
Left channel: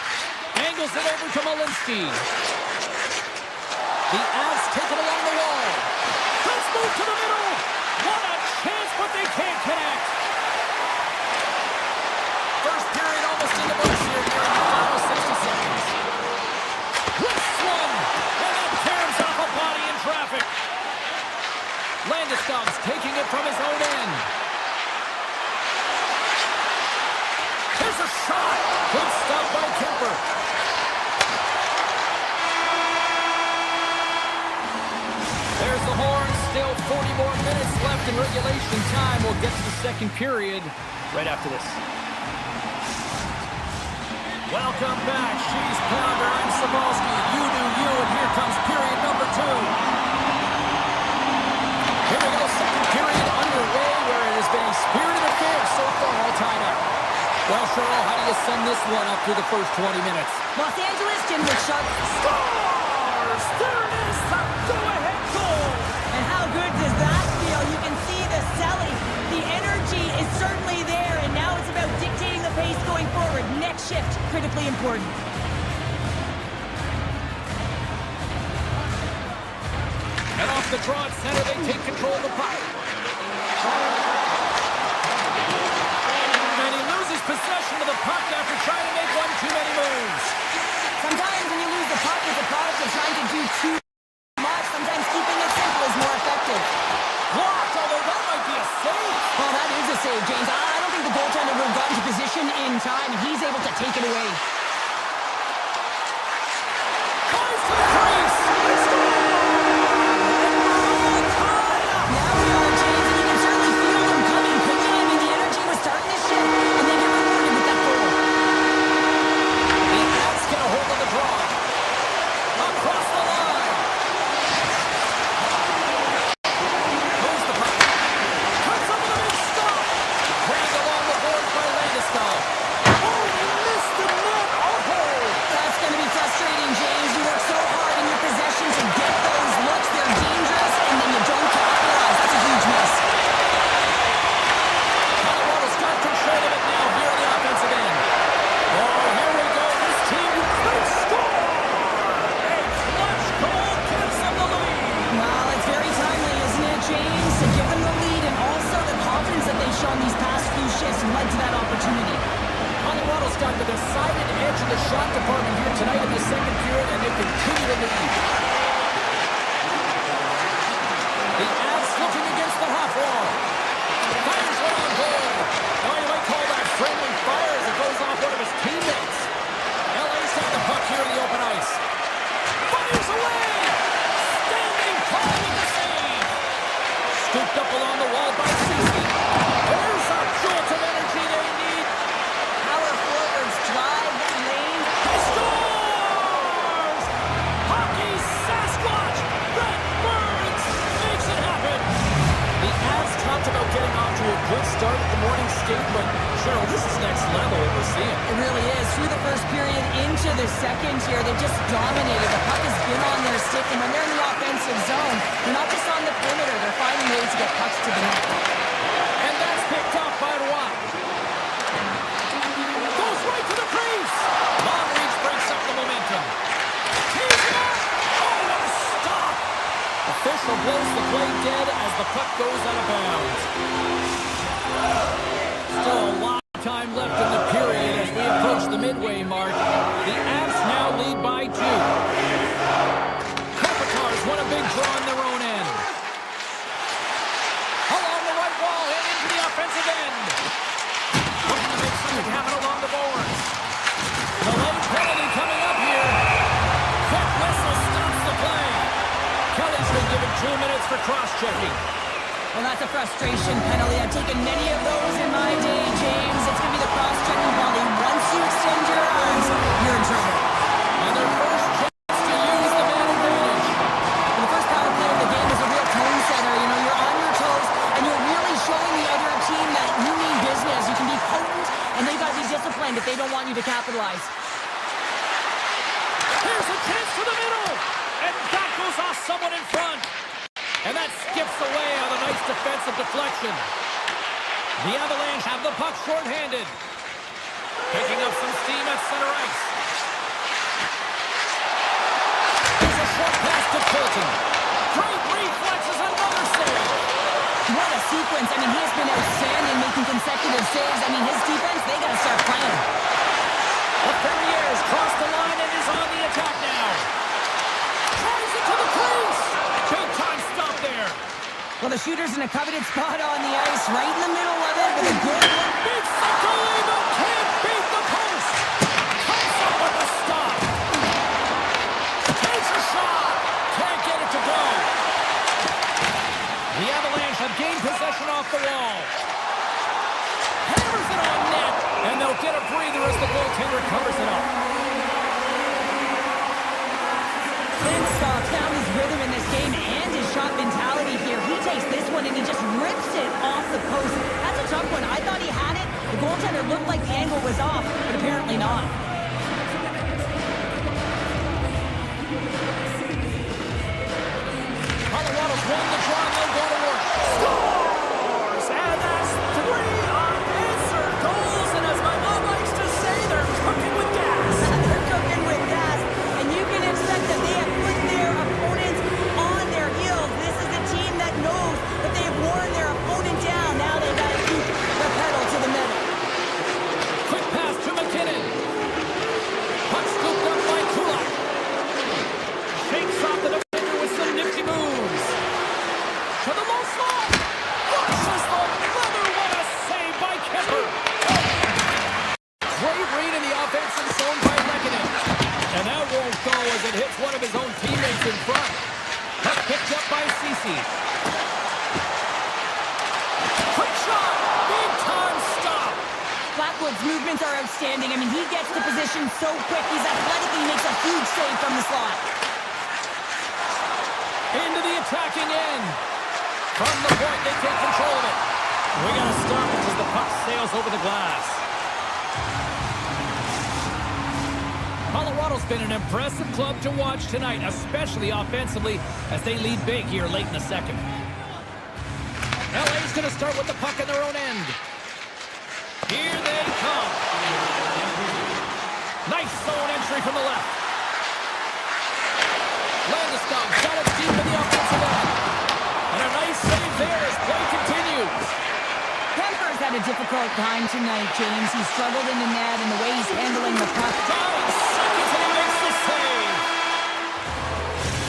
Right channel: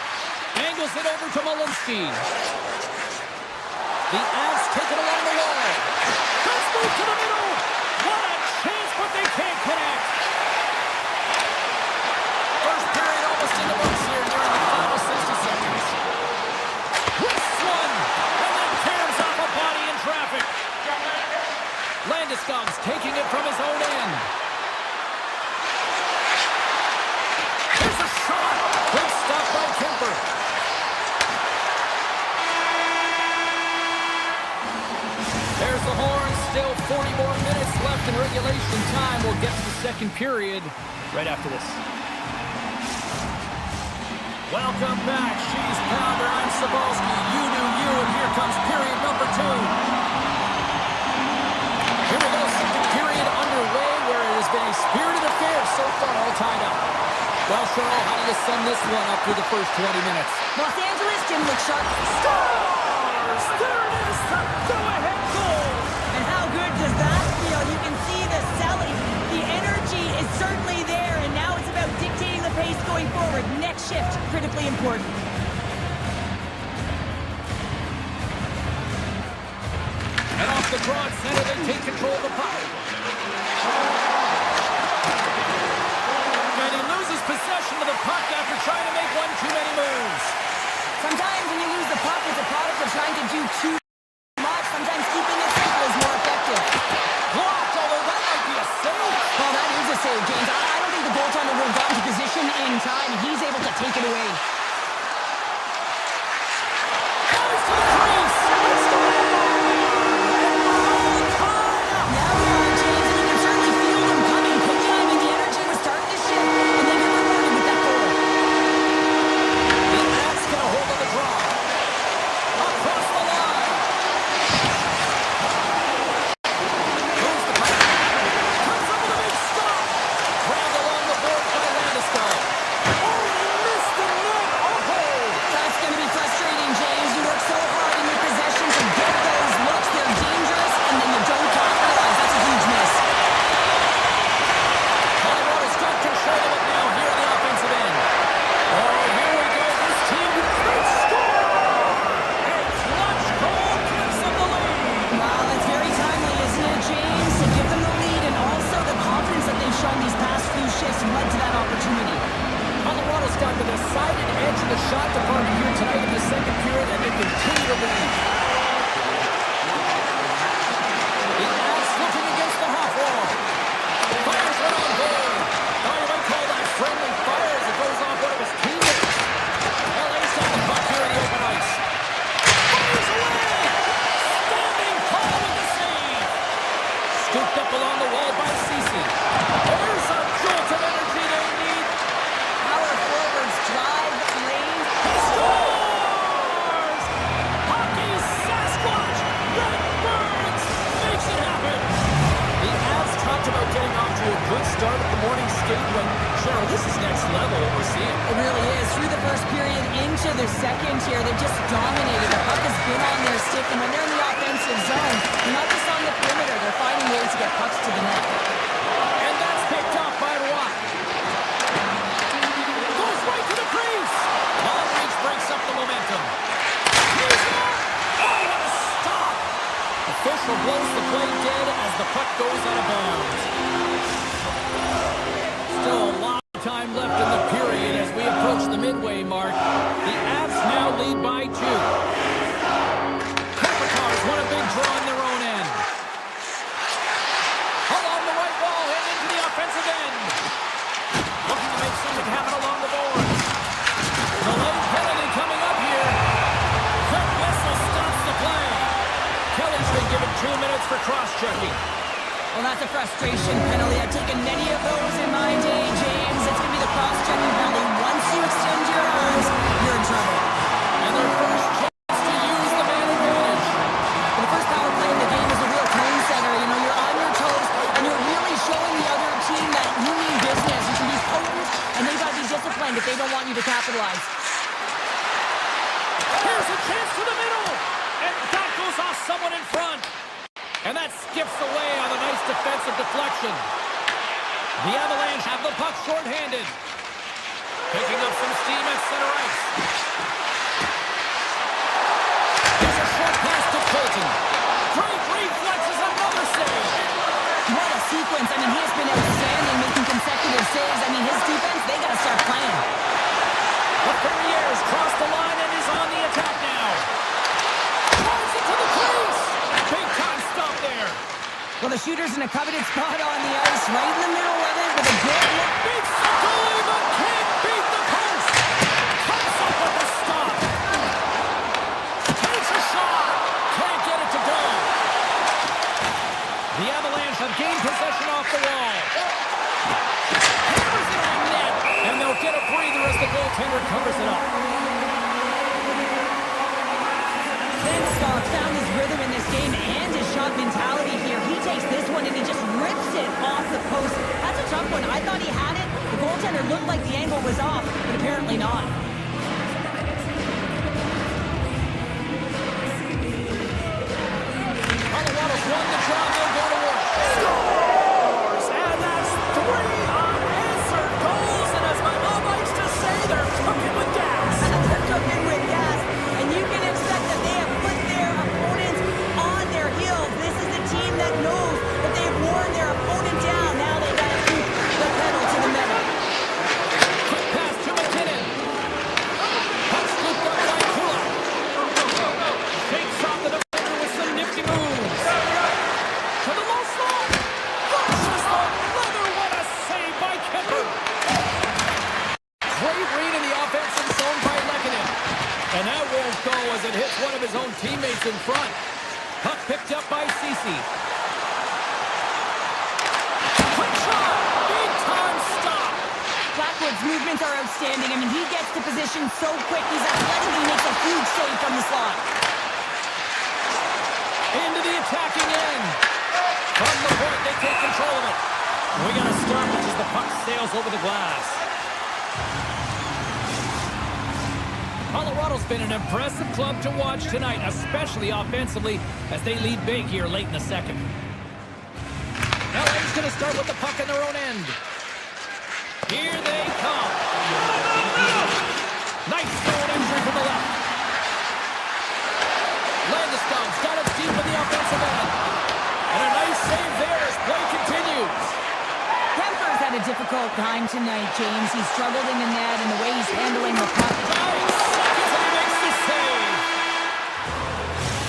Angles it over to Malinsky. The Avs take it along the wall. Let's move to the middle. What a chance, but they can't connect. 40 more minutes left in regulation time. We'll get to the second period right after this. Welcome back, She's Pounder. I'm Sabalski. You do you, and here comes period number 2. Here we go, second period underway, where it has been a spirited affair so far, all tied up. Well, Cheryl, how do you sum this one up through the first 20 minutes? Los Angeles, Jim Sharp Scores! There it is, the go-ahead goal! And how good does that feel? You can see the selling. The energy is certainly there, and now it's about dictating the pace going forward. Next shift, critically important. And off the draw at center, they take control of the puck. And he loses possession of the puck after trying to make one too many moves. Sometimes when you lose the puck, it's a product of trying to do too much. Sometimes keeping it simple is more effective. Blocked, although that might be a save. Well, that is a save, James. I don't think the goaltender would have gotten to position in time, and he's able to take it away. Goes to the crease. It's gone. And we're all tied up. Yeah, we are, James, and you can certainly feel them coming quickly. I mean, the energy was starting to shift, and they get rewarded with that goal. The Avs get a hold of the draw. Across the line. Goes the puck. Comes up with a big stop. Grabbed along the boards by Landeskog. Oh, he missed the net. Oh! That's going to be frustrating, James. You work so hard in your possession to get those looks. They're dangerous, and then you don't capitalize. That's a huge miss. Colorado's got control of it now here on the offensive end. Oh, here we go. This team, they score! A clutch goal gives them the lead. Well, it's very timely, isn't it, James, to give them the lead, and also the confidence that they've shown these past few shifts led to that opportunity. Colorado's got the decided edge in the shot department here tonight in the second period, and they continue to lead. The Avs looking against the half wall. Fires one on goal. Now you might call that friendly fire as it goes off one of his teammates. LA's got the puck here in the open ice. Fires away! Standing tall with the save. Scooped up along the wall by Ceci. There's a jolt of energy they need. Power forwards drive lanes. He scores! Hockey Sasquatch! Redbirds makes it happen! The Avs talked about getting off to a good start at the morning skate, but Cheryl, this is next level what we're seeing. It really is. Through the first period into the second here, they've just dominated. The puck has been on their stick, and when they're in the offensive zone, they're not just on the perimeter. They're finding ways to get pucks to the net. And that's picked off by Roy. Goes right to the crease! Long reach breaks up the momentum. He's up! Oh, what a stop! Official blows the play dead as the puck goes out of bounds. Still a lot of time left in the period as we approach the midway mark. The Avs now lead by 2. Kopitar's won a big draw on their own end. Along the right wall and into the offensive end. Looking to make something happen along the boards. The late penalty coming up here. Quick whistle stops the play. Kelly's been given 2 minutes for cross-checking. Well, that's a frustration penalty. I've taken many of those in my day, James. It's going to be the cross-checking penalty. Once you extend your arms, you're in trouble. And their first chance to use the man advantage. The first power play of the game is a real tone setter. You know, you're on your toes, and you're really showing the other team that you mean business. You can be potent, and they've got to be disciplined if they don't want you to capitalize. Here's a chance to the middle. And that goes off someone in front. And that skips away on a nice defensive deflection. The Avalanche have the puck shorthanded. Picking up some steam at center ice. There's a short pass to Colton. Great reflexes, another save. What a sequence. I mean, he has been outstanding making consecutive saves. I mean, his defense, they got to start playing. The Ferriers cross the line and is on the attack now. Tries it to the crease. Big time stop there. Well, the shooter's in a coveted spot on the ice, right in the middle of it with a good look. Beats the goalie, but can't beat the post. Comes up with the stop. Takes a shot. Can't get it to go. The possession off the wall. Hammers it on net. And they'll get a breather as the goaltender covers it up. Benstock found his rhythm in this game and his shot mentality here. He takes this one and he just rips it off the post. That's a tough one. I thought he had it. The goaltender looked like the angle was off, but apparently not. Colorado's won the draw and they'll go to work. Scores! And that's 3 unanswered goals. And as my mom likes to say, they're cooking with gas. They're cooking with gas, and you can expect that they have put their opponents on their heels. This is a team that knows that they have worn their opponent down. Now they got to keep the pedal to the metal. Quick pass to McKinnon. Puck scooped up by Kodiak. Shakes off the defender with some nifty moves. To the low slot. Launches the leather. What a save by Kemper. Great read in the offensive zone by Lehkonen. And that won't go as it hits one of his own teammates in front. Puck picked up by Ceci. Quick shot. Big time stop. Blackwood's movements are outstanding. I mean, he gets to position so quick. He's athletic and he makes a huge save from the slot. Into the attacking end. From the point, they take control of it. We got to stop it as the puck sails over the glass. Colorado's been an impressive club to watch tonight, especially offensively, as they lead big here late in the second. LA's going to start with the puck in their own end. Here they come. Nice zone entry from the left. Landeskog's got it deep in the offensive end. And a nice save there as play continues. Kemper's had a difficult time tonight, James. He's struggled in the net and the way he's handling the puck. 5 seconds and he makes the save.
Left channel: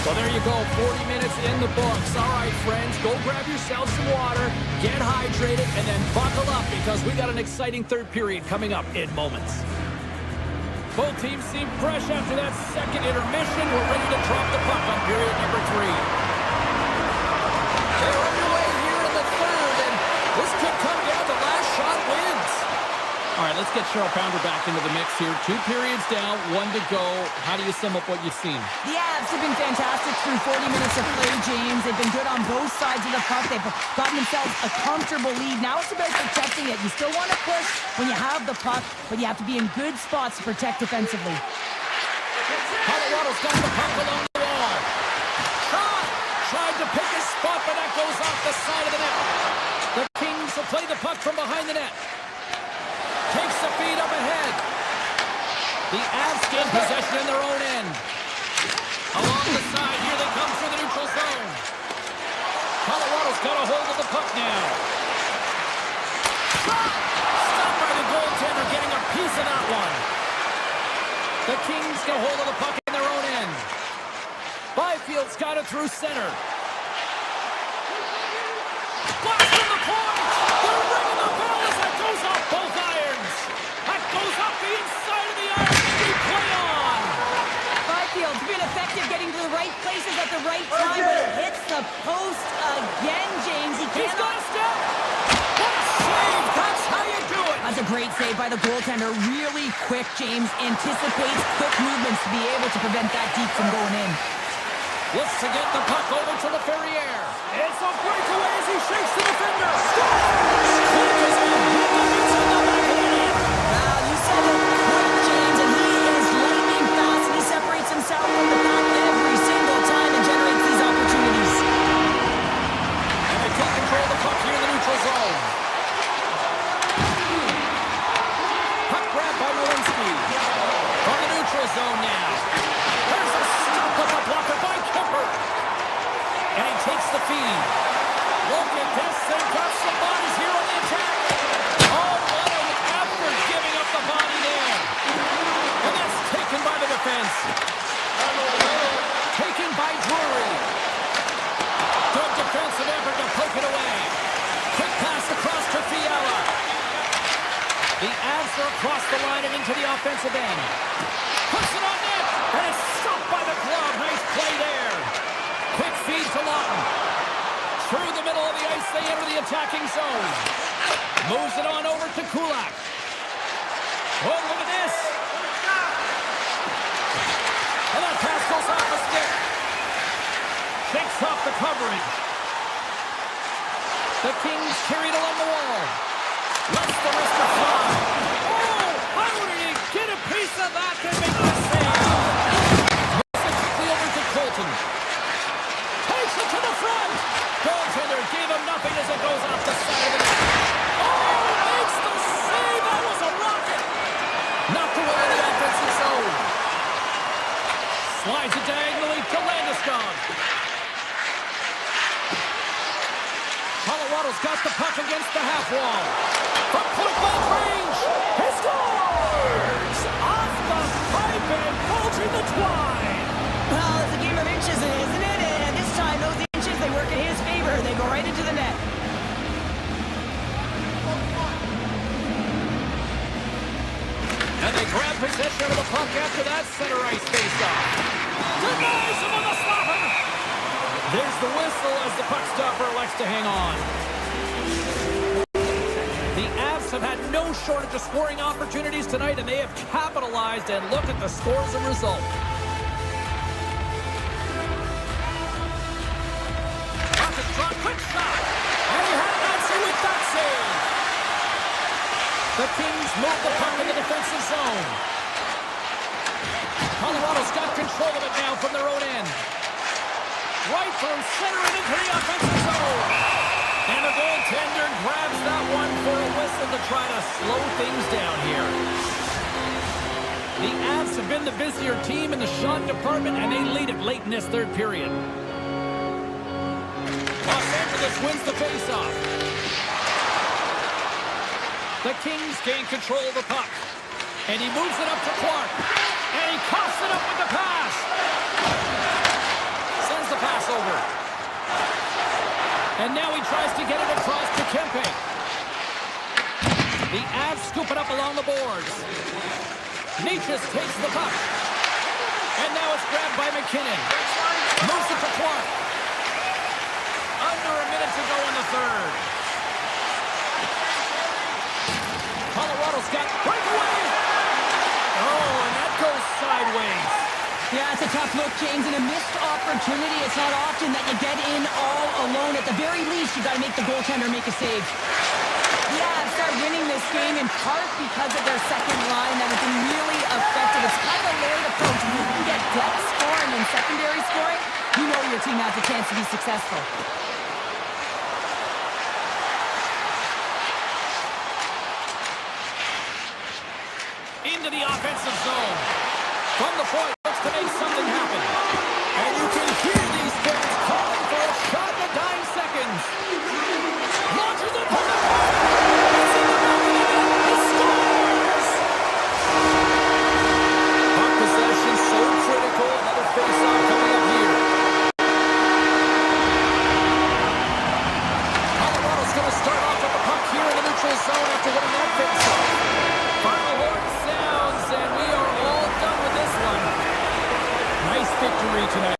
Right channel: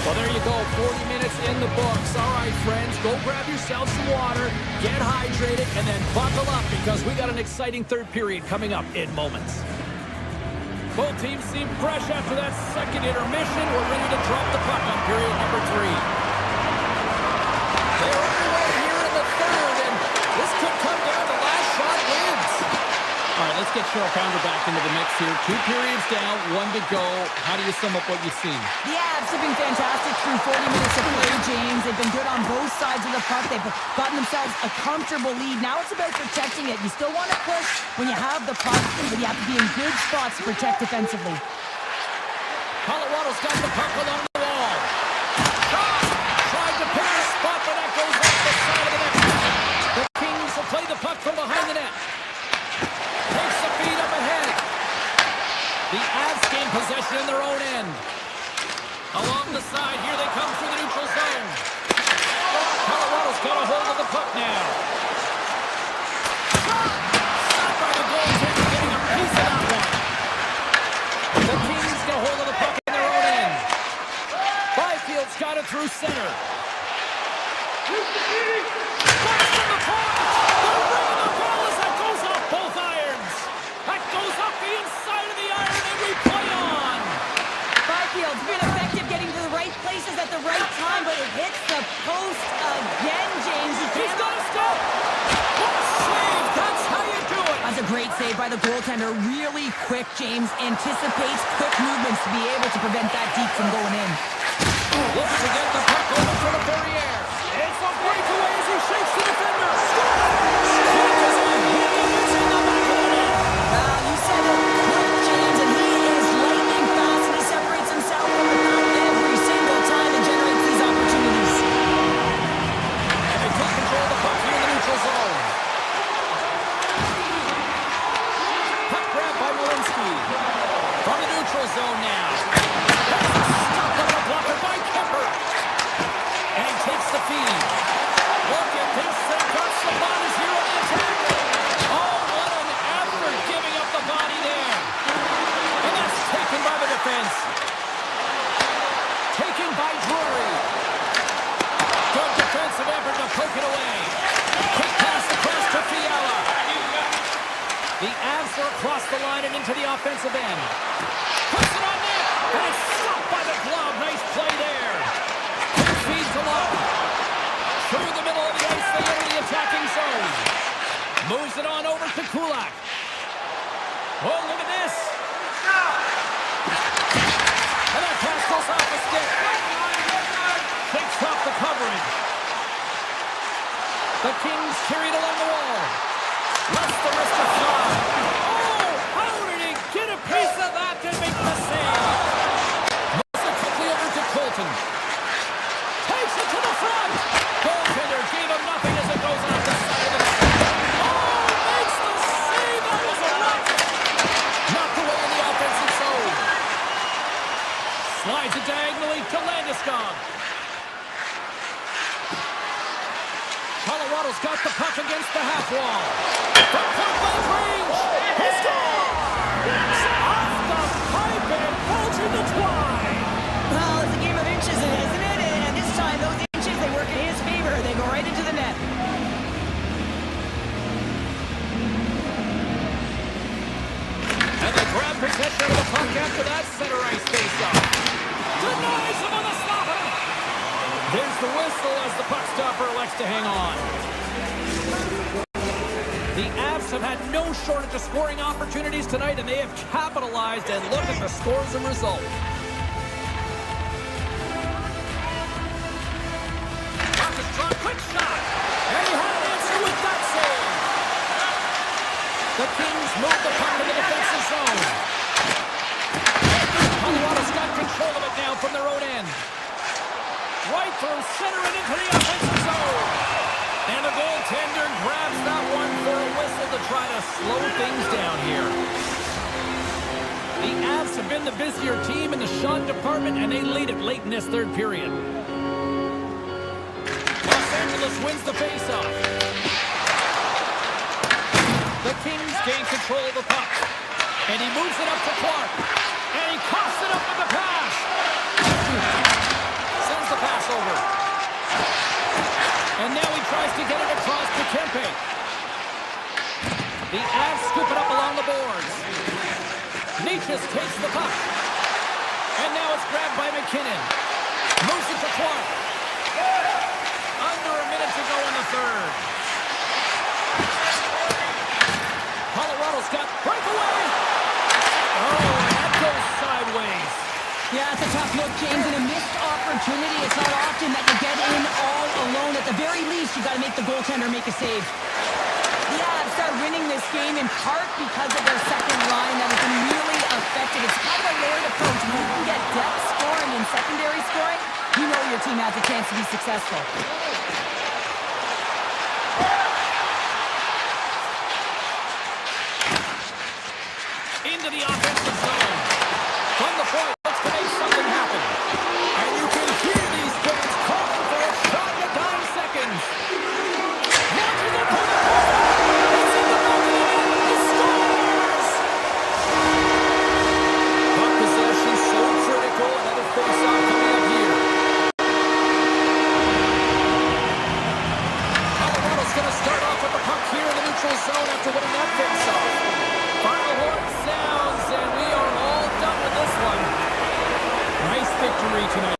Well, there you go. 40 minutes in the books. All right, friends, go grab yourself some water, get hydrated, and then buckle up because we got an exciting third period coming up in moments. Both teams seem fresh after that second intermission. We're ready to drop the puck on period number 3. They're underway here in the third, and this could come down to last shot wins. All right, let's get Cheryl Pounder back into the mix here. 2 periods down, 1 to go. How do you sum up what you've seen? The Avs have been fantastic through 40 minutes of play, James. They've been good on both sides of the puck. They've gotten themselves a comfortable lead. Now it's about protecting it. You still want to push when you have the puck, but you have to be in good spots to protect defensively. Colorado's got the puck along the wall. Shot! Tried to pick a spot, but that goes off the side of the net. The Kings will play the puck from behind the net. Takes the feed up ahead. The Avs gain possession in their own end. Along the side, here they come through the neutral zone. Colorado's got a hold of the puck now. Stopped by the goaltender, getting a piece of that one. The Kings get a hold of the puck in their own end. Byfield's got it through center. Blast from the point! They're ringing the bell as that goes off both irons. That goes off the inside of the iron, and we play on. Byfield's been effective getting to the right places at the right time, but it hits the post again, James. He's got a step. What a save. That's how you do it. That's a great save by the goaltender. Really quick, James. Anticipates quick movements to be able to prevent that deep from going in. Looks to get the puck over to the Ferrier. It's a breakaway as he shakes the defender. Scores! Quick as a hit, it's in the back of the net. Well, you said it. Quick, James, and he is lightning fast, and he separates himself from the pack every single time and generates these opportunities. And they take control of the puck here in the neutral zone. Puck grab by Walensky. From the neutral zone now. There's a stop of the blocker by Kemper. And he takes the feed. Look at this. They've got some bodies here on the attack. Oh, what an effort giving up the body there. And that's taken by the defense. Taken by Drury. Good defensive effort to poke it away. Quick pass across to Fiala. The Avs are across the line and into the offensive end. Puts it on net, and it's stopped by the glove. Nice play there. Quick feed to Lawton. Through the middle of the ice, they enter the attacking zone. Moves it on over to Kodiak. Oh, look at this. And that pass goes off a stick. Shakes off the coverage. The Kings carried along the wall. Lets the wrister fly. Oh, how did he get a piece of that to make the save? Moves it quickly over to Colton. Takes it to the front. Goaltender gave him nothing as it goes off the side of the net. Oh, makes the save. That was a rocket. Knocked away in the offensive zone. Slides it diagonally to Landeskog. Colorado's got the puck against the half wall. From point-blank range, he scores! Off the pipe and pulls in the twine. Well, it's a game of inches, isn't it? And this time, those inches, they work in his favor. They go right into the net. And they grab possession of the puck after that center ice face-off. Denies him on the slapper. There's the whistle as the puck stopper elects to hang on. The Avs have had no shortage of scoring opportunities tonight, and they have capitalized, and look at the scores and result. Puck is drawn, quick shot, and he had an answer with that save. The Kings move the puck in the defensive zone. Colorado's got control of it now from their own end. Right through center and into the offensive zone. And the goaltender grabs that one for a whistle to try to slow things down here. The Avs have been the busier team in the shot department, and they lead it late in this third period. Los Angeles wins the faceoff. The Kings gain control of the puck. And he moves it up to Clark. And he coughs it up with the pass. Sends the pass over. And now he tries to get it across to Kempe. The Avs scoop it up along the boards. Nietzsche takes the puck. And now it's grabbed by McKinnon. Moves it to Clark. Under a minute to go in the third. Colorado's got breakaway. Oh, and that goes sideways. Yeah, it's a tough look, James, and a missed opportunity. It's not often that you get in all alone. At the very least, you got to make the goaltender make a save. The Avs start winning this game in part because of their second line that has been really effective. It's kind of a layered approach. When you can get depth scoring and secondary scoring, you know your team has a chance to be successful. Into the offensive zone. From the point, looks to make something happen. And you can hear these fans calling for a shot in the dying seconds. Launches it from the point. It's in the back of the net. He scores! Puck possession so critical. Another face-off coming up here. Colorado's going to start off with the puck here in the neutral zone after winning that face-off. Final horn sounds, and we are all done with this one. Nice victory tonight.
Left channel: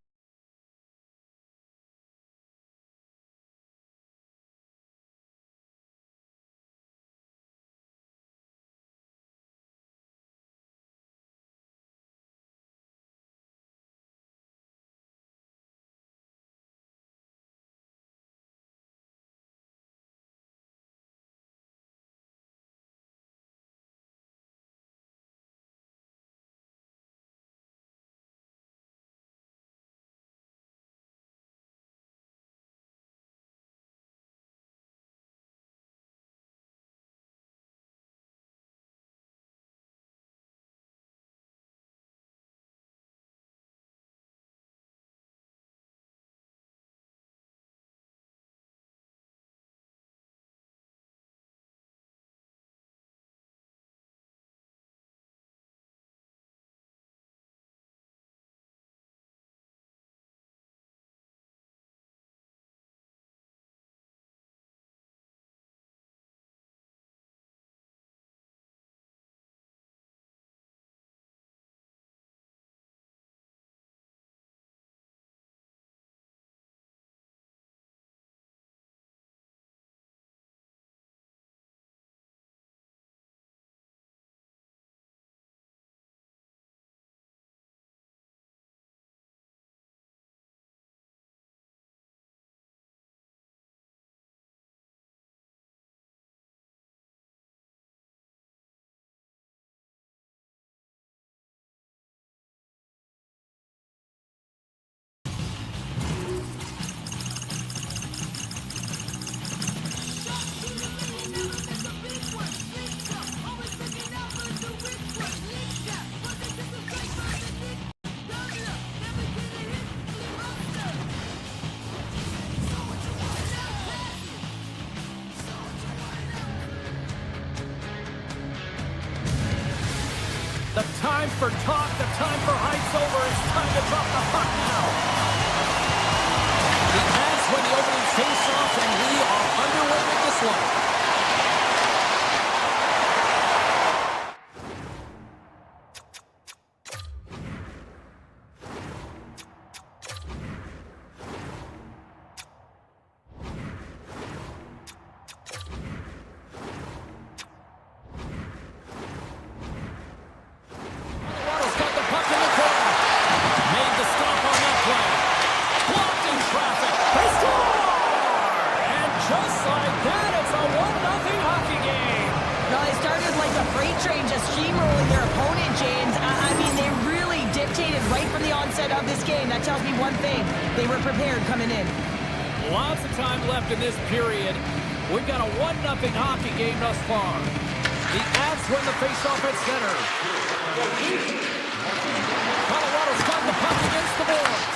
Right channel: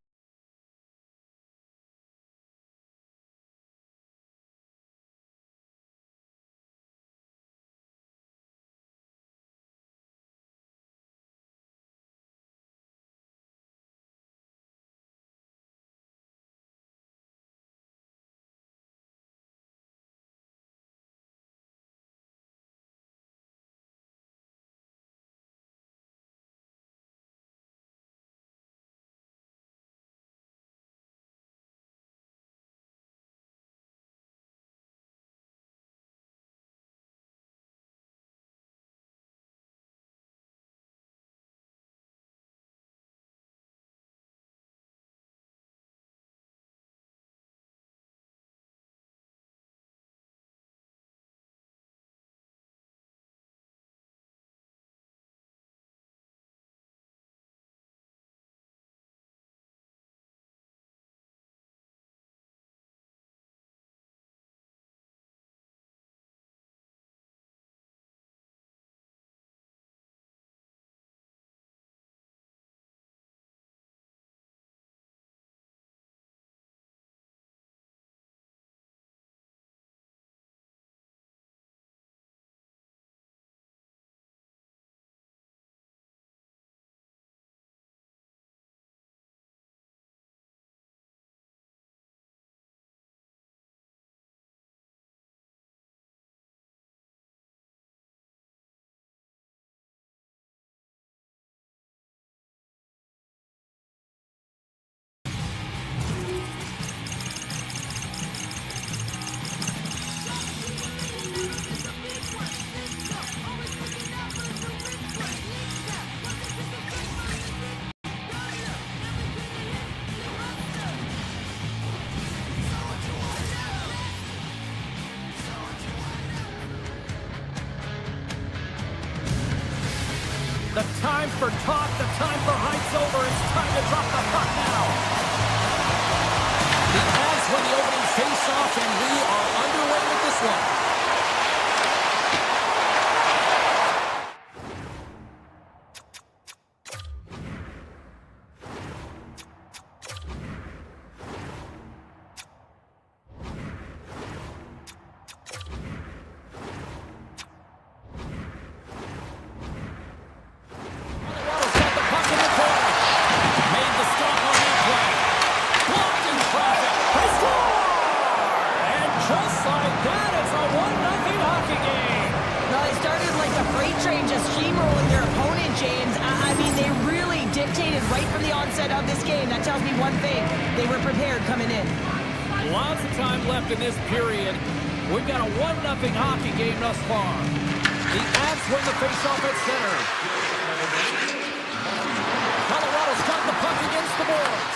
The time for talk, the time for heights over. It's time to drop the puck now. The Avs win the opening face-off, and we are underway with this one. Just like that, it's a 1-0 hockey game. No, they started like a freight train just steamrolling their opponent, James. I mean, they really dictated right from the onset of this game. That tells me one thing. They were prepared coming in. Lots of time left in this period. We've got a 1-0 hockey game thus far. The Avs win the faceoff at center. Colorado's got the puck against the boards.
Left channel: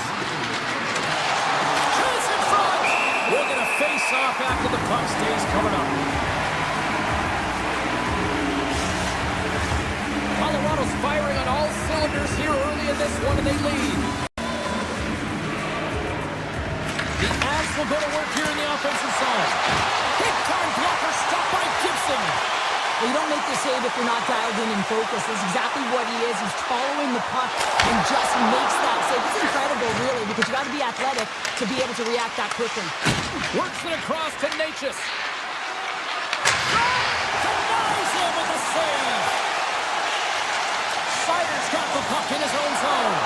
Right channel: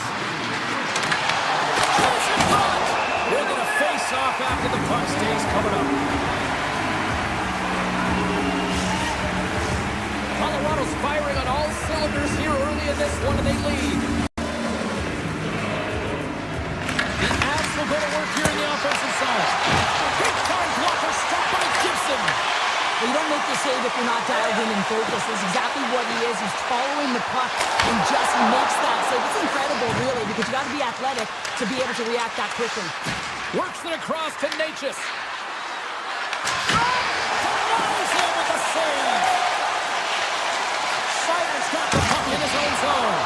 Chase in front. We're going to face off after the puck stays covered up. Colorado's firing on all cylinders here early in this one, and they lead. The Avs will go to work here in the offensive zone. Big-time blocker stopped by Gibson. Well, you don't make the save if you're not dialed in and focused. That's exactly what he is. He's following the puck and just makes that save. It's incredible, really, because you got to be athletic to be able to react that quickly. Works it across to Natchez. Denies him with the save. Sider's got the puck in his own zone.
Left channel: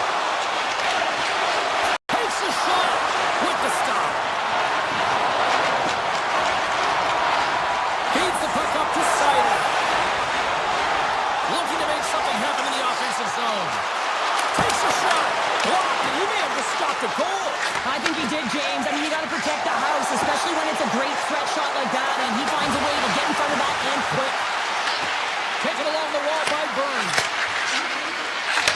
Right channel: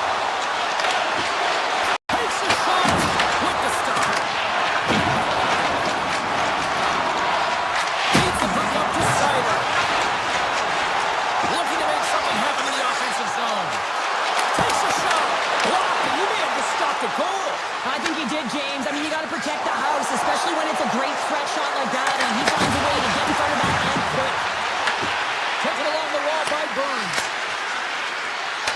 Takes a shot with the stop. Feeds the puck up to Sider. Looking to make something happen in the offensive zone. Takes a shot. Blocked, and he may have just stopped a goal. I think he did, James. I mean, you got to protect the house, especially when it's a great threat shot like that, and he finds a way to get in front of that and quick. Taken along the wall by Burns.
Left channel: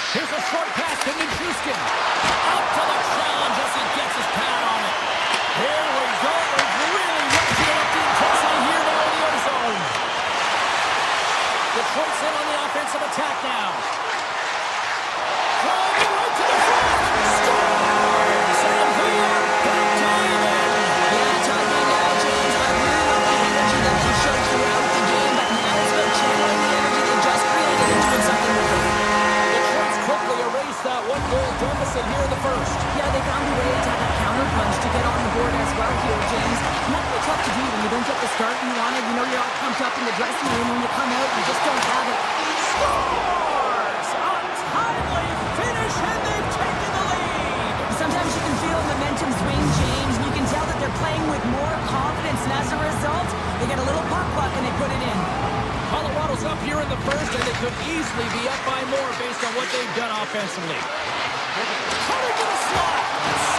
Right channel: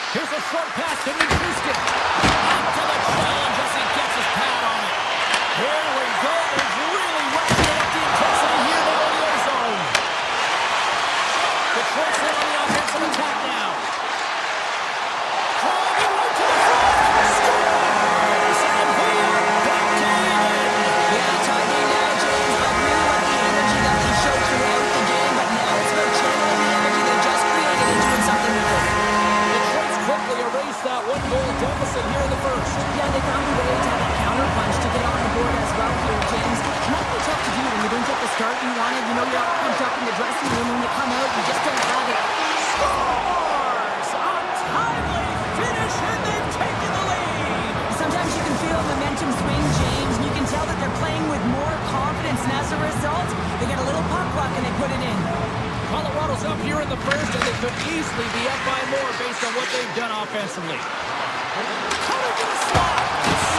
Here's a short pass to Nichushkin. Out to the challenge as he gets his pad on it. Here we go. They've really ratcheted up the intensity here now in the ozone. Detroit's in on the offensive attack now. Driving right to the front. Scores! And we are back to even. Yeah, tied game now, James. I really like the energy that they showed throughout the game, but now it's about channeling the energy they just created and doing something with it. Detroit's quickly erased that one-goal deficit here in the first. Yeah, they found a way to have that counter punch to get on the board as well here, James. And that can be tough to do when you don't get the start you wanted. You know, you're all pumped up in the dressing room. When you come out, you just don't have it. Scores! A timely finish, and they've taken the lead. Sometimes you can feel momentum swing, James, and you can tell that they're playing with more confidence. And as a result, they get a little puck luck and they put it in. Colorado's up here in the first, and they could easily be up by more based on what they've done offensively. Cut into the slot.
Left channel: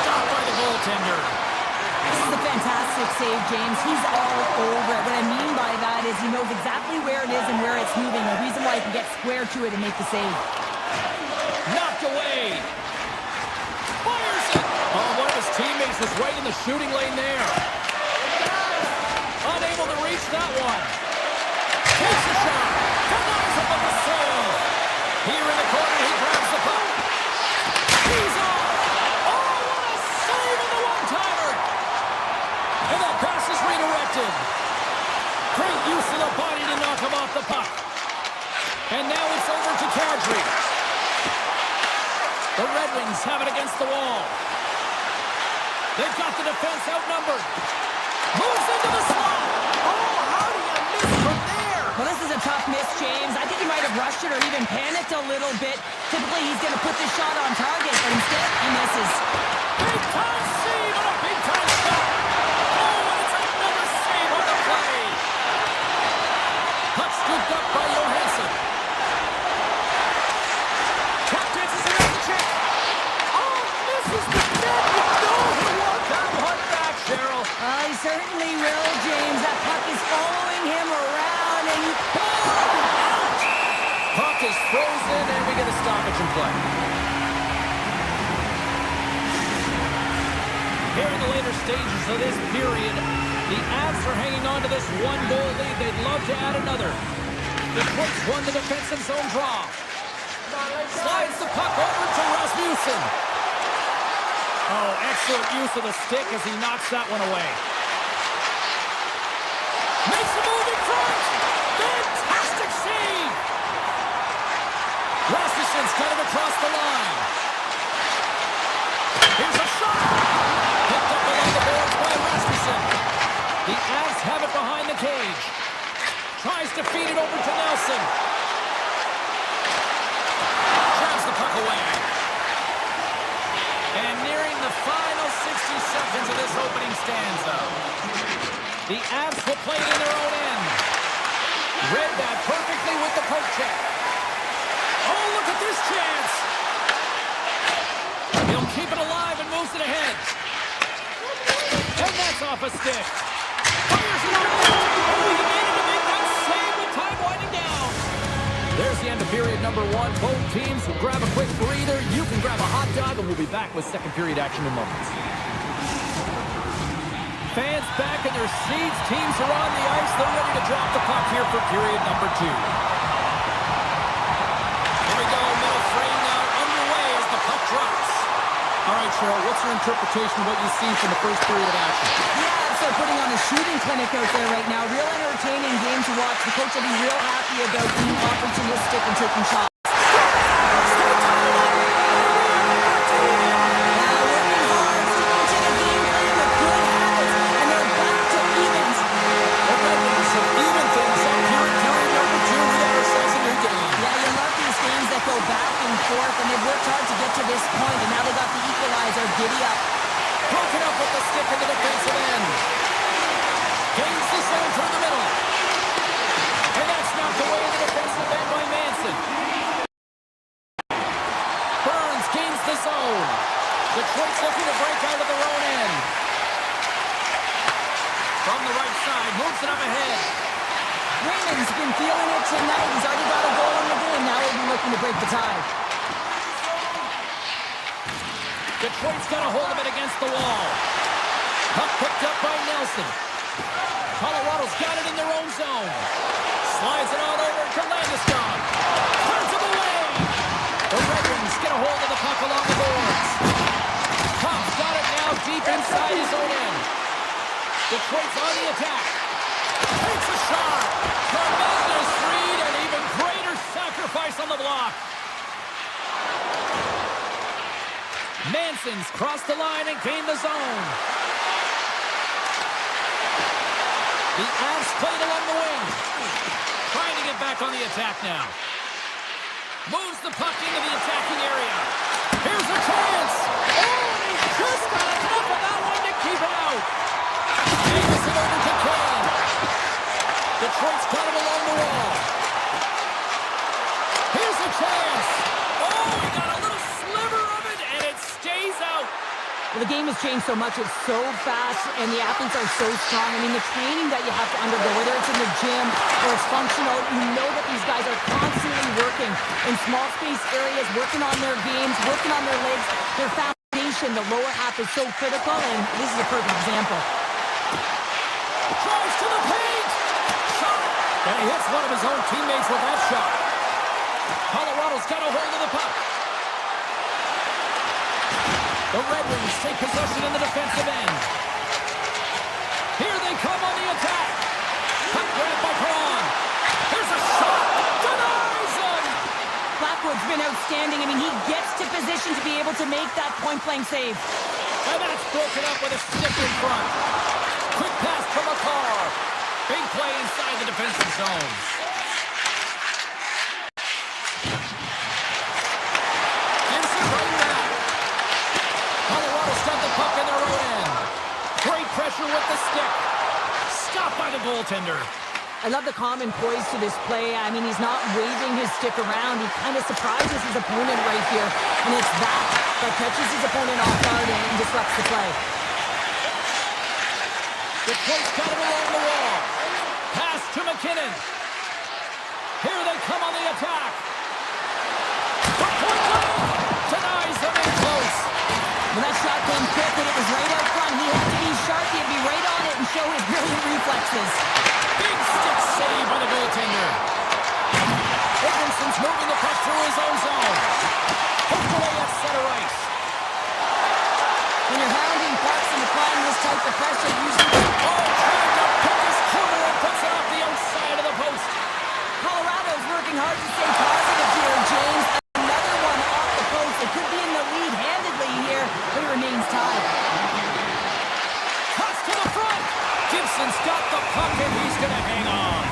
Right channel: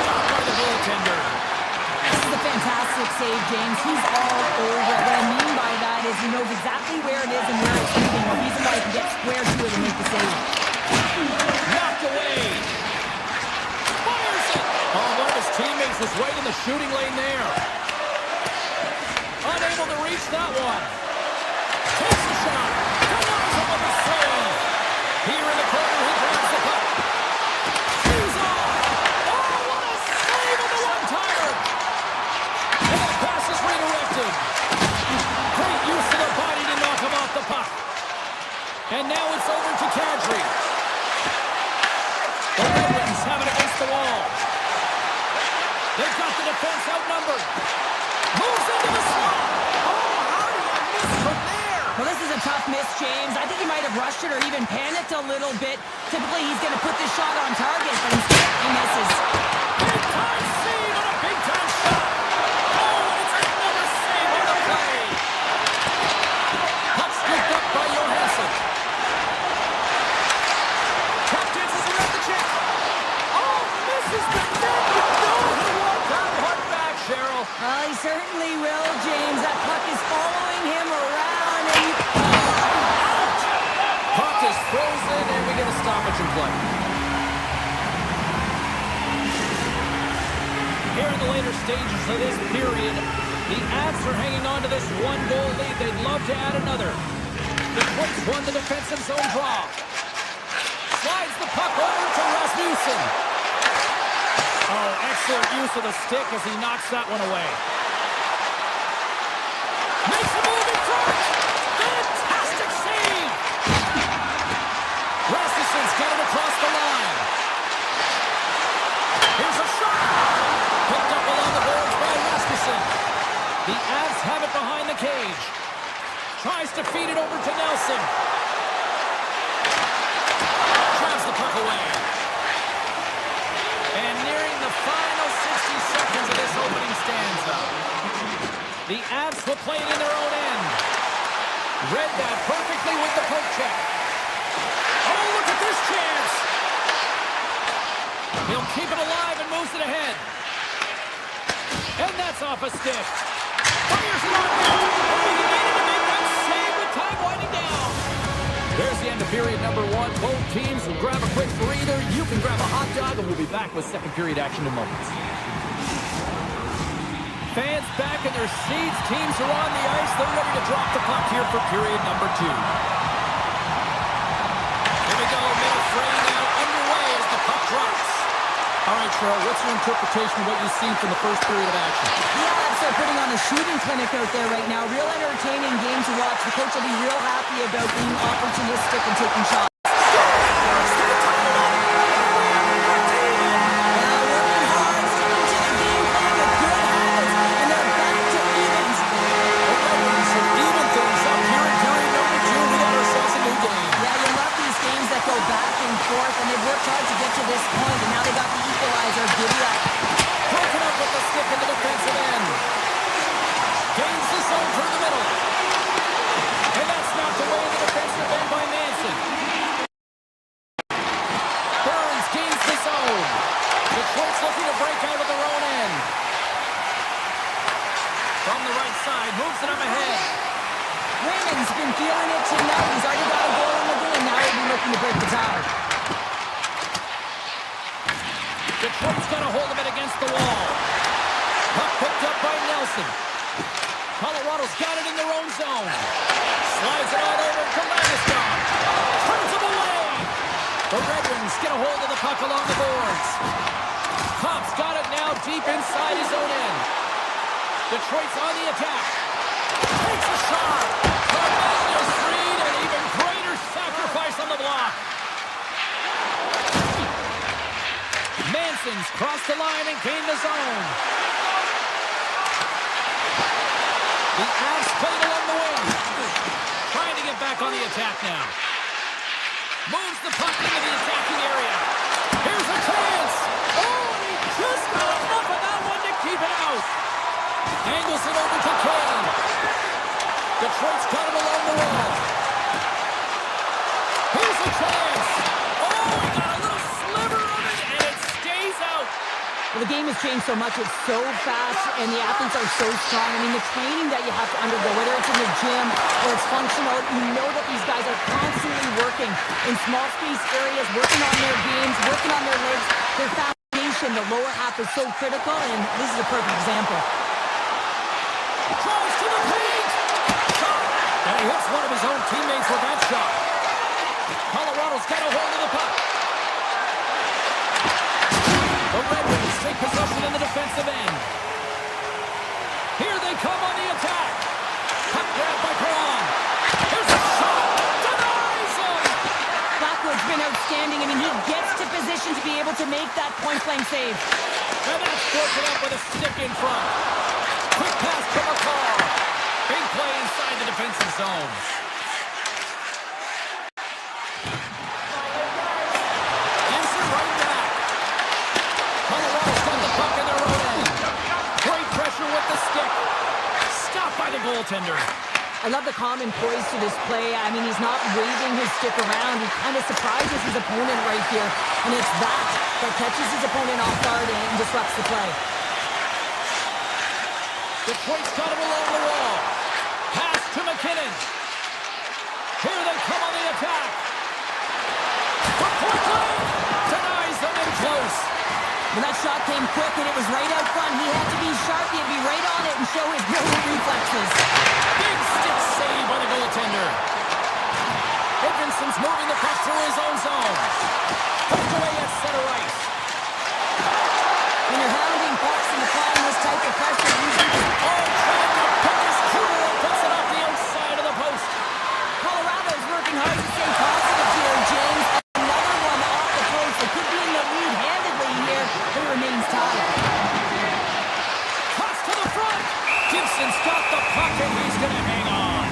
Stopped by the goaltender. This is a fantastic save, James. He's all over it. What I mean by that is he knows exactly where it is and where it's moving. The reason why he can get square to it and make the save. Knocked away. Fires it. Oh, one of his teammates was right in the shooting lane there. Unable to reach that one. Takes the shot. Denies him with the save. Here in the corner, he grabs the puck. He's off. Oh, what a save on the one-timer. And that pass is redirected. Great use of the body to knock him off the puck. And now it's over to Kadri. The Red Wings have it against the wall. They've got the defense outnumbered. Moves into the slot. Oh, how do you miss from there? Well, this is a tough miss, James. I think he might have rushed it or even panicked a little bit. Typically, he's going to put this shot on target, but instead, he misses. Big-time save on a big-time shot. Oh, and it's another save on the play. Puck scooped up by Johansson. Puck dances around the check. Oh, misses the net. You know he won't that one back, Cheryl. Well, he certainly will, James. That puck is following him around, and he... Out! Puck is frozen, and we get a stoppage in play. Here in the later stages of this period, the Avs are hanging on to this one-goal lead. They'd love to add another. Detroit's won the defensive zone draw. Slides the puck over to Rasmussen. Oh, excellent use of the stick as he knocks that one away. Makes a move in front. Fantastic save. Rasmussen's got it across the line. Here's a shot. Picked up along the boards by Rasmussen. The Avs have it behind the cage. Tries to feed it over to Nelson. Drives the puck away. And nearing the final 60 seconds of this opening stanza. The Avs will play it in their own end. Read that perfectly with the poke check. Oh, look at this chance. He'll keep it alive and moves it ahead. And that's off a stick. Fires it on net. Oh, he made it to make that save with time winding down. There's the end of period number 1. Both teams will grab a quick breather. You can grab a hot dog, and we'll be back with second period action in moments. Fans back in their seats. Teams are on the ice. They're ready to drop the puck here for period number 2. Here we go. Middle fray now underway as the puck drops. All right, Cheryl, what's your interpretation of what you've seen from the first period of action? The Avs are putting on a shooting clinic out there right now. Real entertaining game to watch. The coach will be real happy about being opportunistic and taking shots. Now working hard, sticking to the game plan with good habits, and they're back to evens. All right, we should even things up here in period number 2. We got ourselves a new game. Yeah, you love these games that go back and forth, and they've worked hard to get to this point, and now they got the equalizer. Giddy up. Broken up with the stick in the defensive end. Gains the zone through the middle. And that's knocked away in the defensive end by Manson. Burns gains the zone. Detroit's looking to break out of their own end. From the right side, moves it up ahead. Raymond's been feeling it tonight. He's already got a goal in the game. Now he'll be looking to break the tie. Detroit's got a hold of it against the wall. Puck picked up by Nelson. Colorado's got it in their own zone. Slides it on over to Landeskog. Turns him away. The Red Wings get a hold of the puck along the boards. Cobb's got it now deep inside his own end. Detroit's on the attack. Takes a shot. Tremendous read and even greater sacrifice on the block. Manson's crossed the line and gained the zone. The Avs played along the wing. Trying to get back on the attack now. Moves the puck into the attacking area. Here's a chance. Oh, and he just got enough of that one to keep it out. Angles it over to Kane. Detroit's got him along the wall. Here's a chance. Oh, he got a little sliver of it, and it stays out. Well, the game has changed so much. It's so fast, and the athletes are so strong. I mean, the training that you have to undergo, whether it's in the gym or it's functional, you know that these guys are constantly working in small space areas, working on their games, working on their legs. Their foundation, the lower half, is so critical, and this is a perfect example. Drives to the paint. Shot. And he hits one of his own teammates with that shot. Colorado's got a hold of the puck. The Red Wings take possession in the defensive end. Here they come on the attack. Puck grabbed by Perron. Here's a shot. Denies him. Blackwood's been outstanding. I mean, he gets to position to be able to make that point-blank save. And that's broken up with a stick in front. Quick pass to McCarr. Big play inside the defensive zone. Gives it right back. Colorado's got the puck in their own end. Great pressure with the stick. Stopped by the goaltender. I love the calm and poise to this play. I mean, he's not waving his stick around. He kind of surprises his opponent right here. And it's that catches his opponent off guard and disrupts the play. Detroit's got it along the wall. Pass to McKinnon. Here they come on the attack. From point blank. Denies them in close. When that shot came quick and it was right out front, he had to be sharp. He had to be right on it and show his brilliant reflexes. Big stick save by the goaltender. Edmund Anderson's moving the puck through his own zone. Poked away at center ice. When you're hounding pucks and applying this type of pressure, usually... Trying to pick his corner and puts it off the outside of the post. Colorado's working hard to stay positive here, James. Another one off the post. They could be in the lead handedly here, but it remains tied. Cuts to the front. Gibson's got the puck and he's going to hang on.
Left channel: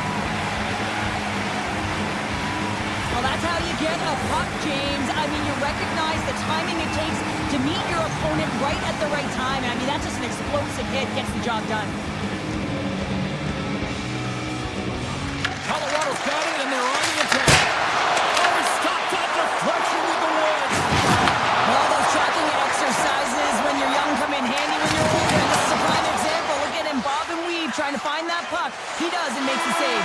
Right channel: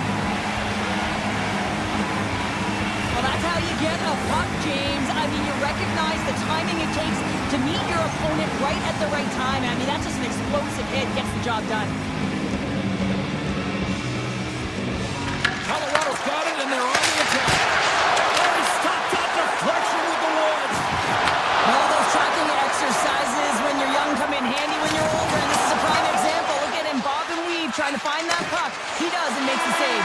Well, that's how you get a puck, James. I mean, you recognize the timing it takes to meet your opponent right at the right time. I mean, that's just an explosive hit. Gets the job done. Colorado's got it, and they're on the attack. He stopped that deflection with the Woods. Well, those tracking exercises when you're young come in handy when you're older, and this is a prime example. Look at him bob and weave, trying to find that puck. He does and makes the save.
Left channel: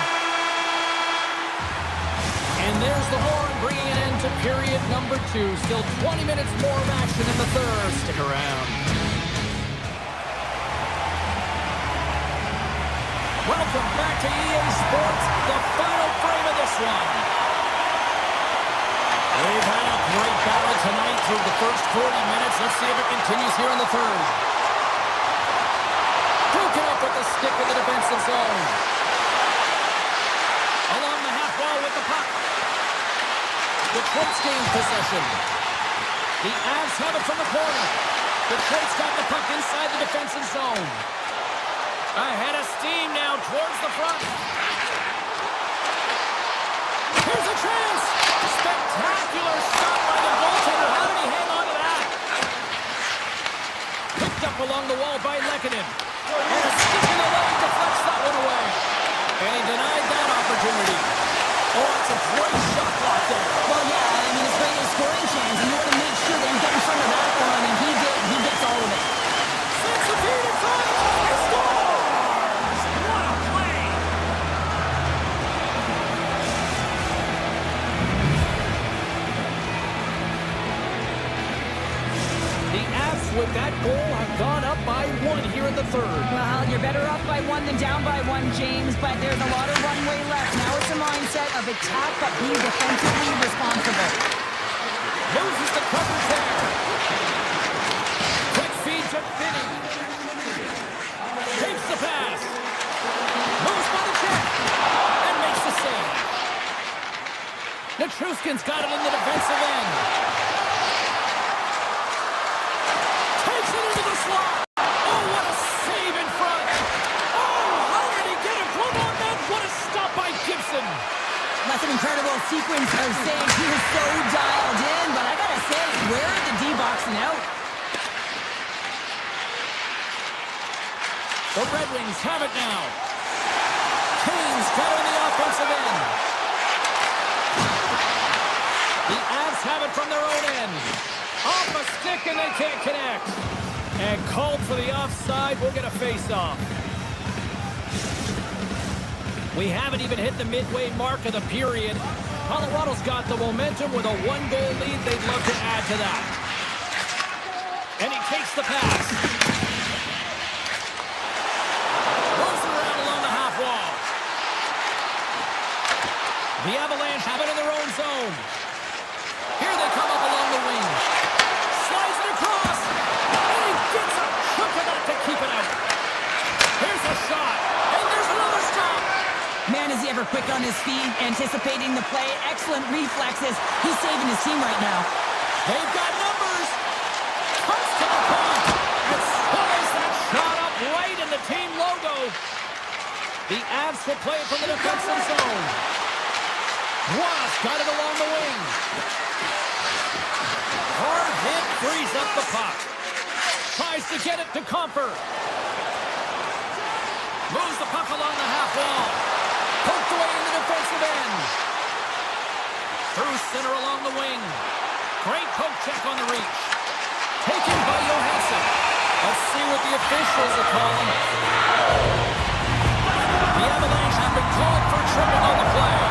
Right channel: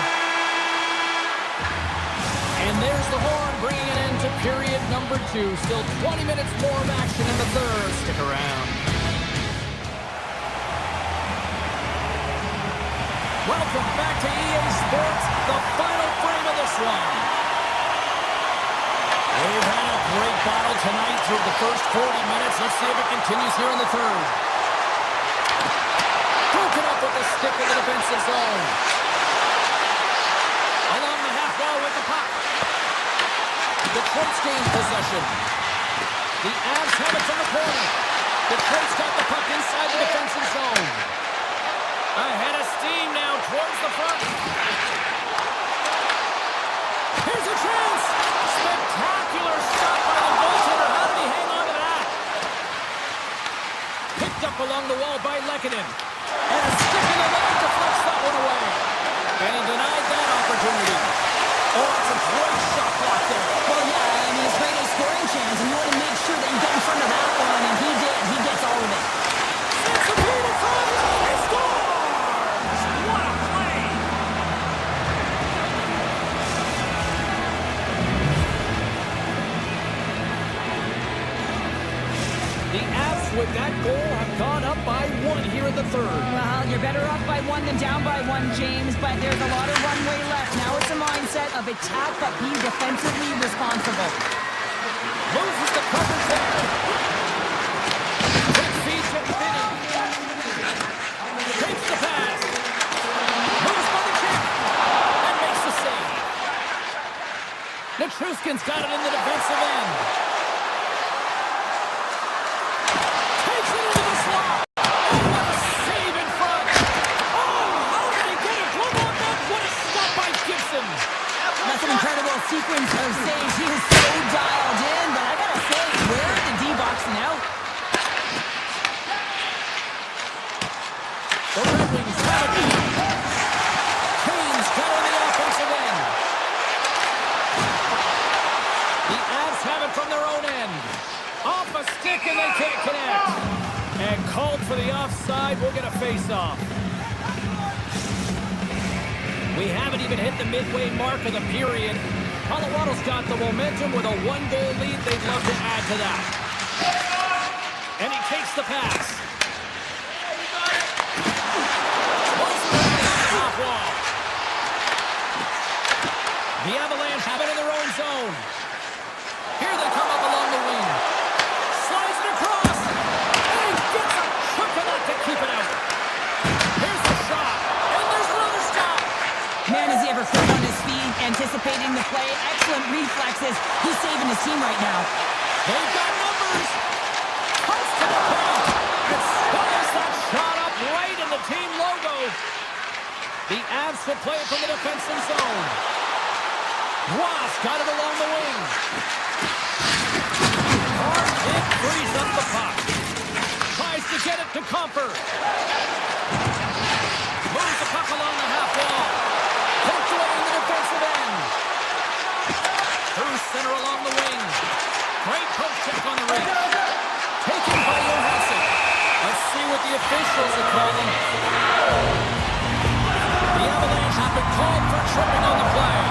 And there's the horn, bringing an end to period number 2. Still 20 minutes more of action in the third. Stick around. Welcome back to EA Sports, the final frame of this one. We've had a great battle tonight through the first 40 minutes. Let's see if it continues here in the third. Broken up with the stick in the defensive zone. Along the half wall with the puck. Detroit's gained possession. The Avs have it from the corner. Detroit's got the puck inside the defensive zone. Ahead of steam now towards the front. Here's a chance. Spectacular stop by the goaltender. How did he hang on to that? Picked up along the wall by Lehkonen. And a stick in the leg deflects that one away. And he denied that opportunity. It's a great shot block there. Well, yeah, I mean, it's great a scoring chance, and you want to make sure that you get in front of that one, and he did. He gets all of it. Sends the feed in front. He scores! What a play! The Avs with that goal have gone up by 1 here in the third. Well, you're better up by 1 than down by 1, James, but there's a lot of runway left. Now it's a mindset of attack, but be defensively responsible. Loses the coverage there. Quick feed to Finney. Takes the pass. Moves by the check. And makes the save. Nichushkin's got it in the defensive end. Takes it into the slot. What a save in front. How did he get a glove on that? What a stop by Gibson. That's an incredible sequence of saves. He is so dialed in, but I gotta say, where are the D-boxing out? The Red Wings have it now. Kane's got it on the offensive end. The Avs have it from their own end. Off a stick and they can't connect. And called for the offside. We'll get a face-off. We haven't even hit the midway mark of the period. Colorado's got the momentum with a 1-goal lead. They'd love to add to that. And he takes the pass. Moves it around along the half wall. The Avalanche have it in their own zone. Here they come up along the wing. Slides it across. And he gets a chunk of that to keep it out. Here's the shot. And there's another stop. Man, is he ever quick on his feet, anticipating the play. Excellent reflexes. He's saving his team right now. They've got numbers. Cuts to the paint. And swallows that shot up right in the team logo. The Avs will play it from the defensive zone. Ross got it along the wing. Hard hit, frees up the puck. Tries to get it to Comfort. Moves the puck along the half wall. Poked away in the defensive end. Through center along the wing. Great poke check on the reach. Taken by Johansson. Let's see what the officials are calling. The Avalanche have been called for tripping on the play.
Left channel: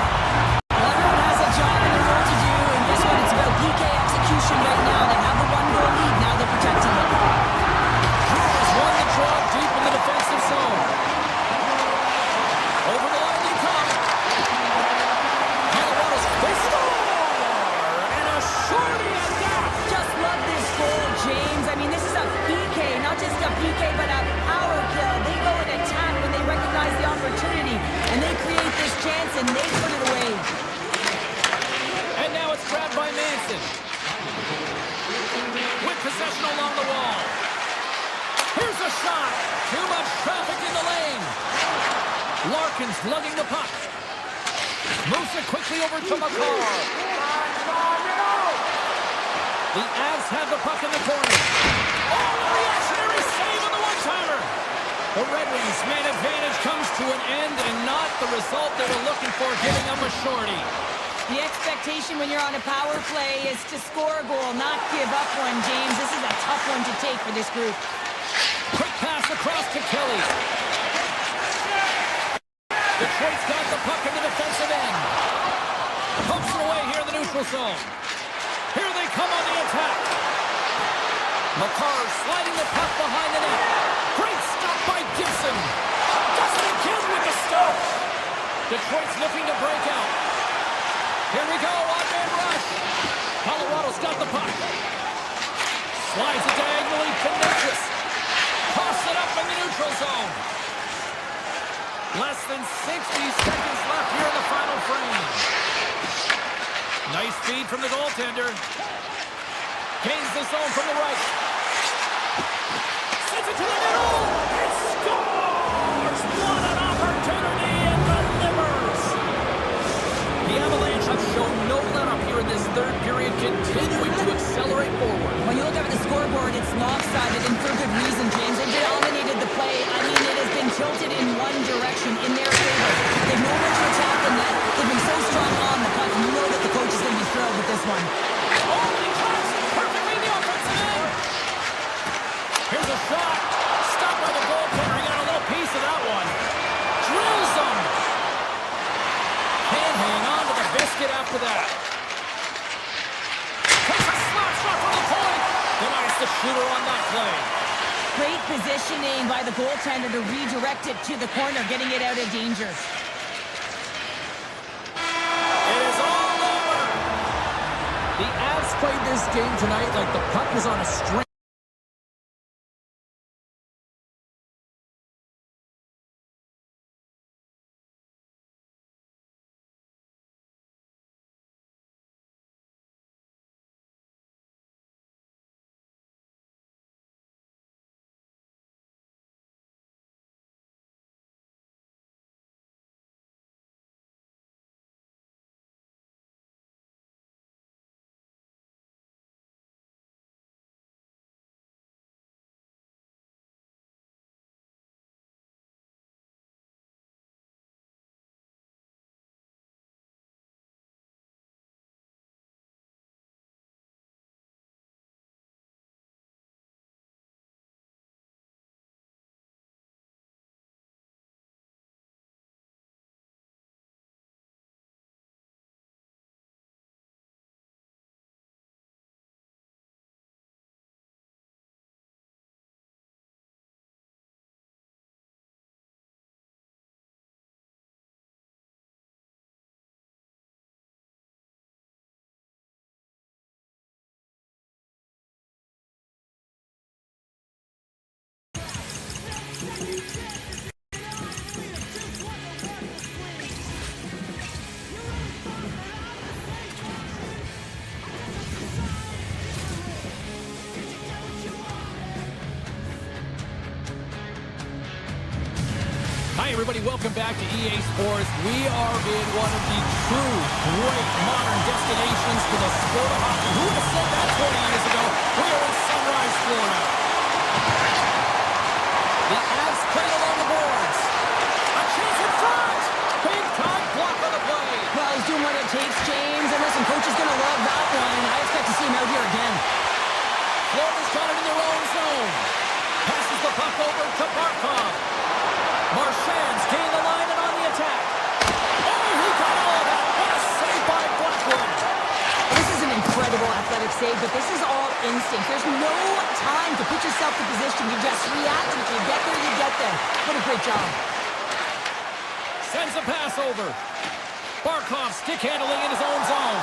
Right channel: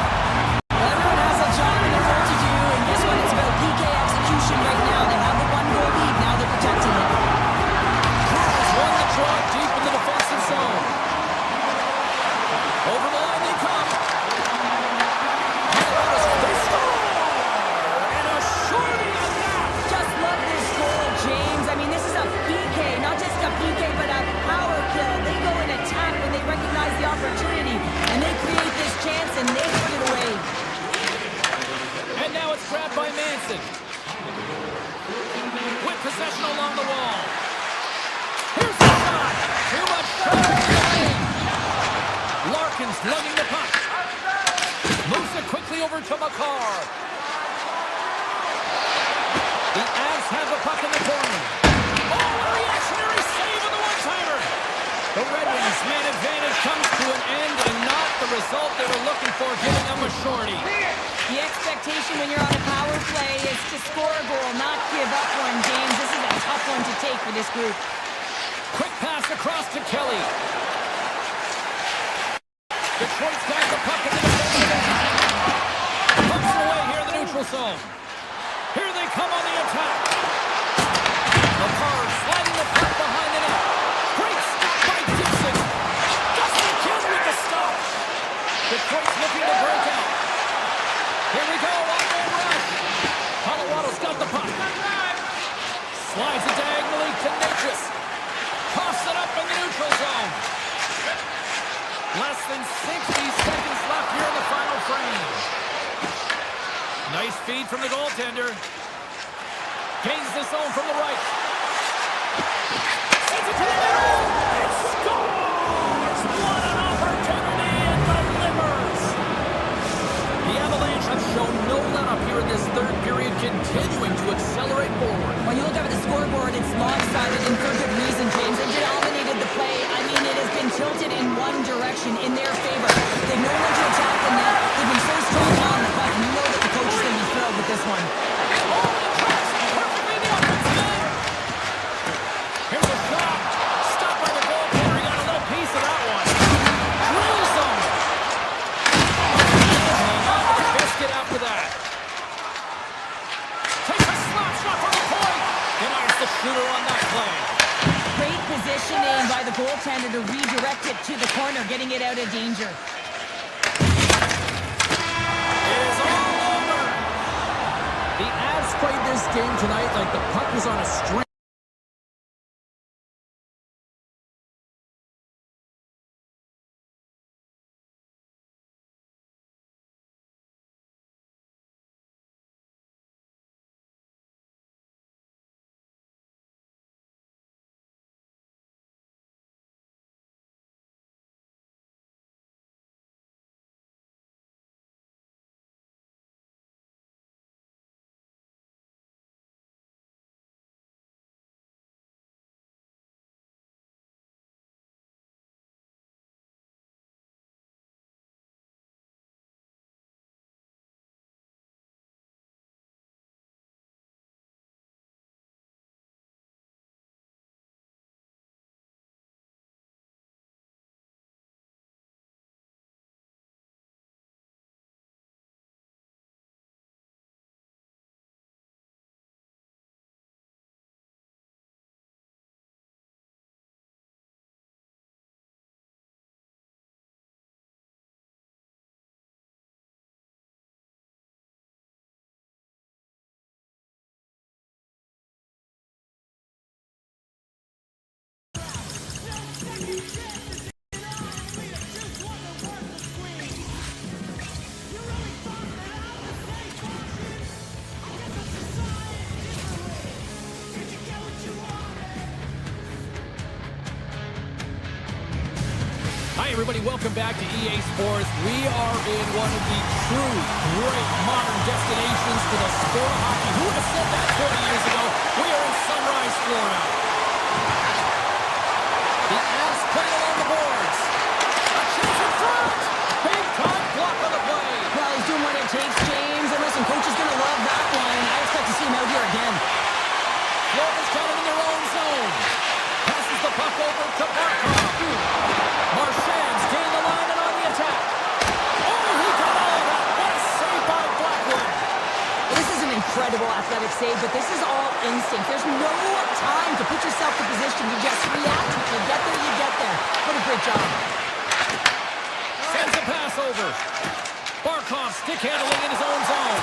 Well, everyone has a job and a role to do, and guess what? It's about PK execution right now. They have the 1-goal lead. Now they're protecting it. Has won the draw deep in the defensive zone. Over the line they come. Colorado's, they score! and they put it away. And now it's grabbed by Manson. With possession along the wall. Here's the shot. Too much traffic in the lane. Larkin's lugging the puck. Moves it quickly over to McCarr. The Avs have the puck in the corner. Oh, a reactionary save on the one-timer. The Red Wings' man advantage comes to an end and not the result they were looking for, giving them a shorty. The expectation when you're on a power play is to score a goal, not give up one, James. This is a tough one to take for this group. Quick pass across to Kelly. Detroit's got the puck in the defensive end. Pumps it away here in the neutral zone. Here they come on the attack. McCarr sliding the puck behind the net. Great stop by Gibson. Doesn't it kill with the stop? Detroit's looking to break out. Here we go, one-man rush. Colorado's got the puck. Slides it diagonally to Natchez. Toss it up in the neutral zone. Less than 60 seconds left here in the final frame. Nice feed from the goaltender. Gains the zone from the right. Sends it to the middle. It scores! What an opportunity and delivers! The Avalanche have shown no let-up here in this third period, continuing to accelerate forward. When you look up at the scoreboard, it's lopsided, and for good reason, James. They've dominated the play. I mean, it has been tilted in one direction, in their favor. They've known when to attack the net. They've been so strong on the puck, and you know that the coach is going to be thrilled with this one. Oh, and he cracks it perfectly in the offensive end. Here's a shot. Stopped by the goaltender. He got a little piece of that one. Drills him. And hang on to the biscuit after that. Takes a slap shot from the point. Denies the shooter on that play. Great positioning by the goaltender to redirect it to the corner, getting it out of danger. It is all over. The Avs played this game tonight like the puck was on a string. Hi, everybody. Welcome back to EA Sports. We are in one of the true great modern destinations for the sport of hockey. Who would have said that 20 years ago? We are in Sunrise, Florida. The Avs playing along the boards. A chance in front. Big time block on the play. Well, he's doing what it takes, James. And listen, coach is going to love that one. I expect to see him out here again. Florida's got it in their own zone. Passes the puck over to Barkov. Marchand's gained the line and on the attack. Oh, he got all of that. What a save by Blackwood. This is an incredible athletic save, but this is all instinct. There's no time to put yourself in position. You just react, and if you get there, you get there. What a great job. Sends a pass over. Barkov stick handling in his own zone.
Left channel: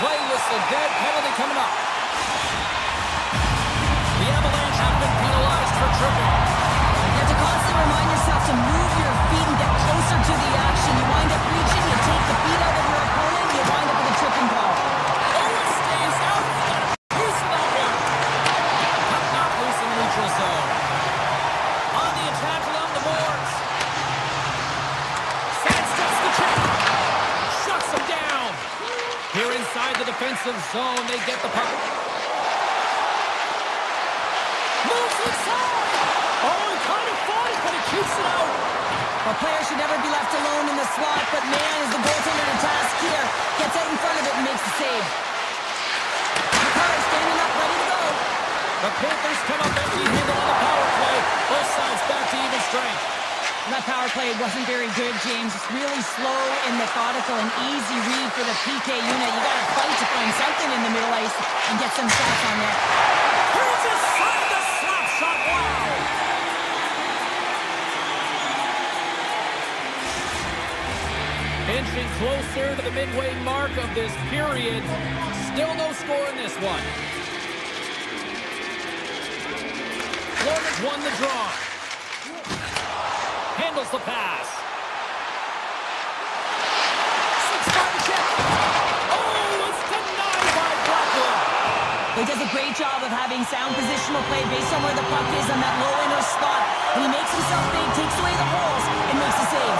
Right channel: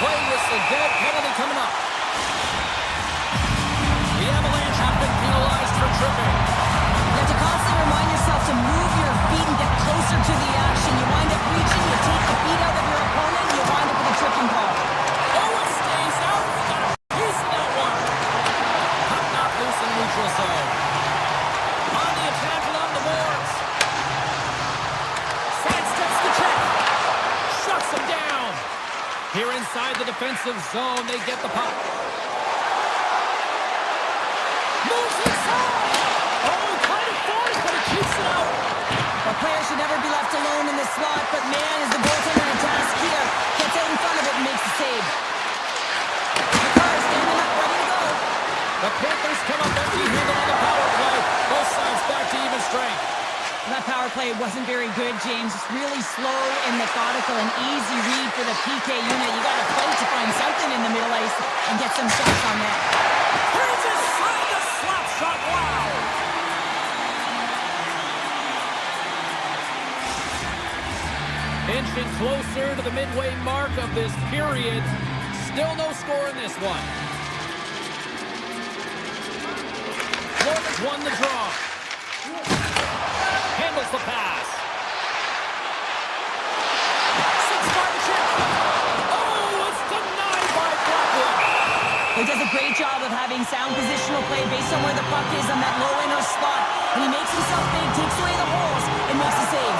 Play whistle dead. Penalty coming up. The Avalanche have been penalized for tripping. You have to constantly remind yourself to to move your feet and get closer to the action. You wind up reaching, you take the feet out of your opponent, you wind up with a tripping call. Oh, it stays out. We got a piece of that one. Puck knocked loose in neutral zone. On the attack along the boards. Sidesteps the check. Shuts him down. Here inside the defensive zone, they get the puck. Moves inside. Oh, he kind of fought it, but he keeps it out. A player should never be left alone in the slot, but man, is the goaltender to task here. Gets out in front of it and makes the save. McCarr standing up, ready to go. The Panthers come up empty-handed on the power play. Both sides back to even strength. That power play wasn't very good, James. It's really slow and methodical and easy read for the PK unit. You got to fight to find something in the middle ice and get some shots on net. Here's inside the slap shot. Wow! Inching closer to the midway mark of this period. Still no score in this one. Florida's won the draw. Handles the pass. 6-5 the check. Oh, it's denied by Blackwood. He does a great job of having sound positional play based on where the puck is on that low inner spot. And he makes himself big, takes away the holes, and makes the save.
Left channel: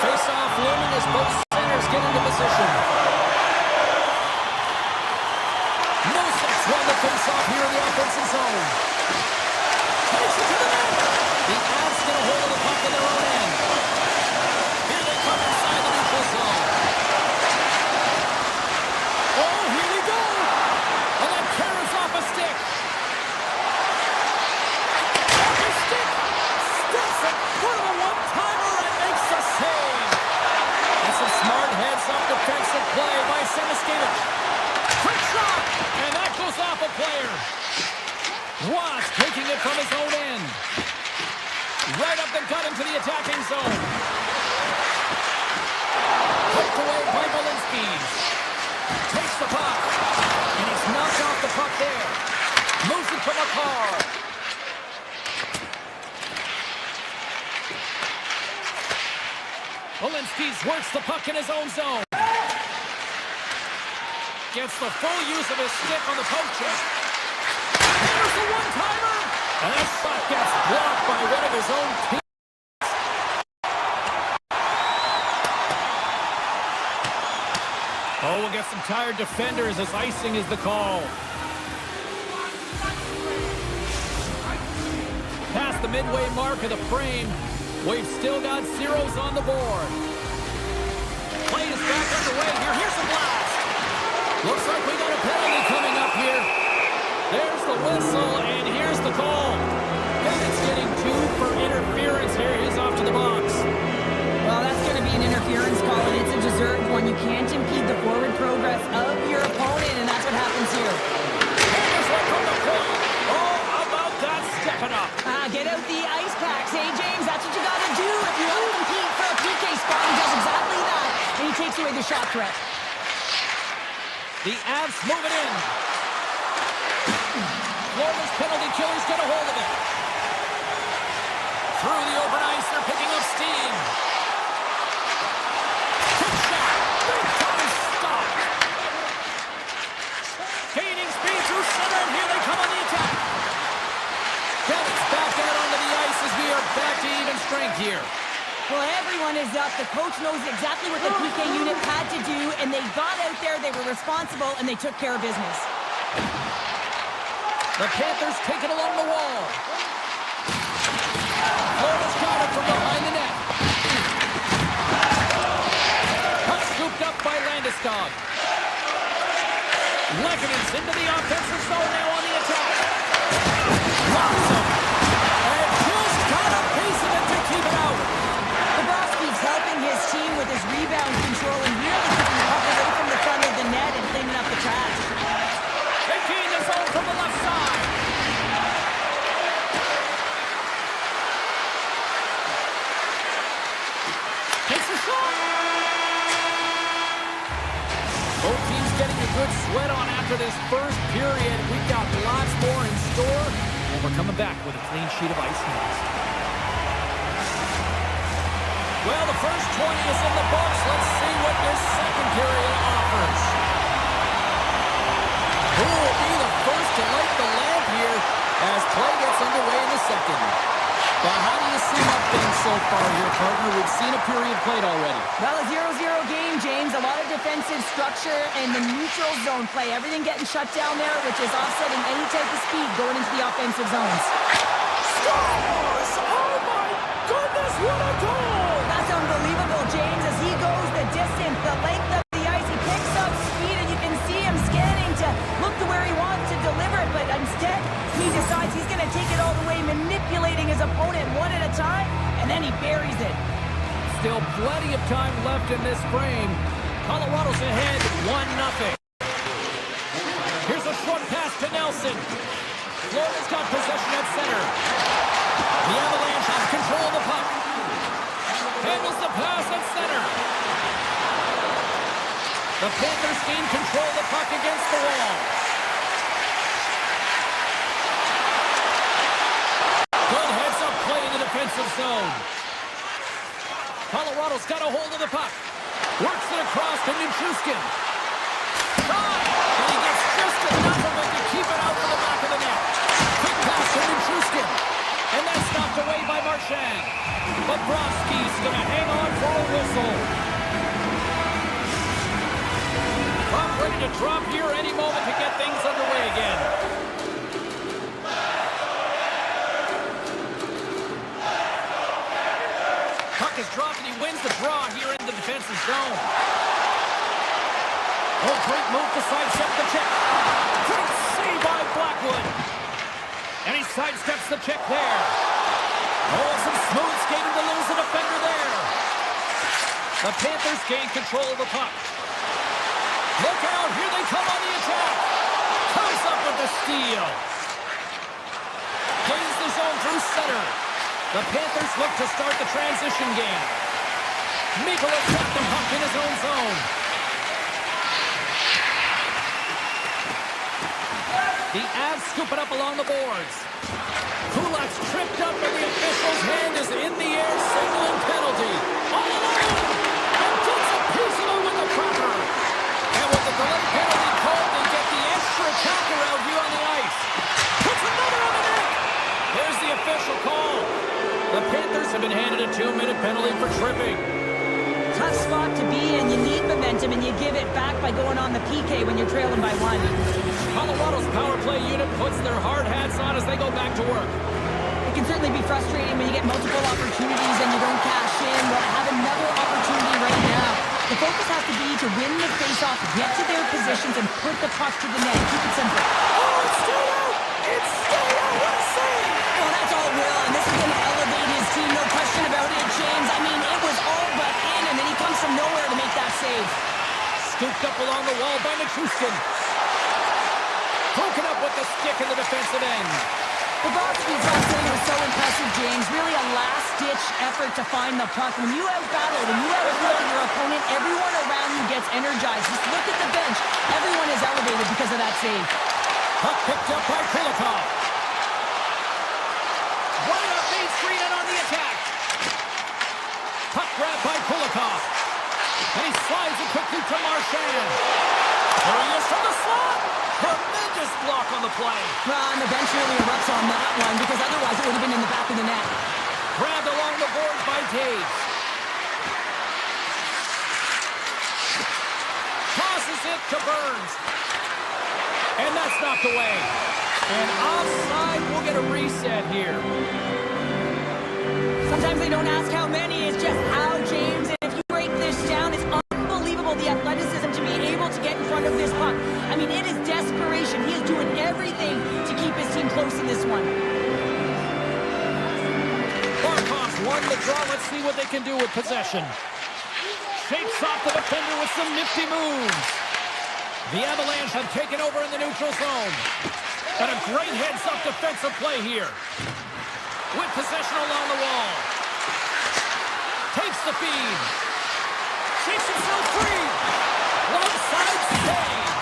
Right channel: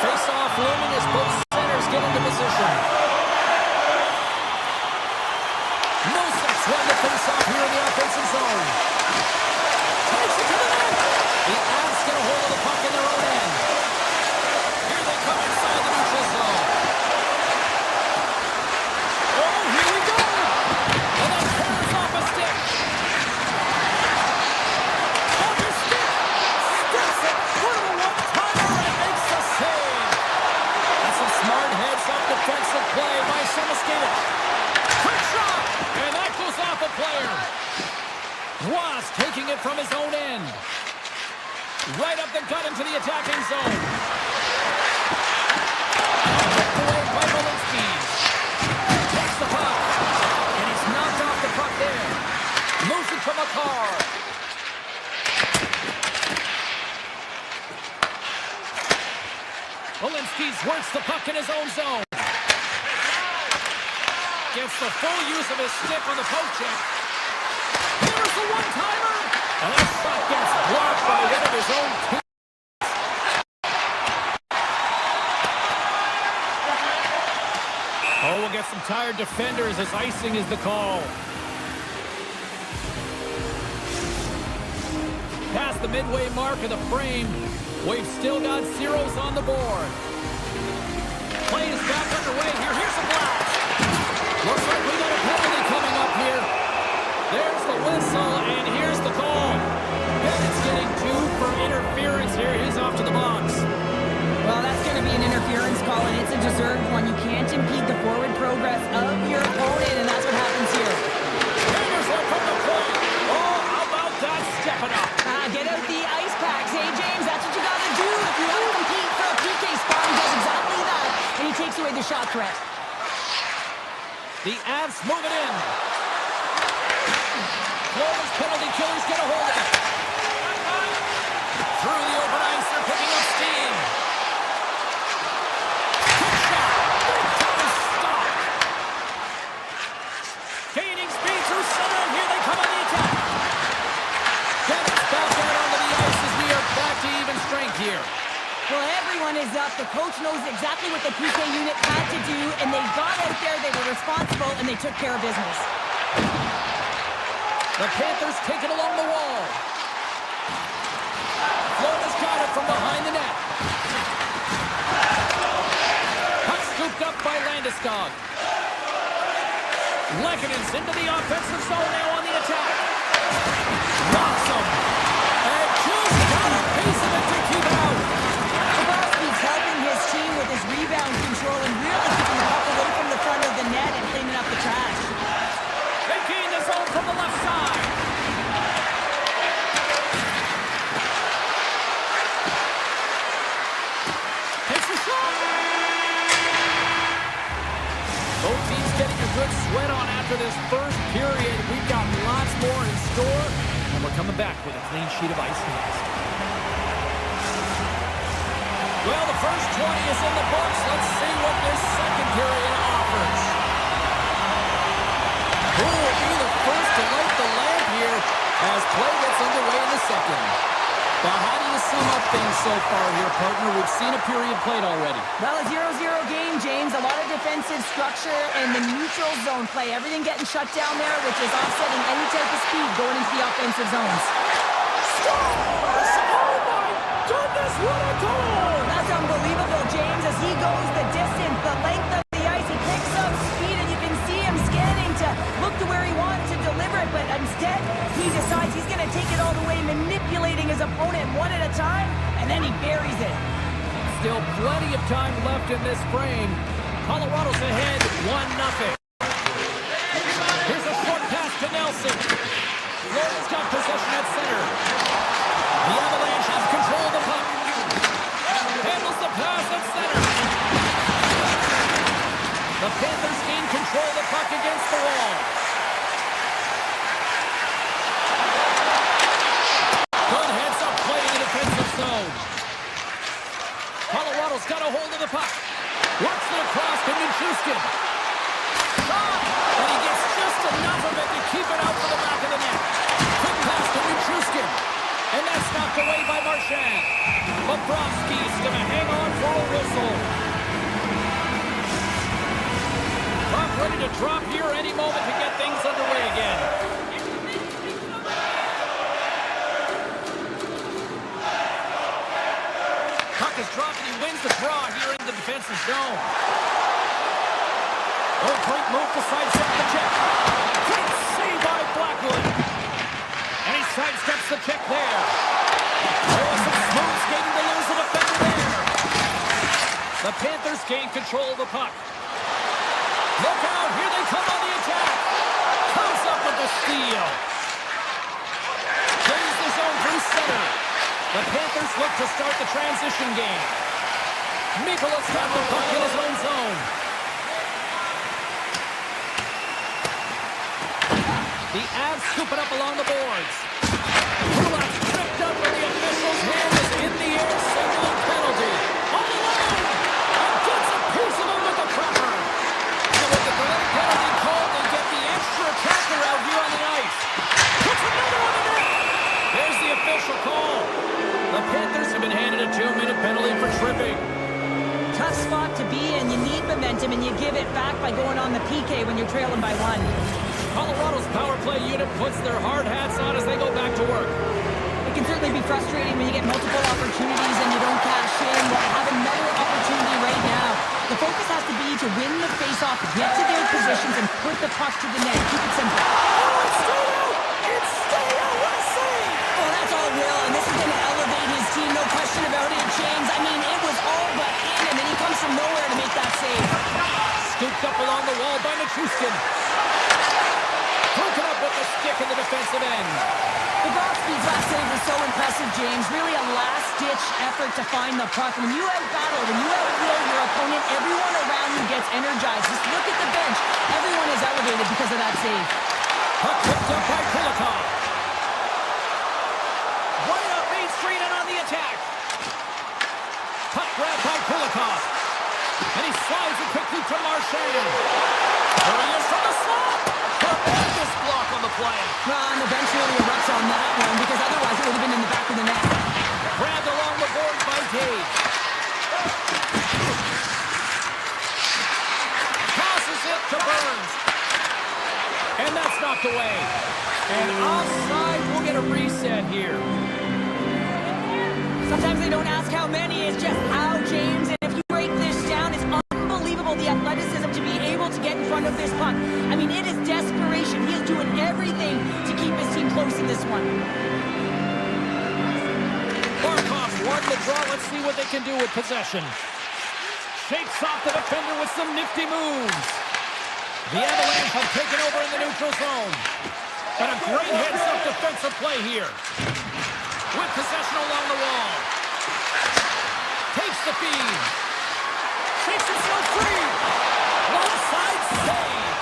Face-off looming as both centers get into position. Noseks won the face-off here in the offensive zone. Takes it to the net. The Avs get a hold of the puck in their own end. Here they come inside the neutral zone. Oh, here we go. And that tears off a stick. Off his stick. Steps in front of a one-timer and makes the save. That's some smart heads-up defensive play by Semiskevich. Quick shot. And that goes off a player. Ross taking it from his own end. Right up the gut into the attacking zone. Picked away by Malinsky. Takes the puck. And he's knocked off the puck there. Moves it to McCarr. Malinsky works the puck in his own zone. Gets the full use of his stick on the poke check. Here's the one-timer. And that shot gets blocked by one of his own team. Oh, we'll get some tired defenders as icing is the call. Past the midway mark of the frame, we've still got zeros on the board. Play is back underway here. Here's the blast. Looks like we got a penalty coming up here. There's the whistle, and here's the call. Bennett's getting 2 for interference here. He's off to the box. Well, that's going to be an interference call, and it's a deserved one. You can't impede the forward progress of your opponent, and that's what happens here. Here's one from the point. Oh, how about that stepping up? Get out the ice packs. Hey, James, that's what you got to do if you want to compete for a PK spot. He does exactly that, and he takes away the shot threat. The Avs move it in. Florida's penalty killers get a hold of it. Through the open ice, they're picking up steam. Quick shot. Big time stop. Gaining speed through center, and here they come on the attack. Bennett's back out onto the ice as we are back to even strength here. Well, everyone is up. The coach knows exactly what the PK unit had to do, and they got out there, they were responsible, and they took care of business. The Panthers take it along the wall. Florida's got it from behind the net. Puck scooped up by Landeskog. Lekkinen into the offensive zone now on the attack. Rocks him. And just got a piece of it to keep it out. Bobrovsky's helping his team with his rebound control and really keeping the puck away from the front of the net and cleaning up the trash. They gain the zone from the left side. Takes a shot. Both teams getting a good sweat on after this first period. We've got lots more in store, and we're coming back with a clean sheet of ice next. Well, the first 20 is in the books. Let's see what this second period offers. Who will be the first to light the lamp here as play gets underway in the second? Well, how do you sum up things so far here, partner? We've seen a period played already. Well, a 0-0 game, James. A lot of defensive structure and the neutral zone play. Everything getting shut down there, which is offsetting any type of speed going into the offensive zones. Scores! Oh, my goodness, what a goal! That's unbelievable, James, as he goes the distance, the length of the ice. He picks up speed, and you can see him scanning to look to where he wants to deliver it, but instead, he decides he's going to take it all the way, manipulating his opponent one at a time, and then he buries it. Still plenty of time left in this frame. Colorado's ahead 1-0. Here's a short pass to Nelson. Florida's got possession at center. The Avalanche has control of the puck. Handles the pass at center. The Panthers gain control of the puck against the wall. Good heads-up play in the defensive zone. Colorado's got a hold of the puck. Works it across to Nichushkin. Shot! And he gets just enough of it to keep it out for the back of the net. Quick pass to Nichushkin. And that's knocked away by Marchand. Bobrovsky's going to hang on for a whistle. Puck ready to drop here any moment to get things underway again. Puck is dropped and he wins the draw here in the defensive zone. Oh, great move to sidestep the check. Great save by Blackwood. And he sidesteps the check there. Oh, some smooth skating to lose the defender there. The Panthers gain control of the puck. Look out, here they come on the attack. Comes up with the steal. Gains the zone through center. The Panthers look to start the transition game. Mikola's got the puck in his own zone. The Avs scoop it up along the boards. Kulak's tripped up and the official's hand is in the air signaling penalty. All alone! And gets a piece of it with the trapper. And with the delay penalty called, they get the extra attacker out here on the ice. Puts another on the net! Here's the official call. The Panthers have been handed a 2-minute penalty for tripping. Tough spot to be in. You need momentum, and you give it back by going on the PK when you're trailing by 1. Colorado's power play unit puts their hard hats on as they go back to work. It can certainly be frustrating when you get multiple opportunities and you don't cash in. Well, have another opportunity right now. The focus has to be to win the faceoff, get to their positions, and put the puck to the net. Keep it simple. Oh, it's stayed out! It's stayed out! What a save! Well, that's all Will, and this is going to elevate his team, no question about it, James. I mean, it was all but in, and then he comes from nowhere to make that save. Scooped up along the wall by Nichushkin. Broken up with the stick in the defensive end. Bobrovsky's last save was so impressive, James. Really a last-ditch effort to find the puck. When you out-battle, when you out-will your opponent, everyone around you gets energized. Just look at the bench. Everyone is elevated because of that save. Puck picked up by Kulikov. Right up Main Street and on the attack. Puck grabbed by Kulikov. And he slides it quickly to Marchand. There he is from the slot. Tremendous block on the play. Well, and the bench really erupts on that one because otherwise it would have been in the back of the net. Grabbed along the boards by Gage. Tosses it to Burns. And that's knocked away. And offside, we'll get a reset here. Sometimes they don't ask how many, it's just how, James. And if you break this down, it's unbelievable the athleticism to be able to get in front of this puck. I mean, it is desperation. He is doing everything to keep his team close in this one. Barkov won the draw. Let's see what they can do with possession. Shakes off the defender with some nifty moves. The Avalanche have taken over in the neutral zone. And a great heads-up defensive play here. With possession along the wall. Takes the feed. Shakes himself free. One side save.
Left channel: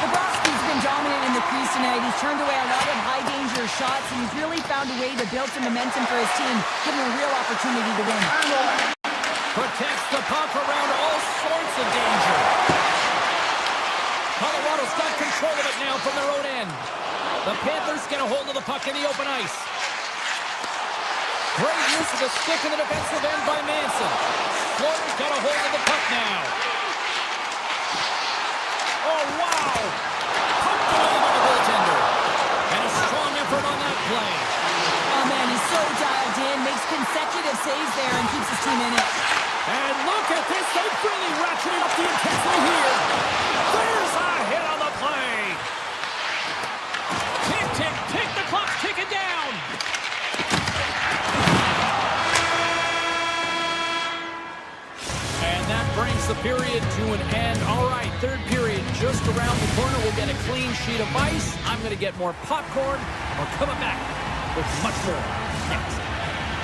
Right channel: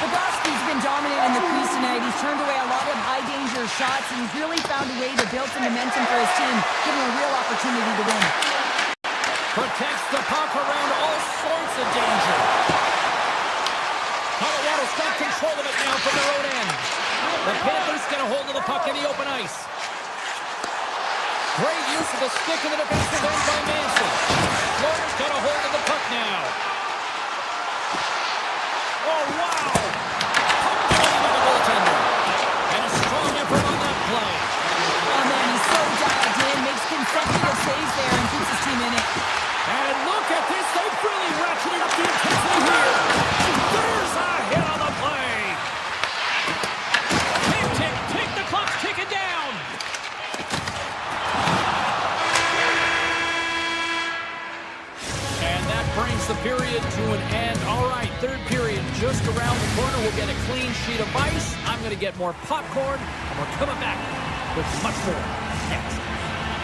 Bobrovsky's been dominant in the crease tonight. He's turned away a lot of high-danger shots, and he's really found a way to build some momentum for his team, giving him a real opportunity to win. Protects the puck around all sorts of danger. Colorado's got control of it now from their own end. The Panthers get a hold of the puck in the open ice. Great use of the stick in the defensive end by Manson. Florida's got a hold of the puck now. Oh, wow! Puck away by the goaltender. And a strong effort on that play. Oh, man, he's so dialed in, makes consecutive saves there and keeps his team in it. And look at this. They've really ratcheted up the intensity here. There's a hit on the play. Tick, tick, tick. The clock's ticking down. And that brings the period to an end. All right, third period just around the corner. We'll get a clean sheet of ice. I'm going to get more popcorn, and we're coming back with much more next.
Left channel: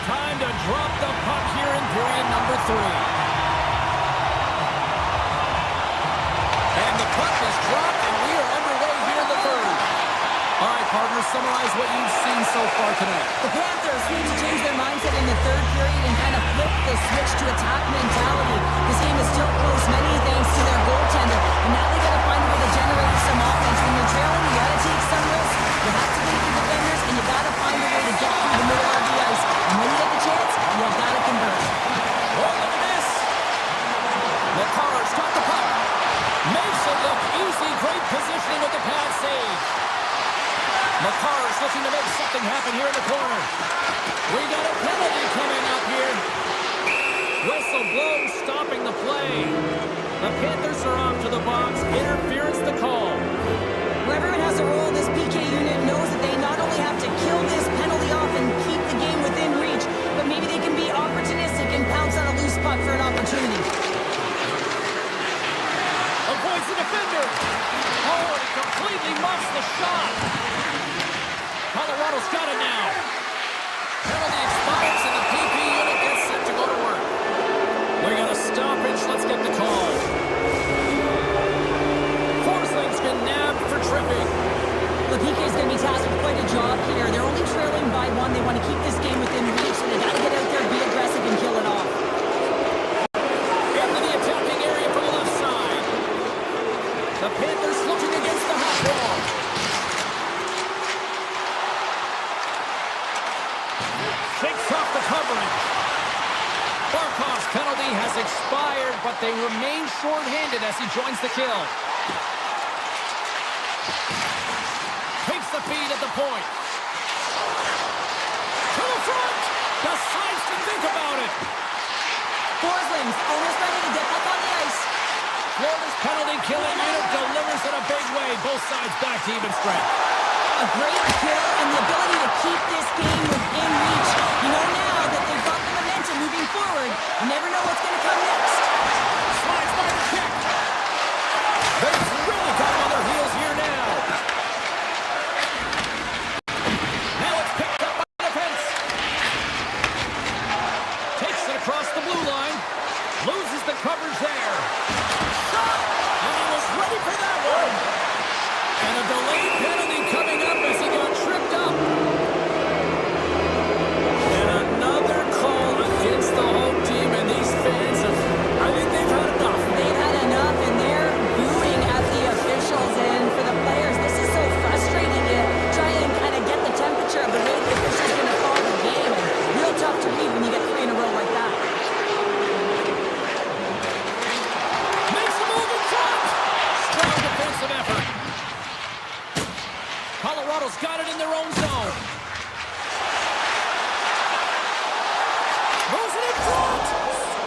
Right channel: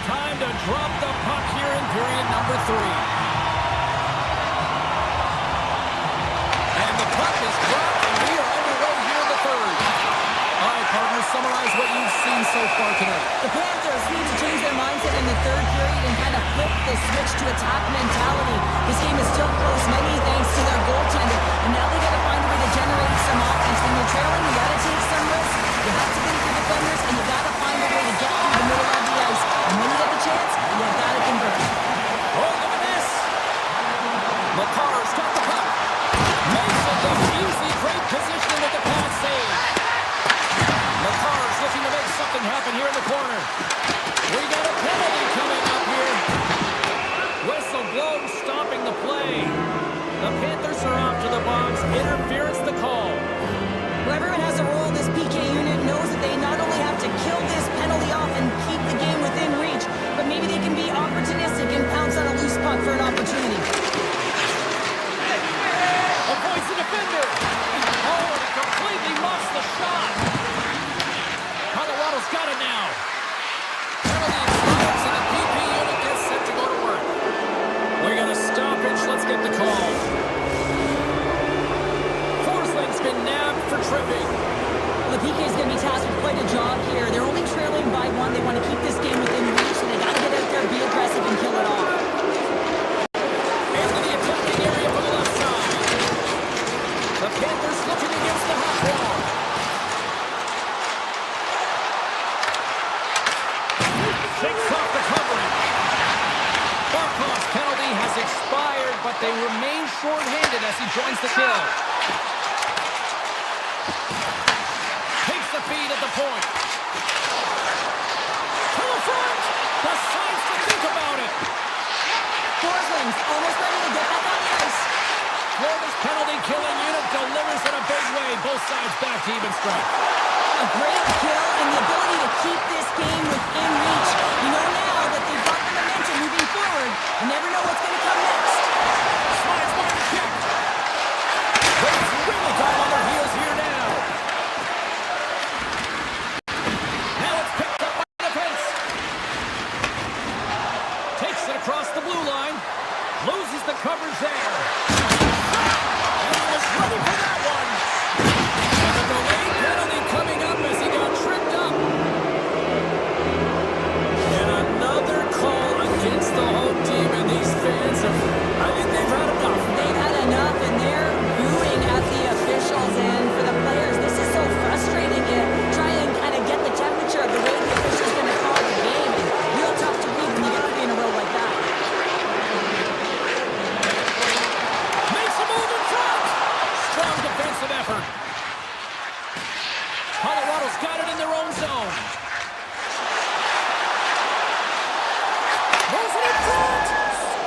Time to drop the puck here in period number 3. And the puck is dropped, and we are underway here in the third. All right, partners, summarize what you've seen so far tonight. The Panthers need to change their mindset in the third period and kind of flip the switch to attack mentality. This game is still close, many thanks to their goaltender, and now they got to find a way to generate some offense. When you're trailing, you got to take some risks. You have to beat your defenders, and you got to find a way to get through the middle of the ice. And when you get the chance, you got to convert. Oh, look at this. McCarr's got the puck. Makes it look easy. Great positioning with the pad save. McCarr's looking to make something happen here in the corner. We got a penalty coming up here. Whistle blown, stopping the play. The Panthers are off to the box. Interference the call. Well, everyone has a role in this PK unit, knows that they not only have to kill this penalty off and keep the game within reach, but maybe they can be opportunistic and pounce on a loose puck for an opportunity. Avoids the defender. Oh, and he completely muffs the shot. Colorado's got it now. Penalty expires and the PP unit gets set to go to work. We got a stoppage. Let's get the call. Forsling's been nabbed for tripping. The PK is going to be tasked with quite a job here. They're only trailing by 1. They want to keep this game within reach, so they got to get out there, be aggressive, and kill it off. Into the attacking area from the left side. The Panthers looking against the half wall. Shakes off the coverage. Barkov's penalty has expired, but they remain short-handed as he joins the kill. Takes the feed at the point. To the front. Decides to think about it. Forsling's almost ready to get back on the ice. Florida's penalty-killing unit delivers in a big way. Both sides back to even strength. A great kill and the ability to keep this game within reach. You know now that they've got the momentum moving forward. You never know what's going to come next. Slides by the check. They've really got them on their heels here now. Now it's picked up by the defense. Takes it across the blue line. Loses the coverage there. Shot! And he was ready for that one. And a delayed penalty coming up as he got tripped up. And another call against the home team, and these fans have, I think they've had enough. They've had enough, and they're booing at the officials. And for the players, this is so frustrating. You try and kind of get the temperature of the way the official's going to call the game, and real tough to read when you get 3 in a row like that. Makes a move in front. Strong defensive effort. Colorado's got it in their own zone. Moves it in front.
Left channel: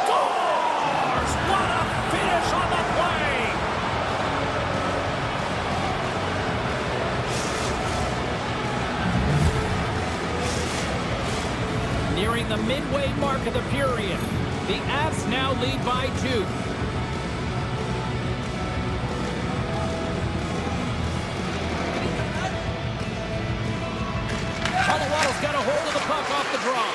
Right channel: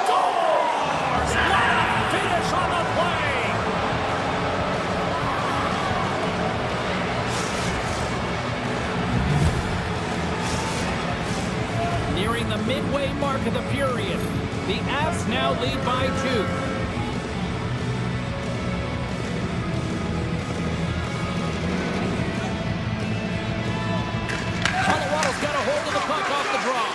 Scores! What a finish on the play. Nearing the midway mark of the period. The Avs now lead by 2. Colorado's got a hold of the puck off the draw.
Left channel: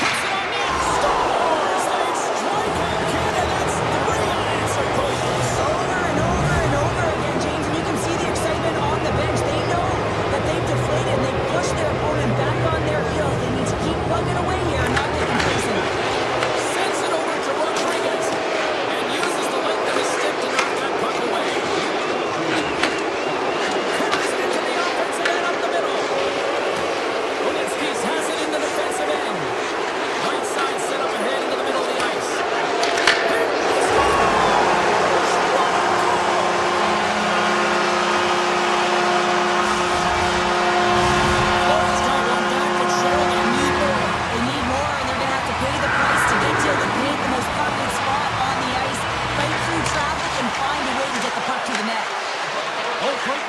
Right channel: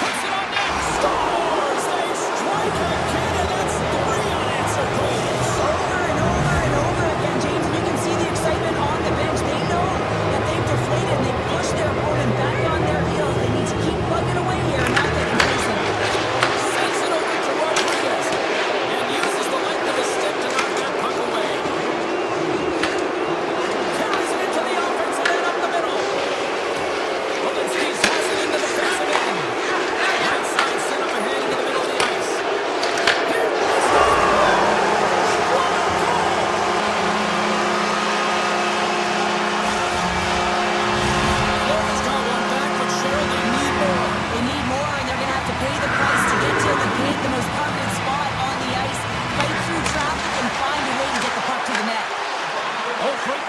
Puts it on net. Scores! They strike again, and that's 3 unanswered goals. Over and over and over again, James, and you can see the excitement on the bench. They know that they've deflated, and they push their opponent back on their heels. They need to keep plugging away here and not get complacent.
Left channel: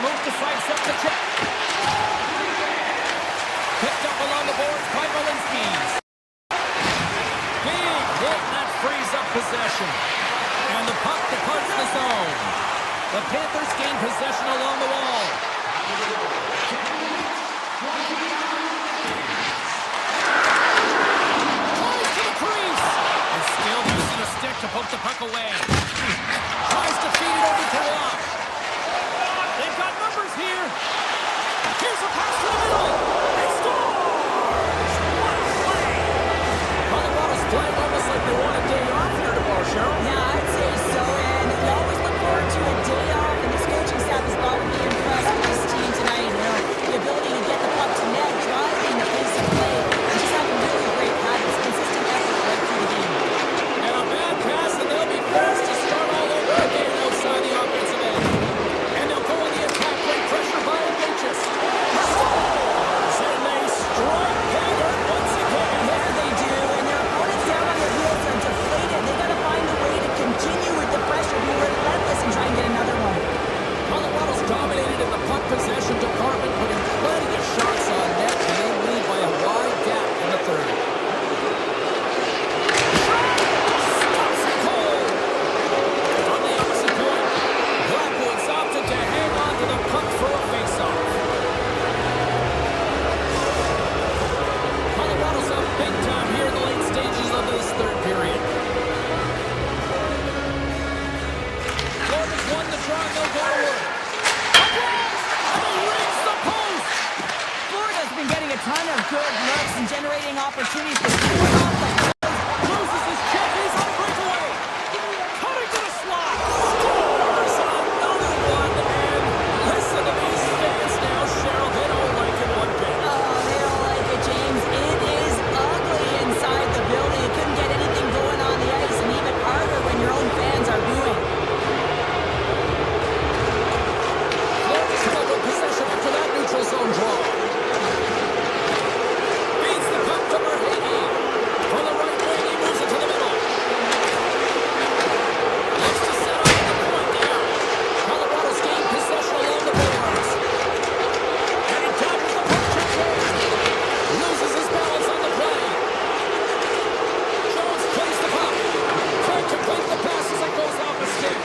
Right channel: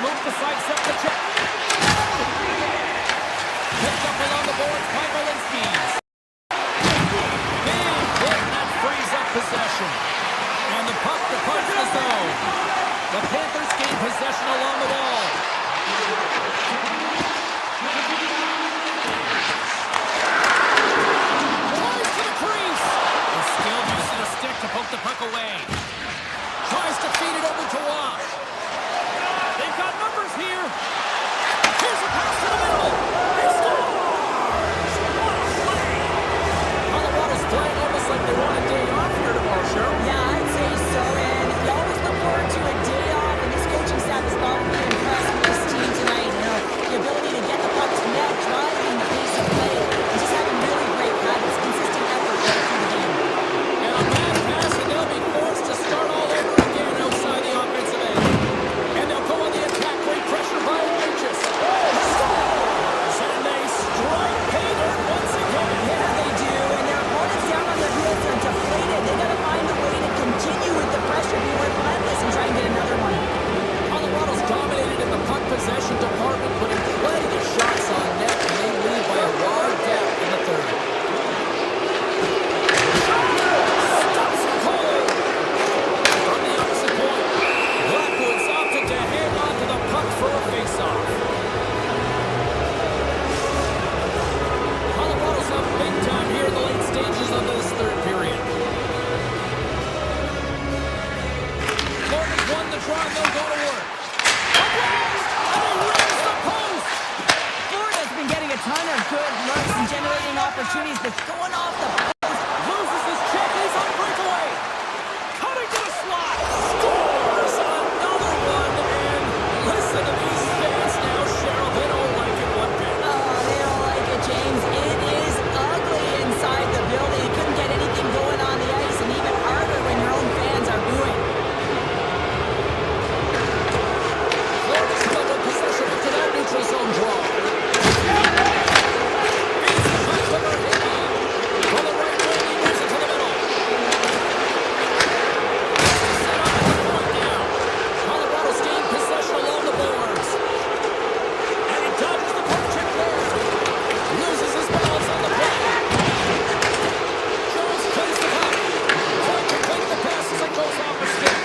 move to sidestep the check. Picked up along the boards by Walensky. Big hit, and that frees up possession. And the puck departs the zone. The Panthers gain possession along the wall. Tries to the crease. And still using a stick to poke the puck away. Tries to feed it over to Waugh. They've got numbers here. Here's a pass to the middle. He scores! What a play! Colorado's playing almost like they want a day off here tomorrow, Cheryl. Yeah, I'd say so, and you always look forward to a day off, and this coaching staff is probably impressed with this team tonight. You know, the ability to get the puck to net, driving the pace of play, and just having really great habits, consistent effort right through the game. And a bad pass, and they'll be forced to start all over again outside the offensive end. And they'll go on the attack. Great pressure by Ignatius. Scores! And they strike pay dirt once again. Yeah, they do, and their opponents down on their heels are deflated. They got to find a way to continue with the pressure, be relentless, and try and get another one. Colorado's dominated in the puck possession department, putting plenty of shots on net, and they lead by a wide gap in the third. Stops it cold! From the opposite point, Blackwood's opted to hang on to the puck for a faceoff. Colorado's up big time here in the late stages of this third period. Florida's won the draw, and they'll go to work. A blast! And he rings the post! Florida's been getting a ton of good looks and generating opportunities, but going off the post. Loses his check, and he's on a breakaway. Cutting to the slot. Scores another one, and listen to these fans now, Cheryl. They don't like it one bit. Oh, they don't like it, James. It is ugly inside the building. You couldn't get anything going on the ice, and even harder when your own fans are booing. Florida's come up with possession after that neutral zone draw. Beats the puck to Verhage. On the right wing, he moves it to the middle. Looks to set up at the point now. Colorado's gained possession along the boards. And he dodges the puck check there. Loses his balance on the play. Jones plays the puck. Trying to complete the pass as it goes off the stick.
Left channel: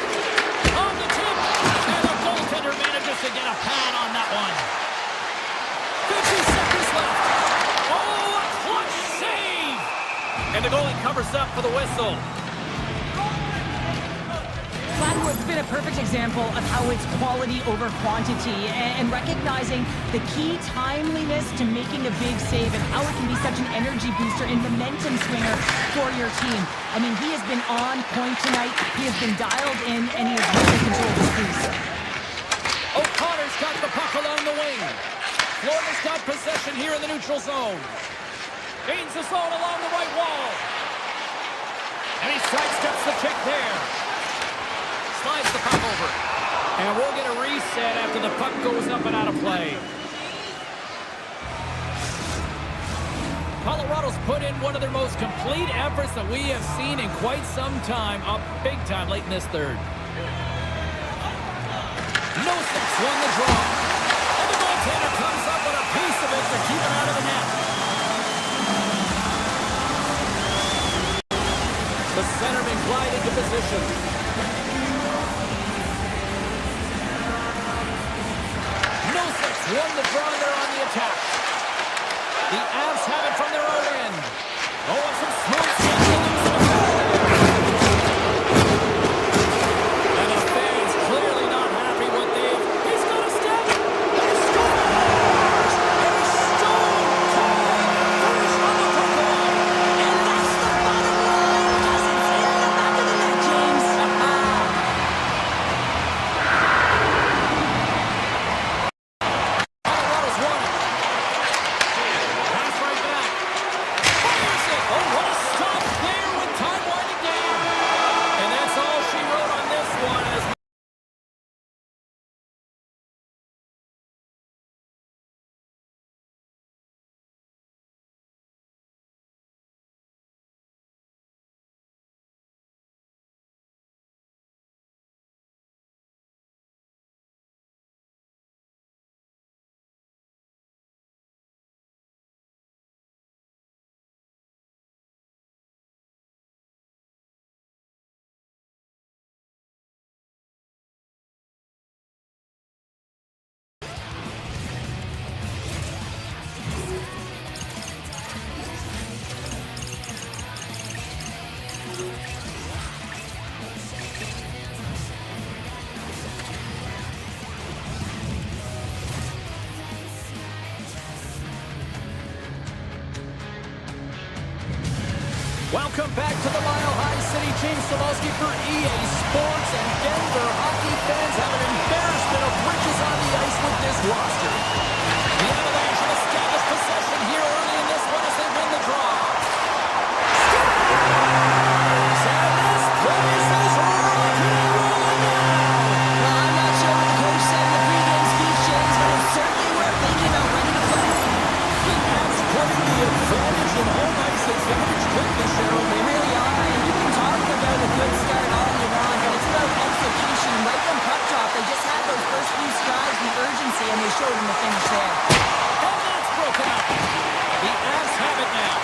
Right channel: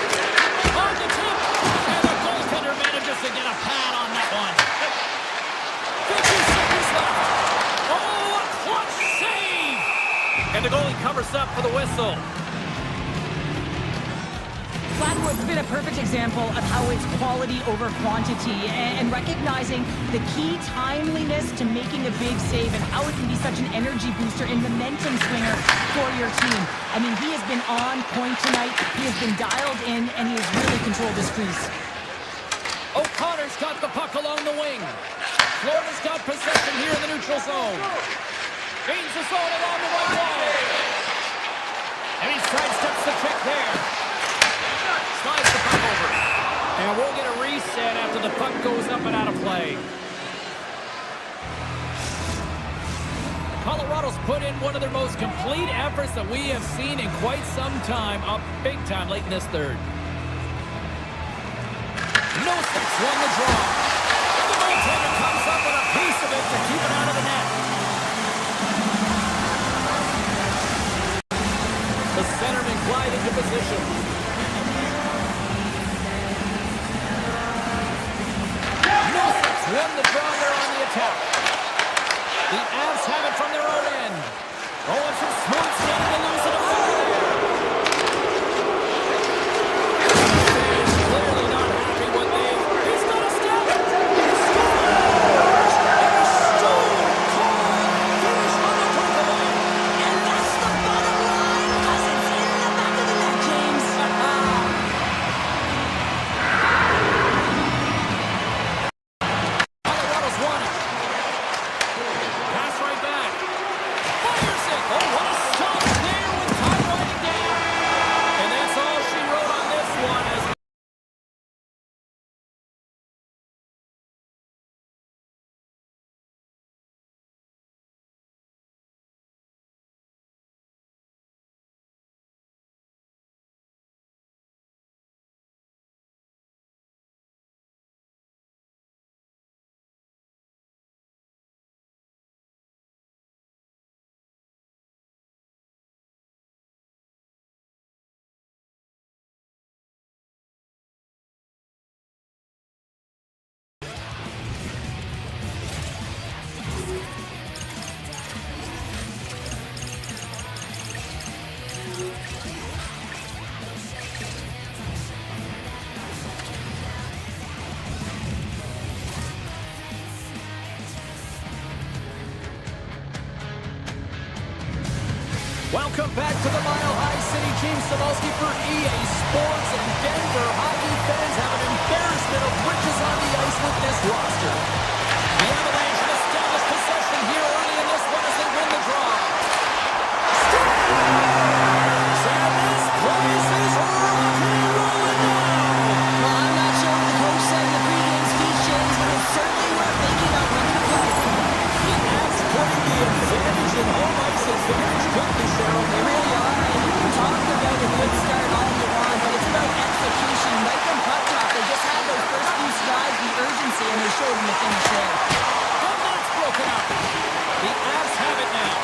On the tip. And the goaltender manages to get a pad on that one. 50 seconds left. Oh, a clutch save! And the goalie covers up for the whistle. Blackwood's been a perfect example of how it's quality over quantity and recognizing the key timeliness to making a big save and how it can be such an energy booster and momentum swinger for your team. I mean, he has been on point tonight. He has been dialed in, and he has really controlled his crease. O'Connor's got the puck along the wing. Florida's got possession here in the neutral zone. Gains the zone along the right wall. And he sidesteps the check there. Slides the puck over. And we'll get a reset after the puck goes up and out of play. Colorado's put in one of their most complete efforts that we have seen in quite some time, up big time late in this third. Nosek won the draw. And the goaltender comes up with a piece of it to keep it out of the net. The centerman glide into position. Nosek won the draw, and they're on the attack. The Avs have it from their own end. Oh, and some smooth skating to lose it there. And the fans clearly not happy with he's got a step. He scores! A stone-cold finish on the breakaway. And that's the bottom line, because it's in the back of the net, James. Colorado's Welcome back to the Mile High City. James Cebulski for EA Sports, and Denver hockey fans have an embarrassment of riches on the ice with this roster. The Avalanche have established possession here early in this one as they win the draw. Scores! And this place is rocking and rolling now. Well, I'm not sure what the coach said in the pregame speech, James, but it's certainly worth thinking about ready to play. The Avs putting the advantage in home ice advantage quickly, Cheryl. They really are, and you can talk about a good start all you want, but it's about execution. Right from puck drop, they just had those first few strides, the urgency, and they showed them the finish there. And that's broken up. The Avs have it now.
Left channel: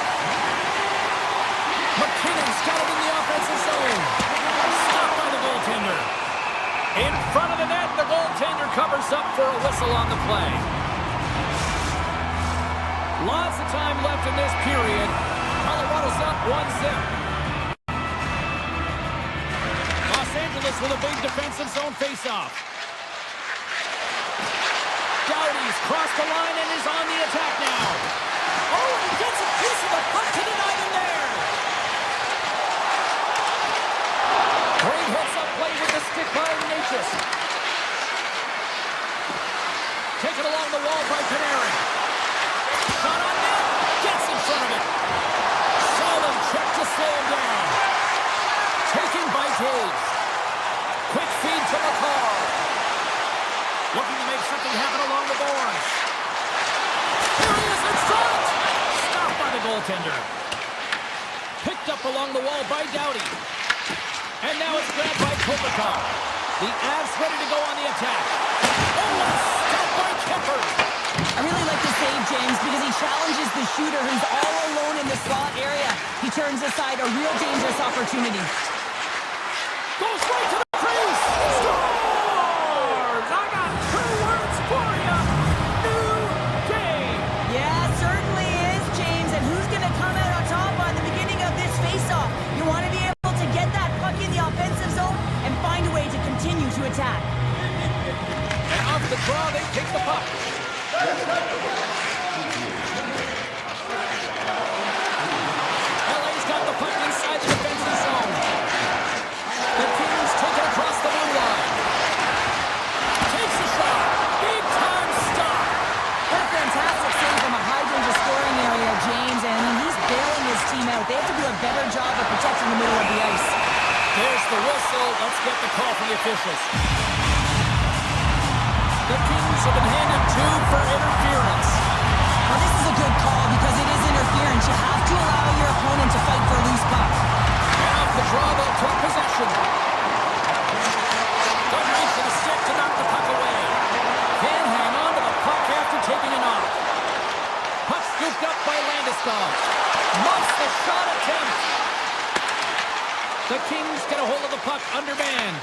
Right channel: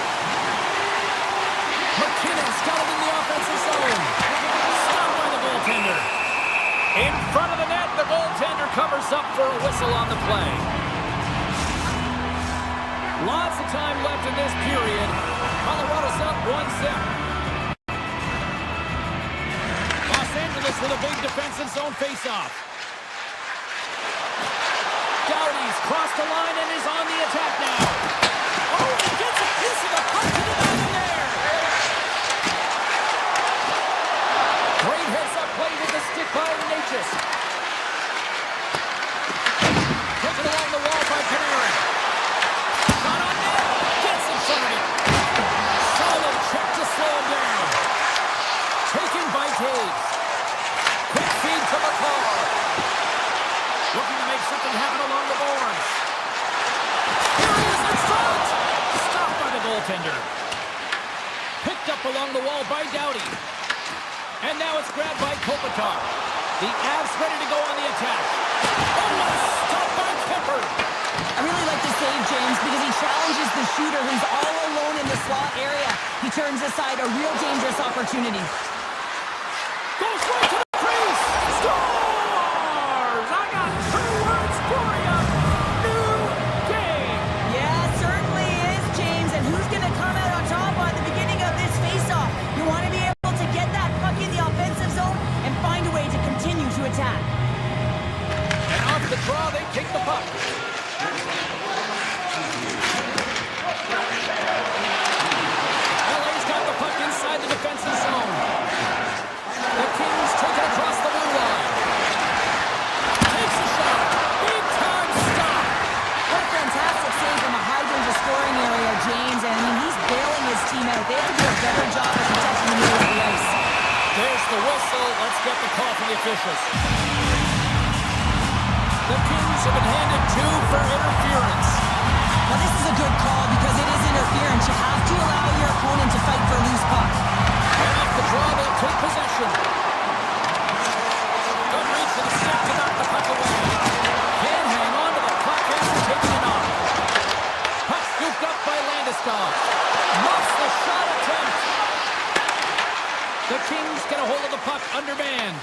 McKinnon's got it in the offensive zone. Stopped by the goaltender. In front of the net, the goaltender covers up for a whistle on the play. Lots of time left in this period. Colorado's up 1-0. Los Angeles with a big defensive zone faceoff. Doughty's crossed the line and is on the attack now. Oh, he gets a piece of the puck to deny them there. Great heads-up play with the stick by Natchez. Taken along the wall by Panarin. Shot on net. Gets in front of it. Solid check to slow him down. Taken by Taves. Quick feed to McCarr. Looking to make something happen along the boards. Here he is in front. Stopped by the goaltender. Picked up along the wall by Doughty. And now it's grabbed by Kopitar. The Avs ready to go on the attack. Oh, a stop by Kemper. I really like the save, James, because he challenges the shooter who's all alone in the slot area. He turns aside a real dangerous opportunity. Goes right to the crease. Scores! I got 2 words for you. New game. Yeah, certainly is, James. And who's going to come out on top by the beginning of this faceoff? You want to be able to get that puck in the offensive zone and find a way to continue to attack. And off the draw, they take the puck. LA's got the puck inside the defensive zone. The Kings take it across the blue line. Takes a shot. Big time stop. What a fantastic save from a high-danger scoring area, James. And I mean, he's bailing his team out. They have to do a better job of protecting the middle of the ice. There's the whistle. Let's get the call from the officials. The Kings have been handed 2 for interference. Well, this is a good call because it is interference. You have to allow your opponent to fight for a loose puck. And off the draw, they'll take possession. Good reach for the stick to knock the puck away. Can't hang on to the puck after taking it off. Puck scooped up by Landeskog. Muffs the shot attempt. The Kings get a hold of the puck undermanned.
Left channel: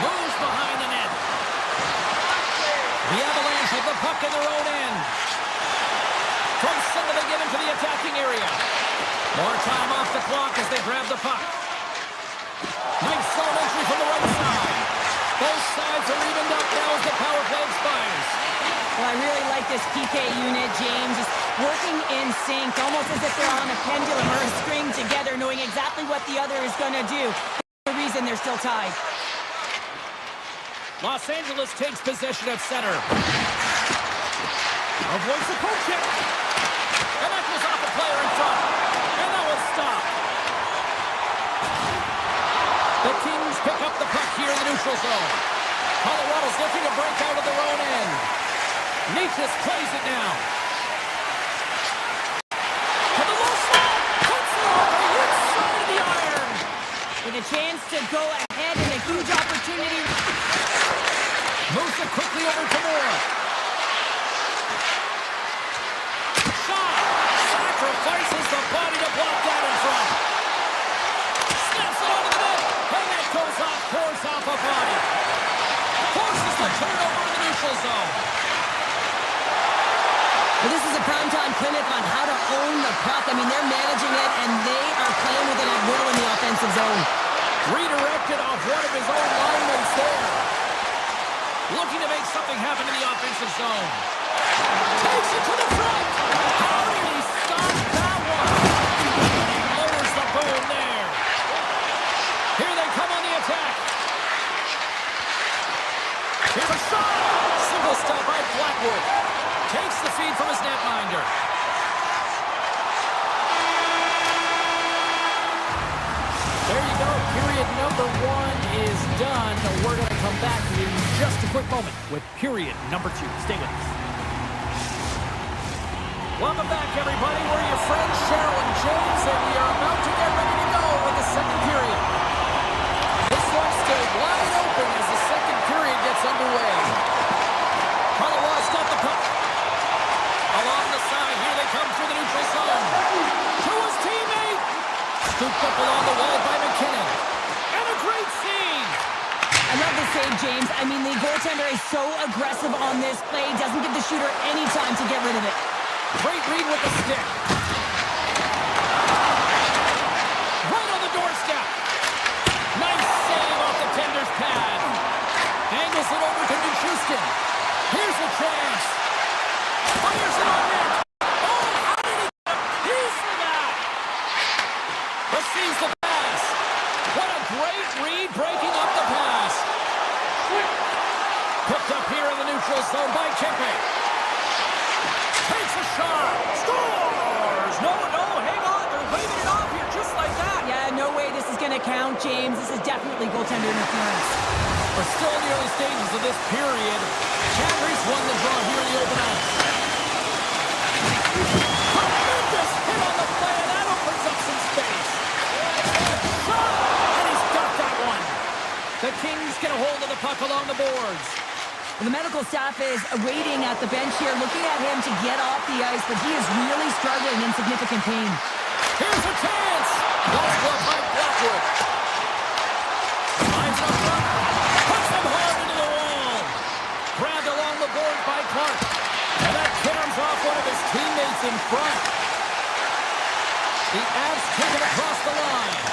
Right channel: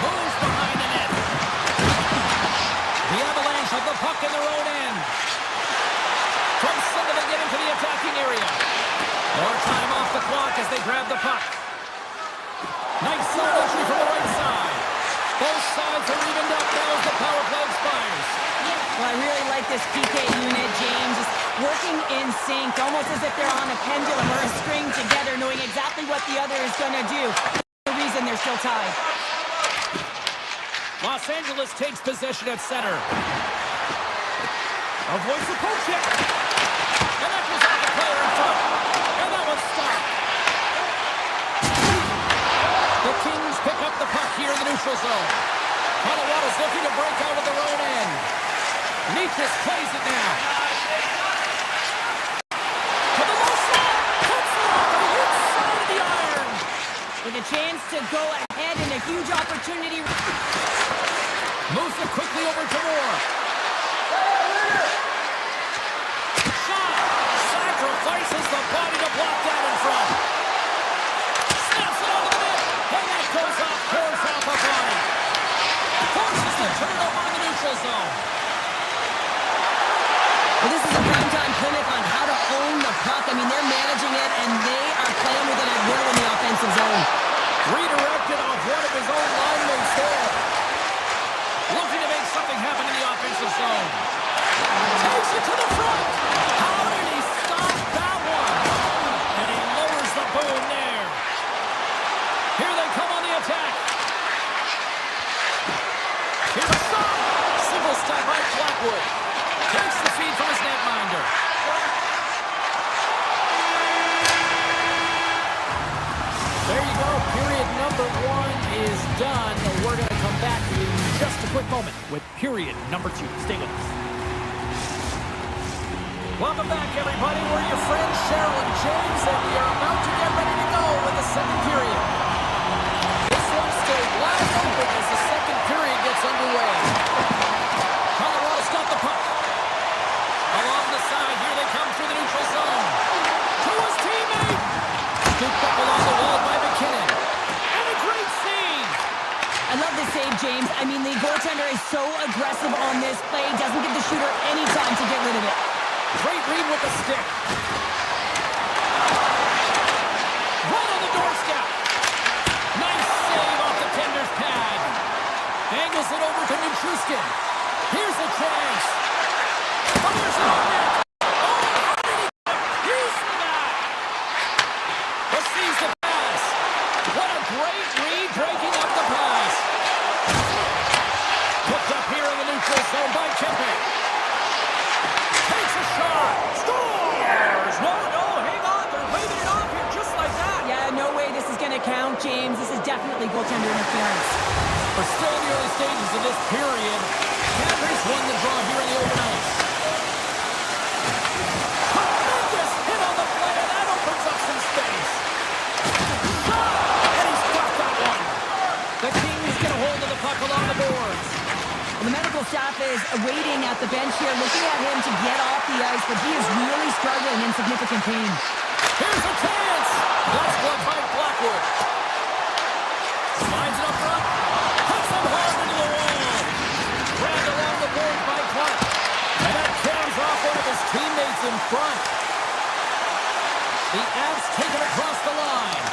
Moves behind the net. The Avalanche have the puck in their own end. From center they get into the attacking area. More time off the clock as they grab the puck. Nice zone entry from the right side. Both sides are evened up now as the power play expires. Well, I really like this PK unit, James. Just working in sync, almost as if they're on a pendulum or a string together, knowing exactly what the other is going to do. The reason they're still tied. Los Angeles takes possession at center. Avoids the poke check. And that goes off a player in front. And that one's stopped. The Kings pick up the puck here in the neutral zone. Colorado's looking to break out of their own end. Natchez plays it now. To the low slot. Puts it off the inside of the iron. With a chance to go ahead and a huge opportunity. Moves it quickly over to Moore. Shot. Sacrifices the body to block that in front. Snaps it onto the net. And that goes off, pours off a body. Forces the turnover in the neutral zone. Well, this is a primetime clinic on how to own the puck. I mean, they're managing it, and they are playing with it at will in the offensive zone. Redirected off one of his own line mates there. Looking to make something happen in the offensive zone. Takes it to the front. How did he stop that one? And he lowers the boom there. Here they come on the attack. Here's a shot. Single stop by Blackwood. Takes the feed from his netminder. There you go. Period number 1 is done. We're going to come back in just a quick moment with period number 2. Stay with us. Welcome back, everybody. We're your friends, Cheryl and James, and we are about to get ready to go with the second period. This one's still wide open as the second period gets underway. Colorado's got the puck. Along the side, here they come through the neutral zone. To his teammate. Scooped up along the wall by McKinnon. And a great save. I love the save, James. I mean, the goaltender is so aggressive on this play. Doesn't give the shooter any time to get rid of it. Great read with the stick. Right on the doorstep. Nice save off the tender's pad. Angles it over to Nichushkin. Here's a chance. Fires it on net. Oh, how did he get a piece of that? Receives the pass. What a great read breaking up the pass. Picked up here in the neutral zone by Kempe. Takes a shot. Scores! No, hang on. They're waving it off here just like that. Yeah, no way this is going to count, James. This is definitely goaltender interference. We're still in the early stages of this period. Cadres won the draw here in the open ice. Tremendous hit on the play, and that opens up some space. Shot! And he's got that one. The Kings get a hold of the puck along the boards. Well, the medical staff is waiting at the bench here, looking at him to get off the ice, but he is really struggling in significant pain. Here's a chance. That's blocked by Blackwood. Lines it up front. Puts him hard into the wall. Grabbed along the boards by Clark. And that carries off one of his teammates in front. The Avs take it across the line.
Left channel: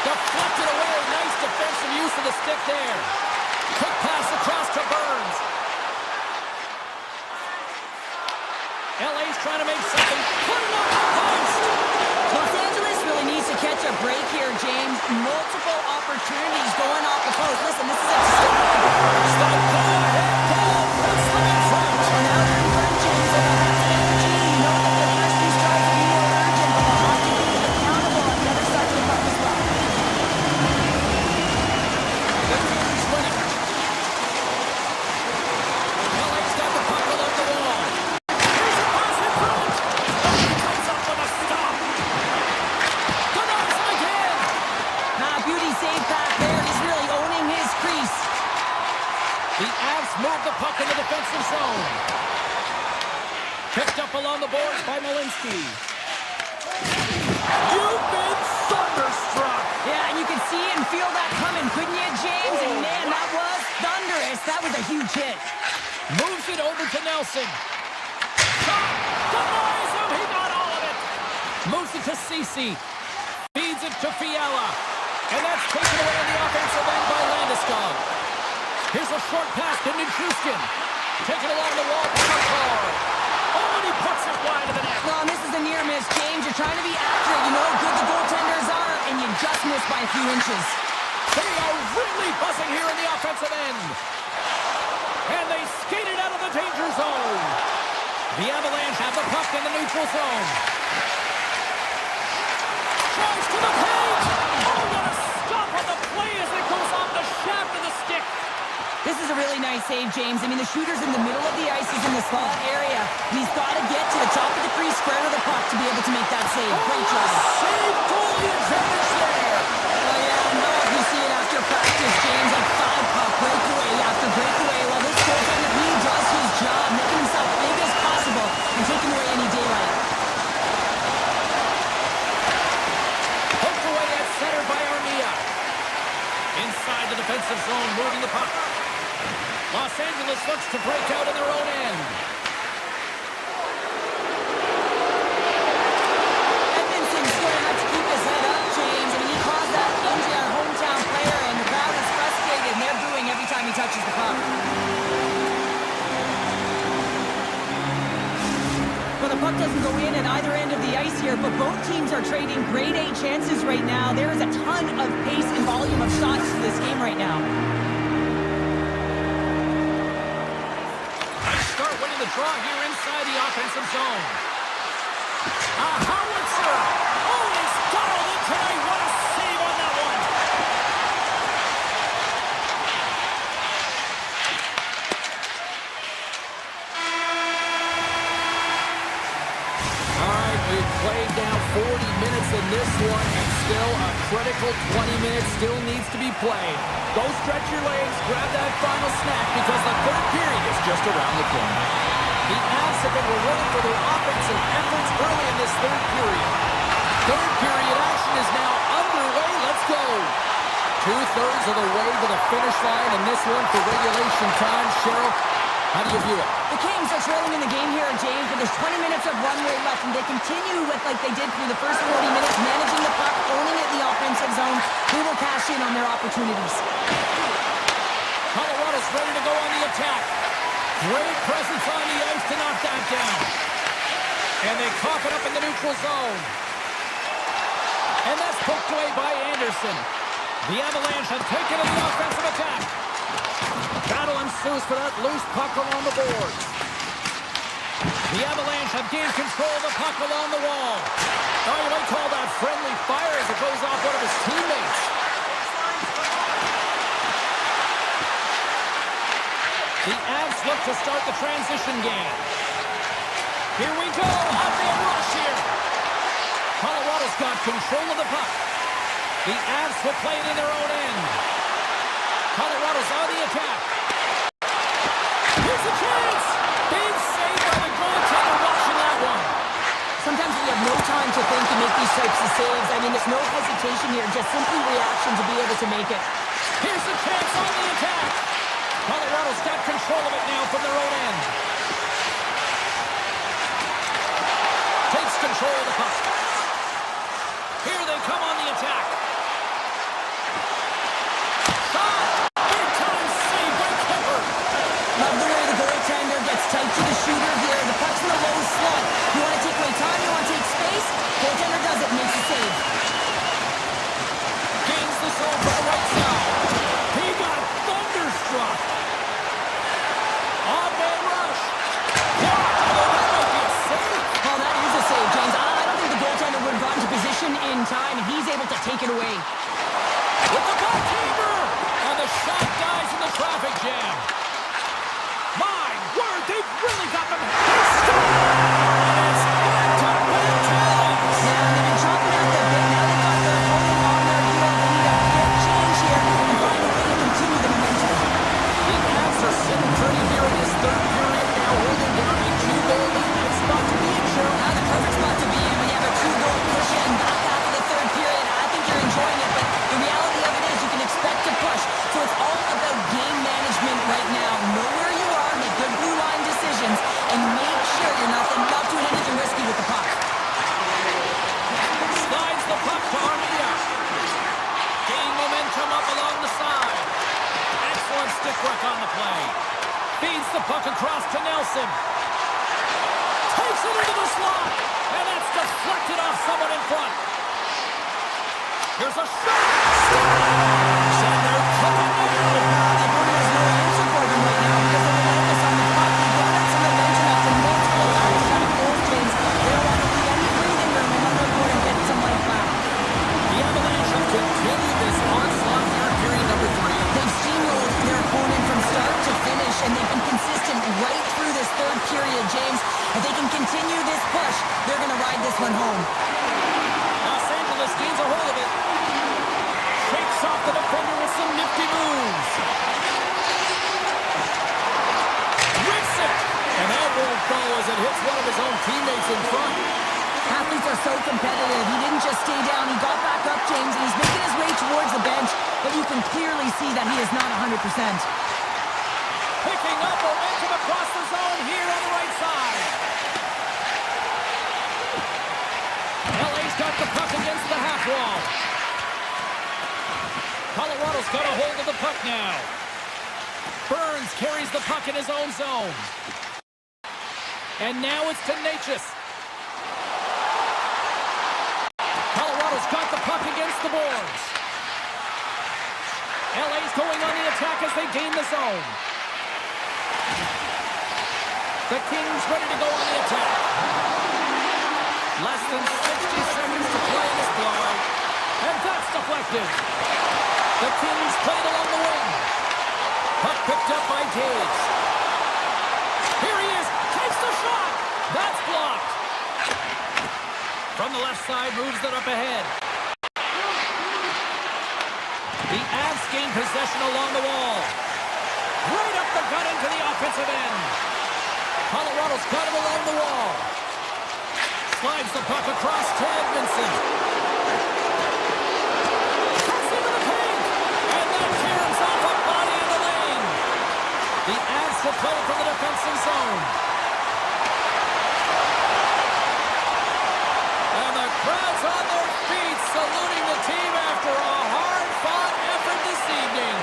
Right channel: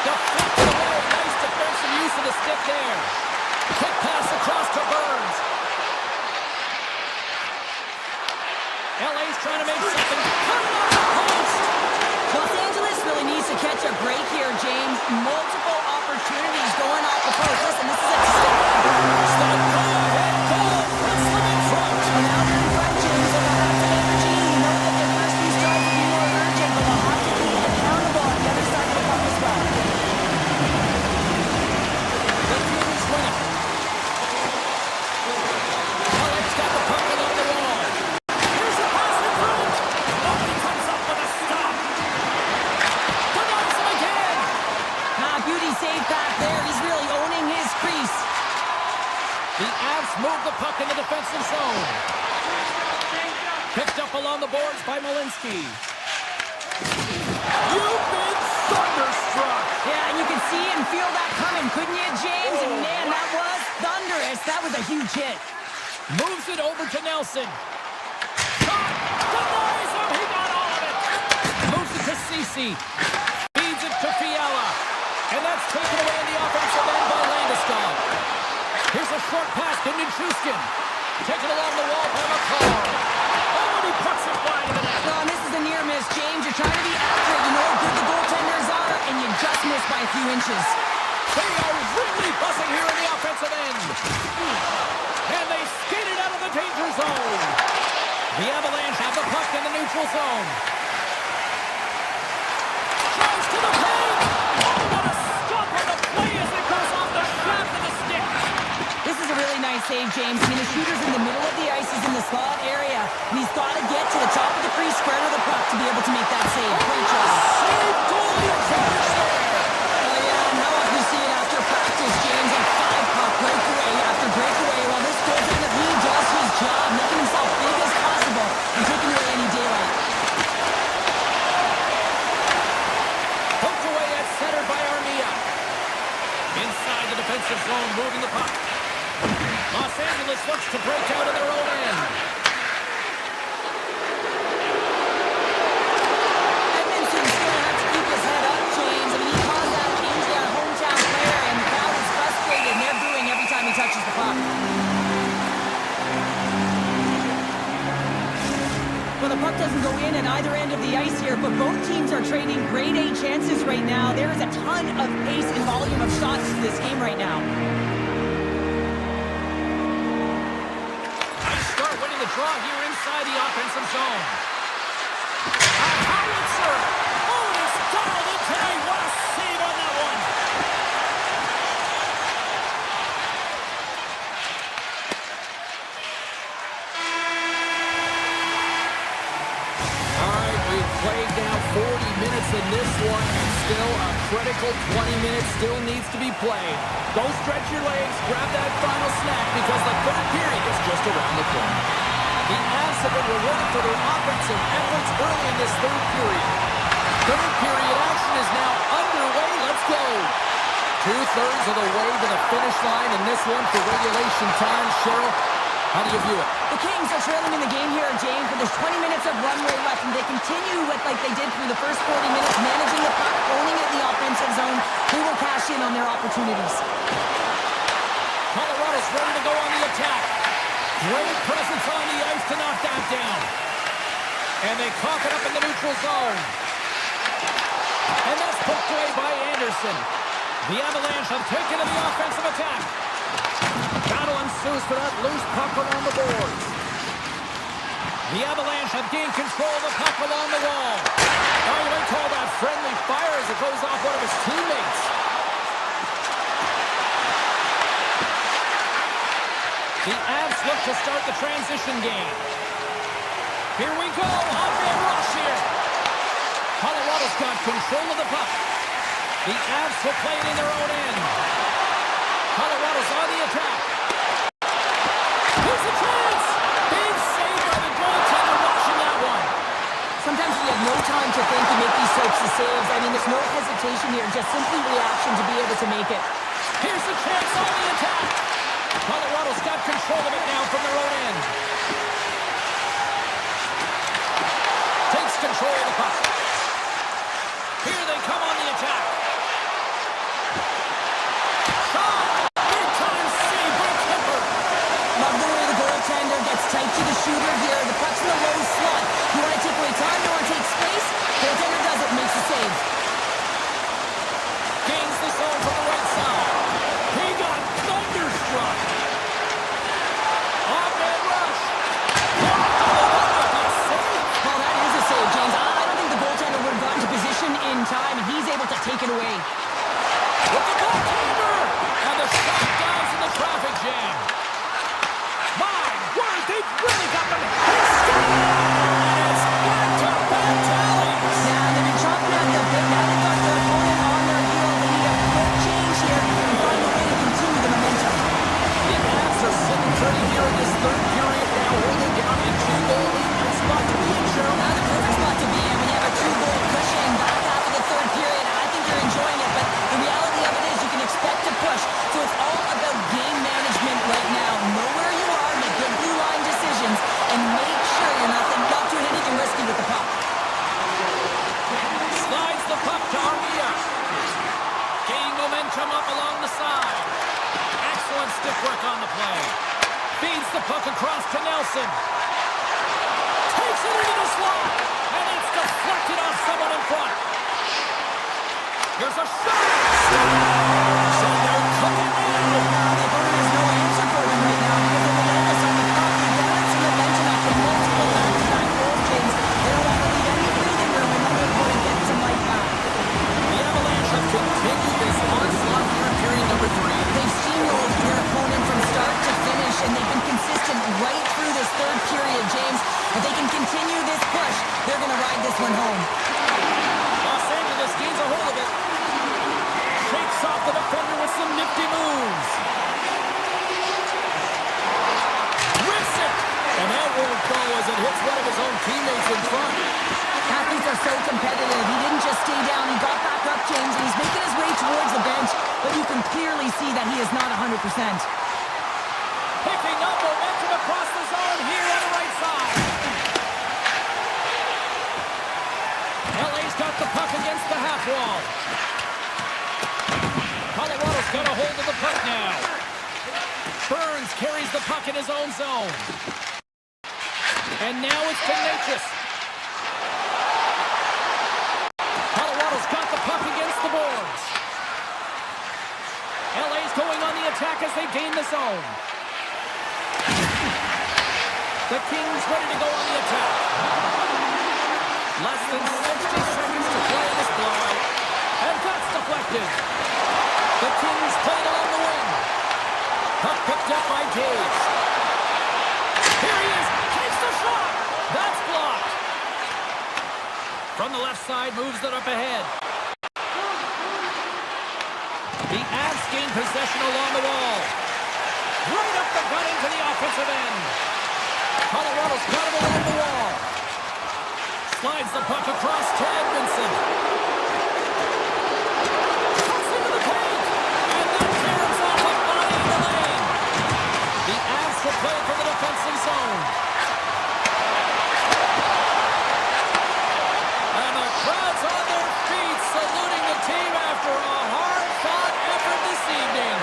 Deflected away. Nice defensive use of the stick there. Quick pass across to Burns. LA's trying to make something. Put it on the post. Los Angeles really needs to catch a break here, James. Multiple opportunities going off the post. Listen, this is a tight game. Stop, go ahead, goal. Puts them in front. Well, now they're in front, James. They're going to have some energy. You know that their first few strides will be more urgent, but they'll have to be accountable on the other side of the puck as well. The Kings win it. LA's got the puck along the wall. Here's a pass in front. Oh, he comes up with a stop. Denies him again. Beauty save back there. He's really owning his crease. The Avs move the puck in the defensive zone. Picked up along the boards by Malinsky. You've been thunderstruck. Yeah, and you can see and feel that coming, couldn't you, James? And man, that was thunderous. That was a huge hit. Moves it over to Nelson. Shot! Denies him! He got all of it! Moves it to Ceci. Feeds it to Fiala. And that's taken away in the offensive end by Landeskog. Here's a short pass to Nichushkin. Taken along the wall by McCall. Oh, and he puts it wide of the net. Well, and this is a near miss, James. You're trying to be accurate. You know how good the goaltenders are, and you just missed by a few inches. They are really buzzing here in the offensive end. And they skated out of the danger zone. The Avalanche have the puck in the neutral zone. Drives to the paint. Oh, what a stop on the play as it goes off the shaft of the stick. This is a really nice save, James. I mean, the shooter's in the middle of the ice. He's in the slot area. And he's got to get to the top of the crease, square to the puck to be able to make that save. Great job. Save goalie advantage there. Oh, yeah, and how often you see it after practice, James? Like 5-puck breakaway after breakaway. Well, this goaltender, he does his job, making himself big as possible and taking away any daylight. Poked away at center by Armia. Inside the defensive zone, moving the puck. Los Angeles looks to break out in their own end. Edmonton's going to have to keep his head up, James. I mean, he caused that injury on a hometown player, and the crowd is frustrated, and they're booing every time he touches the puck. puck doesn't go in at either end of the ice here, but both teams are trading grade A chances right now. There is a ton of pace and volume of shots to this game right now. Nice start winning the draw here inside the offensive zone. A howitzer! Oh, and he's dialed in tonight. What a save on that one! We've played now 40 minutes in this one, and still a critical 20 minutes still needs to be played. Go stretch your legs, grab that final snack, because the third period is just around the corner. The Avs have been rewarded for their offensive efforts early in this third period. Third period action is now underway. Let's go. 2/3 of the way to the finish line in this one for regulation time. Cheryl, how do you view it? The Kings are trailing in the game here, James, but there's 20 minutes of runway left, and they continue with like they did through the first 40 minutes, managing the puck, owning it in the offensive zone. They will cash in on their opportunities. Colorado's ready to go on the attack. Great presence on the ice to knock that down. And they cough it up in the neutral zone. And that's poked away by Anderson. The Avalanche have taken to the offensive attack. Battle ensues for that loose puck along the boards. The Avalanche have gained control of the puck along the wall. Now you might call that friendly fire as it goes off one of his teammates. The Avs look to start the transition game. Here we go. Up and rush here. Colorado's got control of the puck. The Avs will play it in their own end. Colorado's on the attack. Here's a chance! Big save by the goaltender watching that one. Sometimes when you have no time to think, you make these types of saves. I mean, there's no hesitation here, just simply reaction to be able to make it. Here's a chance on the attack. Colorado's got control of it now from their own end. Takes control of the puck. Here they come on the attack. Shot! Big time save by Kemper. Love the way the goaltender gets tight to the shooter here. The puck's in the low slot. You want to take away time, you want to take space. Goaltender does it, makes a save. Gains the zone from the right side. He got thunderstruck. Off-man rush. Blocked, although that might be a save. Well, that is a save, James. I don't think the goaltender would have gotten to position in time, and he's able to take it away. With the backhander. And the shot dies in the traffic jam. My word, they've really got them. He scored! And it's back-to-back tallies. Yeah, they've been chomping at the bit. Now they've got their opponent on their heel. They need a quick change here and find a way to continue the momentum. The Avs are sitting pretty here in this third period now, holding down a 2-goal lead. Nice spot to be in, Cheryl. Now the perfect spot to be in when you have a 2-goal cushion back half of the third period. I think you're enjoying it, but the reality of it is you can expect to push. So it's all about game management right now. Know where you are, make good blue line decisions, and make sure you're not doing anything risky with the puck. Slides the puck to Armia. Gaining momentum up along the side. Excellent stick work on the play. Feeds the puck across to Nelson. Takes it into the slot. And that's deflected off someone in front. Here's a shot. Scores! And they're cooking now. The opponent has no answer for them right now because they're relentless on the puck. They've brought in some momentum after multiple back-to-back goals, James. They don't want to leave any breathing room and let their opponent get some life back. The Avalanche have continued this onslaught here in period number 3. They've steamrolled their opponent from start to finish, and they've been consistent right through this third period, James. If they can continue this push, they're going to ride this one home. Los Angeles gains a hold of it. Shakes off the defender with some nifty moves. Rips it! And that won't go as it hits one of his own teammates in front. Athletes are so competitive. He didn't just stay down. He got back up, James, and he's making his way towards the bench, but you can clearly see that he is not 100%. Picking up momentum across the zone here on the right side. LA's got the puck against the half wall. Colorado's got a hold of the puck now. Burns carries the puck in his own zone. And now it's to Natchez. going on the attack as they gain the zone. The Kings ready to go on the attack. Less than 60 seconds to play in this blowout. And that's deflected. The Kings play it along the wing. Puck picked up by Taves. Here he is. Takes the shot. That's blocked. From the left side, moves it up ahead. The Avs gain possession along the wall. Right up the gut into the offensive end. Colorado's got him along the wall. Slides the puck across to Edmondson. Cuts into the paint. And that caroms off a body in the lane. The Avs will play it from the defensive zone. And the crowd's on their feet saluting the team after a hard-fought effort this evening.